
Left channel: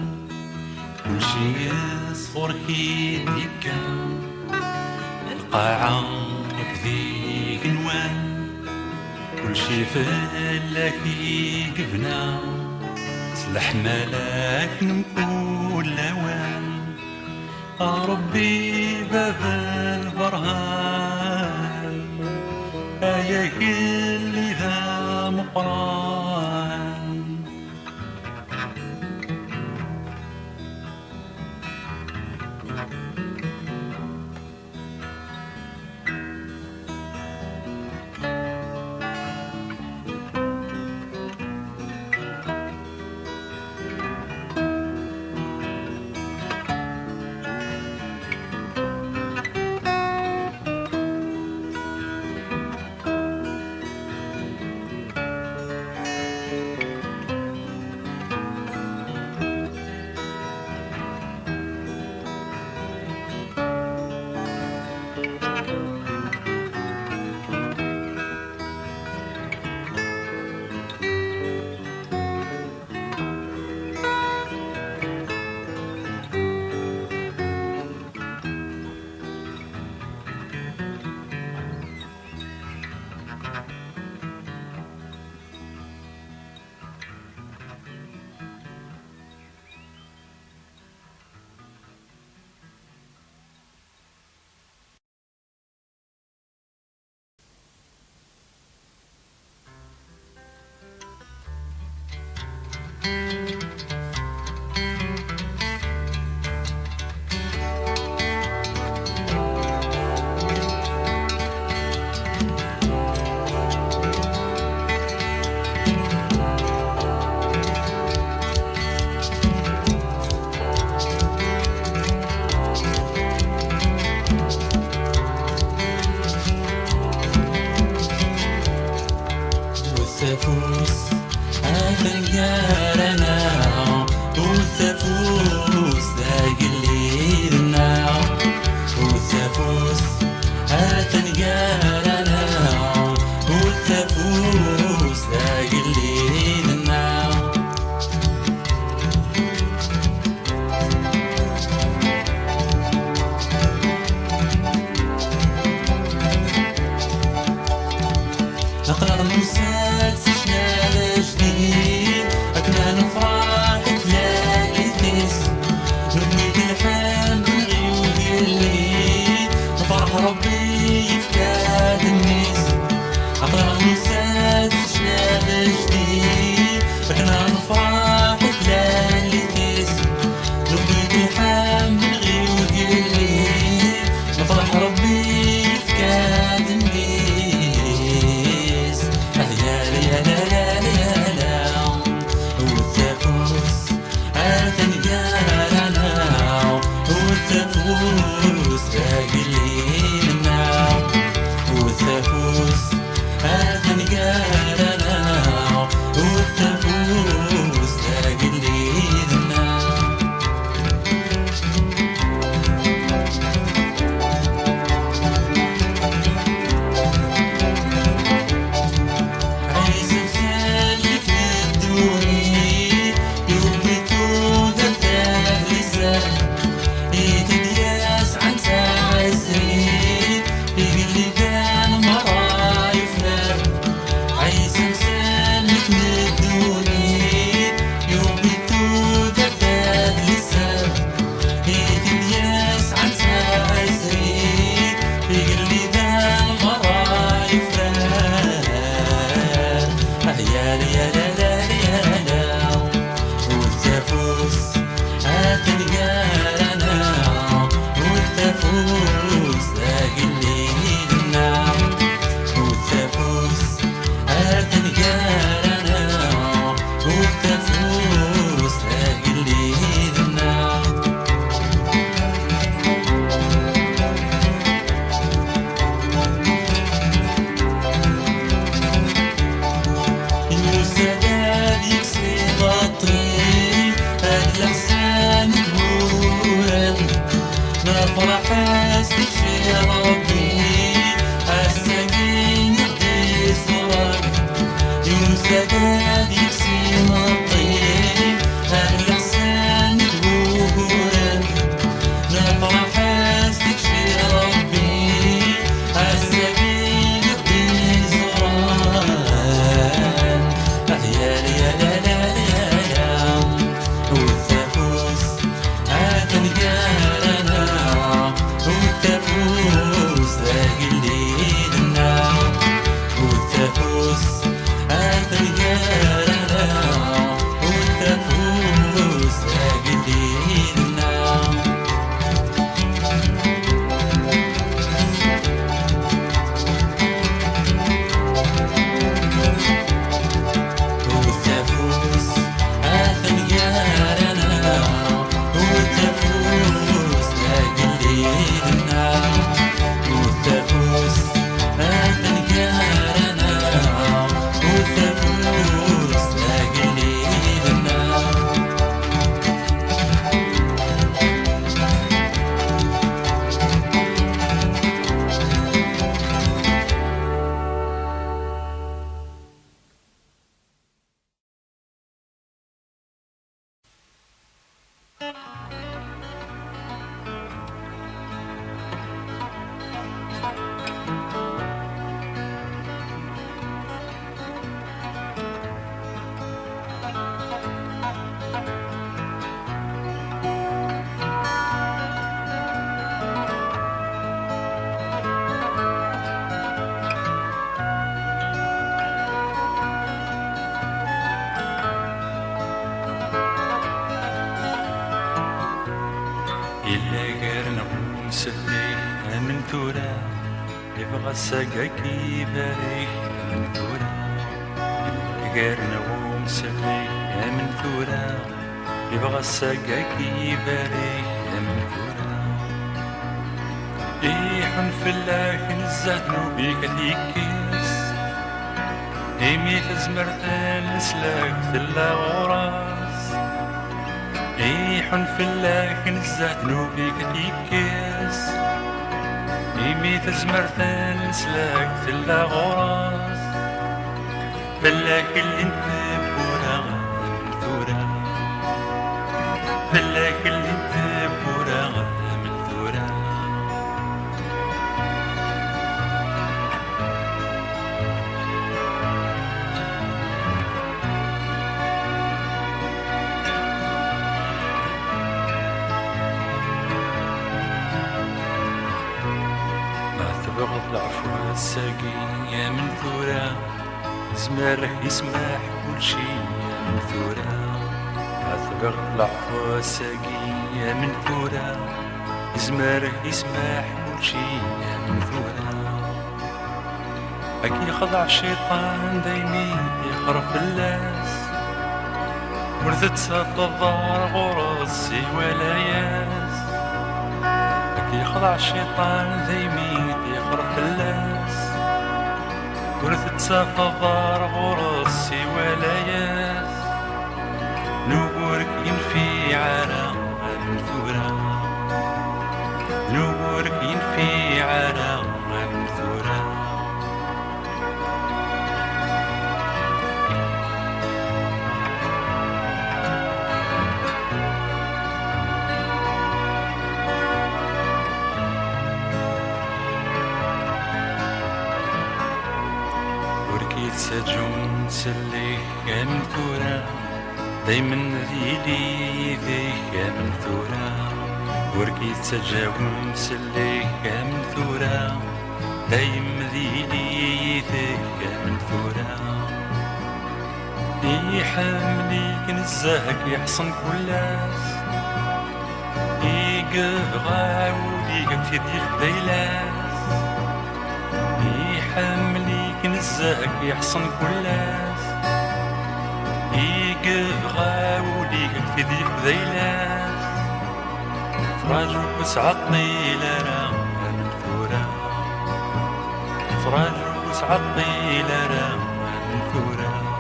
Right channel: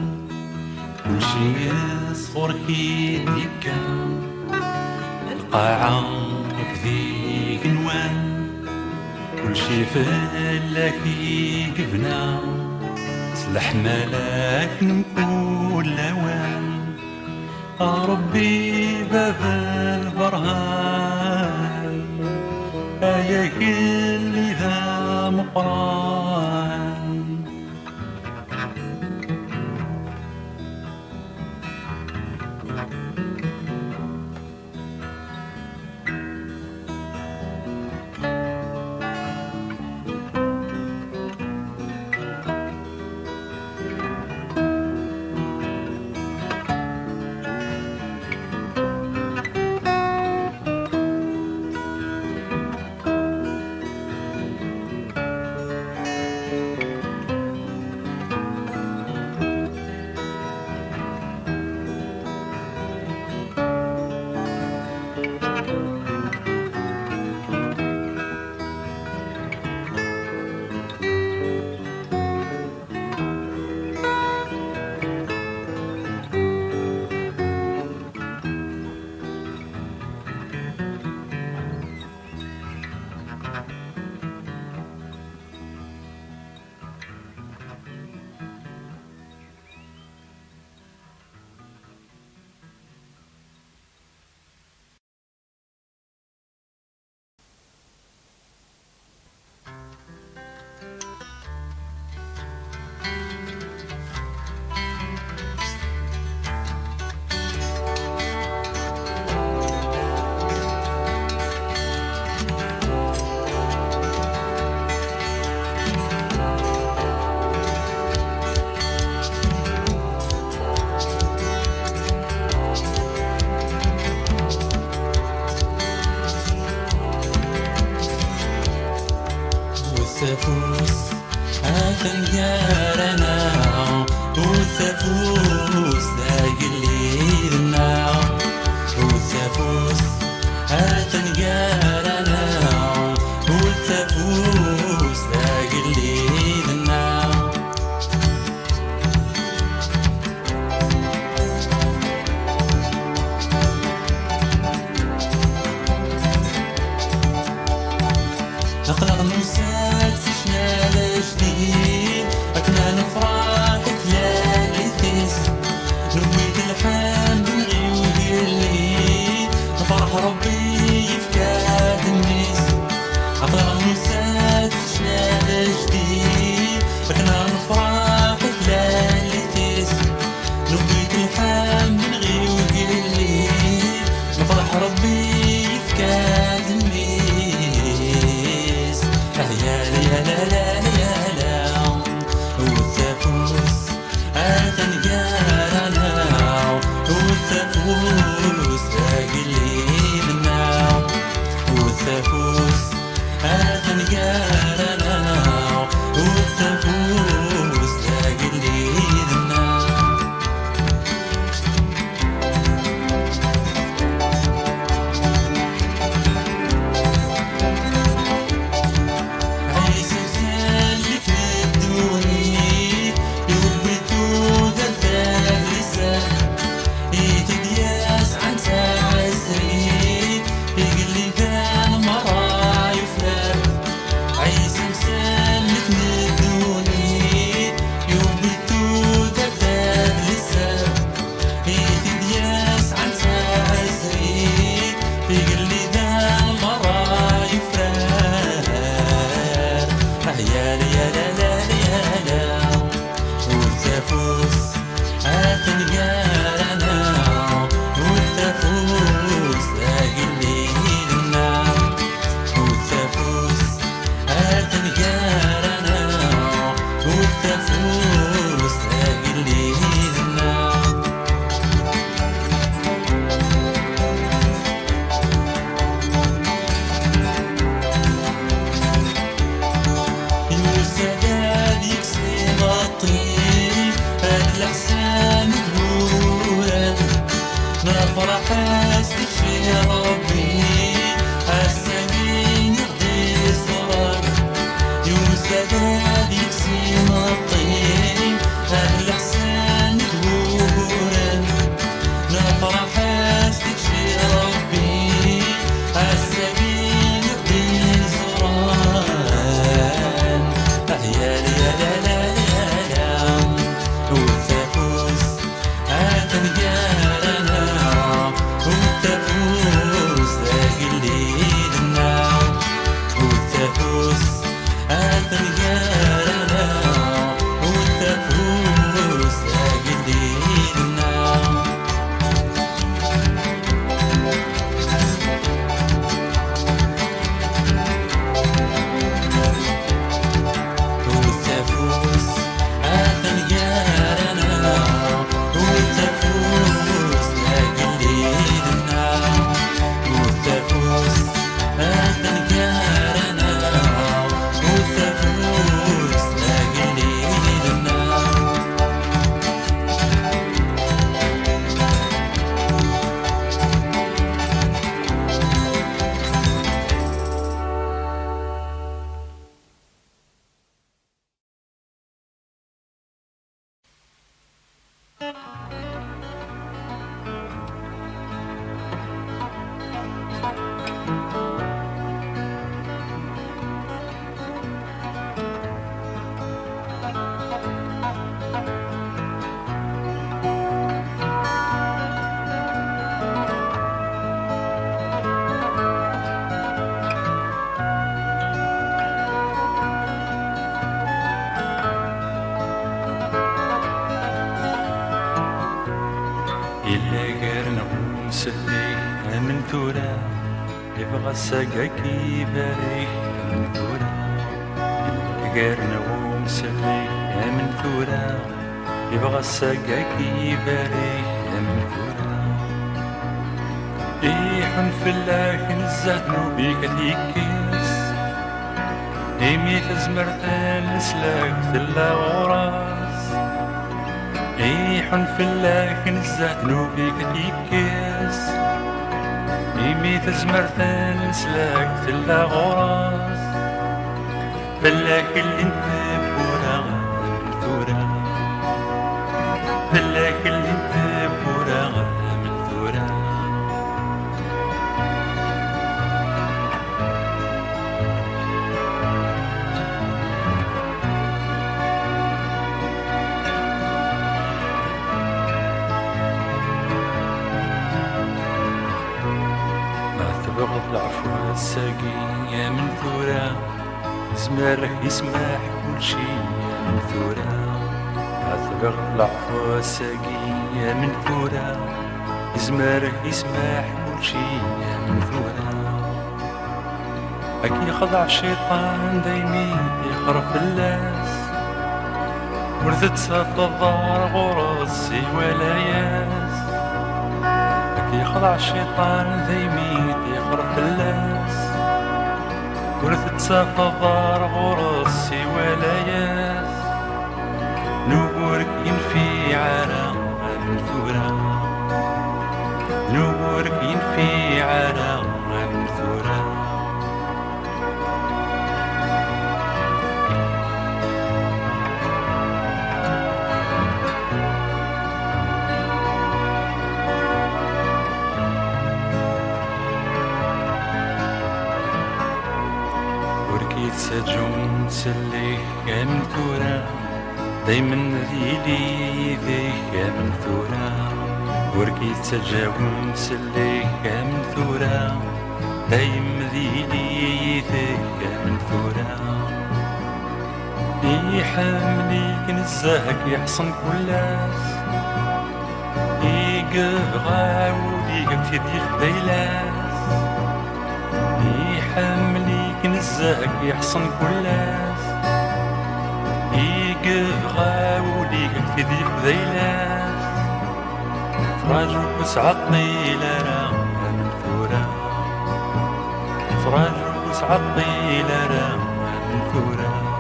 كل شي يصفر كيديك القاعة كذيك نوان كل شي فلاكي قبنا سلح ملاك نمكول لوان ربي باب البرهان اللي ذا مقران نفرح ليالي تس فكنا نفرح وكلان لكيس نبيتو حامل غيودي نفرح ربي كان النيس يا لا لا لا لا لا والتفوس عادن يارانا والتفوس راقلينا والتفوس عادن يارانا والتفوس راقلينا سقاكي باريك من ثورة غيرنا ومسلي من ثورة يبغى سقاكي باريك من ثورة يحن في الله نزهنو بيك اليكيس يميت زمرتان نسلاك تلا غراس يحن في الله نزهنو بيك اليكيس يميت زمرتان نسلاك تلا غراس بلاك اللي انت بورا من ثورة بلاك اللي انت بورا من ثورة تبغض العفو الساقي من ثورة زمالك يسمح كل شي من ثورة أثبغ العفو الساقية من ثورة يزمر يسمح وشي من ثورة أكي خضع الشيطان دايمين يخرف اللاس ورثت ساق الظهر غرصي ولا ياس أكي خضع الشيطان دايمين يخرف اللاس ورثت ساق الظهر غرصي ولا ياس نورك ينفي على الثورة نورك ينفي على الثورة وركيت سجون سليك من ثورة دايما ذيلي ذيك من ثورة وركيت سجاون سليك من ثورة دايما ذيلي ذيك من ثورة يحمليك نزاهك يحصن كلاس يقف غاودي قبتي ديك ليلاس يحمليك نزاهك يحصن كلاس يقف غاودي قبتي ديك ليلاس فراجوك وسعى طيلة من ثورة فراجوك وسعى طيلة من ثورة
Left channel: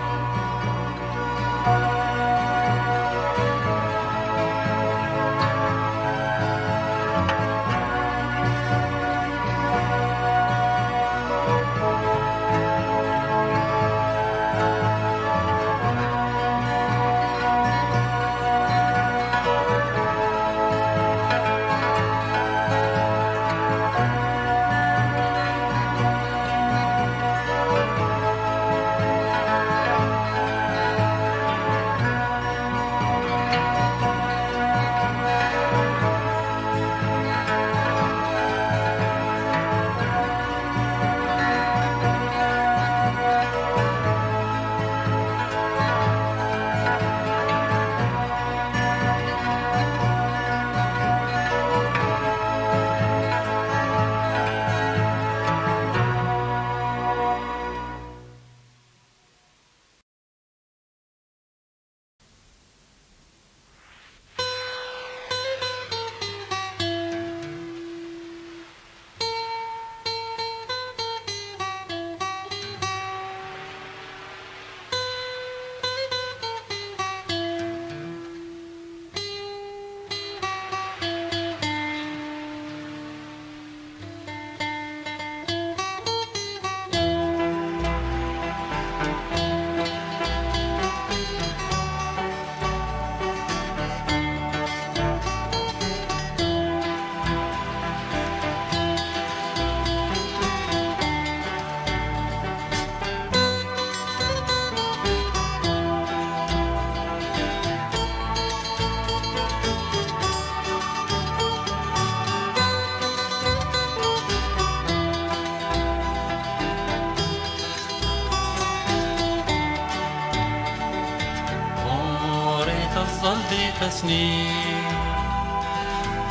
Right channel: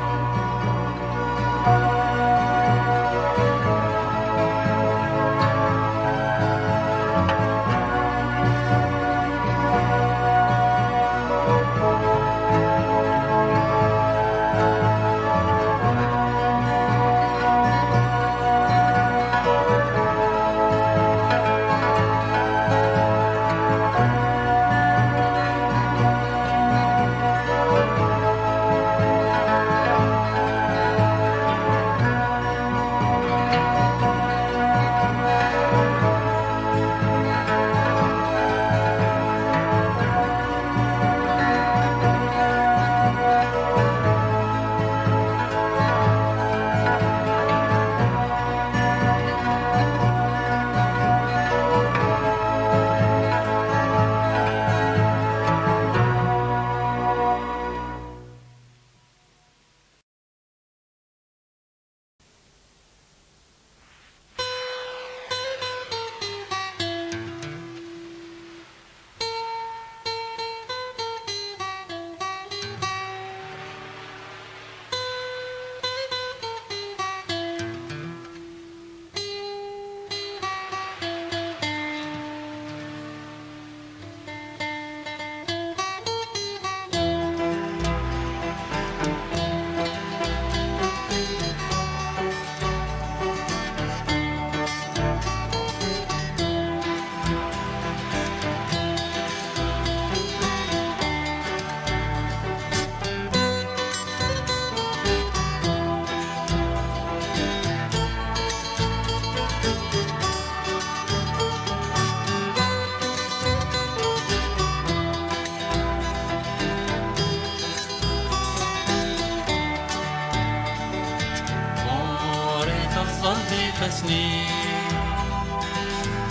سنين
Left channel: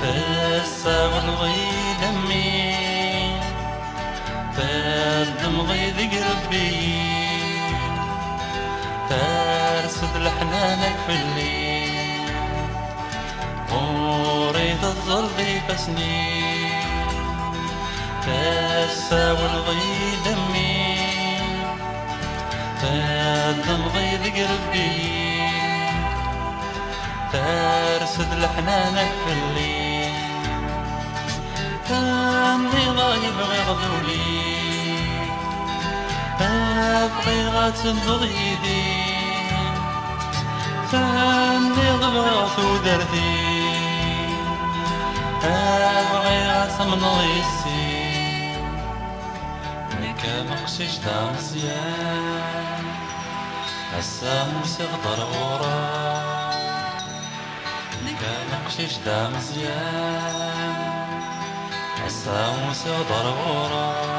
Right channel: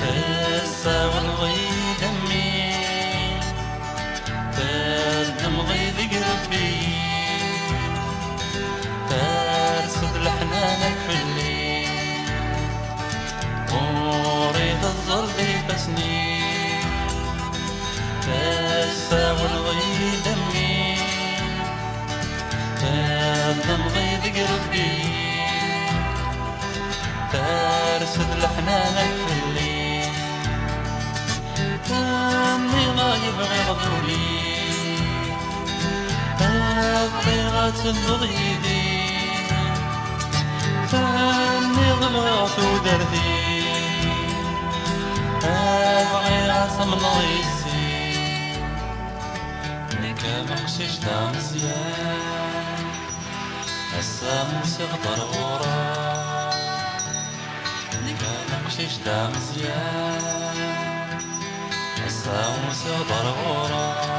تساوى الغيد همي تردم غيد قربي ترسد لحنانك في الليل وريد الظل تسنين تساوى الغيد همي تردم غيد قربي ترسد لحنانك في الليل تاني لا يبغي غضولي تبغي غاتم بغيدي تاني غلط ودردي تبغي غاتم نغيسي ميكا مقسيش دا مزيان السامس يغدر غورا نقشش دا مزيان الساموس يغدر غورا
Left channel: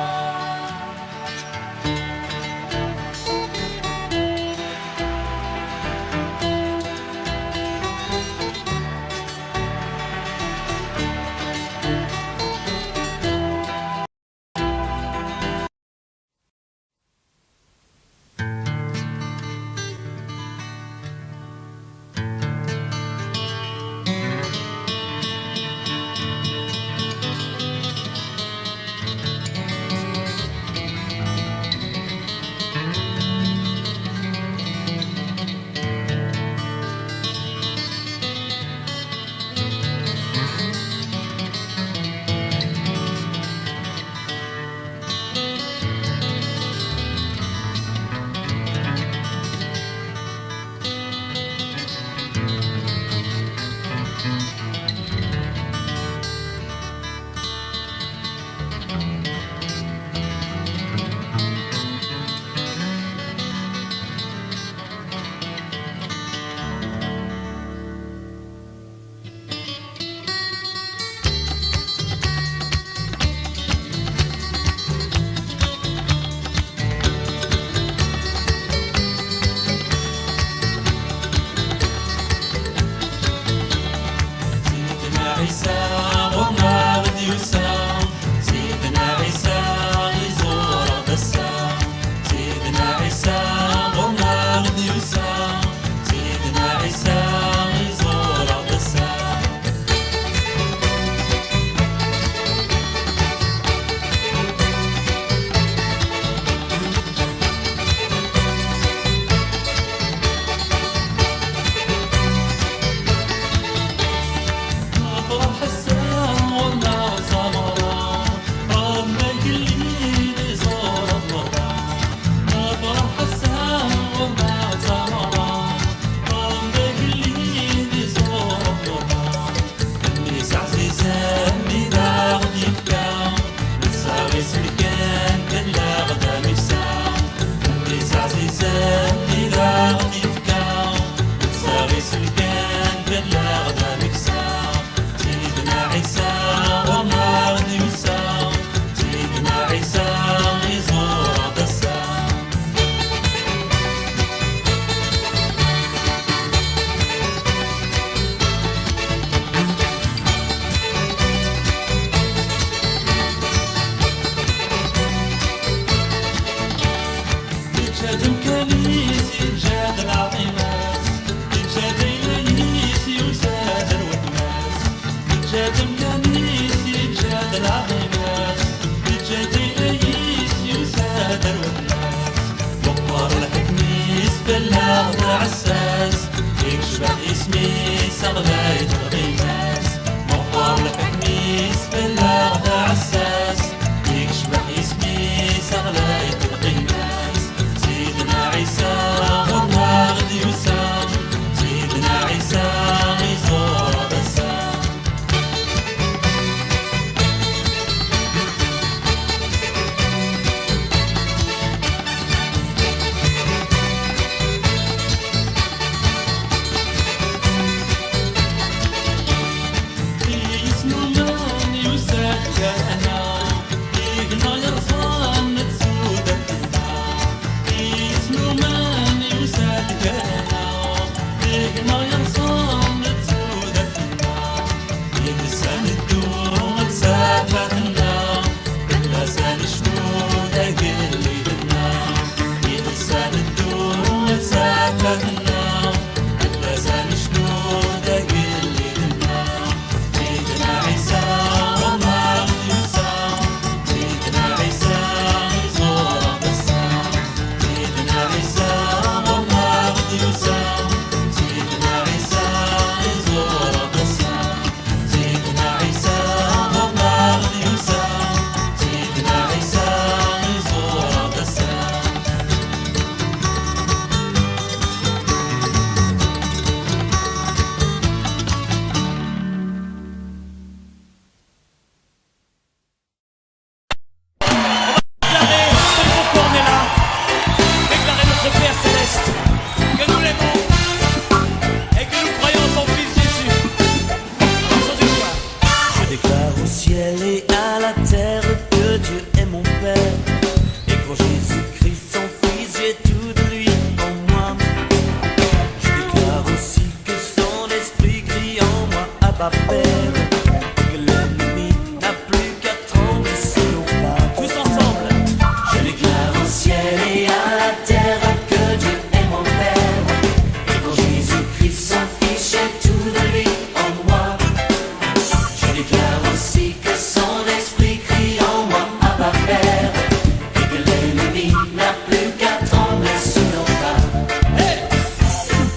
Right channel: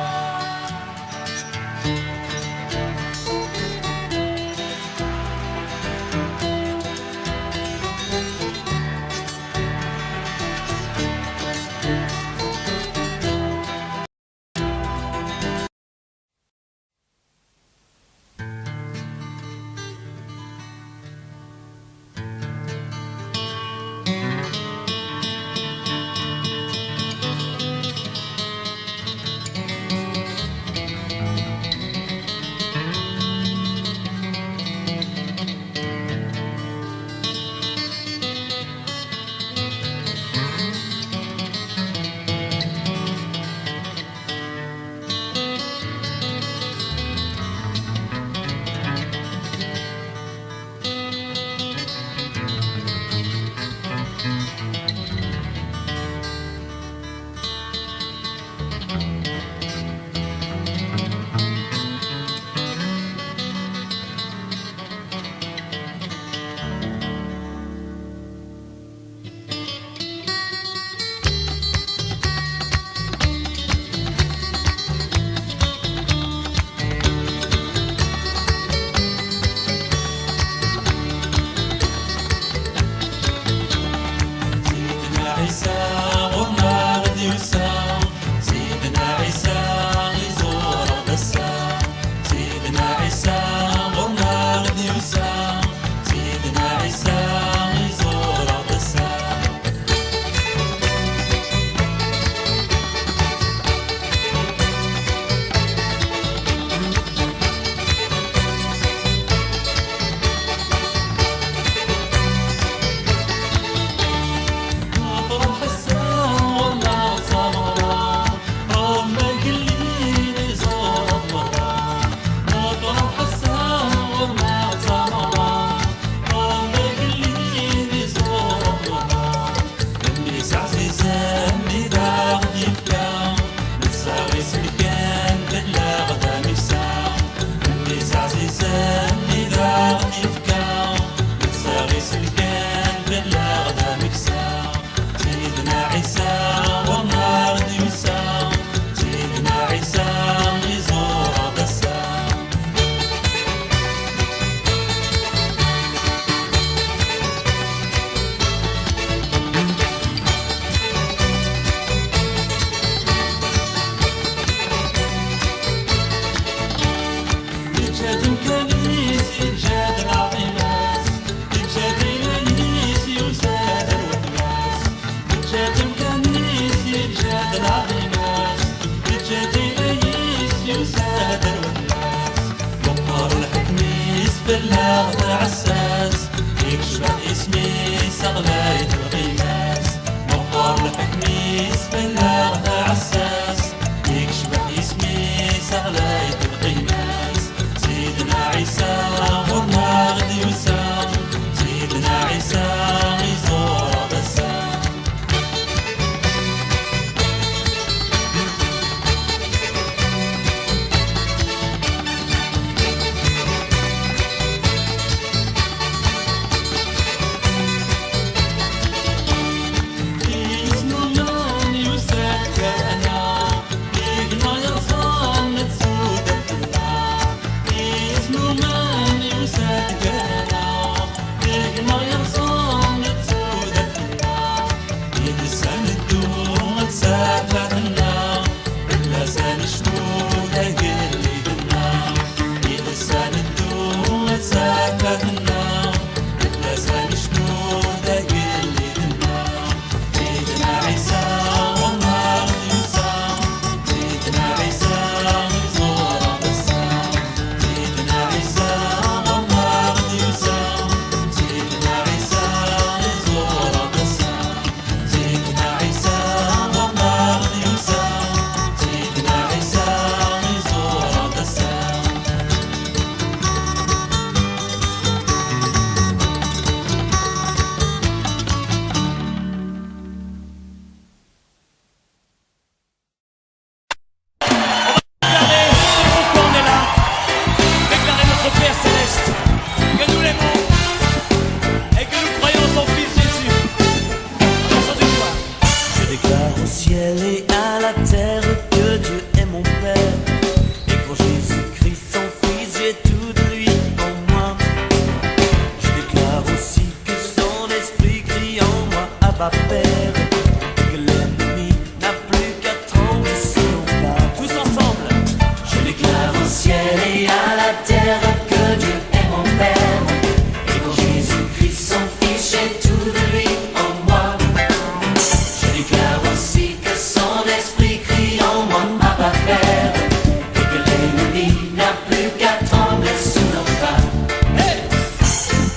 عيسى وما بدي وسام سيدنا عيسى يزور السام سيدنا عيسى وما بدي وسام سيدنا عيسى يزور السام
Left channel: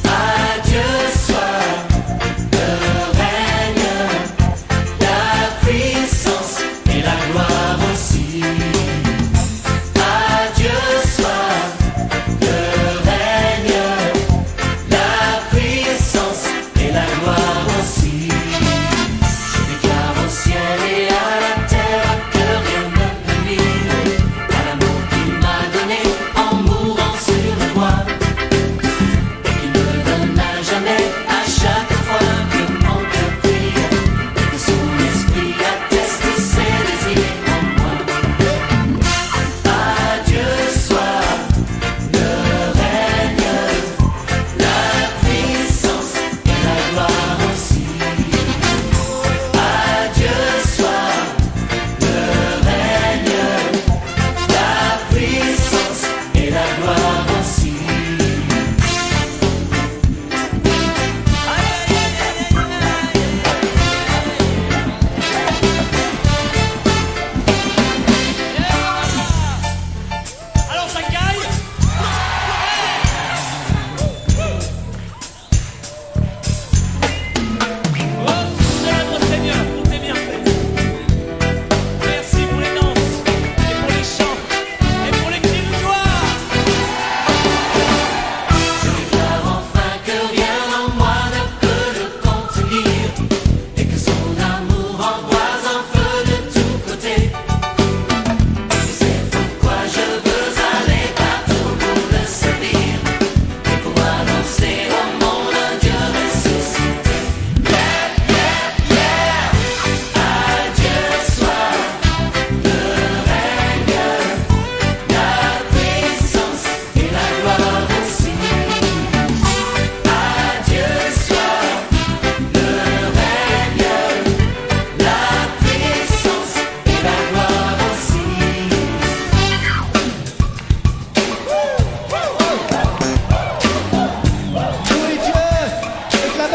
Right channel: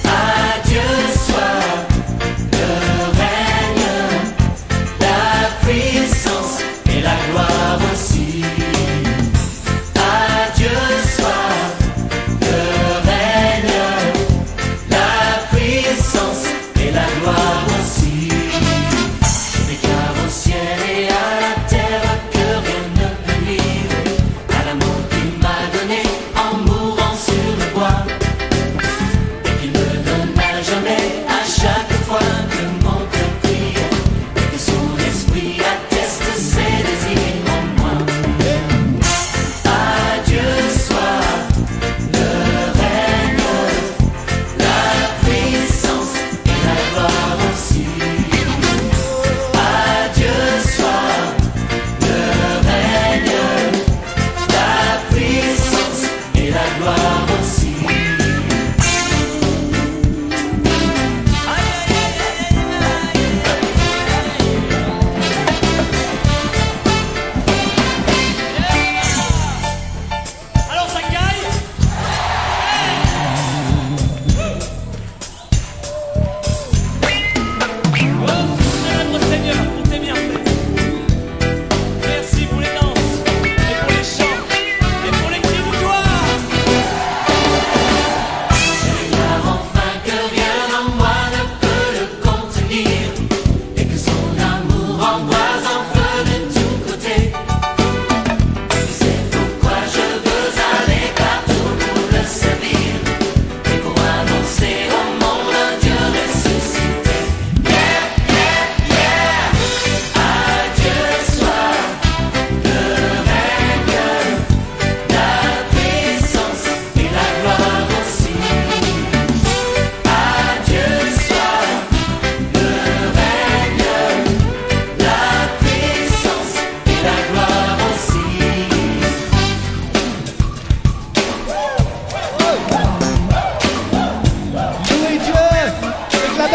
Adieu, soir, le règne.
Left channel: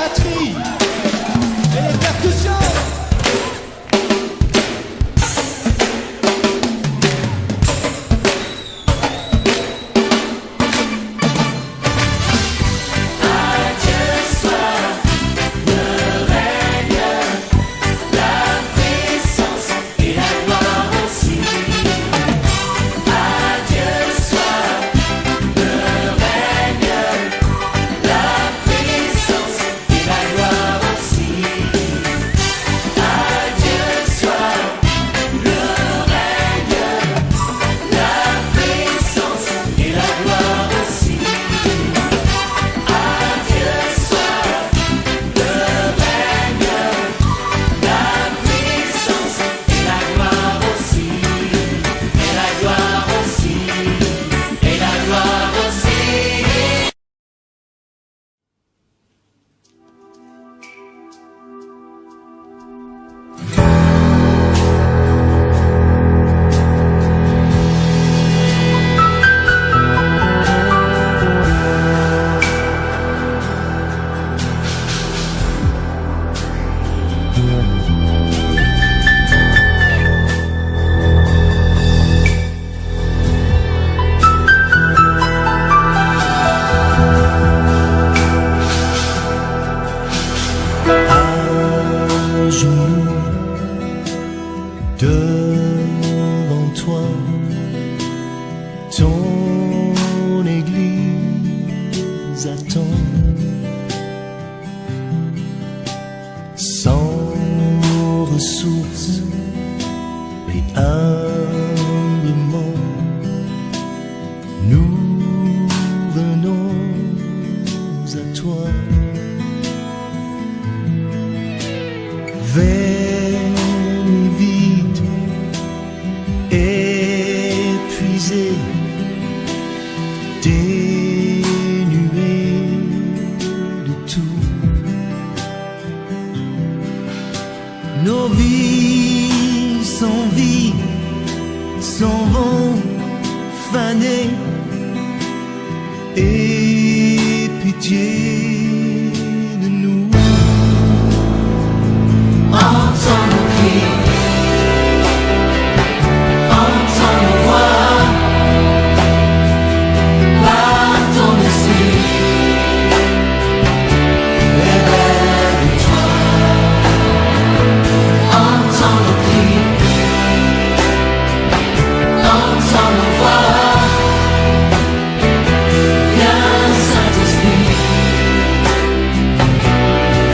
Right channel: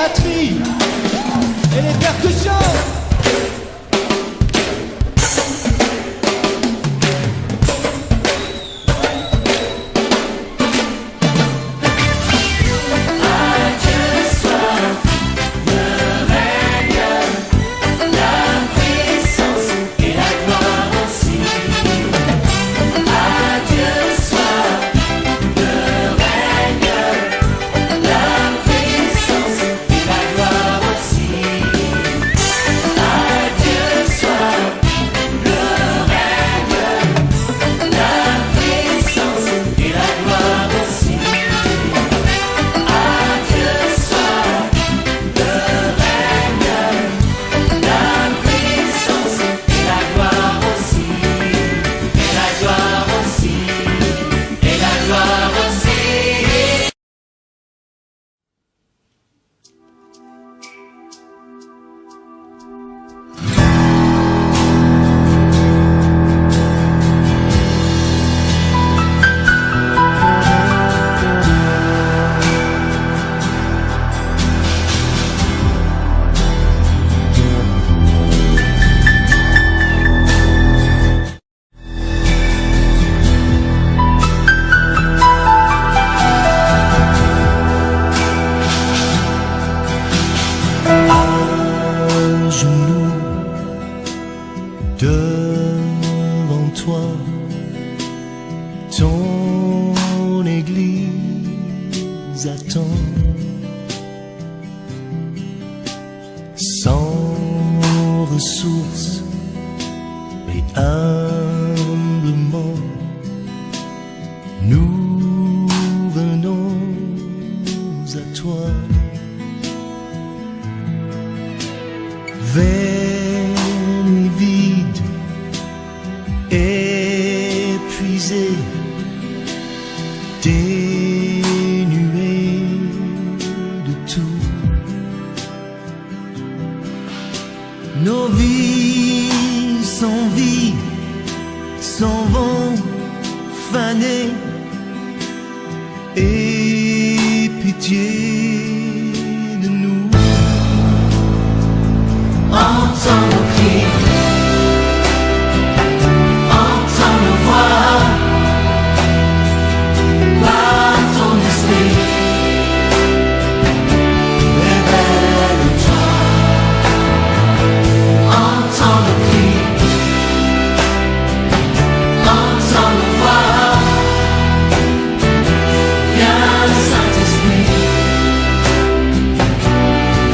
batteries et les percussions. devant toi, ton église attend, sans ressources et humblement, nous venons à toi. Vaine et vide, épuisé, dénué de tout. Nos vies sans vie s'en vont faner, et pitié de nous. Entends nos cris, entends nos voix, par ton esprit, révèle-toi. Entends nos cris, entends nos voix, viens Saint-Esprit,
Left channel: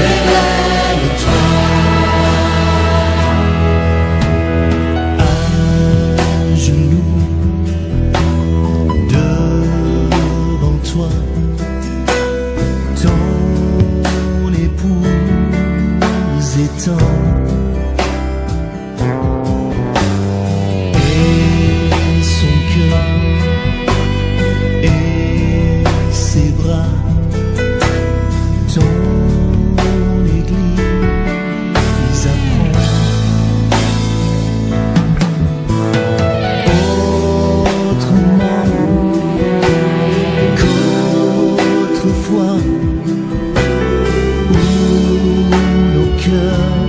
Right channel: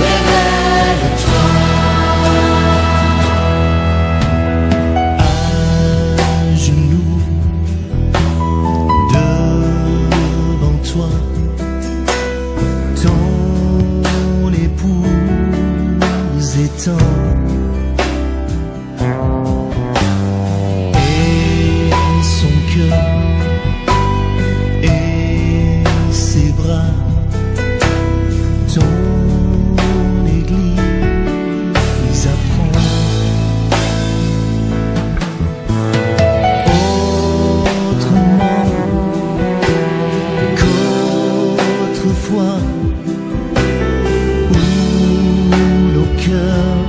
révèle-toi. Devant toi, ton épouse étend, et son cœur et ses bras, ton église apprend. Qu'autrefois, où nos cœurs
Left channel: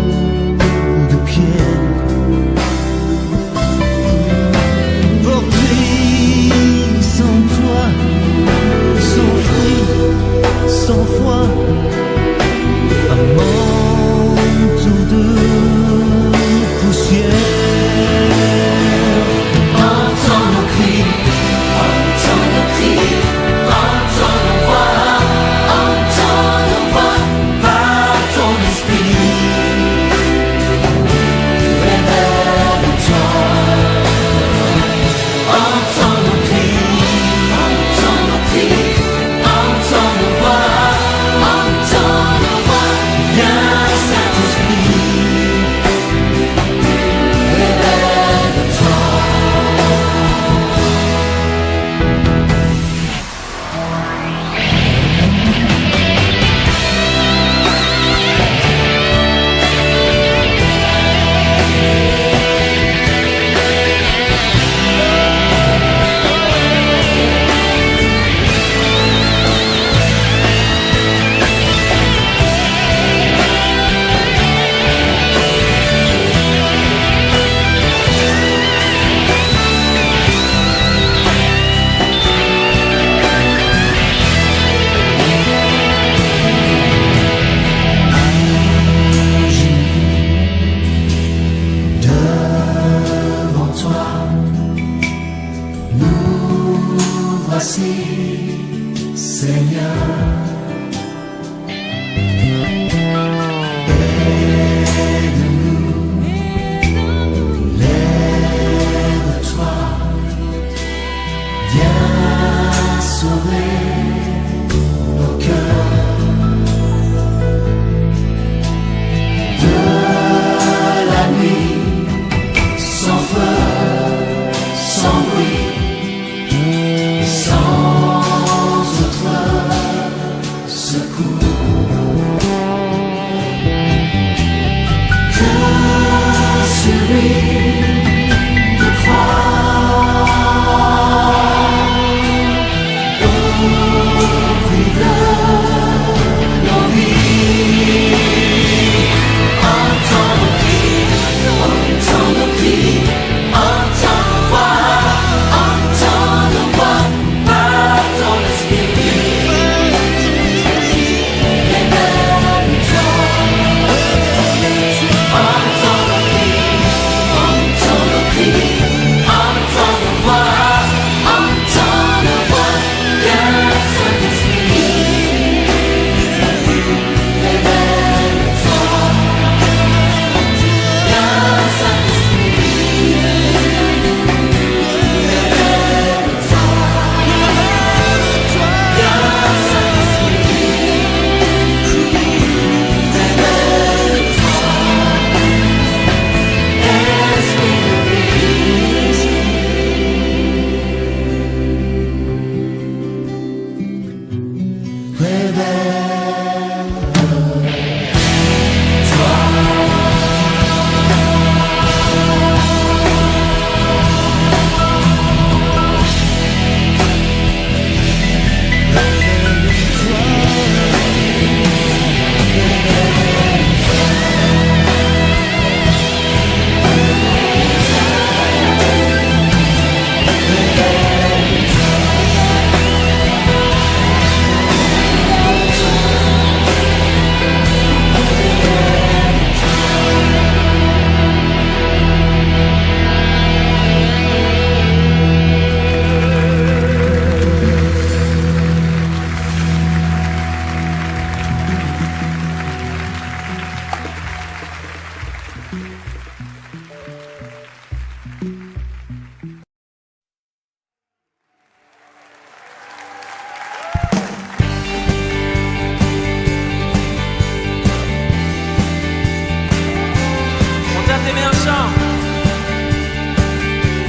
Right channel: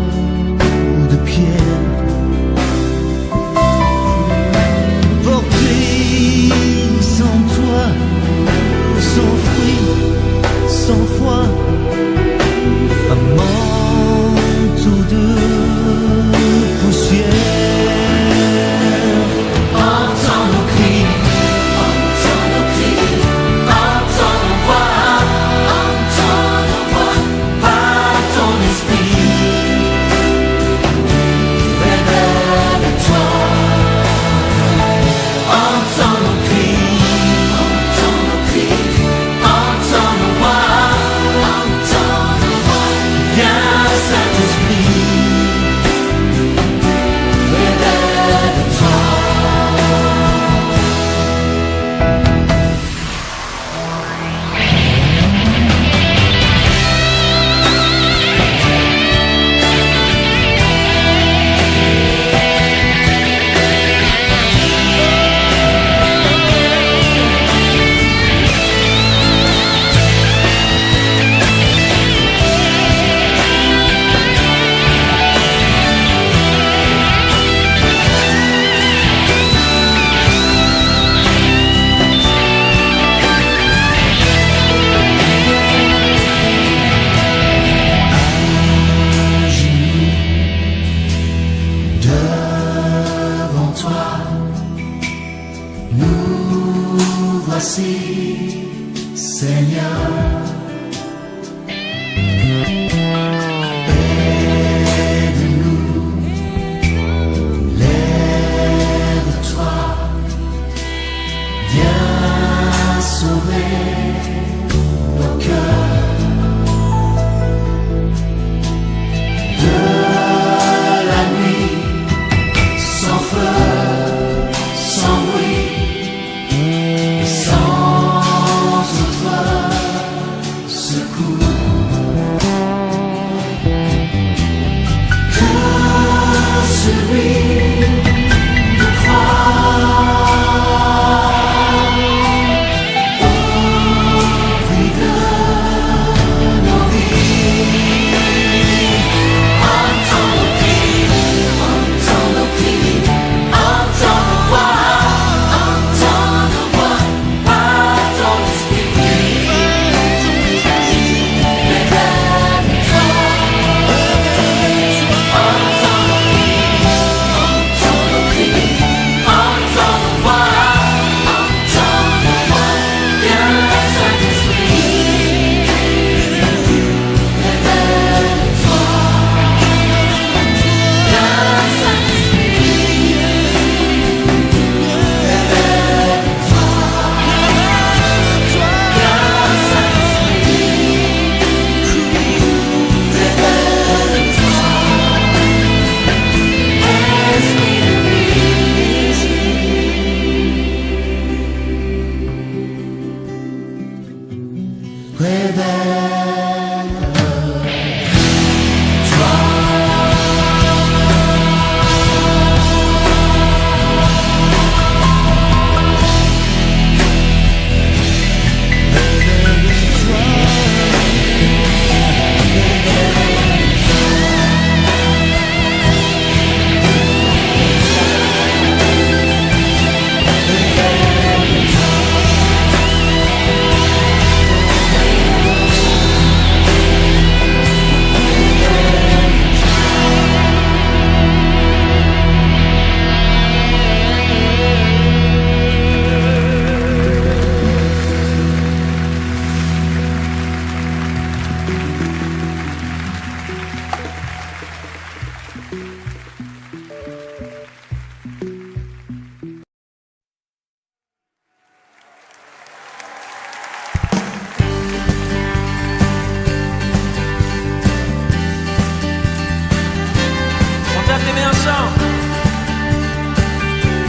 tape les mains ensemble.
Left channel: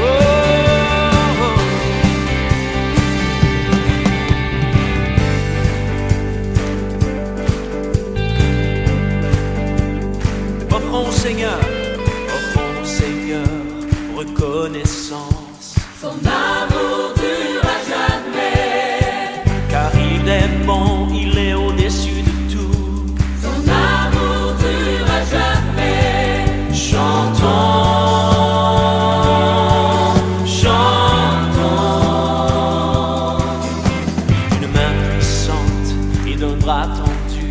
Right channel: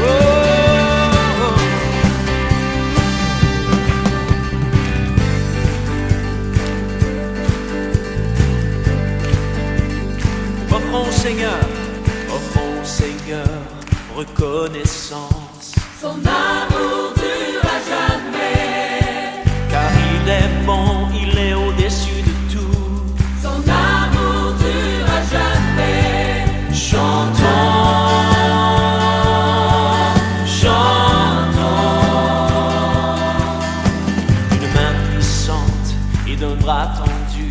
Oh, oh. Offrons au Seigneur, reconnaissance. Son amour durera jamais. Car il est bon, il est au-dessus de tout. Son amour durera jamais. Chantons, chantons. Une main puissante et d'un bras tendu.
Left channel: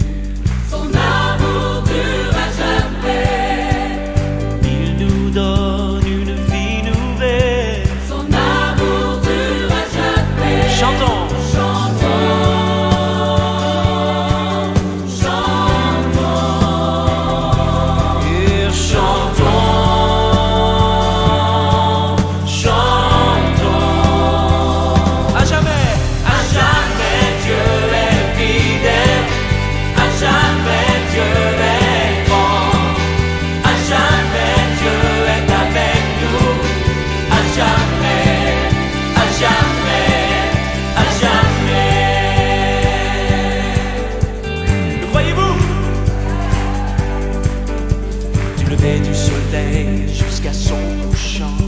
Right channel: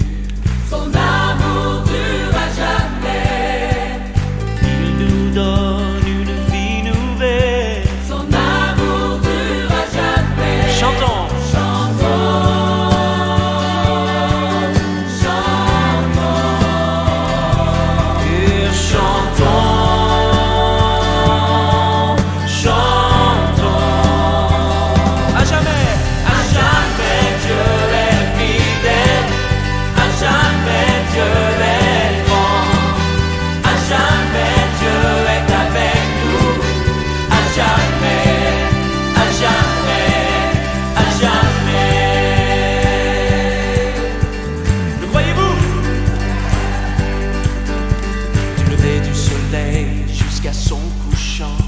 Son amour durera jamais. Il nous donne une vie nouvelle. Son amour durera jamais. Chantons. Du soleil jusqu'à son couchant.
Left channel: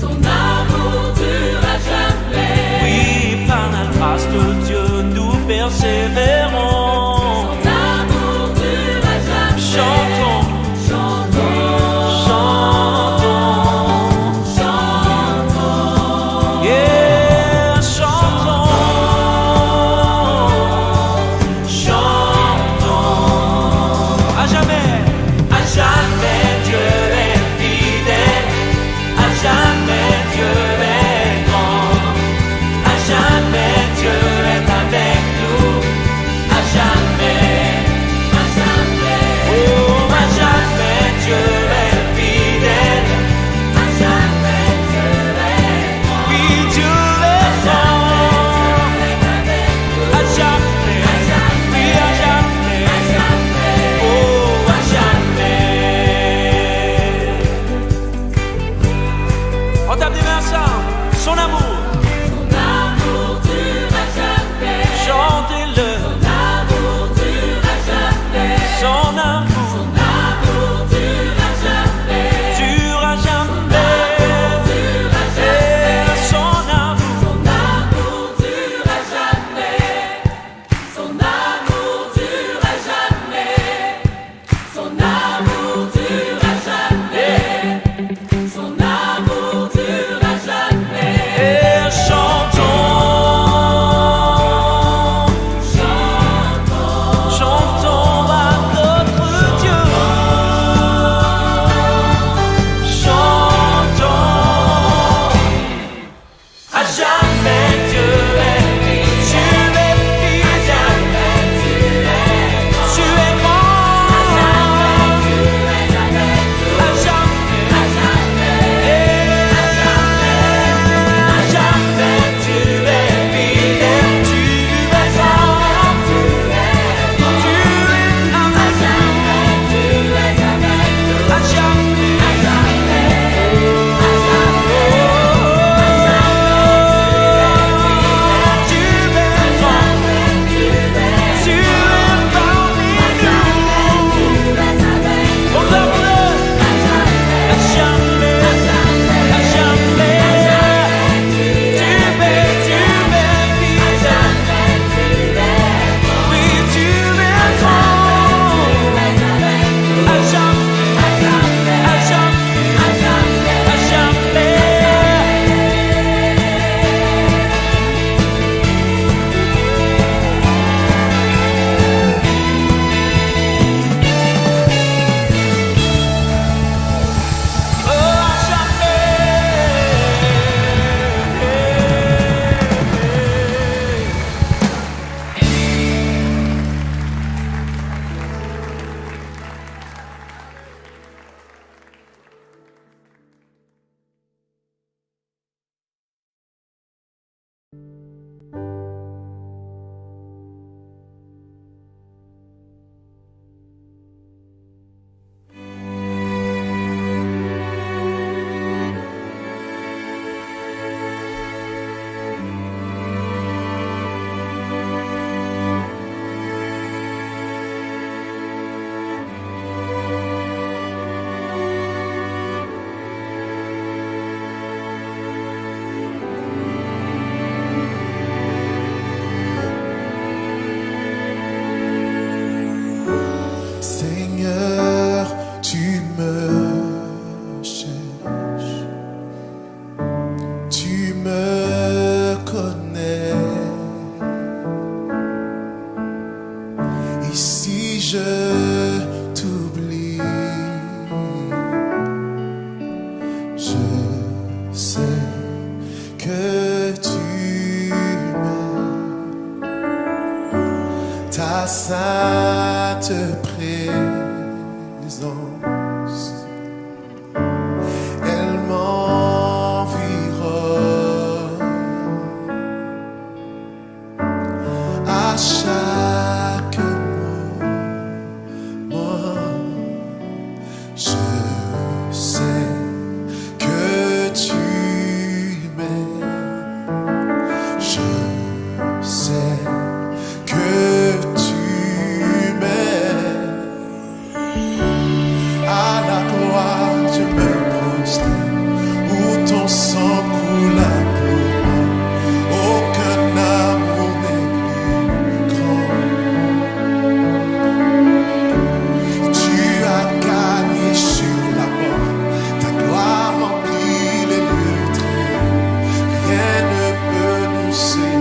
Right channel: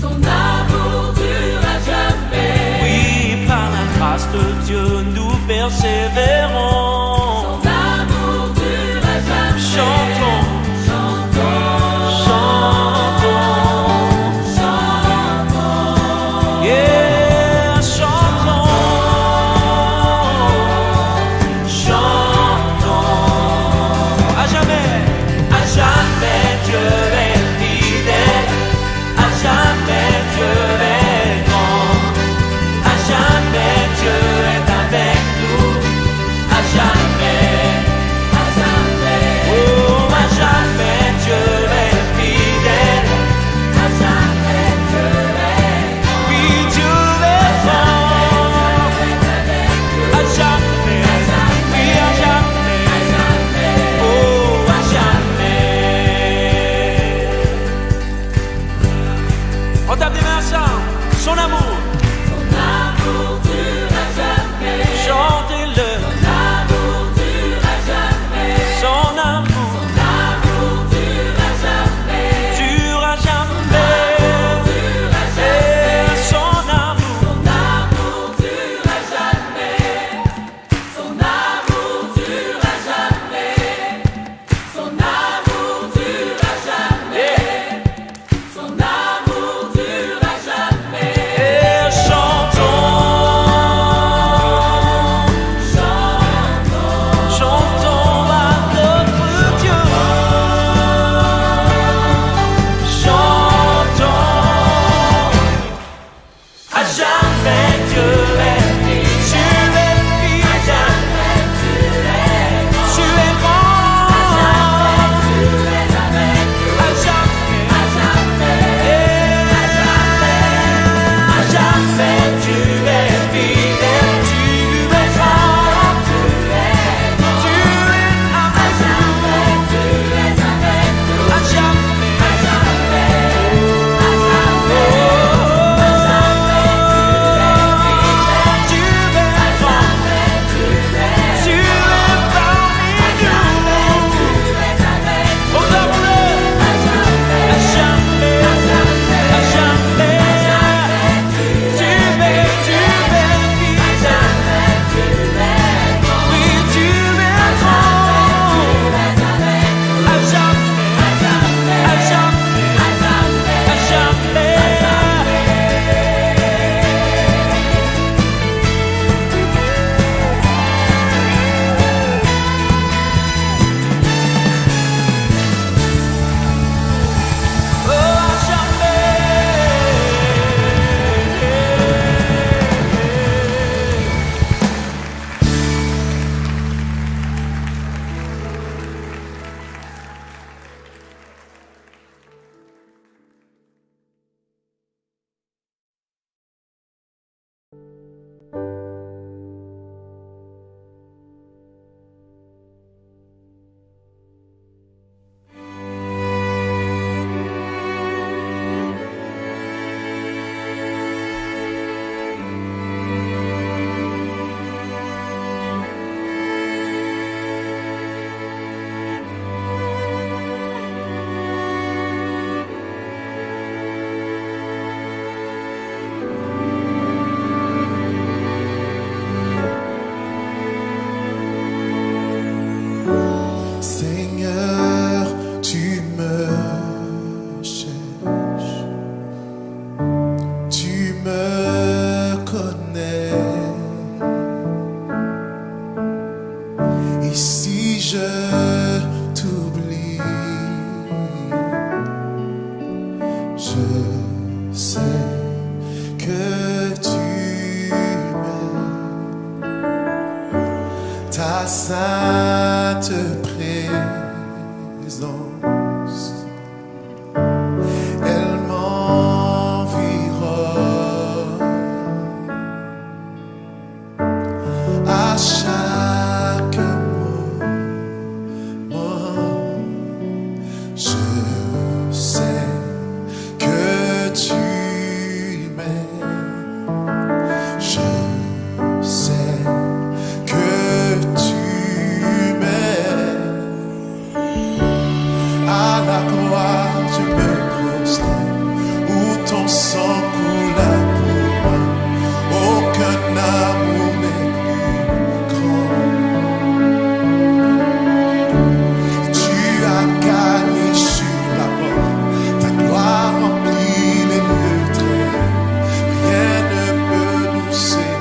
Son amour durera jamais. Oui, par la grâce de Dieu, nous persévérons. Son amour durera jamais. Chantons, chantons, chantons, chantons. Yeah, chantons, chantons. À jamais, à jamais. Dieu est fidèle, Seigneur, tu me cherches, tu me connais. Et si je t'oublie, je sais que tu m'aimes. Ta sainte présence, elle m'environne à chaque moment. Je sais que tu m'aimes. Je sais que tu m'aimes. À la croix je me prosterne, où ton sang coula pour moi. Aucun amour n'est plus grand. Tu as gagné sur la mort, ta gloire remplit les lieux très hauts. Rien ne peut nous séparer.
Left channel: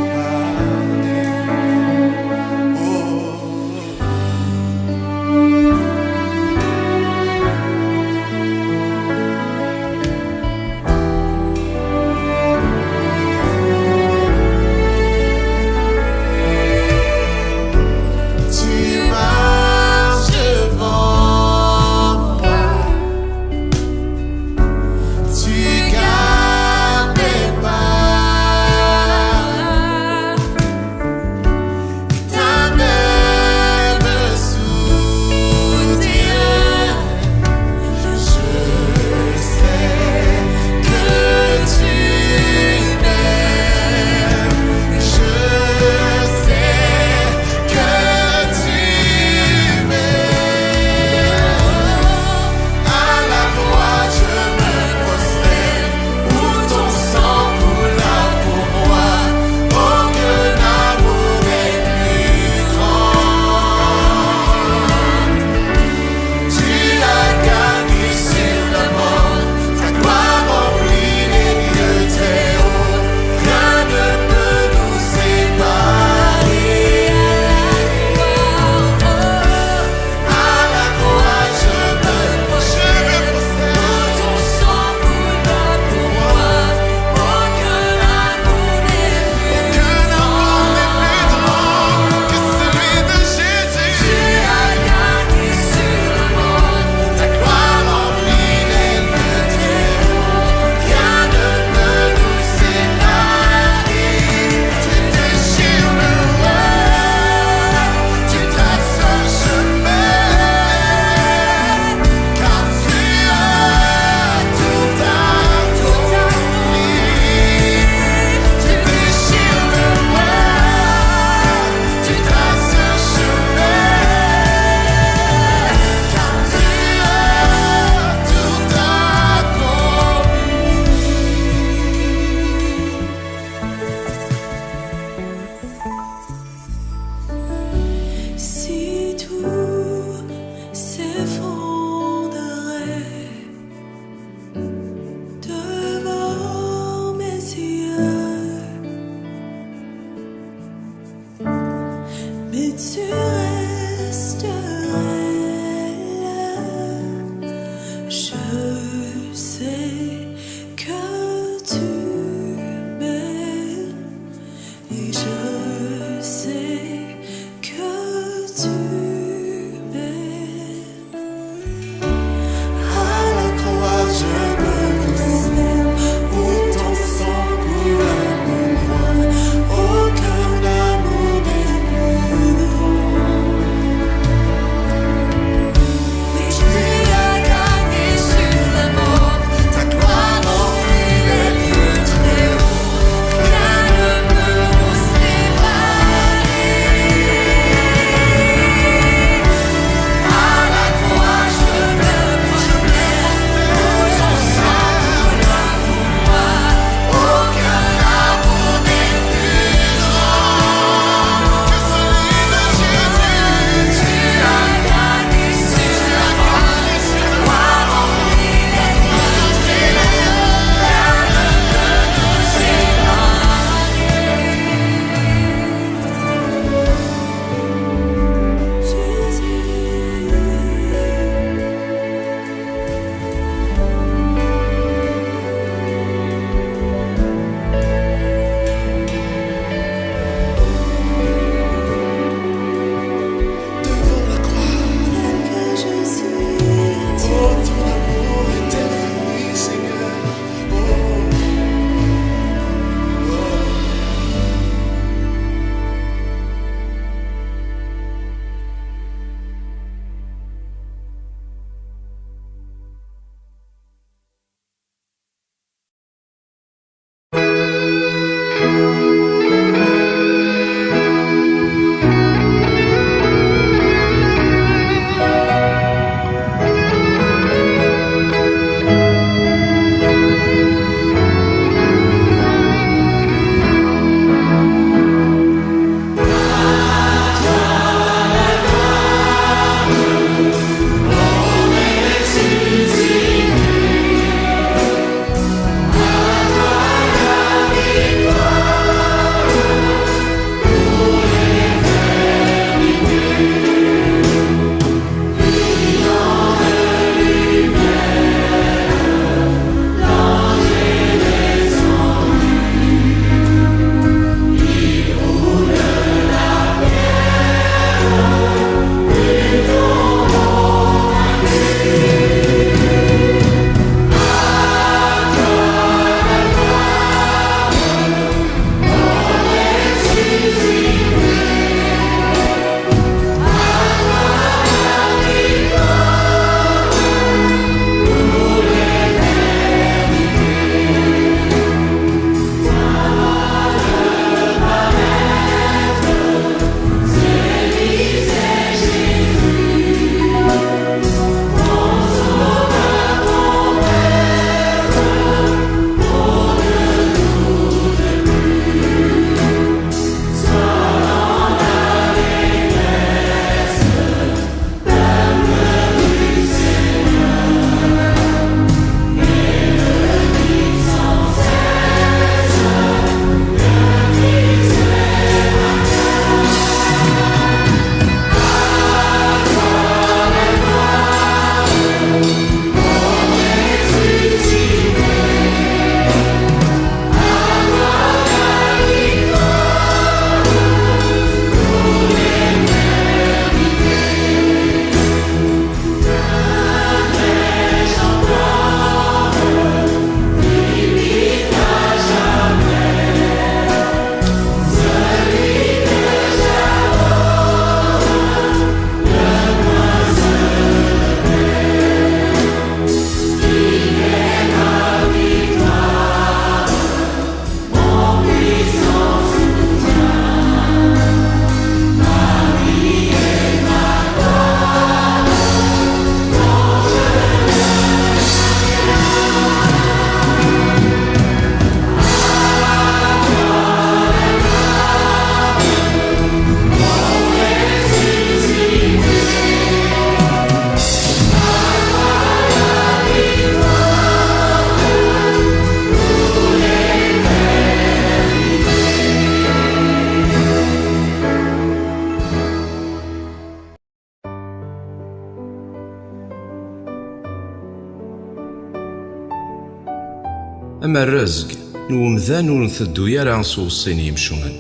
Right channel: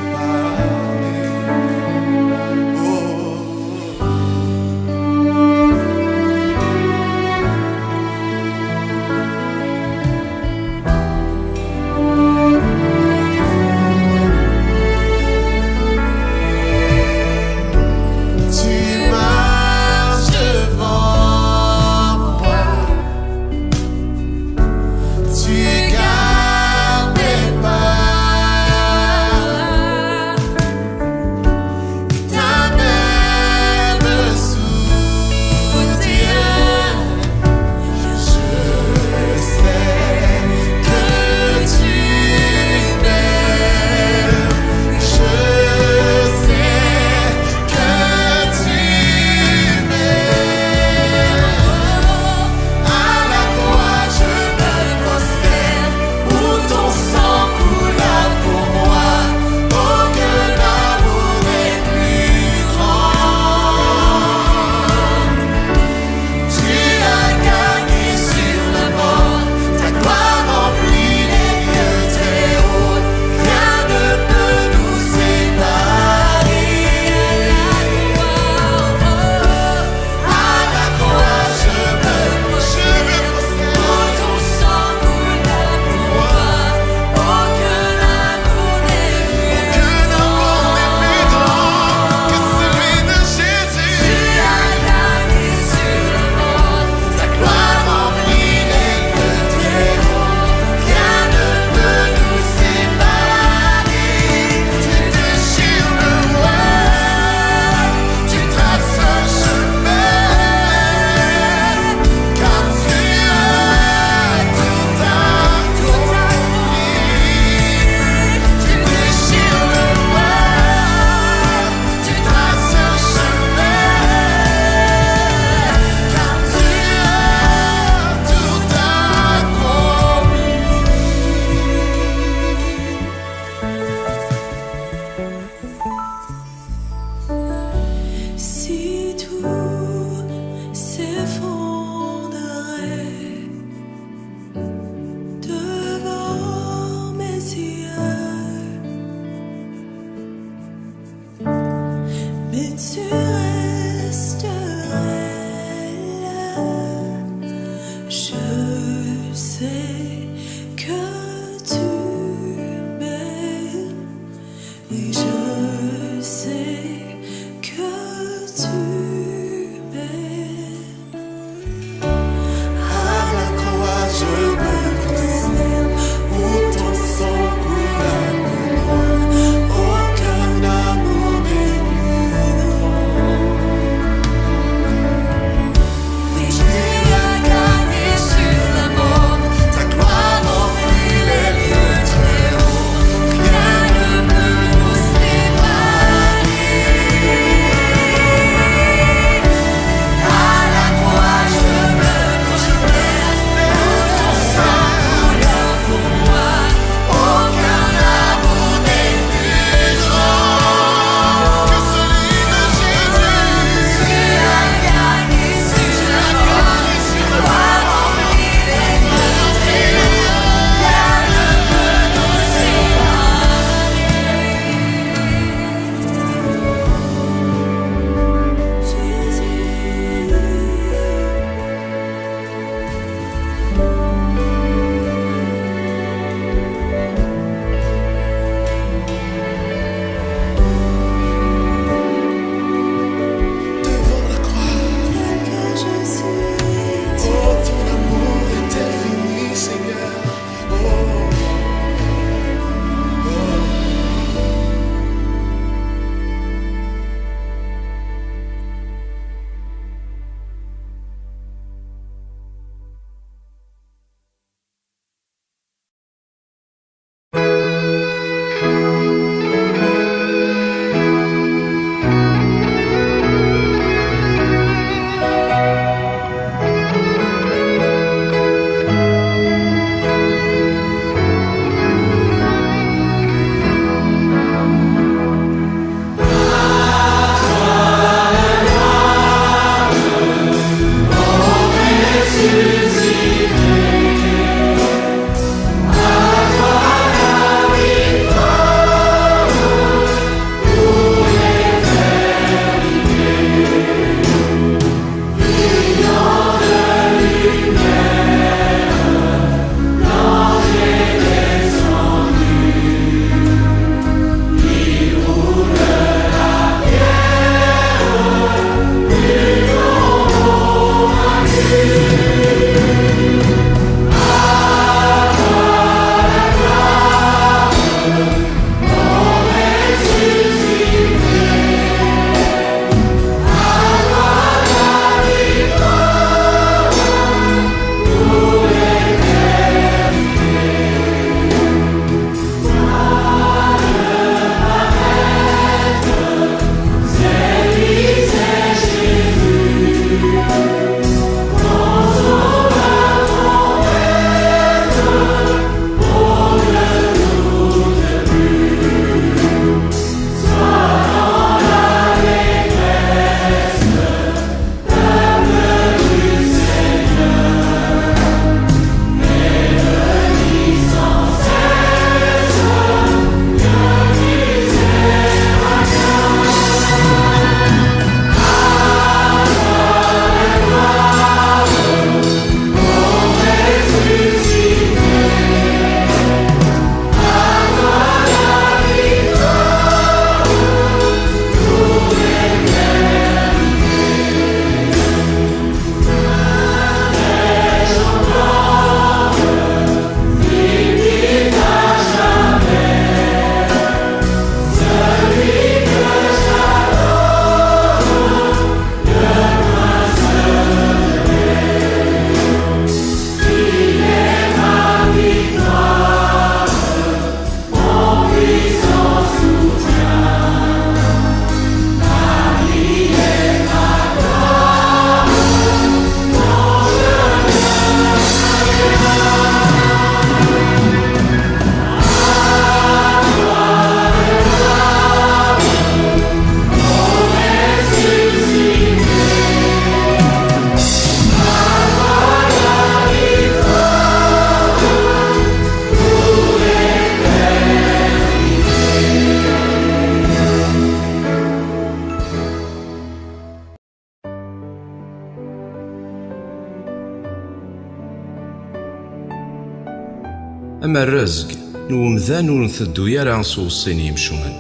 أما الرزق نومذان ور نثدو يرا نصوصين يمشومن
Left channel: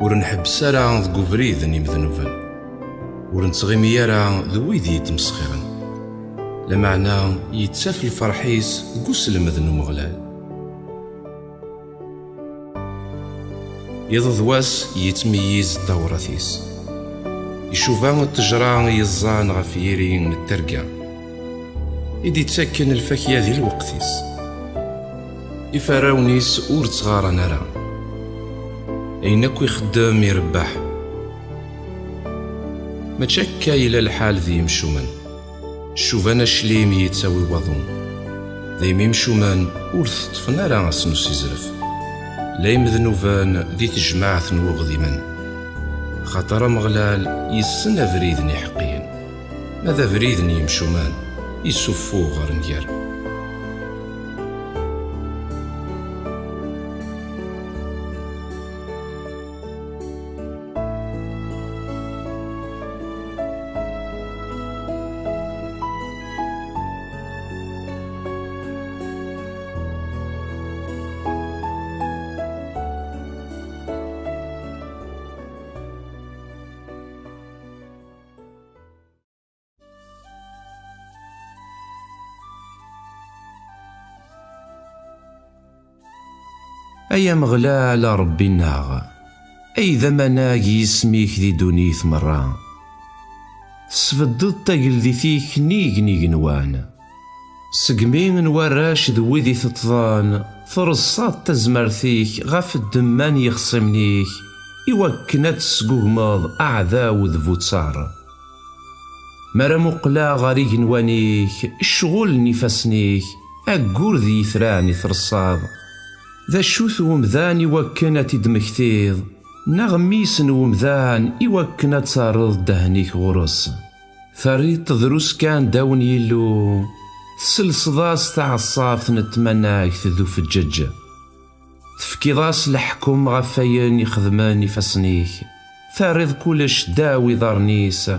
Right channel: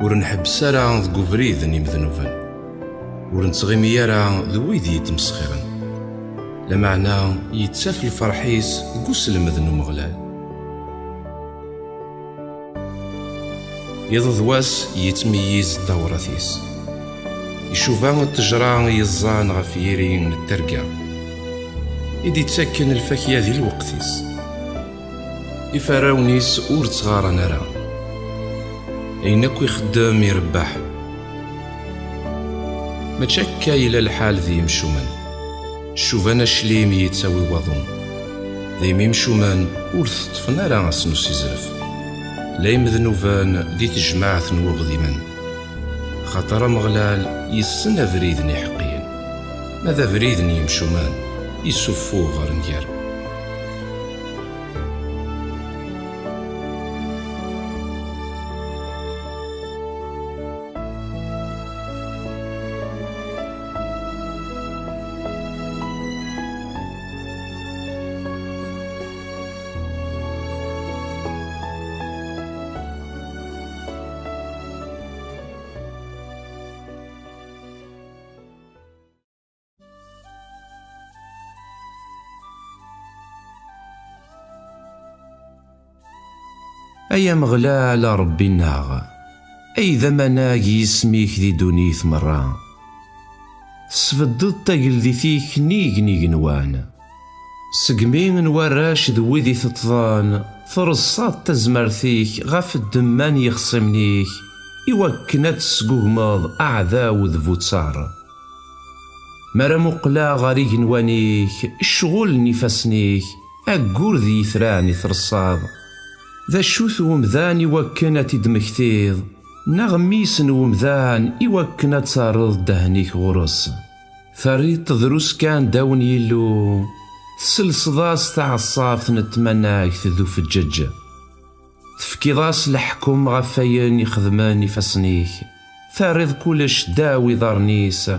ور نحبس راه ذك وفريد يمذنوبن ور نتغيم يرا ذو ويدي يتمسخرن لمعنى يتساف الفرحيس قوس المذن ومغلال يضواس يتميز دورثيس يشوفان التجران يزان غفيرين الترقى يدي تسكن الفكية ذي الوقتيس يفراونيس اور تغارا نرى اينك يخدم يربح ما تشكا الى الحال ذي يمشومن شوفانا شليم يتساوي وضون ذي يمشومن اور تطفنا راه سنوس يزرف لا يمذنوفان ذي تجماعة نوغذيمن خاطر مغلال يسن فريدني حقيا ماذا فريدني يمشومان يسفو غير نجار أيا مغلال ربي الناغ أي ذمناقي يسميك ذي دونيث مرة سفدد تاقل ذي فيك نيق نوان سقمين نوراش ذوي ذي تطضان فرصات تزمرثيك غاف الدمان يخصمنيك يوكنات تسقوغمض أعذاو ذفو تصار مرا مقلا غاريق نوانيك الشغل نفسنيك أقور ذي ثراني ثرصاد ذا شوث ومذان يوكنا تدمكتيض نغميس ومذان يوكنا تارض دهنيك غرس ثريد تدروس كان داون يلو سلسضاس تعصاف نتمناك تذو في الججة تفكيضاس لحكم غفاين يخدمان يفسنيك ثارض كلش داوي ضرنيس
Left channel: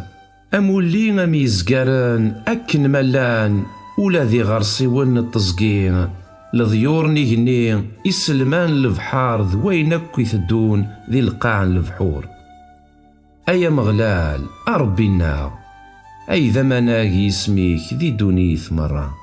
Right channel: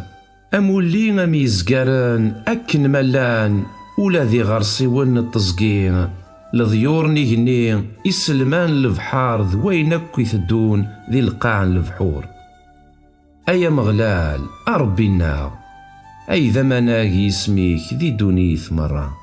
أمولي غميزقاران أكن ملان ولا ذي غرسي ون التزقين لضيور نيجني يسلمان البحار ذوينك يثدون ذي القاع البحور أيا مغلال أربي النار أي ذمناقي يسميك ذي دونيث مرة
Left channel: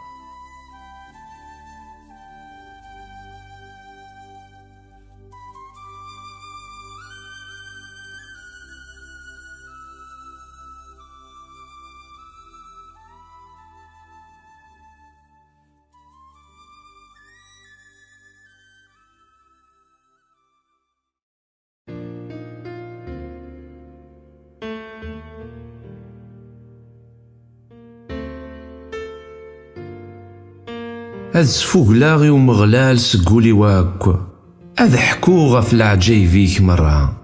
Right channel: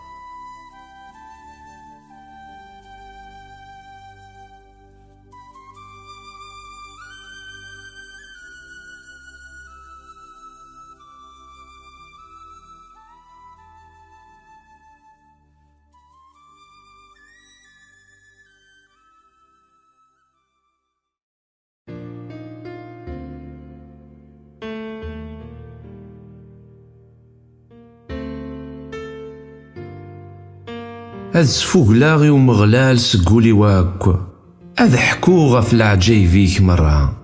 هاد سفوقلاغي ومغلال سقولي واكو هاد حكوغة في العجايبيك مرة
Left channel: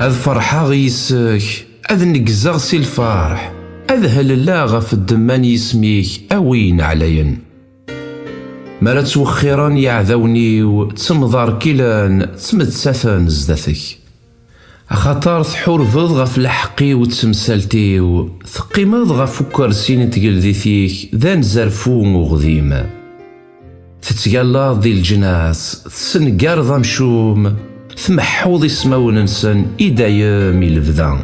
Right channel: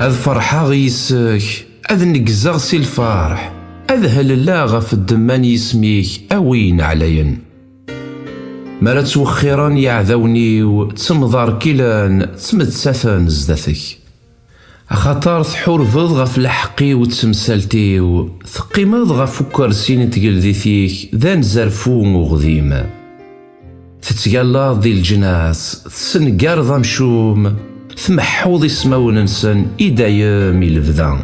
هاد فرحة غيسك هاد نقزغ سي الفرح هاد هللاغة في الدمان يسميك أوين عليا مرا توخيران يعذوني وتمضار كيلان تمتساثن زداتك خاطر تحور فضغة في الحقي وتسمسالتي وثقيمض غف كرسين تقلديثيك ذا نزرفو وغذيم تتقلى ذي الجناس تسنقار ذا مشوم ثمحوض اسماون نسن إدايام الفذا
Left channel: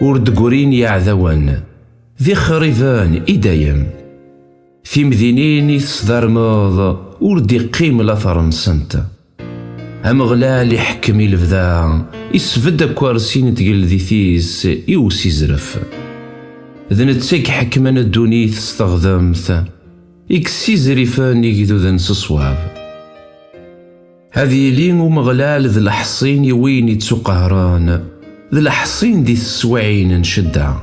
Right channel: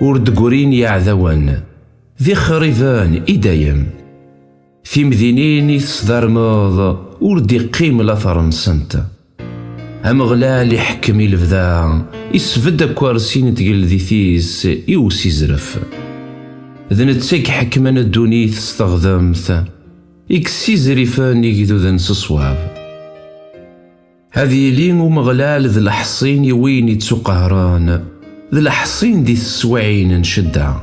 وردقورين يعذوان ذي خريفان إدايام في مدينين يتصدر ماض وردي قيم الأثر نسنت أمغلال يحكم الفذا يسفد كوارسين تقلدي ثيس يوسي زرف ذنتسك حكمان الدونيث استخدمت إكسي زريفان يقدو ذا نصصواب هذي لين ومغلال ذي الحصين يوين يتسو قهران ذي الحصين دي السوعين نشدع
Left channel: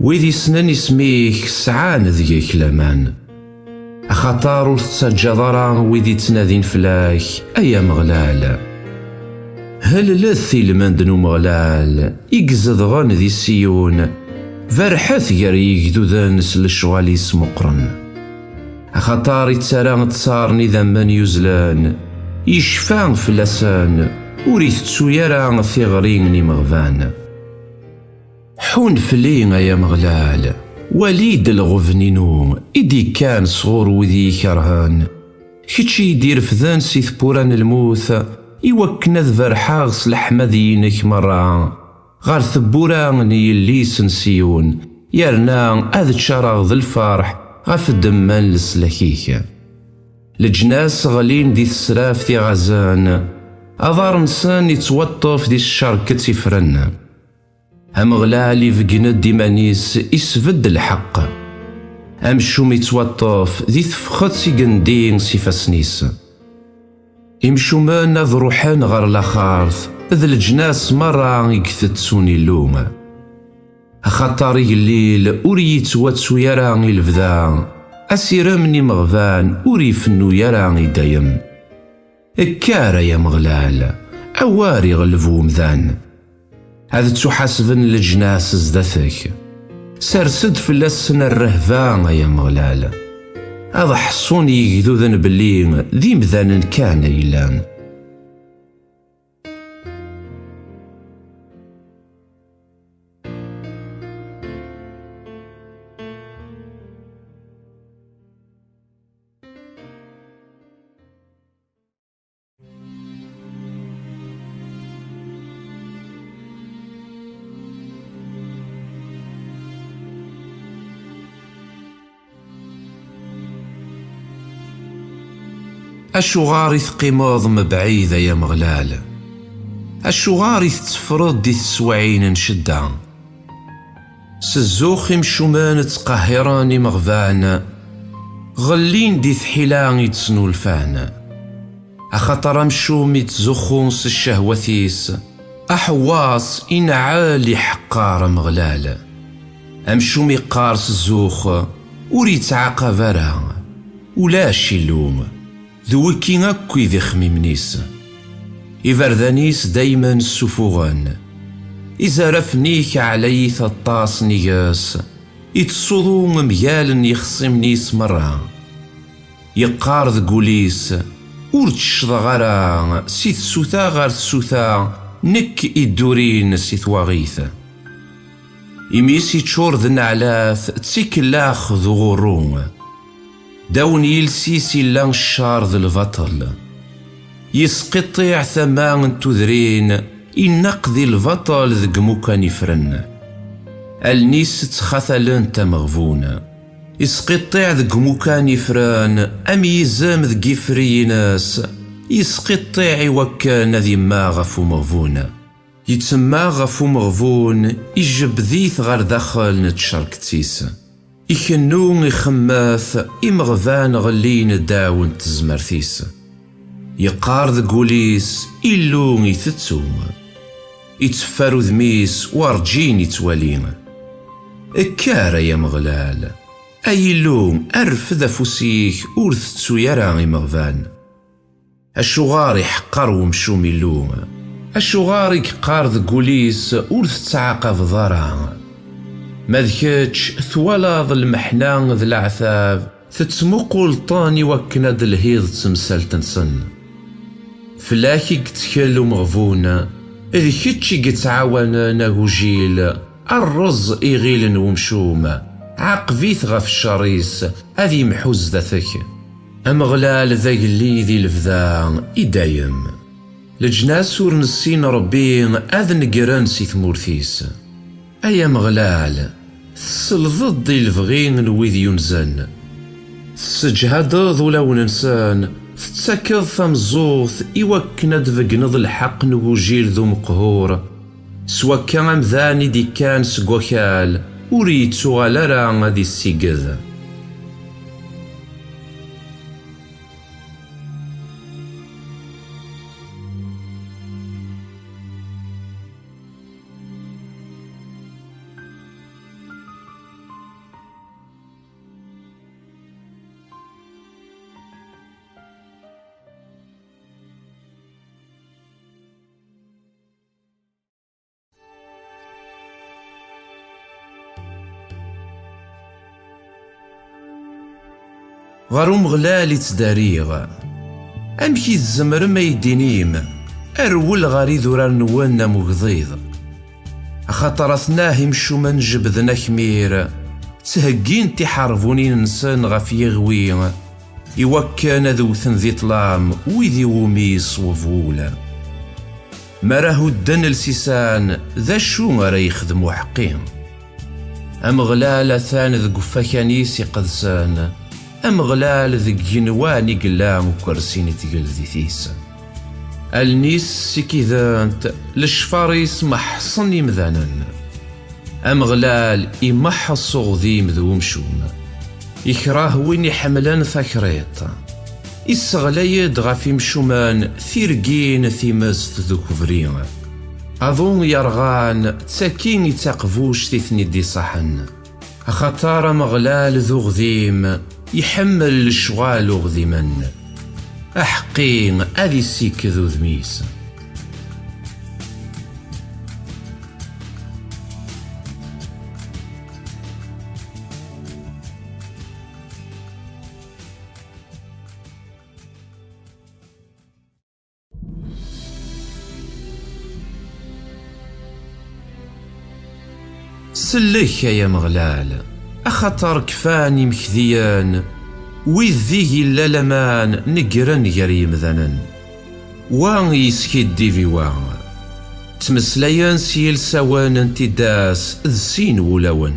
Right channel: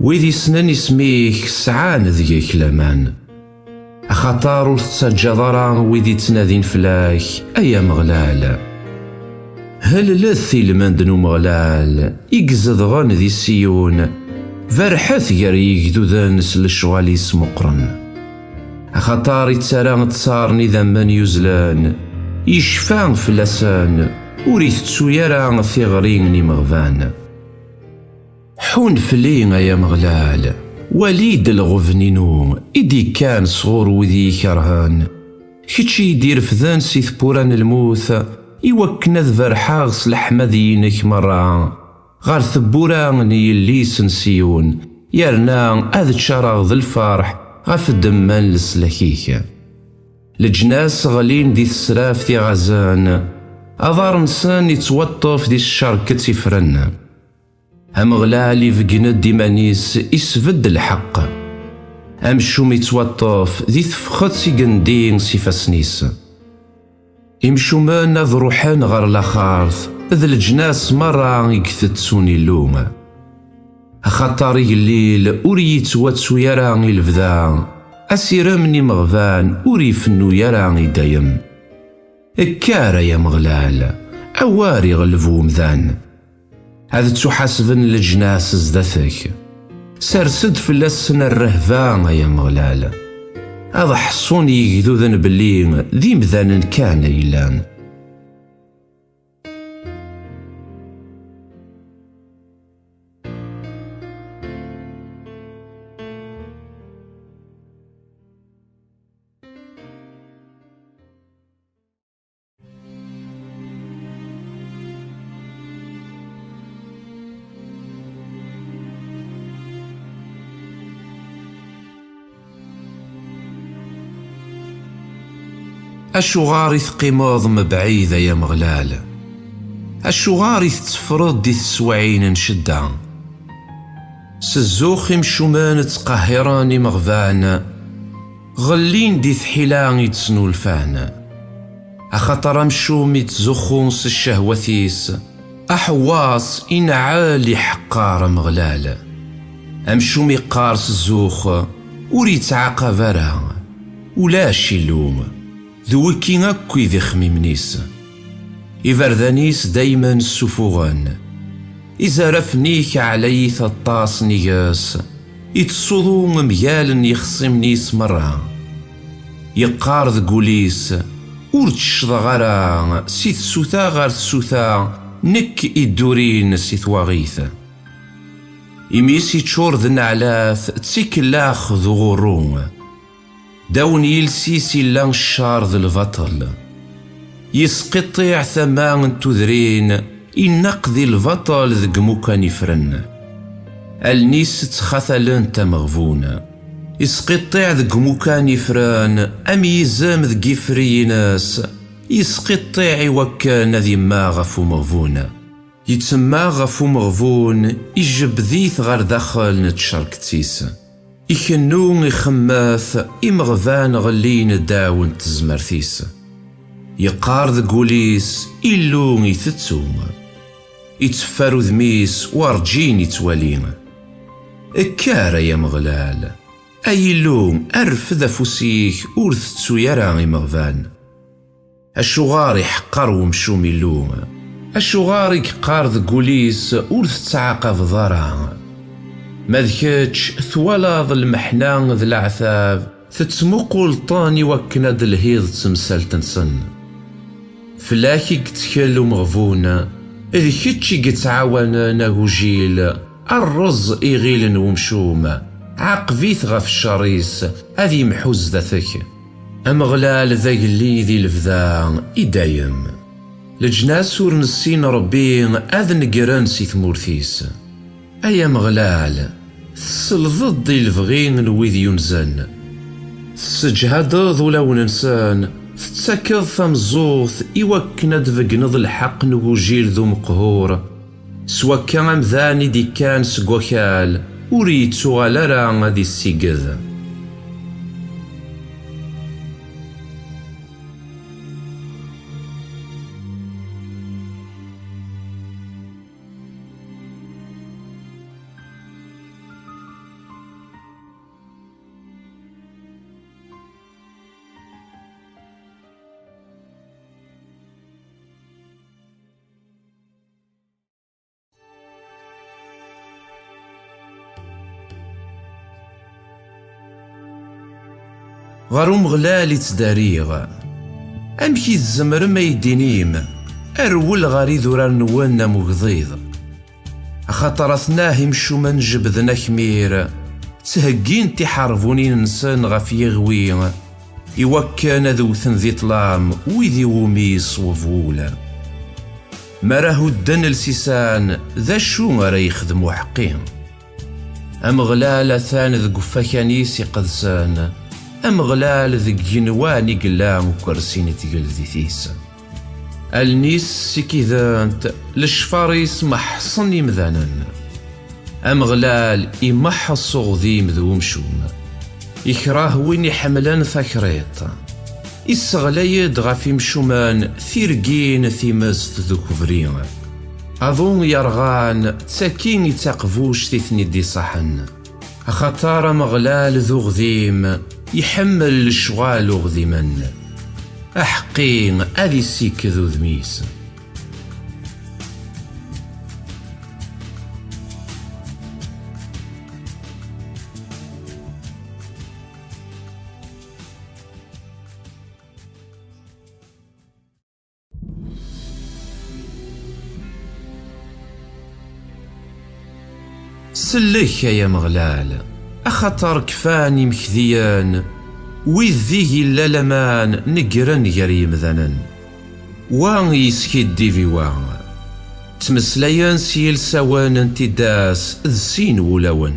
ويدي سنان يسميك سعان ذيك لامان أخطار وتسجدرا ويدي تنادين فلاك أيا مغلال هل لثي المندن ومغلال يقزد غان ذي السيون فرحث يريق ذا نسل الشغال يسمو قرن أخطار يتسارا تصارني ذا من يزلان يشفان فلسان وريث تسويرا ثغريني مغفان حون فلين يا مغلال وليد الغفنينو إدي كان صغور وذي كرهان كتشي يدير فذان سي ثبوران الموث يوكنا ذبرحاغ سلحمة دينك مرة غار ثبوران يلي سنسيون يرنا أذ تشارغ ذا الفرح غاف الدمان لسلكيك لجناس غالين دي السراف دي غزان أضار نسان يتوطف دي الشركة تفرن هم غلالي فقند ديمانيس يسفد الحق أم شوم يتوطف دي ثفخت سي قندين سي فاسنيس إمشومان ذ روحان غار لاخارث ذ الجناس مرة يكثت سوني اللوم خاطر الليل أوري يتواتسو يراني الفدا أسيرمني مغفان أوري فنو يراني دايم الكارة يا مغلال أواري غلفو مذان هذا تحاسبن الجناس زدثك سرسد فلسن الرهفان يا مغلال هذا حصوني يقذوذن باللي ذي مذان كان يلان أشغاري ثقيموض مبعيدة يا مغلال أشغاري تفرض دي تسوعين نشدة سزوخي مشومان تقهراني مغفان غلين دي ثحيلان يتسنو الفان أخطر مشومي تزخون الشهوثيس أحواص إن عالي حقار مغلال أمشومي قارس الزوخ وريت عقبرا ولاش اللوم ذوكي أكوي ذي خميمنيس إفردانيس دايما السفوغان إذا رفنيك علي ثطاس نياس يتصوضو مميال يخصمنيس مرة يقار ذ قوليس ورتشض غرا سيث سوثا غار سوثا نك إدورين سيث وغيث إميسي تشور ذ نعلاث تسيكلاخ ذو غروم داون يلسيسي لان الشار ذا البطل يسقطيع ثمان تذرين ينقذي البطل ذق مكان يفرن النيس تخثلن تمغفون يسقطيع ذق مكان يفرن أم يزام ذق يفريناس يسقطيع يوكان ذي ما غفو مغفون يتسمى غفو مغفون يجب ذيث غار داخل نتشارك تيس يخنون يخماث إمغفان غلين داون تزمرثيس يقار ذا قوليس إلون يثتسوم يتفارو ذميس وارجين يتوالين الكارة يا مغلال أي لون أرف ذا فوسيك أورثتسو يراني مغفان الشغاري حقر ومشومي اللوم الشغاري كقار ذا قوليس أورثتعاقب ضرع مذكتش ثولاظ المحنان ذا العثاب تتمقل طاني وكند الهيض تمثال تنسن فلاكي قتكلو مغفونا إذ كتشي قتعاوانا ناقوجيل الرز إغيل ومشومة عقفيث غف الشريس هذي محوز ذاتك أمغلال ذا قلي ذي الفذا إدايم لجناس ورنسين ربين أذن قران سي ثمورثيس أيا مغلال تسلظض الفغين الويذ ينزن تسجهد ذولا ننسان تتسكض ثمزوث إوكنا دفقنض الحق نوجيل ذو مقهور سوا كان ذاني دي كان سقوكال وريتو على راه دي السيقذ غارو مغلالي تداريغ أمكي الزمر ما يدينيم أرول غاري ذورار نوانا مغضيض أخاطر أثناه يمشو من جبذنا كمير تهجين تحاربوني نسان غف يغوي إوكان ذوثن ذي طلام ويذي وميس وفولا ما راهو الدن السيسان ذا شو غرا يخدمو حقين أم غلال ثان ذ قفاكانيس يقدسان أم غلال ذ جنواني قلام وكرسين تقل ذي ثيس النيس سكيذانت لشفاريس محصن يمذانا أم غلال إمحص غذيم ذو مشوم يكراه وين يحملان ثاكريط إسغلايد غافي مشومان ثيرقين ثيمست ذو كفرين أظن يرغان تساكين يتاقفوش تثني دي صحن أخطار مغلال ذو غذيم يحمل الشغال غذيمن أحقين أذي سيك ذو ذميس سلك يا مغلال أخطر كفاني مكذيان ويذيه إلا لمان نقرن يريم ذنن وان يسكيدي في وان تمسليان سيل سوان انتداس ذسين ولون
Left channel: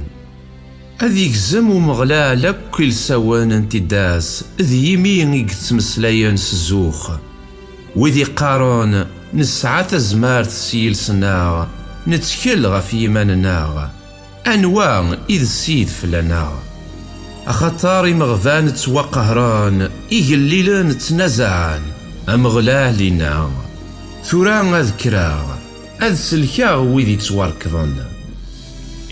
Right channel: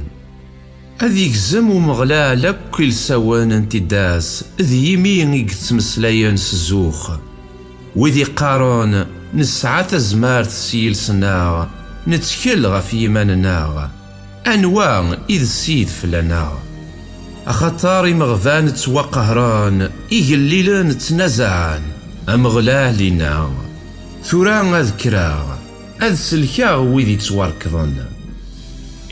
أذيك زمو مغلال كل سوان انتداس ذي يمين يتمسليان سزوخ وذي قارون نسعى تزمار تسيل سناغ نتكل غفي يماننا أنواع إذ سيد فلنا أخطاري مغفان توقهران إيجليلان تنزعان أمغلاه لنا ثوران أذكرا أذ سلكا ويدي تواركضن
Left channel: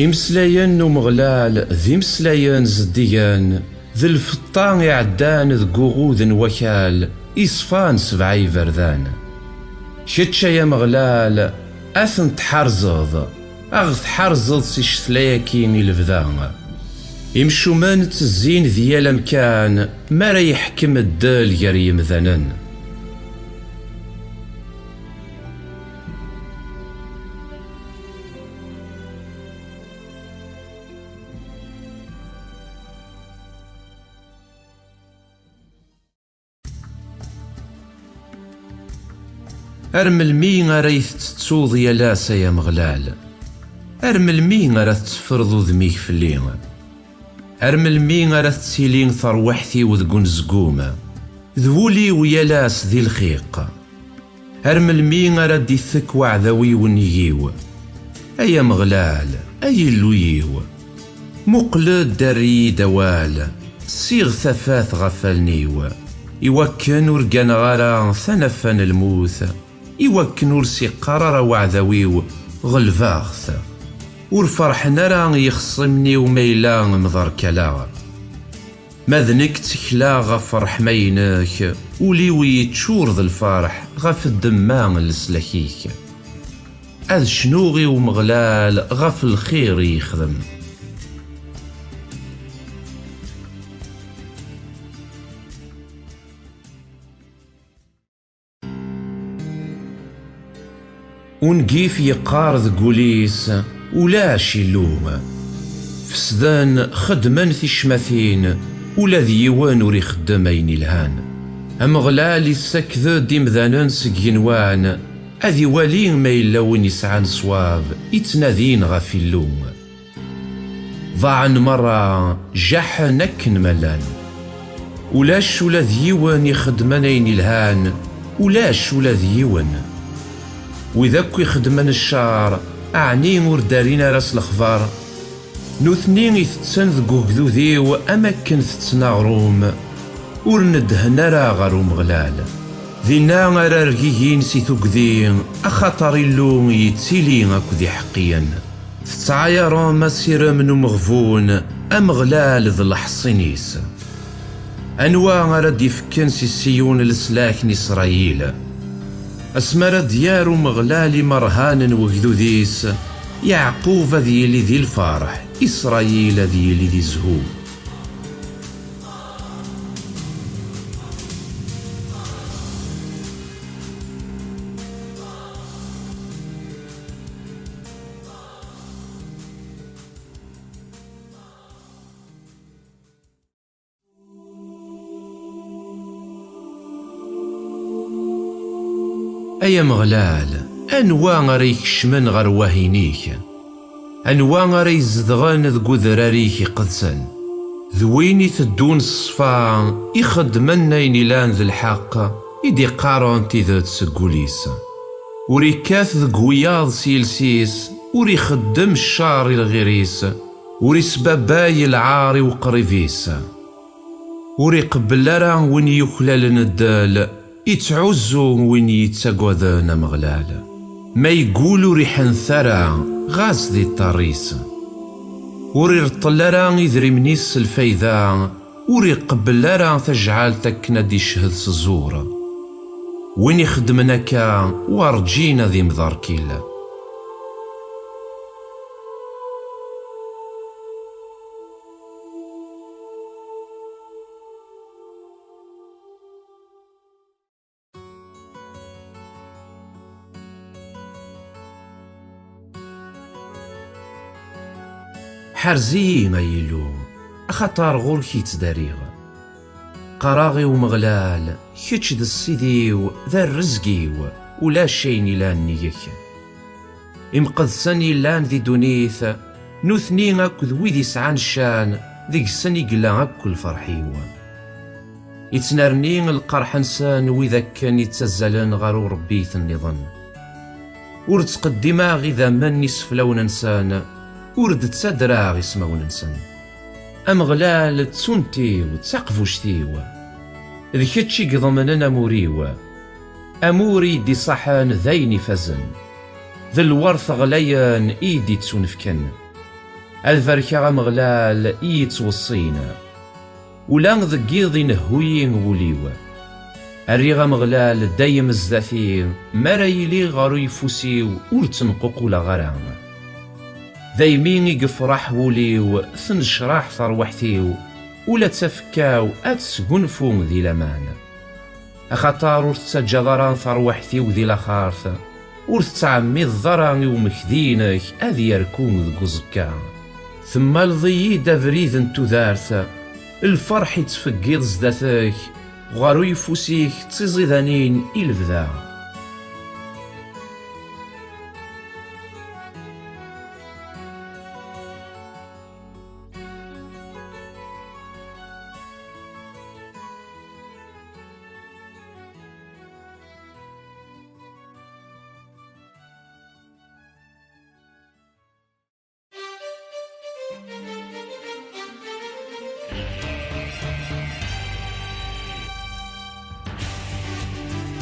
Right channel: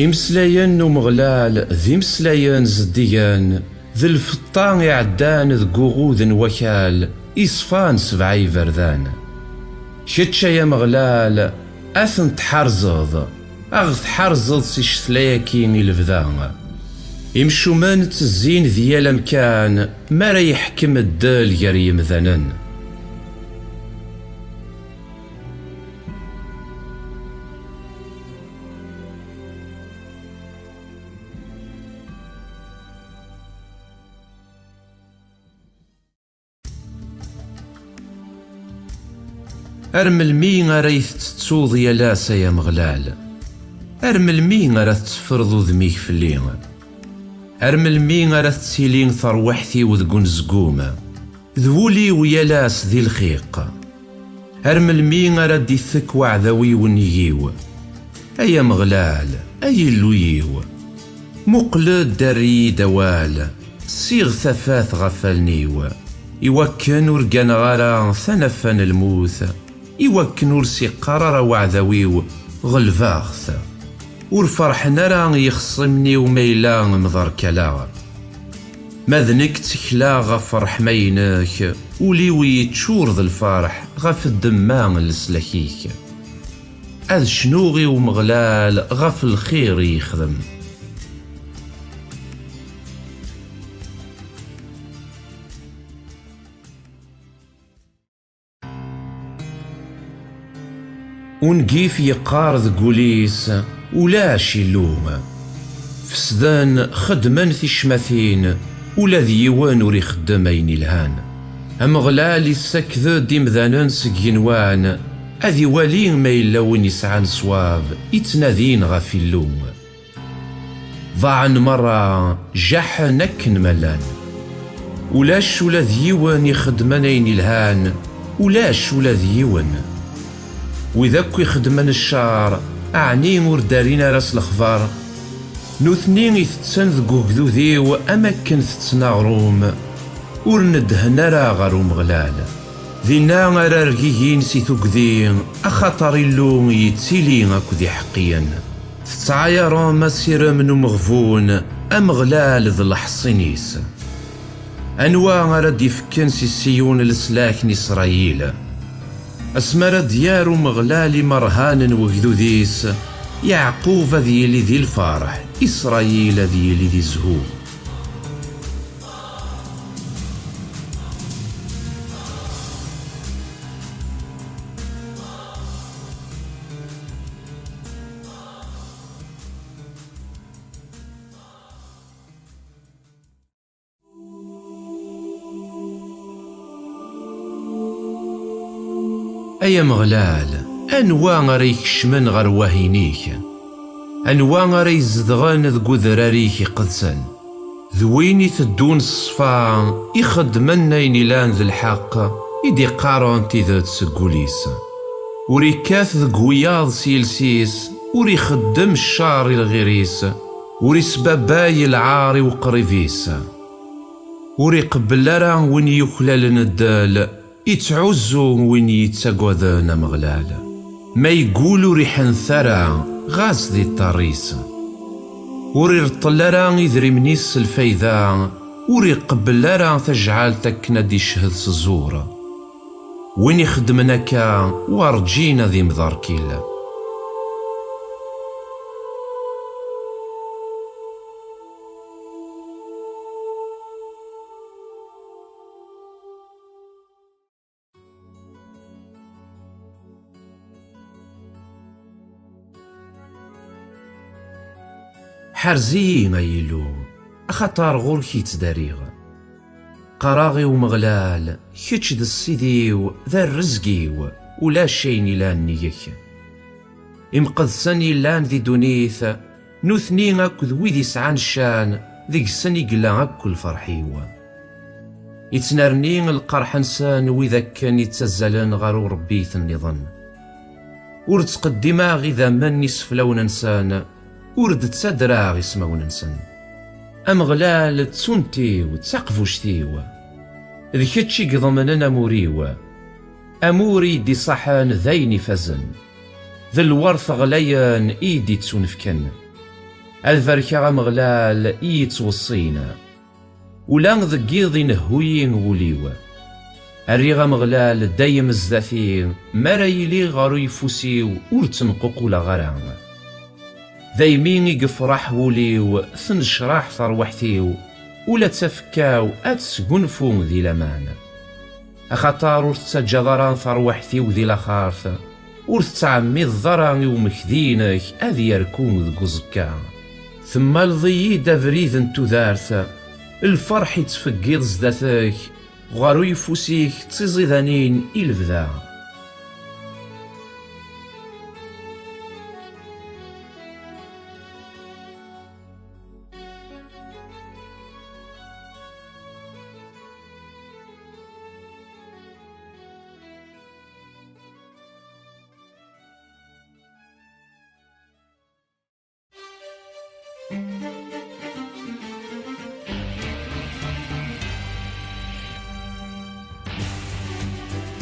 إمسلايان ومغلال ذي مسلايان زديان ذي الفطان يعدان ذي قغوذ وكال إصفان سبعي فردان شتشا يا مغلال أثن تحرزض أغث حرزض سيشتلاياكيني الفذان إمشومان تزين ذي الأمكان ما را يحكم الدال يريم ذنن أرمل مين غريث تتوض يا لاسا يا مغلال أرمل مين غرا تفرضو ذميك في الليل أرمل مين غرا تسيلين ثروحتي وذقون زقومة ذولي ويا لاس ذي الخيق أرمل مين غرا دي ثك وعذوي ونييو أيا مغلال أي اللويو مقلد داري دوال صيغ ثفاث غفلنيو يوكن ورقان غارا ثنفن الموث يوكن ورسي قرار وعذويو غلفاغث ورفرحنا راه يخصمني وميلا مضر كلا ماذنك تكلا غفرح ميناك وليوي تشور ذا الفرح غف الدمان لسلكيك أذ شنوغي ومغلال غف الخير يخدم ونقيف يقارض قوليس ولاش يلوم فسدان خدمان في الشماثين ولا ذيوان وري خدامين الهان أمغلال السكذو ديمذانان سكينوان أذي والين ما إلا وين يسعان صواب يتنادين غافي اللوم ضاعن مرة جاح نكن ملان ولاش ولا ذيوان يخدمانين الهان ولاش ولا ذيوان وإذاك يخدمان الشعر أعني وردارين راس الأخبار نوثنين يثتسن ذقوك ذو ذيو أماكن ثتسنا غروم ورندهنا را غروم غلال ذينا غرا رقيين سيثوك ذين أخطر اللوم يتسيلين أكو ذي حقيا تتعايرون مسيرة منو مغفون أم غلال ذي الحصينيس أنواع غرا ديفكن سيسيون السلاك إسرائيل أسمر ديار مغلالي مرهان وجذوذيس يعقوب ذي ذي الفرح إسرائيل ذي ذي الزهور أيا مغلال أنوا غير يكشمن غير واهينيك، أنوا غير يزدغن ذ قذراريك قدسن، ذوين يتدون الصفا يخدمن أين لان ذي الحق يدي قارون تيذات سقوليس، وريكاث ذ قوياض سيلسيس وري خدم الشار الغريس، وري سباباي العاري وقريفيس، وري قبلارا وين يخلال ندال يتعزو وين يتساقوذان مغلال، ما يقولو ريحان ثرا غاز ذي الطريس، وري رطلارا يذري منيس الفايدة، وري قبلارا تجعل تكنا دي شهد سزورة، وين يخدمناكا وارجينا ذي مضاركيلا. حرزي ما يلو أخطار غور كيت داريغ، قراغي ومغلال كيتش ذا السيديو ذا الرزقيو ولا شيني لان نيك، إمقدساني لان ذي دونيث نوثني أكو ذويدي سعان شان ذيك سني قلا أكو الفرحيو، يتنرني القرح نسان وإذا كان يتزلن غارو ربيث النظام، ورد تقدما غذا من يسفلون نسان ورد تسدرا اسمون نسن، أمغلال تسونتيو تسقفوشتيو ذي كتشي قضمننا موريو، أموري دي صحان ذيني فزن، ذي الورث غليان إيدي تسونفكن، الفركة مغلال إيتوصينا ولا ذقيضي نهوين وليو، الريغة مغلال دايم الزاثين مرايلي غارو يفوسيو ورتنقق ولا غرام، ذايمين يقفرح وليو ثنشراح ثروحتيو ولا تفكاو أتسقنفو ذي لمان، أخطار ورتسجدران ثروحتيو ذي لخارث ورتعمي الضران ومكذينك أذي يركون ذي قزكا، ثم الضي دافريذ انتو ذارث الفرح يتفقيض زداثك غارو يفوسيك تزيذانين إلفذا.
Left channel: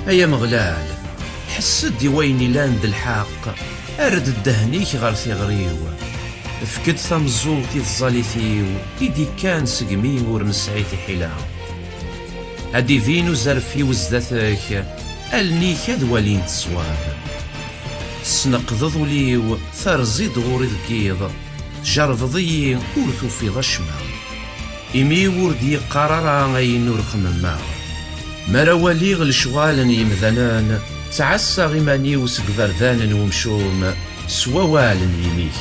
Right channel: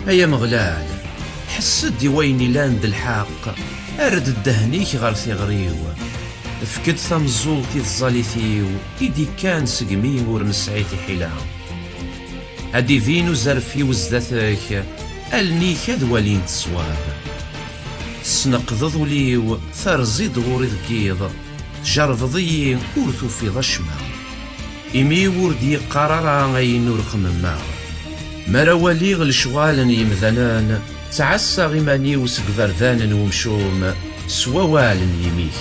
أيا مغلال حسد ويني لاند الحق أرد الدهنيك غار ثغريو، فكد ثمزولتي الظالثيو إيدي كان سقمي ورنسعيتي حلا، هادي فينو زرفي وزداثك ألنيك ذوالين تصواب، سنقضض ليو ثرزيد غوري ذكيض جرفضي ورثو في ضشمة، إمي وردي قرارا غين ورقم مراولي غلشوالن يمذنان تعسى غيماني وسقفردان ومشوم سووالن يميك،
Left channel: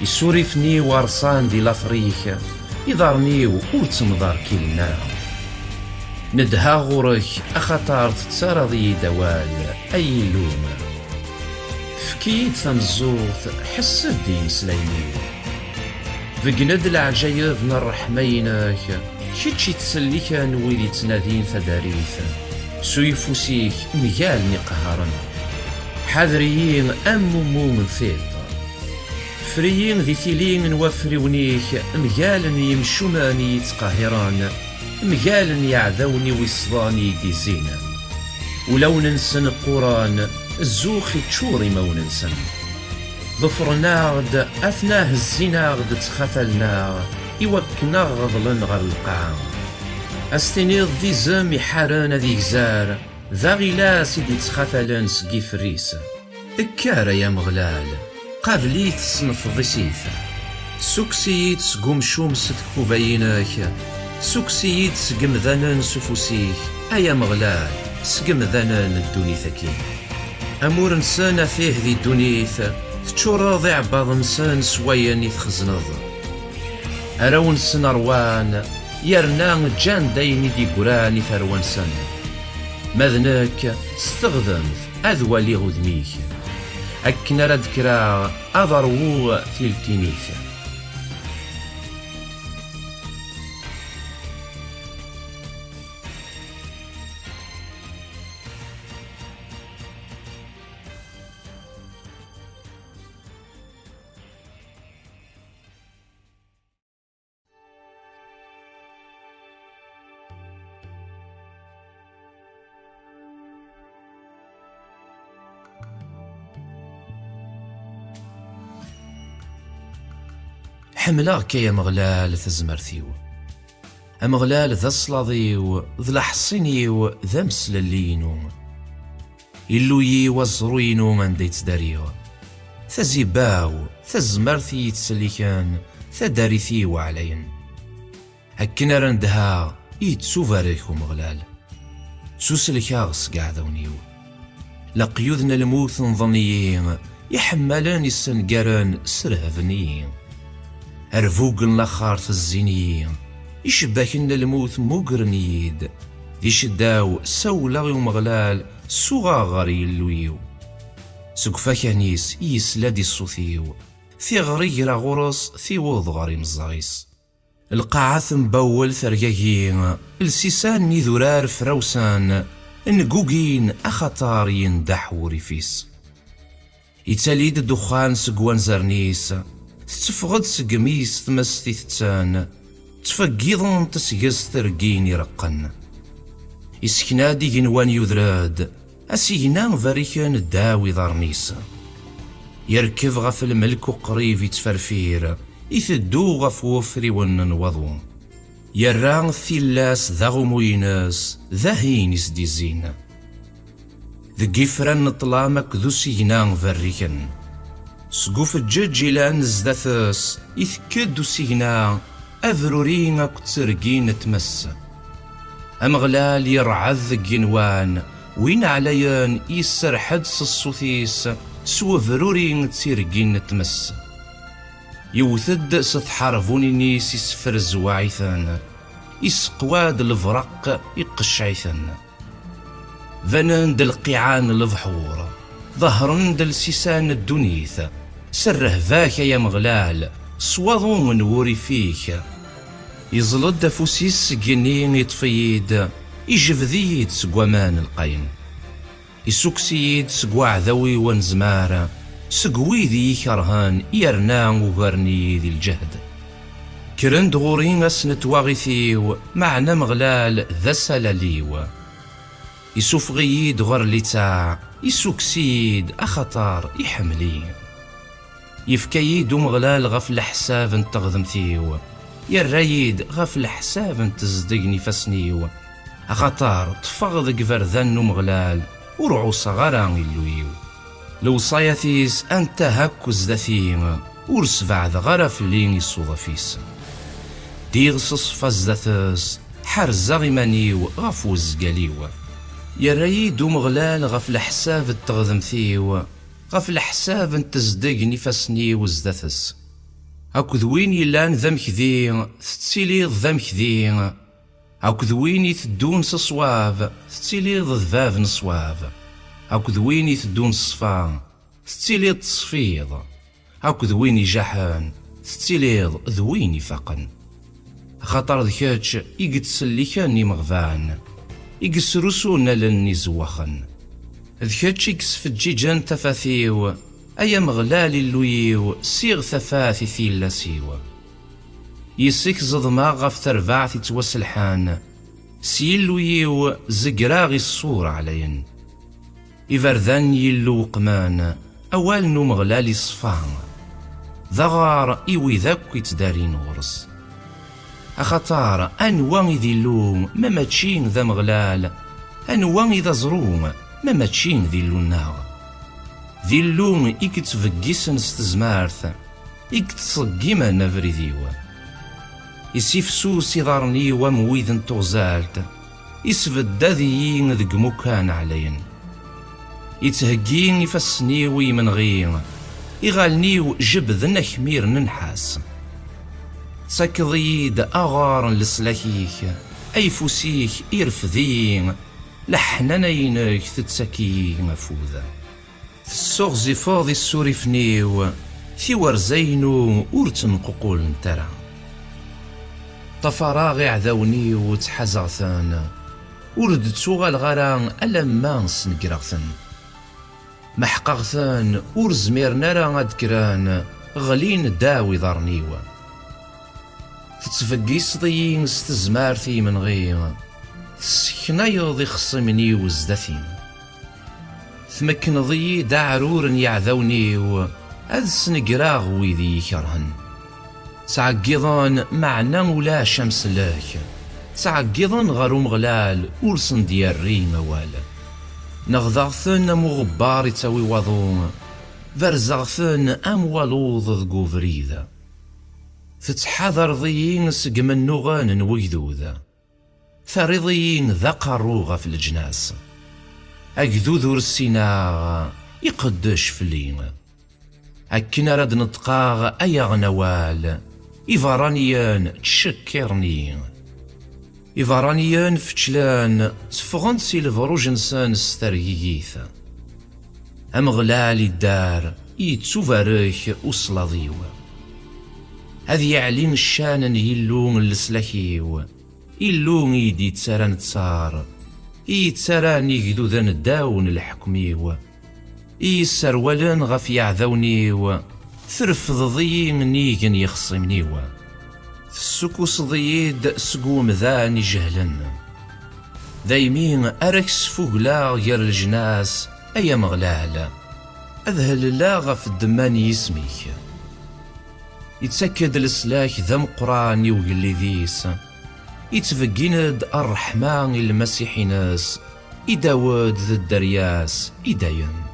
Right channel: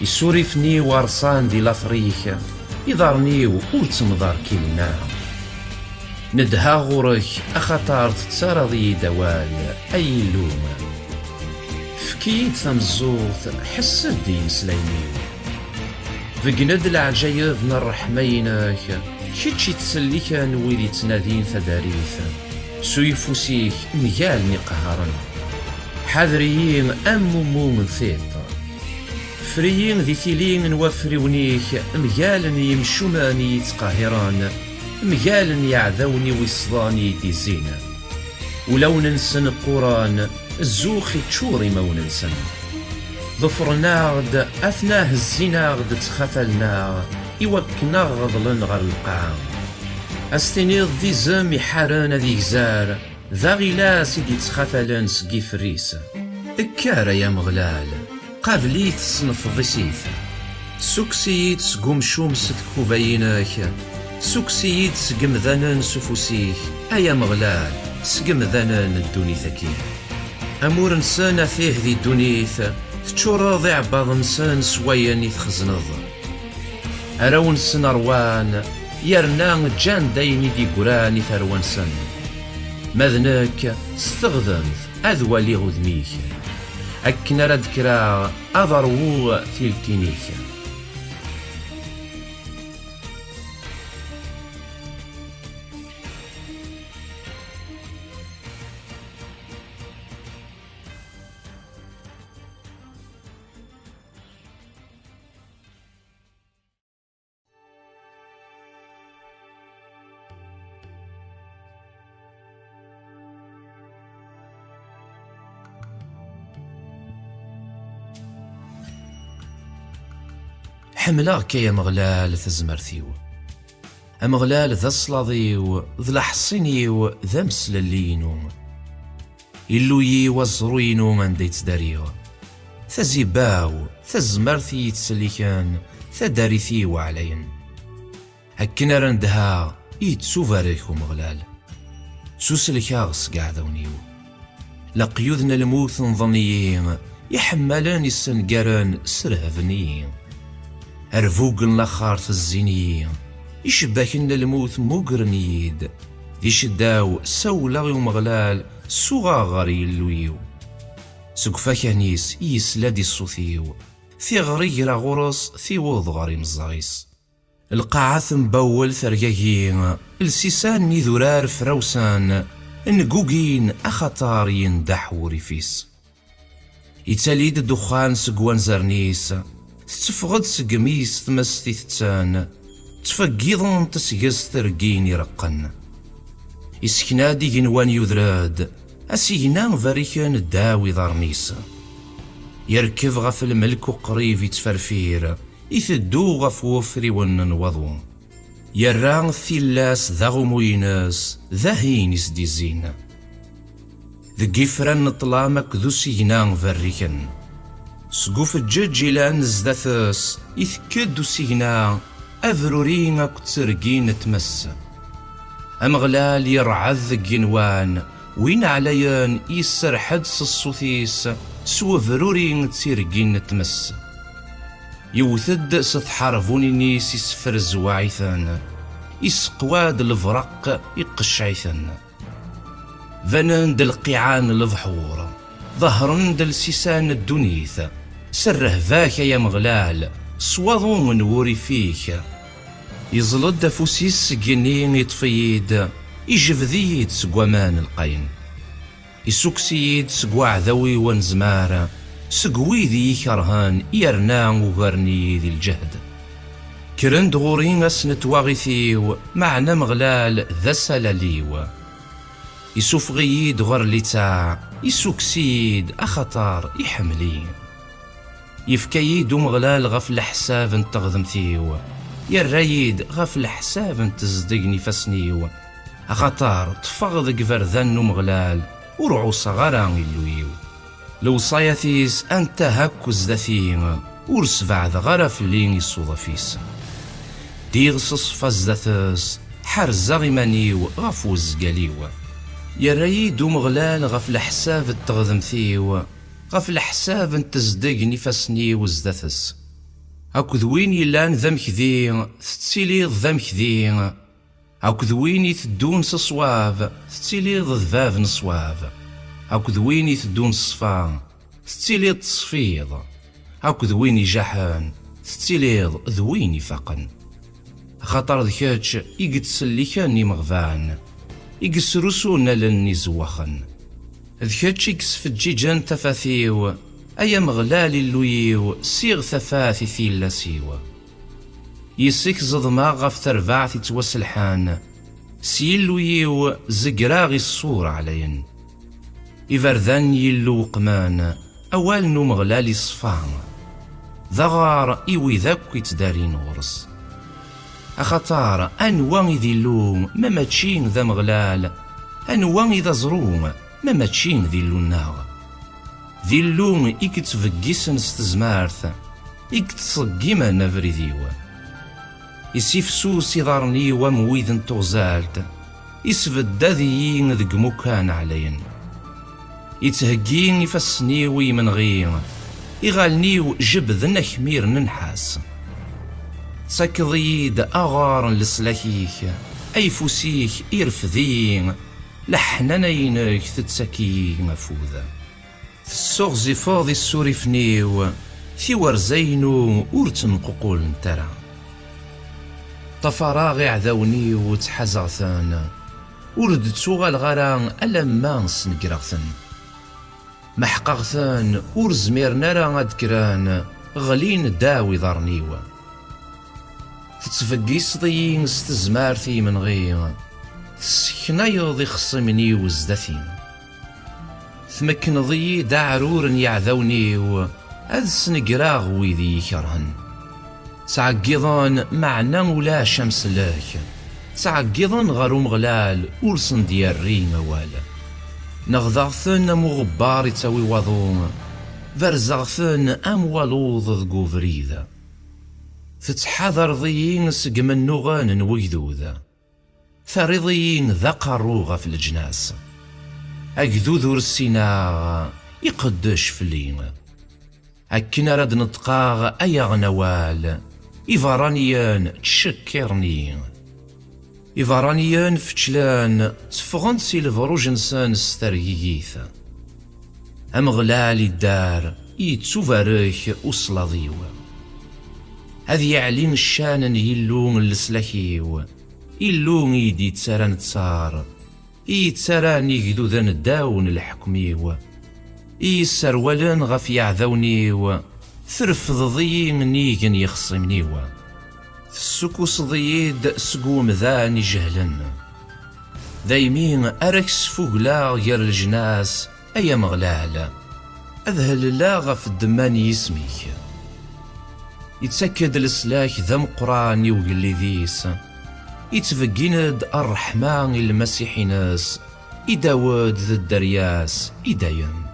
يسورفني ورصان دي لافريك يضرني وتمضار كيلنا، ندها غورك أخطار تتسارضي دوال أي لوم، فكيد ثمزوث حسد دين سليميو، فقند العجايب نرحمينك كيتشي تسليك نويدي تنادين ثداريث، سويفوسيك مجالني قهرن، حذريين أمومو من ثيط، فريين ذي ثيلين وفريونيك مجالن يمشوماني يتقاهران، مجالن يعذوني ويصداني دي زينة، ولو ننسن القران الزوخي تشوري مو ننسن، ظفرناغد أثناه الزيناغد تخفلنا يوكنا غضلن غر القاع، استنيض ذي زم يحارن ذي جزار ذا غلاس يدي تخفلن سقي فريس، اكارا يا مغلال قابلي تصنف ضسيث، سوكسيد سقوم شومس تكوبايناك، سوكسيد سقم ذنن سفوسيك، ايا مغلال سقم ذنن الدونيثكي، امور نسان فيه ذي الدونيث تشور ضيع بعض نسان سويا يتخزنض، أراون سن أروان يرنا جان دايني دي قراني ثروان سن، ماذنك استخدمت أذوالي غذميك أكن راد كرا أضرو تلتينيك. حملاك يا مغلال تزمرتيو، أمغلال ذا صلاضيو ذا لحصينيو ذا مسللينو، إلوي وزروينو من ديت داريو، ثزيباو ثزمرتي تسليكان ثداريثيو علين، هكنا رندها يتسوفاريكو مغلال، سوسلكاغس قاعدونيو، لقيوذنا الموت نظنيين يحملان السنقران سرهفنيين، أرفوق النخار في الزينيين يشباكن الموت مقرنيد يشداو سولا ومغلال صغاغري اللويو سقفا كانيس يسلادي الصوثيو في غريرا غرس في وضغري مزاغيس القاعة مبول ثرقاقين السيسان نذرار فروسان نقوقين أخطار يندح وريفيس يتاليد الدخان سقوان زرنيس تفغد سقميس تمستي تتان تفقيضن تسقس ترقين يرقن يسكنادي جنوان يذراد أسينا فريكان الداوي ضرنيس يركب غف الملك قريب يتفرفير يثدو غف وفري ونن وضو يران ثلاس ذا غمويناس ذا هينيس دي زين ذا قفران طلامك ذو سينا فريكان سقوف الجج لان زداثس يثكدو سينا أذرورين كترقين تمس أمغلال يرعذ جنوان وين عليان يسر حدس الصوثيس سو ذرورين تسرقين تمس يوثد ستحارفوني نيس يسفر الزواعثان يسقواد الفرق يقشعثان ذنان دل قيعان البحور ظهرن دل سيسان الدنيث سره فاك يا مغلال صوضو من وري فيك يزلد فوسيس جنين يطفيد يجفذيد سقوامان القين يسوكسيد سقوا عذوي ونزمار سقوي ذي كرهان يرنا وغرني ذي الجهد كرند غورين اسنت واغثيو معنا مغلال ذا سلاليو يسوفغيد غر لتاع يسوكسيد أخطار يحملي يفكيد مغلال غف الحساب تغذمثيو يرايد غف الحساب تزدقني فسنيو أخطار تفغض قفرذن مغلال ورعو صغران اللويو لو صايثيس أنت هكو زدثين ورسفع غرف لين الصوضفيس ديغس صفزدثس حرزا غمانيو غفو الزقاليو يرايد مغلال غف الحساب تغذمثيو غف الحساب تزدقني فسنيو زدثس أكو ذوين يلان ذم كذي تتسيلي ذم كذي أكو ذوين يثدون صواب تتسيلي ذذباب نصواب أكو ذوين يثدون صفا تتسيلي تصفيض أكو ذوين يجحن تتسيلي ذوين يفقن خاطر ذكاتش يقتسلي كاني مغفان يقسرسونا لني زوخن ذكاتش يقسف الجيجان تفاثيو أيا مغلال اللويو سيغ ثفاثي ثيلا سيوا يسيك زضما غف تربعثي توسلحان سيلويو زقراغي الصور علين إفرذان يلو قمان أوال نو مغلالي صفان ذغار إيوي ذاك يتدارين غرس أخطار أنوان ذي اللوم ما تشين ذا مغلال أنوان ذا زروم ما تشين ذي اللوناغ ذي اللوم إكتفقسن استزمارث إكتصقيما نفري ذيوا يسيفسو سيضارني ومويذن تغزالت يسفد ذيين ذق مكان علين يتهقين يفسنيوي من غير يغالنيو جبذن خمير ننحاس ساكضيد أغار لسلاكيك أي فوسيك إرفذين لحنا ينك تتسكي مفوذا السوغ زفاض السوريفنيو في ورزينو ورتن ققول نترى طفراغ عذوني وتحزغثان ورد تسوغال غران ألما نسنقرغثن محقغثان ورزميرنا راه أذكران غلين داوي ضرنيوة تتفقيس ضيين ستزمارتي من غير تسكنا يوضي خصمني وزدثين ثمكن ضي دعرور يعذوني أذ سنقراغ ويذي يكرهن تعقضان معنا ولا شمس لاك تعقضان غرو مغلال ورسن دياري موال نغضغثن مغبار تاوي وضون فرزغثن أموالوض ذقو فريذا تتحذر ضيين سقم النغان ويذوذا ثرضيين ذقروغ في الجناس أكذوذ السيناغ يقدش فلين أكنا رد نطقاغ أيغ نوال إفرانيان تشكرني إفرانيان فتشلان تفغن سيلفروج نسان سترييث أمغلال الدار يتسوفاريخ أصلاضيو هذي يعلين الشان يلون السلاكيو يلون يدي تساران تصار يتساران يقدو ذا نداون الحكميو يسرولن غف يعذونيو ثرفض ضيين نيجن يخصمنيو السكوس ضيد سقوم ذاني جهلن دايمين أركس فوقلا غير الجناس أي مغلال أذهل لا غف الدمان يسميك يتسكد السلاك ذا مقران يوقلي ذيس يتفقيند الرحمن المسيحي ناس إداود ذا الدرياس إدايم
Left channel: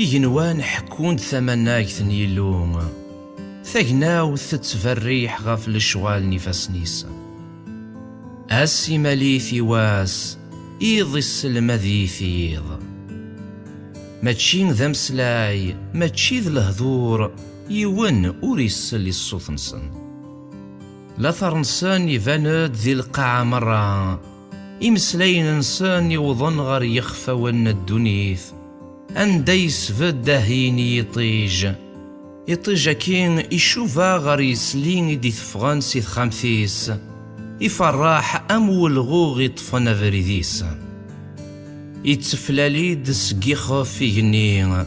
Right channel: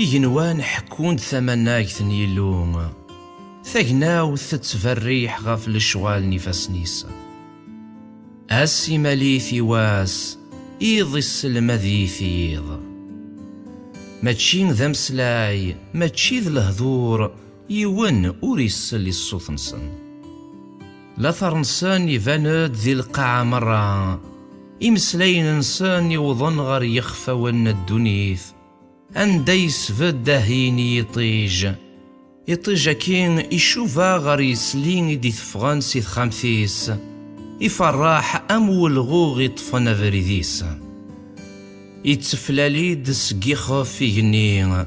يجنوان حكون ثمناك يلوم ثقناو تتفريح غف الشوال نفاس نيسا أسي مليثي واس إيض السلمة ذي ثيض ماتشين ذا مسلاي ماتشي ذا الهذور يون أوريس اللي الصوت نسن لا ثرنسان يفاند ذي القاعة مرة إمسلاين نسان يوضن غير يخفى ون الدنيث أنديس فدهيني يطيج كين يشوفا غير يسلين دي ثفغان سيث خمثيس يفرح أمول غوغ يطفن فريديس يتفلالي دس يخاف في جنين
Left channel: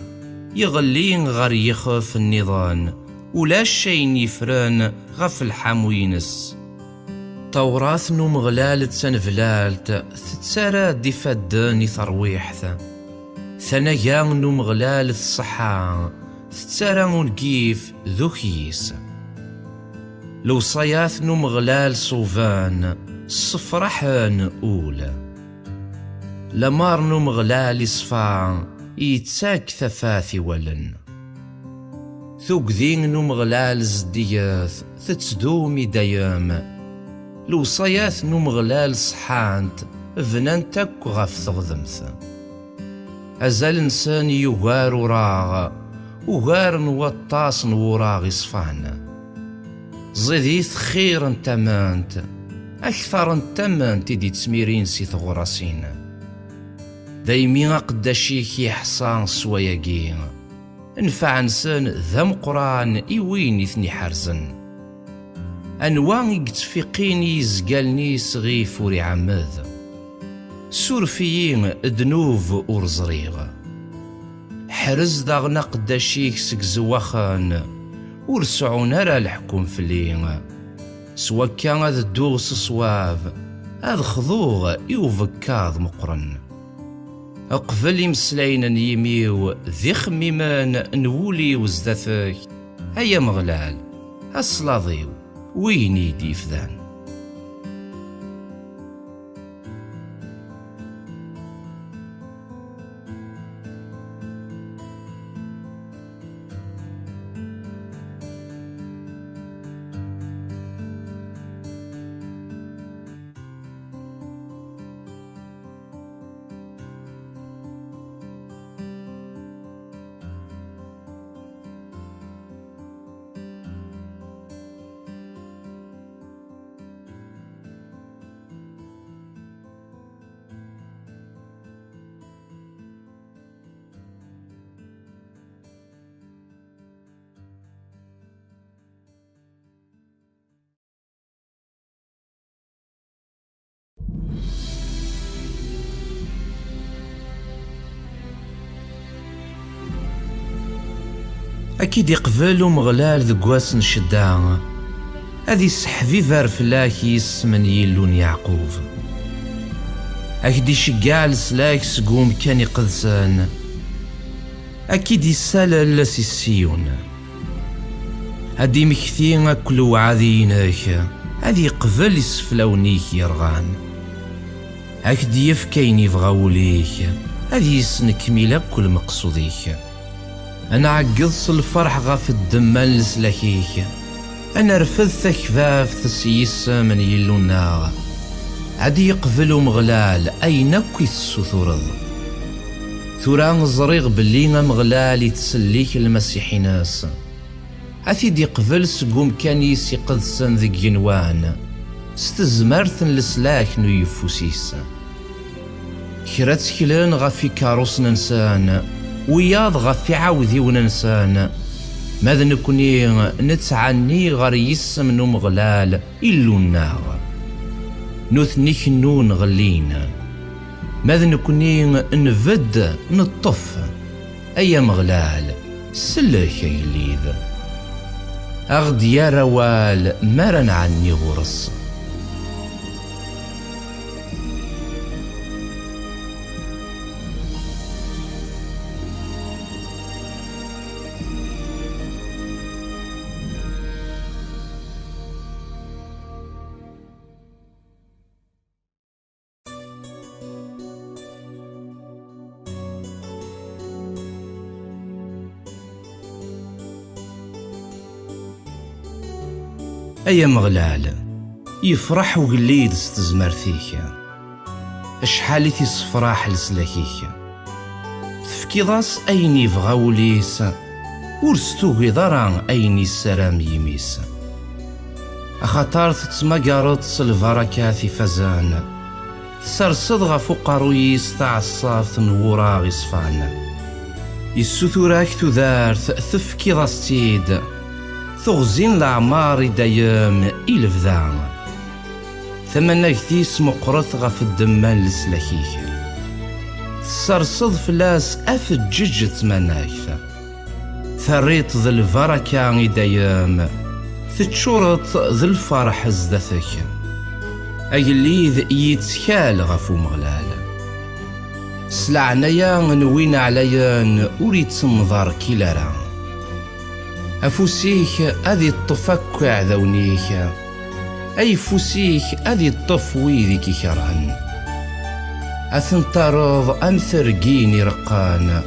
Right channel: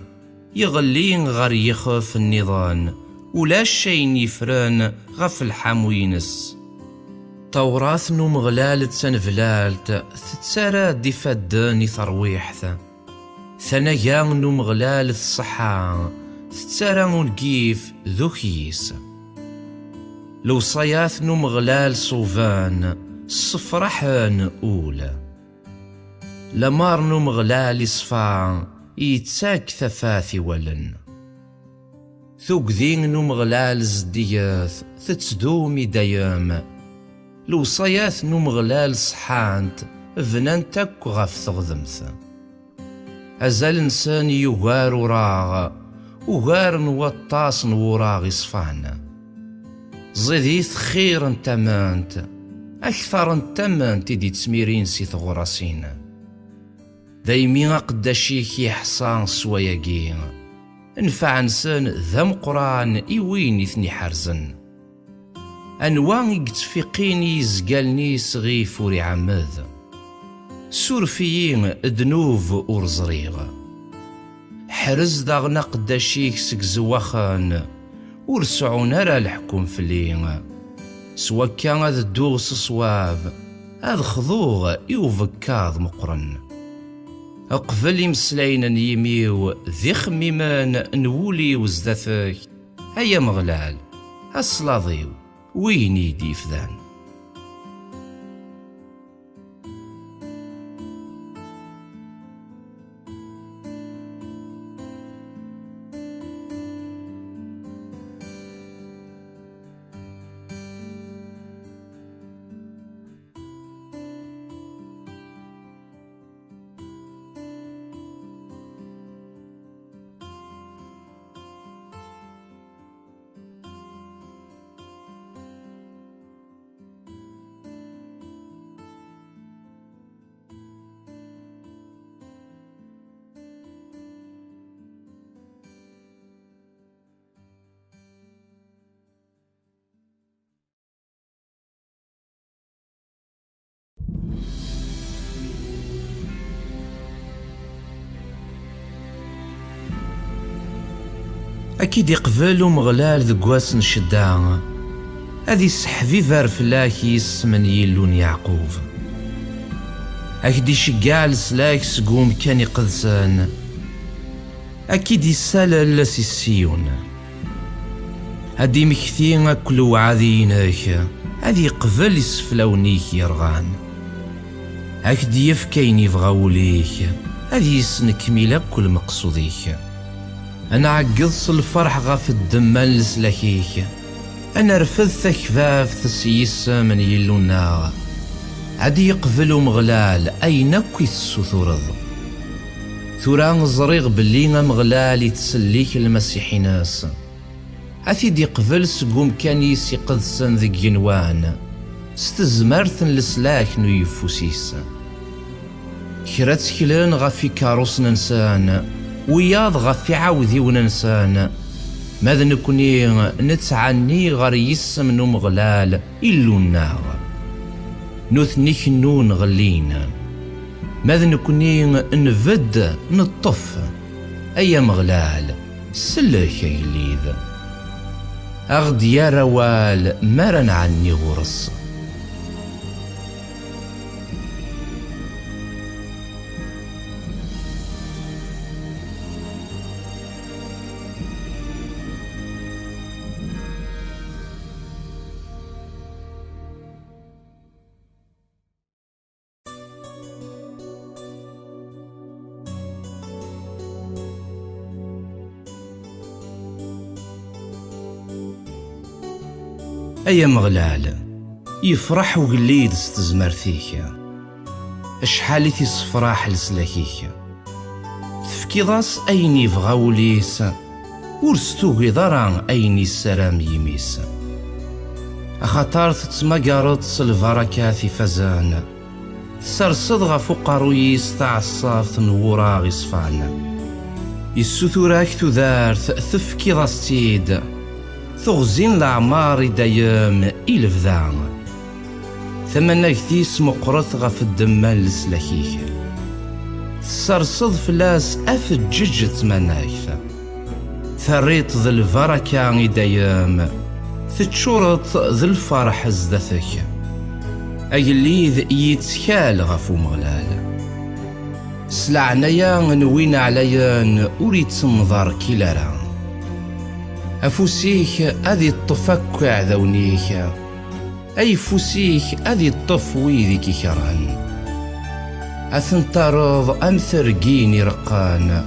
يغلين غير يخاف النظام ولا شين يفران غف الحموينس توراث نوم غلالت سنفلالت تتسارى دي فداني ثرويحث ثنايا نوم غلالت الصحة تتسارى ونقيف ذوكيس لو صياث نوم غلال صوفان صفرحان أولى لمار نوم غلال صفا يتساك ثفاثي ولن ثوق ذين نوم غلال زدياث تتسدومي دايام لو صياث نوم غلال صحانت فنانتك غف ثغذمث أزال إنسان يغار وراغ وغار نوطاس نوراغ صفانا زيديث خير انتمانت أكثر انتمانت دي تسميرين سي ثغراسين دايمين قداشيك يحصان سواياكين انفع انسان ذا مقران إوين يثني حرزن أنواع يتفقين يزقالني صغيف وري عماد سورفيين دنوف ورزريغ حرز داغنا قداشيك سك زواخان ورسعون راه الحكم فلي سوا كان هذا الدوغ صواب هذا خضوغ يوفكاض مقرن قبل يمسلاين يميو ذي خميمان نولي وزدثك هيا مغلال الصلاضيو وين يدي فذان أكيد يقبل ومغلال ذقواس نشدان هذي سحفي فارفلاك يسمن يلون يعقوب أكيد يشقع لسلاك سقوم كان يقدسان أكيد يسالل سيسيون هادي مكثين كل وعاذينك هادي يقبل يسفلونيك يرغان أكيد يفكين يفغاوليك هادي يسنكمل كل مقصوديك أنا عقص الفرح غاف الدمال لسلاكيك أنا رفض ثكفاف تسيس من يلونا عادي يقبلو مغلال أين كوي السثورض ثوران زريغ باللي مغلال يتسليك المسيحي ناس عثيد يقبل سقوم كان يسي قدسن ذي جنوان ستزمرثن لسلاك نو يفوسيس كرات كلان غافي كاروس ننسان وياض غفي عاوذي وننسان ماذا نكوني نتعني غير يسم نو مغلال إلو النار نثني كنون غلينا ماذا نكوني نفد نطف أي مغلال سلك يليذ أغد يا روال مرن عني غرص أيا مغلال يفرح وقليد ستزمرثيك أشحال تيصفراح لسلاكيك تفكي ضاس أين يفغاوليس ورستوغي ضران أين السلام يميس أخطار تتمقارط البركات فزان تسرصد غفو قرويس تعصاف تنورا غصفان يسوثوراك تذارث تفكي ضاس تيد تغزين الأعمار دايم إلفذان ثمنك تيس مقرث غف الدمال لسلاكيك تسرصد فلاس أفجج تمناك ثريت ذي البركة دايم تتشورط ذي الفرح زدثك أجليذ يتكال غفو مغلال سلعنايا نوين عليا أريد تمضار كيلارا أفوسيك أذي الطفك عذونيك أي فوسيك أذي الطف ويذيك كرهن أثنطرض أمثرقيني رقان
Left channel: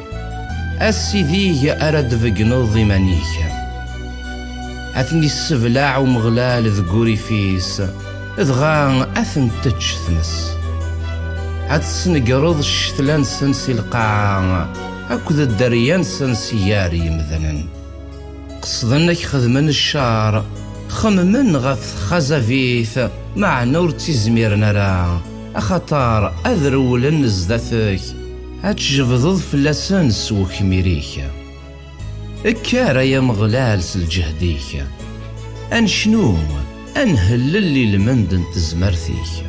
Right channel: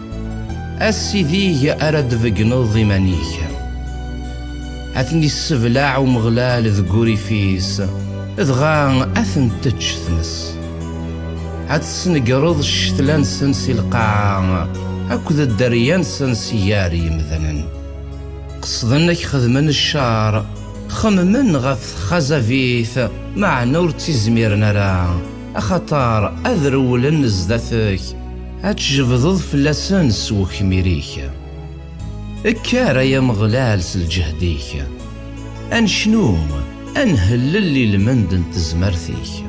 السيذيه أرد فقنض منيك أثني السبلاع ومغلال ذقوري فيس ذغان أثن تجثمس أتسنقرض الشتلان سنسي القاعة أكذ الدريان سنسياري مذنن قصدنك خدمن الشار خممن غف خزافيث مع نور تزمير نرا أخطار أذرول نزدثك أتجبضض فلسان سوك ميريك اكارا يا مغلال سالجهديك أنشنو أنهل اللي المندن تزمرثيك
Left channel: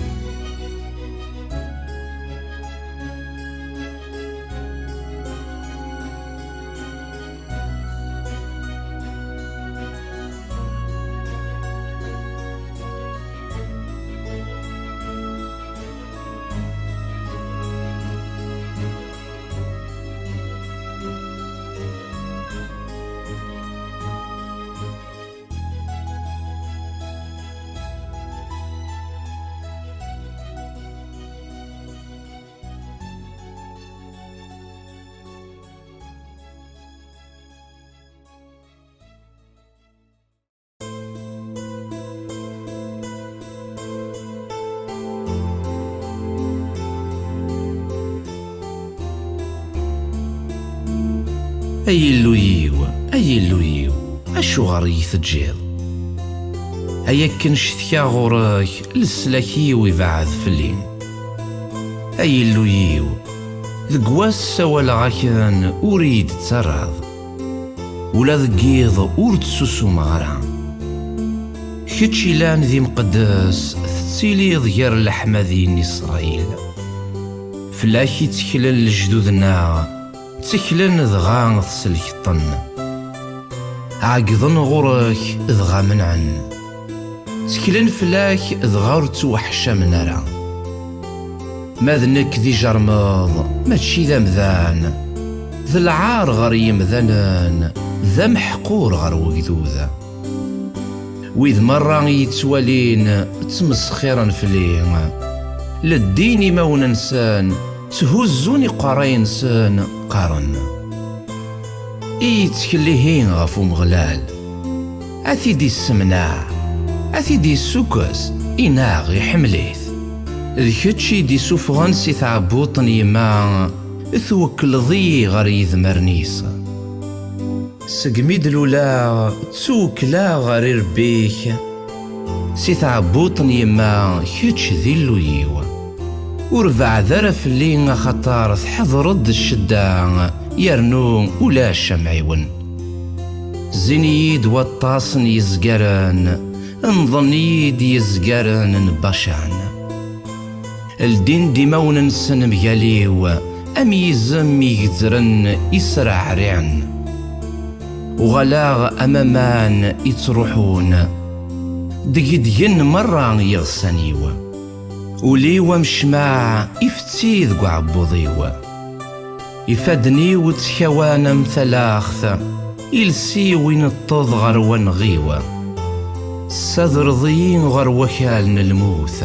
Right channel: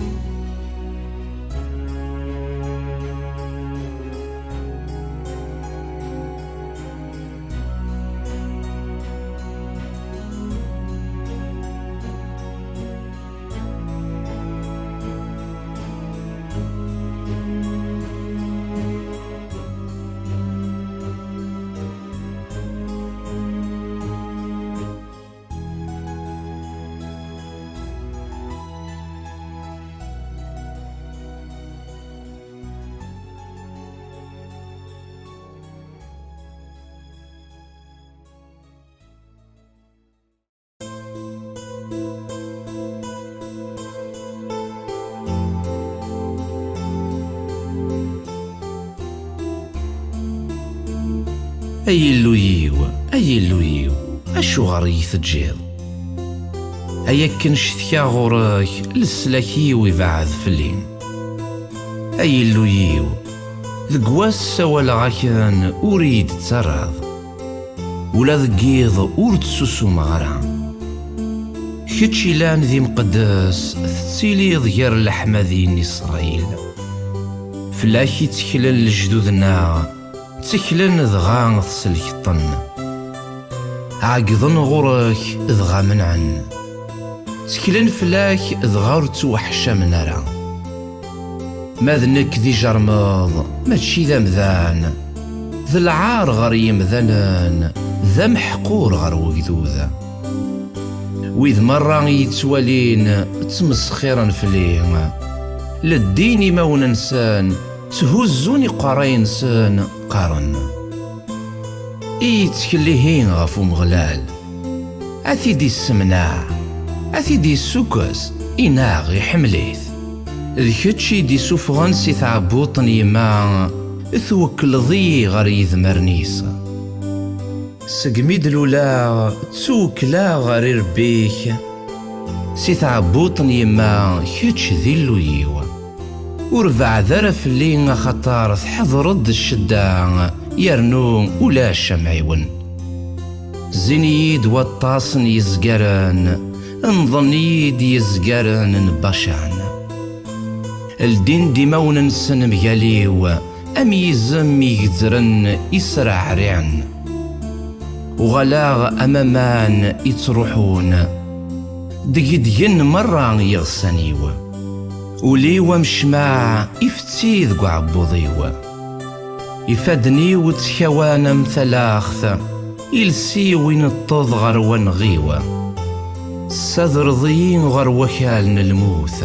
أي اللويو أي اللويو أشوغر يتجيض أيا كنشتكى غورك لسلاكي ويبعد فلين أي اللويو ذقواس سوال غاكن أريد تسرض ولا ذقيض أور تسوسو مغرا كتشي لان ذي مقدس تسيلي ضير الأحمدين إسرائيل فلاكي تكلن لجدودنا تكلن ذغا تسلك الطن عقضن غورك ذغا منعن تكلن فلاك ذغا رتوحشا منارا ماذنك ذي جرمض ماشي ذا مذان ذا العار غر يمذنن ذا محقور غر وقذوذا وإذ مرة يتوالين تمسخيرا فليه للدين ما وننسان تهزوني قراين سان قارن يتكليهين غفو مغلال أثيدي السمناع أثيدي السكس إناغ يحمليث ذكتشي دي سوفغان سي تعبوطن يما ثوكل ضي غير يذمرنيس سقميد لولا توكلا غير ربيك سي تعبوطن يما كتش ذي اللويو وربع ذرف اللي خطار تحضرد الشدة يرنو ولا شمعيون زينيد والطاسن يزقرن انظنيد يزقرن نباشان الدين ديما وننسن مقاليو أم يزم يقدرن يسرع ريعن وغلاغ أمامان يتروحون دقيدين مرة يغسانيو وليوا مشماع يفتي ذقو عبوضيو يفادني وتخوانا مثلاخث يلسي وين الطوض غر ونغيو الصدر ضيين غر وكالن الموث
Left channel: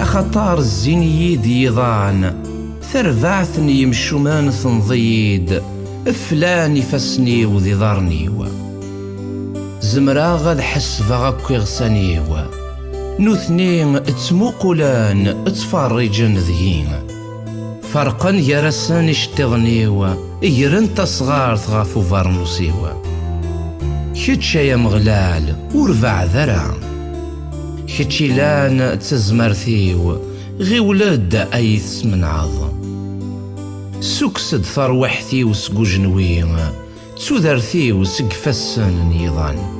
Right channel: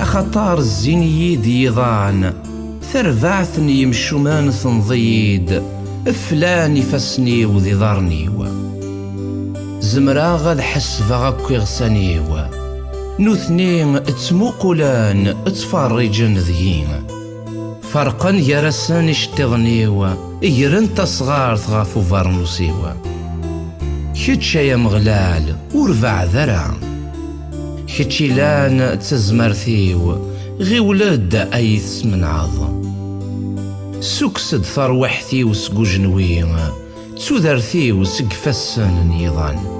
أخطار الزينيد يضان ثربعثني يمشومان ثنضيد فلان يفسني وذي ضارنيو زمرا غاد حسفا غاكو يغسانيو نوثنين تسموقلان تفرجن ذيين فرقا يرسان اشتغنيو يرن تصغار غافو فارنوسيو كتشا يا مغلال ورفع ذرع كتشي لان تزمرثيو غي ولاد ايث من عظم سكسد ثروحتي وسقو جنوي تسودرثي وسقفسن نيضان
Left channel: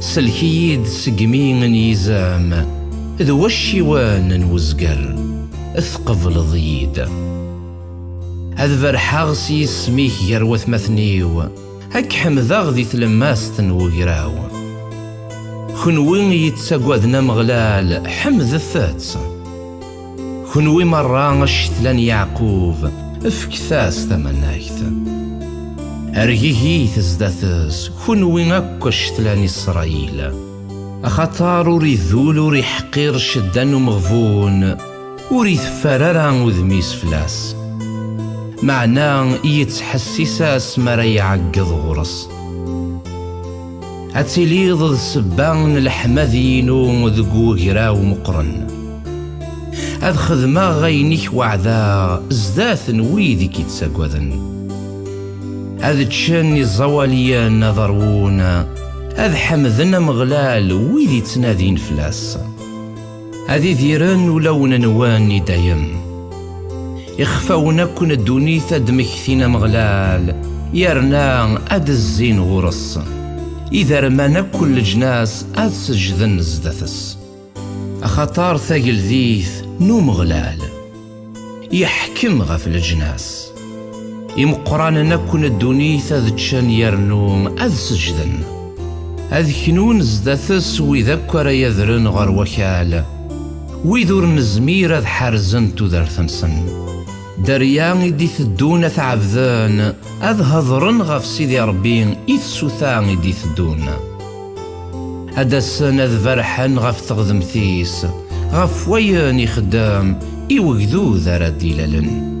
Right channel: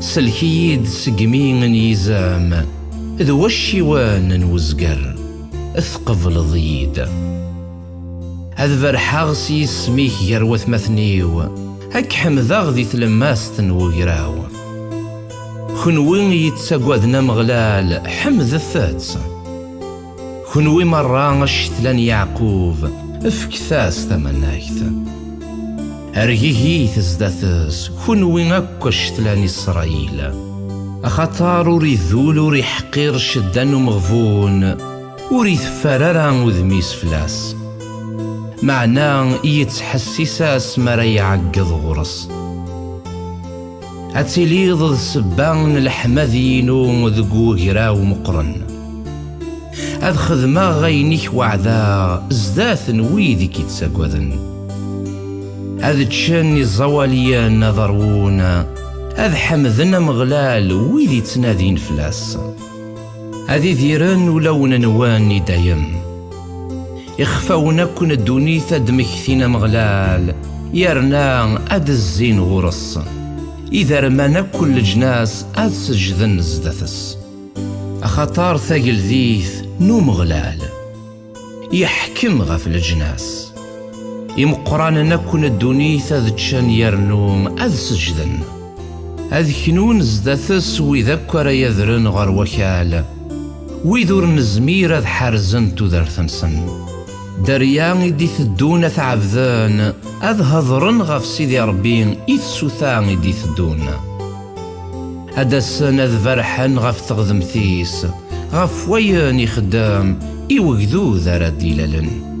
سلكيد سقمين يزام ذو الشيوان وزقر اثقفل ضيد هذ فرحاغ يسميك يروث مثنيو هك حمذاغ ذي تلماستن وقراو خنوين يتساقوذنا مغلال حمذ الثاتس خنوي مرة اشتلان يعقوب افكثاس ثمناكث أرجيه تزدثس خنوين اكو اشتلان إسرائيل أخطار وريذول وريحقير شدان ومغفون وريث فرارا وذميس فلاس معناه يتحسساس مرا يعقض غرس أتليض السبان الحمذينو ذقو غراو مقرن أذ خذما غينيك وعذا ازداث ويدي كيتساقوذن أذ تشاني الزواليا نظرون أذ حمذنا مغلال ويدي تنادين فلاس هذي ذيران ولون نواني دايم يخفاونا كون الدونيثة دمكثينا مغلال يرنا أد الزين غرص إذا رمانا كل جناس أد سجذن زدثس أخطار ثاقل ذيث نو مغلال يحكم غف الجناس يمقران نكون الدونيثة ذتشان يرنوم أذ سجذن أذ كنون زدثس ويذكر يذرن غر وكال ويذور نزمير أذ حرزن تذر ثنسن دريان دي ثدون ثعبذان أذ هضرن غف سيدي ربين إذ سوثان دي ثدون هذا السنة أذ فرحن غف تغذمثيس غف وياني خدام إيوغذو ذا ديلالن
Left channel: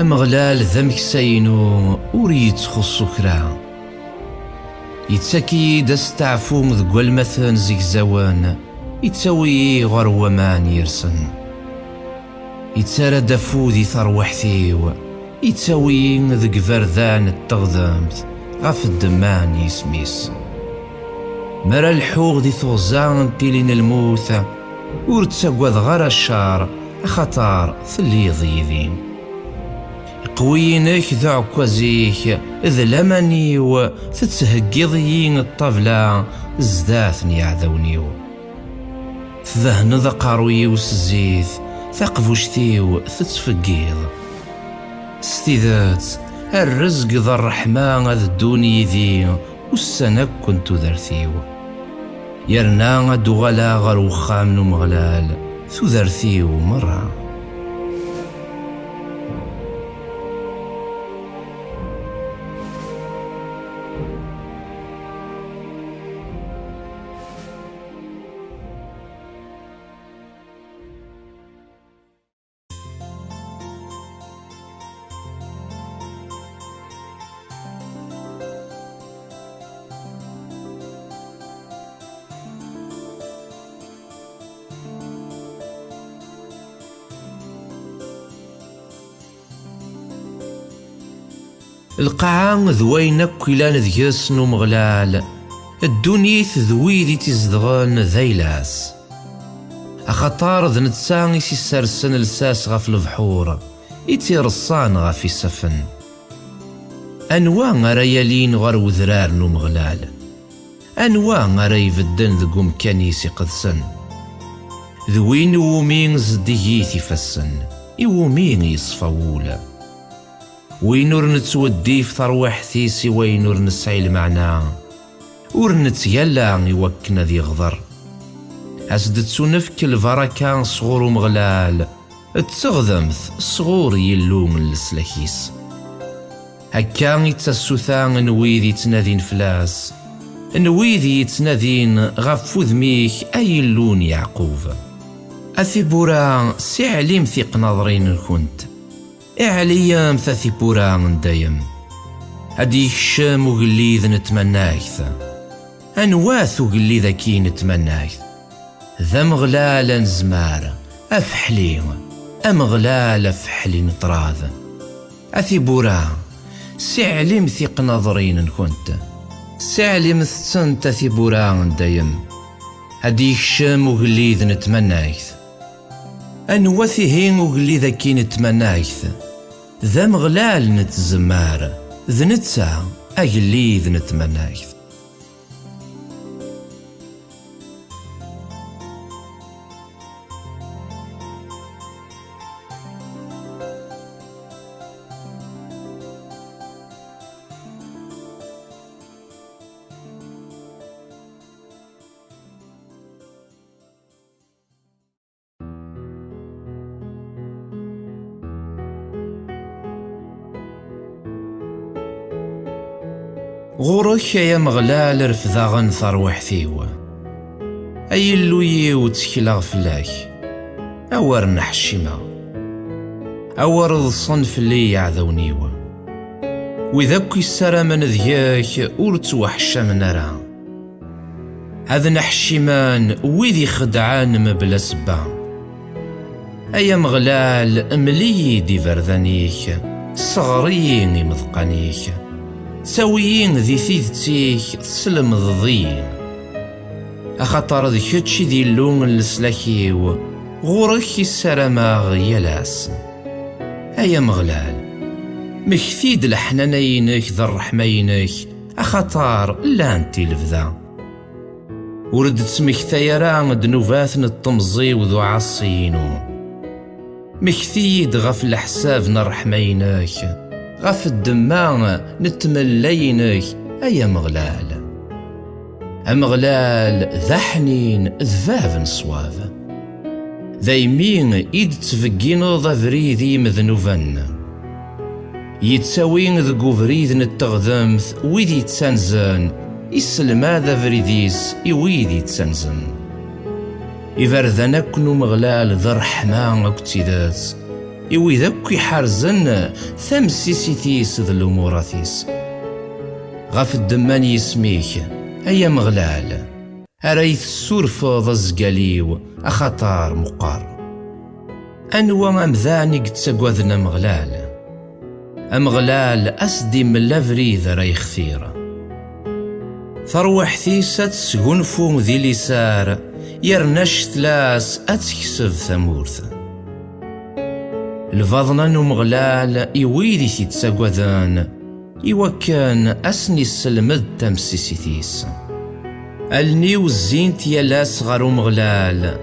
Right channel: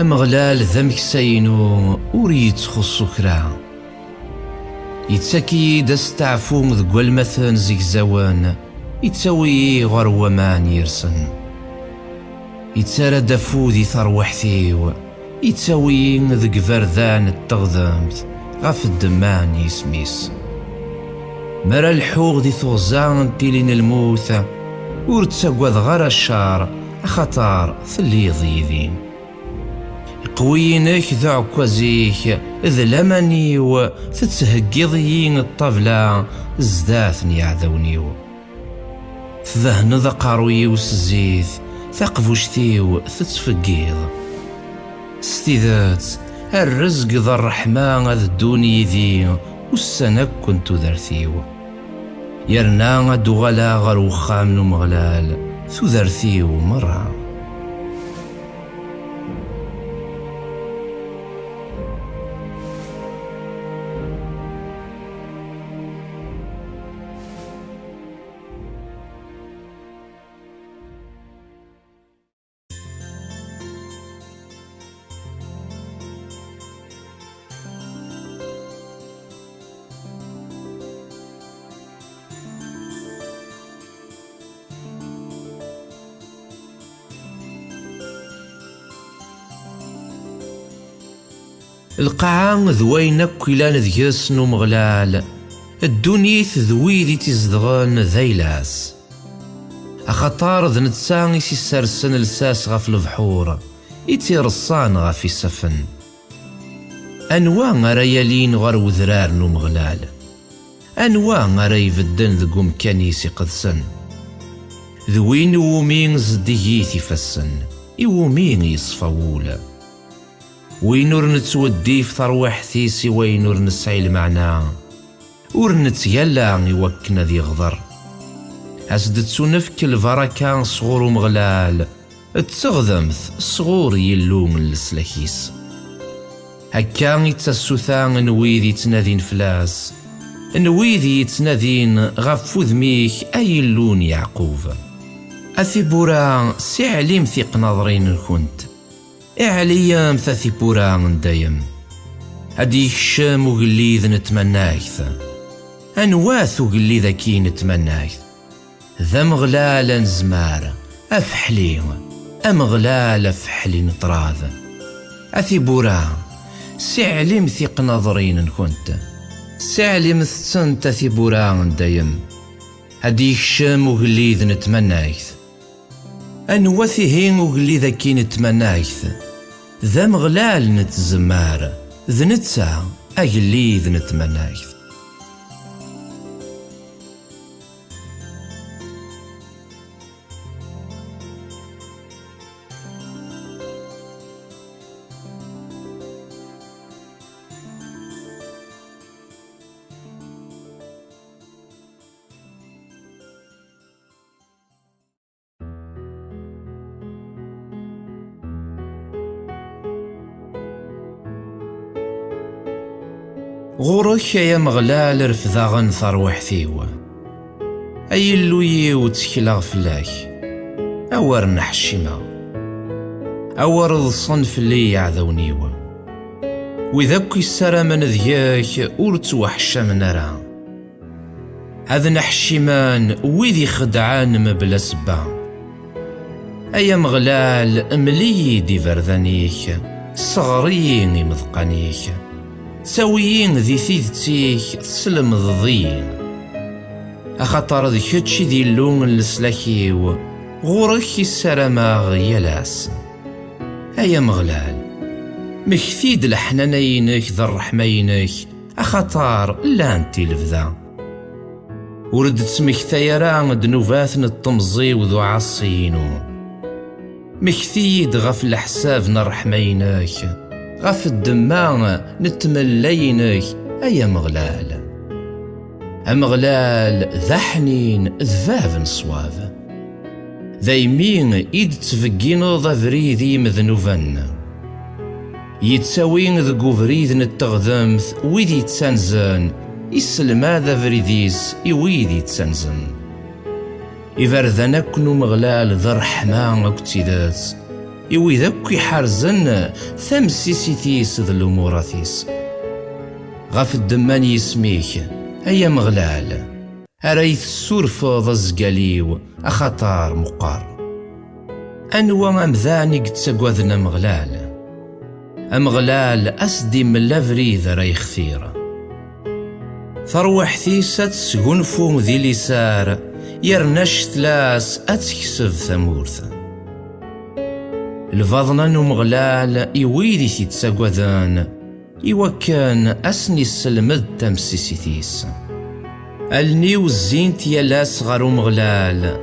أمغلال ذمك ساينو وريت خصو كرا يتساكي دستعفو ذق المثل زيك زوان يتساوي غر ومان يرسن يتسارى دافو ذي ثروحثيو يتساوي ذق فردان التغذمت غف الدمان يسميس مرا الحوغ ذي ثوزان تيلين الموثة ورتساقوذ غر الشار خطار ثلي ضيذين قوينك ذو عكوزيك إذ لمنيو تتهقضيين الطبلة زداثني عذونيو ذهن ذا قاروي وسزيث ثقفوشتيو تتفقيض ستيذات الرزق ذا الرحمن ذا الدوني ذي والسنك كنتو ذرثيو يرنا دوغلا غر وخام نمغلال ثو ذرثيو مرة القاعة ذوين كلان ذيس نمغلال الدنيث ذويذي تزدغن ذيلاس أخطار ذ نتساني سيسرسن لساس غف البحور يتيرصان غف السفن أنواع غريالين غر وذرار نمغلال أنواع غري يفدن ذقو مكانيسي قدسن ذوين ومين زديثي فسن يومين يصفولا وينور نتودي في ثروحتيسي وينور نسعي المعنى ور نتيلا يوكنا ذي غضر أسدتسو نفك الفركة صغور ومغلال التغذمث صغور يلوم السلاكيس هكا يتسوثان نويذي تنادين فلاس نويذي تنادين غف ذميك أي اللون يعقوب أثي بورا سي عليم ثيق ناظرين كنت إعليام ثاثي بورا دايم هديك الشام وقليذ نتمناكث أنواث وقليذ كي نتمناكث ذا مغلال نزمار أفحلي أمغلال أفحلي نطراذ أثي بورا سعلم ثيق نظرين كنت سعلم ثسنت أثي بورا دايم هديك الشام وقليذ نتمناكث أنواثي وقليذ كي نتمناكث ذا مغلال نتزمار ذنتسا أجليذ نتمناكث غورك يا مغلال رفضاغن ثروحثيو أي اللوي وتكلا فلاك أور نحشيما أور الصنف اللي يعذونيو وذاك السرى من ذياك ورتوحشا من راه هذا نحشيمان ويذي خدعان مبلا سبا أيا مغلال ملي دي فردانيك صغريني مذقانيك تساويين ذي ثيثتيك تسلم ضضيين أخطر ذي كتشي ذي اللون السلاكيو غورك السرماغ يلاس أيا مغلال مكثيد الحنانينك ذا الرحمينك أخطار لا انتي لفذا ورد تسمك ثيران دنوفاثن الطمزي وذو عصينو مكثيد غف الحساب نرحمينك غف الدمان نتملينك أيا مغلال أمغلال ذا حنين ذفاف نصواف ذا يمين إيد تفقينو ذا فريذي مذنوفن يتساوين ذا فريذ نتغذمث ويذي تسانزن يسلم هذا فريديس يويذي تسانزن إفرذنكنو مغلال ذا رحمة اكتدات إوي ذاك يحرزن ثمسيسيتيس ذا الأموراتيس. غاف الدمان يسميك أيا مغلال أريث السورفض الزقاليو أخطار مقار. أنوا أمذاني قد سقوذنا مغلال أمغلال أسدي من لافريذ راي خثيرة. ثروح ثيسة سقنفو ذي لسار يرنش ثلاس أتكسب ثمورث. الفضنا نمغلال إويدي تتسقوذان إوكان أسني السلمد تمسيسيتيس. النيو الزينت يلاس غارو مغلال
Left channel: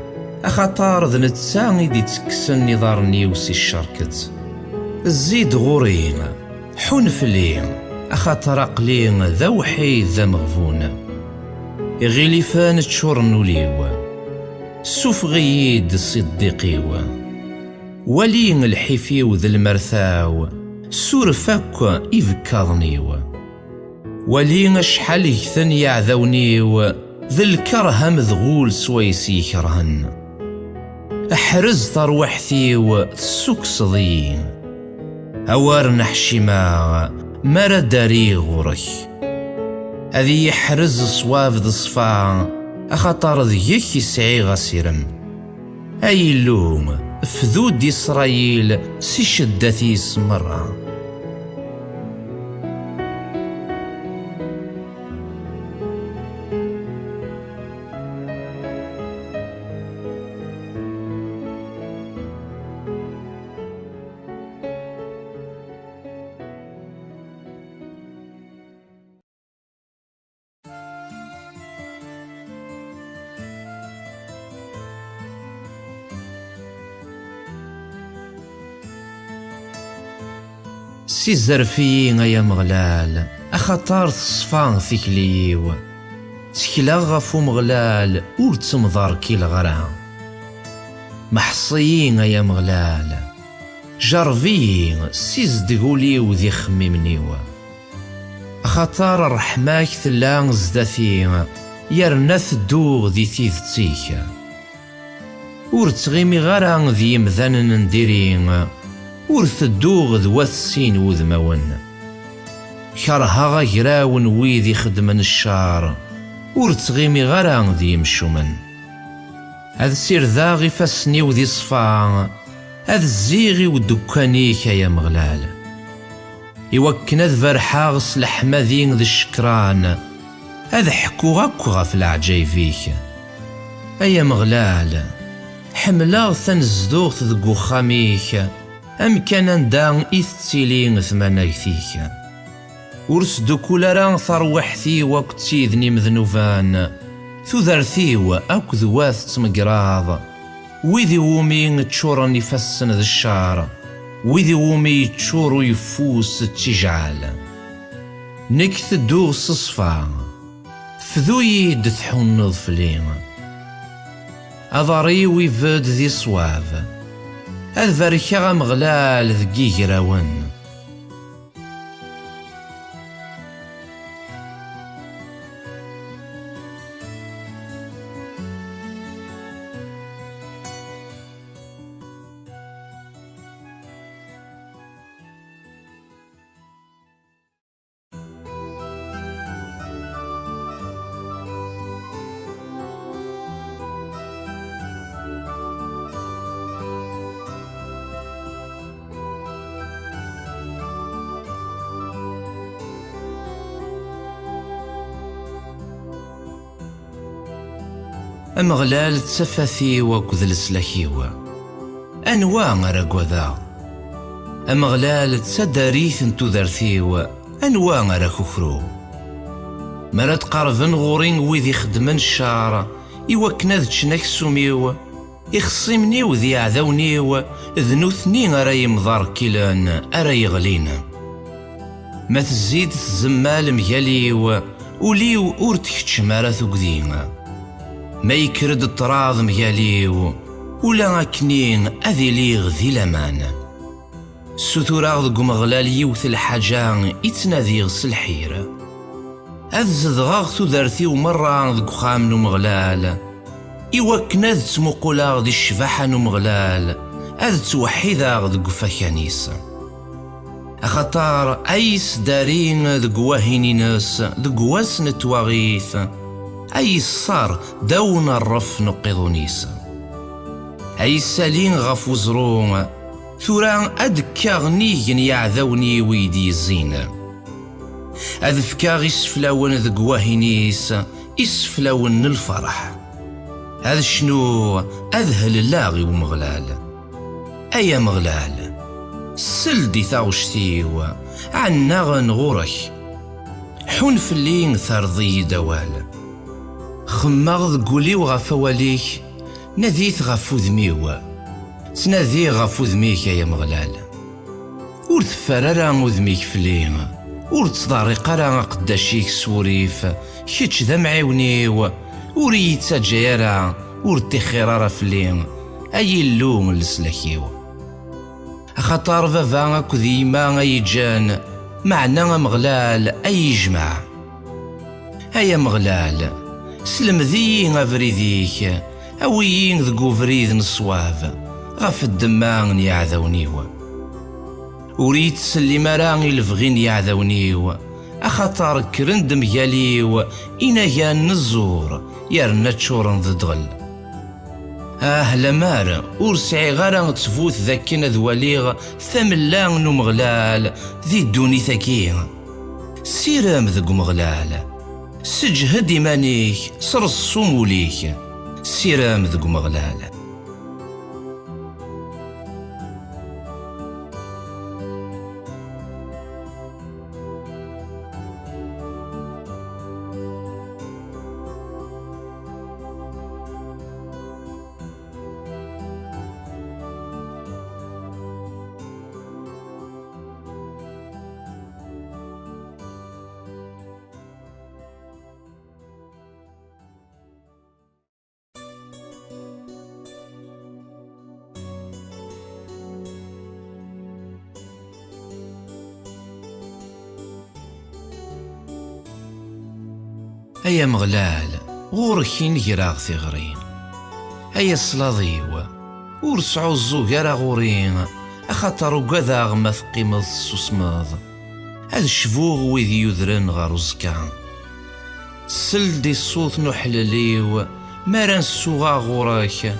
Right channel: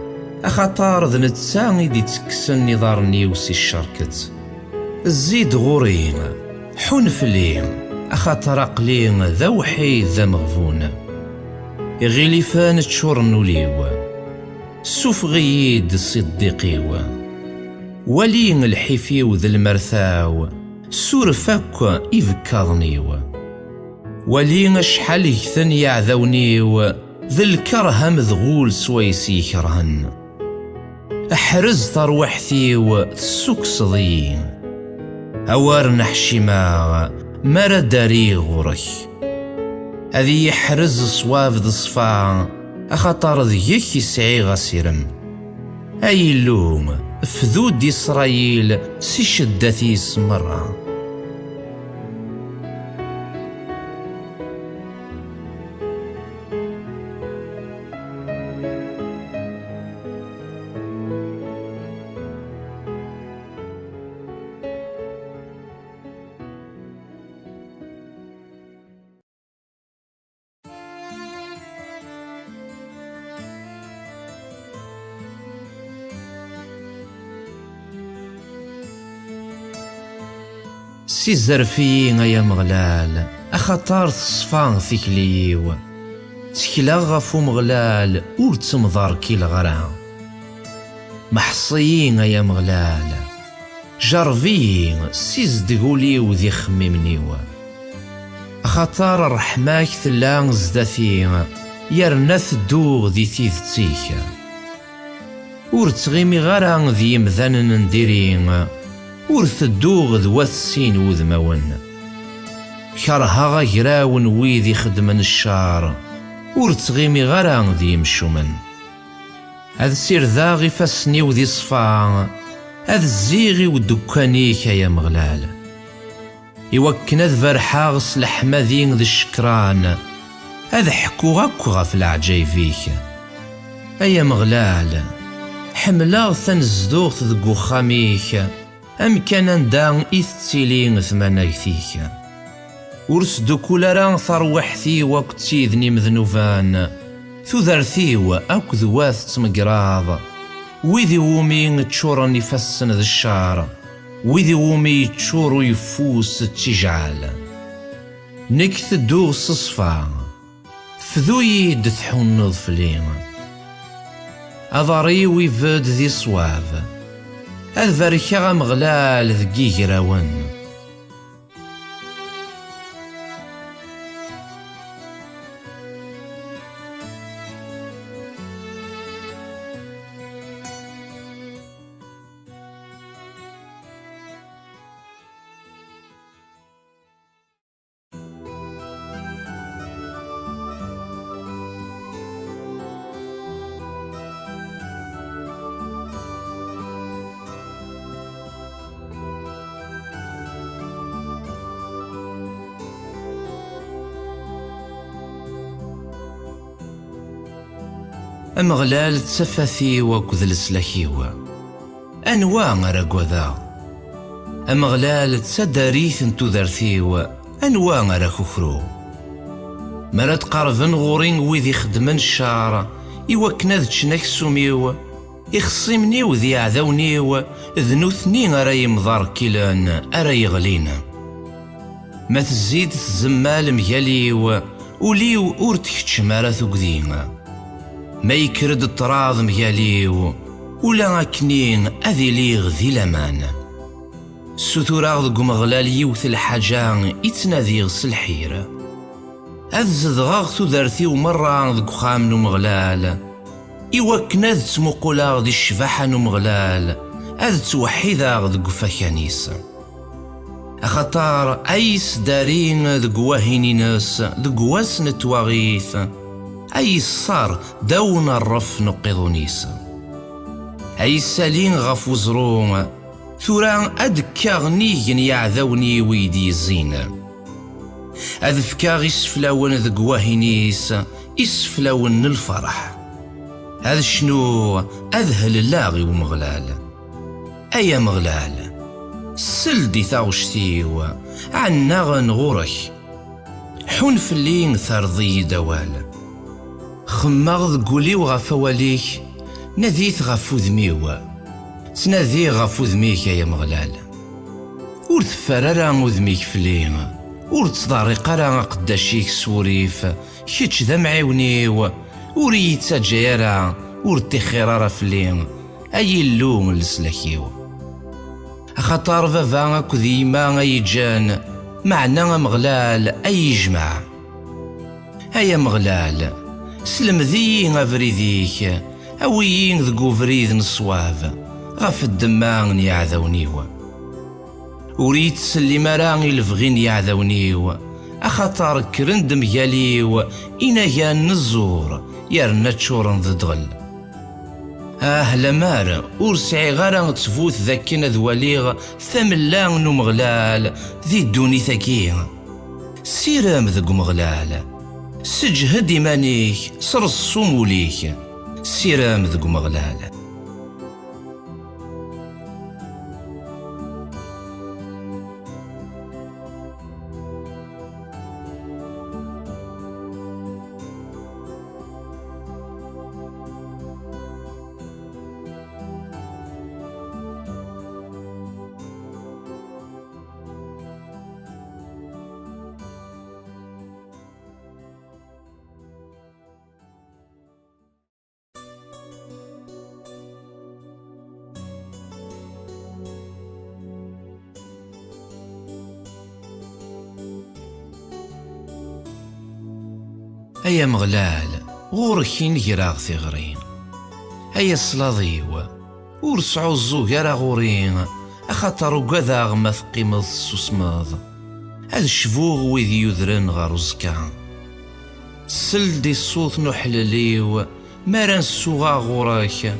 أخطار ذ نتساني دي تكسن نظار نيوسي الشركت. الزيد غورين حون فلين أخطر أقلين ذوحي ذا مغفون. غيليفان تشور نوليو سوف غيد صديقيو ولين الحفيو ذا المرثاو سور فاك إفكاضنيو ولين شحال يكثن يعذونيو ذا الكره مذغول سويسي كرهن. أحرز تروحثيو السوق صدين أوار نحشيما مرا داري غورك. هذي يحرز صواف ذا الصفا أخطر ذيك يسعي غسيرم. أي اللوم فذود إسرائيل سي شدتي سمرة. سي زرفيين يا مغلال أخطار تصفان ثكليو تكلا غفو مغلال ور تمضار كي الغرام. محصيين يا مغلال جرفيين سيز دقوليو ذي خميمنيو. أخطار الرحماك ثلان زداثين يرنث دوغ ذي تيذتيك. ور تغيمي غرام ذي مذان نديرين ور تدوغ ذوات السين وذمون. كرها غيراون ويذي خدمن الشار ور تغيمي غران ذي مشومن. هذا سير ذاغي فاسني وذي صفا هذا الزيغي ودكانيك يا مغلال. يوكنا ذفرحاغ لحماذين ذي الشكران هذا حكو غاكو غاف العجايفيك. أيا مغلال حملاغ ثنزدوغ ذقو خاميك أم كان دان إثتيلين ثمانيثيك. ورسدو كولاران ثروحثي وقتي ذني مذنوفان ثذرثيو أك ذواث تمقراض وذي ومي تشورني فسن ذا الشار وذي ومي تشورو يفوس التجعال. نكث دوغ صصفا فذوي دثحون نظفلين أضاري ويفد ذي صواب أذفركا مغلال ذقي قراون. أمغلال تسفثي وكذ السلاكيوا أنواع رقوذا. أمغلال تسداريث تذرثيوا أنواع ركوكرو. مرات قارفن غورين وذي خدمن الشعر إوكنا ذتشنك سوميو إخصمني وذي عذونيو ذنوثني أراي مضار كيلان أراي غلينا. ما تزيد الزمال مياليو وليو أورتكتش مارثو قدينا. ما يكرد الطراض مياليو ولا أكنين أذي ليغ ذي لمان. ستوراغ ذو مغلال يوث الحاجان يتناذيغ سلحير. أذزدغاغ ثذرثي ومرة ذو خامنو مغلال إوكنا ذ تمقولاغ ذي الشفاحة نو مغلال هذا توحيدا ذق فكانيس أخطار أيس دارين ذق واهينينس ذق واسن تواغيث أي صار دون الرف نقضونيس أي سالين غف وزرون ثوران أدكا غنيجن يعذوني ويدي الزين أذفكا إسفلاون ذق واهينيس إسفلاون الفرح هذا شنو أذهل اللاغي ومغلال أيا مغلال سلدي ثاوشتيو عنا غنغورك حون فلين ثرضي دوال خماغ قولي وغفواليك نذيث غفو ذميو تنادي غفو ذميك يا مغلال ور تفرارا وذميك فلين ور تصداريق راه قداشيك سوريف كيتش ذا معيونيو ور يتجايرا ور تخيرارا فلين اي اللوم لسلاكيو خاطر فافا كذيما يجان معنا مغلال اي جمع هيا مغلال سلم ذي افريديك اويين ذقو فريد نصواف غف الدمان يعذونيو وريت سلم راني الفغين يعذونيو اخاطر كرند مياليو إنا كان نزور يرنا تشورن ذدغل لمار ورسعي غارا تفوت ذاكنا ذواليغ ثملان مغلال ذي الدوني ثاكي سيرام ذق مغلال سجهد إيمانيك سرصو موليك سيرام ذق مغلال أيا مغلال غوركين جراغ ثغرين أيا صلاضيو ورسعو الزوجارة غورين أخاطر وقذا غمث قيمة السوسماض هذا الشفوغ ويذي يذرن غاروزكا سلدي الصوت نحلليو مارا نسوغا غوراك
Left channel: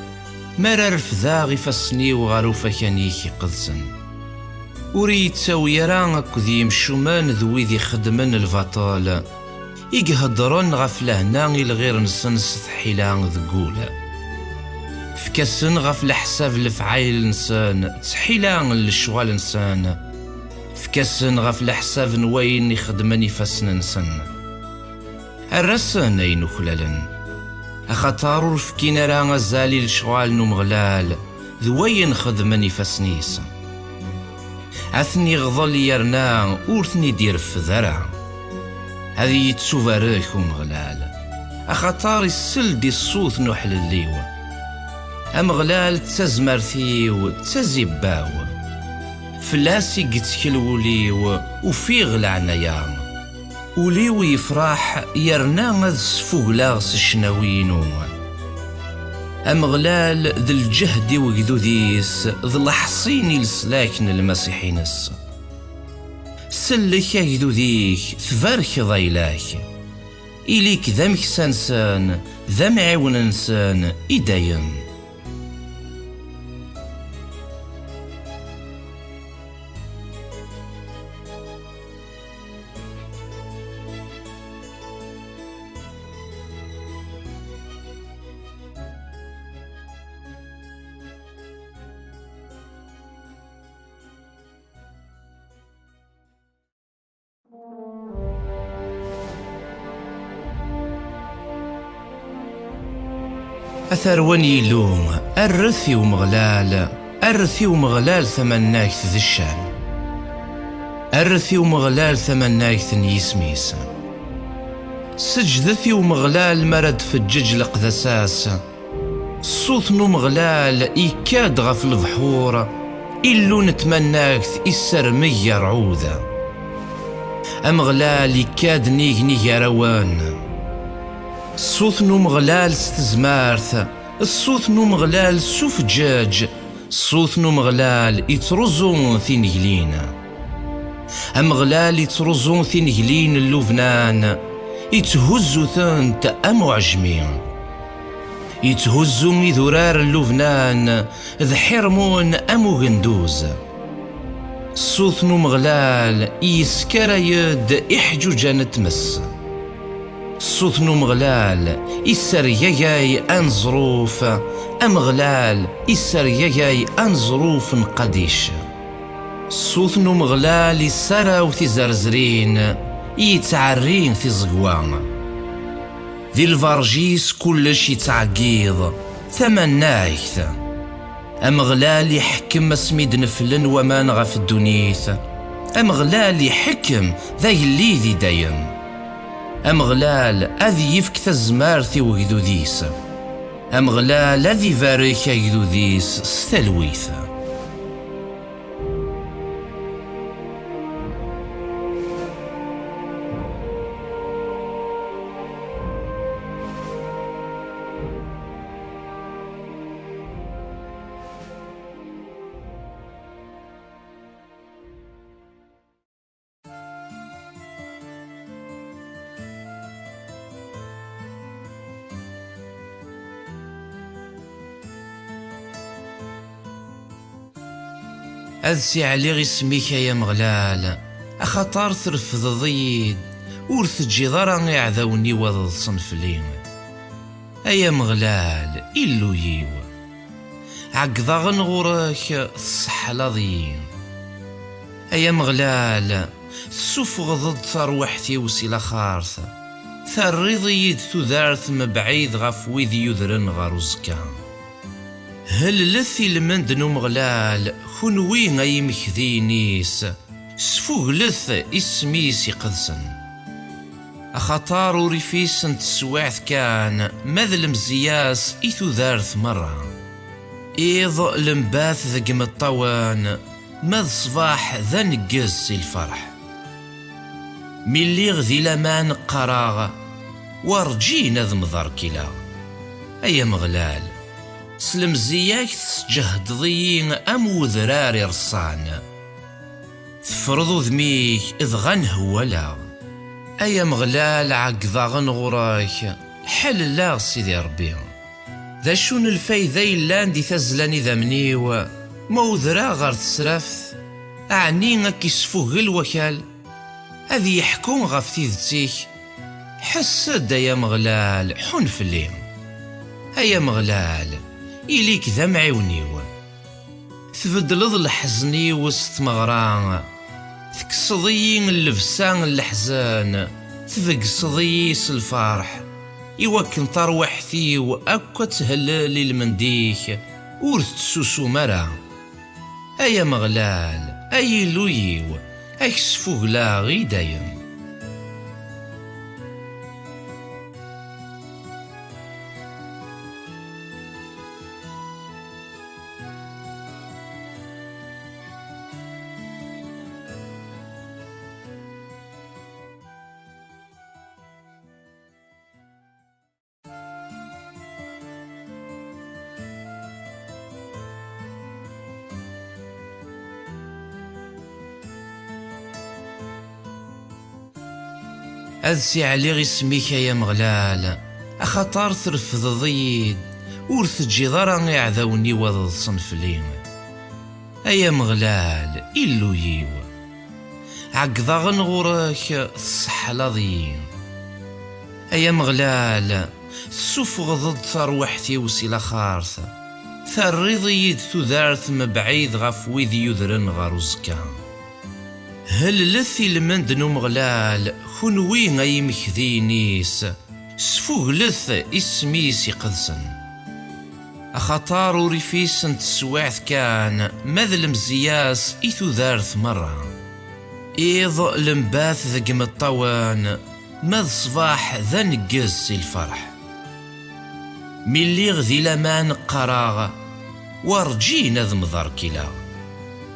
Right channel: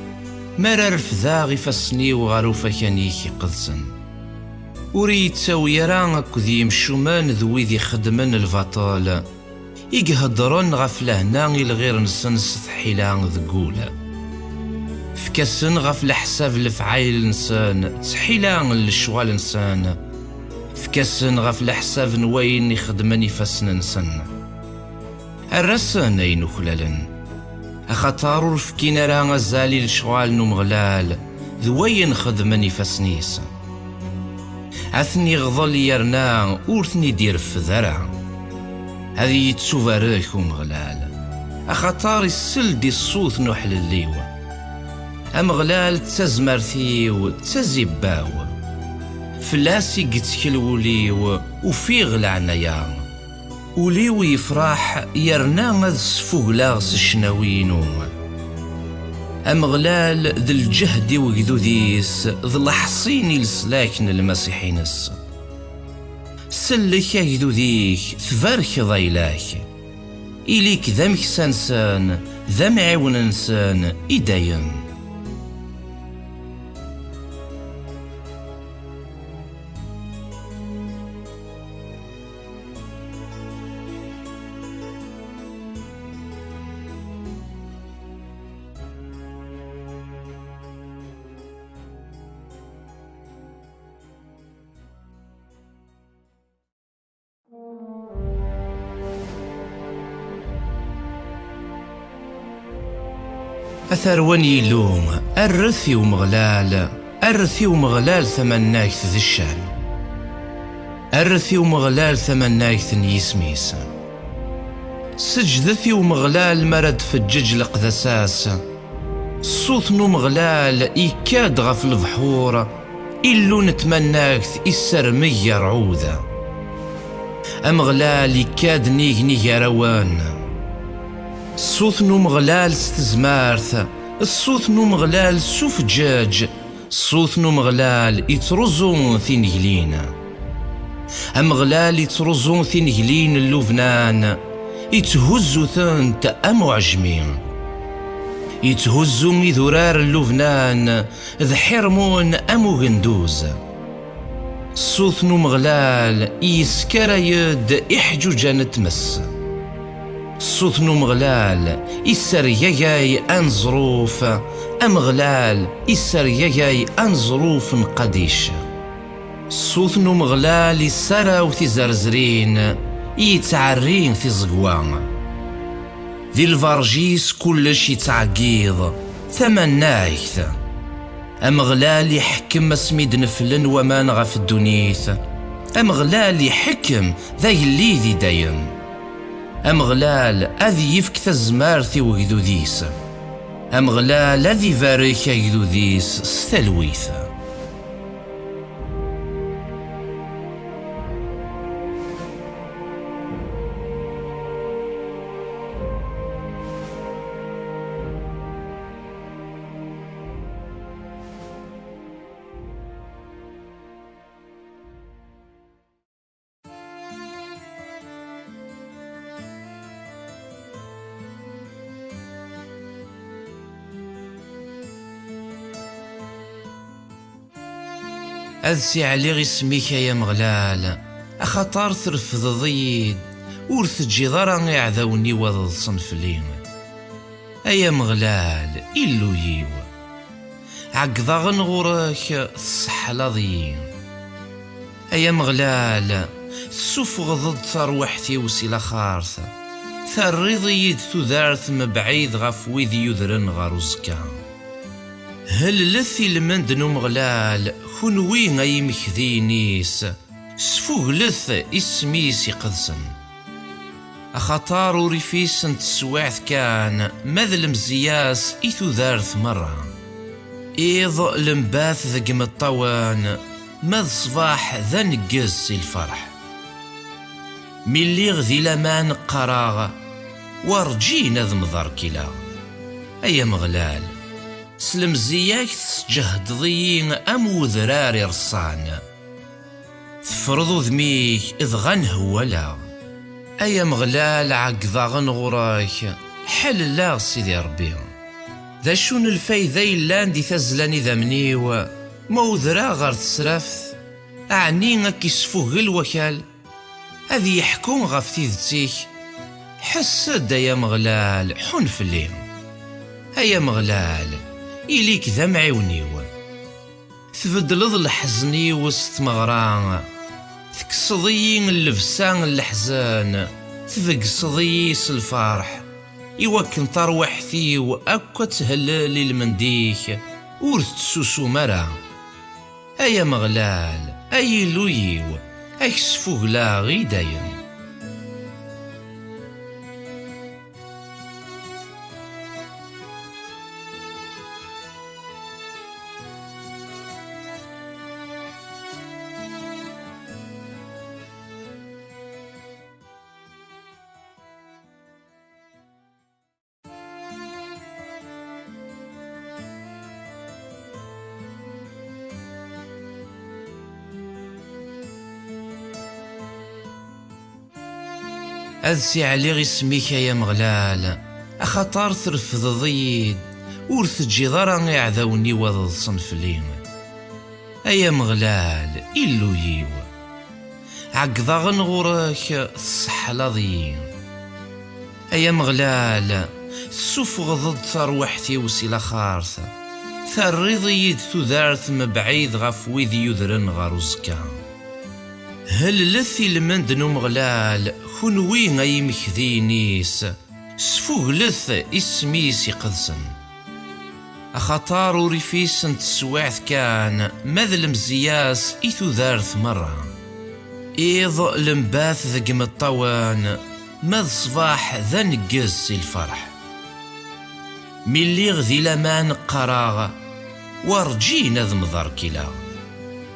مارا رفذا غفاسنيو غاروفا كانيكي قدسن وريت ساويران أكذي يمشومان ذويذي خدمن الفاطال يقهدرن غف لهنا الغير نسنس تحيلان ذقولا فكسن غف لحساب الفعايل نسان تحيلان الشوال نسان فكسن غف لحساب نوين يخدمني فاسن نسن الرسان اين خلالن اخطارو فكينا راه غزالي الشوال نمغلال ذوين خدمني فاسنيس اثني غضل يرنا ورثني دير في ذرع هذه يتسوفاريك ومغلال أخطار السلدي الصوت نحل الليوة أمغلال تزمرثيو تزباو فلاسي قتكلوليو وفيغ العنايا وليو يفرح يرنا غذ سفوغلاغس الشناوينو أمغلال ذي الجهد وقذوديس ذي الحصيني لسلاكن المسيحينس سلك يجدو ذيك ثفارك ضيلاك إليك ذمك سانسان ذم عون انسان إداين أثرواني يلوم الرثي ومغلال الرثي ومغلال ثمناك ذي الشان الرثي ومغلال ثمناك يسميس سجدثي ومغلال مرد في الجج لقذساس صوت مغلال إيكاد غف البحور إلو نتمناك السرمية رعوذة أمغلال إيكاد نيغ روان الصوت مغلال ستزمارث الصوت مغلال سوف جاج صوت مغلال يترزون ثينجلين، أمغلال يترزون ثينجلين اللبنان، يتهزو ثنت أمعجمين، يتهزو مذرار اللبنان ذ حرمون أمو غندوز. صوت مغلال يسكر يد إحجوجا نتمس، صوت مغلال يسرياي أنظروف، أمغلال يسرياي أنظروف نقديش. صوت مغلال يسراو تزرزرين، يتعرين في زقوان، ذي الفرجيس كلش يتعقيض ثمن نايث. أمغلال يحكم سميد نفلن وما نغا في الدنيث، أمغلال يحكم ذا يلي ذي دايم، أمغلال أذي يفك تزمارثي وجدوديس، أمغلال أذي فاريك يجدوديس ستلويث. أذسي علي غي سميك يا مغلال، أخطار ترفض ضيد ور تجي ضرا يعذوني وضد صنفلين. أيا مغلال إلو ييوه عقضا غنغورك الصحة ضيين. أيا مغلال تسوفغ ضد ثروحتي وسيلة خارثة، ثري ضيد تذارث مبعيد غف ويذ يذرن غروزكا. هل لثي المند مغلال خنوي غي مكذينيس، سفوغ لث اسميس يقدسن. أخطار وريفيس تسواعث كان ماذ المزياس إثو ذارث مرة، إيض لمباث ذقم الطوان ماذ صباح ذا نقز الفرح. ملي غذي لمان قراغ ورجينا ذ مضار كلا. أيا مغلال سلم زياك تسجهد ضيين أم وذراري رصان، تفرضو ذميك إذ غنهولا. أيا مغلال عقضا غنغوراك حل لا سيدي ربي، ذا شون الفايدة إلا ندي تزلاني ذا منيو موذرا غار تسرفت، أعني غاك يسفوه الوكال هذي يحكون غاف تيذتيك. حسد يا مغلال حن فليم. أيا مغلال إليك ذا معيونيو، تبدلض الحزني وسط مغران، تكسضي اللبسان الحزان، تفقصضي الفرح. يوكن طروحتي وأكو تهلل المنديك ورث تسوسو مرا. أيا مغلال أي لويو أكسفوه لا غي دايم. أذسي علي غي سميك يا مغلال، أخطار ترفض ضيد ور تجي ضرا يعذوني وضد صنفلين. أيا مغلال إلو ييوه عقضا غنغورك الصحة ضيين. أيا مغلال تسوفغ ضد ثروحتي وسيلة خارثة، ثري ضيد تذارث مبعيد غف ويذ يذرن غروزكا. هل لثي المند مغلال خنوي غي مكذينيس، سفوغ لث اسميس يقدسن. أخطار وريفيس تسواعث كان ماذ المزياس إثو ذارث مرة، إيض لمباث ذقم الطوان ماذ صباح ذا نقز الفرح. ملي غذي لمان قراغ ورجينا ذ مضار كلا.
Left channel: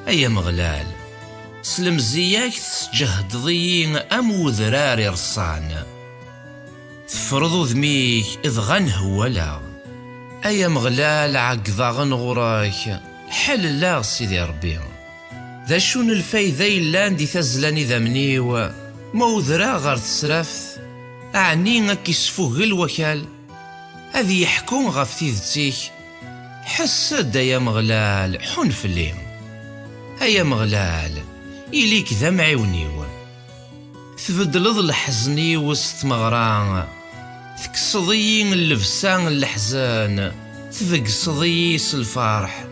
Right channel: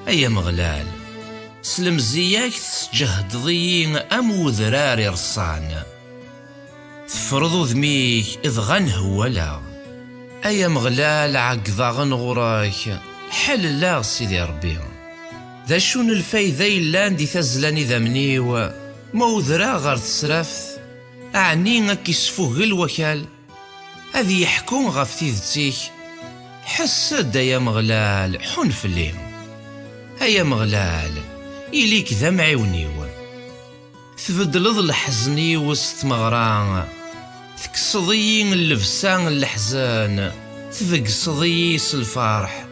أيا مغلال سلم زياك تسجهد ضيين أم وذراري رصان، تفرضو ذميك إذ غنهولا. أيا مغلال عقضا غنغوراك حل الله سيدي ربي، ذا شون الفايدة يلان دي تزلاني ذا منيو موذرا غير تسرافت أعني غاك يسفوه الوكال هذي يحكون غف تيذتيك. حسد يا مغلال حن فلي هيا مغلال إليك ذا معيونيو تبدلض الحزني وسط مغران تكسضي اللبسان الحزان تفقصضي الفرح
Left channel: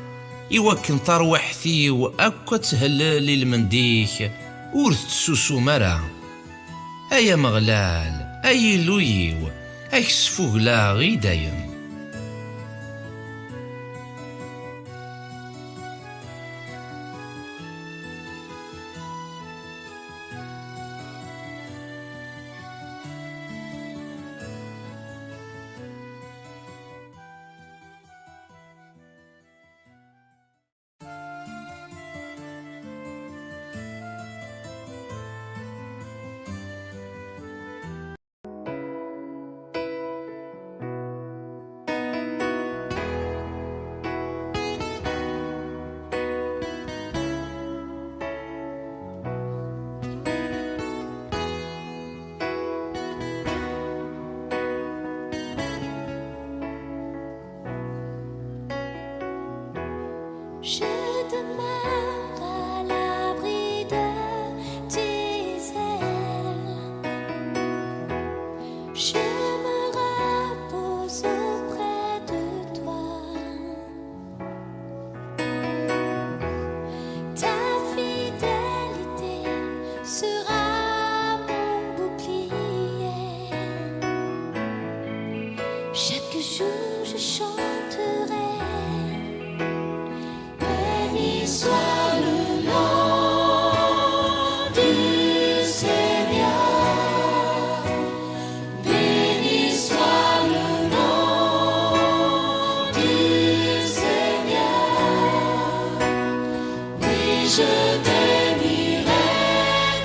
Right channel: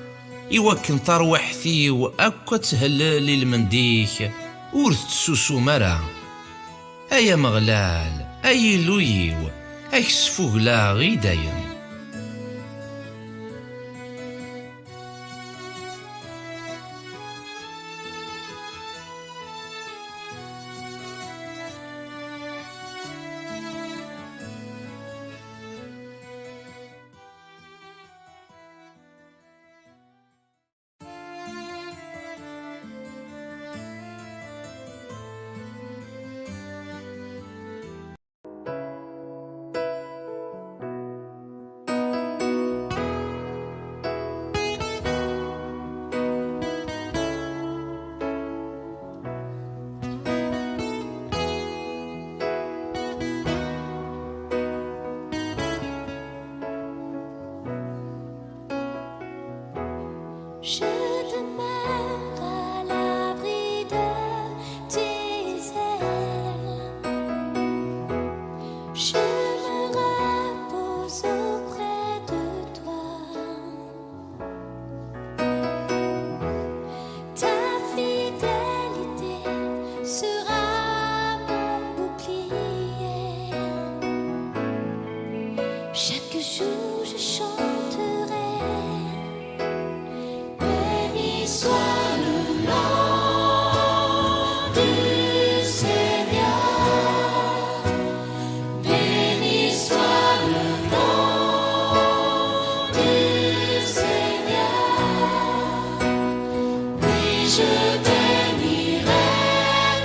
يوكن طروحتي وأكا تهلل المنديك ورث تسوسو مرا. أيا مغلال أي لويو أكسفوه لا غيداين. Je demeure à l'abri de tes ailes. Je me repose auprès de toi. Ta fidélité sera mon bouclier. Chaque jour je chanterai. Soit le nom du Seigneur, béni soit le nom du Seigneur. Oui, je bénirai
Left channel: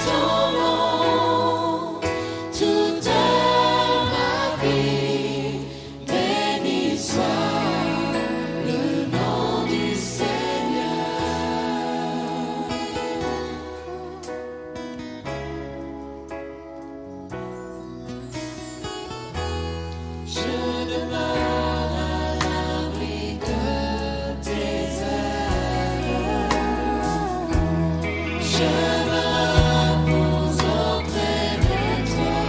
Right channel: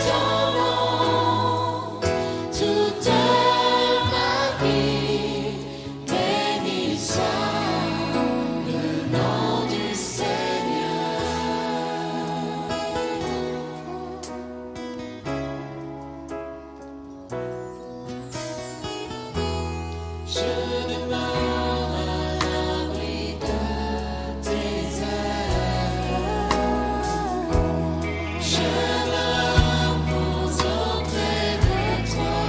ton nom toute ma vie. Béni soit le nom du Seigneur. Je demeure à l'abri de tes ailes. Je me repose auprès de toi.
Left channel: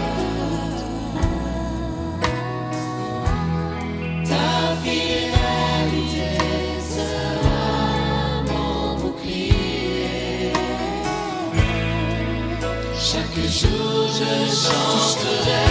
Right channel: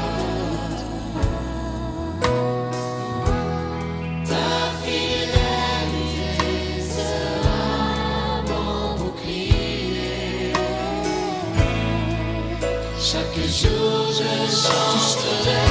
Ta fidélité sera mon bouclier. Chaque jour je chanterai.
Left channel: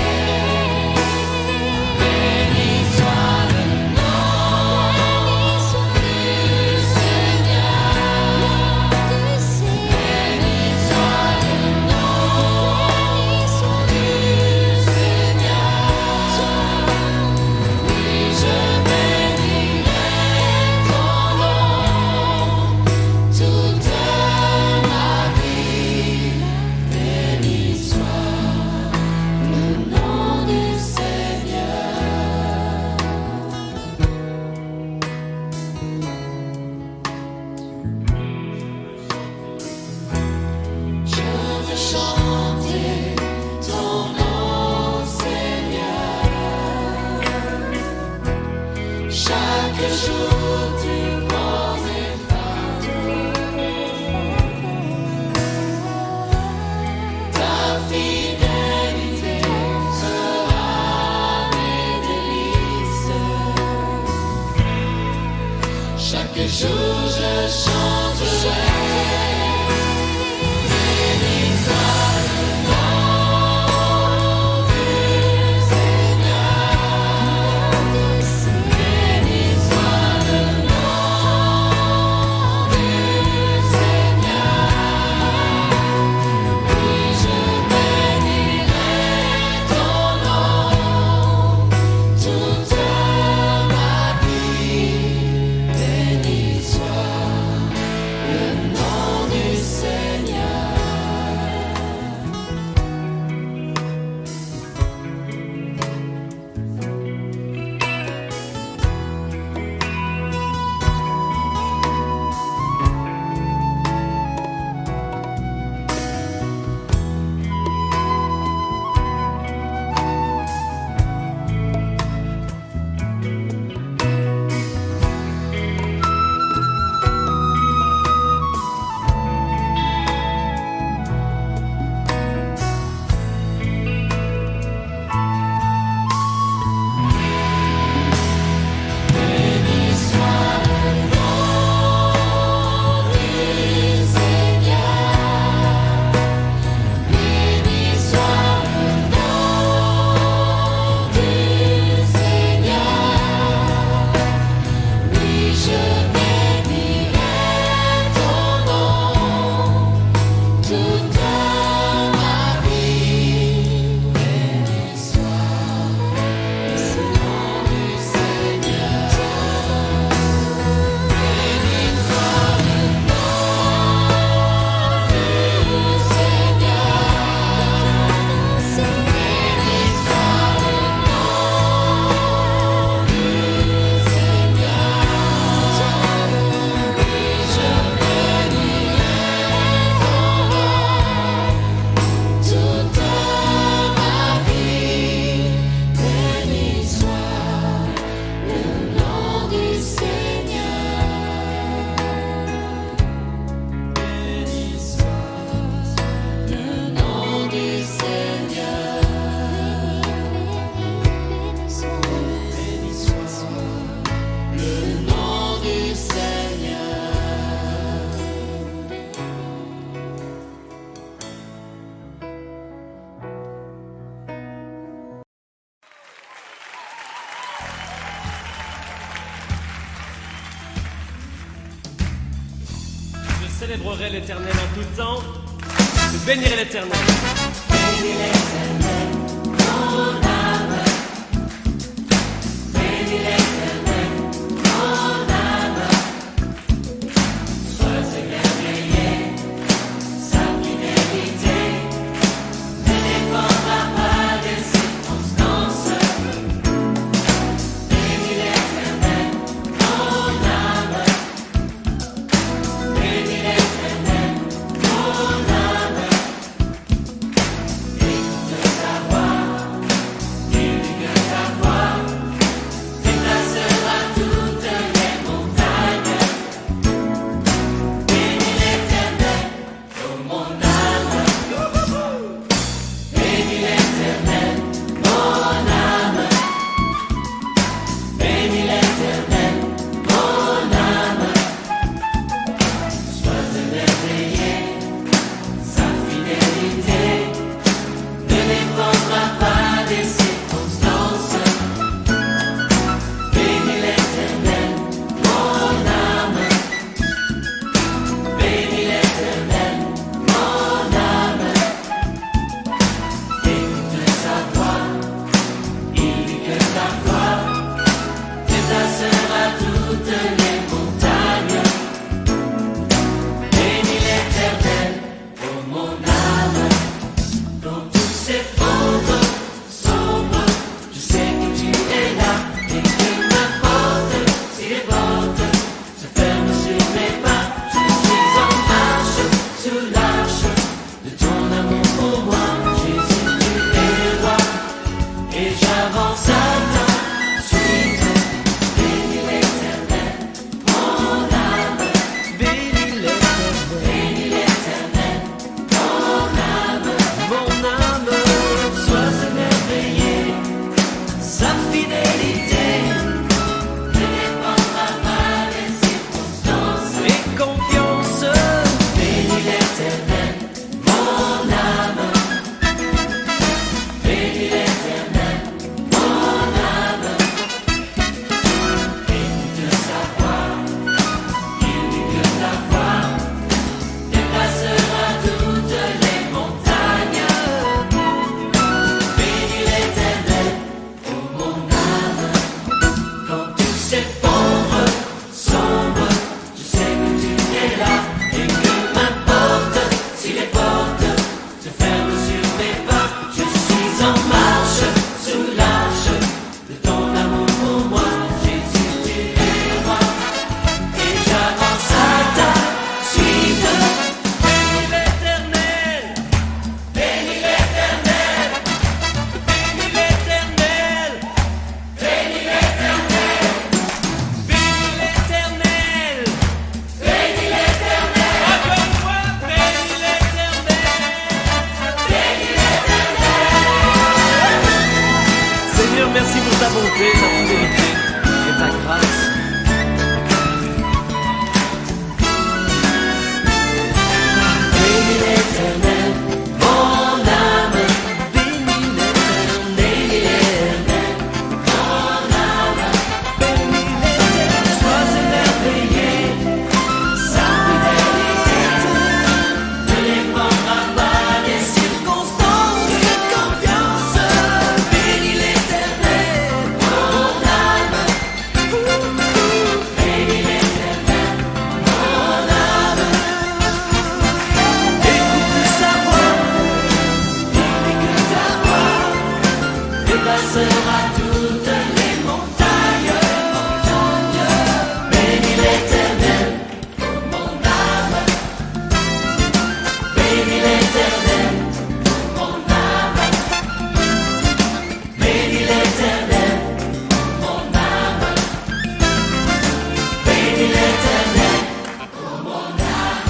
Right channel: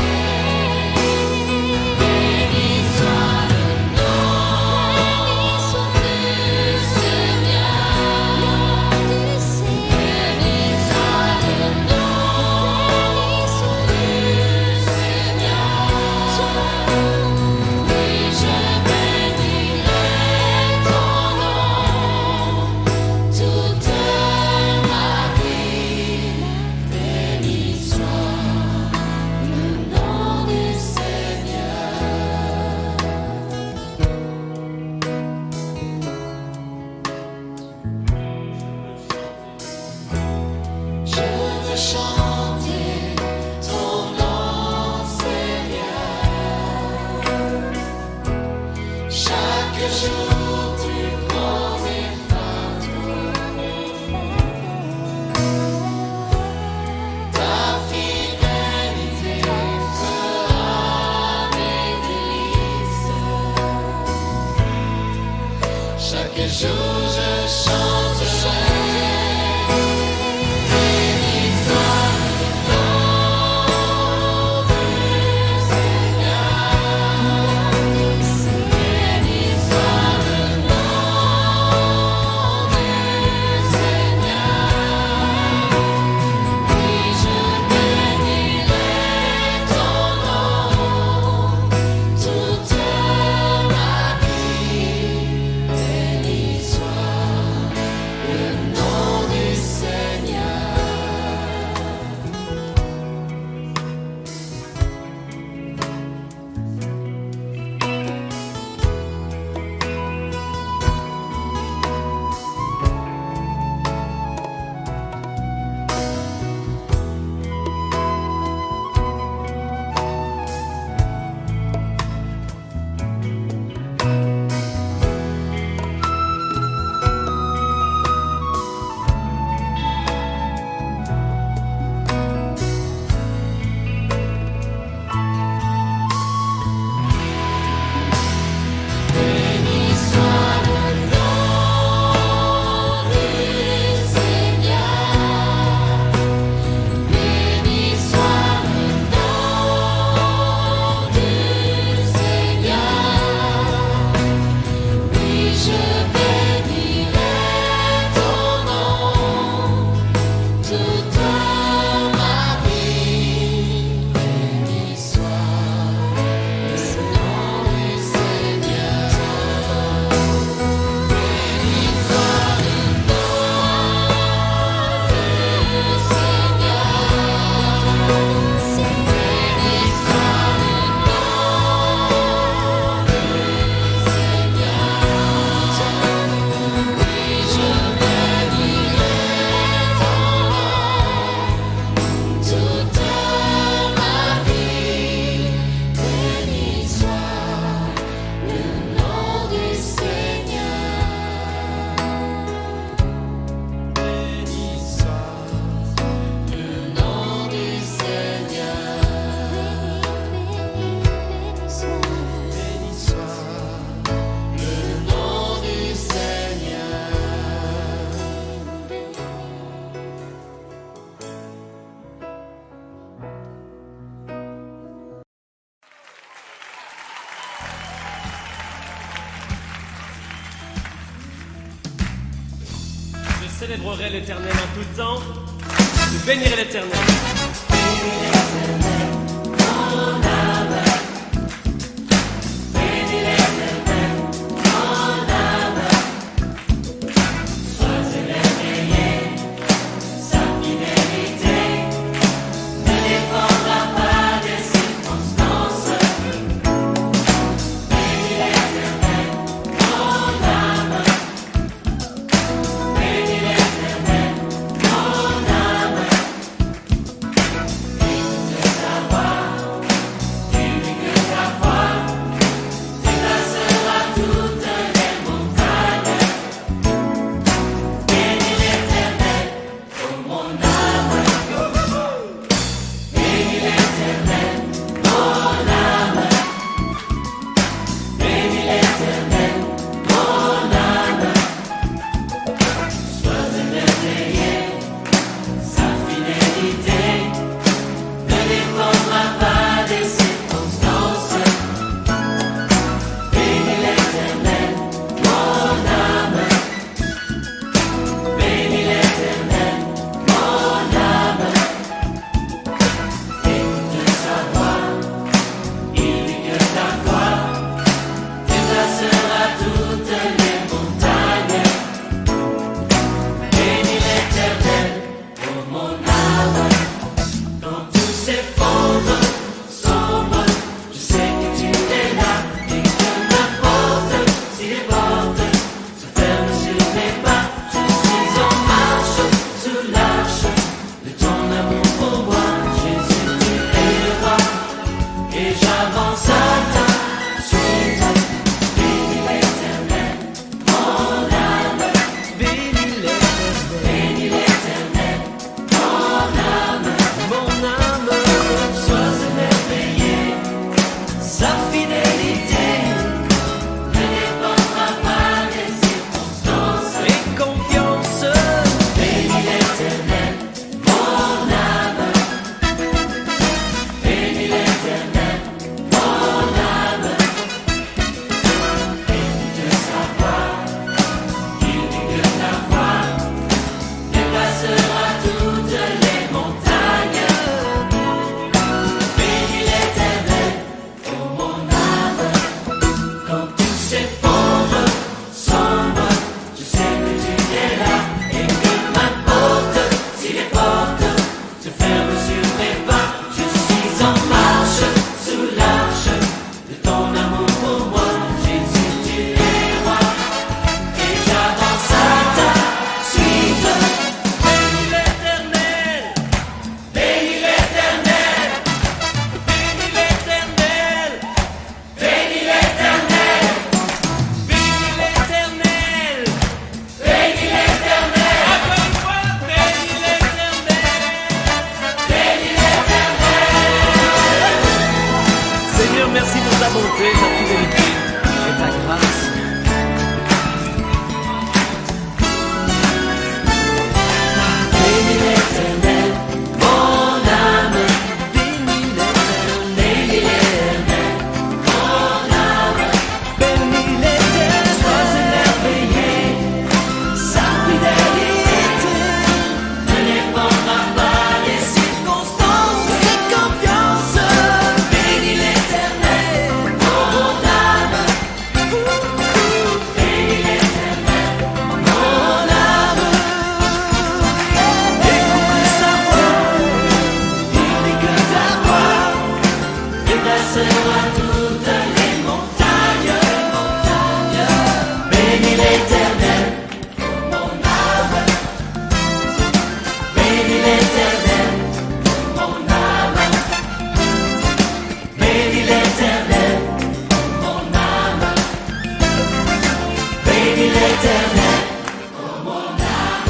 Chanter ton nom, Seigneur. Chaque jour tu prends mes fardeaux. Ta fidélité sera mes délices. Chaque jour je chanterai. Béni soit le nom célébrerai l'Éternel en tout temps, je bénirai l'Éternel. Bénis l'Éternel, mon âme. Bénis l'Éternel, mon âme. Sois émerveillé, sa fidélité ne dépendra pas des circonstances. Bénis l'Éternel, mon âme. Bénis l'Éternel, mon âme. Écoute sa voix, unique ta foi, déplacera toutes les montagnes. Bénis l'Éternel, oh mon âme. Bénis l'Éternel, mon âme. Bénis l'Éternel, mon âme. Sois émerveillé, sa fidélité ne dépendra pas des circonstances. Bénis l'Éternel, mon âme. Bénis l'Éternel, mon âme. Écoute sa voix, il dit que ta voix déplacera toutes les montagnes. Bénis l'Éternel, oh mon âme. Quand tout s'effondre, sombre, je sais que tu es là et que n'importe si les portes se ferment sur mes pas, je suis en marche sous l'arche de ton amour pour moi. Jésus, tu es le roi et j'avance à ta suite. Bénis l'Éternel, mon âme. Bénis l'Éternel, mon âme. Mon âme, Sois émerveillé, sa fidélité ne dépendra pas des circonstances. et confiance, Bénis l'Éternel, mon âme. Bénis l'Éternel, mon âme. Écoute sa voix, il dit que ta voix dépassera toutes les montagnes. Bénis l'Éternel, oh mon âme. Quand tout s'effondre, sombre, je sais que tu es là et que m'importe si les portes se ferment sur mes pas, je suis en marche sous l'arche de ton amour pour moi. Jésus, tu es roi et j'avance à ta suite. bénis l'Éternel, Bénis l'Éternel, bénis l'Éternel, bénis l'Éternel, bénis l'Éternel, bénis l'Éternel, encore une fois, bénis l'Éternel. bénis l'Éternel. Seigneur, merci pour ta bonté, ta fidélité et ta grâce. Bénis l'Éternel, mon âme. Bénis l'Éternel, mon âme. Bénis l'Éternel, Sois émerveillé, sa fidélité ne dépendra pas des circonstances. Fais confiance. Bénis l'Éternel, mon âme. Bénis l'Éternel, mon âme. Écoute sa voix, il dit que ta voix dépassera toutes les montagnes. Bénis l'Éternel, oh mon âme. Bénis l'Éternel, oh mon âme. Bénis l'Éternel, oh mon âme. Bénis l'Éternel, oh mon âme.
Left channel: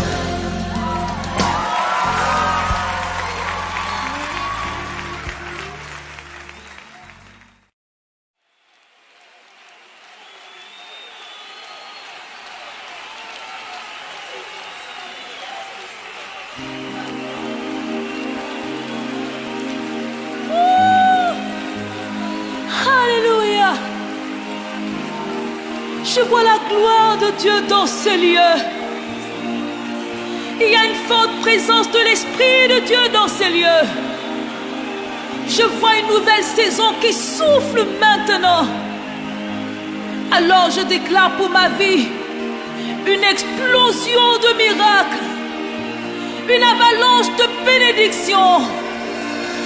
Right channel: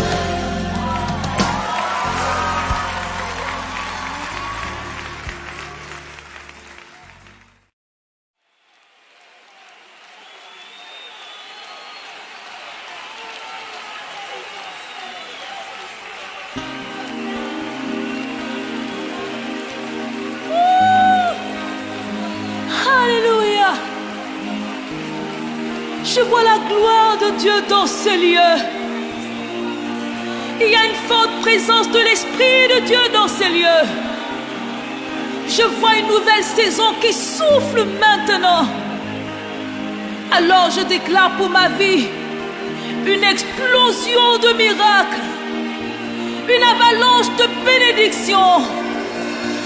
Alléluia. Je vois la gloire de Dieu dans ces lieux. Il y a une forte présence de l'Esprit de Dieu dans ces lieux. Je vois une nouvelle saison qui souffle maintenant. Alors je déclare pour ma vie une explosion de miracles, une avalanche de bénédictions.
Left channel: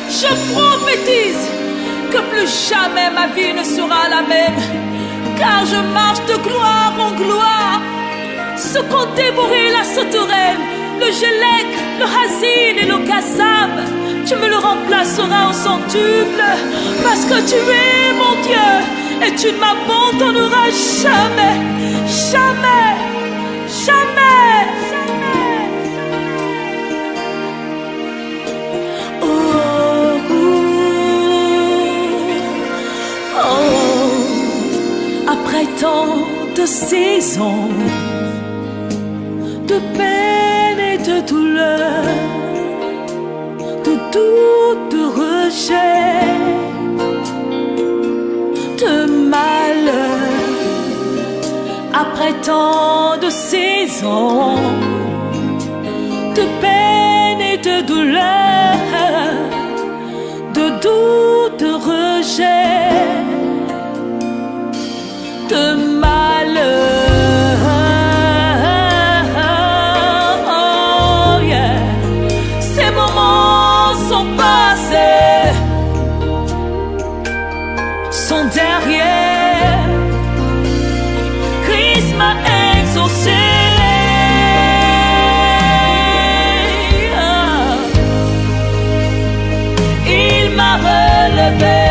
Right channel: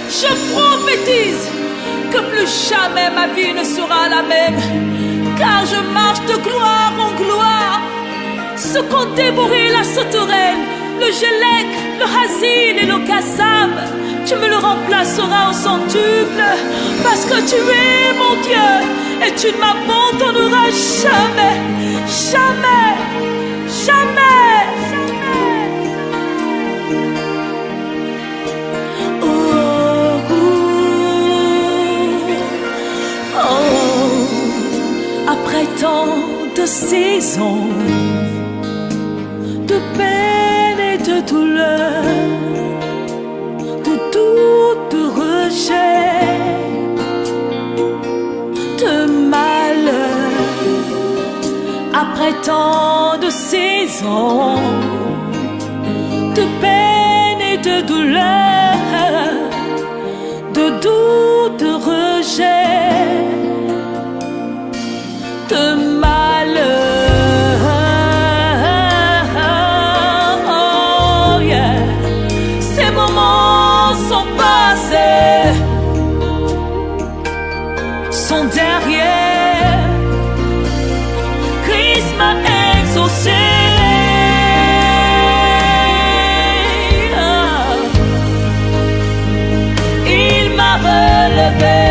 Je prophétise que plus jamais ma vie ne sera la même, car je marche de gloire en gloire. Ce qu'ont dévoré la sauterelle, le gélec, le hazil et le kassab, tu me le remplaceras au centuple, parce que tu es mon Dieu et tu ne m'abandonneras jamais, jamais, jamais, jamais. Oh, oh, oh. Après tant de saisons, de peine et de douleur, de doute, de rejet, de malheur, après tant de saisons, de peine et de douleur, de doute, de rejet, de malheur. Sont derrière, Christ m'a exaucé. Il m'a relevé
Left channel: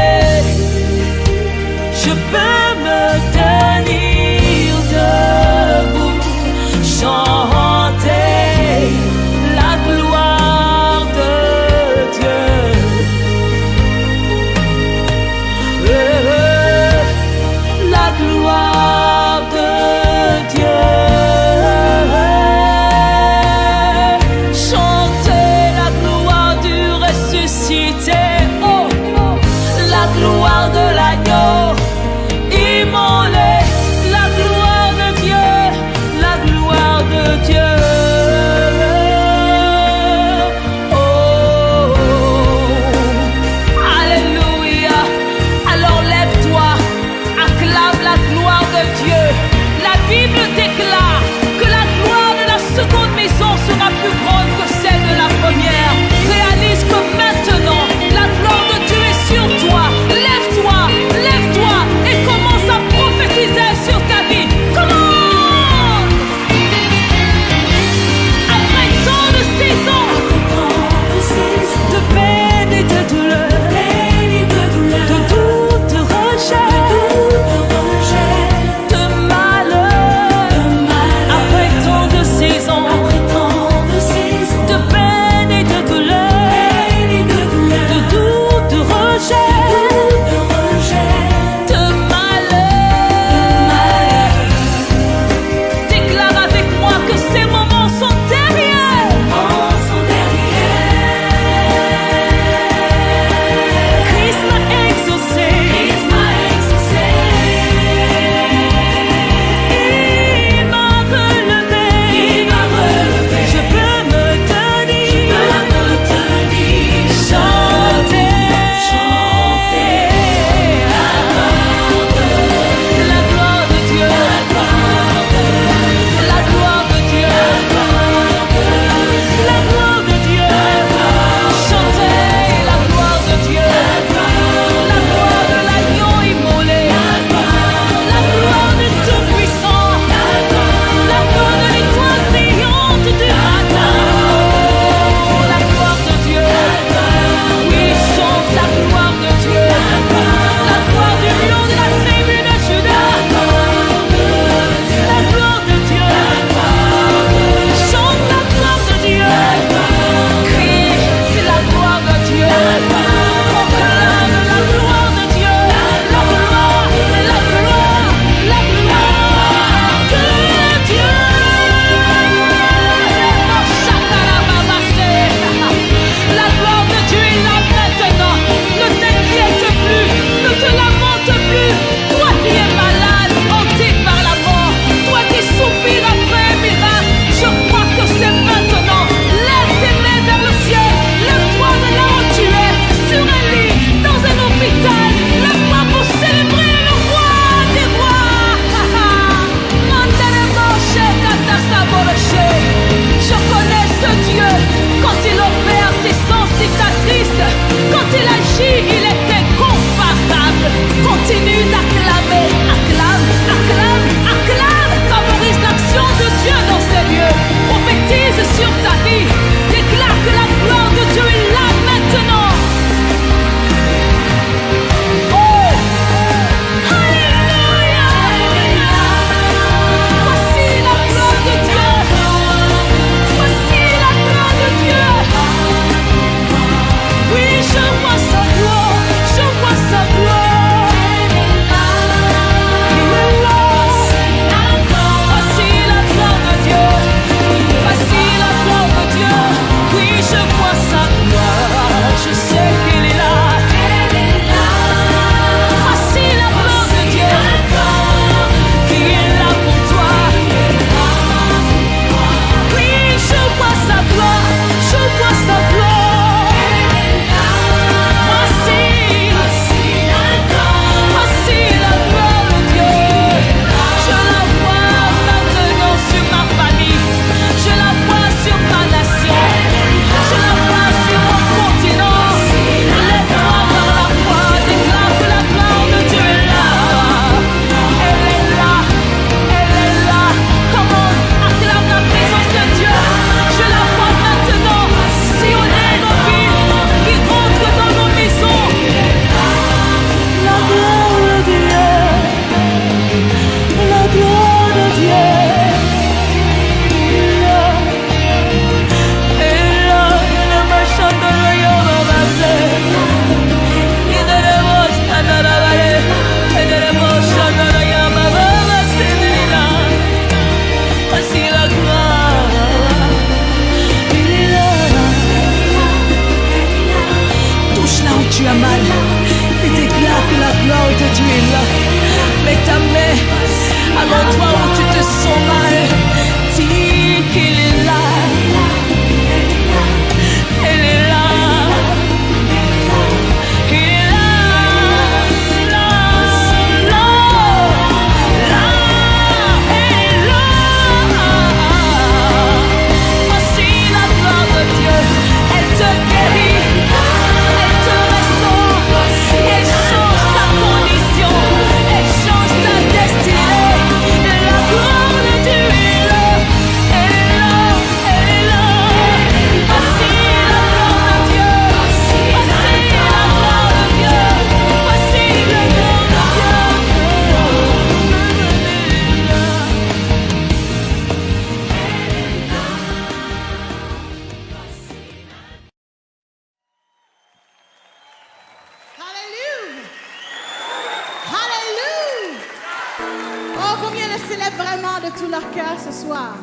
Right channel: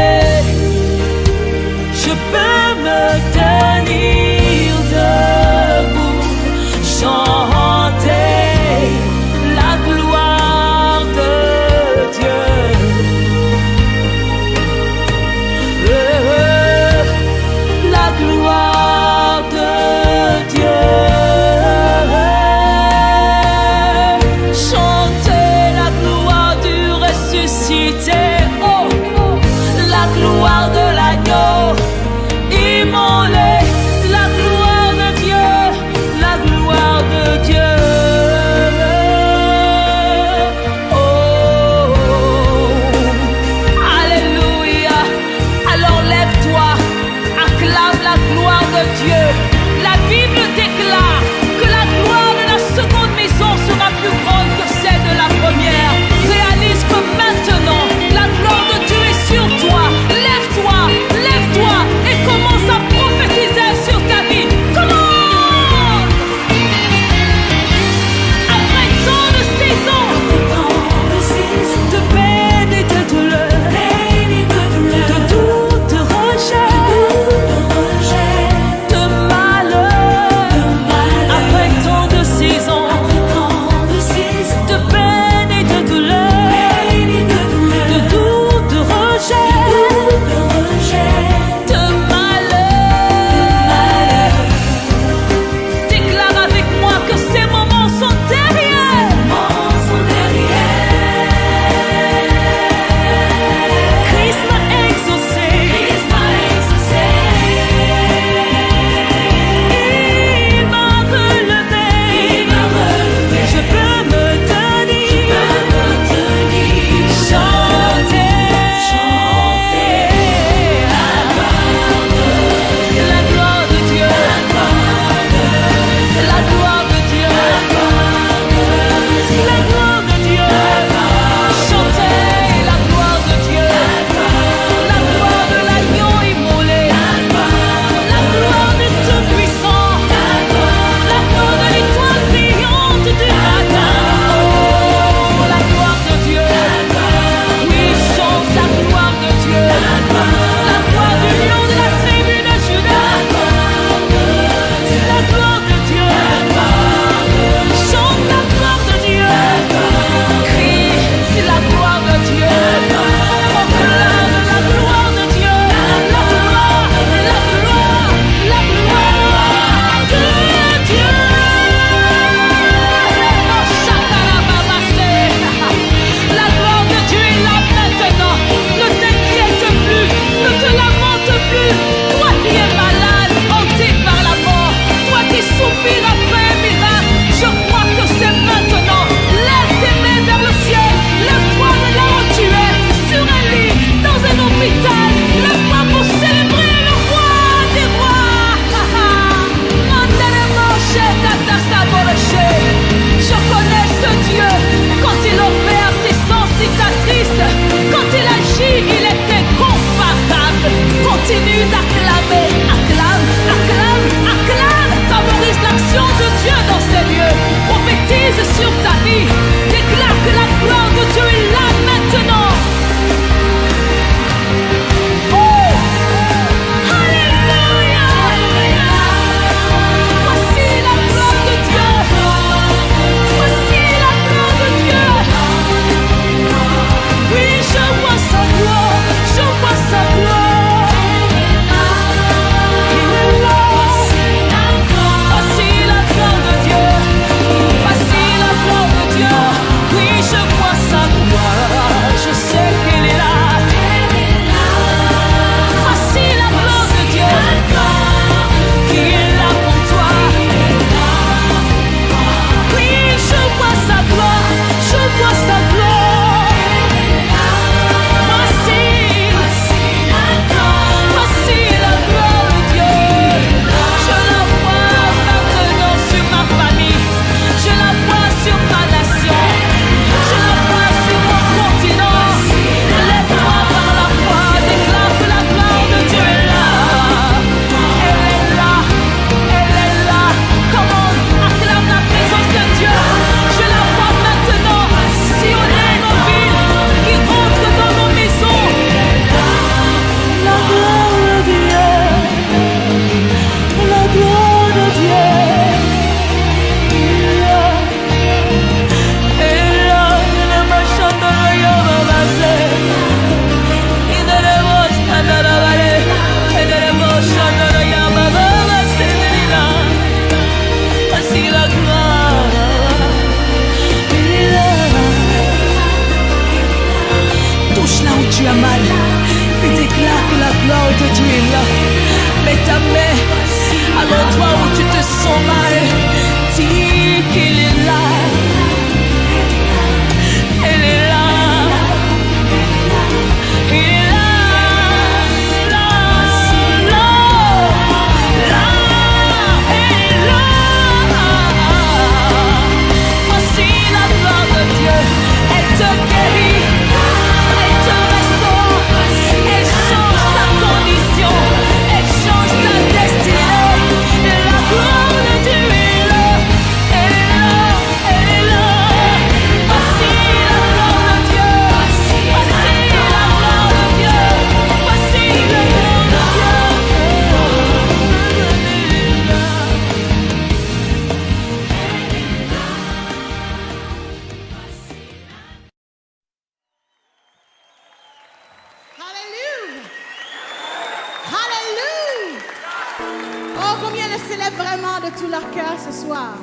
vraiment de tout leur cœur ce soir.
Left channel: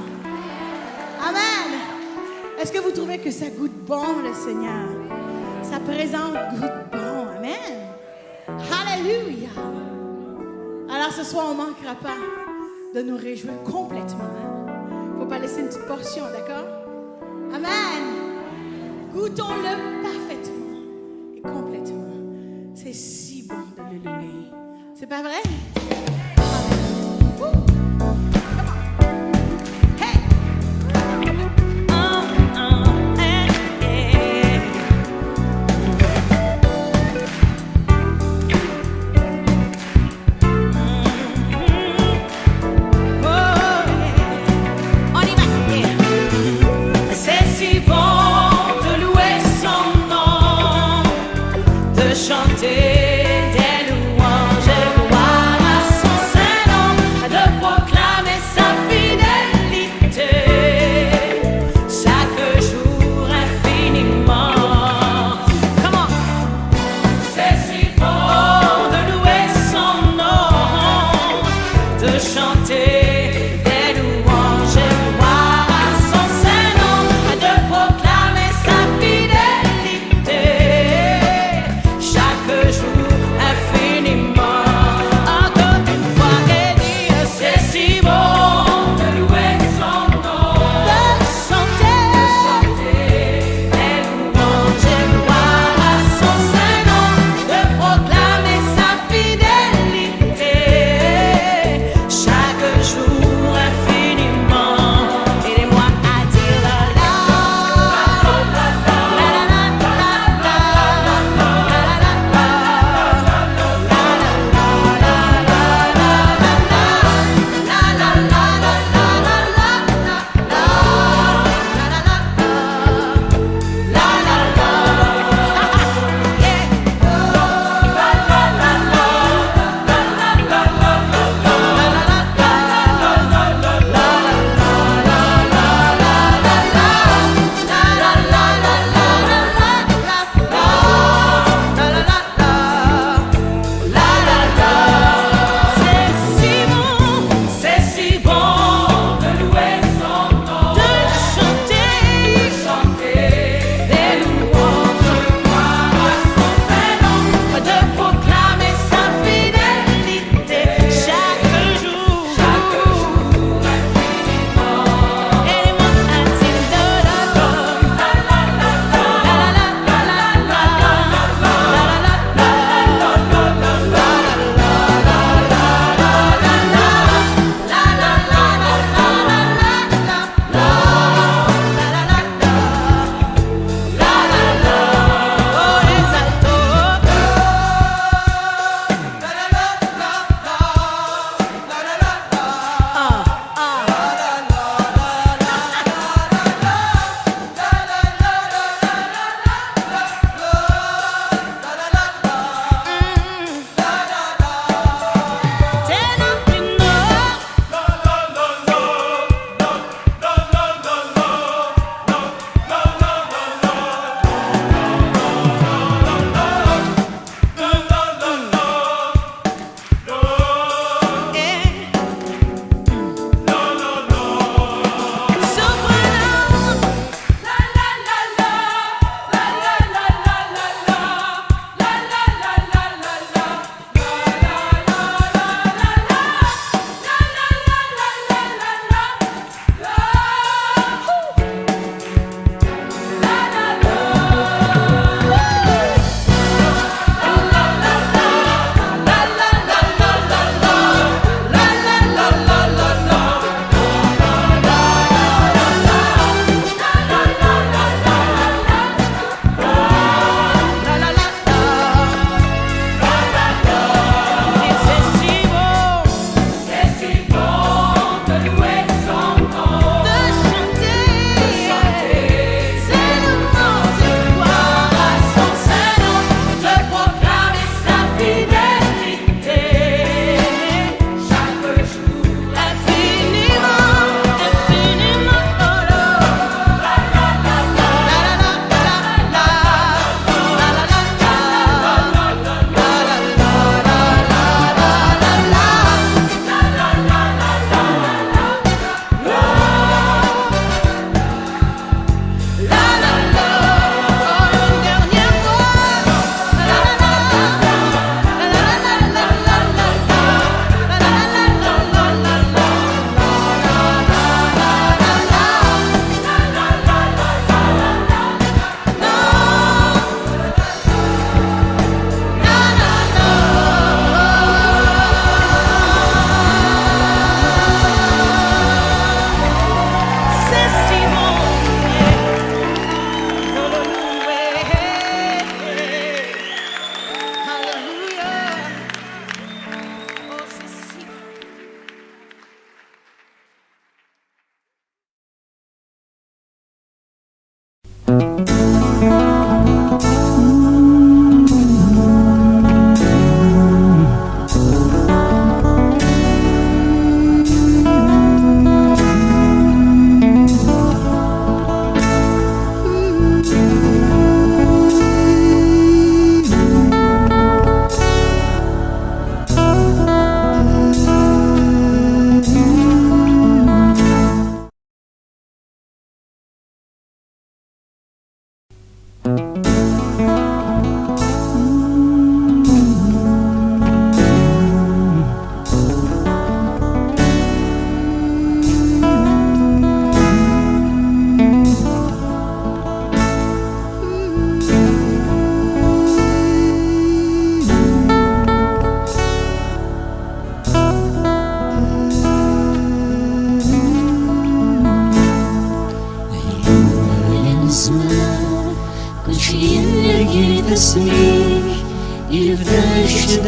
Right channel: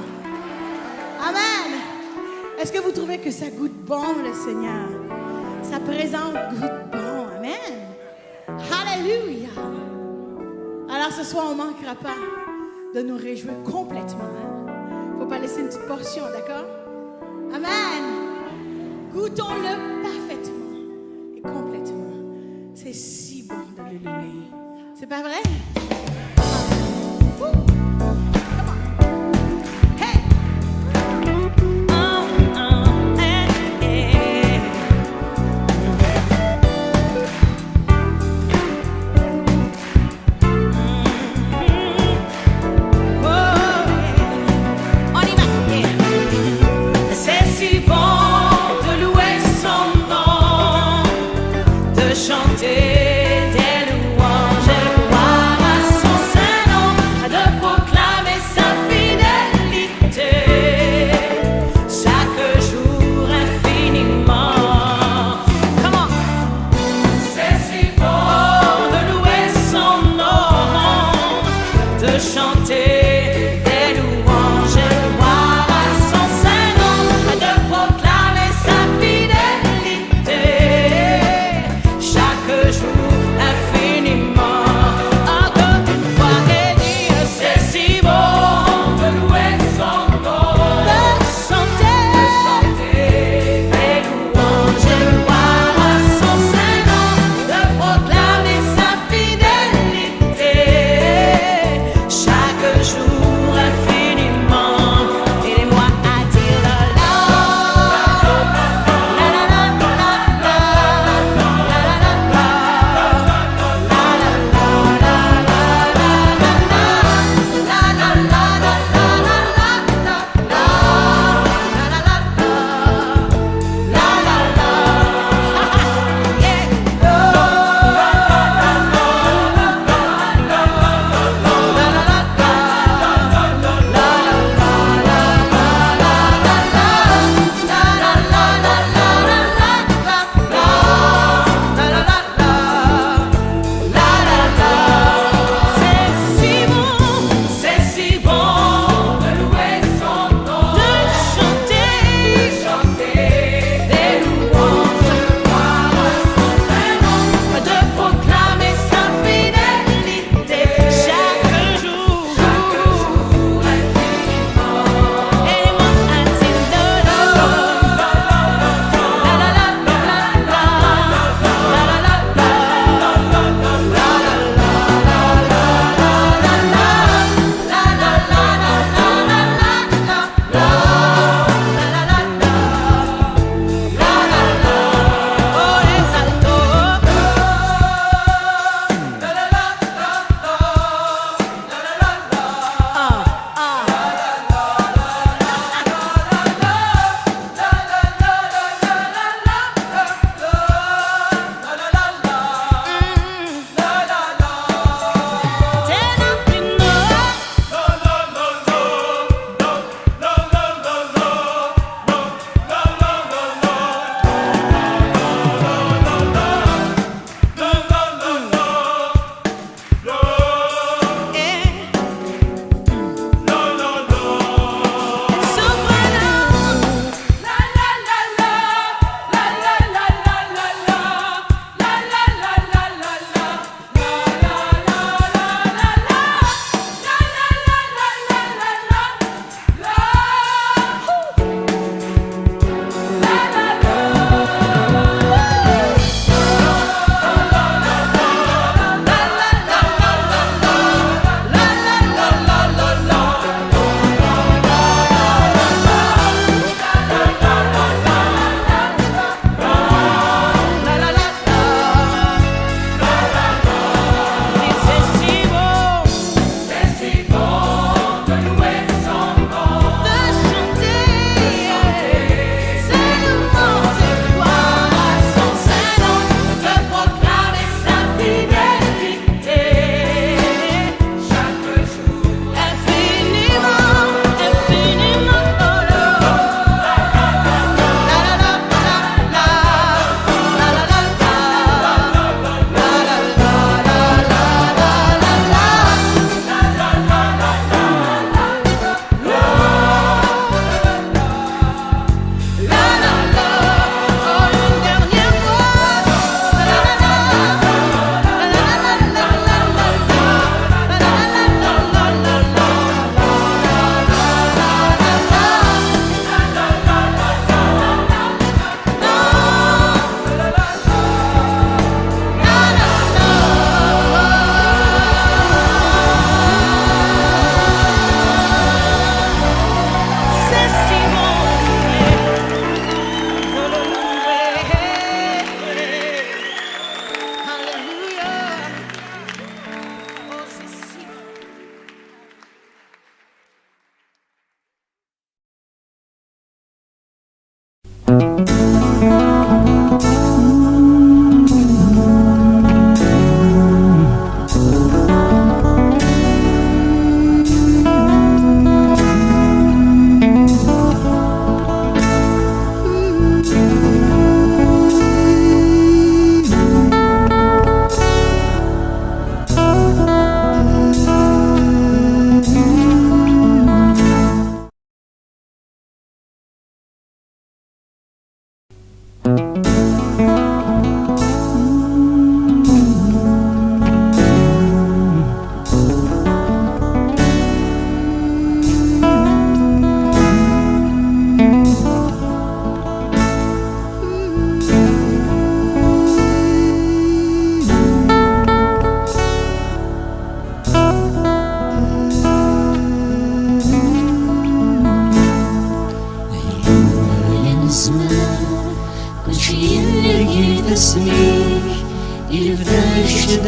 Amen. Est-ce que vous trouvez que ça goûte bon, le Seigneur? Sa présence goûte bon. Amen. Alléluia. Alors ce soir, on ne manquera pas de nous réjouir complètement. Il ne faut pas laisser une petite portion, d'accord? Amen. Goûtons-le parfaitement et complètement. C'est si bon de le louer. C'est pas vrai? Amen. Come on. Hey! Chanter des louanges et gloire à son Saint-Nom, de proclamer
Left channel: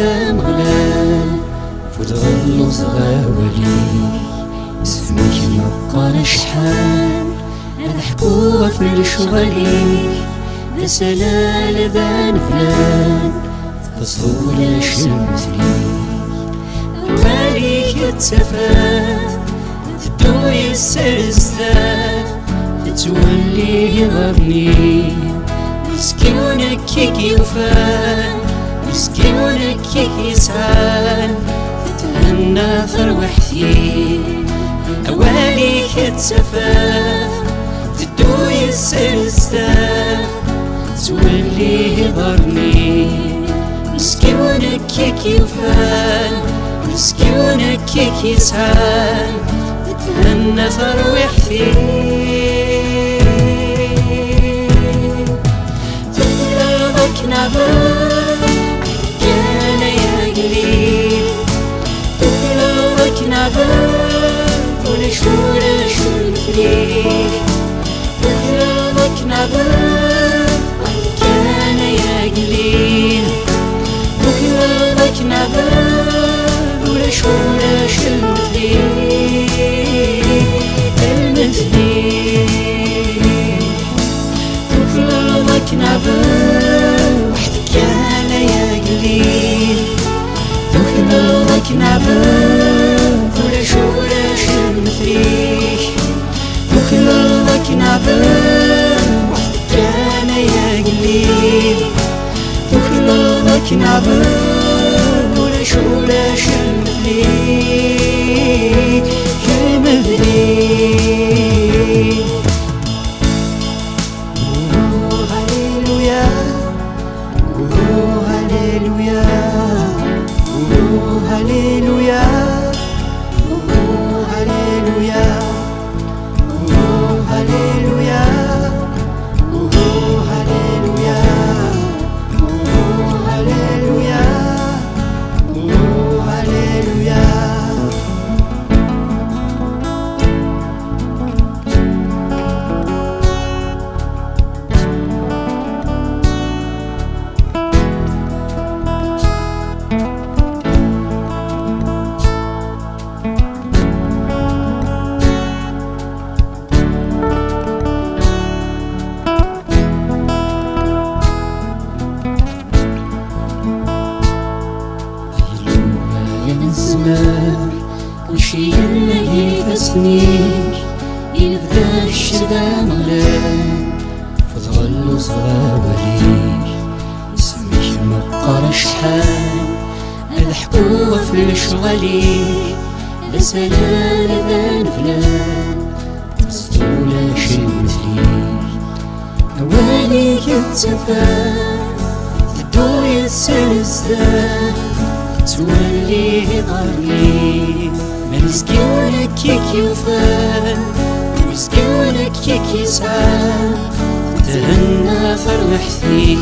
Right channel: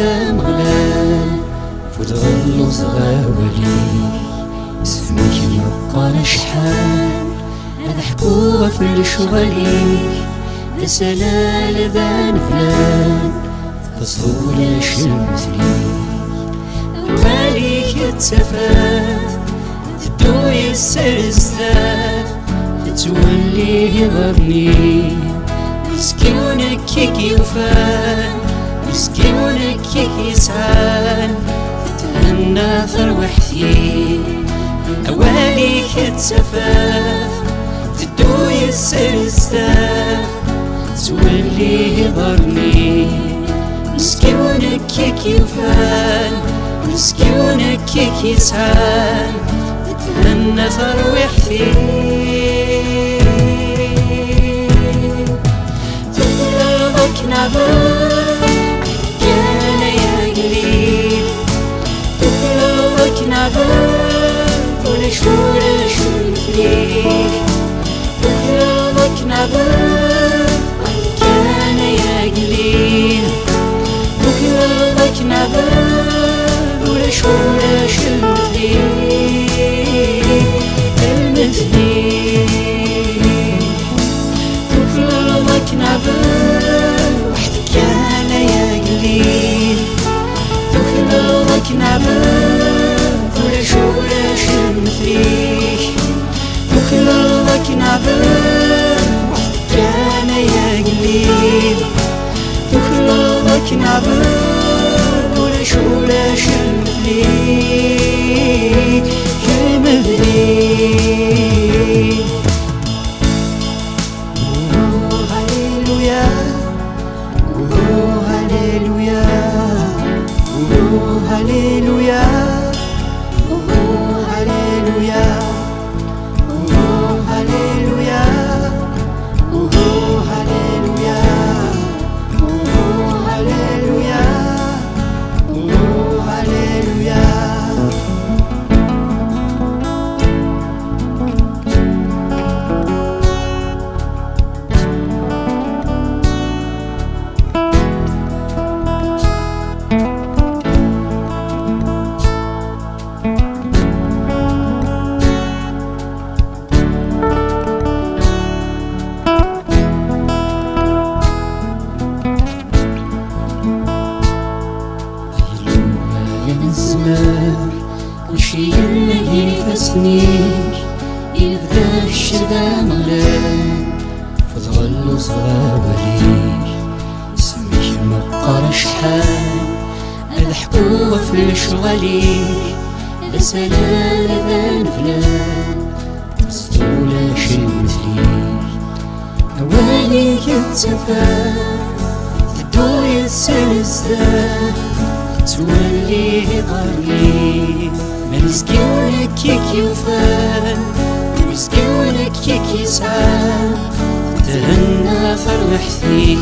ذا مغلال فوت غلوز غاولي اسمك مقال شحال نضحكوا في الشغلي ذا سلال ذا نفلان فصول شمثلي أوليك التفات تدوي السرستات تتولي غرني مسكيونك كيكي وفان مسكيونك كيكي سعان تتهنى فروحتي أوليك التفات تدوي السرستات تولي غرني مسكيونك كيكي وفان مسكيونك كيكي سعان تتهنى فروحتي تقلبك نعبر كان يا قليل تقلبك نعبر كل شو نفريك تقلبك نعبر كان يا قليل تقلبك نعبر كل شو نفريك المثلي تقلبك نعبر وحدك أنا يا قليل تقلبك نعبر كل شو مثليك تقلبك نعبر وحدك أنا يا قليل تقلبك نعبر كل شو مثليك المثلي هللويا هللويا هللويا هللويا هللويا هللويا هللويا هللويا كلشي اللي فاسنيك يبدا الشدا مغلان فتغلو صغاوليك اسمك مقر شحال الحكوة في الشغليك لسلال ذا فلان تسطولة شي مثليك أواليك التفات تدوي السلسلات تولي ضرني مسكيونك كيكي وفان مسكيونك كيكي سعان تهنى فروحتي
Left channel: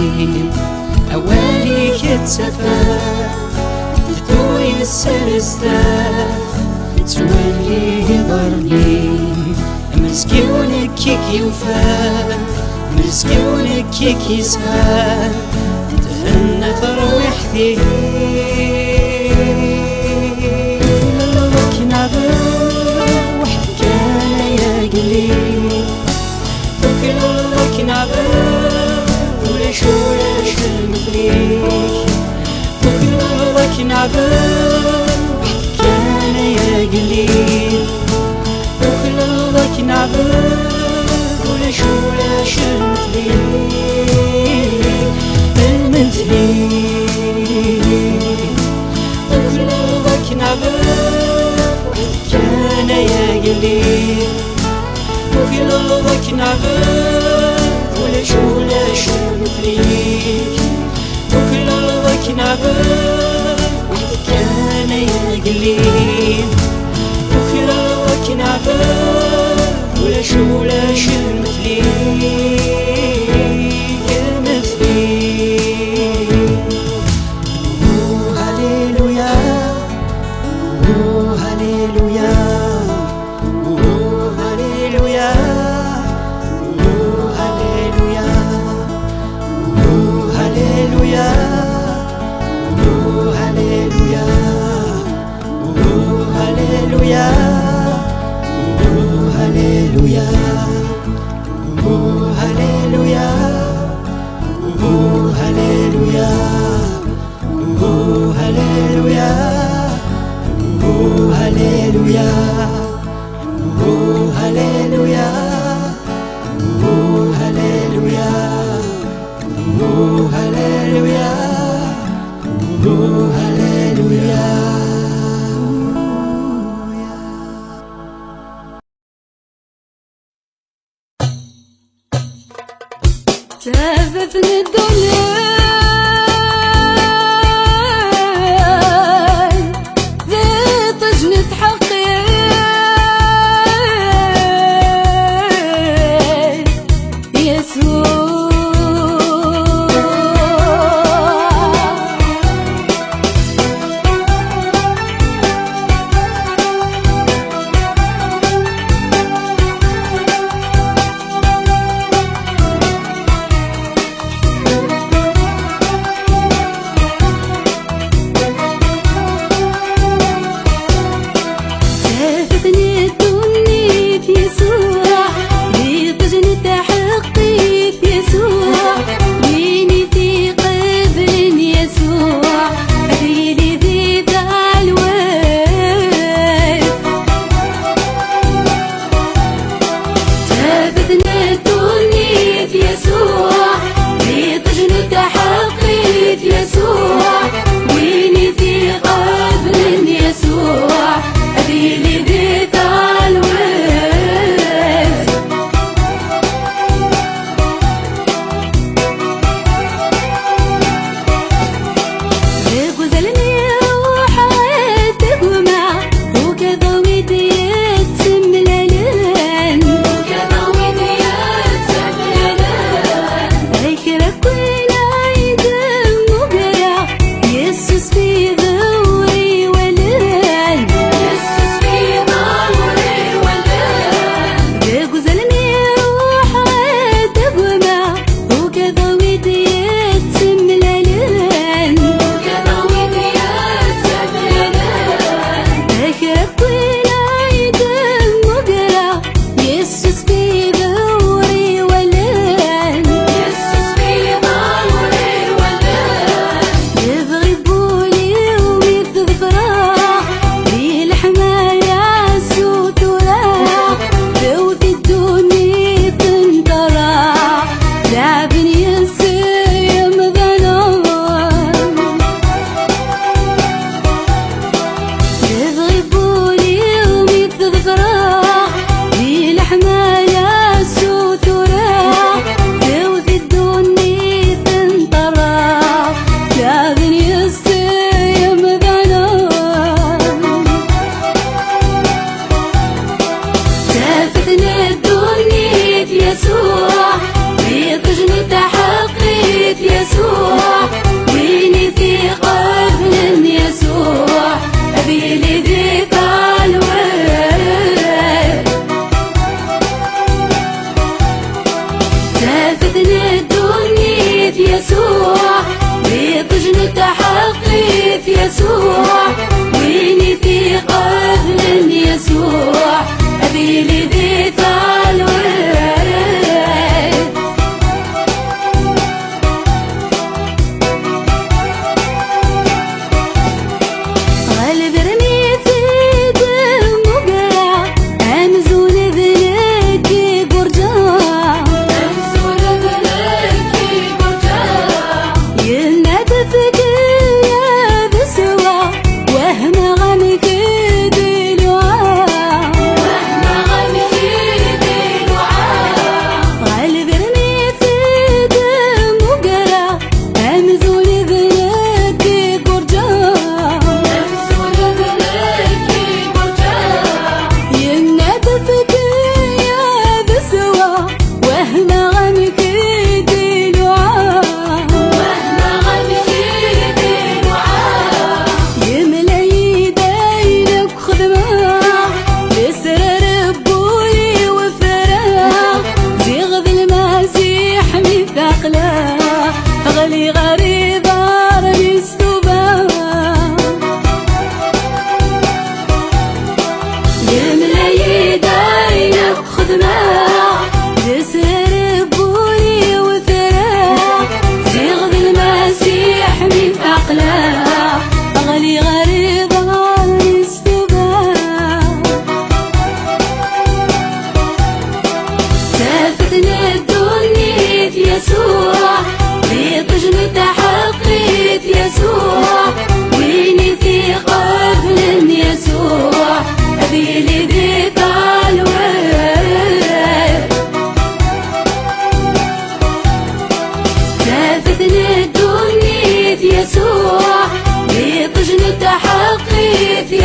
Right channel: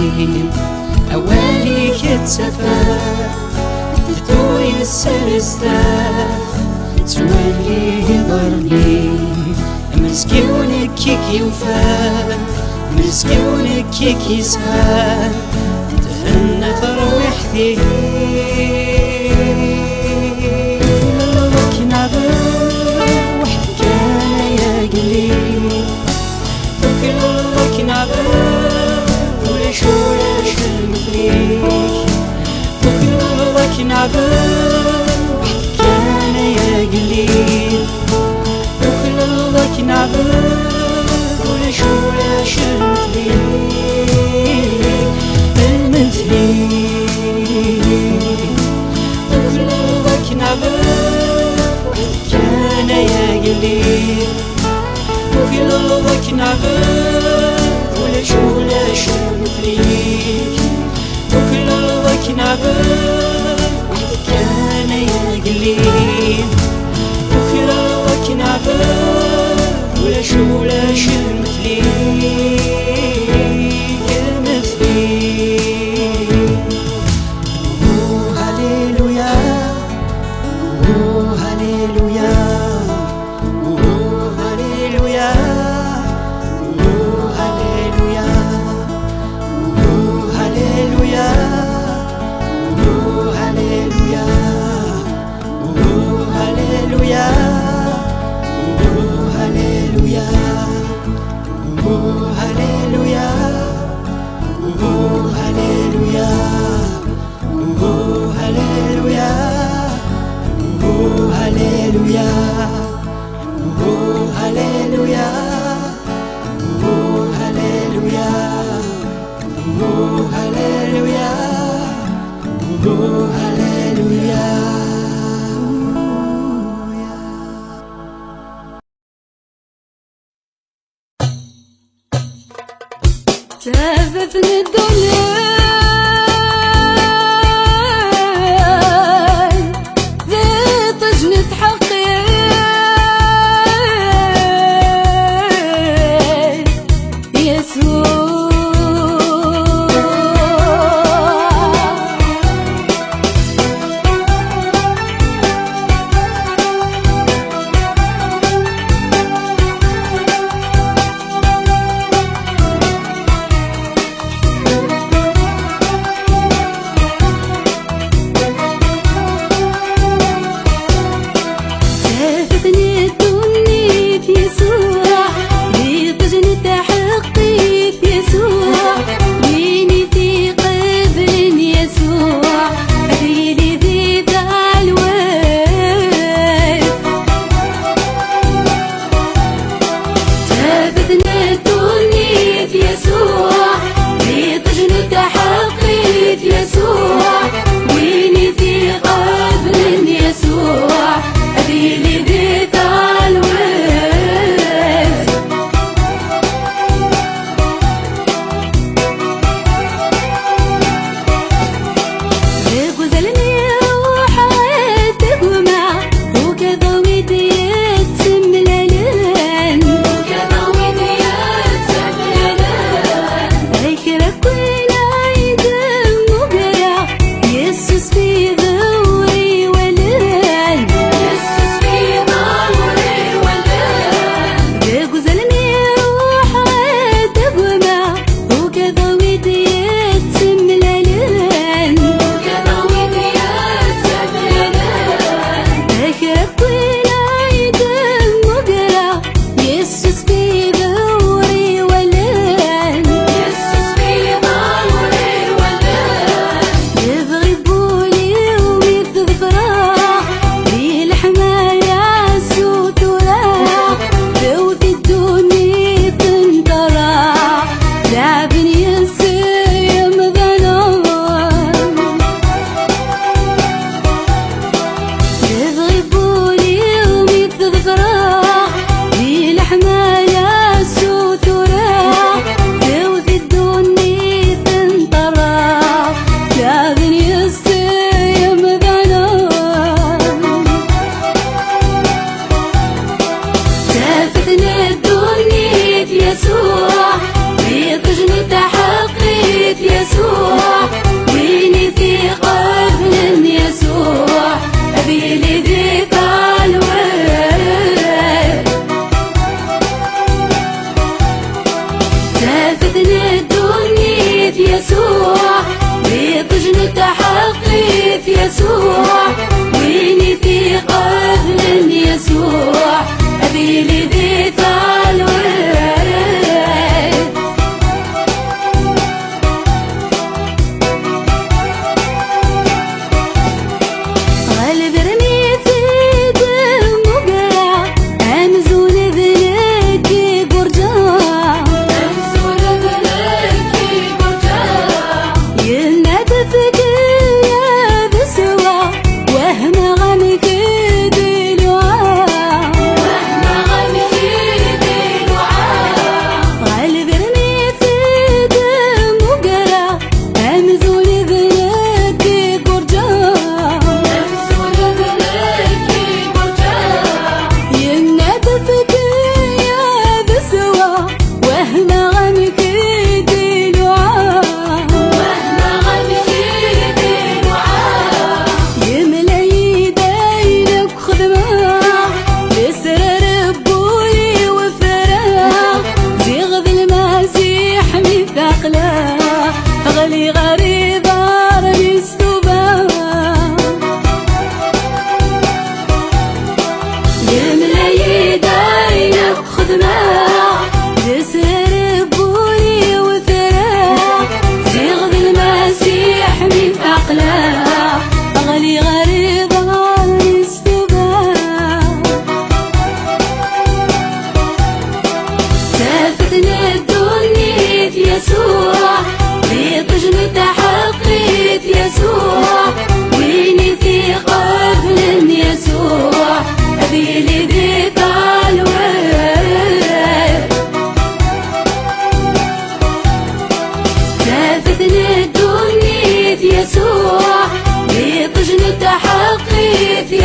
أواليك التفات تدوي السرستات تولي ضرني مسكيونك كيكي وفان مسكيونك كيكي سعان تهنى فروحتي وحدك أنا يا قليل تقلبك نعبر كل شو مثليك تقلبك نعبر وحدك أنا يا قليل تقلبك نعبر كل شو مثليك المثلي تقلبك نعبر كان يا قليل وقلبك نعبر ولا شو مثليك وقلبك نعبر كان يا قليل وقلبك نعبر ولا شو مثليك المثلي هللويا هللويا هللويا هللويا هللويا تهفتني الدنيا ذي طجنة حقي يسوع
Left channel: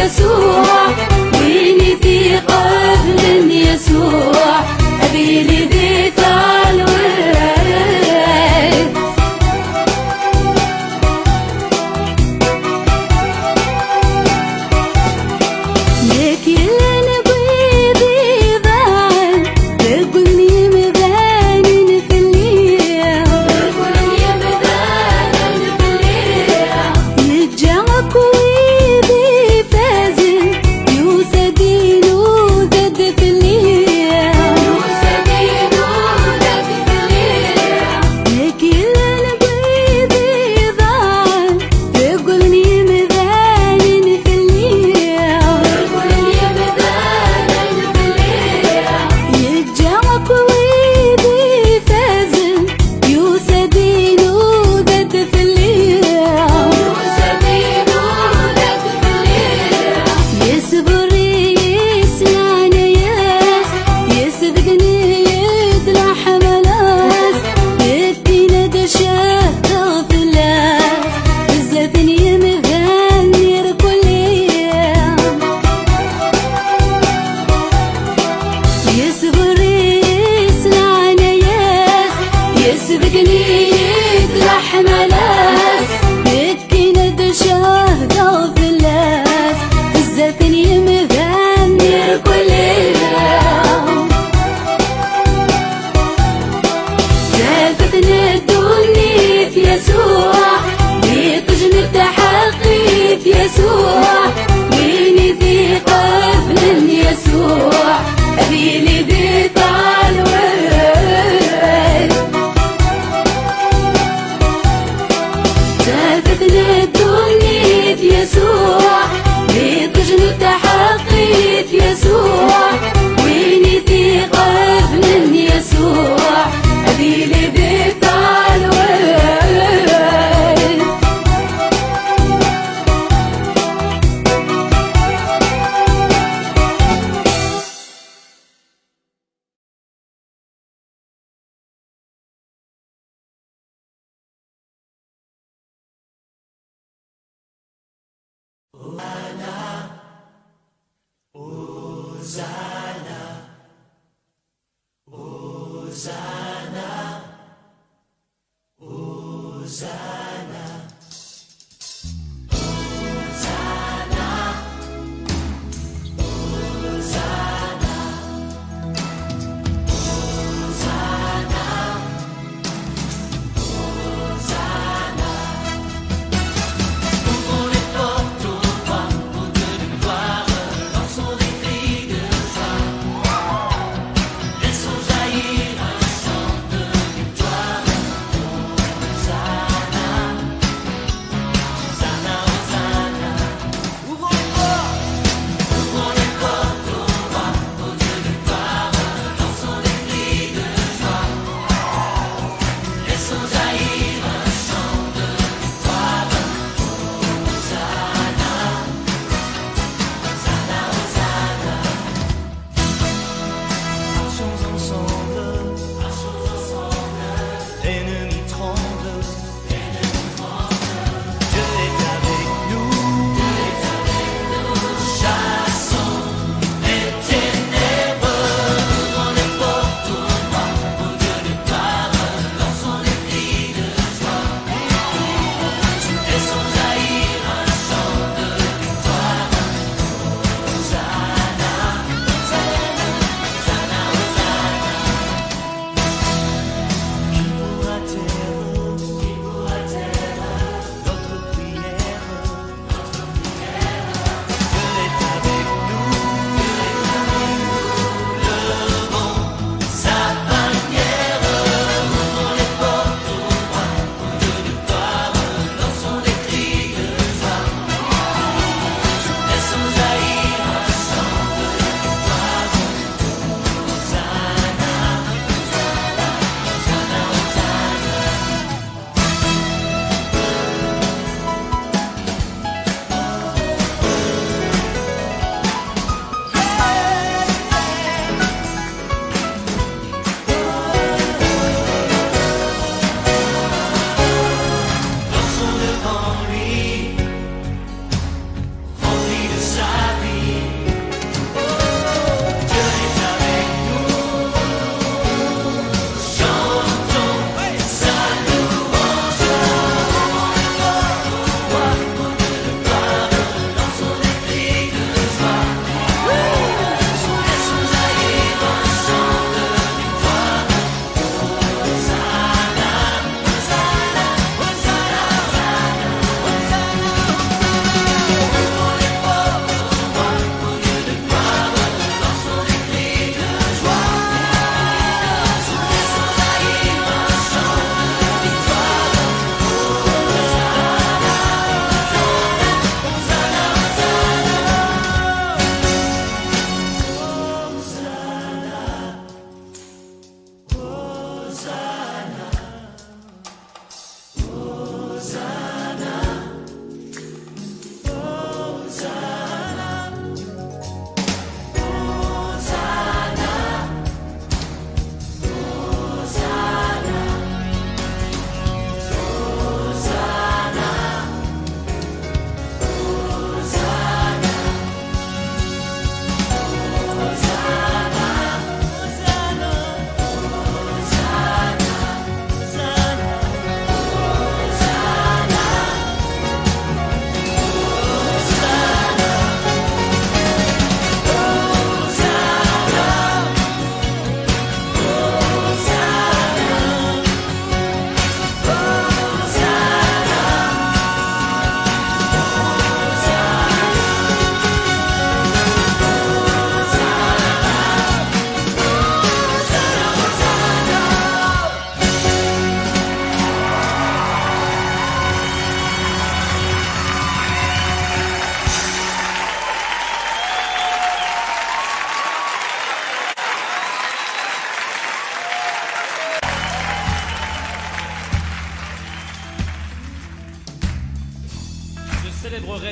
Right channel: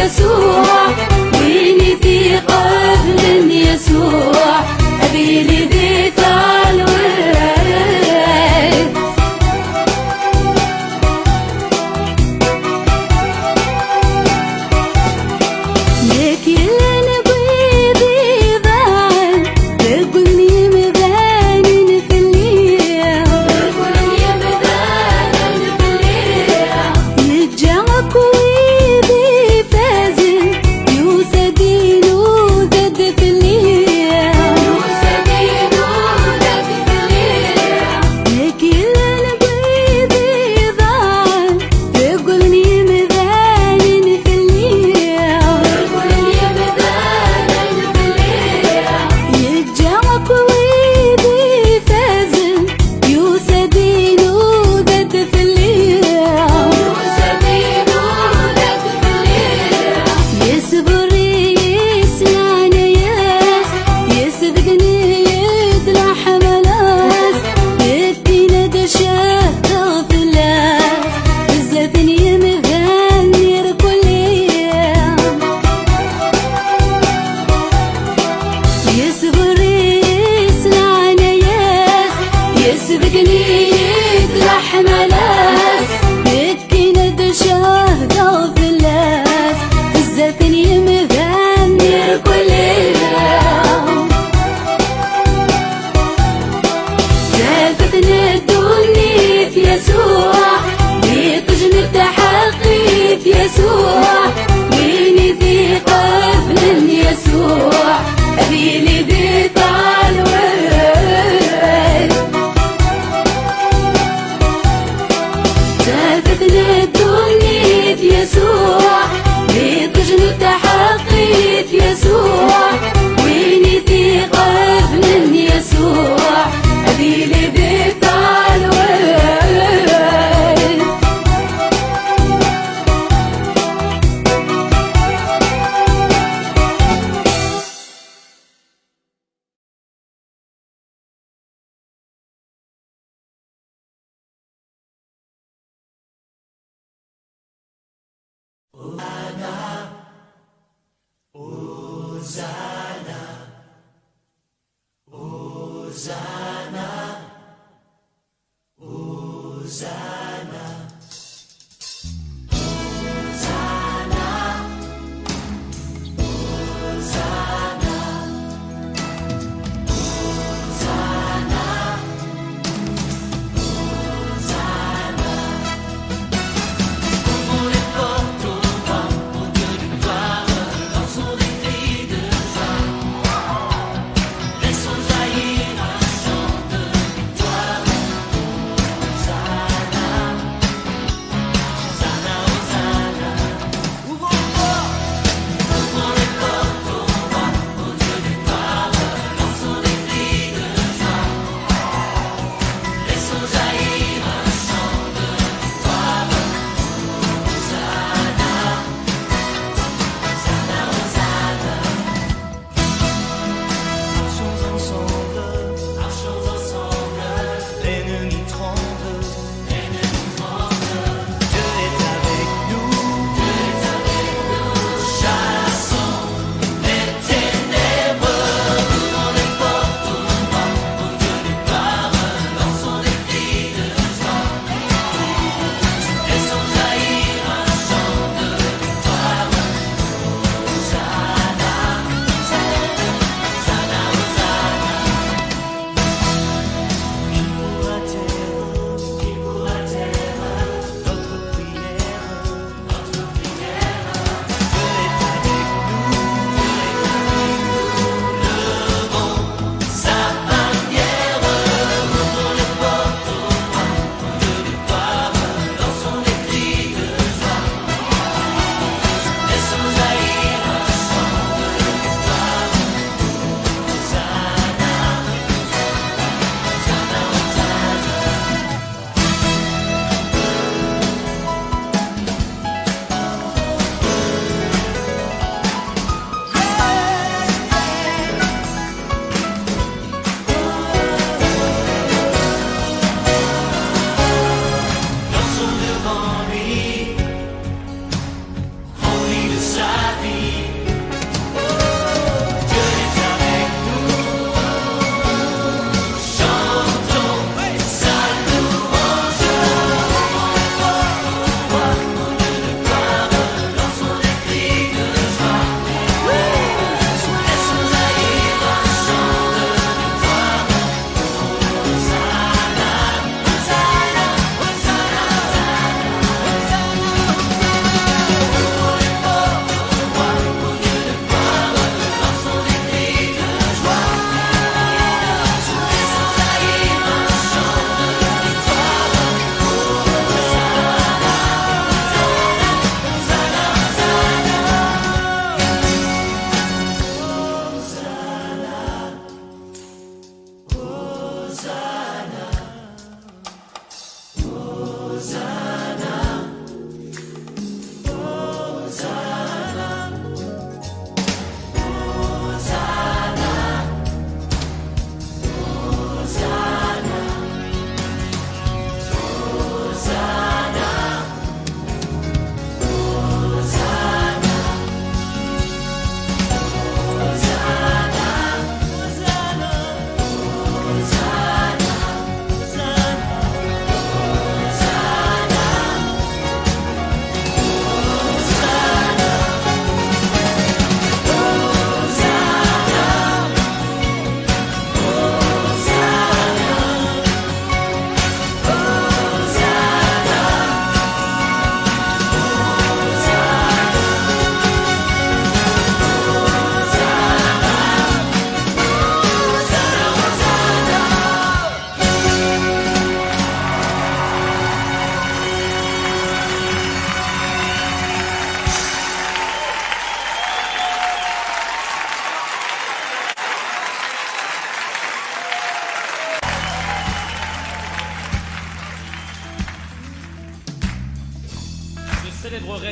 يسوع ويني في قبل يسوع أبي لي ذيك الورد لك يلي بيضي ضاعن تقولني مذانين في الليل تقولني مذانين في الليل يتجعك ويدي فازن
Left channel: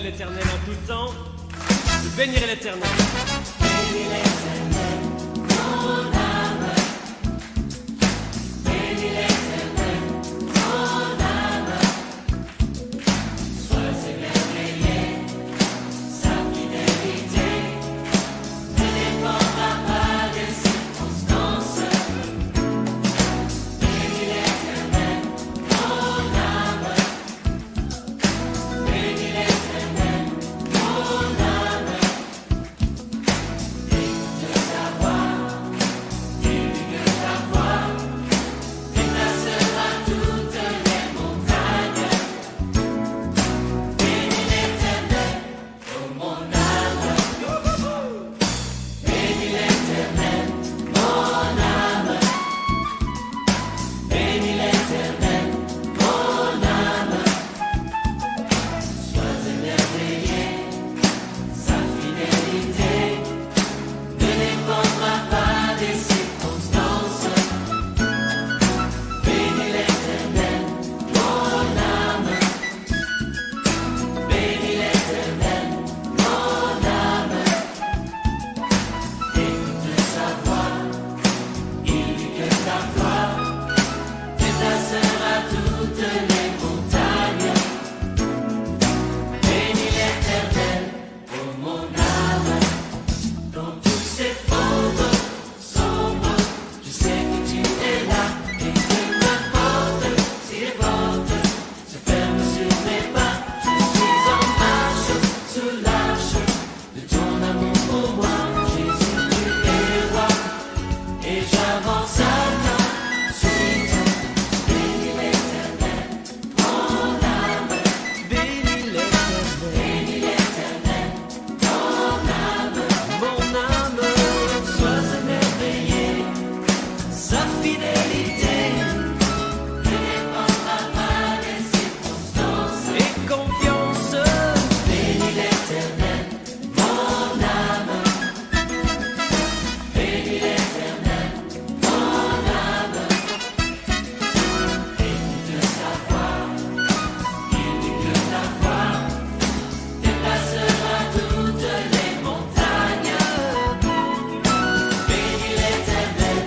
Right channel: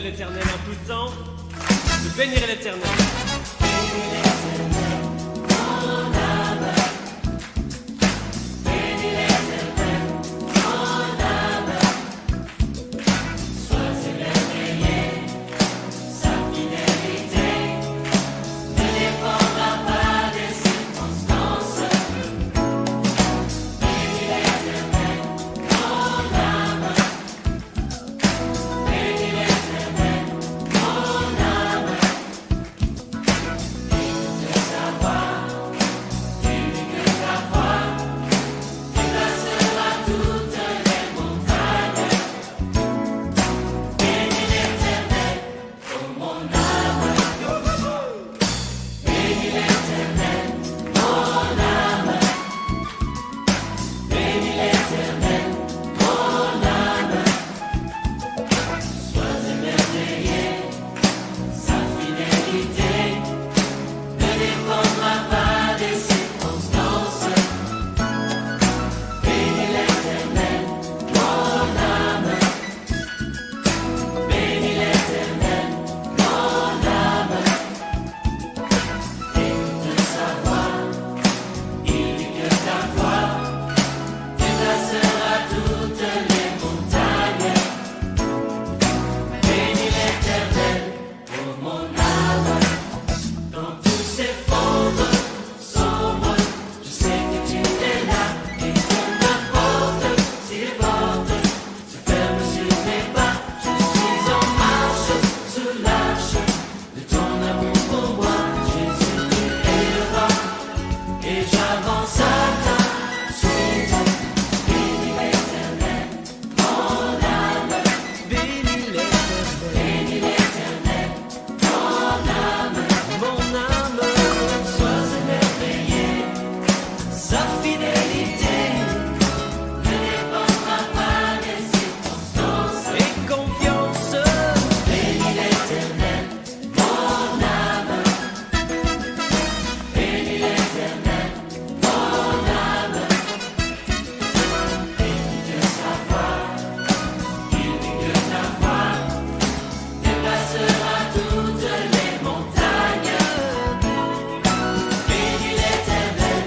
l'Éternel en tout temps. Je bénirai l'Éternel. Bénis l'Éternel, mon âme. Bénis l'Éternel, mon âme. Sois émerveillé, sa fidélité ne dépendra pas des circonstances. Bénis l'Éternel, mon âme. Bénis l'Éternel, mon âme. Écoute sa voix, divulgue ta foi, déplacera toutes les montagnes. Bénis l'Éternel, oh mon âme. Bénis l'Éternel, mon âme. Bénis l'Éternel, mon âme. Sois émerveillé, sa fidélité ne dépendra pas des circonstances. Bénis l'Éternel, mon âme. Bénis l'Éternel, mon âme. Écoute sa voix, il dit que ta foi déplacera toutes les montagnes. Bénis l'Éternel, oh mon âme. Dans tous ces fonds sombres, je sais que tu es là et que n'importe si les portes se ferment sur mes pas, je suis en marche sous l'arche de ton amour pour moi. Jésus, tu es le roi et j'avance à ta suite. Bénis l'Éternel, mon âme. Bénis l'Éternel, mon âme. Mon âme, sois émerveillé, sa fidélité ne dépendra pas des circonstances. Et confiance, bénis l'Éternel, mon âme. Bénis l'Éternel, mon âme. Écoute sa voix, il dit que ta voix déplacera toutes les montagnes. Bénis l'Éternel,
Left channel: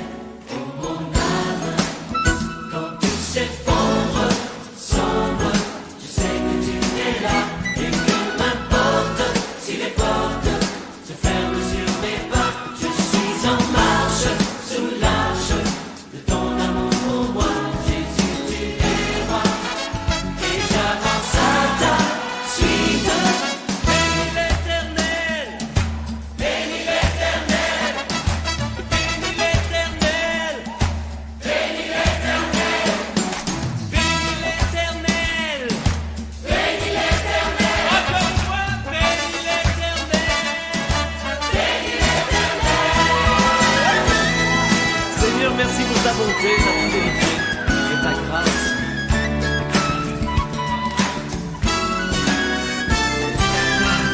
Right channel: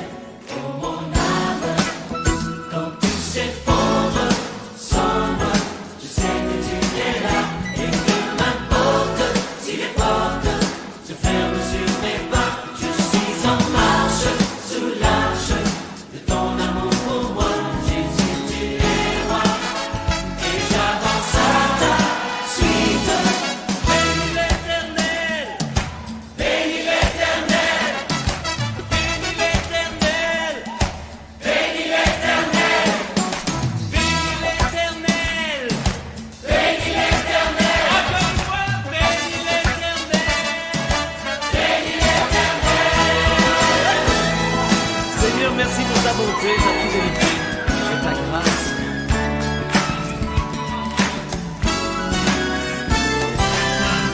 oh mon âme. Quand tout s'effondre, sombre, je sais que tu es là et que m'importe si les portes se ferment sur mes pas, je suis en marche sous l'arche de ton amour pour moi. Jésus, tu es roi et j'avance à ta suite. Bénis l'Éternel, bénis l'Éternel, bénis l'Éternel, bénis l'Éternel, bénis l'Éternel, bénis l'Éternel. Encore une fois, bénis l'Éternel, bénis l'Éternel. Seigneur, merci pour ta bonté, ta fidélité et ta grâce.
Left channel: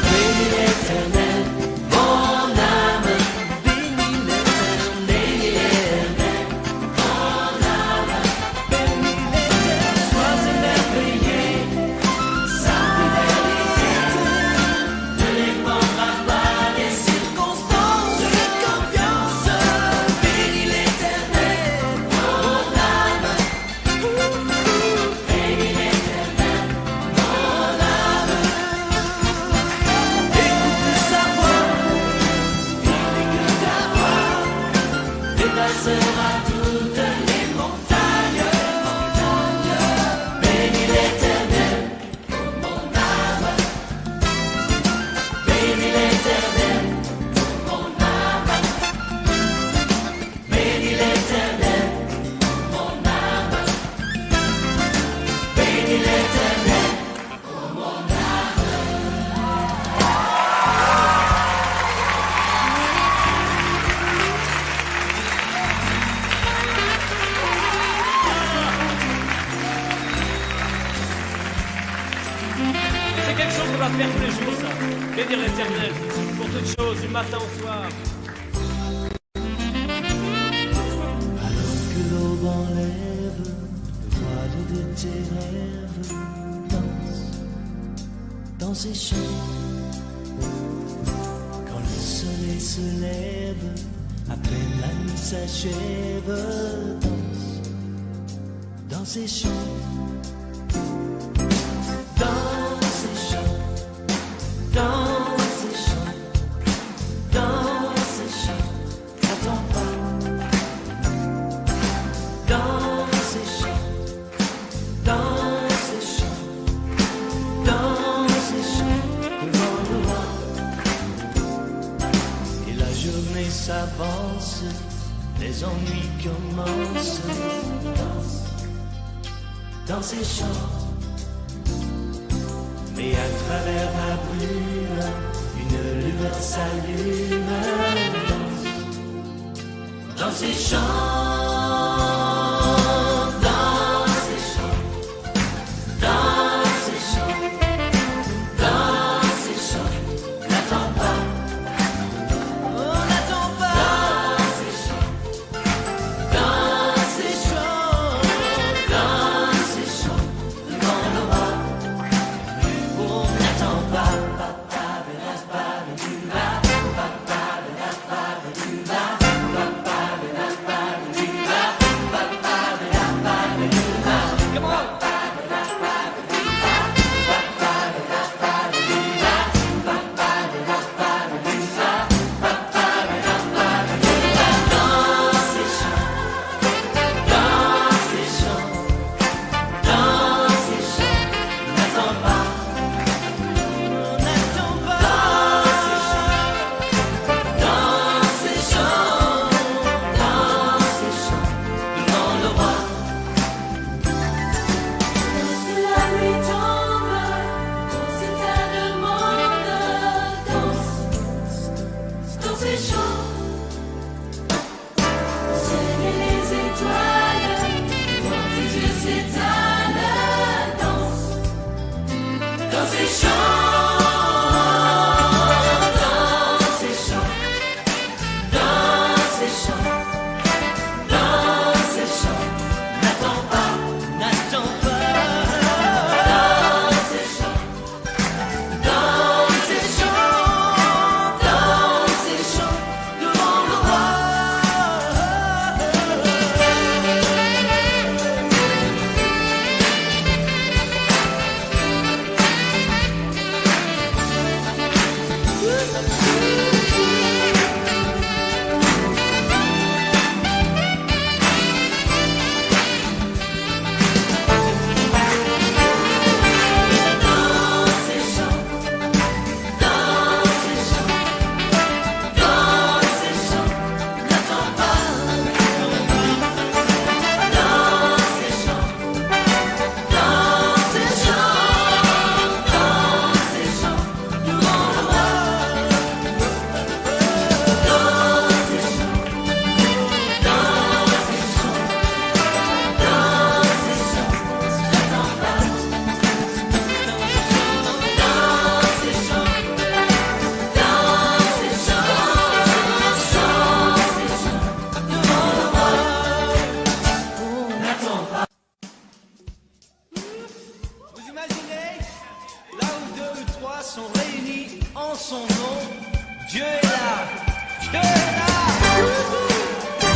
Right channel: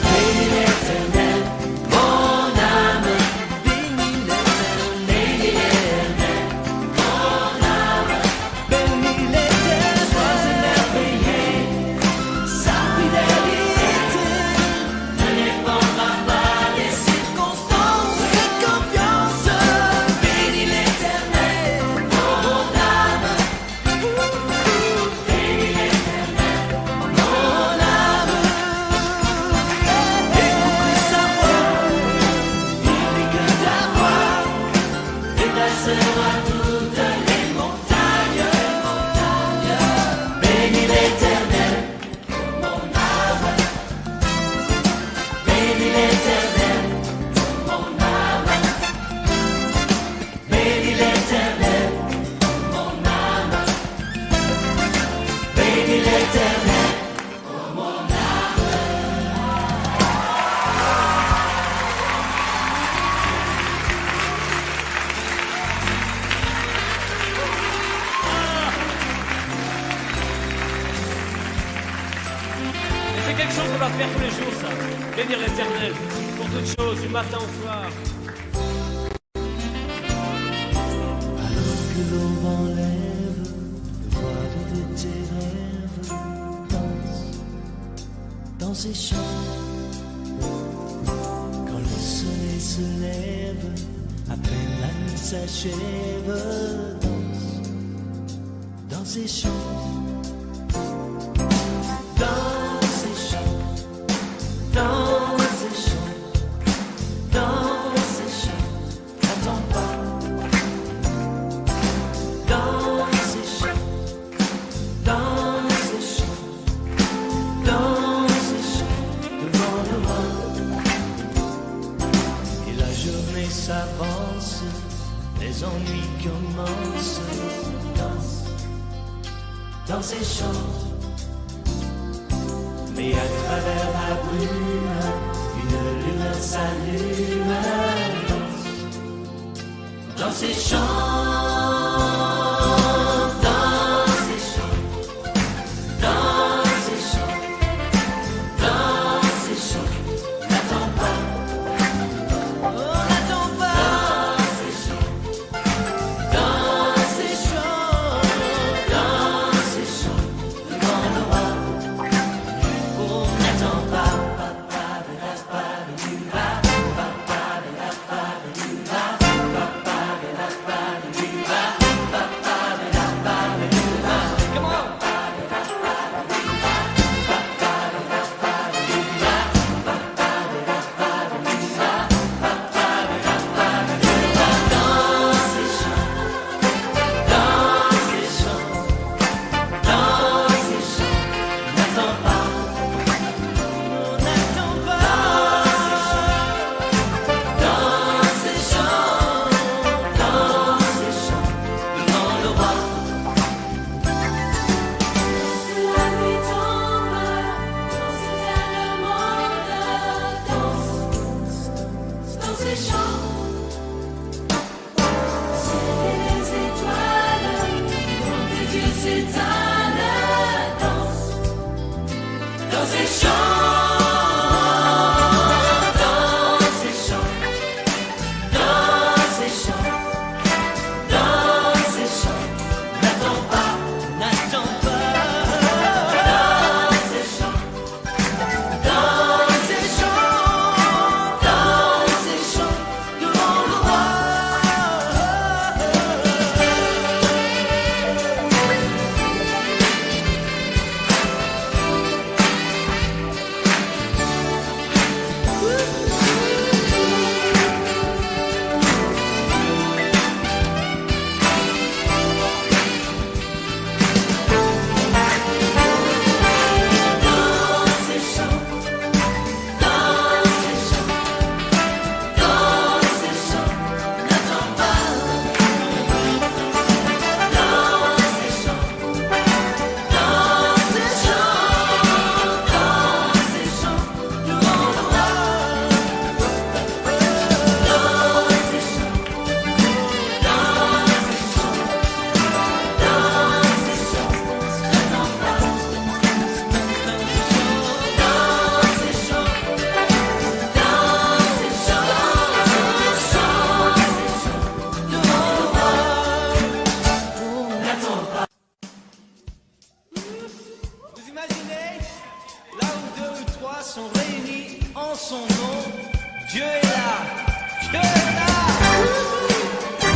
Bénis l'Éternel, mon âme. Bénis l'Éternel, mon âme. Bénis l'Éternel, sois émerveillé, sa fidélité ne dépendra pas des circonstances. Et confiance, bénis l'Éternel, mon âme. Bénis l'Éternel, mon âme. Écoute sa voix, il dit que ta voix déplacera toutes les montagnes. Bénis l'Éternel, oh mon âme. Bénis l'Éternel, oh mon âme. Bénis l'Éternel, oh mon âme. Bénis l'Éternel, oh mon âme. Et c'est quelque chose qu'on va faire tous les jours, ça. Bénir l'Éternel pour toutes choses, du matin au soir. Alors que l'aube enlève le voile de tes rêves, danse dans dans ces champs. Quand le soleil se lève, à peine la nuit s'achève, danse dans ces champs. Dans ces champs, dans ces champs, dans ces champs, n'attends pas. Dans ces champs, dans ces champs, dans ces champs, devant le roi. Et la journée s'avance, les ennuis commencent. Danse dans ces champs. Mais à travers la brume, une lueur s'allume. Dans ces champs, dans ces champs, dans ces champs, dans ces champs, n'attends pas. Oh, n'attends pas. Dans ces champs, dans ces champs, dans ces champs, devant le roi. Oh, n'attends pas. Come on. Dans ces champs, dans ces champs, dans ces champs, dans ces champs, n'attends pas, n'attends pas. Dans ces champs, dans ces champs, dans ces champs, devant le roi. Vous imaginez, là où deux ou trois sont réunis en son nom, Dieu est là, Dieu est là.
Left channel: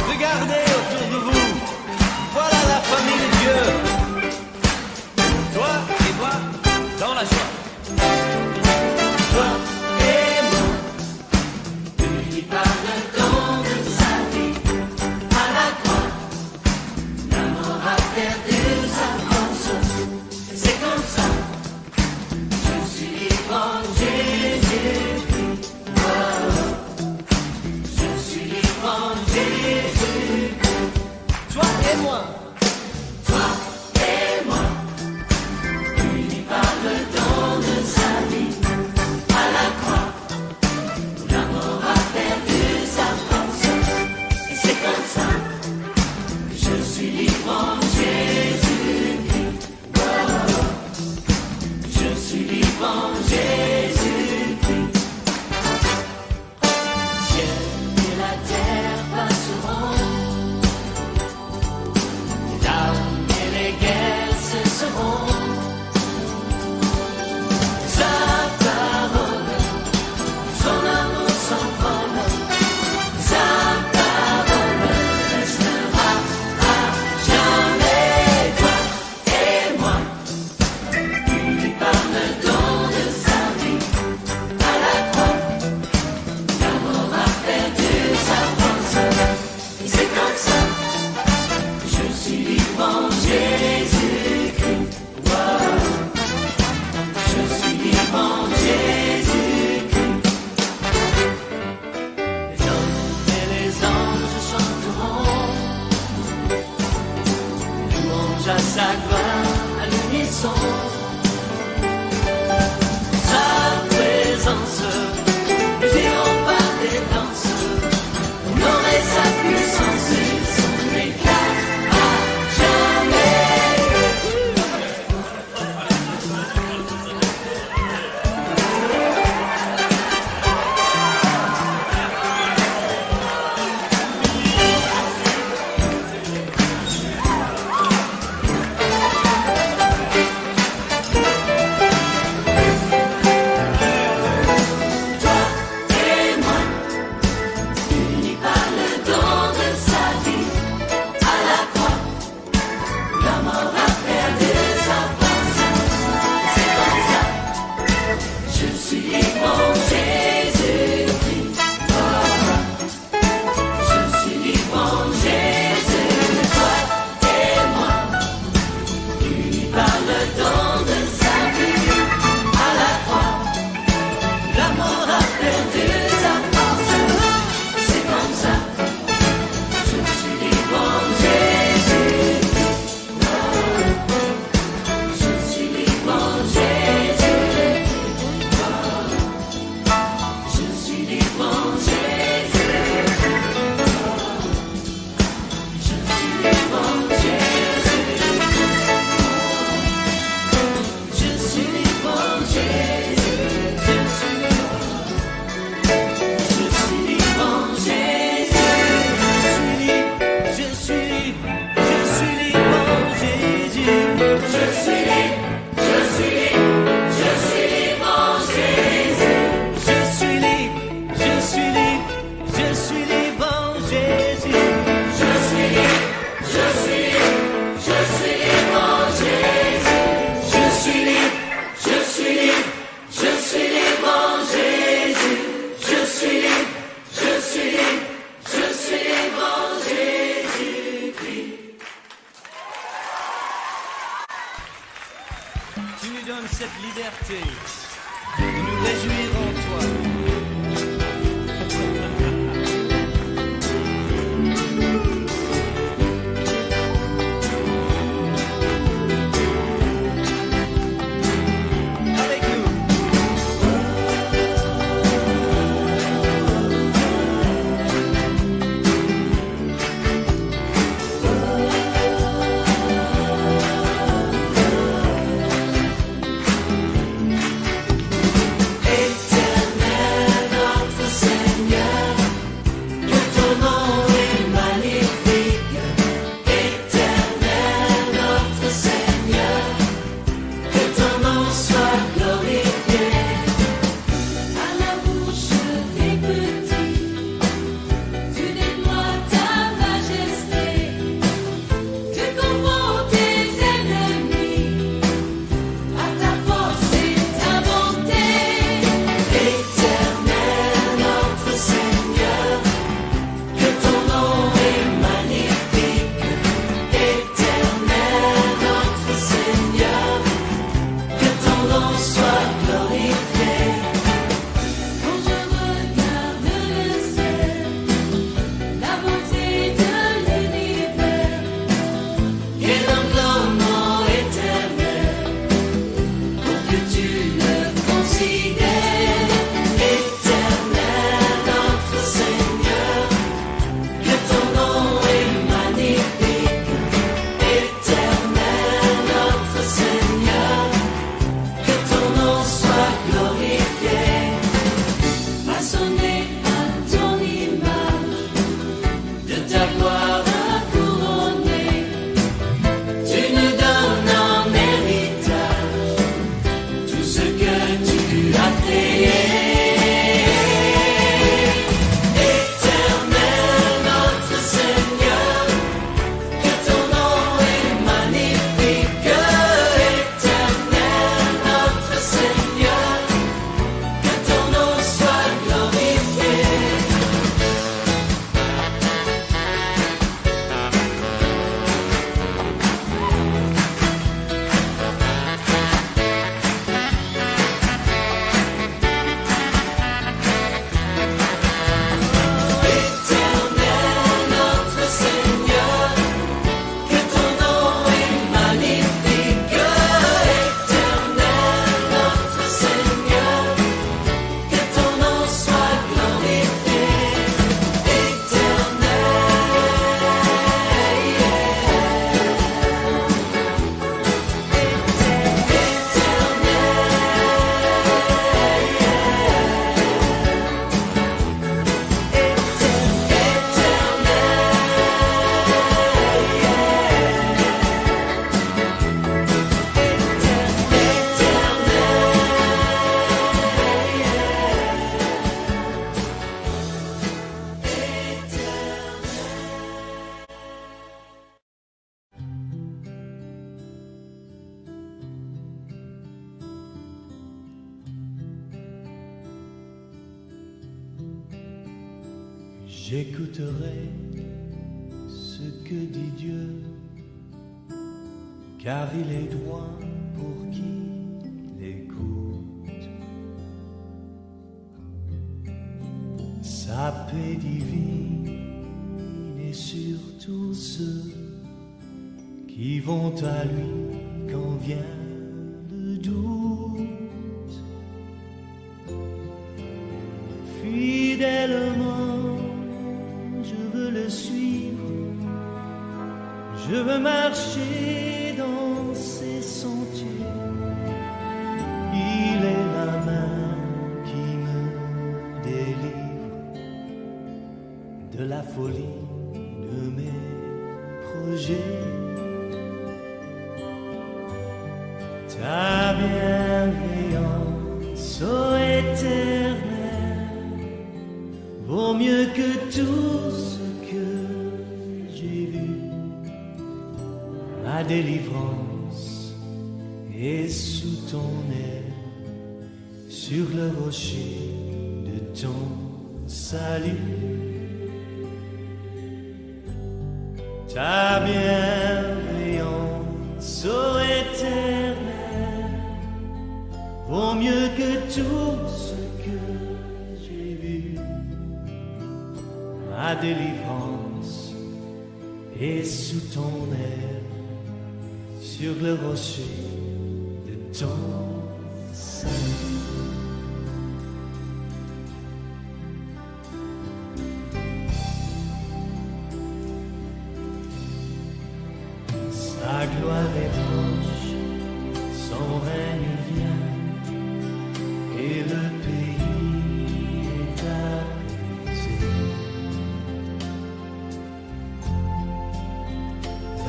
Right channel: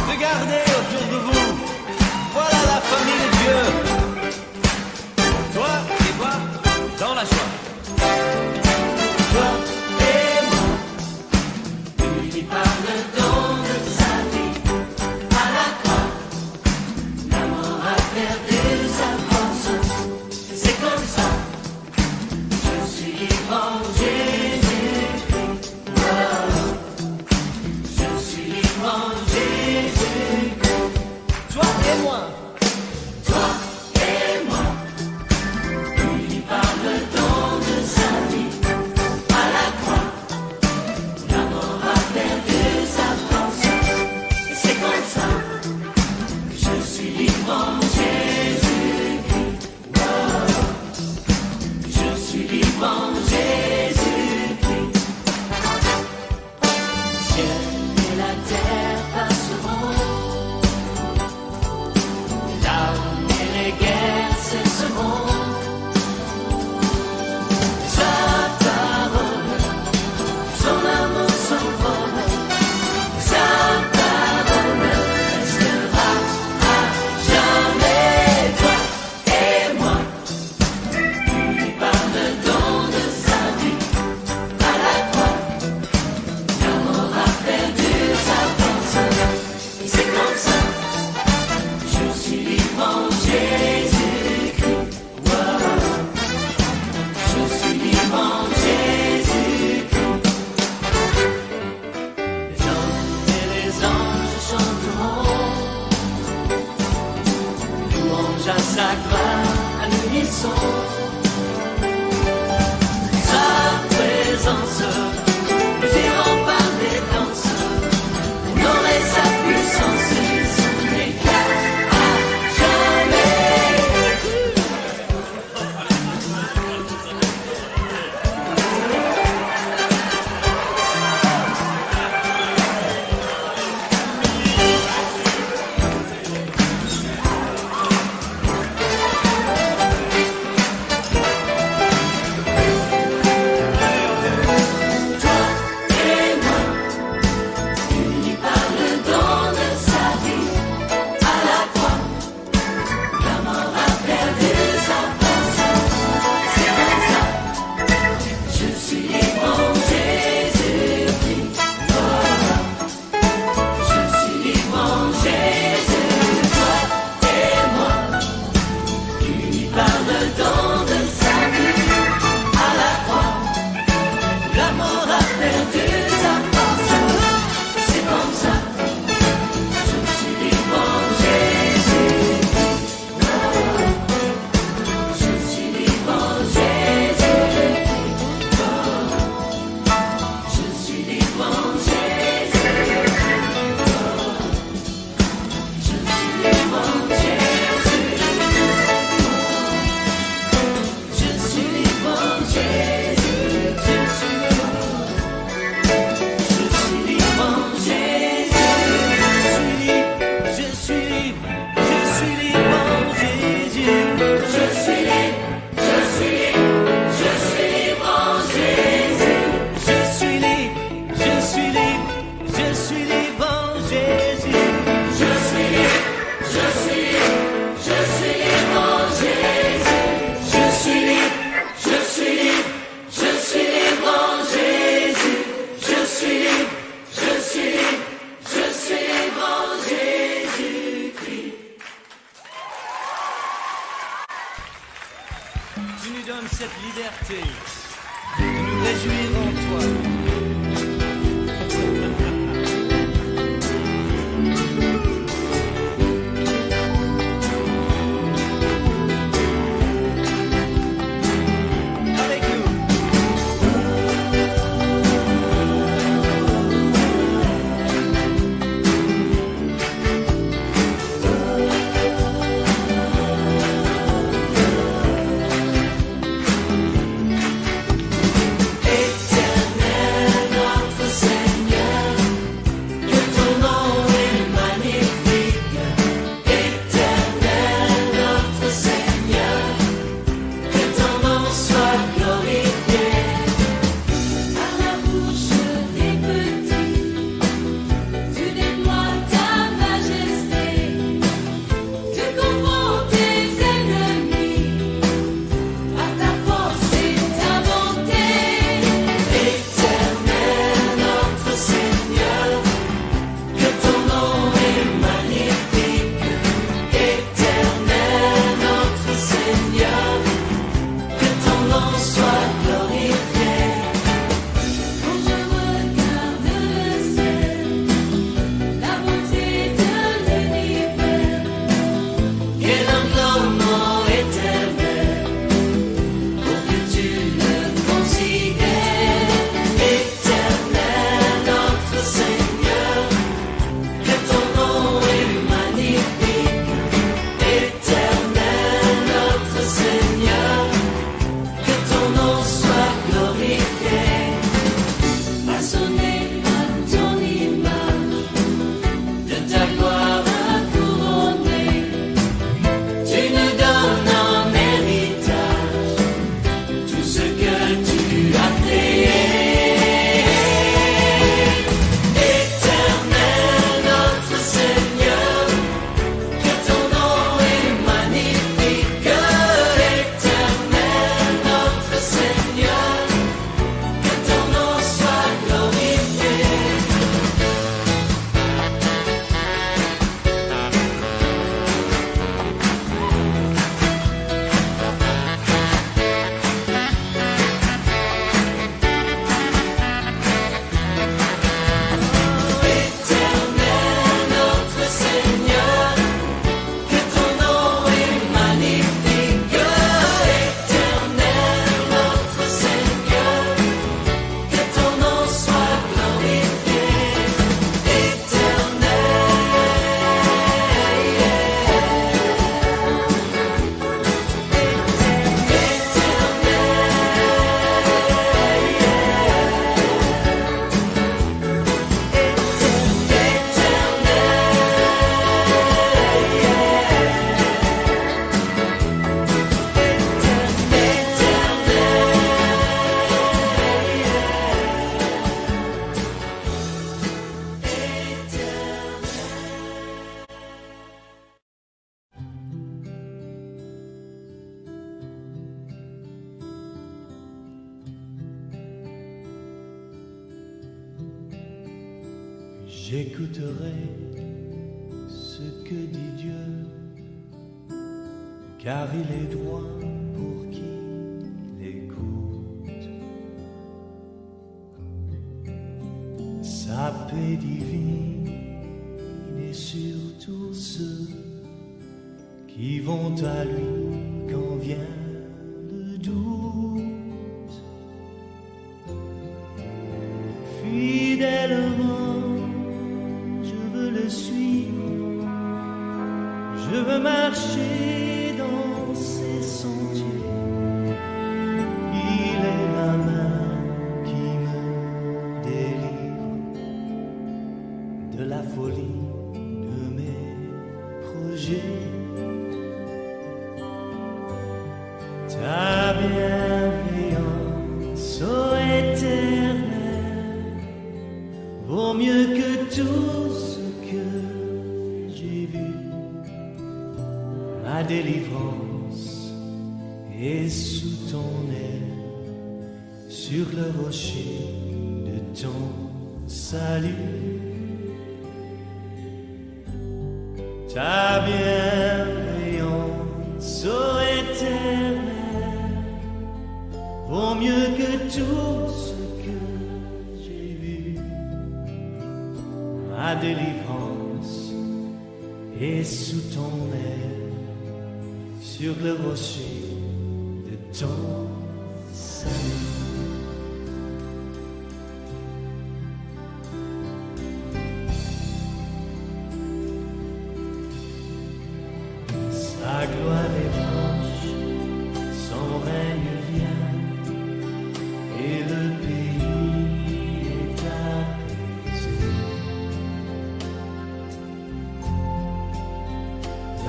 Regardez autour de vous, voilà la famille de Dieu. Toi et moi, dans la joie. Toi et moi, lui qui parle le don de sa vie à la croix. L'amour a perdu sa force. C'est comme ça, je suis libre en Jésus-Christ. Oh, je suis libre en Jésus-Christ. Toi et moi, toi et moi, lui parle le don de sa vie à la croix. L'amour a perdu sa force. Et c'est comme ça, je suis libre en Jésus-Christ. Je suis libre en Jésus-Christ. Ciel et la terre passeront, les larmes et les guerres cesseront. Les louange à sa gloire à l'unisson. Sa présence, nous irons par des danses, honorer sa puissance et son éclat à jamais. Tu nous donnes cette liberté de nous réjouir en toi. Éternel J'écouterai ce que dit Dieu, car il est droit pour qui l'écoute. Sa paix divine est sur tous ceux qui vont à lui quand vient le doute. Fidèlement, je veux le suivre, je veux marcher dans ses sentiers. Il est la main qui me délivre de la folie de mes projets. Ta bienveillance, ô Éternel, vaut mieux que tout ce que j'ai vu. Ma délivrance est sous ton aile, sur le rocher de ton salut. Ta bienveillance, ô Éternel, vaut mieux que tout ce que j'ai vu. Ma délivrance est sous ton aile, sur le rocher de ton salut. Sa gloire est proche, son règne vient, et le pays est apaisé.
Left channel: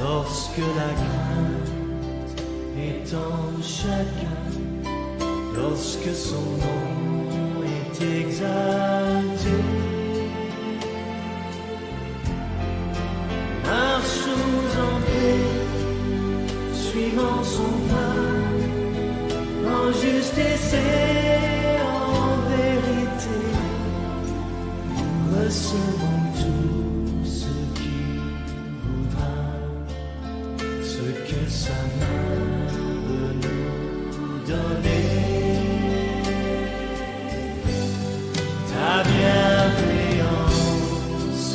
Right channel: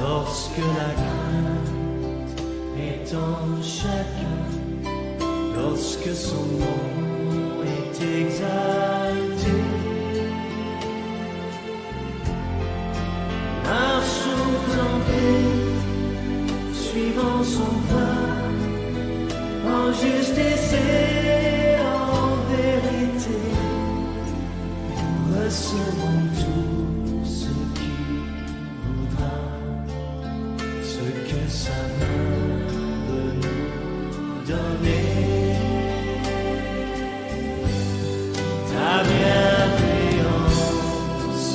Lorsque la crainte est en chacun, lorsque son nom est exalté, marchons en paix, suivant son pas, en justice et en vérité. Recevons tout ce qu'il voudra, ce que sa main veut nous donner. Ta bienveillance,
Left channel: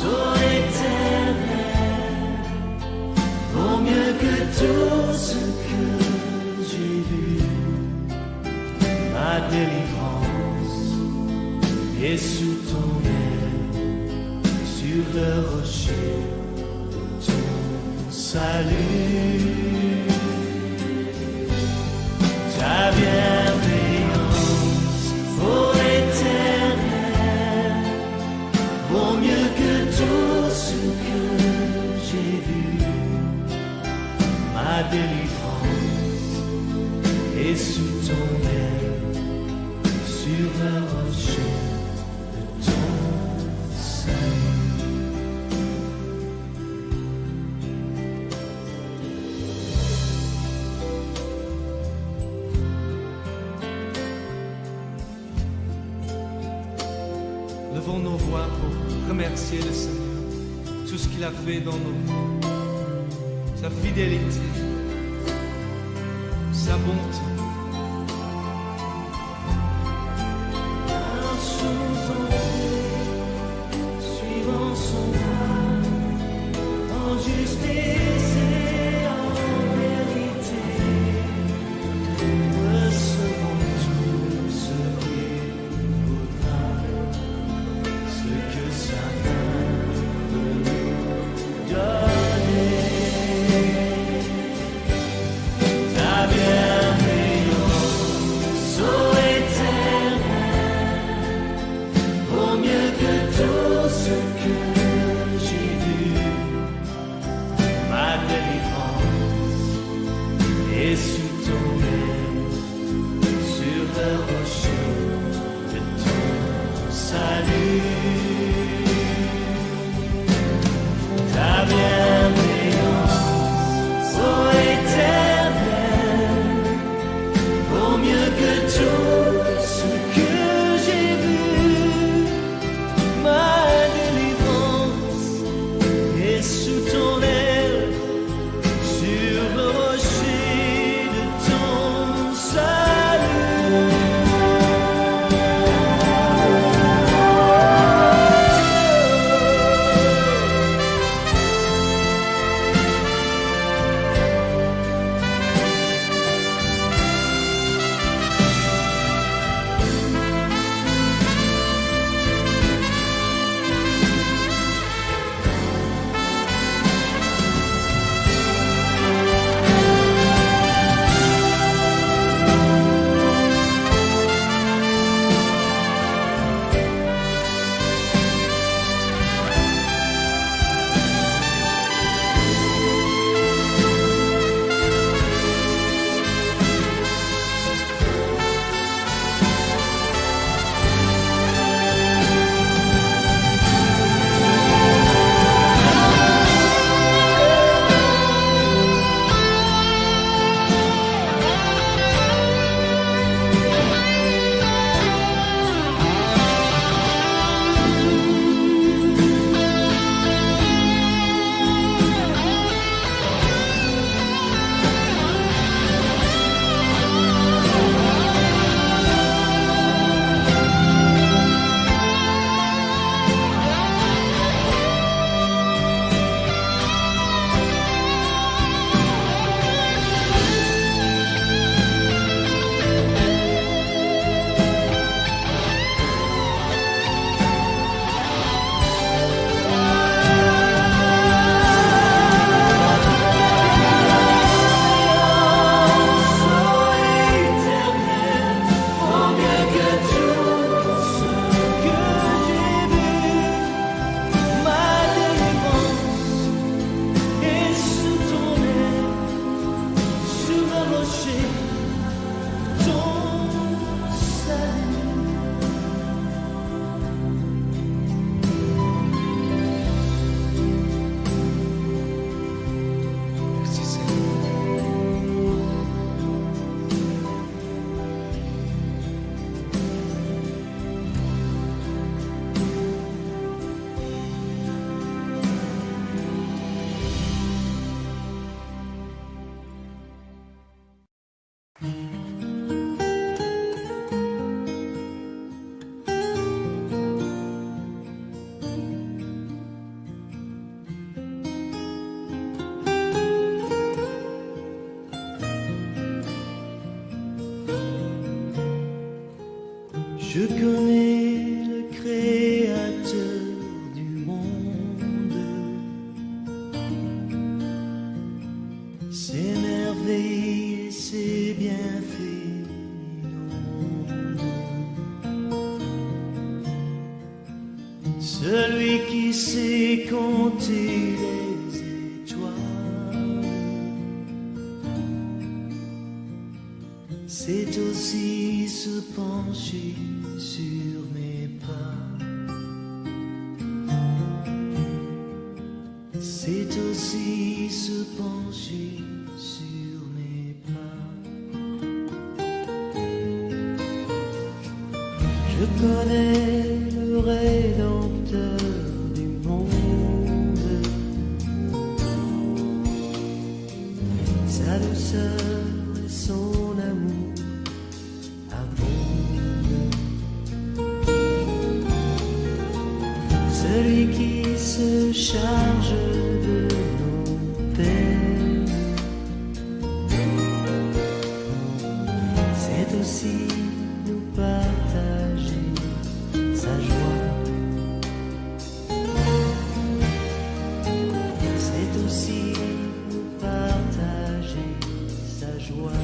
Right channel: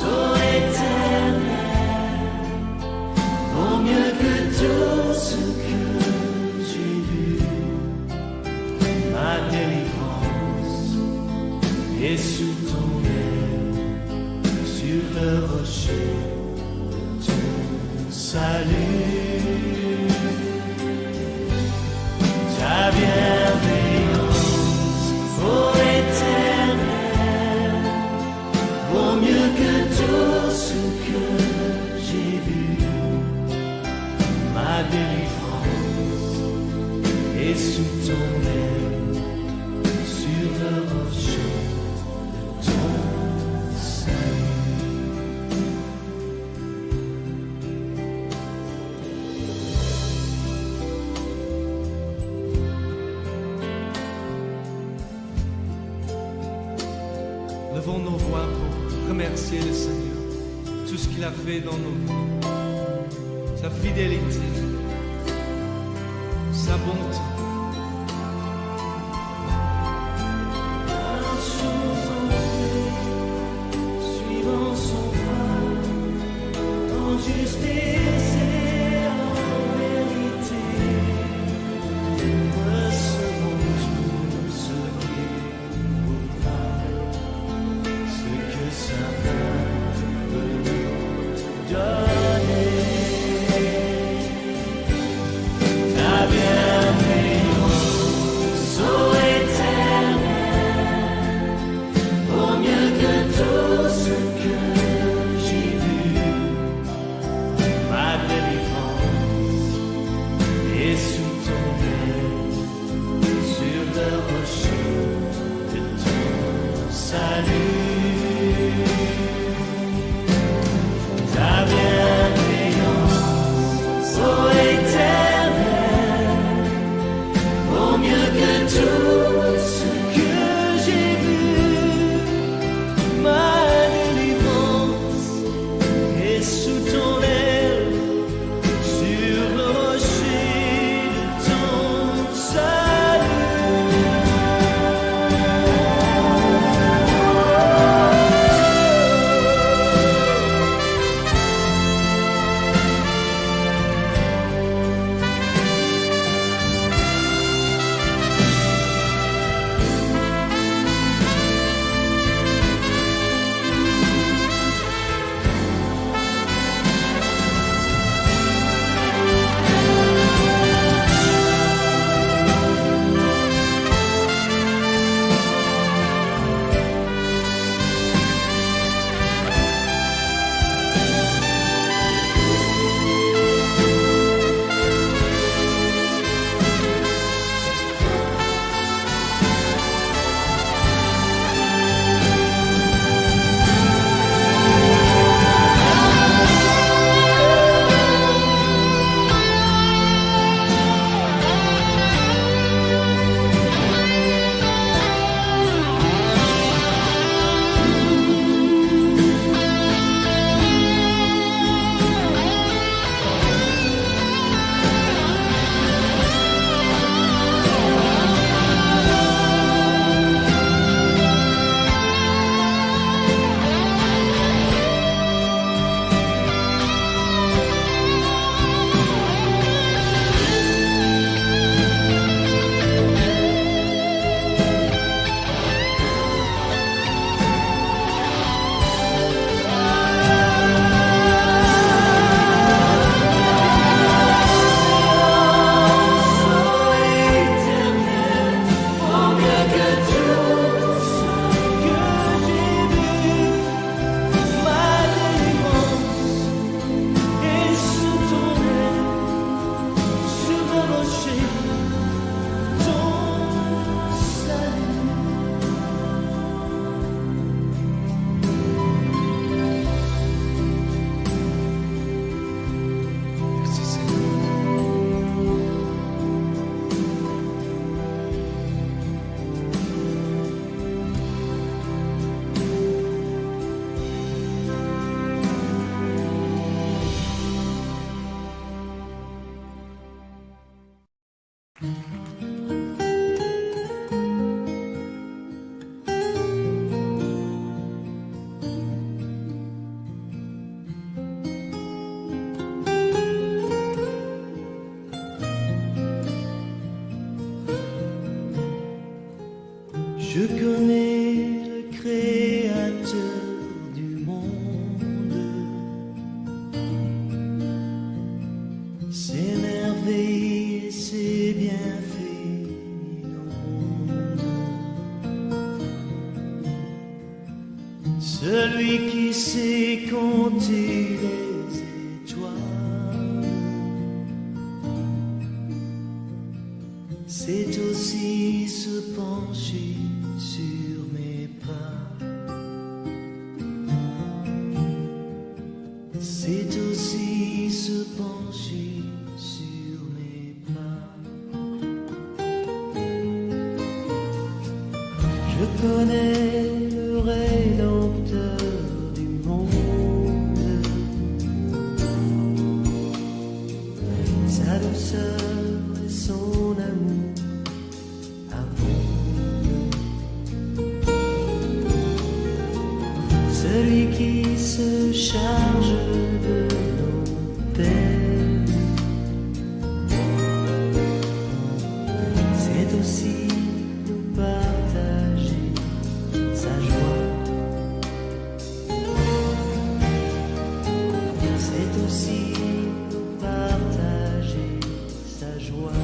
ô Éternel, vaut mieux que tout ce que j'ai vu. Ma délivrance est sous ton aile, sur le rocher de ton salut. Ta bienveillance, ô Éternel, vaut mieux que tout ce que j'ai vu. Ma délivrance est sous ton aile, sur le rocher de ton salut. Levons nos voix pour remercier le Seigneur, tout ce qu'il a fait dans nos vies, sa fidélité, sa bonté. Marchons en paix, suivant son pas, en justice et en vérité. Recevons tout ce qu'il voudra, ce que sa main veut nous donner. Ta bienveillance, ô Éternel, vaut mieux que tout ce que j'ai vu. Ma Je connais le créateur du monde, ses merveilles et ses bienfaits m'inondent. Celui qui sait compter les étoiles, c'est aussi se pencher sur mes pas. C'est aussi se pencher sur mes pas. Je connais le Rédempteur du monde, sa douceur et son amour abondent. Celui qui se charge de nos peines, c'est aussi nous partager sa joie. C'est aussi nous partager sa joie.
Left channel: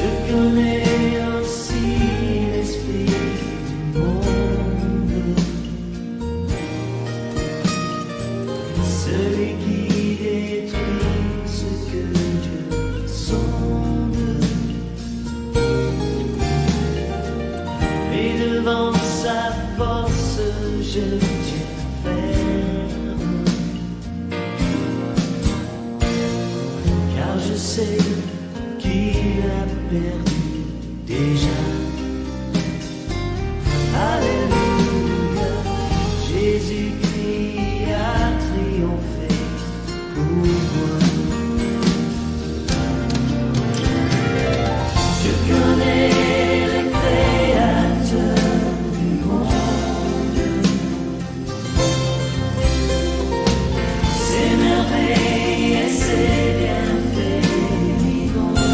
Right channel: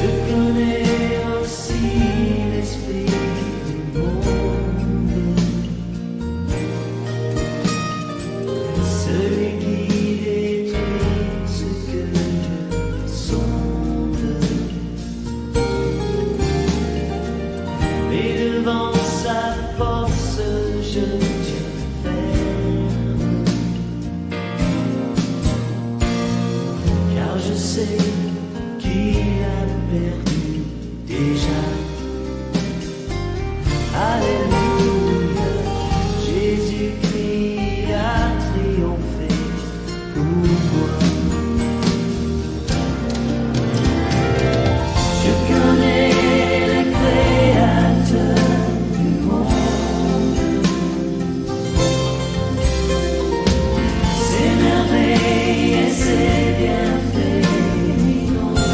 Je connais aussi l'esprit du monde, celui qui détruit ce que Dieu sonde. Mais devant sa force, je tiens ferme, car je sais qu'il a perdu déjà. Alléluia, Jésus-Christ a triomphé pour moi. Je connais le Créateur du monde, ses merveilles et ses bienfaits m'inondent.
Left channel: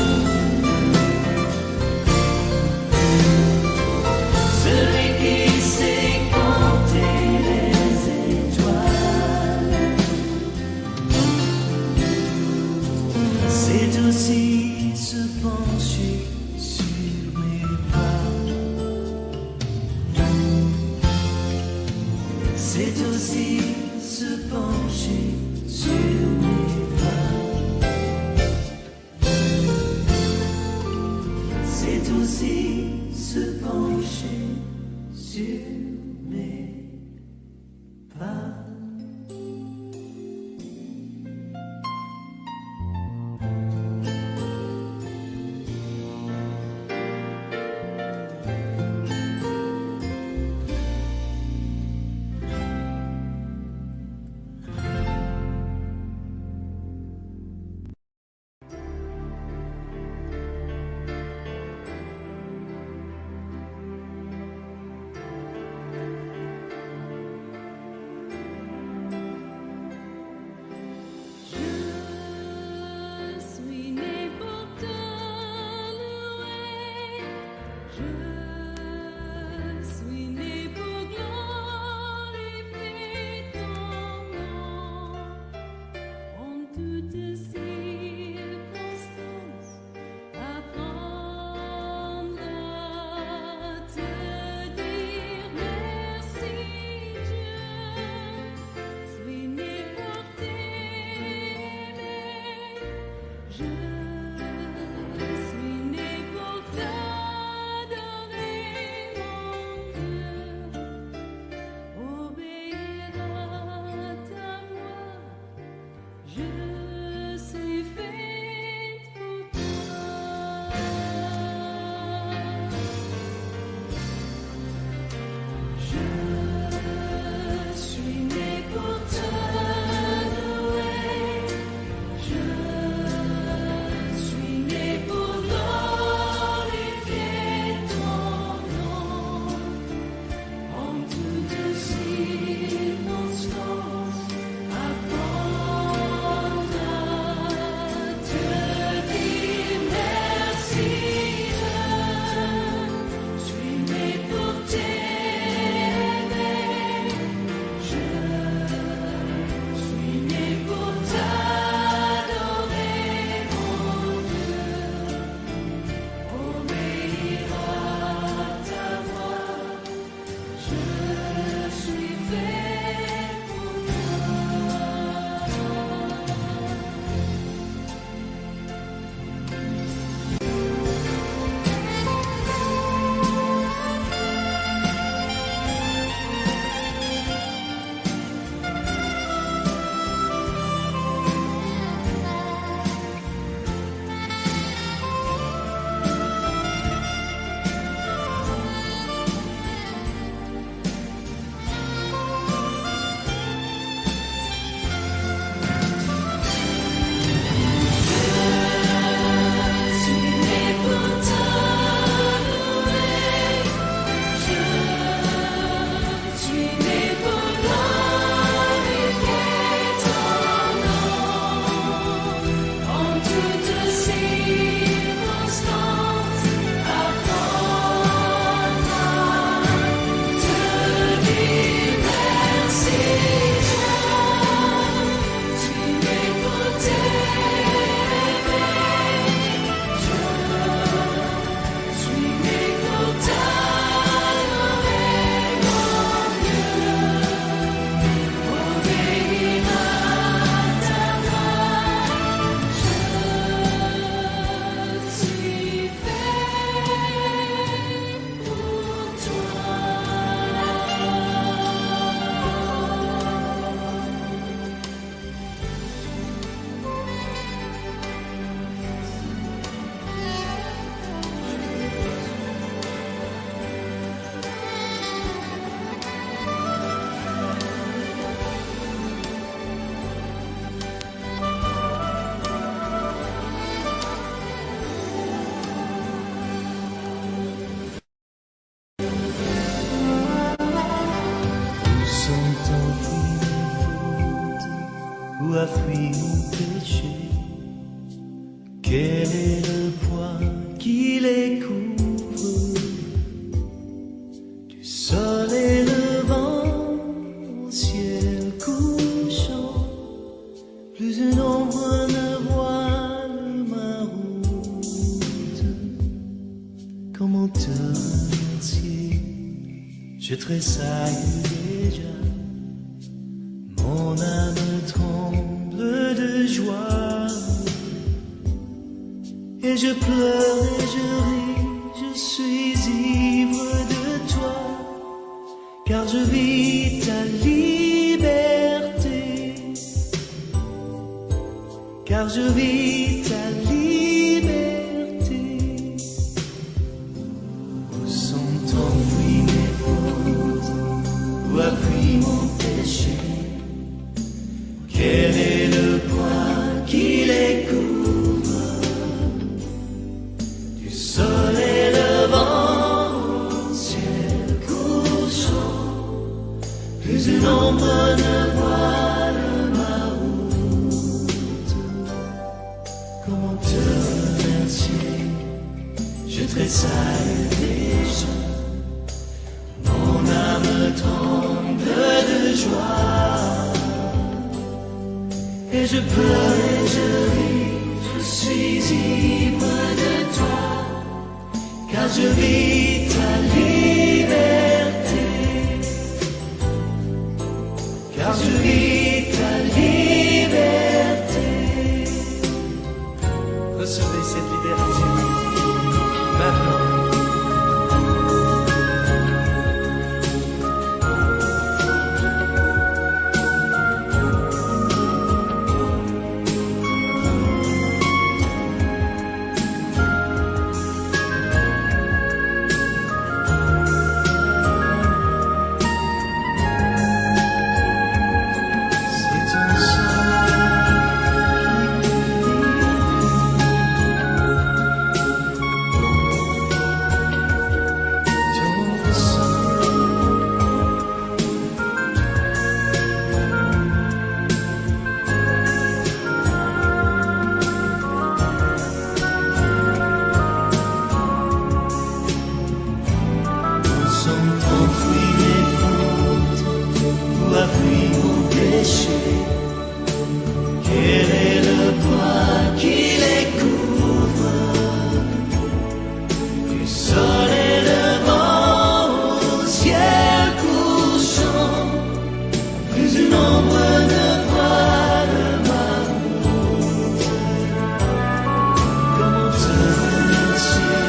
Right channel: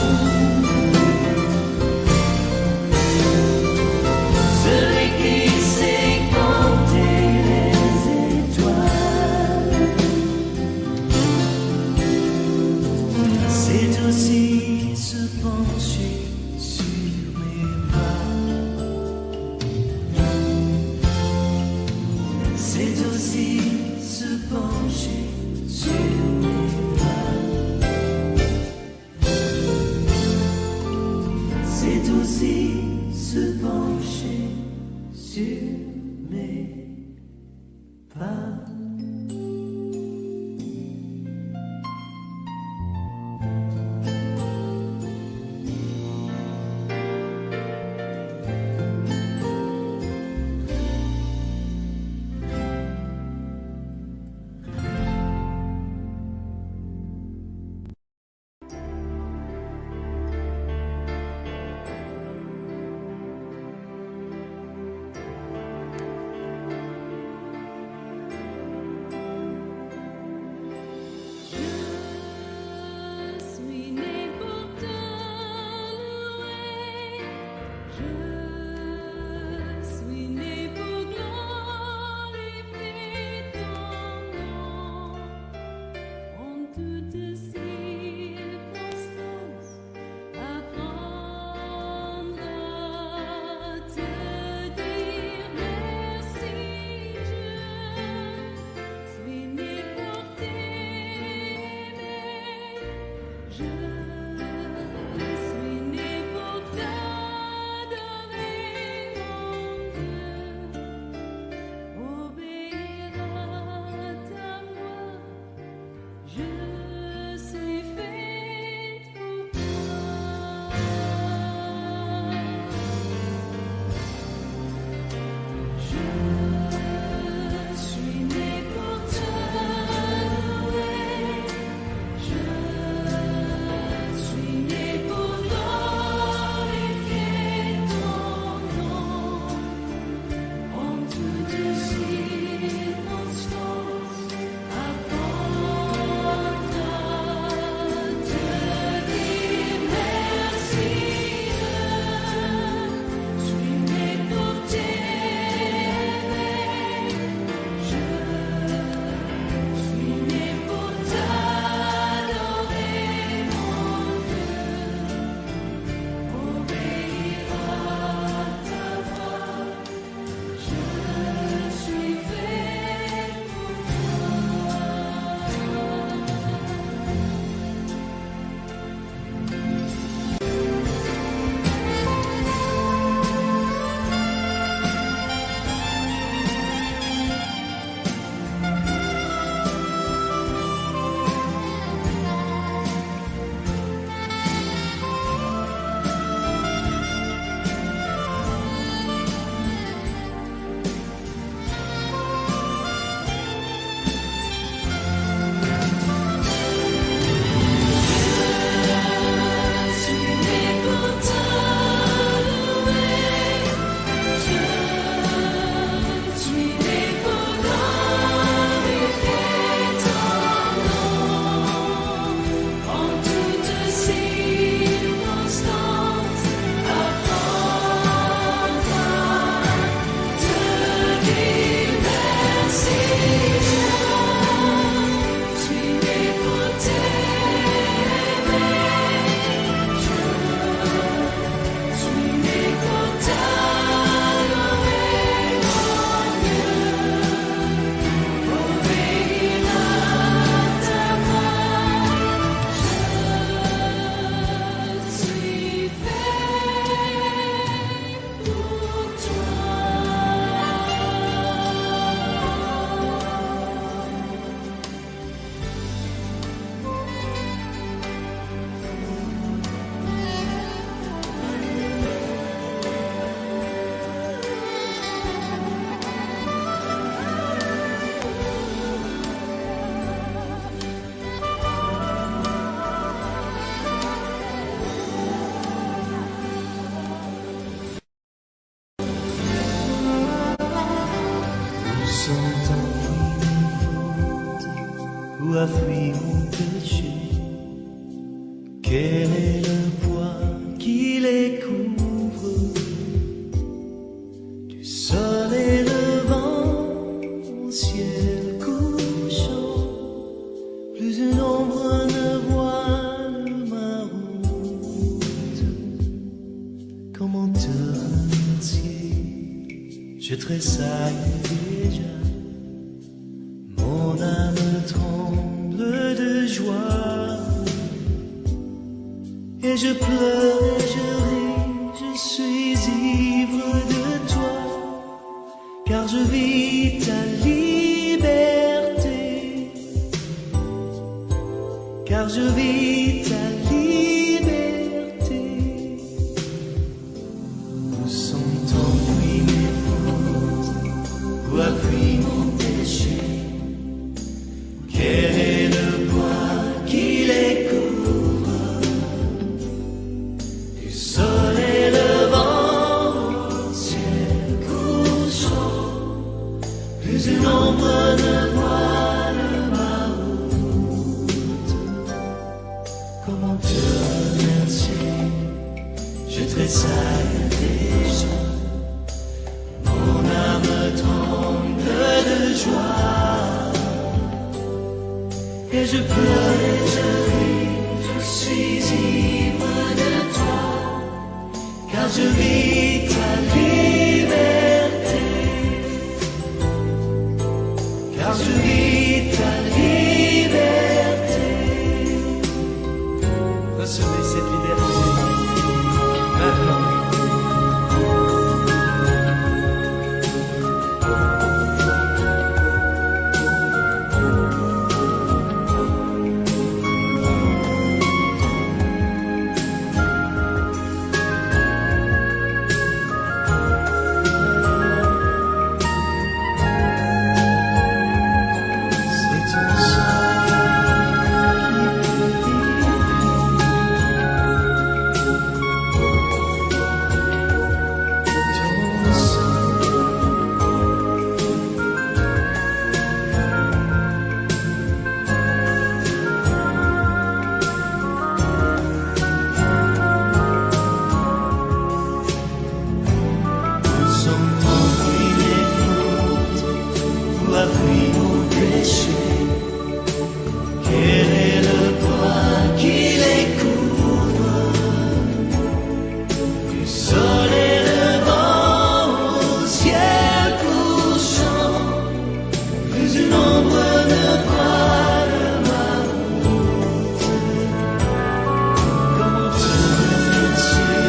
Celui qui sait compter les étoiles, c'est aussi se pencher sur mes pas. C'est aussi se pencher sur mes pas. C'est aussi se pencher sur mes pas. sont enfouies mes fautes? Où a fui mon péché? Quel est le poids qui les couvre? Du soleil levant au ciel couchant, plus une ombre ne voile ma route. Comment te remercier? Je tressaille déjà, mon âme tremble de joie. Et je pleure et je ris, je suis ivre de toi, car je vis ta liberté, car je vis ta liberté. Où sont enfouies mes fautes? Où a fui mon péché? Quel est le poids qui les couvre? Du soleil levant au ciel couchant, plus une ombre ne voile ma route. Comment te remercier? Je tressaille déjà, mon âme tremble de joie. Et je pleure et je ris, je suis ivre de toi, car je vis ta liberté, car je vis ta liberté. Recevez cette liberté maintenant. Quel est le poids qui les couvre? Du soleil levant au ciel couchant, plus une ombre ne voile ma route. Comment te remercier?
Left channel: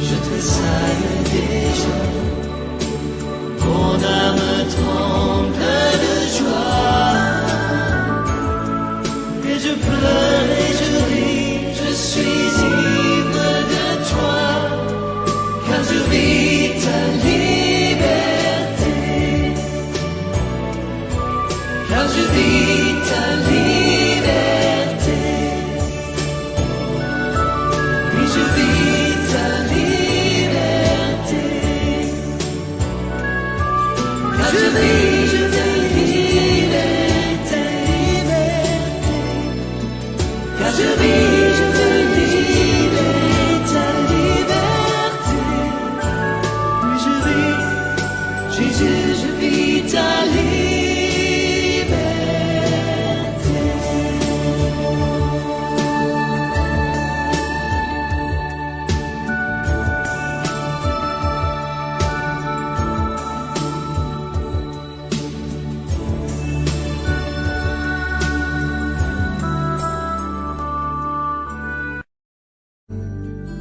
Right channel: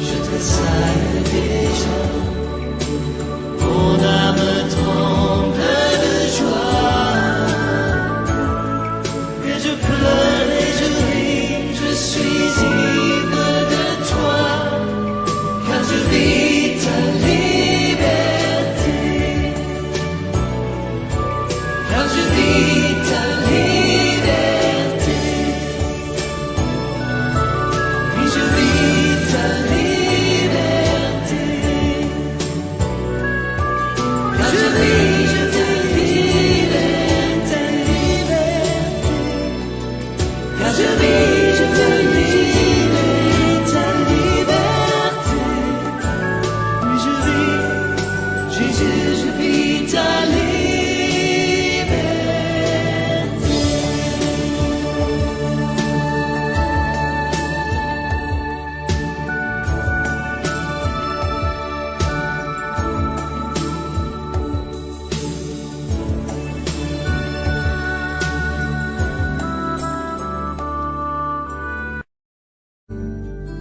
Je tressaille déjà, mon âme tremble de joie. Et je pleure et je ris, je suis ivre de toi, car je vis ta liberté, car je vis ta liberté, oui je vis ta liberté, car je vis ta liberté, car je vis ta liberté, oui je vis, Jésus, je vis ta liberté.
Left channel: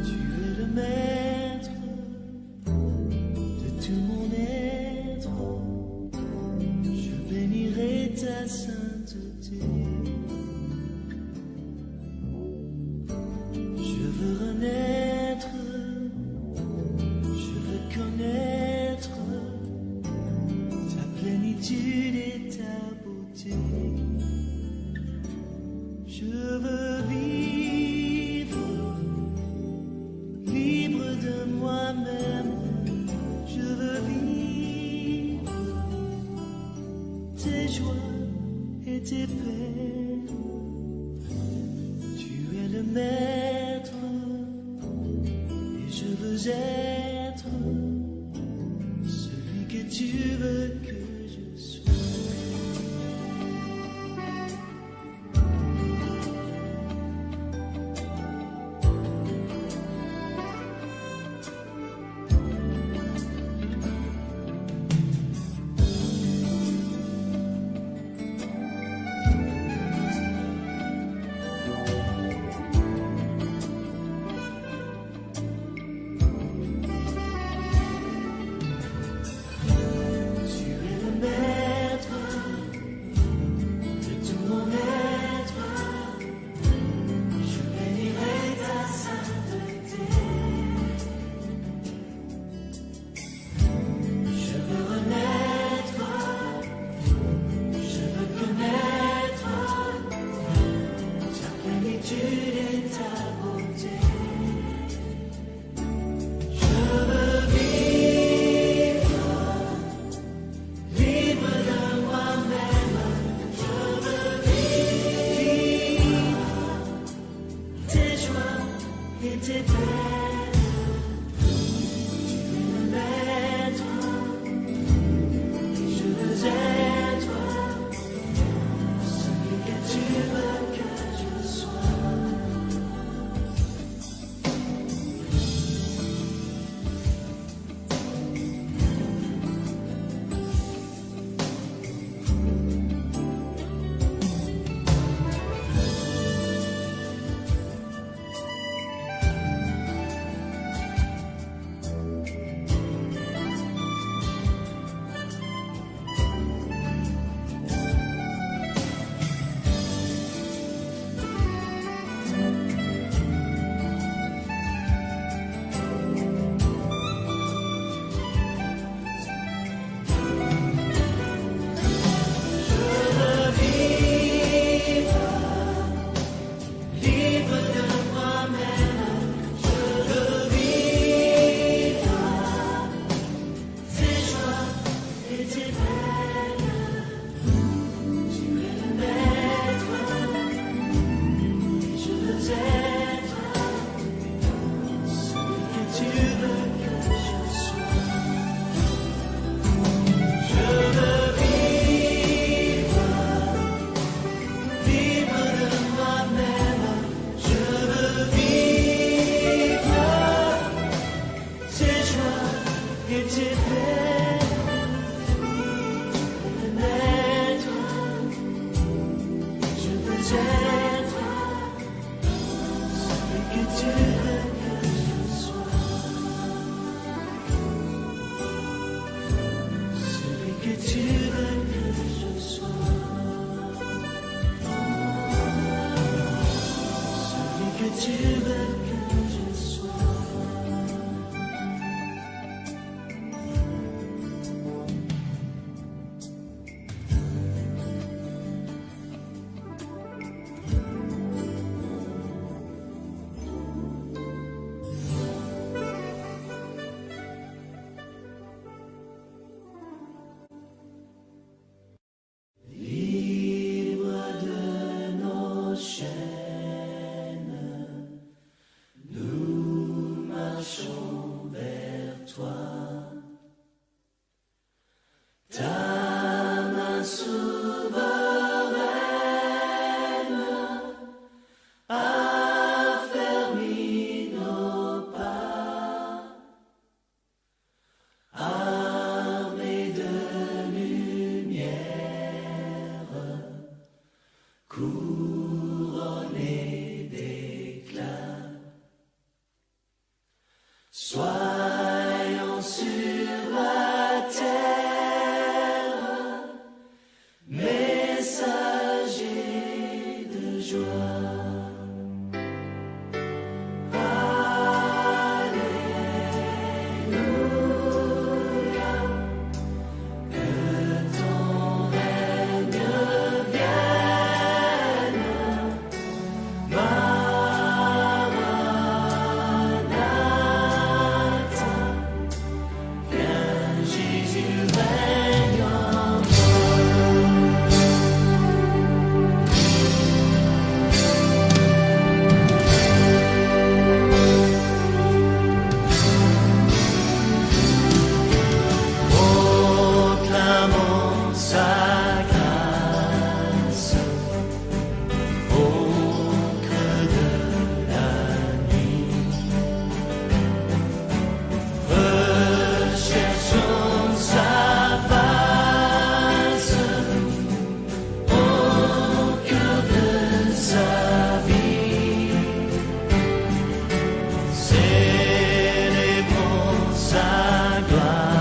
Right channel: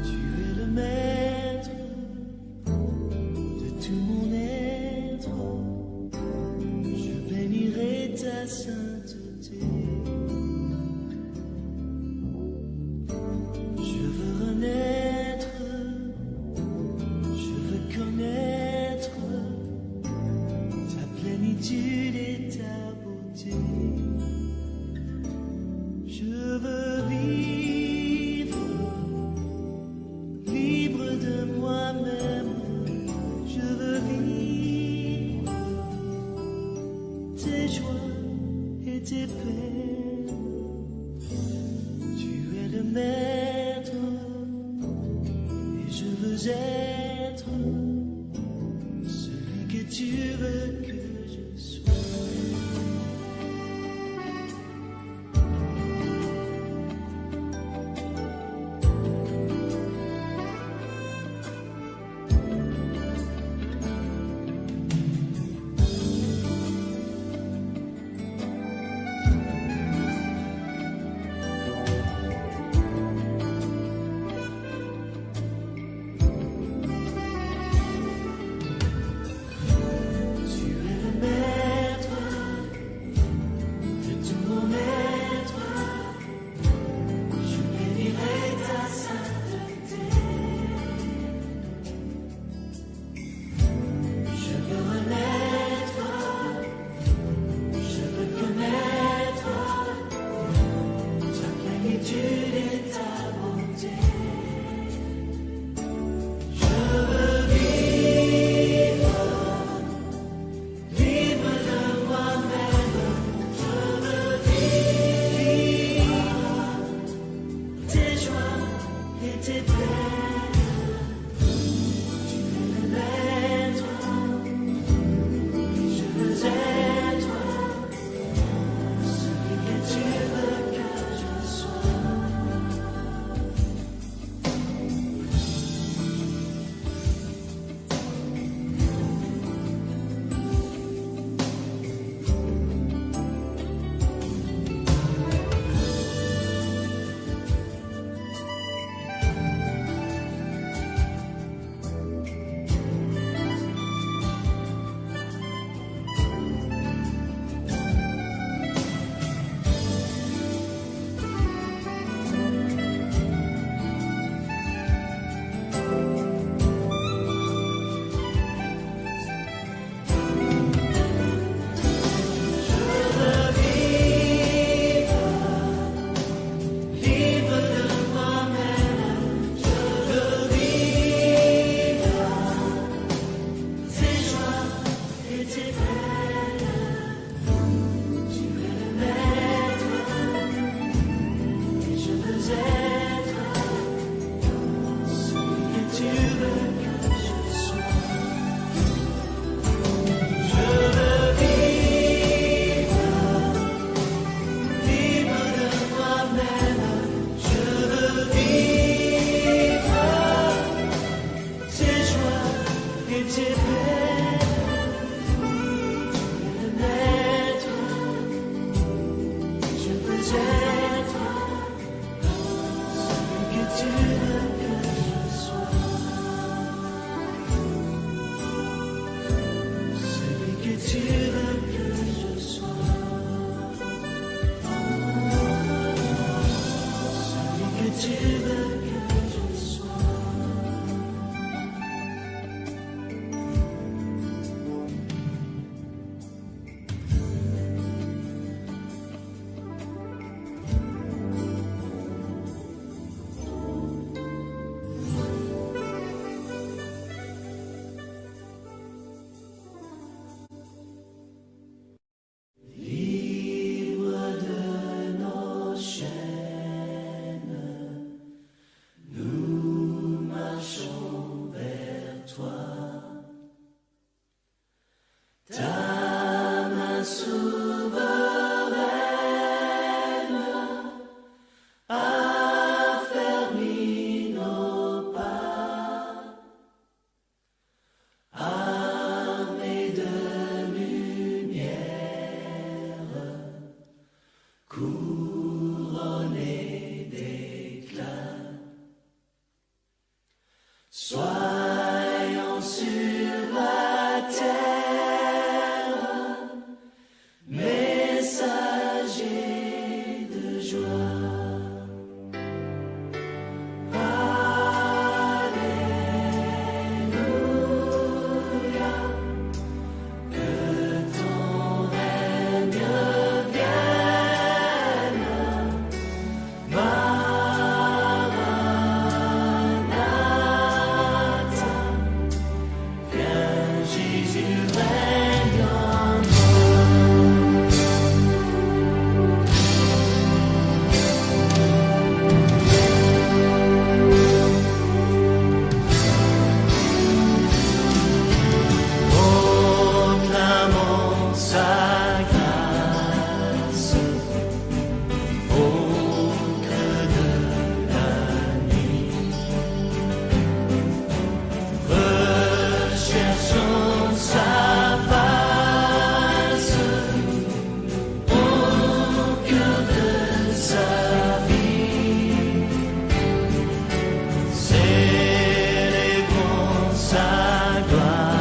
Tu es le maître de tout mon être, je bénirai ta sainteté. Je veux renaître, je veux connaître ta plénitude et ta beauté. Je veux vivre libre de moi-même. Je veux vivre joies et tes peines. Tu es le maître et je veux être celui que tu veux que je sois. sa grâce au creux de la nuit. Recherchons sa face au cœur de sa vie. Célébrons sa gloire.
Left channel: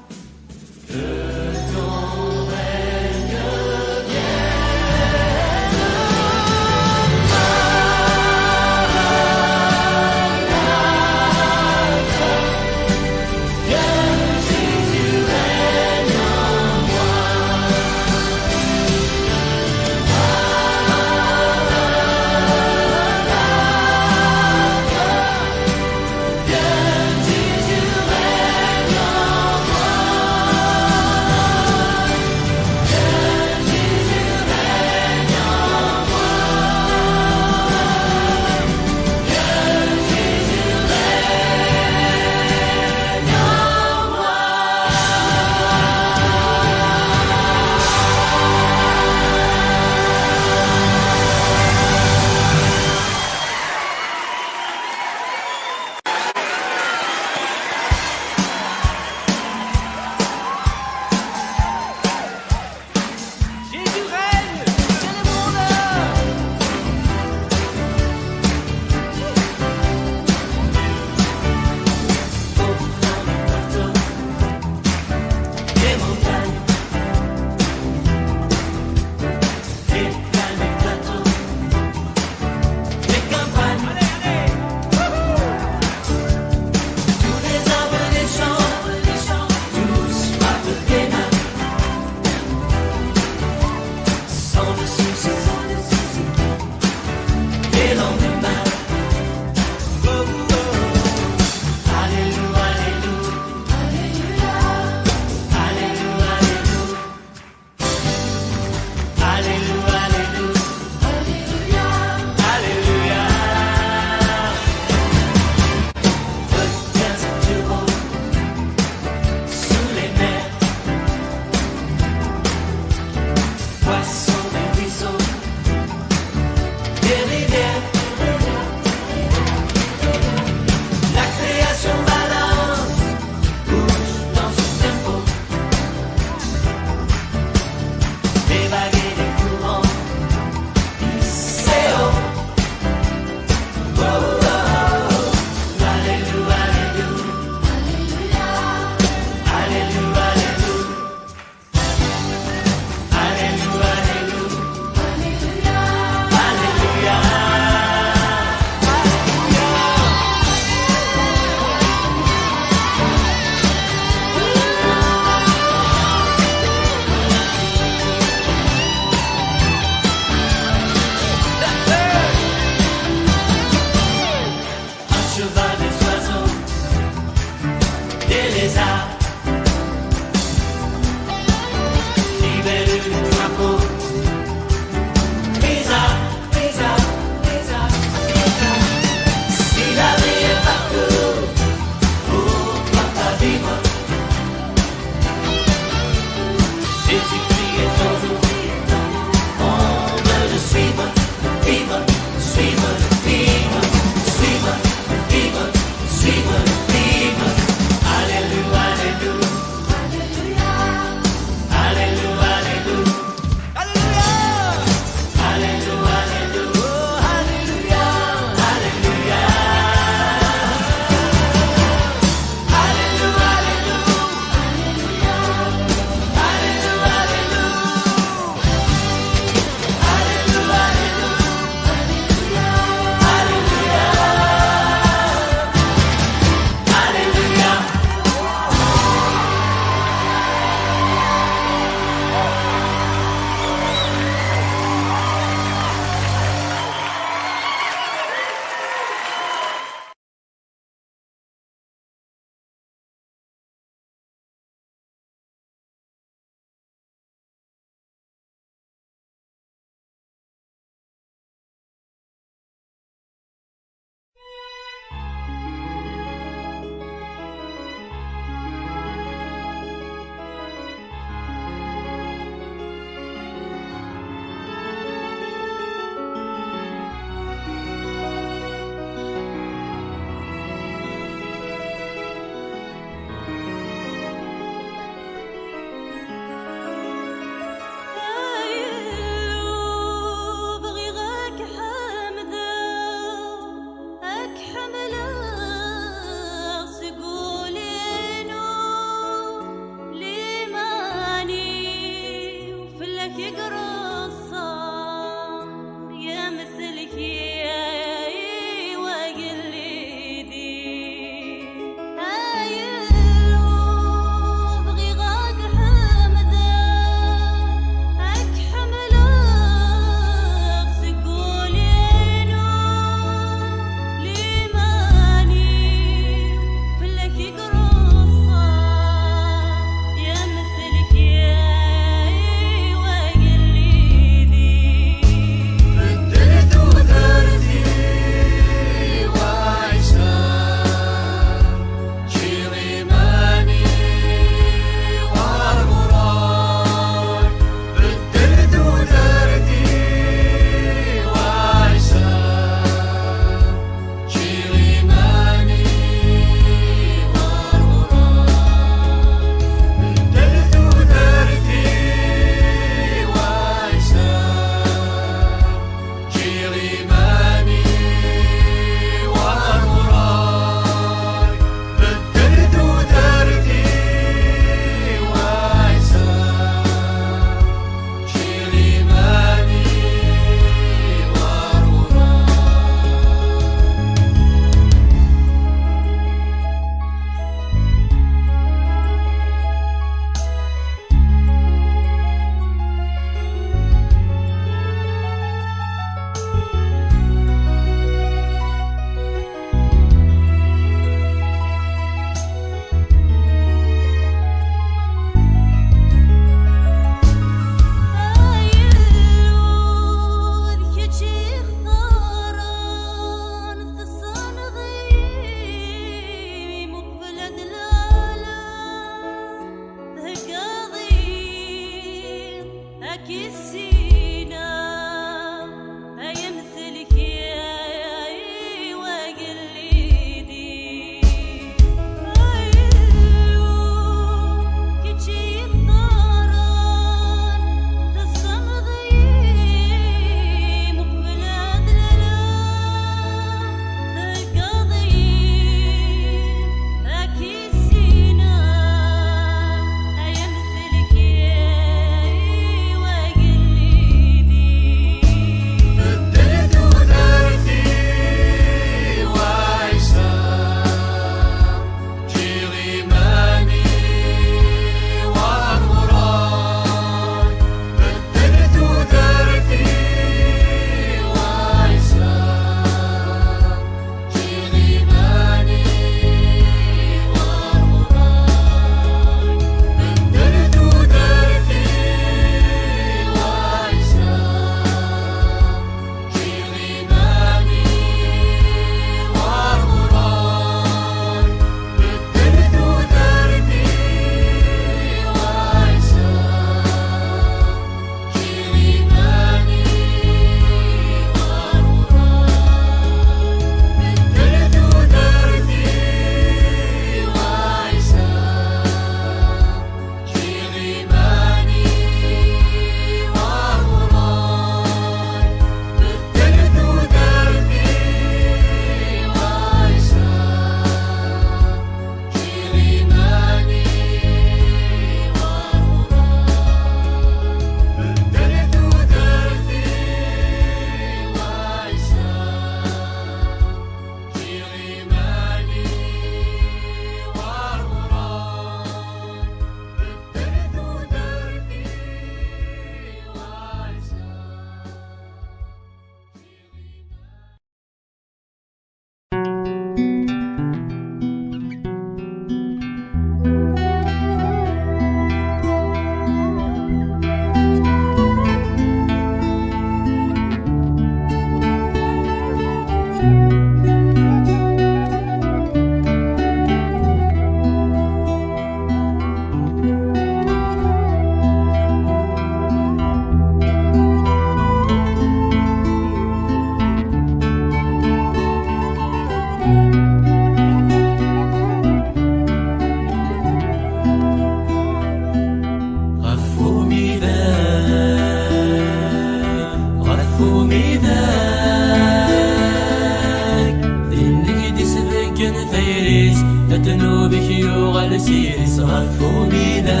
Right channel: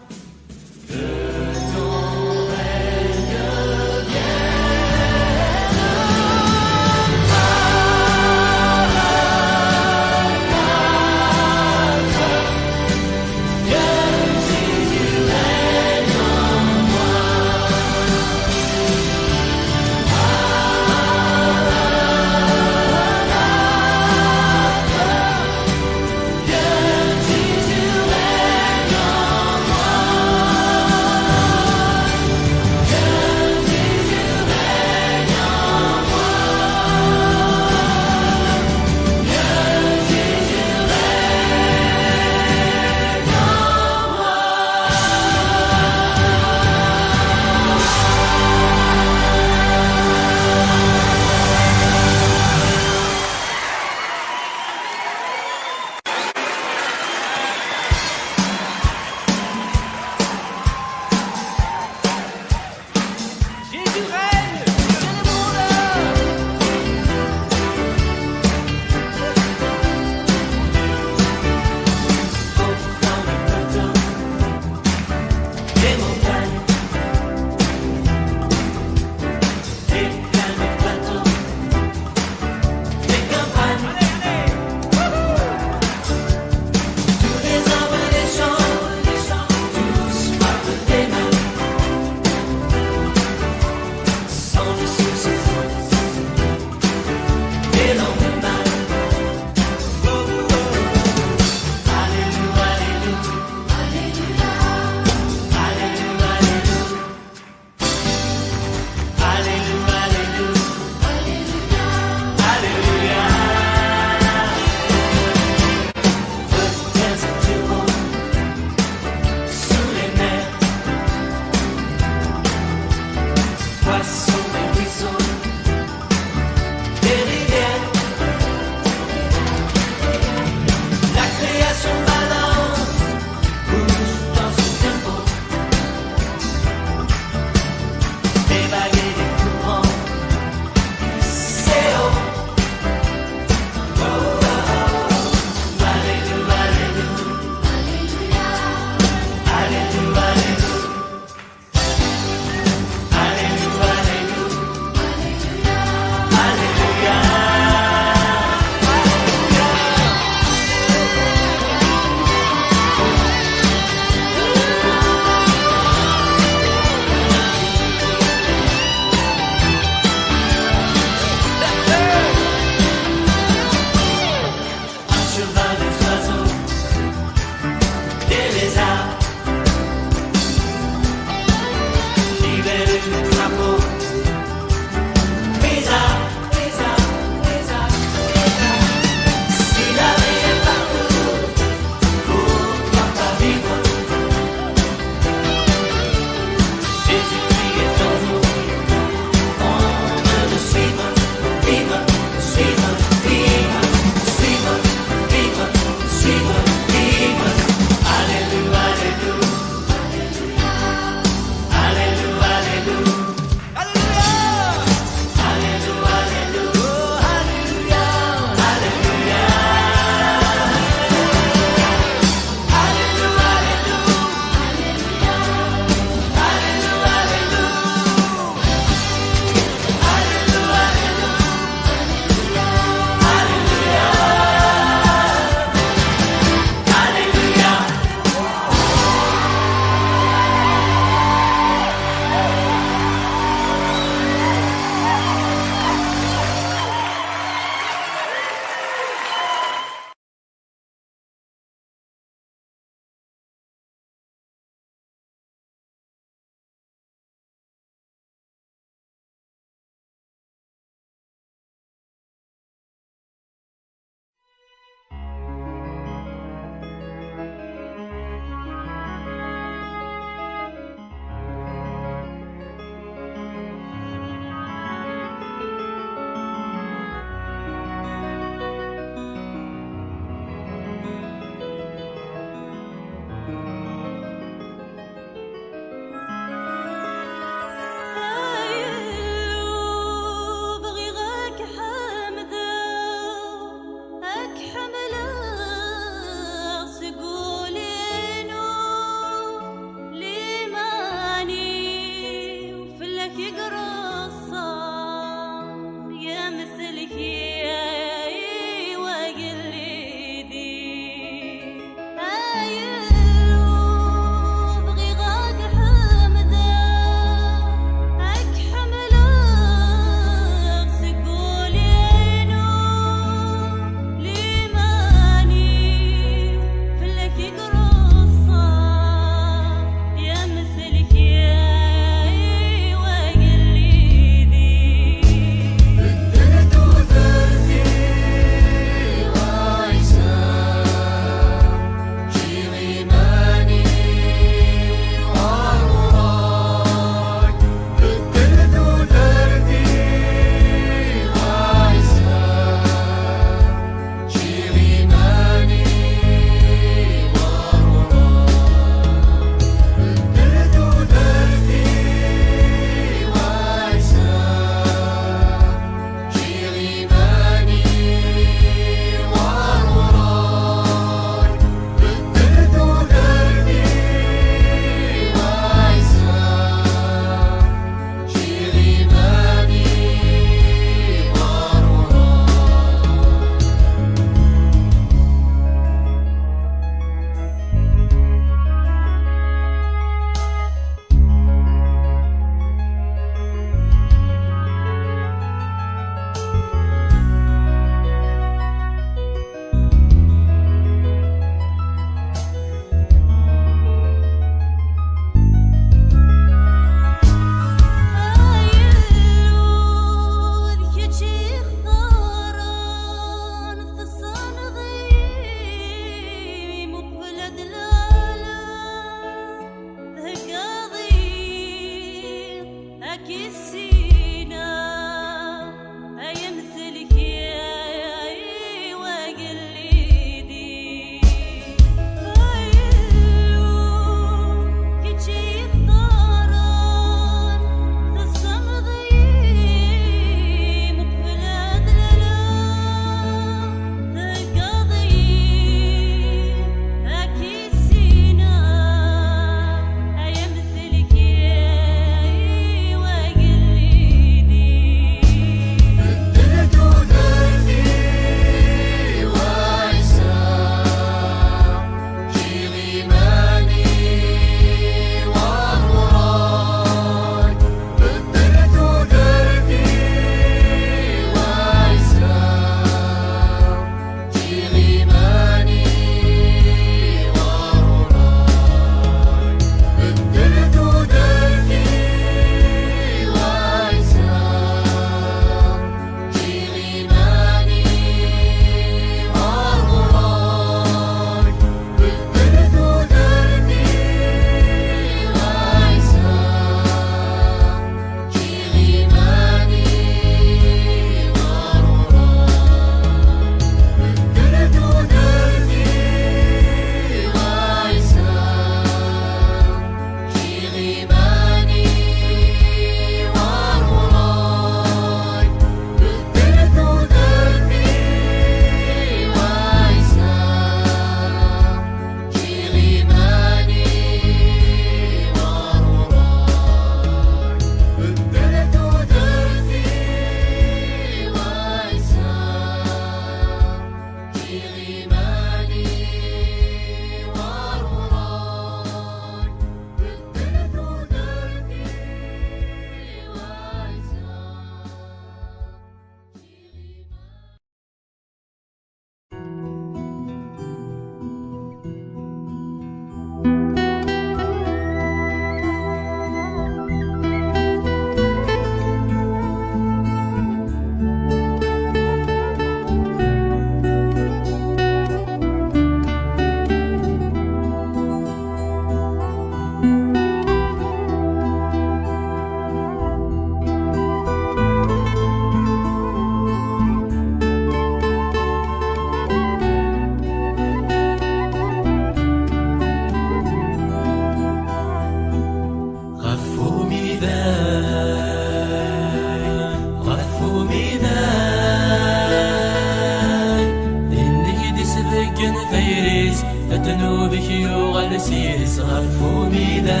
ذنوبك يغل سيرس غفو ميداي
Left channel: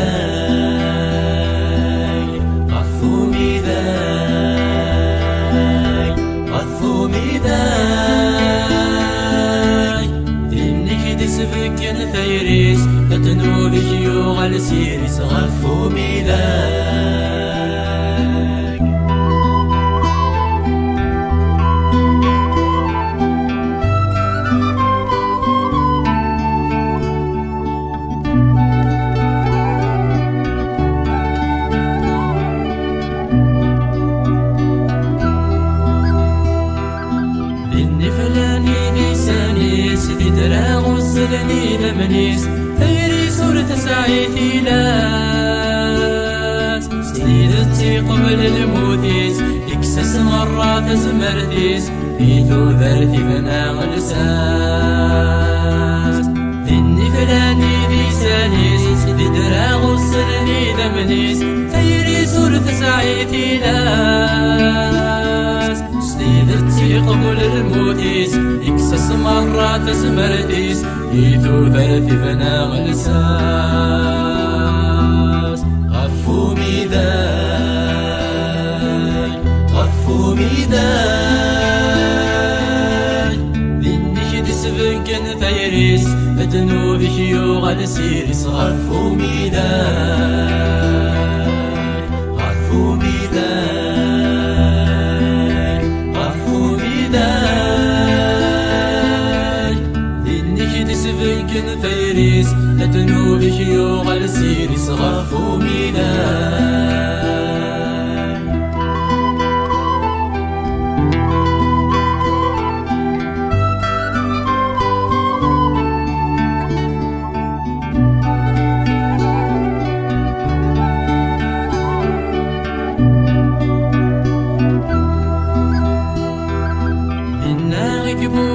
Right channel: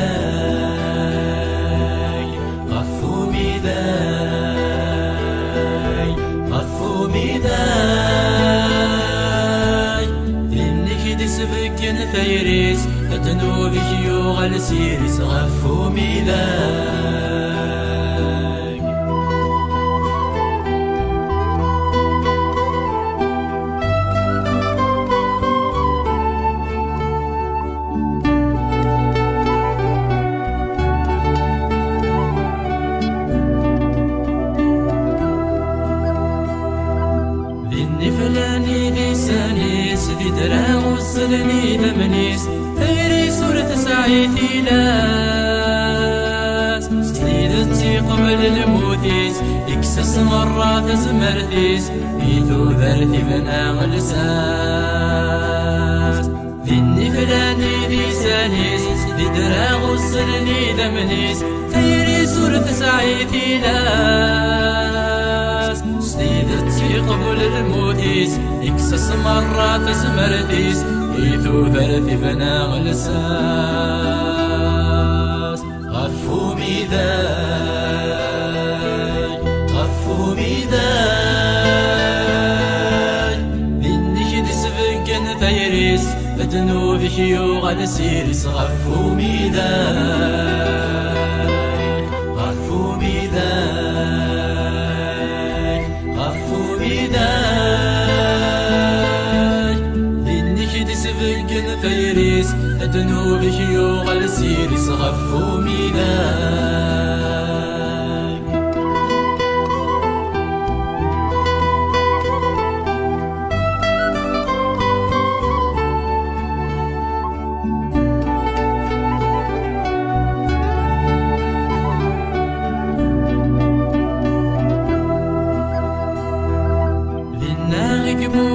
غفو ميداي غفو ميداي إنك دسبك نفيرس ذنوبك يغل سيرس غفو ميداي دراغ وصلني لمنيس غيري صورة سعيتي لاس سيدتي قبل الموتيس اكسس مرات زمرتيس بيتو ذرتي بنا غلساس ذني فلاني لسانيس دراغ وصلني لمنيس غيري صورة سعيتي لاس سيدتي قبل الموتيس اكسس مرات زمرتيس يثو ثلاث بنا غلساس غفو ميداي غفو ميداي ذنك دسفنكن ثيريس ذنوبك يغل سيرس غفو ميداي غفو ميداي غفو ميداي ذنك دسفنكن ثيريس ذنوبك يغل سيرس غفو ميداي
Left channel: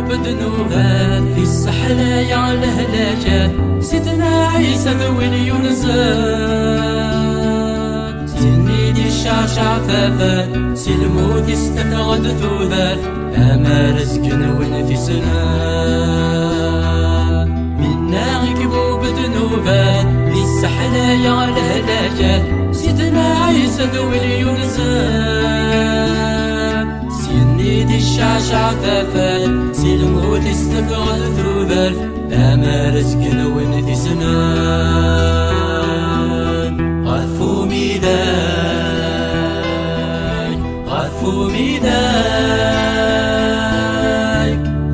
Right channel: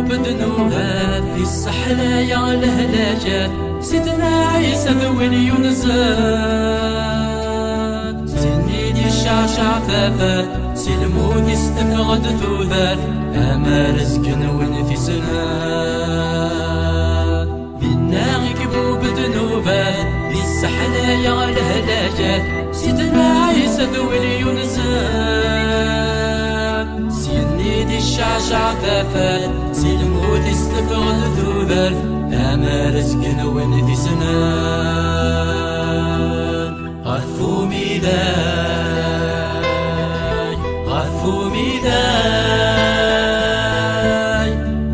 بذنوبات في السحلة يا الهلاجات سيدنا عيسى ذوي اليونزات سنيدي الشعشع فافات سلموت استفغد ثوذات أما رزق ونفي سنات منا غيكبوا بذنوبات في السحلة يا الهلاجات سيدنا عيسى ذوي اليونزات سنيدي الشعشع فافات سلموت استفغد ثوذات أما رزق ونفي سنان غفو ميداي غفو ميداي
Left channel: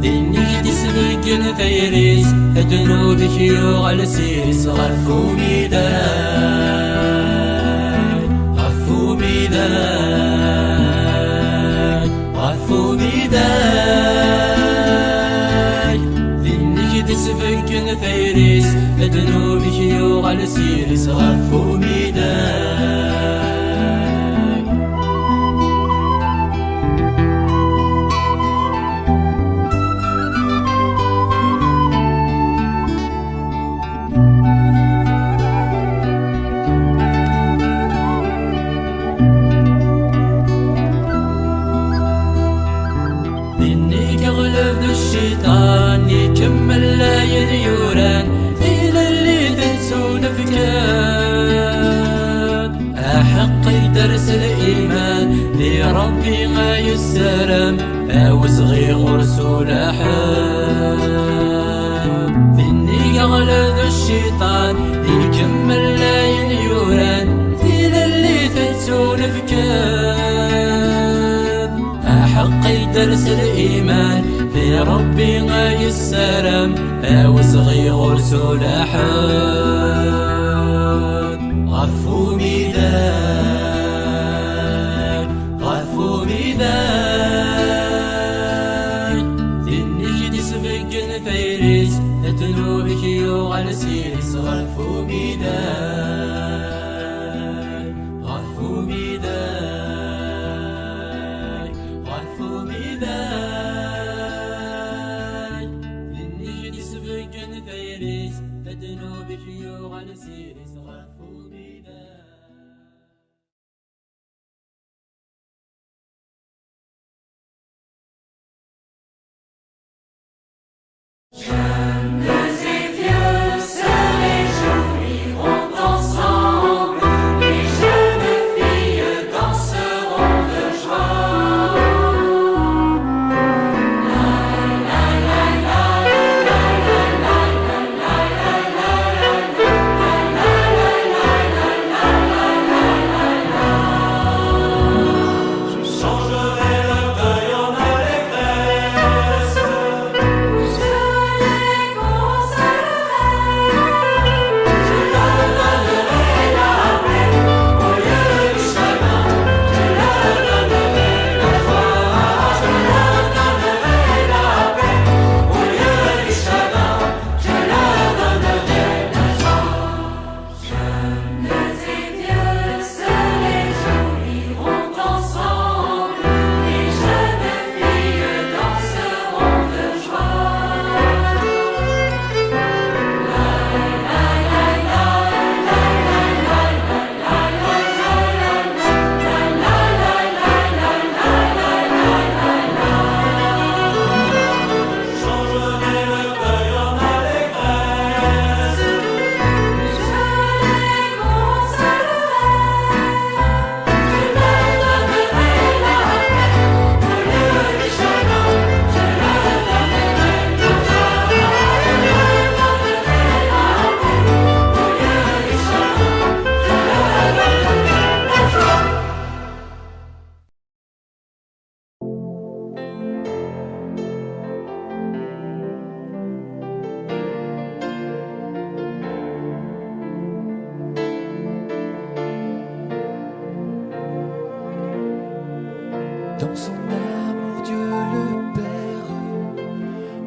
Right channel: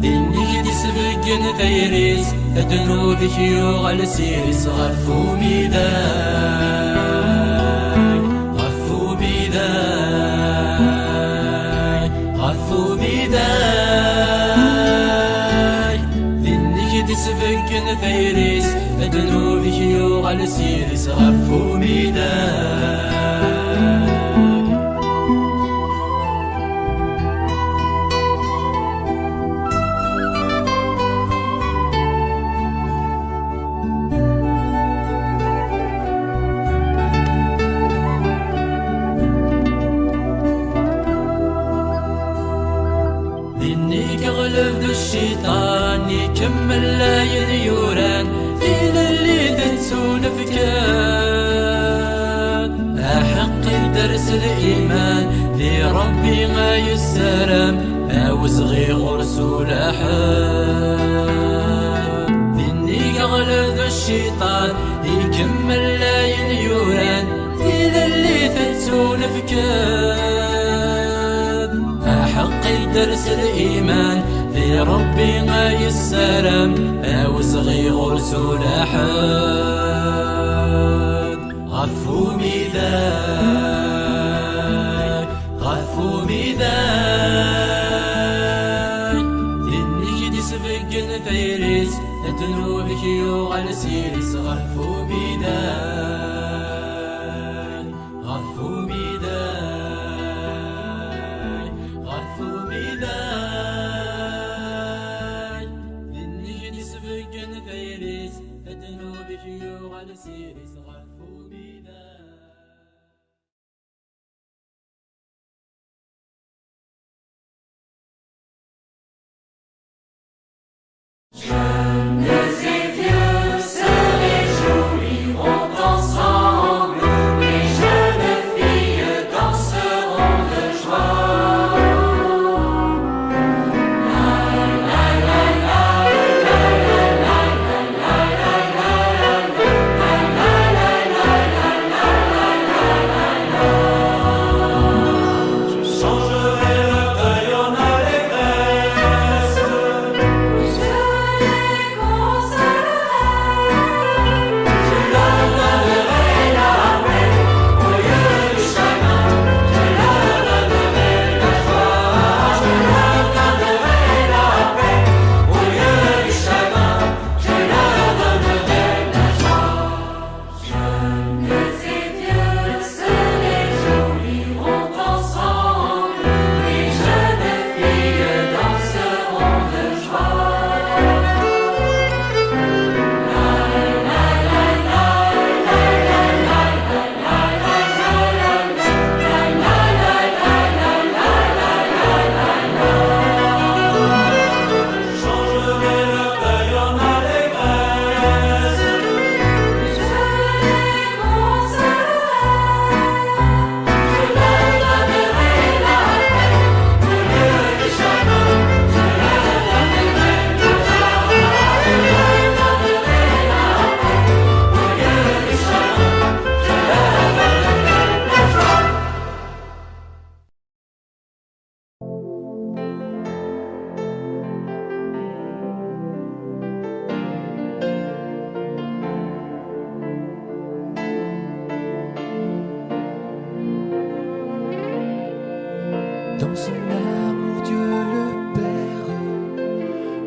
ذنك دسبقن ثيريس ذنوبك يغل سيرس غفو ميداي غفو ميداي غفو ميداي ذنك دسبقن ثيريس ذنوبك يغل سيرس غفو ميداي ذنك غلب الشيطان يكمل لا ينيوران إلى اللي ذنسون فكان أحق درس الإيمان ذي ربي ما يسرم أوزغي غرسو لحام ذنك غلب الشيطان يكمل لا ينيوران إلى اللي ذنسون فكان أحق درس الإيمان في ربي غاي السلام أوزغي غرسو لحد غفو ميداي غفو ميداي ذنك دسبقن ثيريس ذنوبك يغل سيرس غفو ميداي غفو ميداي غفو ميداي ذنك دسبقن ثيريس ذنوبك يغل سيرس غفو ميداي Je me souviens Dans son amour, Dieu le Père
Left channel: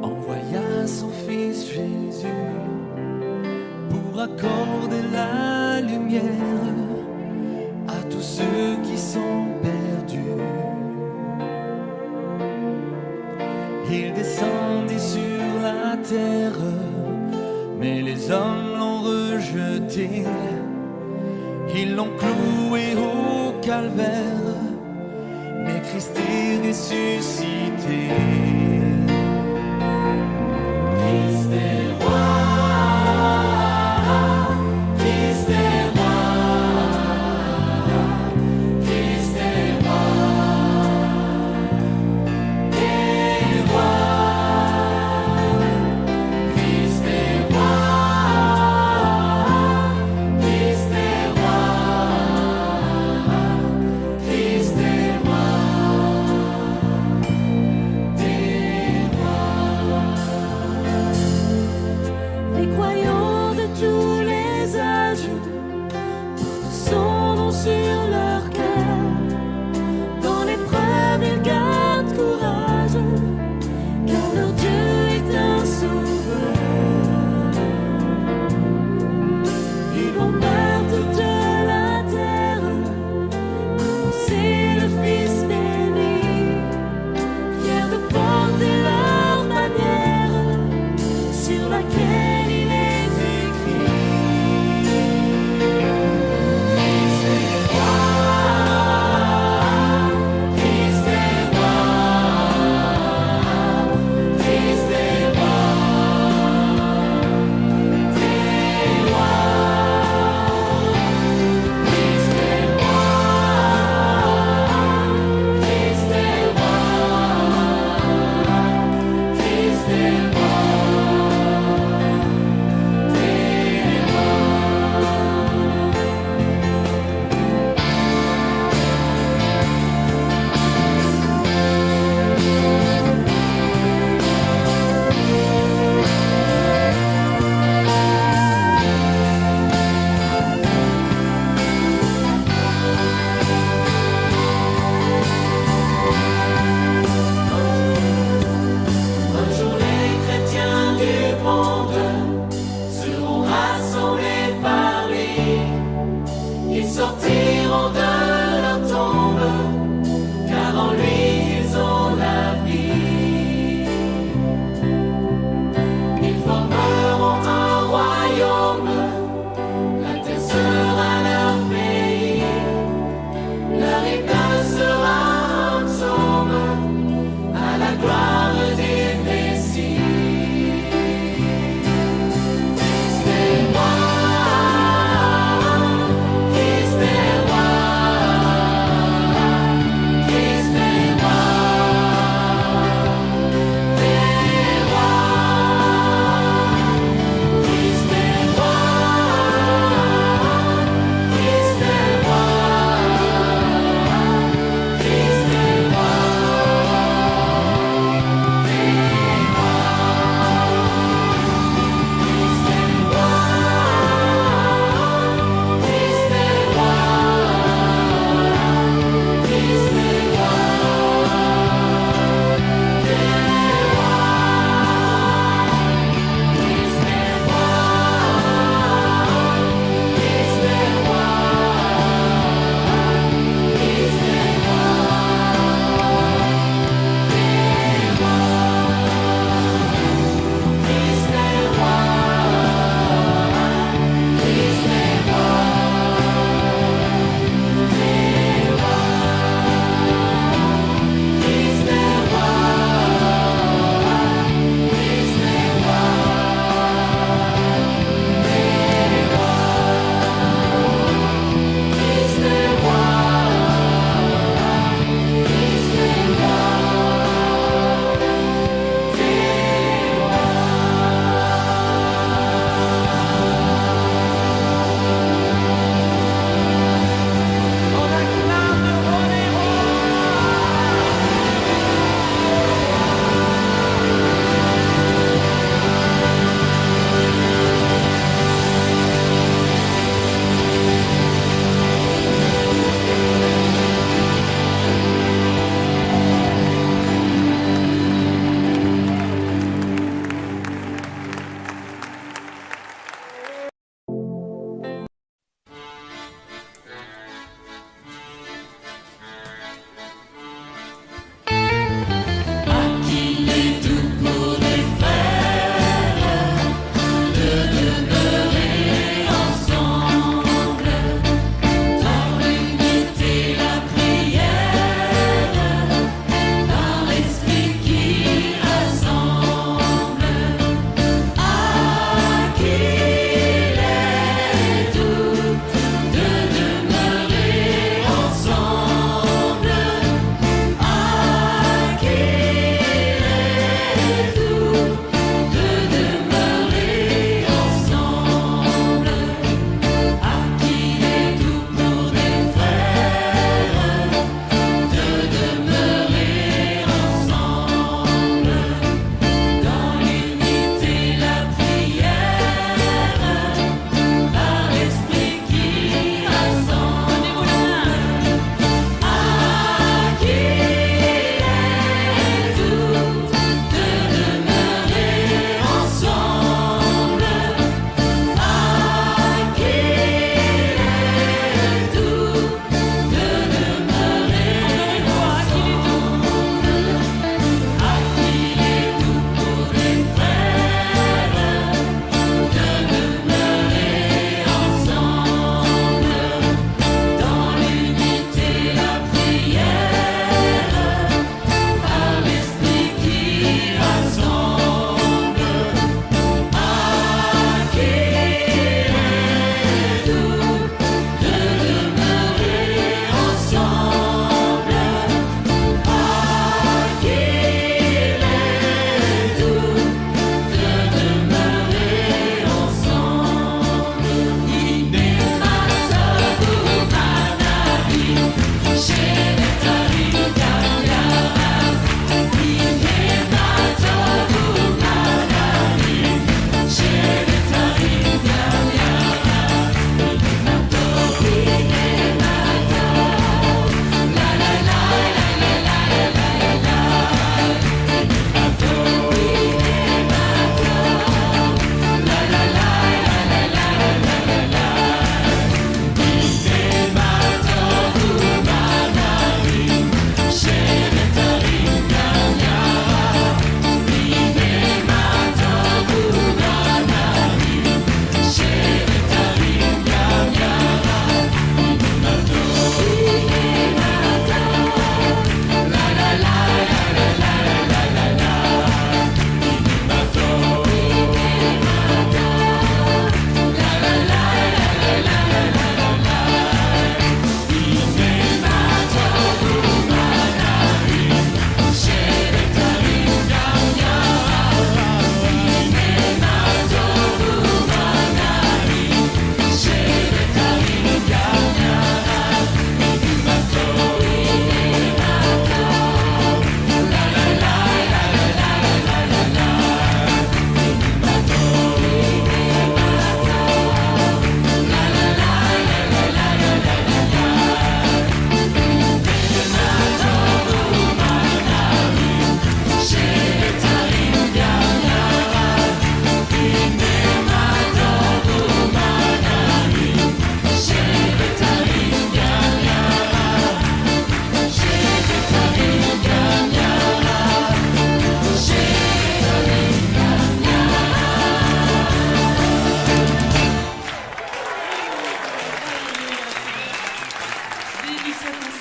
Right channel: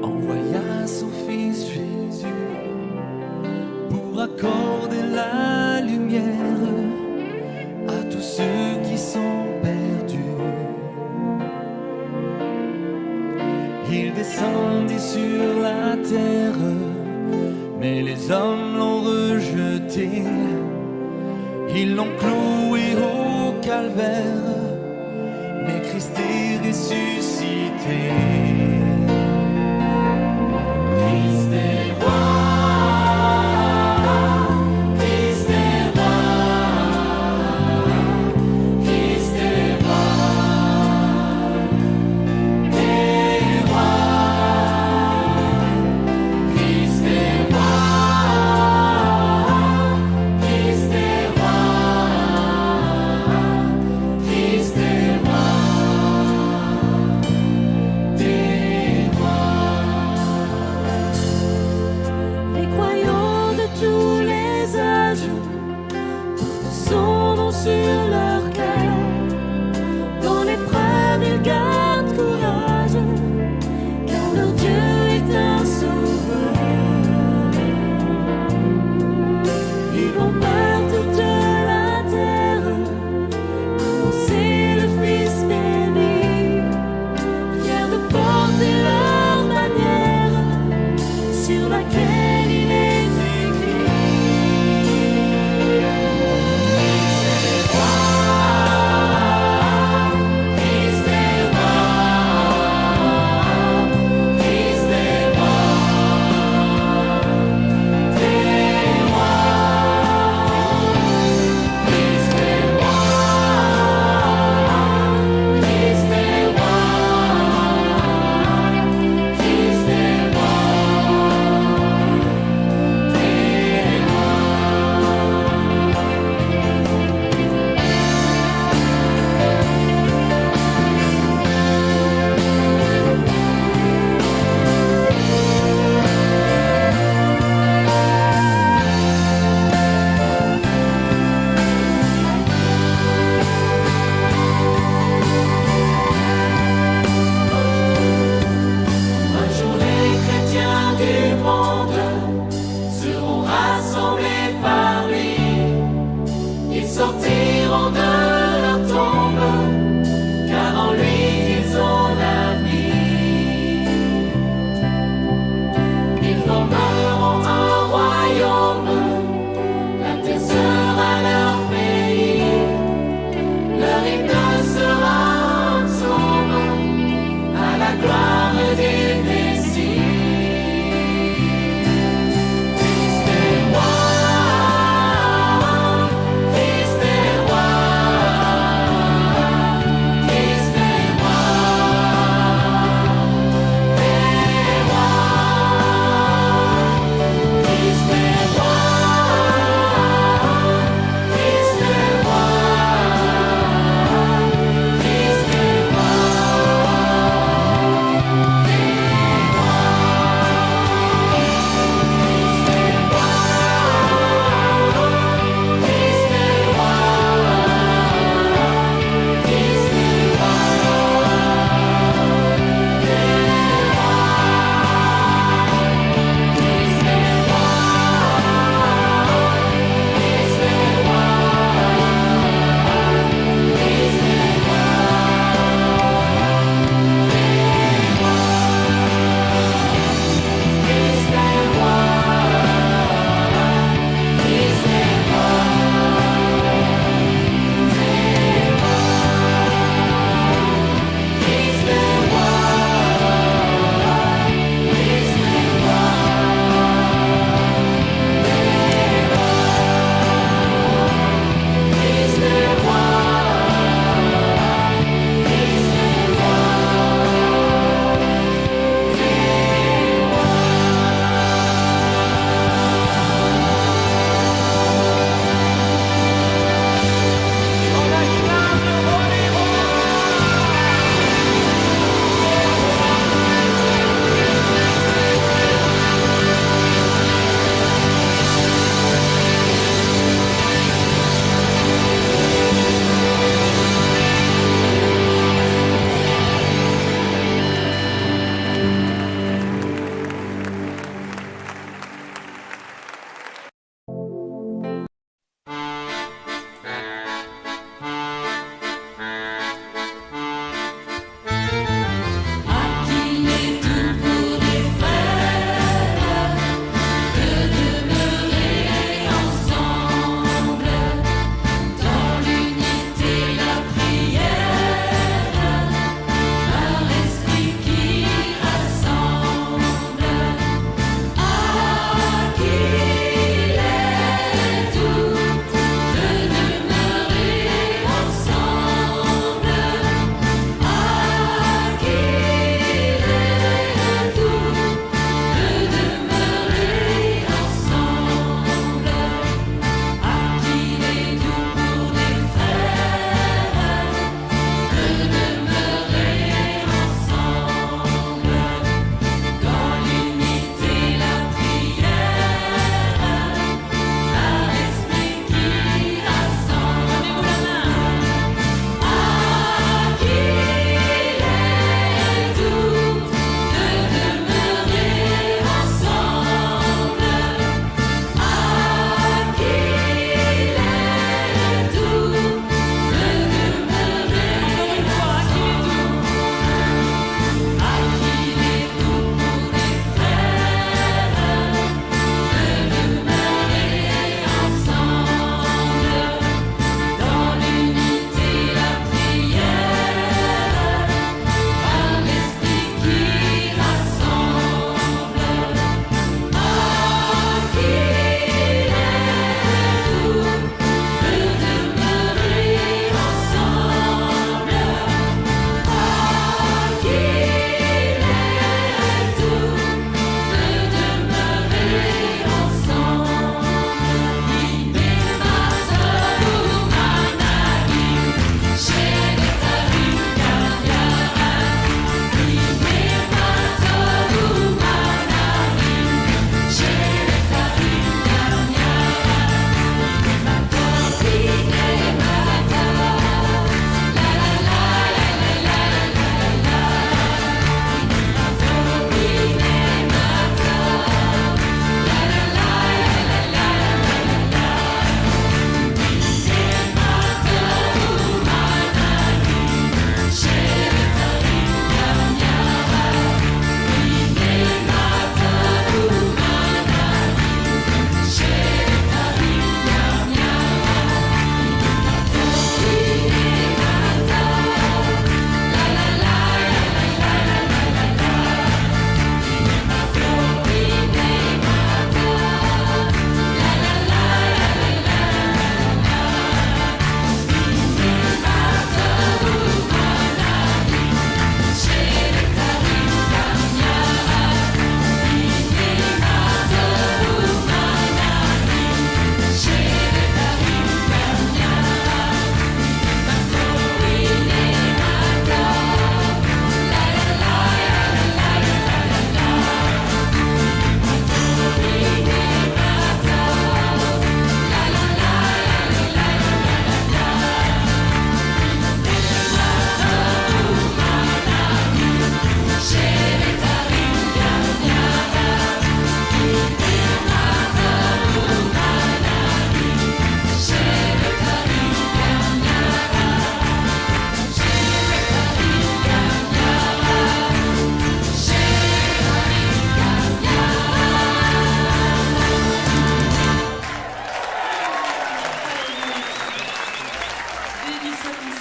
envoya son Fils Jésus pour accorder la lumière à tous ceux qui sont perdus. Il descendit sur la terre, mais les hommes l'ont rejeté. Ils l'ont cloué au calvaire, mais Christ est ressuscité. Christ est roi. Christ est roi. Christ est roi. Est roi. Christ est roi. Christ est roi. Christ est roi. Les croyants de tous les âges portent son nom sur leur cœur. Dans l'épreuve, ils gardent courage, car leur Dieu est un sauveur. Ils vont par toute la terre annoncer le Fils béni, fiers de porter leur bannière sur laquelle il est écrit.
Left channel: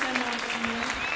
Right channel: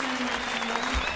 Seigneur.